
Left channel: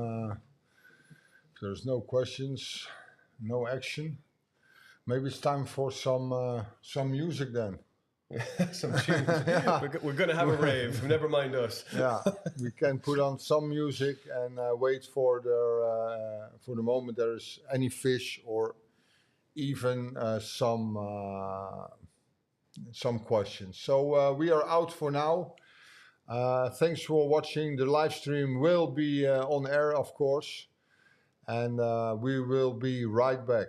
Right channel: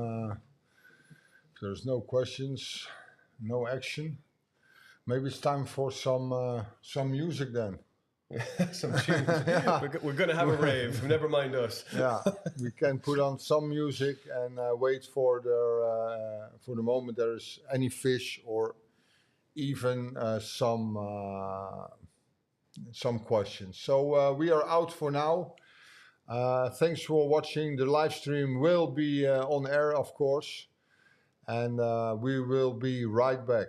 If there's no questions, no action. Maybe it's time for some music then. Some tunes. We're going to have a rave. Never mind us. Yeah, we can put on some music and wait for the moment there is any fish or even some questions. So we are out for now. Thanks for watching. The live stream will be on air, of course, and we will be right back.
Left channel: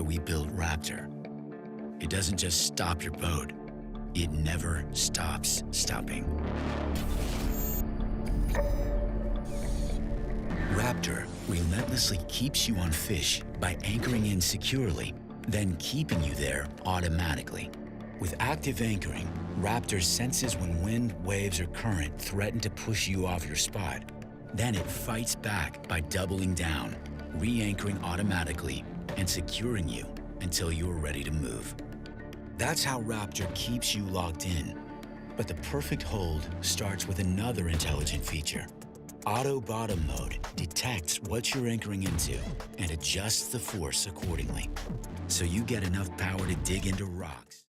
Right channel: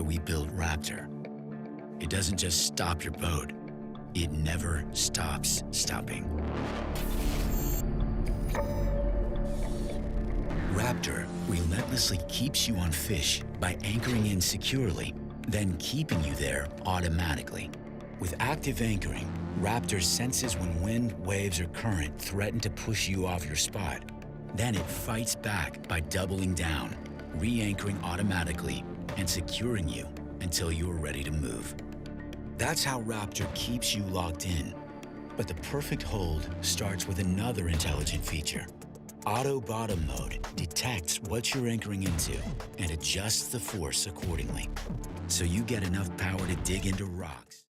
why we built Raptor. It doesn't just stop your boat, it never stops stopping. Raptor relentlessly keeps you on fish by anchoring in securely, then keeping you there automatically. With active anchoring, Raptor senses when wind, waves, or current threaten to push you off your spot. Then it fights back by doubling down, re-anchoring automatically, and securing you until you're ready to move. That's how Raptor keeps you locked in. But the perfect hold starts with another intelligent feature. Auto bottom mode detects what you're anchoring into and adjusts the force accordingly, so you get enough power to dig into rocks.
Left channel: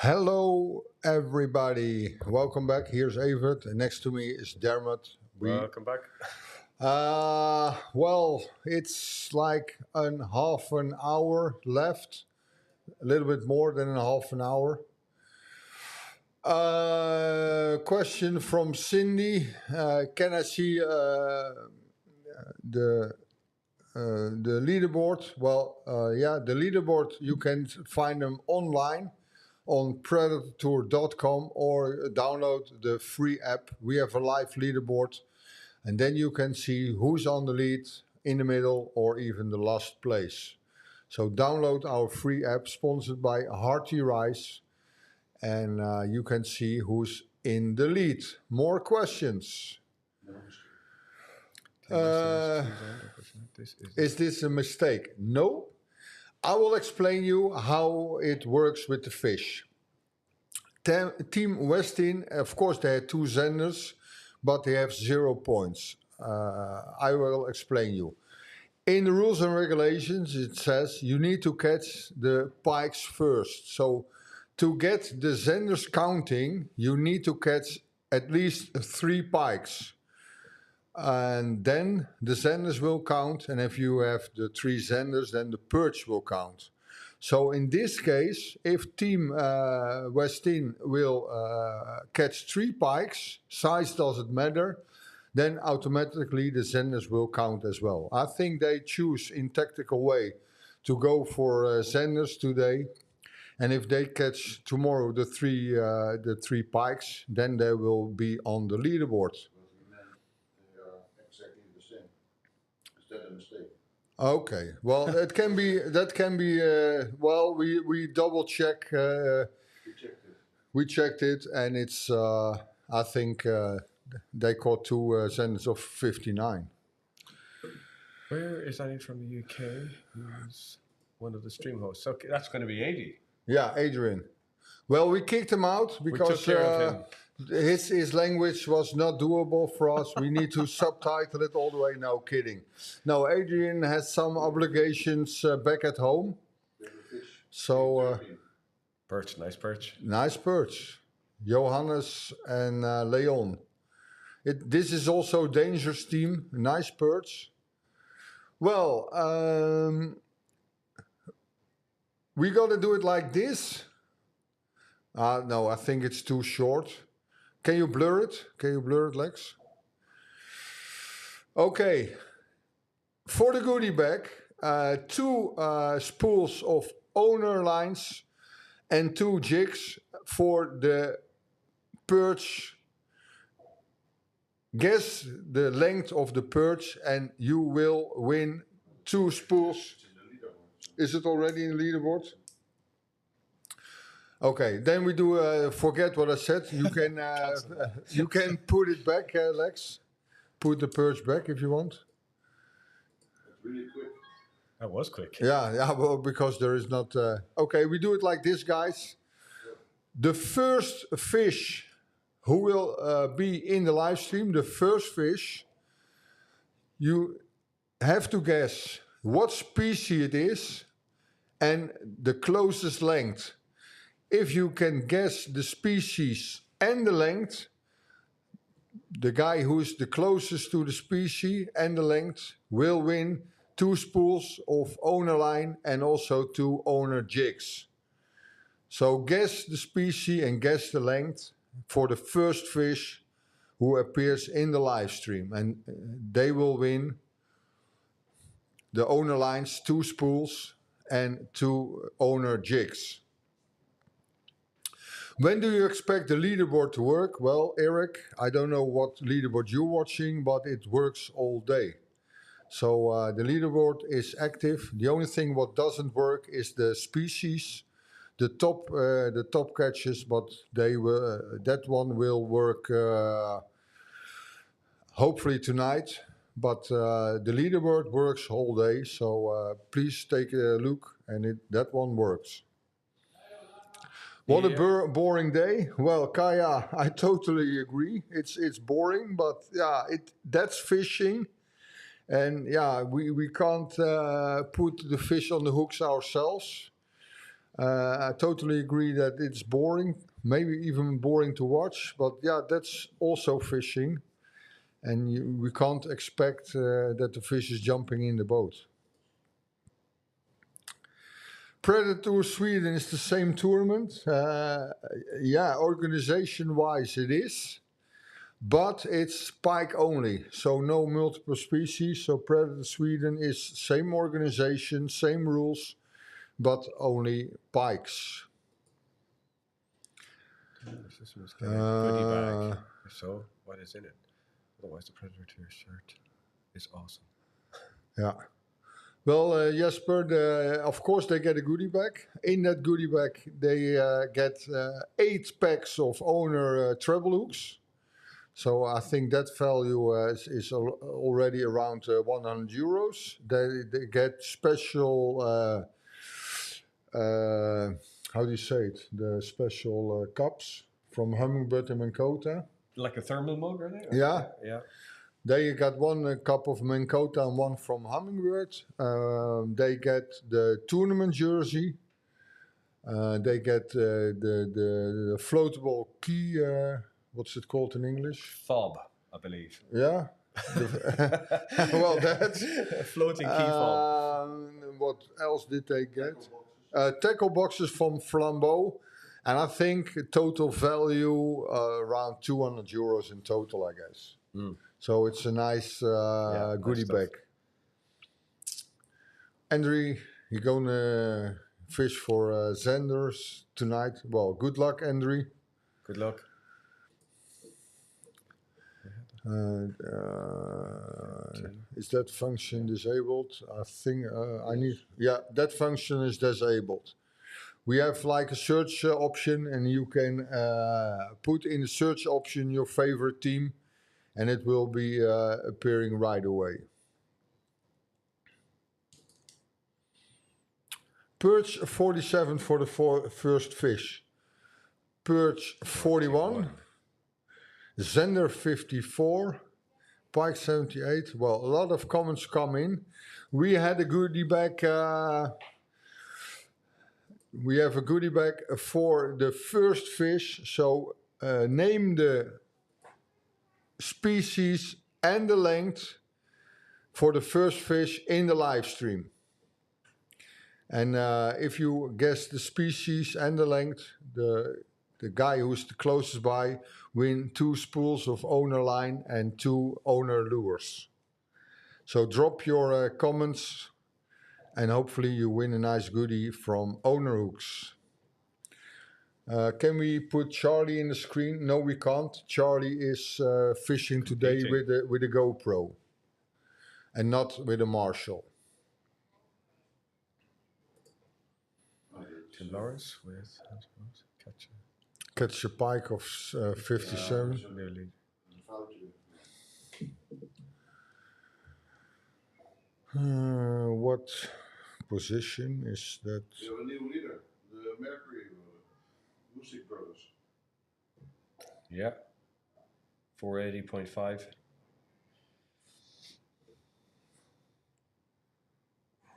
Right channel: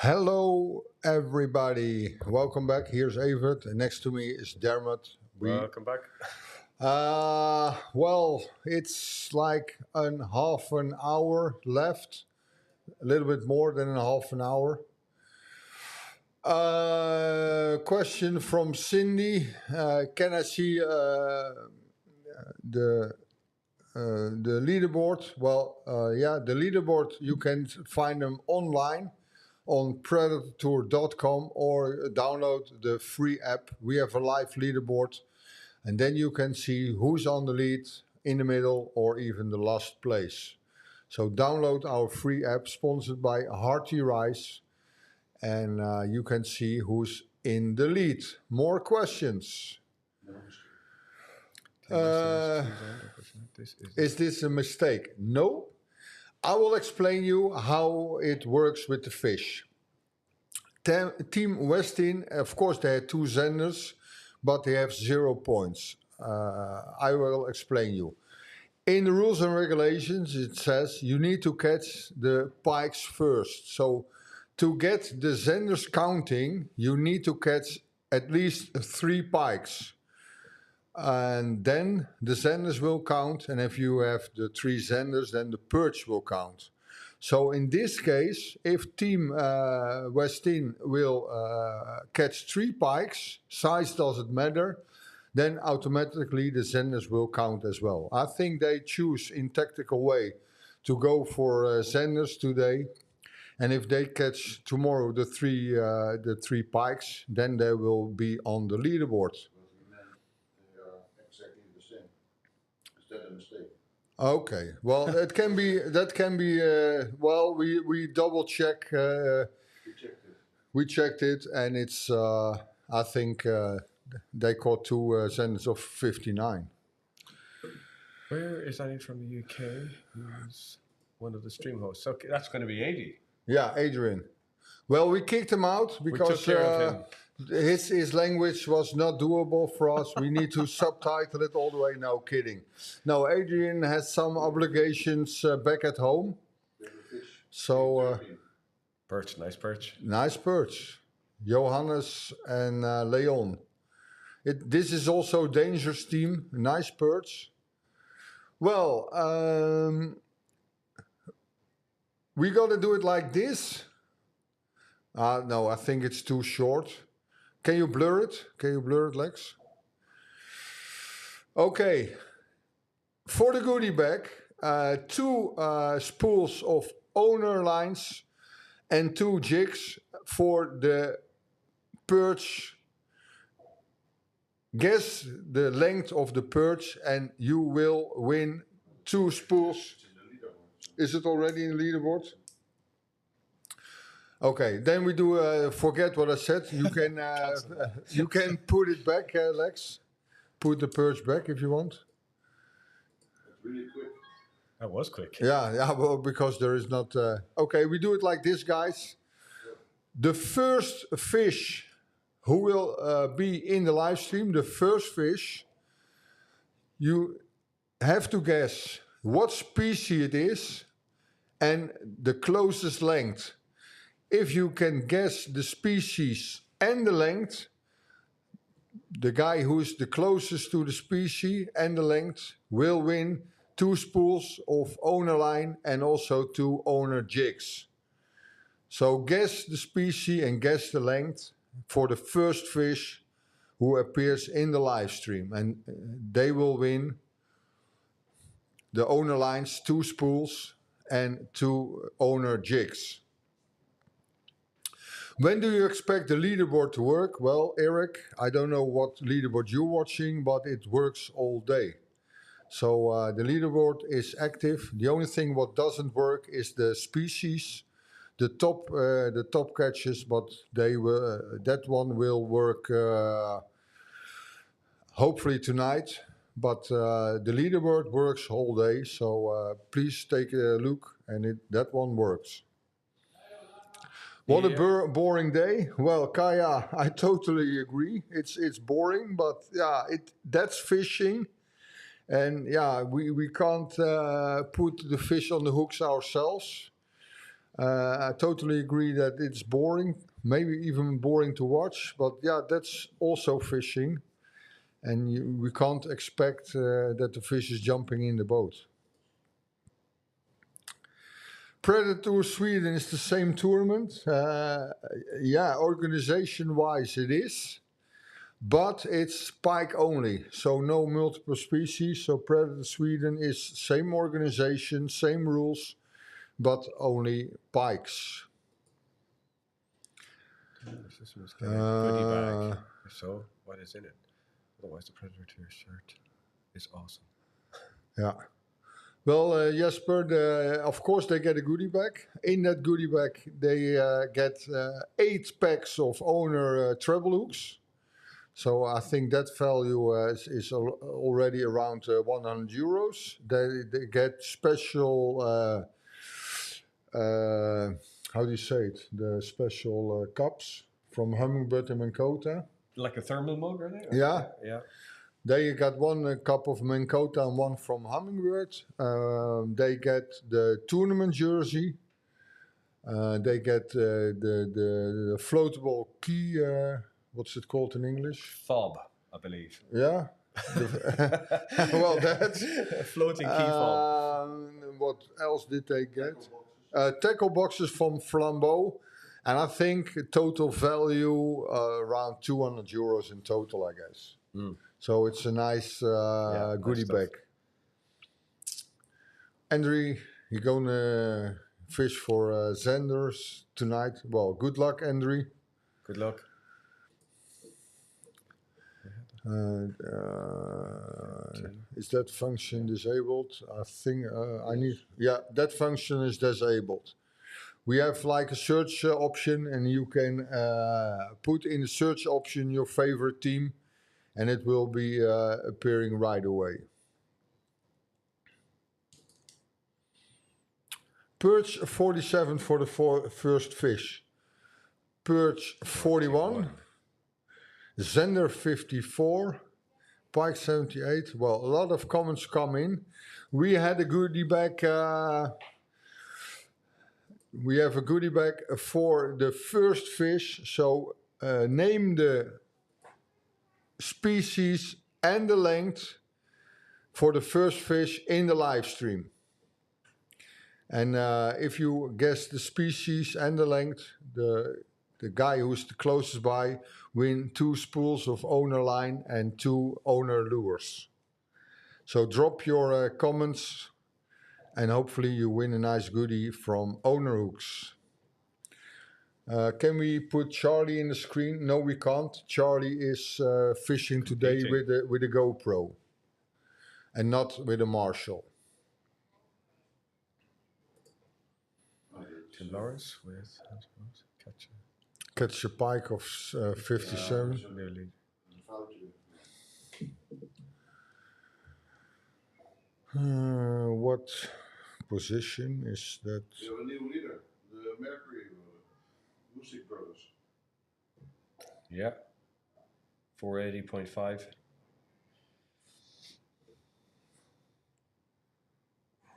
Hello, everybody. Welcome back. Here's Evert, and next to me is Dermot. Welcome back. Well, it's like half an hour left, a little bit more than a half an hour. Question from Cindy. Can I see the leaderboard? Well, yeah, the leaderboard, you can find them online on Predatortour.com or download the free app. We have a live leaderboard, and then you can see who's on the lead, in the middle, or even the last place. So download our free app sponsored by Hearty Rice, and you can see who's in the lead. More questions? Is this a mistake? No. I will explain you how it works with the fish. Team Westin, of course, they had 2 senders, but they have 0 points. I will explain you. In the rules and regulations, it says you need to catch the pikes first. So to get the senders counting, you need to catch at least 3 pikes. And then the senders will count, and if you have the 3 senders, then the perch will count. So in this case, if Team Westin will catch 3 pikes, size doesn't matter, then automatically the senders will count as well. I think they choose in tactical way to go for senders today, and if they catch tomorrow the 3 pikes, then they will be on the leaderboard. A mistake. Okay, well, that can be. Well, we double check. We checked it, and it's. I think they caught 2 senders of 59. Where is Annie from the UK? Who's one of the stream hosts? Okay, that's going to be 80. Yeah, Adrian. Well, we kicked him out because we took care of him. His language was not doable for us. We need to subtitle it all the way. No, kidding. No, Adrian has some obligations back at home. So, perch, nice perch. Nice perch. Johannes and Leon. This is also dangerous team. Nice perch. Well, we got to do it like this. No, I think it's too short. Can you blur it? Can you blur it, Lex? Okay. For the goodie bag, 2 spools of owner lines and 2 jigs for the perch. Guess the length of the perch and you will win 2 spools. Is it already in the leaderboard? Okay, then we do. Forget what I said. You can put it back, Lex. Put the perch back if you want. Really quick. That was quick. Yeah. Well, because there is not. Okay, we do it like this, guys. The first fish who will be in the live stream, the first fish, you have to guess what species it is and the closest length. If you can guess the species and the length, the guy who is the closest to the species and the length will win 2 spools of owner line and also 2 owner jigs. So guess the species and guess the length for the first fish who appears in the live stream, and they will win the owner lines, 2 spools and 2 owner jigs. When do you expect the leaderboard to work? Well, Eric, I don't know what leaderboard you're watching, but it works all day. So the leaderboard is active. The only thing what doesn't work is the species, the top catches, but they will, that one will work hopefully tonight. But the leaderboard works all day, so please take a look, and that one works. What a boring day. Well, Kaya, I totally agree. It's boring, but yeah, that's fishing. And yeah, we can't put the fish on the hooks ourselves. I totally agree that it's boring, maybe even boring to watch. But yeah, that's also fishing, and we can't expect that the fish is jumping in the boat. Predatortour Sweden is the same tournament. Yeah, organization-wise it is, but it's pike only, so no multiple species. So Predator Sweden is same organization, same rules, but only pikes. This was kind of goodie bag. So, what is in it? Otherwise, the Predatortour shirt is awesome. Yeah. Well, Jesper, of course they get a goodie bag. In that goodie bag, they get 8 packs of owner treble hooks. So I think that value is already around 100 euros. They get special, how do you say it? The special cups from Hummingbird and Mankota. Like a thermal mug, are they? Yeah. Yeah. They got 1 cup of Mankota and 1 from Hummingbird. They get the tournament jersey. They get the floatable key. What's it called in English? Fob, I believe. Yeah. Well, that's floating key fob. What else did they get? Tackle boxes from Flambeau. And I think total value around 200 euros in total, I guess. Mm. So it's a nice goodie bag. Andrew, you're going to fish for Zenders tonight. Well, good luck, Andrew. Good luck. Is that function disabled? I think I need... Yeah, that function is disabled. We have like a search option, and you can put in the search option your favorite team, and it will be appearing right away. Perch 47 for the first fish. Perch 41. Zender 54. Pike 78. Well, a lot of comments come in. We had a goodie bag. We have a goodie bag for the first fish. So name the species and the length for the first fish in the live stream. And if you guess the species and the length, the guy who's the closest by win 2 spools of owner line and 2 owner lures. So drop your comments, and hopefully you win a nice goodie from owner hooks. Can we put Charlie in the screen? No, we can't. Charlie is fishing today with a GoPro and not with a Marshall. Tim Lawrence with catch a pike of 57. Nearly. What position is that? We have a new leader, the Mercury Music Brothers. Yeah. 480.5.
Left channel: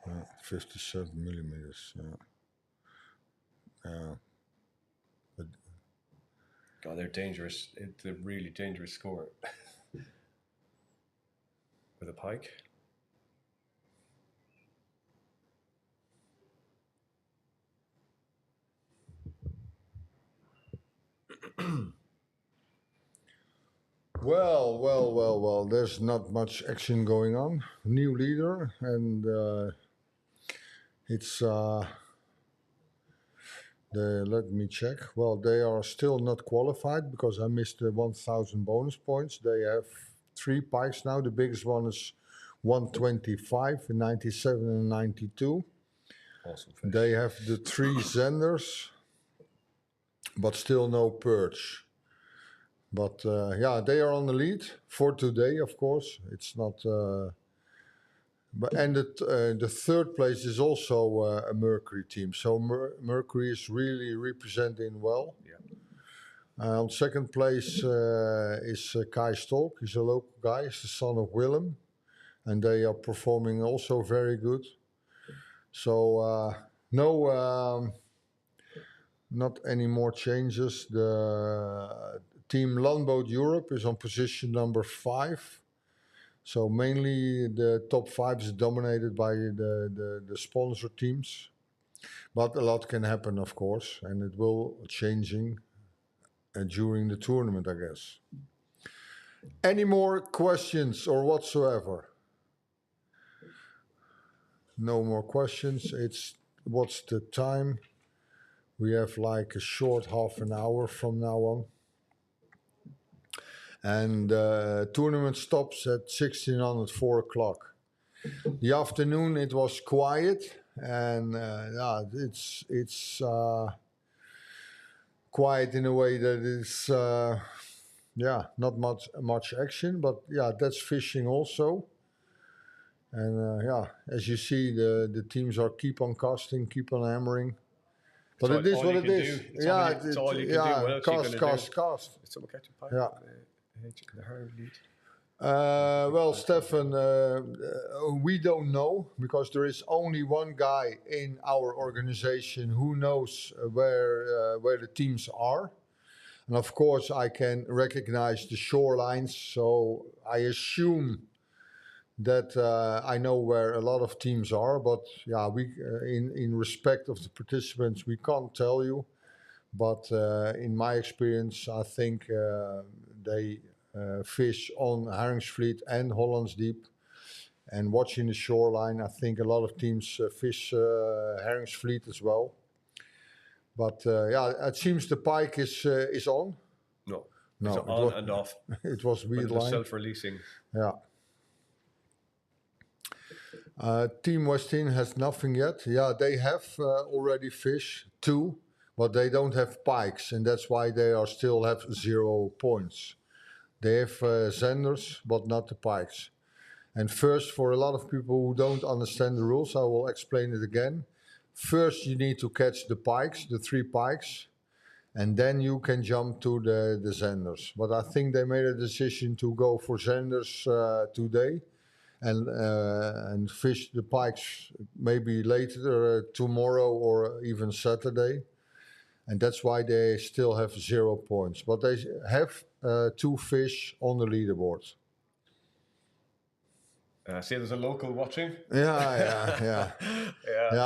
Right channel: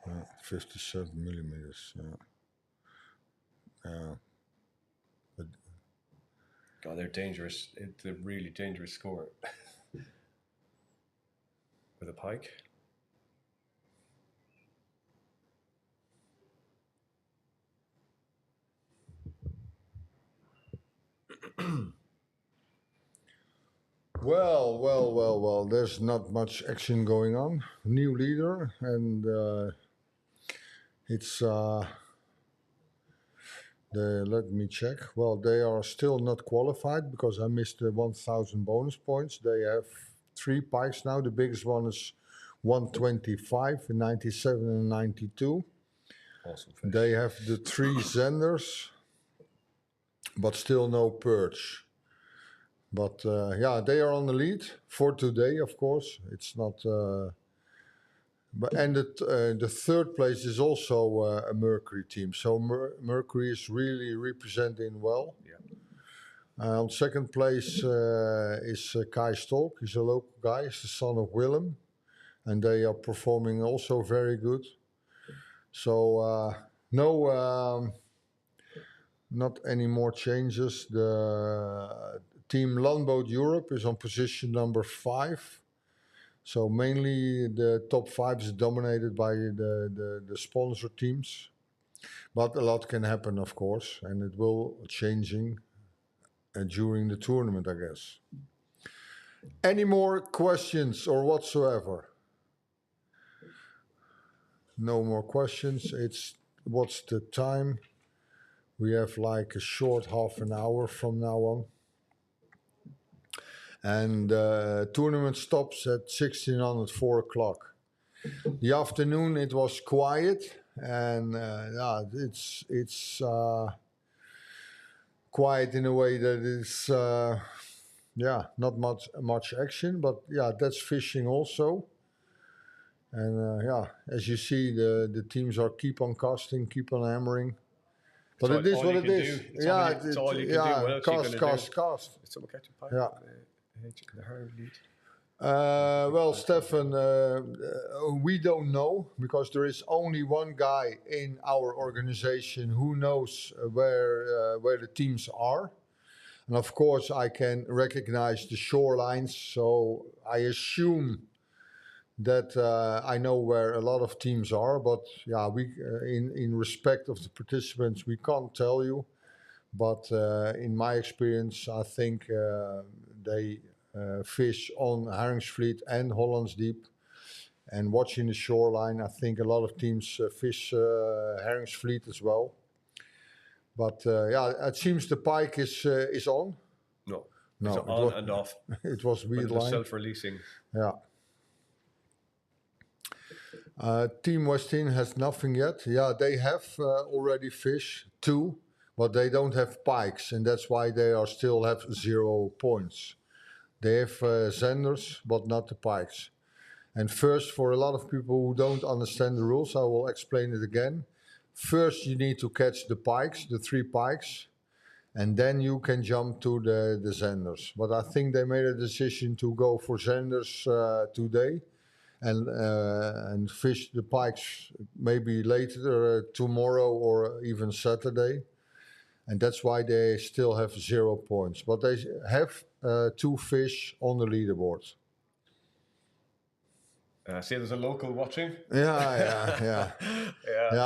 Yeah, 57 millimeters. Yeah. God, they're dangerous. It's a really dangerous score. With a pike. Well, there's not much action going on. New leader, and it's let me check. Well, they are still not qualified because I missed the 1,000 bonus points. They have 3 pikes now. The biggest one is 125, 97 and 92. Awesome fish. They have the 3 Zenders, but still no perch. But yeah, they are on the lead for today, of course. It's not... and the third place is also a Mercury team. So Mercury is really representing well. Yeah. On second place is Kai Stolk. He's a local guy. He's the son of Willem. And they are performing also very good. So Not any more changes. The team Landboot Europe is on position number 5. So mainly the top 5 is dominated by the sponsor teams. But a lot can happen, of course, and it will changing during the tournament, I guess. Any more questions or whatsoever? No more questions. What's the time? We have like a short half an hour from now on. And tournament stops at 1600, 4 o'clock. The afternoon it was quiet, and it's quiet in a way that it's not much action, but that's fishing also. And as you see, the teams are keep on casting, keep on hammering. But it is what it is. It's all you can do. What else Cast. Did someone catch a pike? Yeah. The hard lead. Well, Stefan, we don't know because there is only one guy in our organization who knows where the teams are. And of course, I can recognize the shorelines, so I assume that I know where a lot of teams are. But we, in respect of the participants, we can't tell you. But in my experience, I think they fish on Haringsvliet and Hollandsdiep. And watching the shoreline, I think a lot of teams fish Haringsvliet as well. But it seems the pike is on. No, it's on and off. It was weird line. Self-releasing. Yeah. Team Westin has nothing yet. Yeah, they have already fish 2, but they don't have pikes, and that's why they still have 0 points. They have zenders, but not the pikes. And first, for a lot of people who don't understand the rules, I will explain it again. First, you need to catch the pikes, the 3 pikes, and then you can jump to the zenders. But I think they made a decision to go for zenders today and fish the pikes maybe later, tomorrow or even Saturday. And that's why they still have 0 points. But they have 2 fish on the leaderboard. See, there's a local watching. Yeah.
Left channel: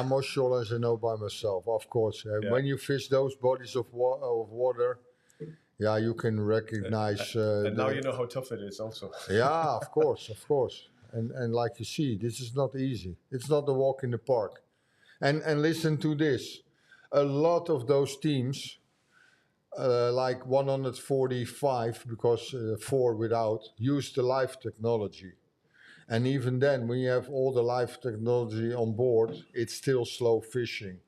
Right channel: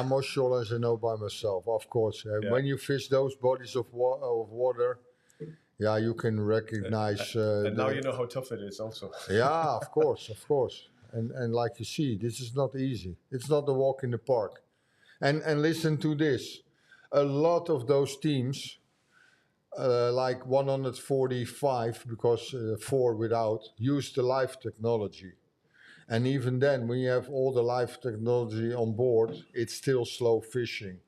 Most shorelines I know by myself, of course. When you fish those bodies of water, you can recognize. And now you know how tough it is, also. Yeah, of course. And like you see, this is not easy. It's not a walk in the park. And listen to this. A lot of those teams, like 145, because 4 without, use the live technology. And even then, when you have all the live technology on board, it's still slow fishing.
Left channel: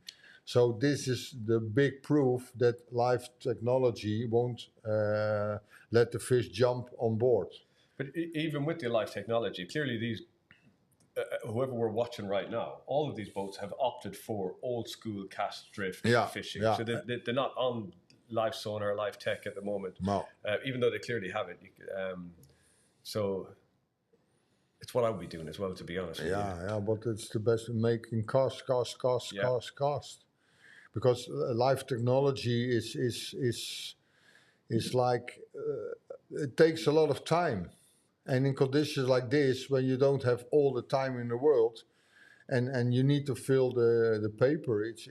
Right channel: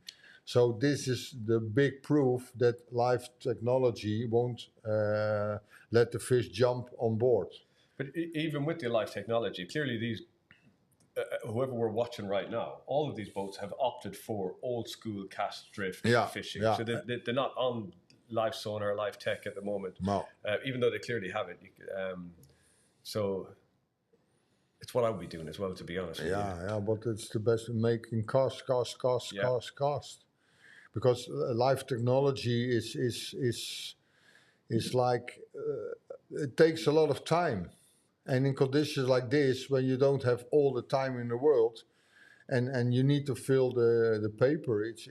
So this is the big proof that live technology won't let the fish jump on board. But even with the live technology, clearly these, whoever we're watching right now, all of these boats have opted for old school cast drift fishing. So they're not on live sonar, live tech at the moment. No. Even though they clearly have it. So it's what I would be doing as well, to be honest with you. Yeah, but it's the best in making cast. Because live technology is like, it takes a lot of time. And in conditions like this, when you don't have all the time in the world, and you need to fill the paper, it's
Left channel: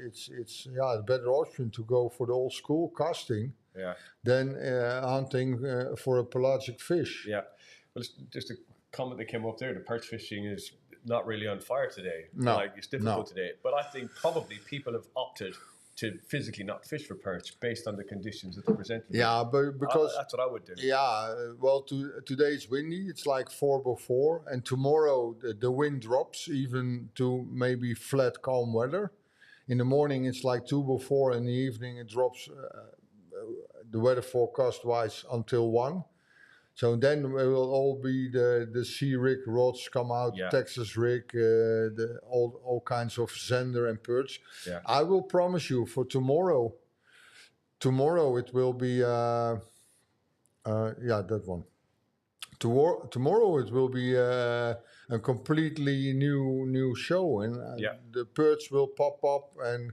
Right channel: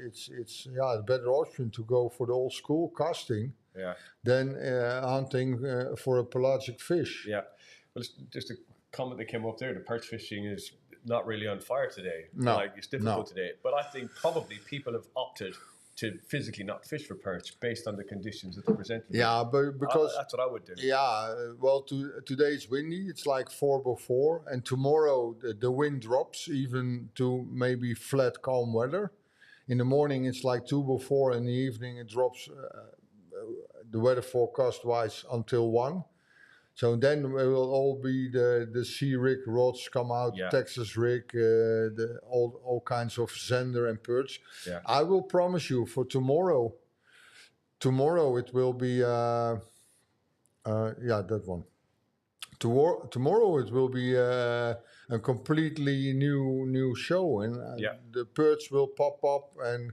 a better option to go for the old school casting than hunting for a pelagic fish. Yeah, well, it's just a comment that came up there. The perch fishing is not really on fire today. No, like it's difficult today. But I think probably people have opted to physically not fish for perch based on the conditions that they present. Yeah, but because that's what I would do. Yeah, well, today it's windy. It's like 4/4, and tomorrow the wind drops even to maybe flat, calm weather. In the morning it's like 2/4, in the evening it drops. The weather forecast wise until 1. So then we will all be the sea rig rods come out, Texas rig, all kinds of zender and perch. Yeah. I will promise you for tomorrow. Tomorrow it will be that one. Tomorrow it will be a completely new show, and the perch will pop up, and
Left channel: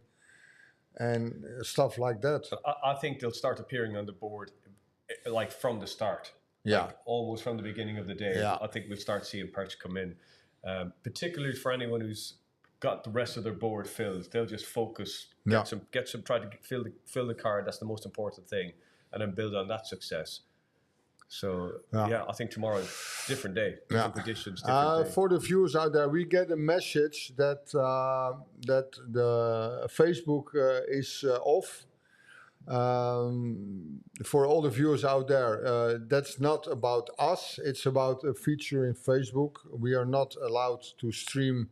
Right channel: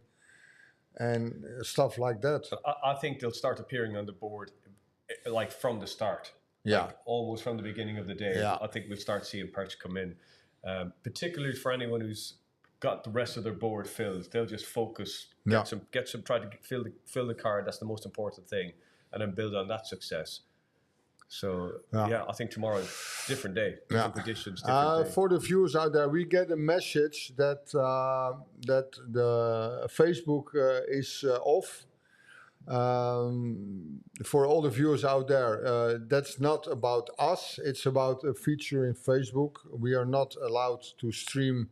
and stuff like that. I think they'll start appearing on the board like from the start. Yeah. Like almost from the beginning of the day. Yeah. I think we'll start seeing perch come in. Particularly for anyone who's got the rest of their board filled. They'll just focus, get some, try to fill the card. That's the most important thing, and then build on that success. So I think tomorrow, different day, different conditions, different day. For the viewers out there, we get a message that that the Facebook is off. For all the viewers out there, that's not about us. It's about a feature in Facebook. We are not allowed to stream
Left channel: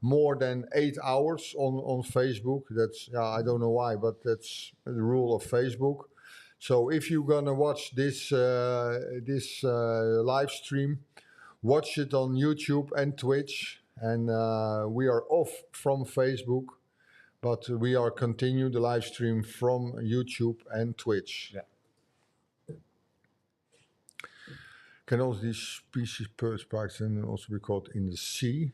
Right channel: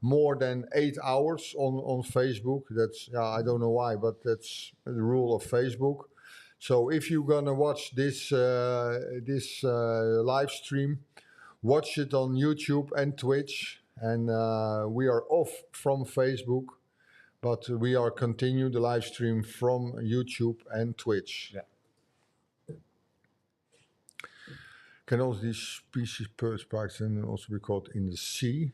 more than 8 hours on Facebook. That's I don't know why, but that's the rule of Facebook. So if you're gonna watch this live stream, watch it on YouTube and Twitch. And we are off from Facebook, but we are continue the live stream from YouTube and Twitch. Yeah. Can also these species perch spikes and also be caught in the sea?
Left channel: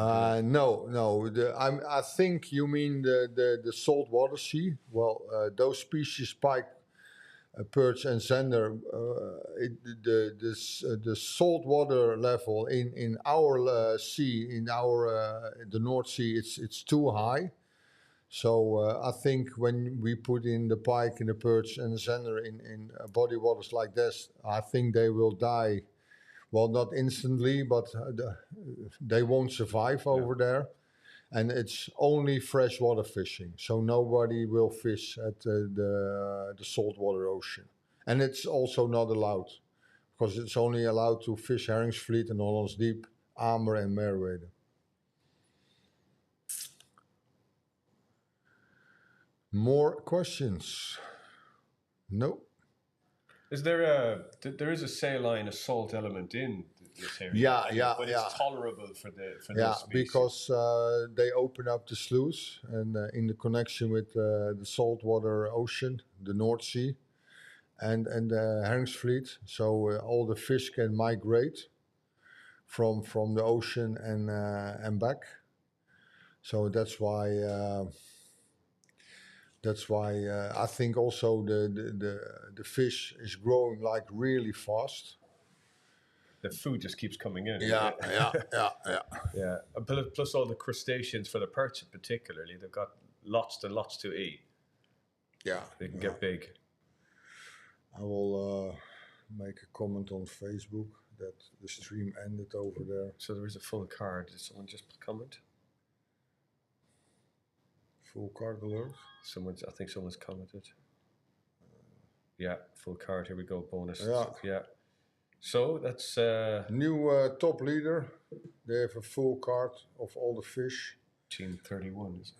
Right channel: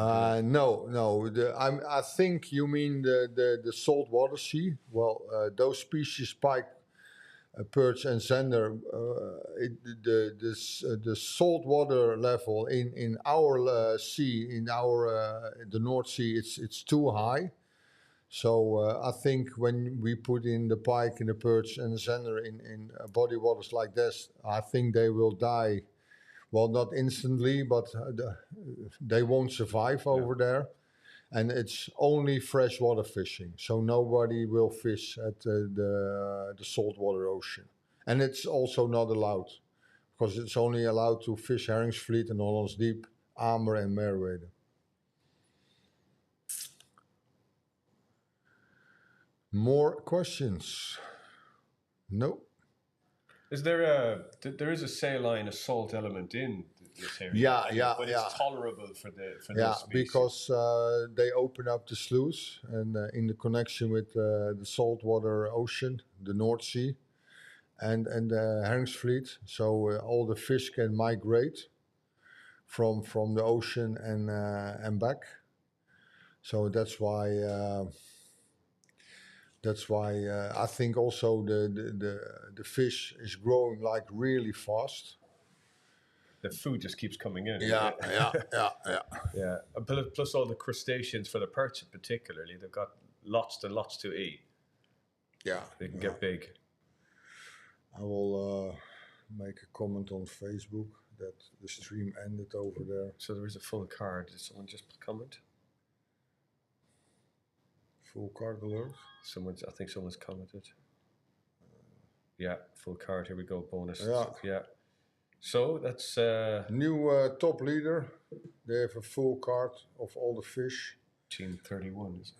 No. I think you mean the saltwater sea. Well, those species pike, perch, and zander. The saltwater level in our sea, in our the North Sea, it's too high. So I think when we put in the pike and the perch and the zander in body waters like this, I think they will die. Well, not instantly, but they won't survive over there. And it's only freshwater fishing. So nobody will fish at the saltwater ocean. And it's also not allowed, because it's only allowed to fish Herringsvliet and Hollands Diep, Amer and Merwede. More questions? No? Is there there is a saline, a salt element in this area? But it's tolerable for this species. Because they open up the sluice and in the connection with the saltwater ocean, the North Sea, and the Herringsvliet. So all the fish can migrate from the ocean and back. So that's why. That's why I think also the fish is growing like really fast. The food just keeps coming in. Yeah. Plus all the crustaceans for the perch particularly, they've got lots and lots to eat. Yeah. They can get big. I will make a comment on Facebook that the stream ended over there. So there is a full card. Did someone just comment? Full card alert. I think someone's commented. Full card. Here we go. Bonus. Yeah. So that's new top leader. They have a full card of all the fish. Team 31. Is it?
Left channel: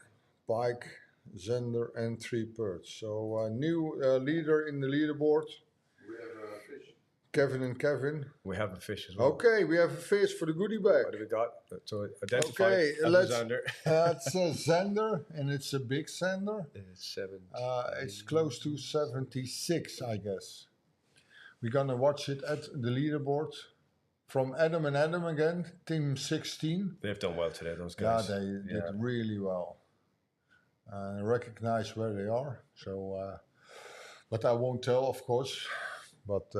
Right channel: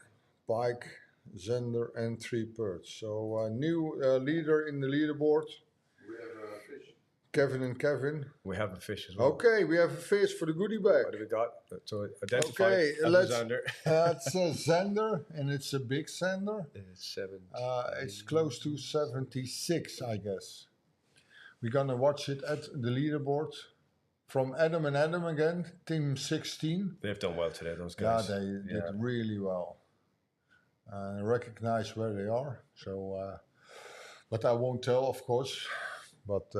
Pike, zander, and 3 perch. So new leader in the leaderboard. We have a fish. Kevin and Kevin. We have a fish as well. Okay, we have a fish for the goodie bag. What do we got? So identify. Okay, let's. Zander. It's a zander, and it's a big zander. It's 70. It's close to 76, I guess. We're gonna watch it at the leaderboard. From Adam and Adam again, team 16. They've done well today, those guys. Yeah, they did really well. Recognize where they are. So, but I won't tell, of course. But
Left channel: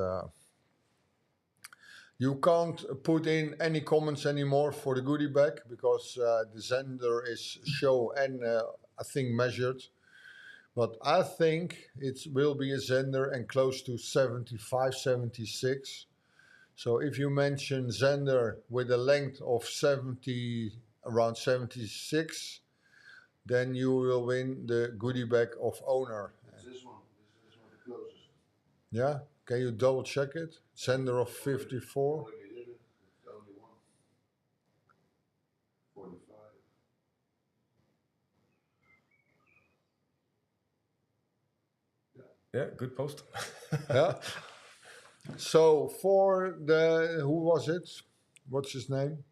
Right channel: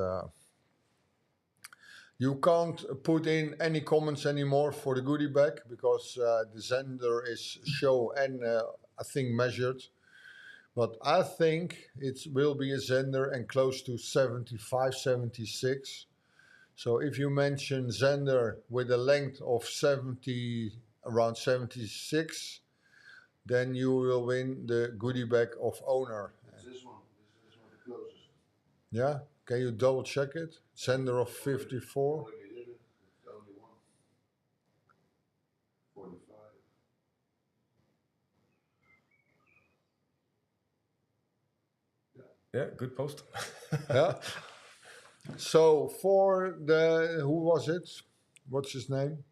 you can't put in any comments anymore for the goodie bag because the zander is show and I think measured. But I think it will be a zander and close to 75, 76. So if you mention zander with a length of 70, around 76, then you will win the goodie bag of owner. It's this one. This one the closest. Yeah? Can you double check it? Zander of 54. Already did it. It's the only one. 45. Yeah, good post. Yeah. So for the, who was it? What's his name?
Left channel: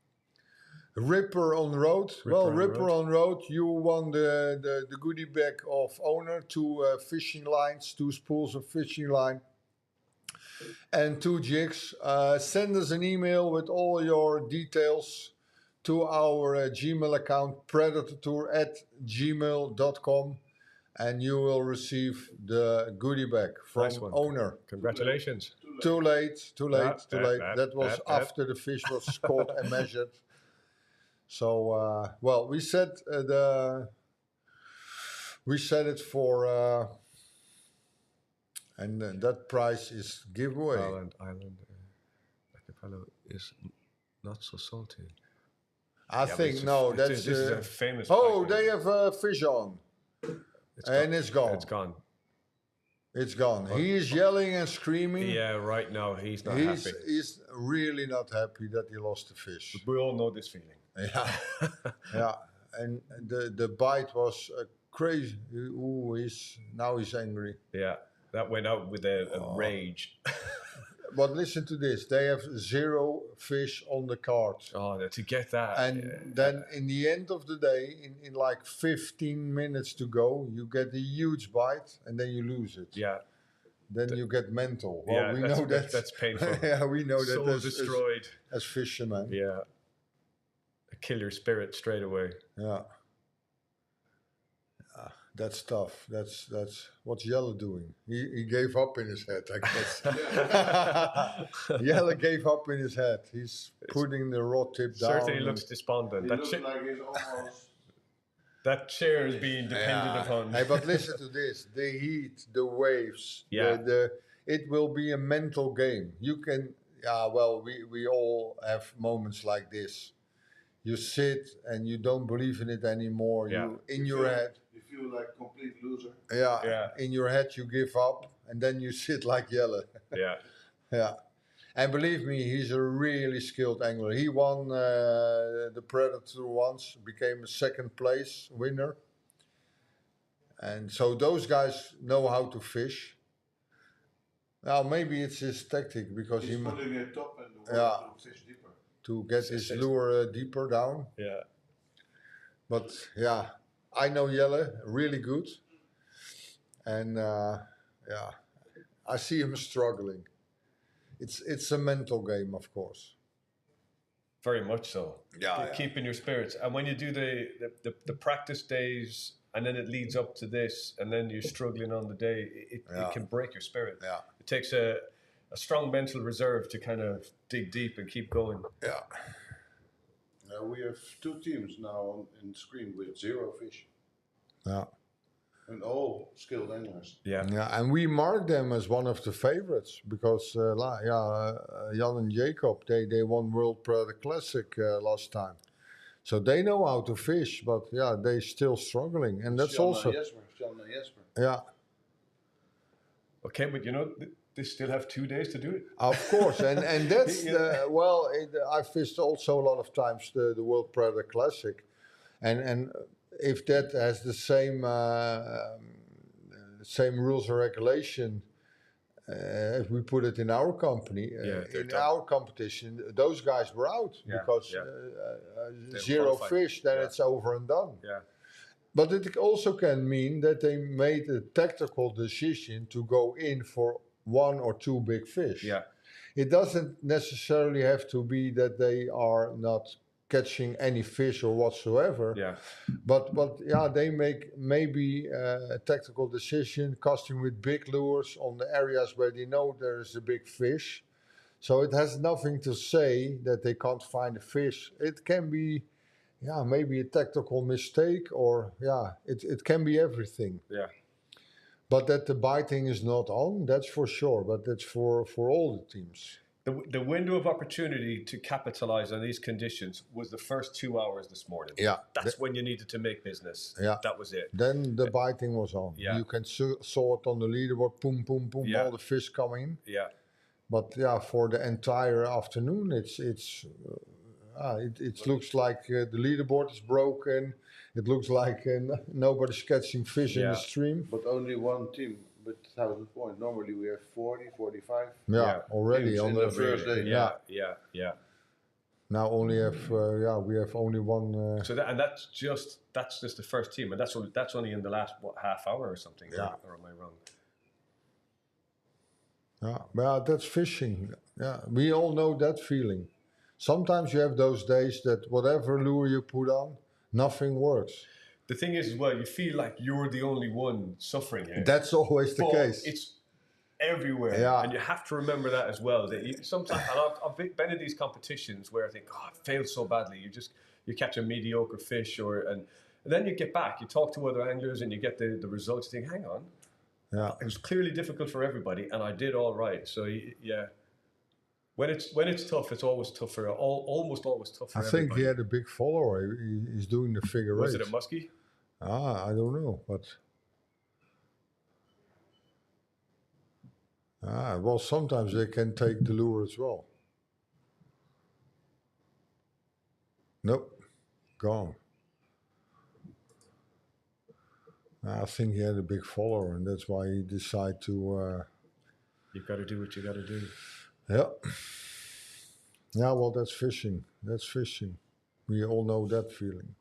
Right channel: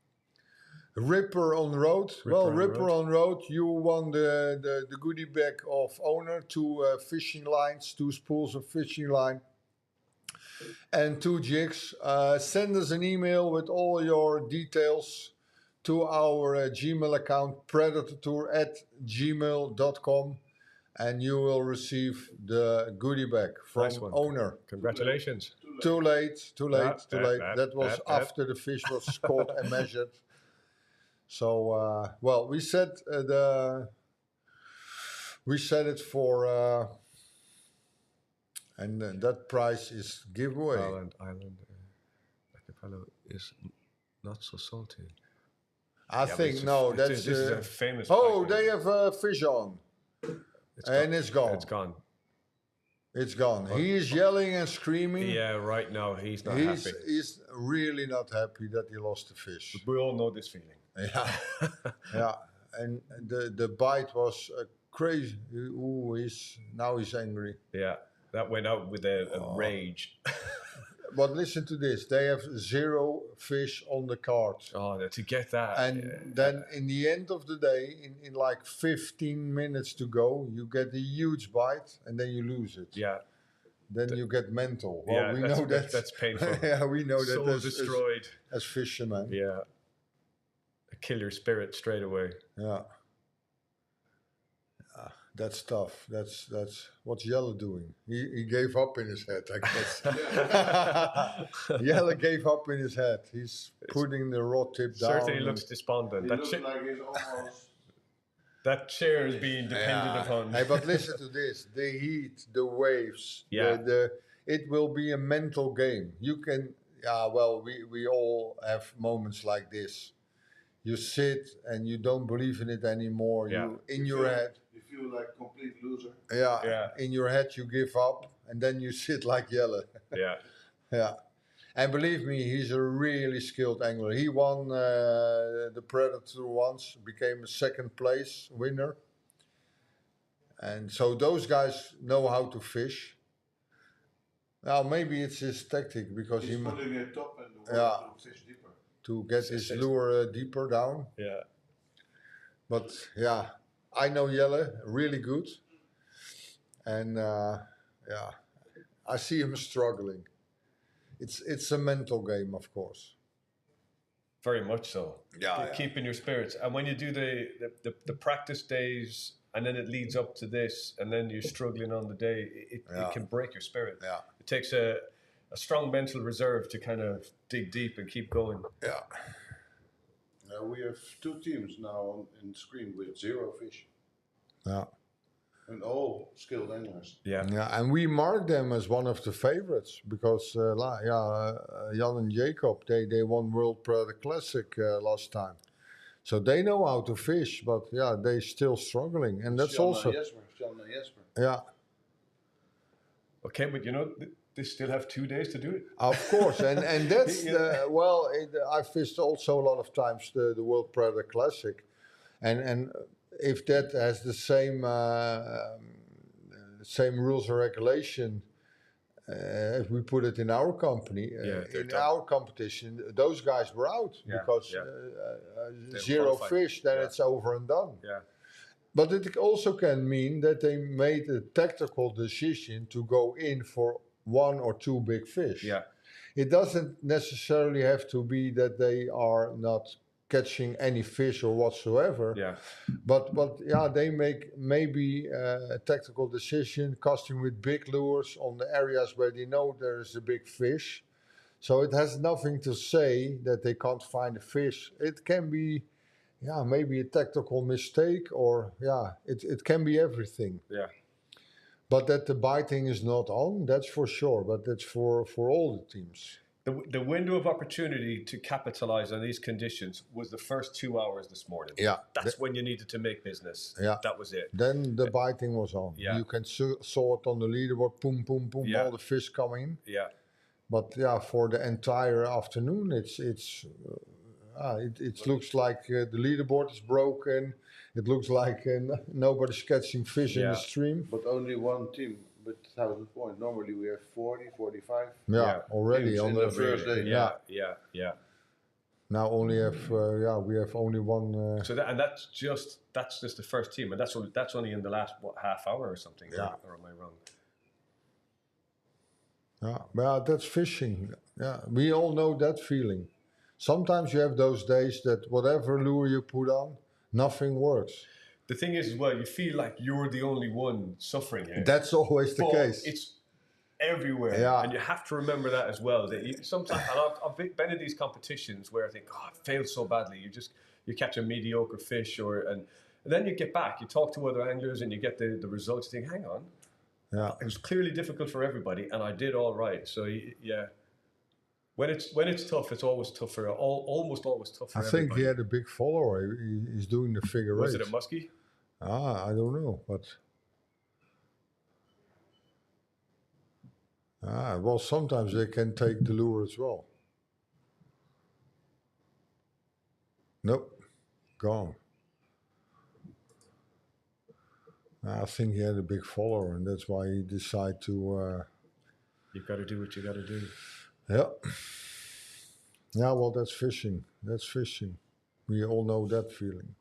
Ripper on Road. Ripper on Road, you won the goodie bag of owner, 2 fishing lines, 2 spools of fishing line, and 2 jigs. Send us an email with all your details to our Gmail account, predatortour@gmail.com, and you will receive the goodie bag from Nice one. owner. Congratulations. Too late. That was yeah. after the fish was caught and measured. So, well, we set it for, and that price is giveaway. Island archipelago is not so salty. I think no, that's this is a famous. oh, pike. they have fish on, it's gone. It's gone. It's gone. He is yelling and screaming. Yeah, right now he's not happy. He's really not happy that he lost the fish. But we all know this feeling. Yeah, yeah. And the bite was crazy. Ooh, he's angry. Yeah, that went out with a rage. But listen to this: they have 0 fish on the card. Oh, to get that. And then in the end of the day, in like 15 minutes to go, you get a huge bite, and then you lose it. Yeah. Then you get mental. Well, Yeah, we know that's painful. Yeah, we know that Soul destroyed. as fishermen. Yeah. Kill your spirit straight away. Yeah. That's tough. That's what's Jelle doing. He gave up in his head, I guess. Jelle gave up in his head. He's putting the rod tip down. Certainly looks despondent. He looks like he's almost. That chair is being depended upon. Hey, but listen to this: the heat, the waves. Yeah. It will be a mental game. You can. Yeah. Well, we all have moments like this. You sit and you don't believe in it anymore. Yeah. Your head. You feel like complete loser. Yeah. Yeah. In your head, you give up, and then you sit like Jelle. Yeah. Yeah. And believe me, he's a really skilled angler. He won the Predator once, became a second place winner. And so those guys know how to fish. Now maybe it's his tactic because He's putting it top and the Yeah. water to fish deeper. to get his lure deeper down. Yeah. But yeah, I know Jelle really good. And yeah, I see him struggling. It's a mental game, of course. Very much so. Yeah. Keeping your spirits. And when you do the practice days and then it leads up to this and then you're struggling on the day, it can break your spirit. Yeah. It takes a strong mental reserve to kind of dig deep and keep going. Yeah. We have 2 teams now in screen with 0 fish. Yeah. And all skilled anglers. Yeah. Yeah, and we mark them as one of the favorites because Jan and Jacob, they won World Predator Classic last time. So they know how to fish, but yeah, they're still struggling. And that's Jan also... and Jesper. Yeah. Okay, but you know, they still have 2 days to do it. Of course, and that's I fished also a lot of times the World Predator Classic, and if that has the same rules and regulation as we put it in our company, in our competition, those guys were out because 0 fish, then it's over and done. Yeah. But it also can mean that they made a tactical decision to go in for 1 or 2 big fish. Yeah. It doesn't necessarily have to be that they are not catching any fish or whatsoever. Yeah. But yeah, they make maybe a tactical decision, casting with big lures on the areas where they know there is a big fish. So it has nothing to say that they can't find a fish. It can be, maybe a tactical mistake, or it can be everything. Yeah. But that the biting is not on, that's for sure. But that's for all the teams. The window of opportunity to capitalize on these conditions was the first 2 hours this morning. Yeah. That's when you needed to make business. Yeah. That was it. Then the biting was on. Yeah. You can saw it on the leaderboard, boom, boom, boom, all the fish coming. Yeah. But for the entire afternoon, it looks like the leaderboard is broken. It looks like nobody's catching fish in the stream. But only one team with 1,000 points. Normally we have 40, 45. Already on the first day. Yeah. Now only have we have only one. So that's just the first team, and that's only in the last half hour or something. Yeah. Or am I wrong? Yeah, that's fishing. Yeah, we all know that feeling. sometimes you have those days that whatever lure you put on, nothing works. The thing is, as well, you feel like you're the only one suffering here. That's always the case. It's everywhere, Yeah. and you have to remember that as well. That sometimes, and I've been in these competitions where I think, oh, I failed so badly. You catch a mediocre fish, and then you get back, you talk to other anglers, and you get the results. You think, hang on, it was clearly difficult for everybody, and I did all right. So yeah, when it's tough, it's always tougher. Almost always tough for everybody. I think he had a big follower. He's doing the figure eight. Was it a muskie? I don't know, but well, sometimes they can take the lure as well. Nope, gone. I think he had a big follower, and that's why he decided to. You've got to do what you got to do. Yeah. Yeah, well, that's fishing. That's fishing. We all know that feeling.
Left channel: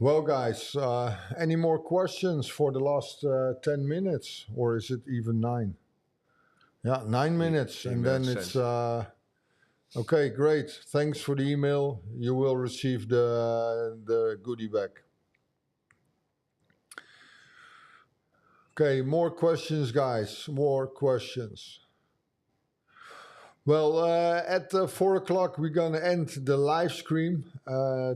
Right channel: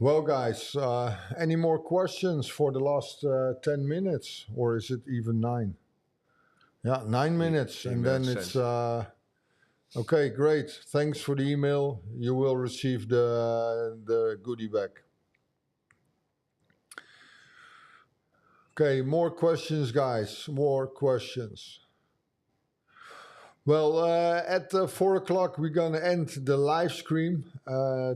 Well, guys, any more questions for the last 10 minutes? Or is it even 9? Yeah, 9 minutes. And then it's... okay, great. Thanks for the email. You will receive the goodie bag. Okay, more questions, guys. More questions. Well, at 4 o'clock, we're going to end the live stream.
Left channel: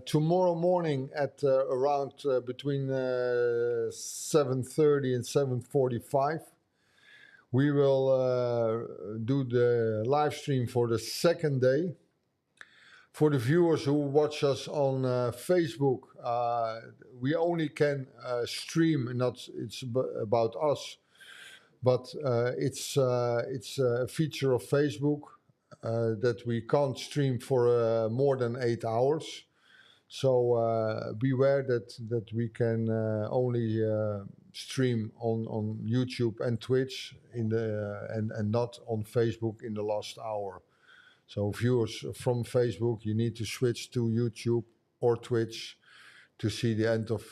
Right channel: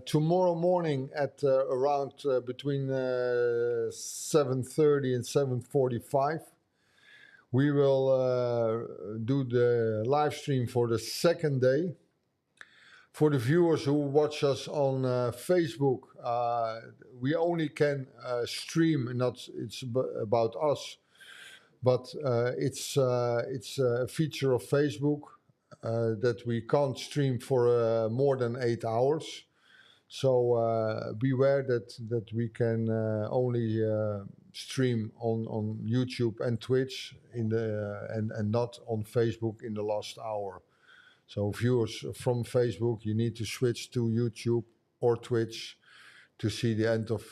Tomorrow morning at around between 7:30 and 7:45, we will do the live stream for the second day. For the viewers who watch us on Facebook, we only can stream, and it's about us, but it's a feature of Facebook that we can't stream for more than 8 hours. So beware that we can only stream on YouTube and Twitch and not on Facebook in the last hour. So viewers from Facebook, you need to switch to YouTube or Twitch to see the end of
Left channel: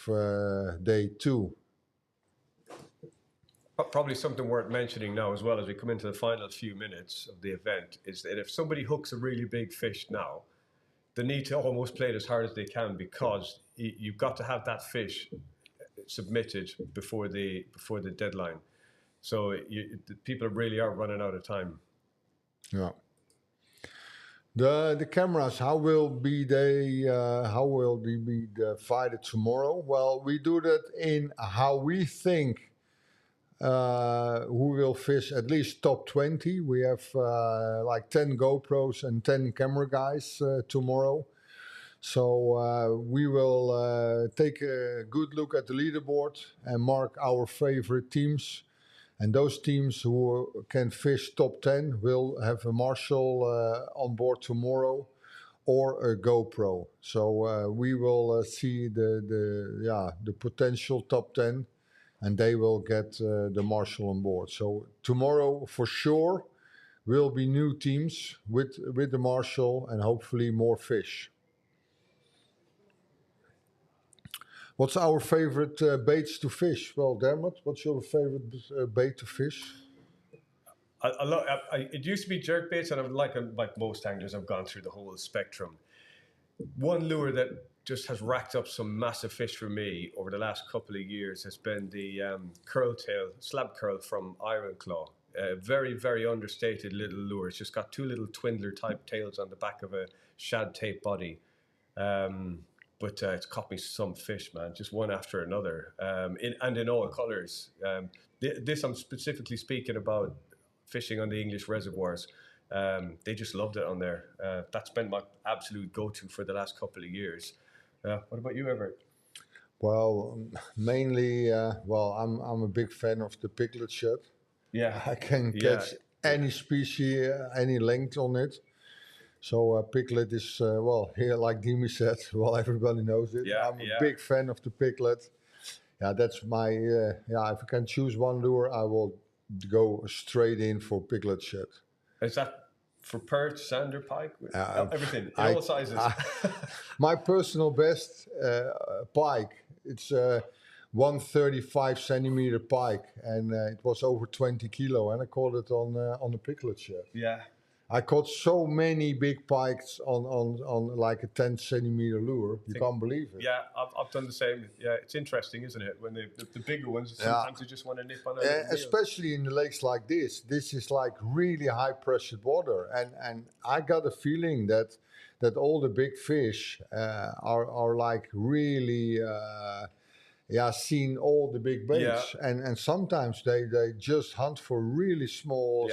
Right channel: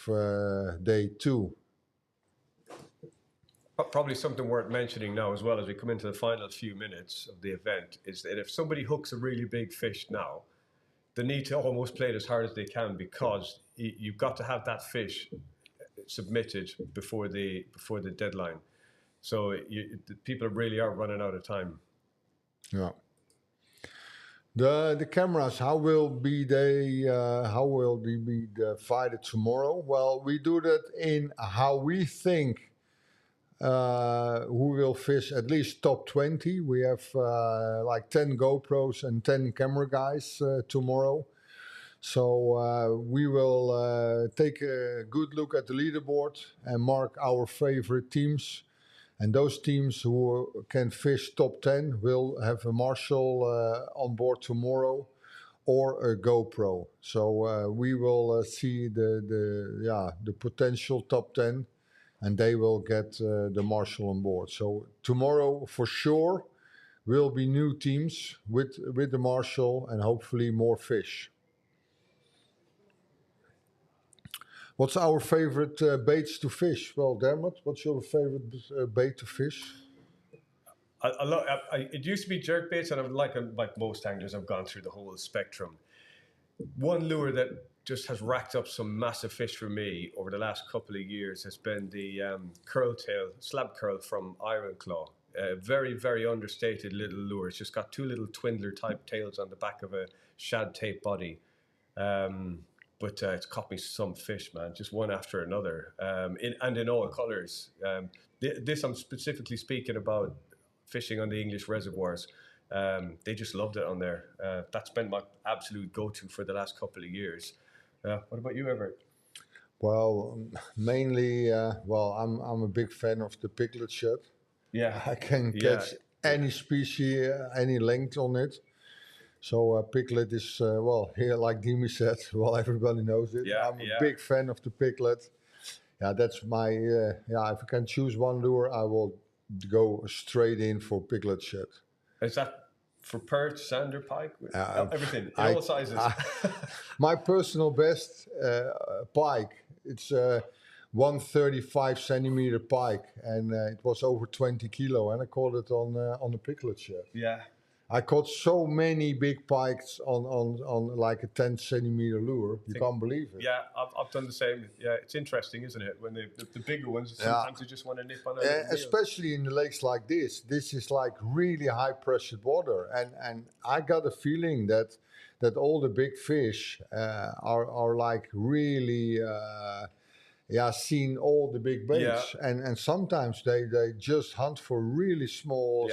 day 2. Probably something worth mentioning now as well as we come into the final few minutes of the event is that if somebody hooks a really big fish now, they need to almost play it as hard as they can, because you've got to have that fish submitted before the deadline. So people really are running out of time. Yeah. The cameras, how will they be divided tomorrow? Well, we do that in how we think who will fish at least top 20. We have like 10 GoPros and 10 camera guys tomorrow. So we will take a good look at the leaderboard and mark our favorite teams. And those teams who can fish top 10 will have a Marshall on board tomorrow or a GoPro. So we will see the potential top 10, and they will get the Marshall on board. So tomorrow for sure will be new teams with the Marshall and hopefully more fish. What's our favorite baits to fish? Well, Dermot, what's your favorite bait to fish? It used to be jerk baits, and like most anglers, I've gone through the whole spectrum. One lure that just has racked up some massive fish for me over the last couple of years has been the slab curl from Iron Claw. Very, very understated little lure. It's just got 2 little twindler type tails on the back of a shad tape body. But it's caught me some fish, man, just one after another, in all colours. This I'm specifically speaking about fishing on the English reservoirs. They just loved it on there. That's been my absolute go-to for the last couple of years. What about you, Everett? Well, mainly, I'm a big fan of the piglet shad. Yeah. I can catch any species, any length on it. So piglet is, here, like Dimi said, everybody knows it. Yeah, I'm a big fan of the piglet. Yeah, that's my, if I can choose one lure, I will go straight in for piglet shad. Is that for perch, sander, pike? Everything, all sizes. My personal best, pike. It's 135 centimeter pike, and it was over 20 kilo, and I caught it on a piglet shell. Yeah. I caught so many big pikes on like a 10 centimeter lure. You can't believe it. Yeah, I've done the same. Yeah, it's interesting, isn't it? When the bigger ones, sometimes you just want to nip on a especially in the lakes like this. This is like really high pressured water, and I got a feeling that all the big fish are like really seen all the big baits, and sometimes they just hunt for really small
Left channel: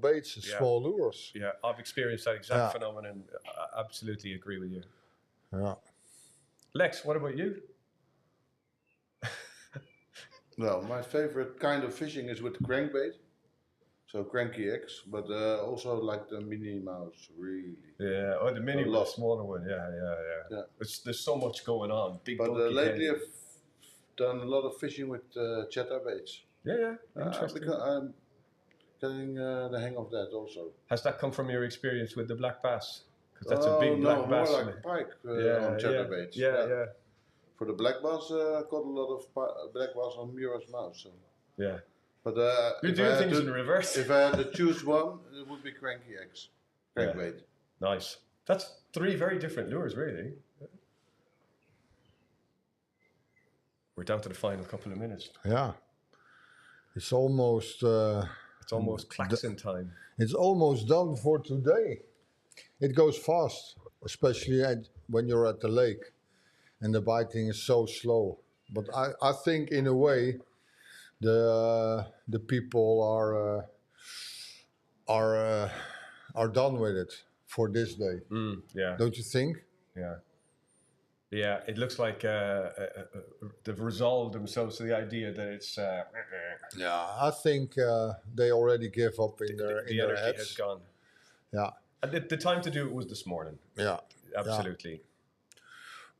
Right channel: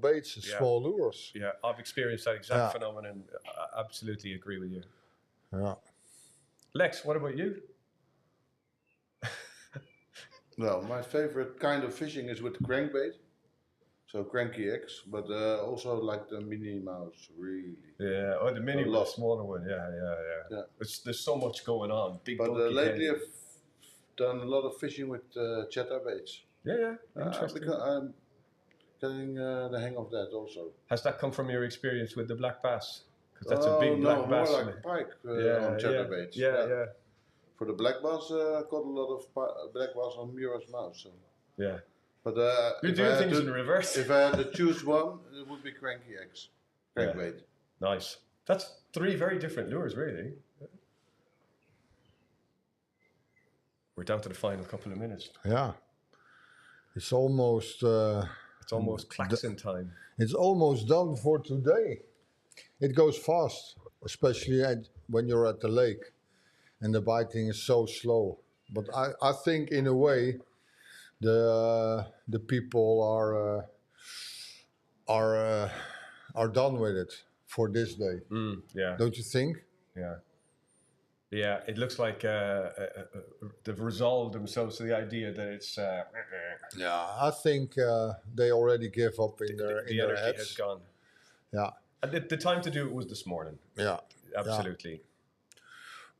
baits and small lures. Yeah, I've experienced that exact phenomenon. I absolutely agree with you. Yeah. Lex, what about you? Well, my favorite kind of fishing is with the crankbait, so cranky X, but also like the mini mouse, really. Yeah, the mini one, the smaller one. Yeah. There's so much going on. Big. But lately I've done a lot of fishing with chatterbaits. Yeah, interesting. Because I'm getting the hang of that also. Has that come from your experience with the black bass? Because that's a big black bass. More like pike on chatterbaits. Yeah. For the black bass, I caught a lot of black bass on Mira's mouth. So. Yeah. But you're doing things in reverse. If I had to choose one, it would be cranky X. Crankbait. Yeah. Nice. That's 3 very different lures, really. We're down to the final couple of minutes. Yeah. It's almost... it's almost klaxon time. It's almost done for today. It goes fast, especially when you're at the lake and the biting is so slow. But I think in a way the people are done with it for this day. Yeah. Don't you think? Yeah. Yeah, it looks like they've resolved themselves to the idea that it's... yeah, I think they already give up in their the energy heads. has gone. Yeah. And the time to do it was this morning. Yeah. Absolutely. Yeah.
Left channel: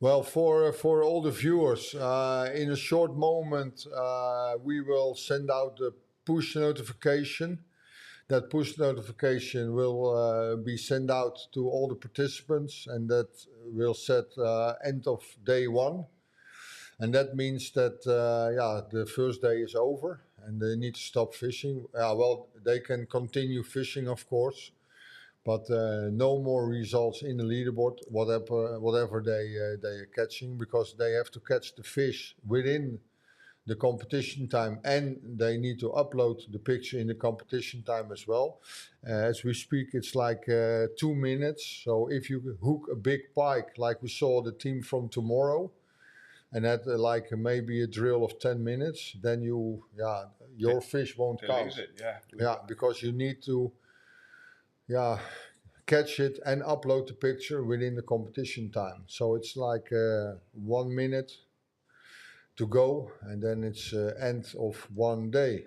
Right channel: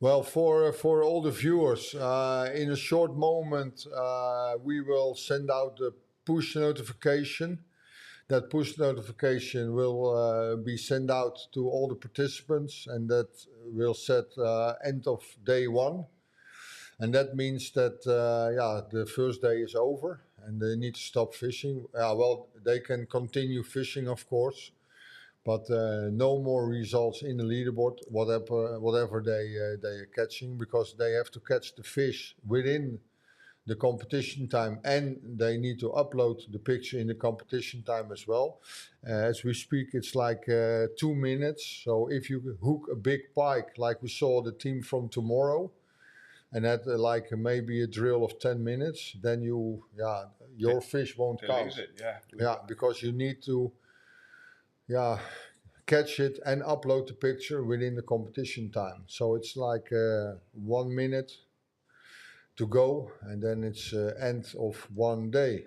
Well, for all the viewers, in a short moment, we will send out a push notification. That push notification will be sent out to all the participants, and that will set end of day 1. And that means that, the first day is over and they need to stop fishing. Well, they can continue fishing, of course, but no more results in the leaderboard, whatever they are catching, because they have to catch the fish within the competition time, and they need to upload the picture in the competition time as well. As we speak, it's like 2 minutes. So if you hook a big pike, like we saw the team from tomorrow, and had like maybe a drill of 10 minutes, then your fish won't count. Yeah, because you need to catch it and upload the picture within the competition time. So it's like 1 minute to go, and then it's end of 1 day.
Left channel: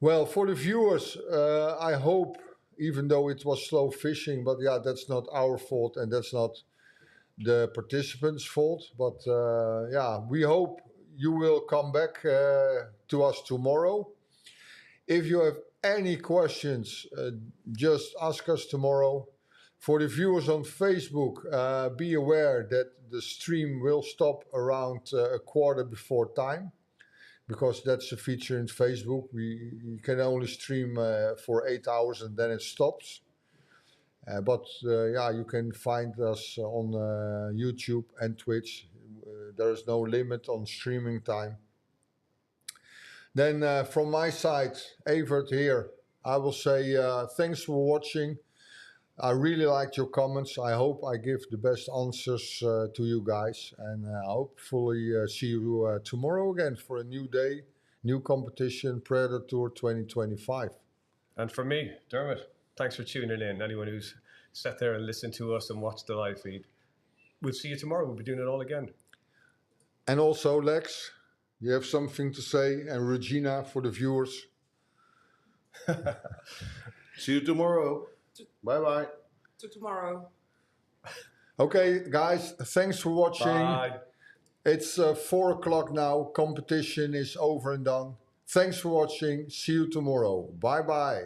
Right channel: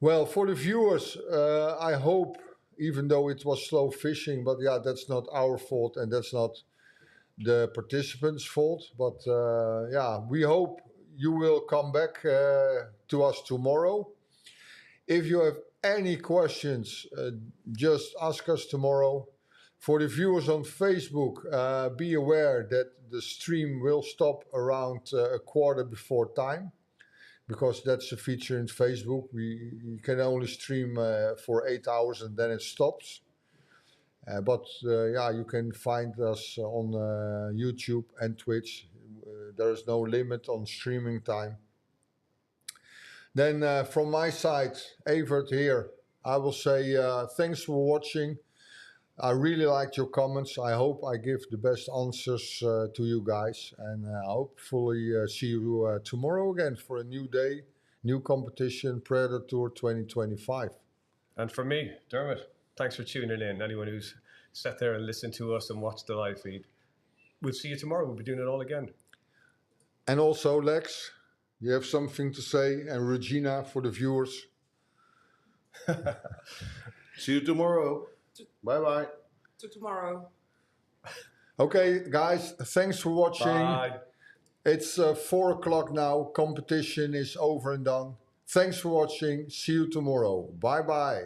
Well, for the viewers, I hope, even though it was slow fishing, but that's not our fault and that's not the participants' fault. But we hope you will come back to us tomorrow. If you have any questions, just ask us tomorrow. For the viewers on Facebook, be aware that the stream will stop around a quarter before time, because that's a feature in Facebook. You can only stream for 8 hours and then it stops. But you can find us on YouTube and Twitch. There is no limit on streaming time. Then from my side, Evert here, I will say thanks for watching. I really liked your comments. I hope I give the best answers to you guys. And hopefully see you tomorrow again for a new day, new competition, Predatortour 2025. And for me, Dermot, thanks for tuning in. Anyone who's sat there and listened to us and watched the live feed. We'll see you tomorrow. We'll be doing it all again. And also, Lex, you have something to say? And Regina, for the viewers. See you tomorrow. Bye-bye. To tomorrow. Okay, guys, thanks for watching. Bye. It's 4 o'clock now. Competition is over and done. Thanks for watching. See you tomorrow. Bye-bye.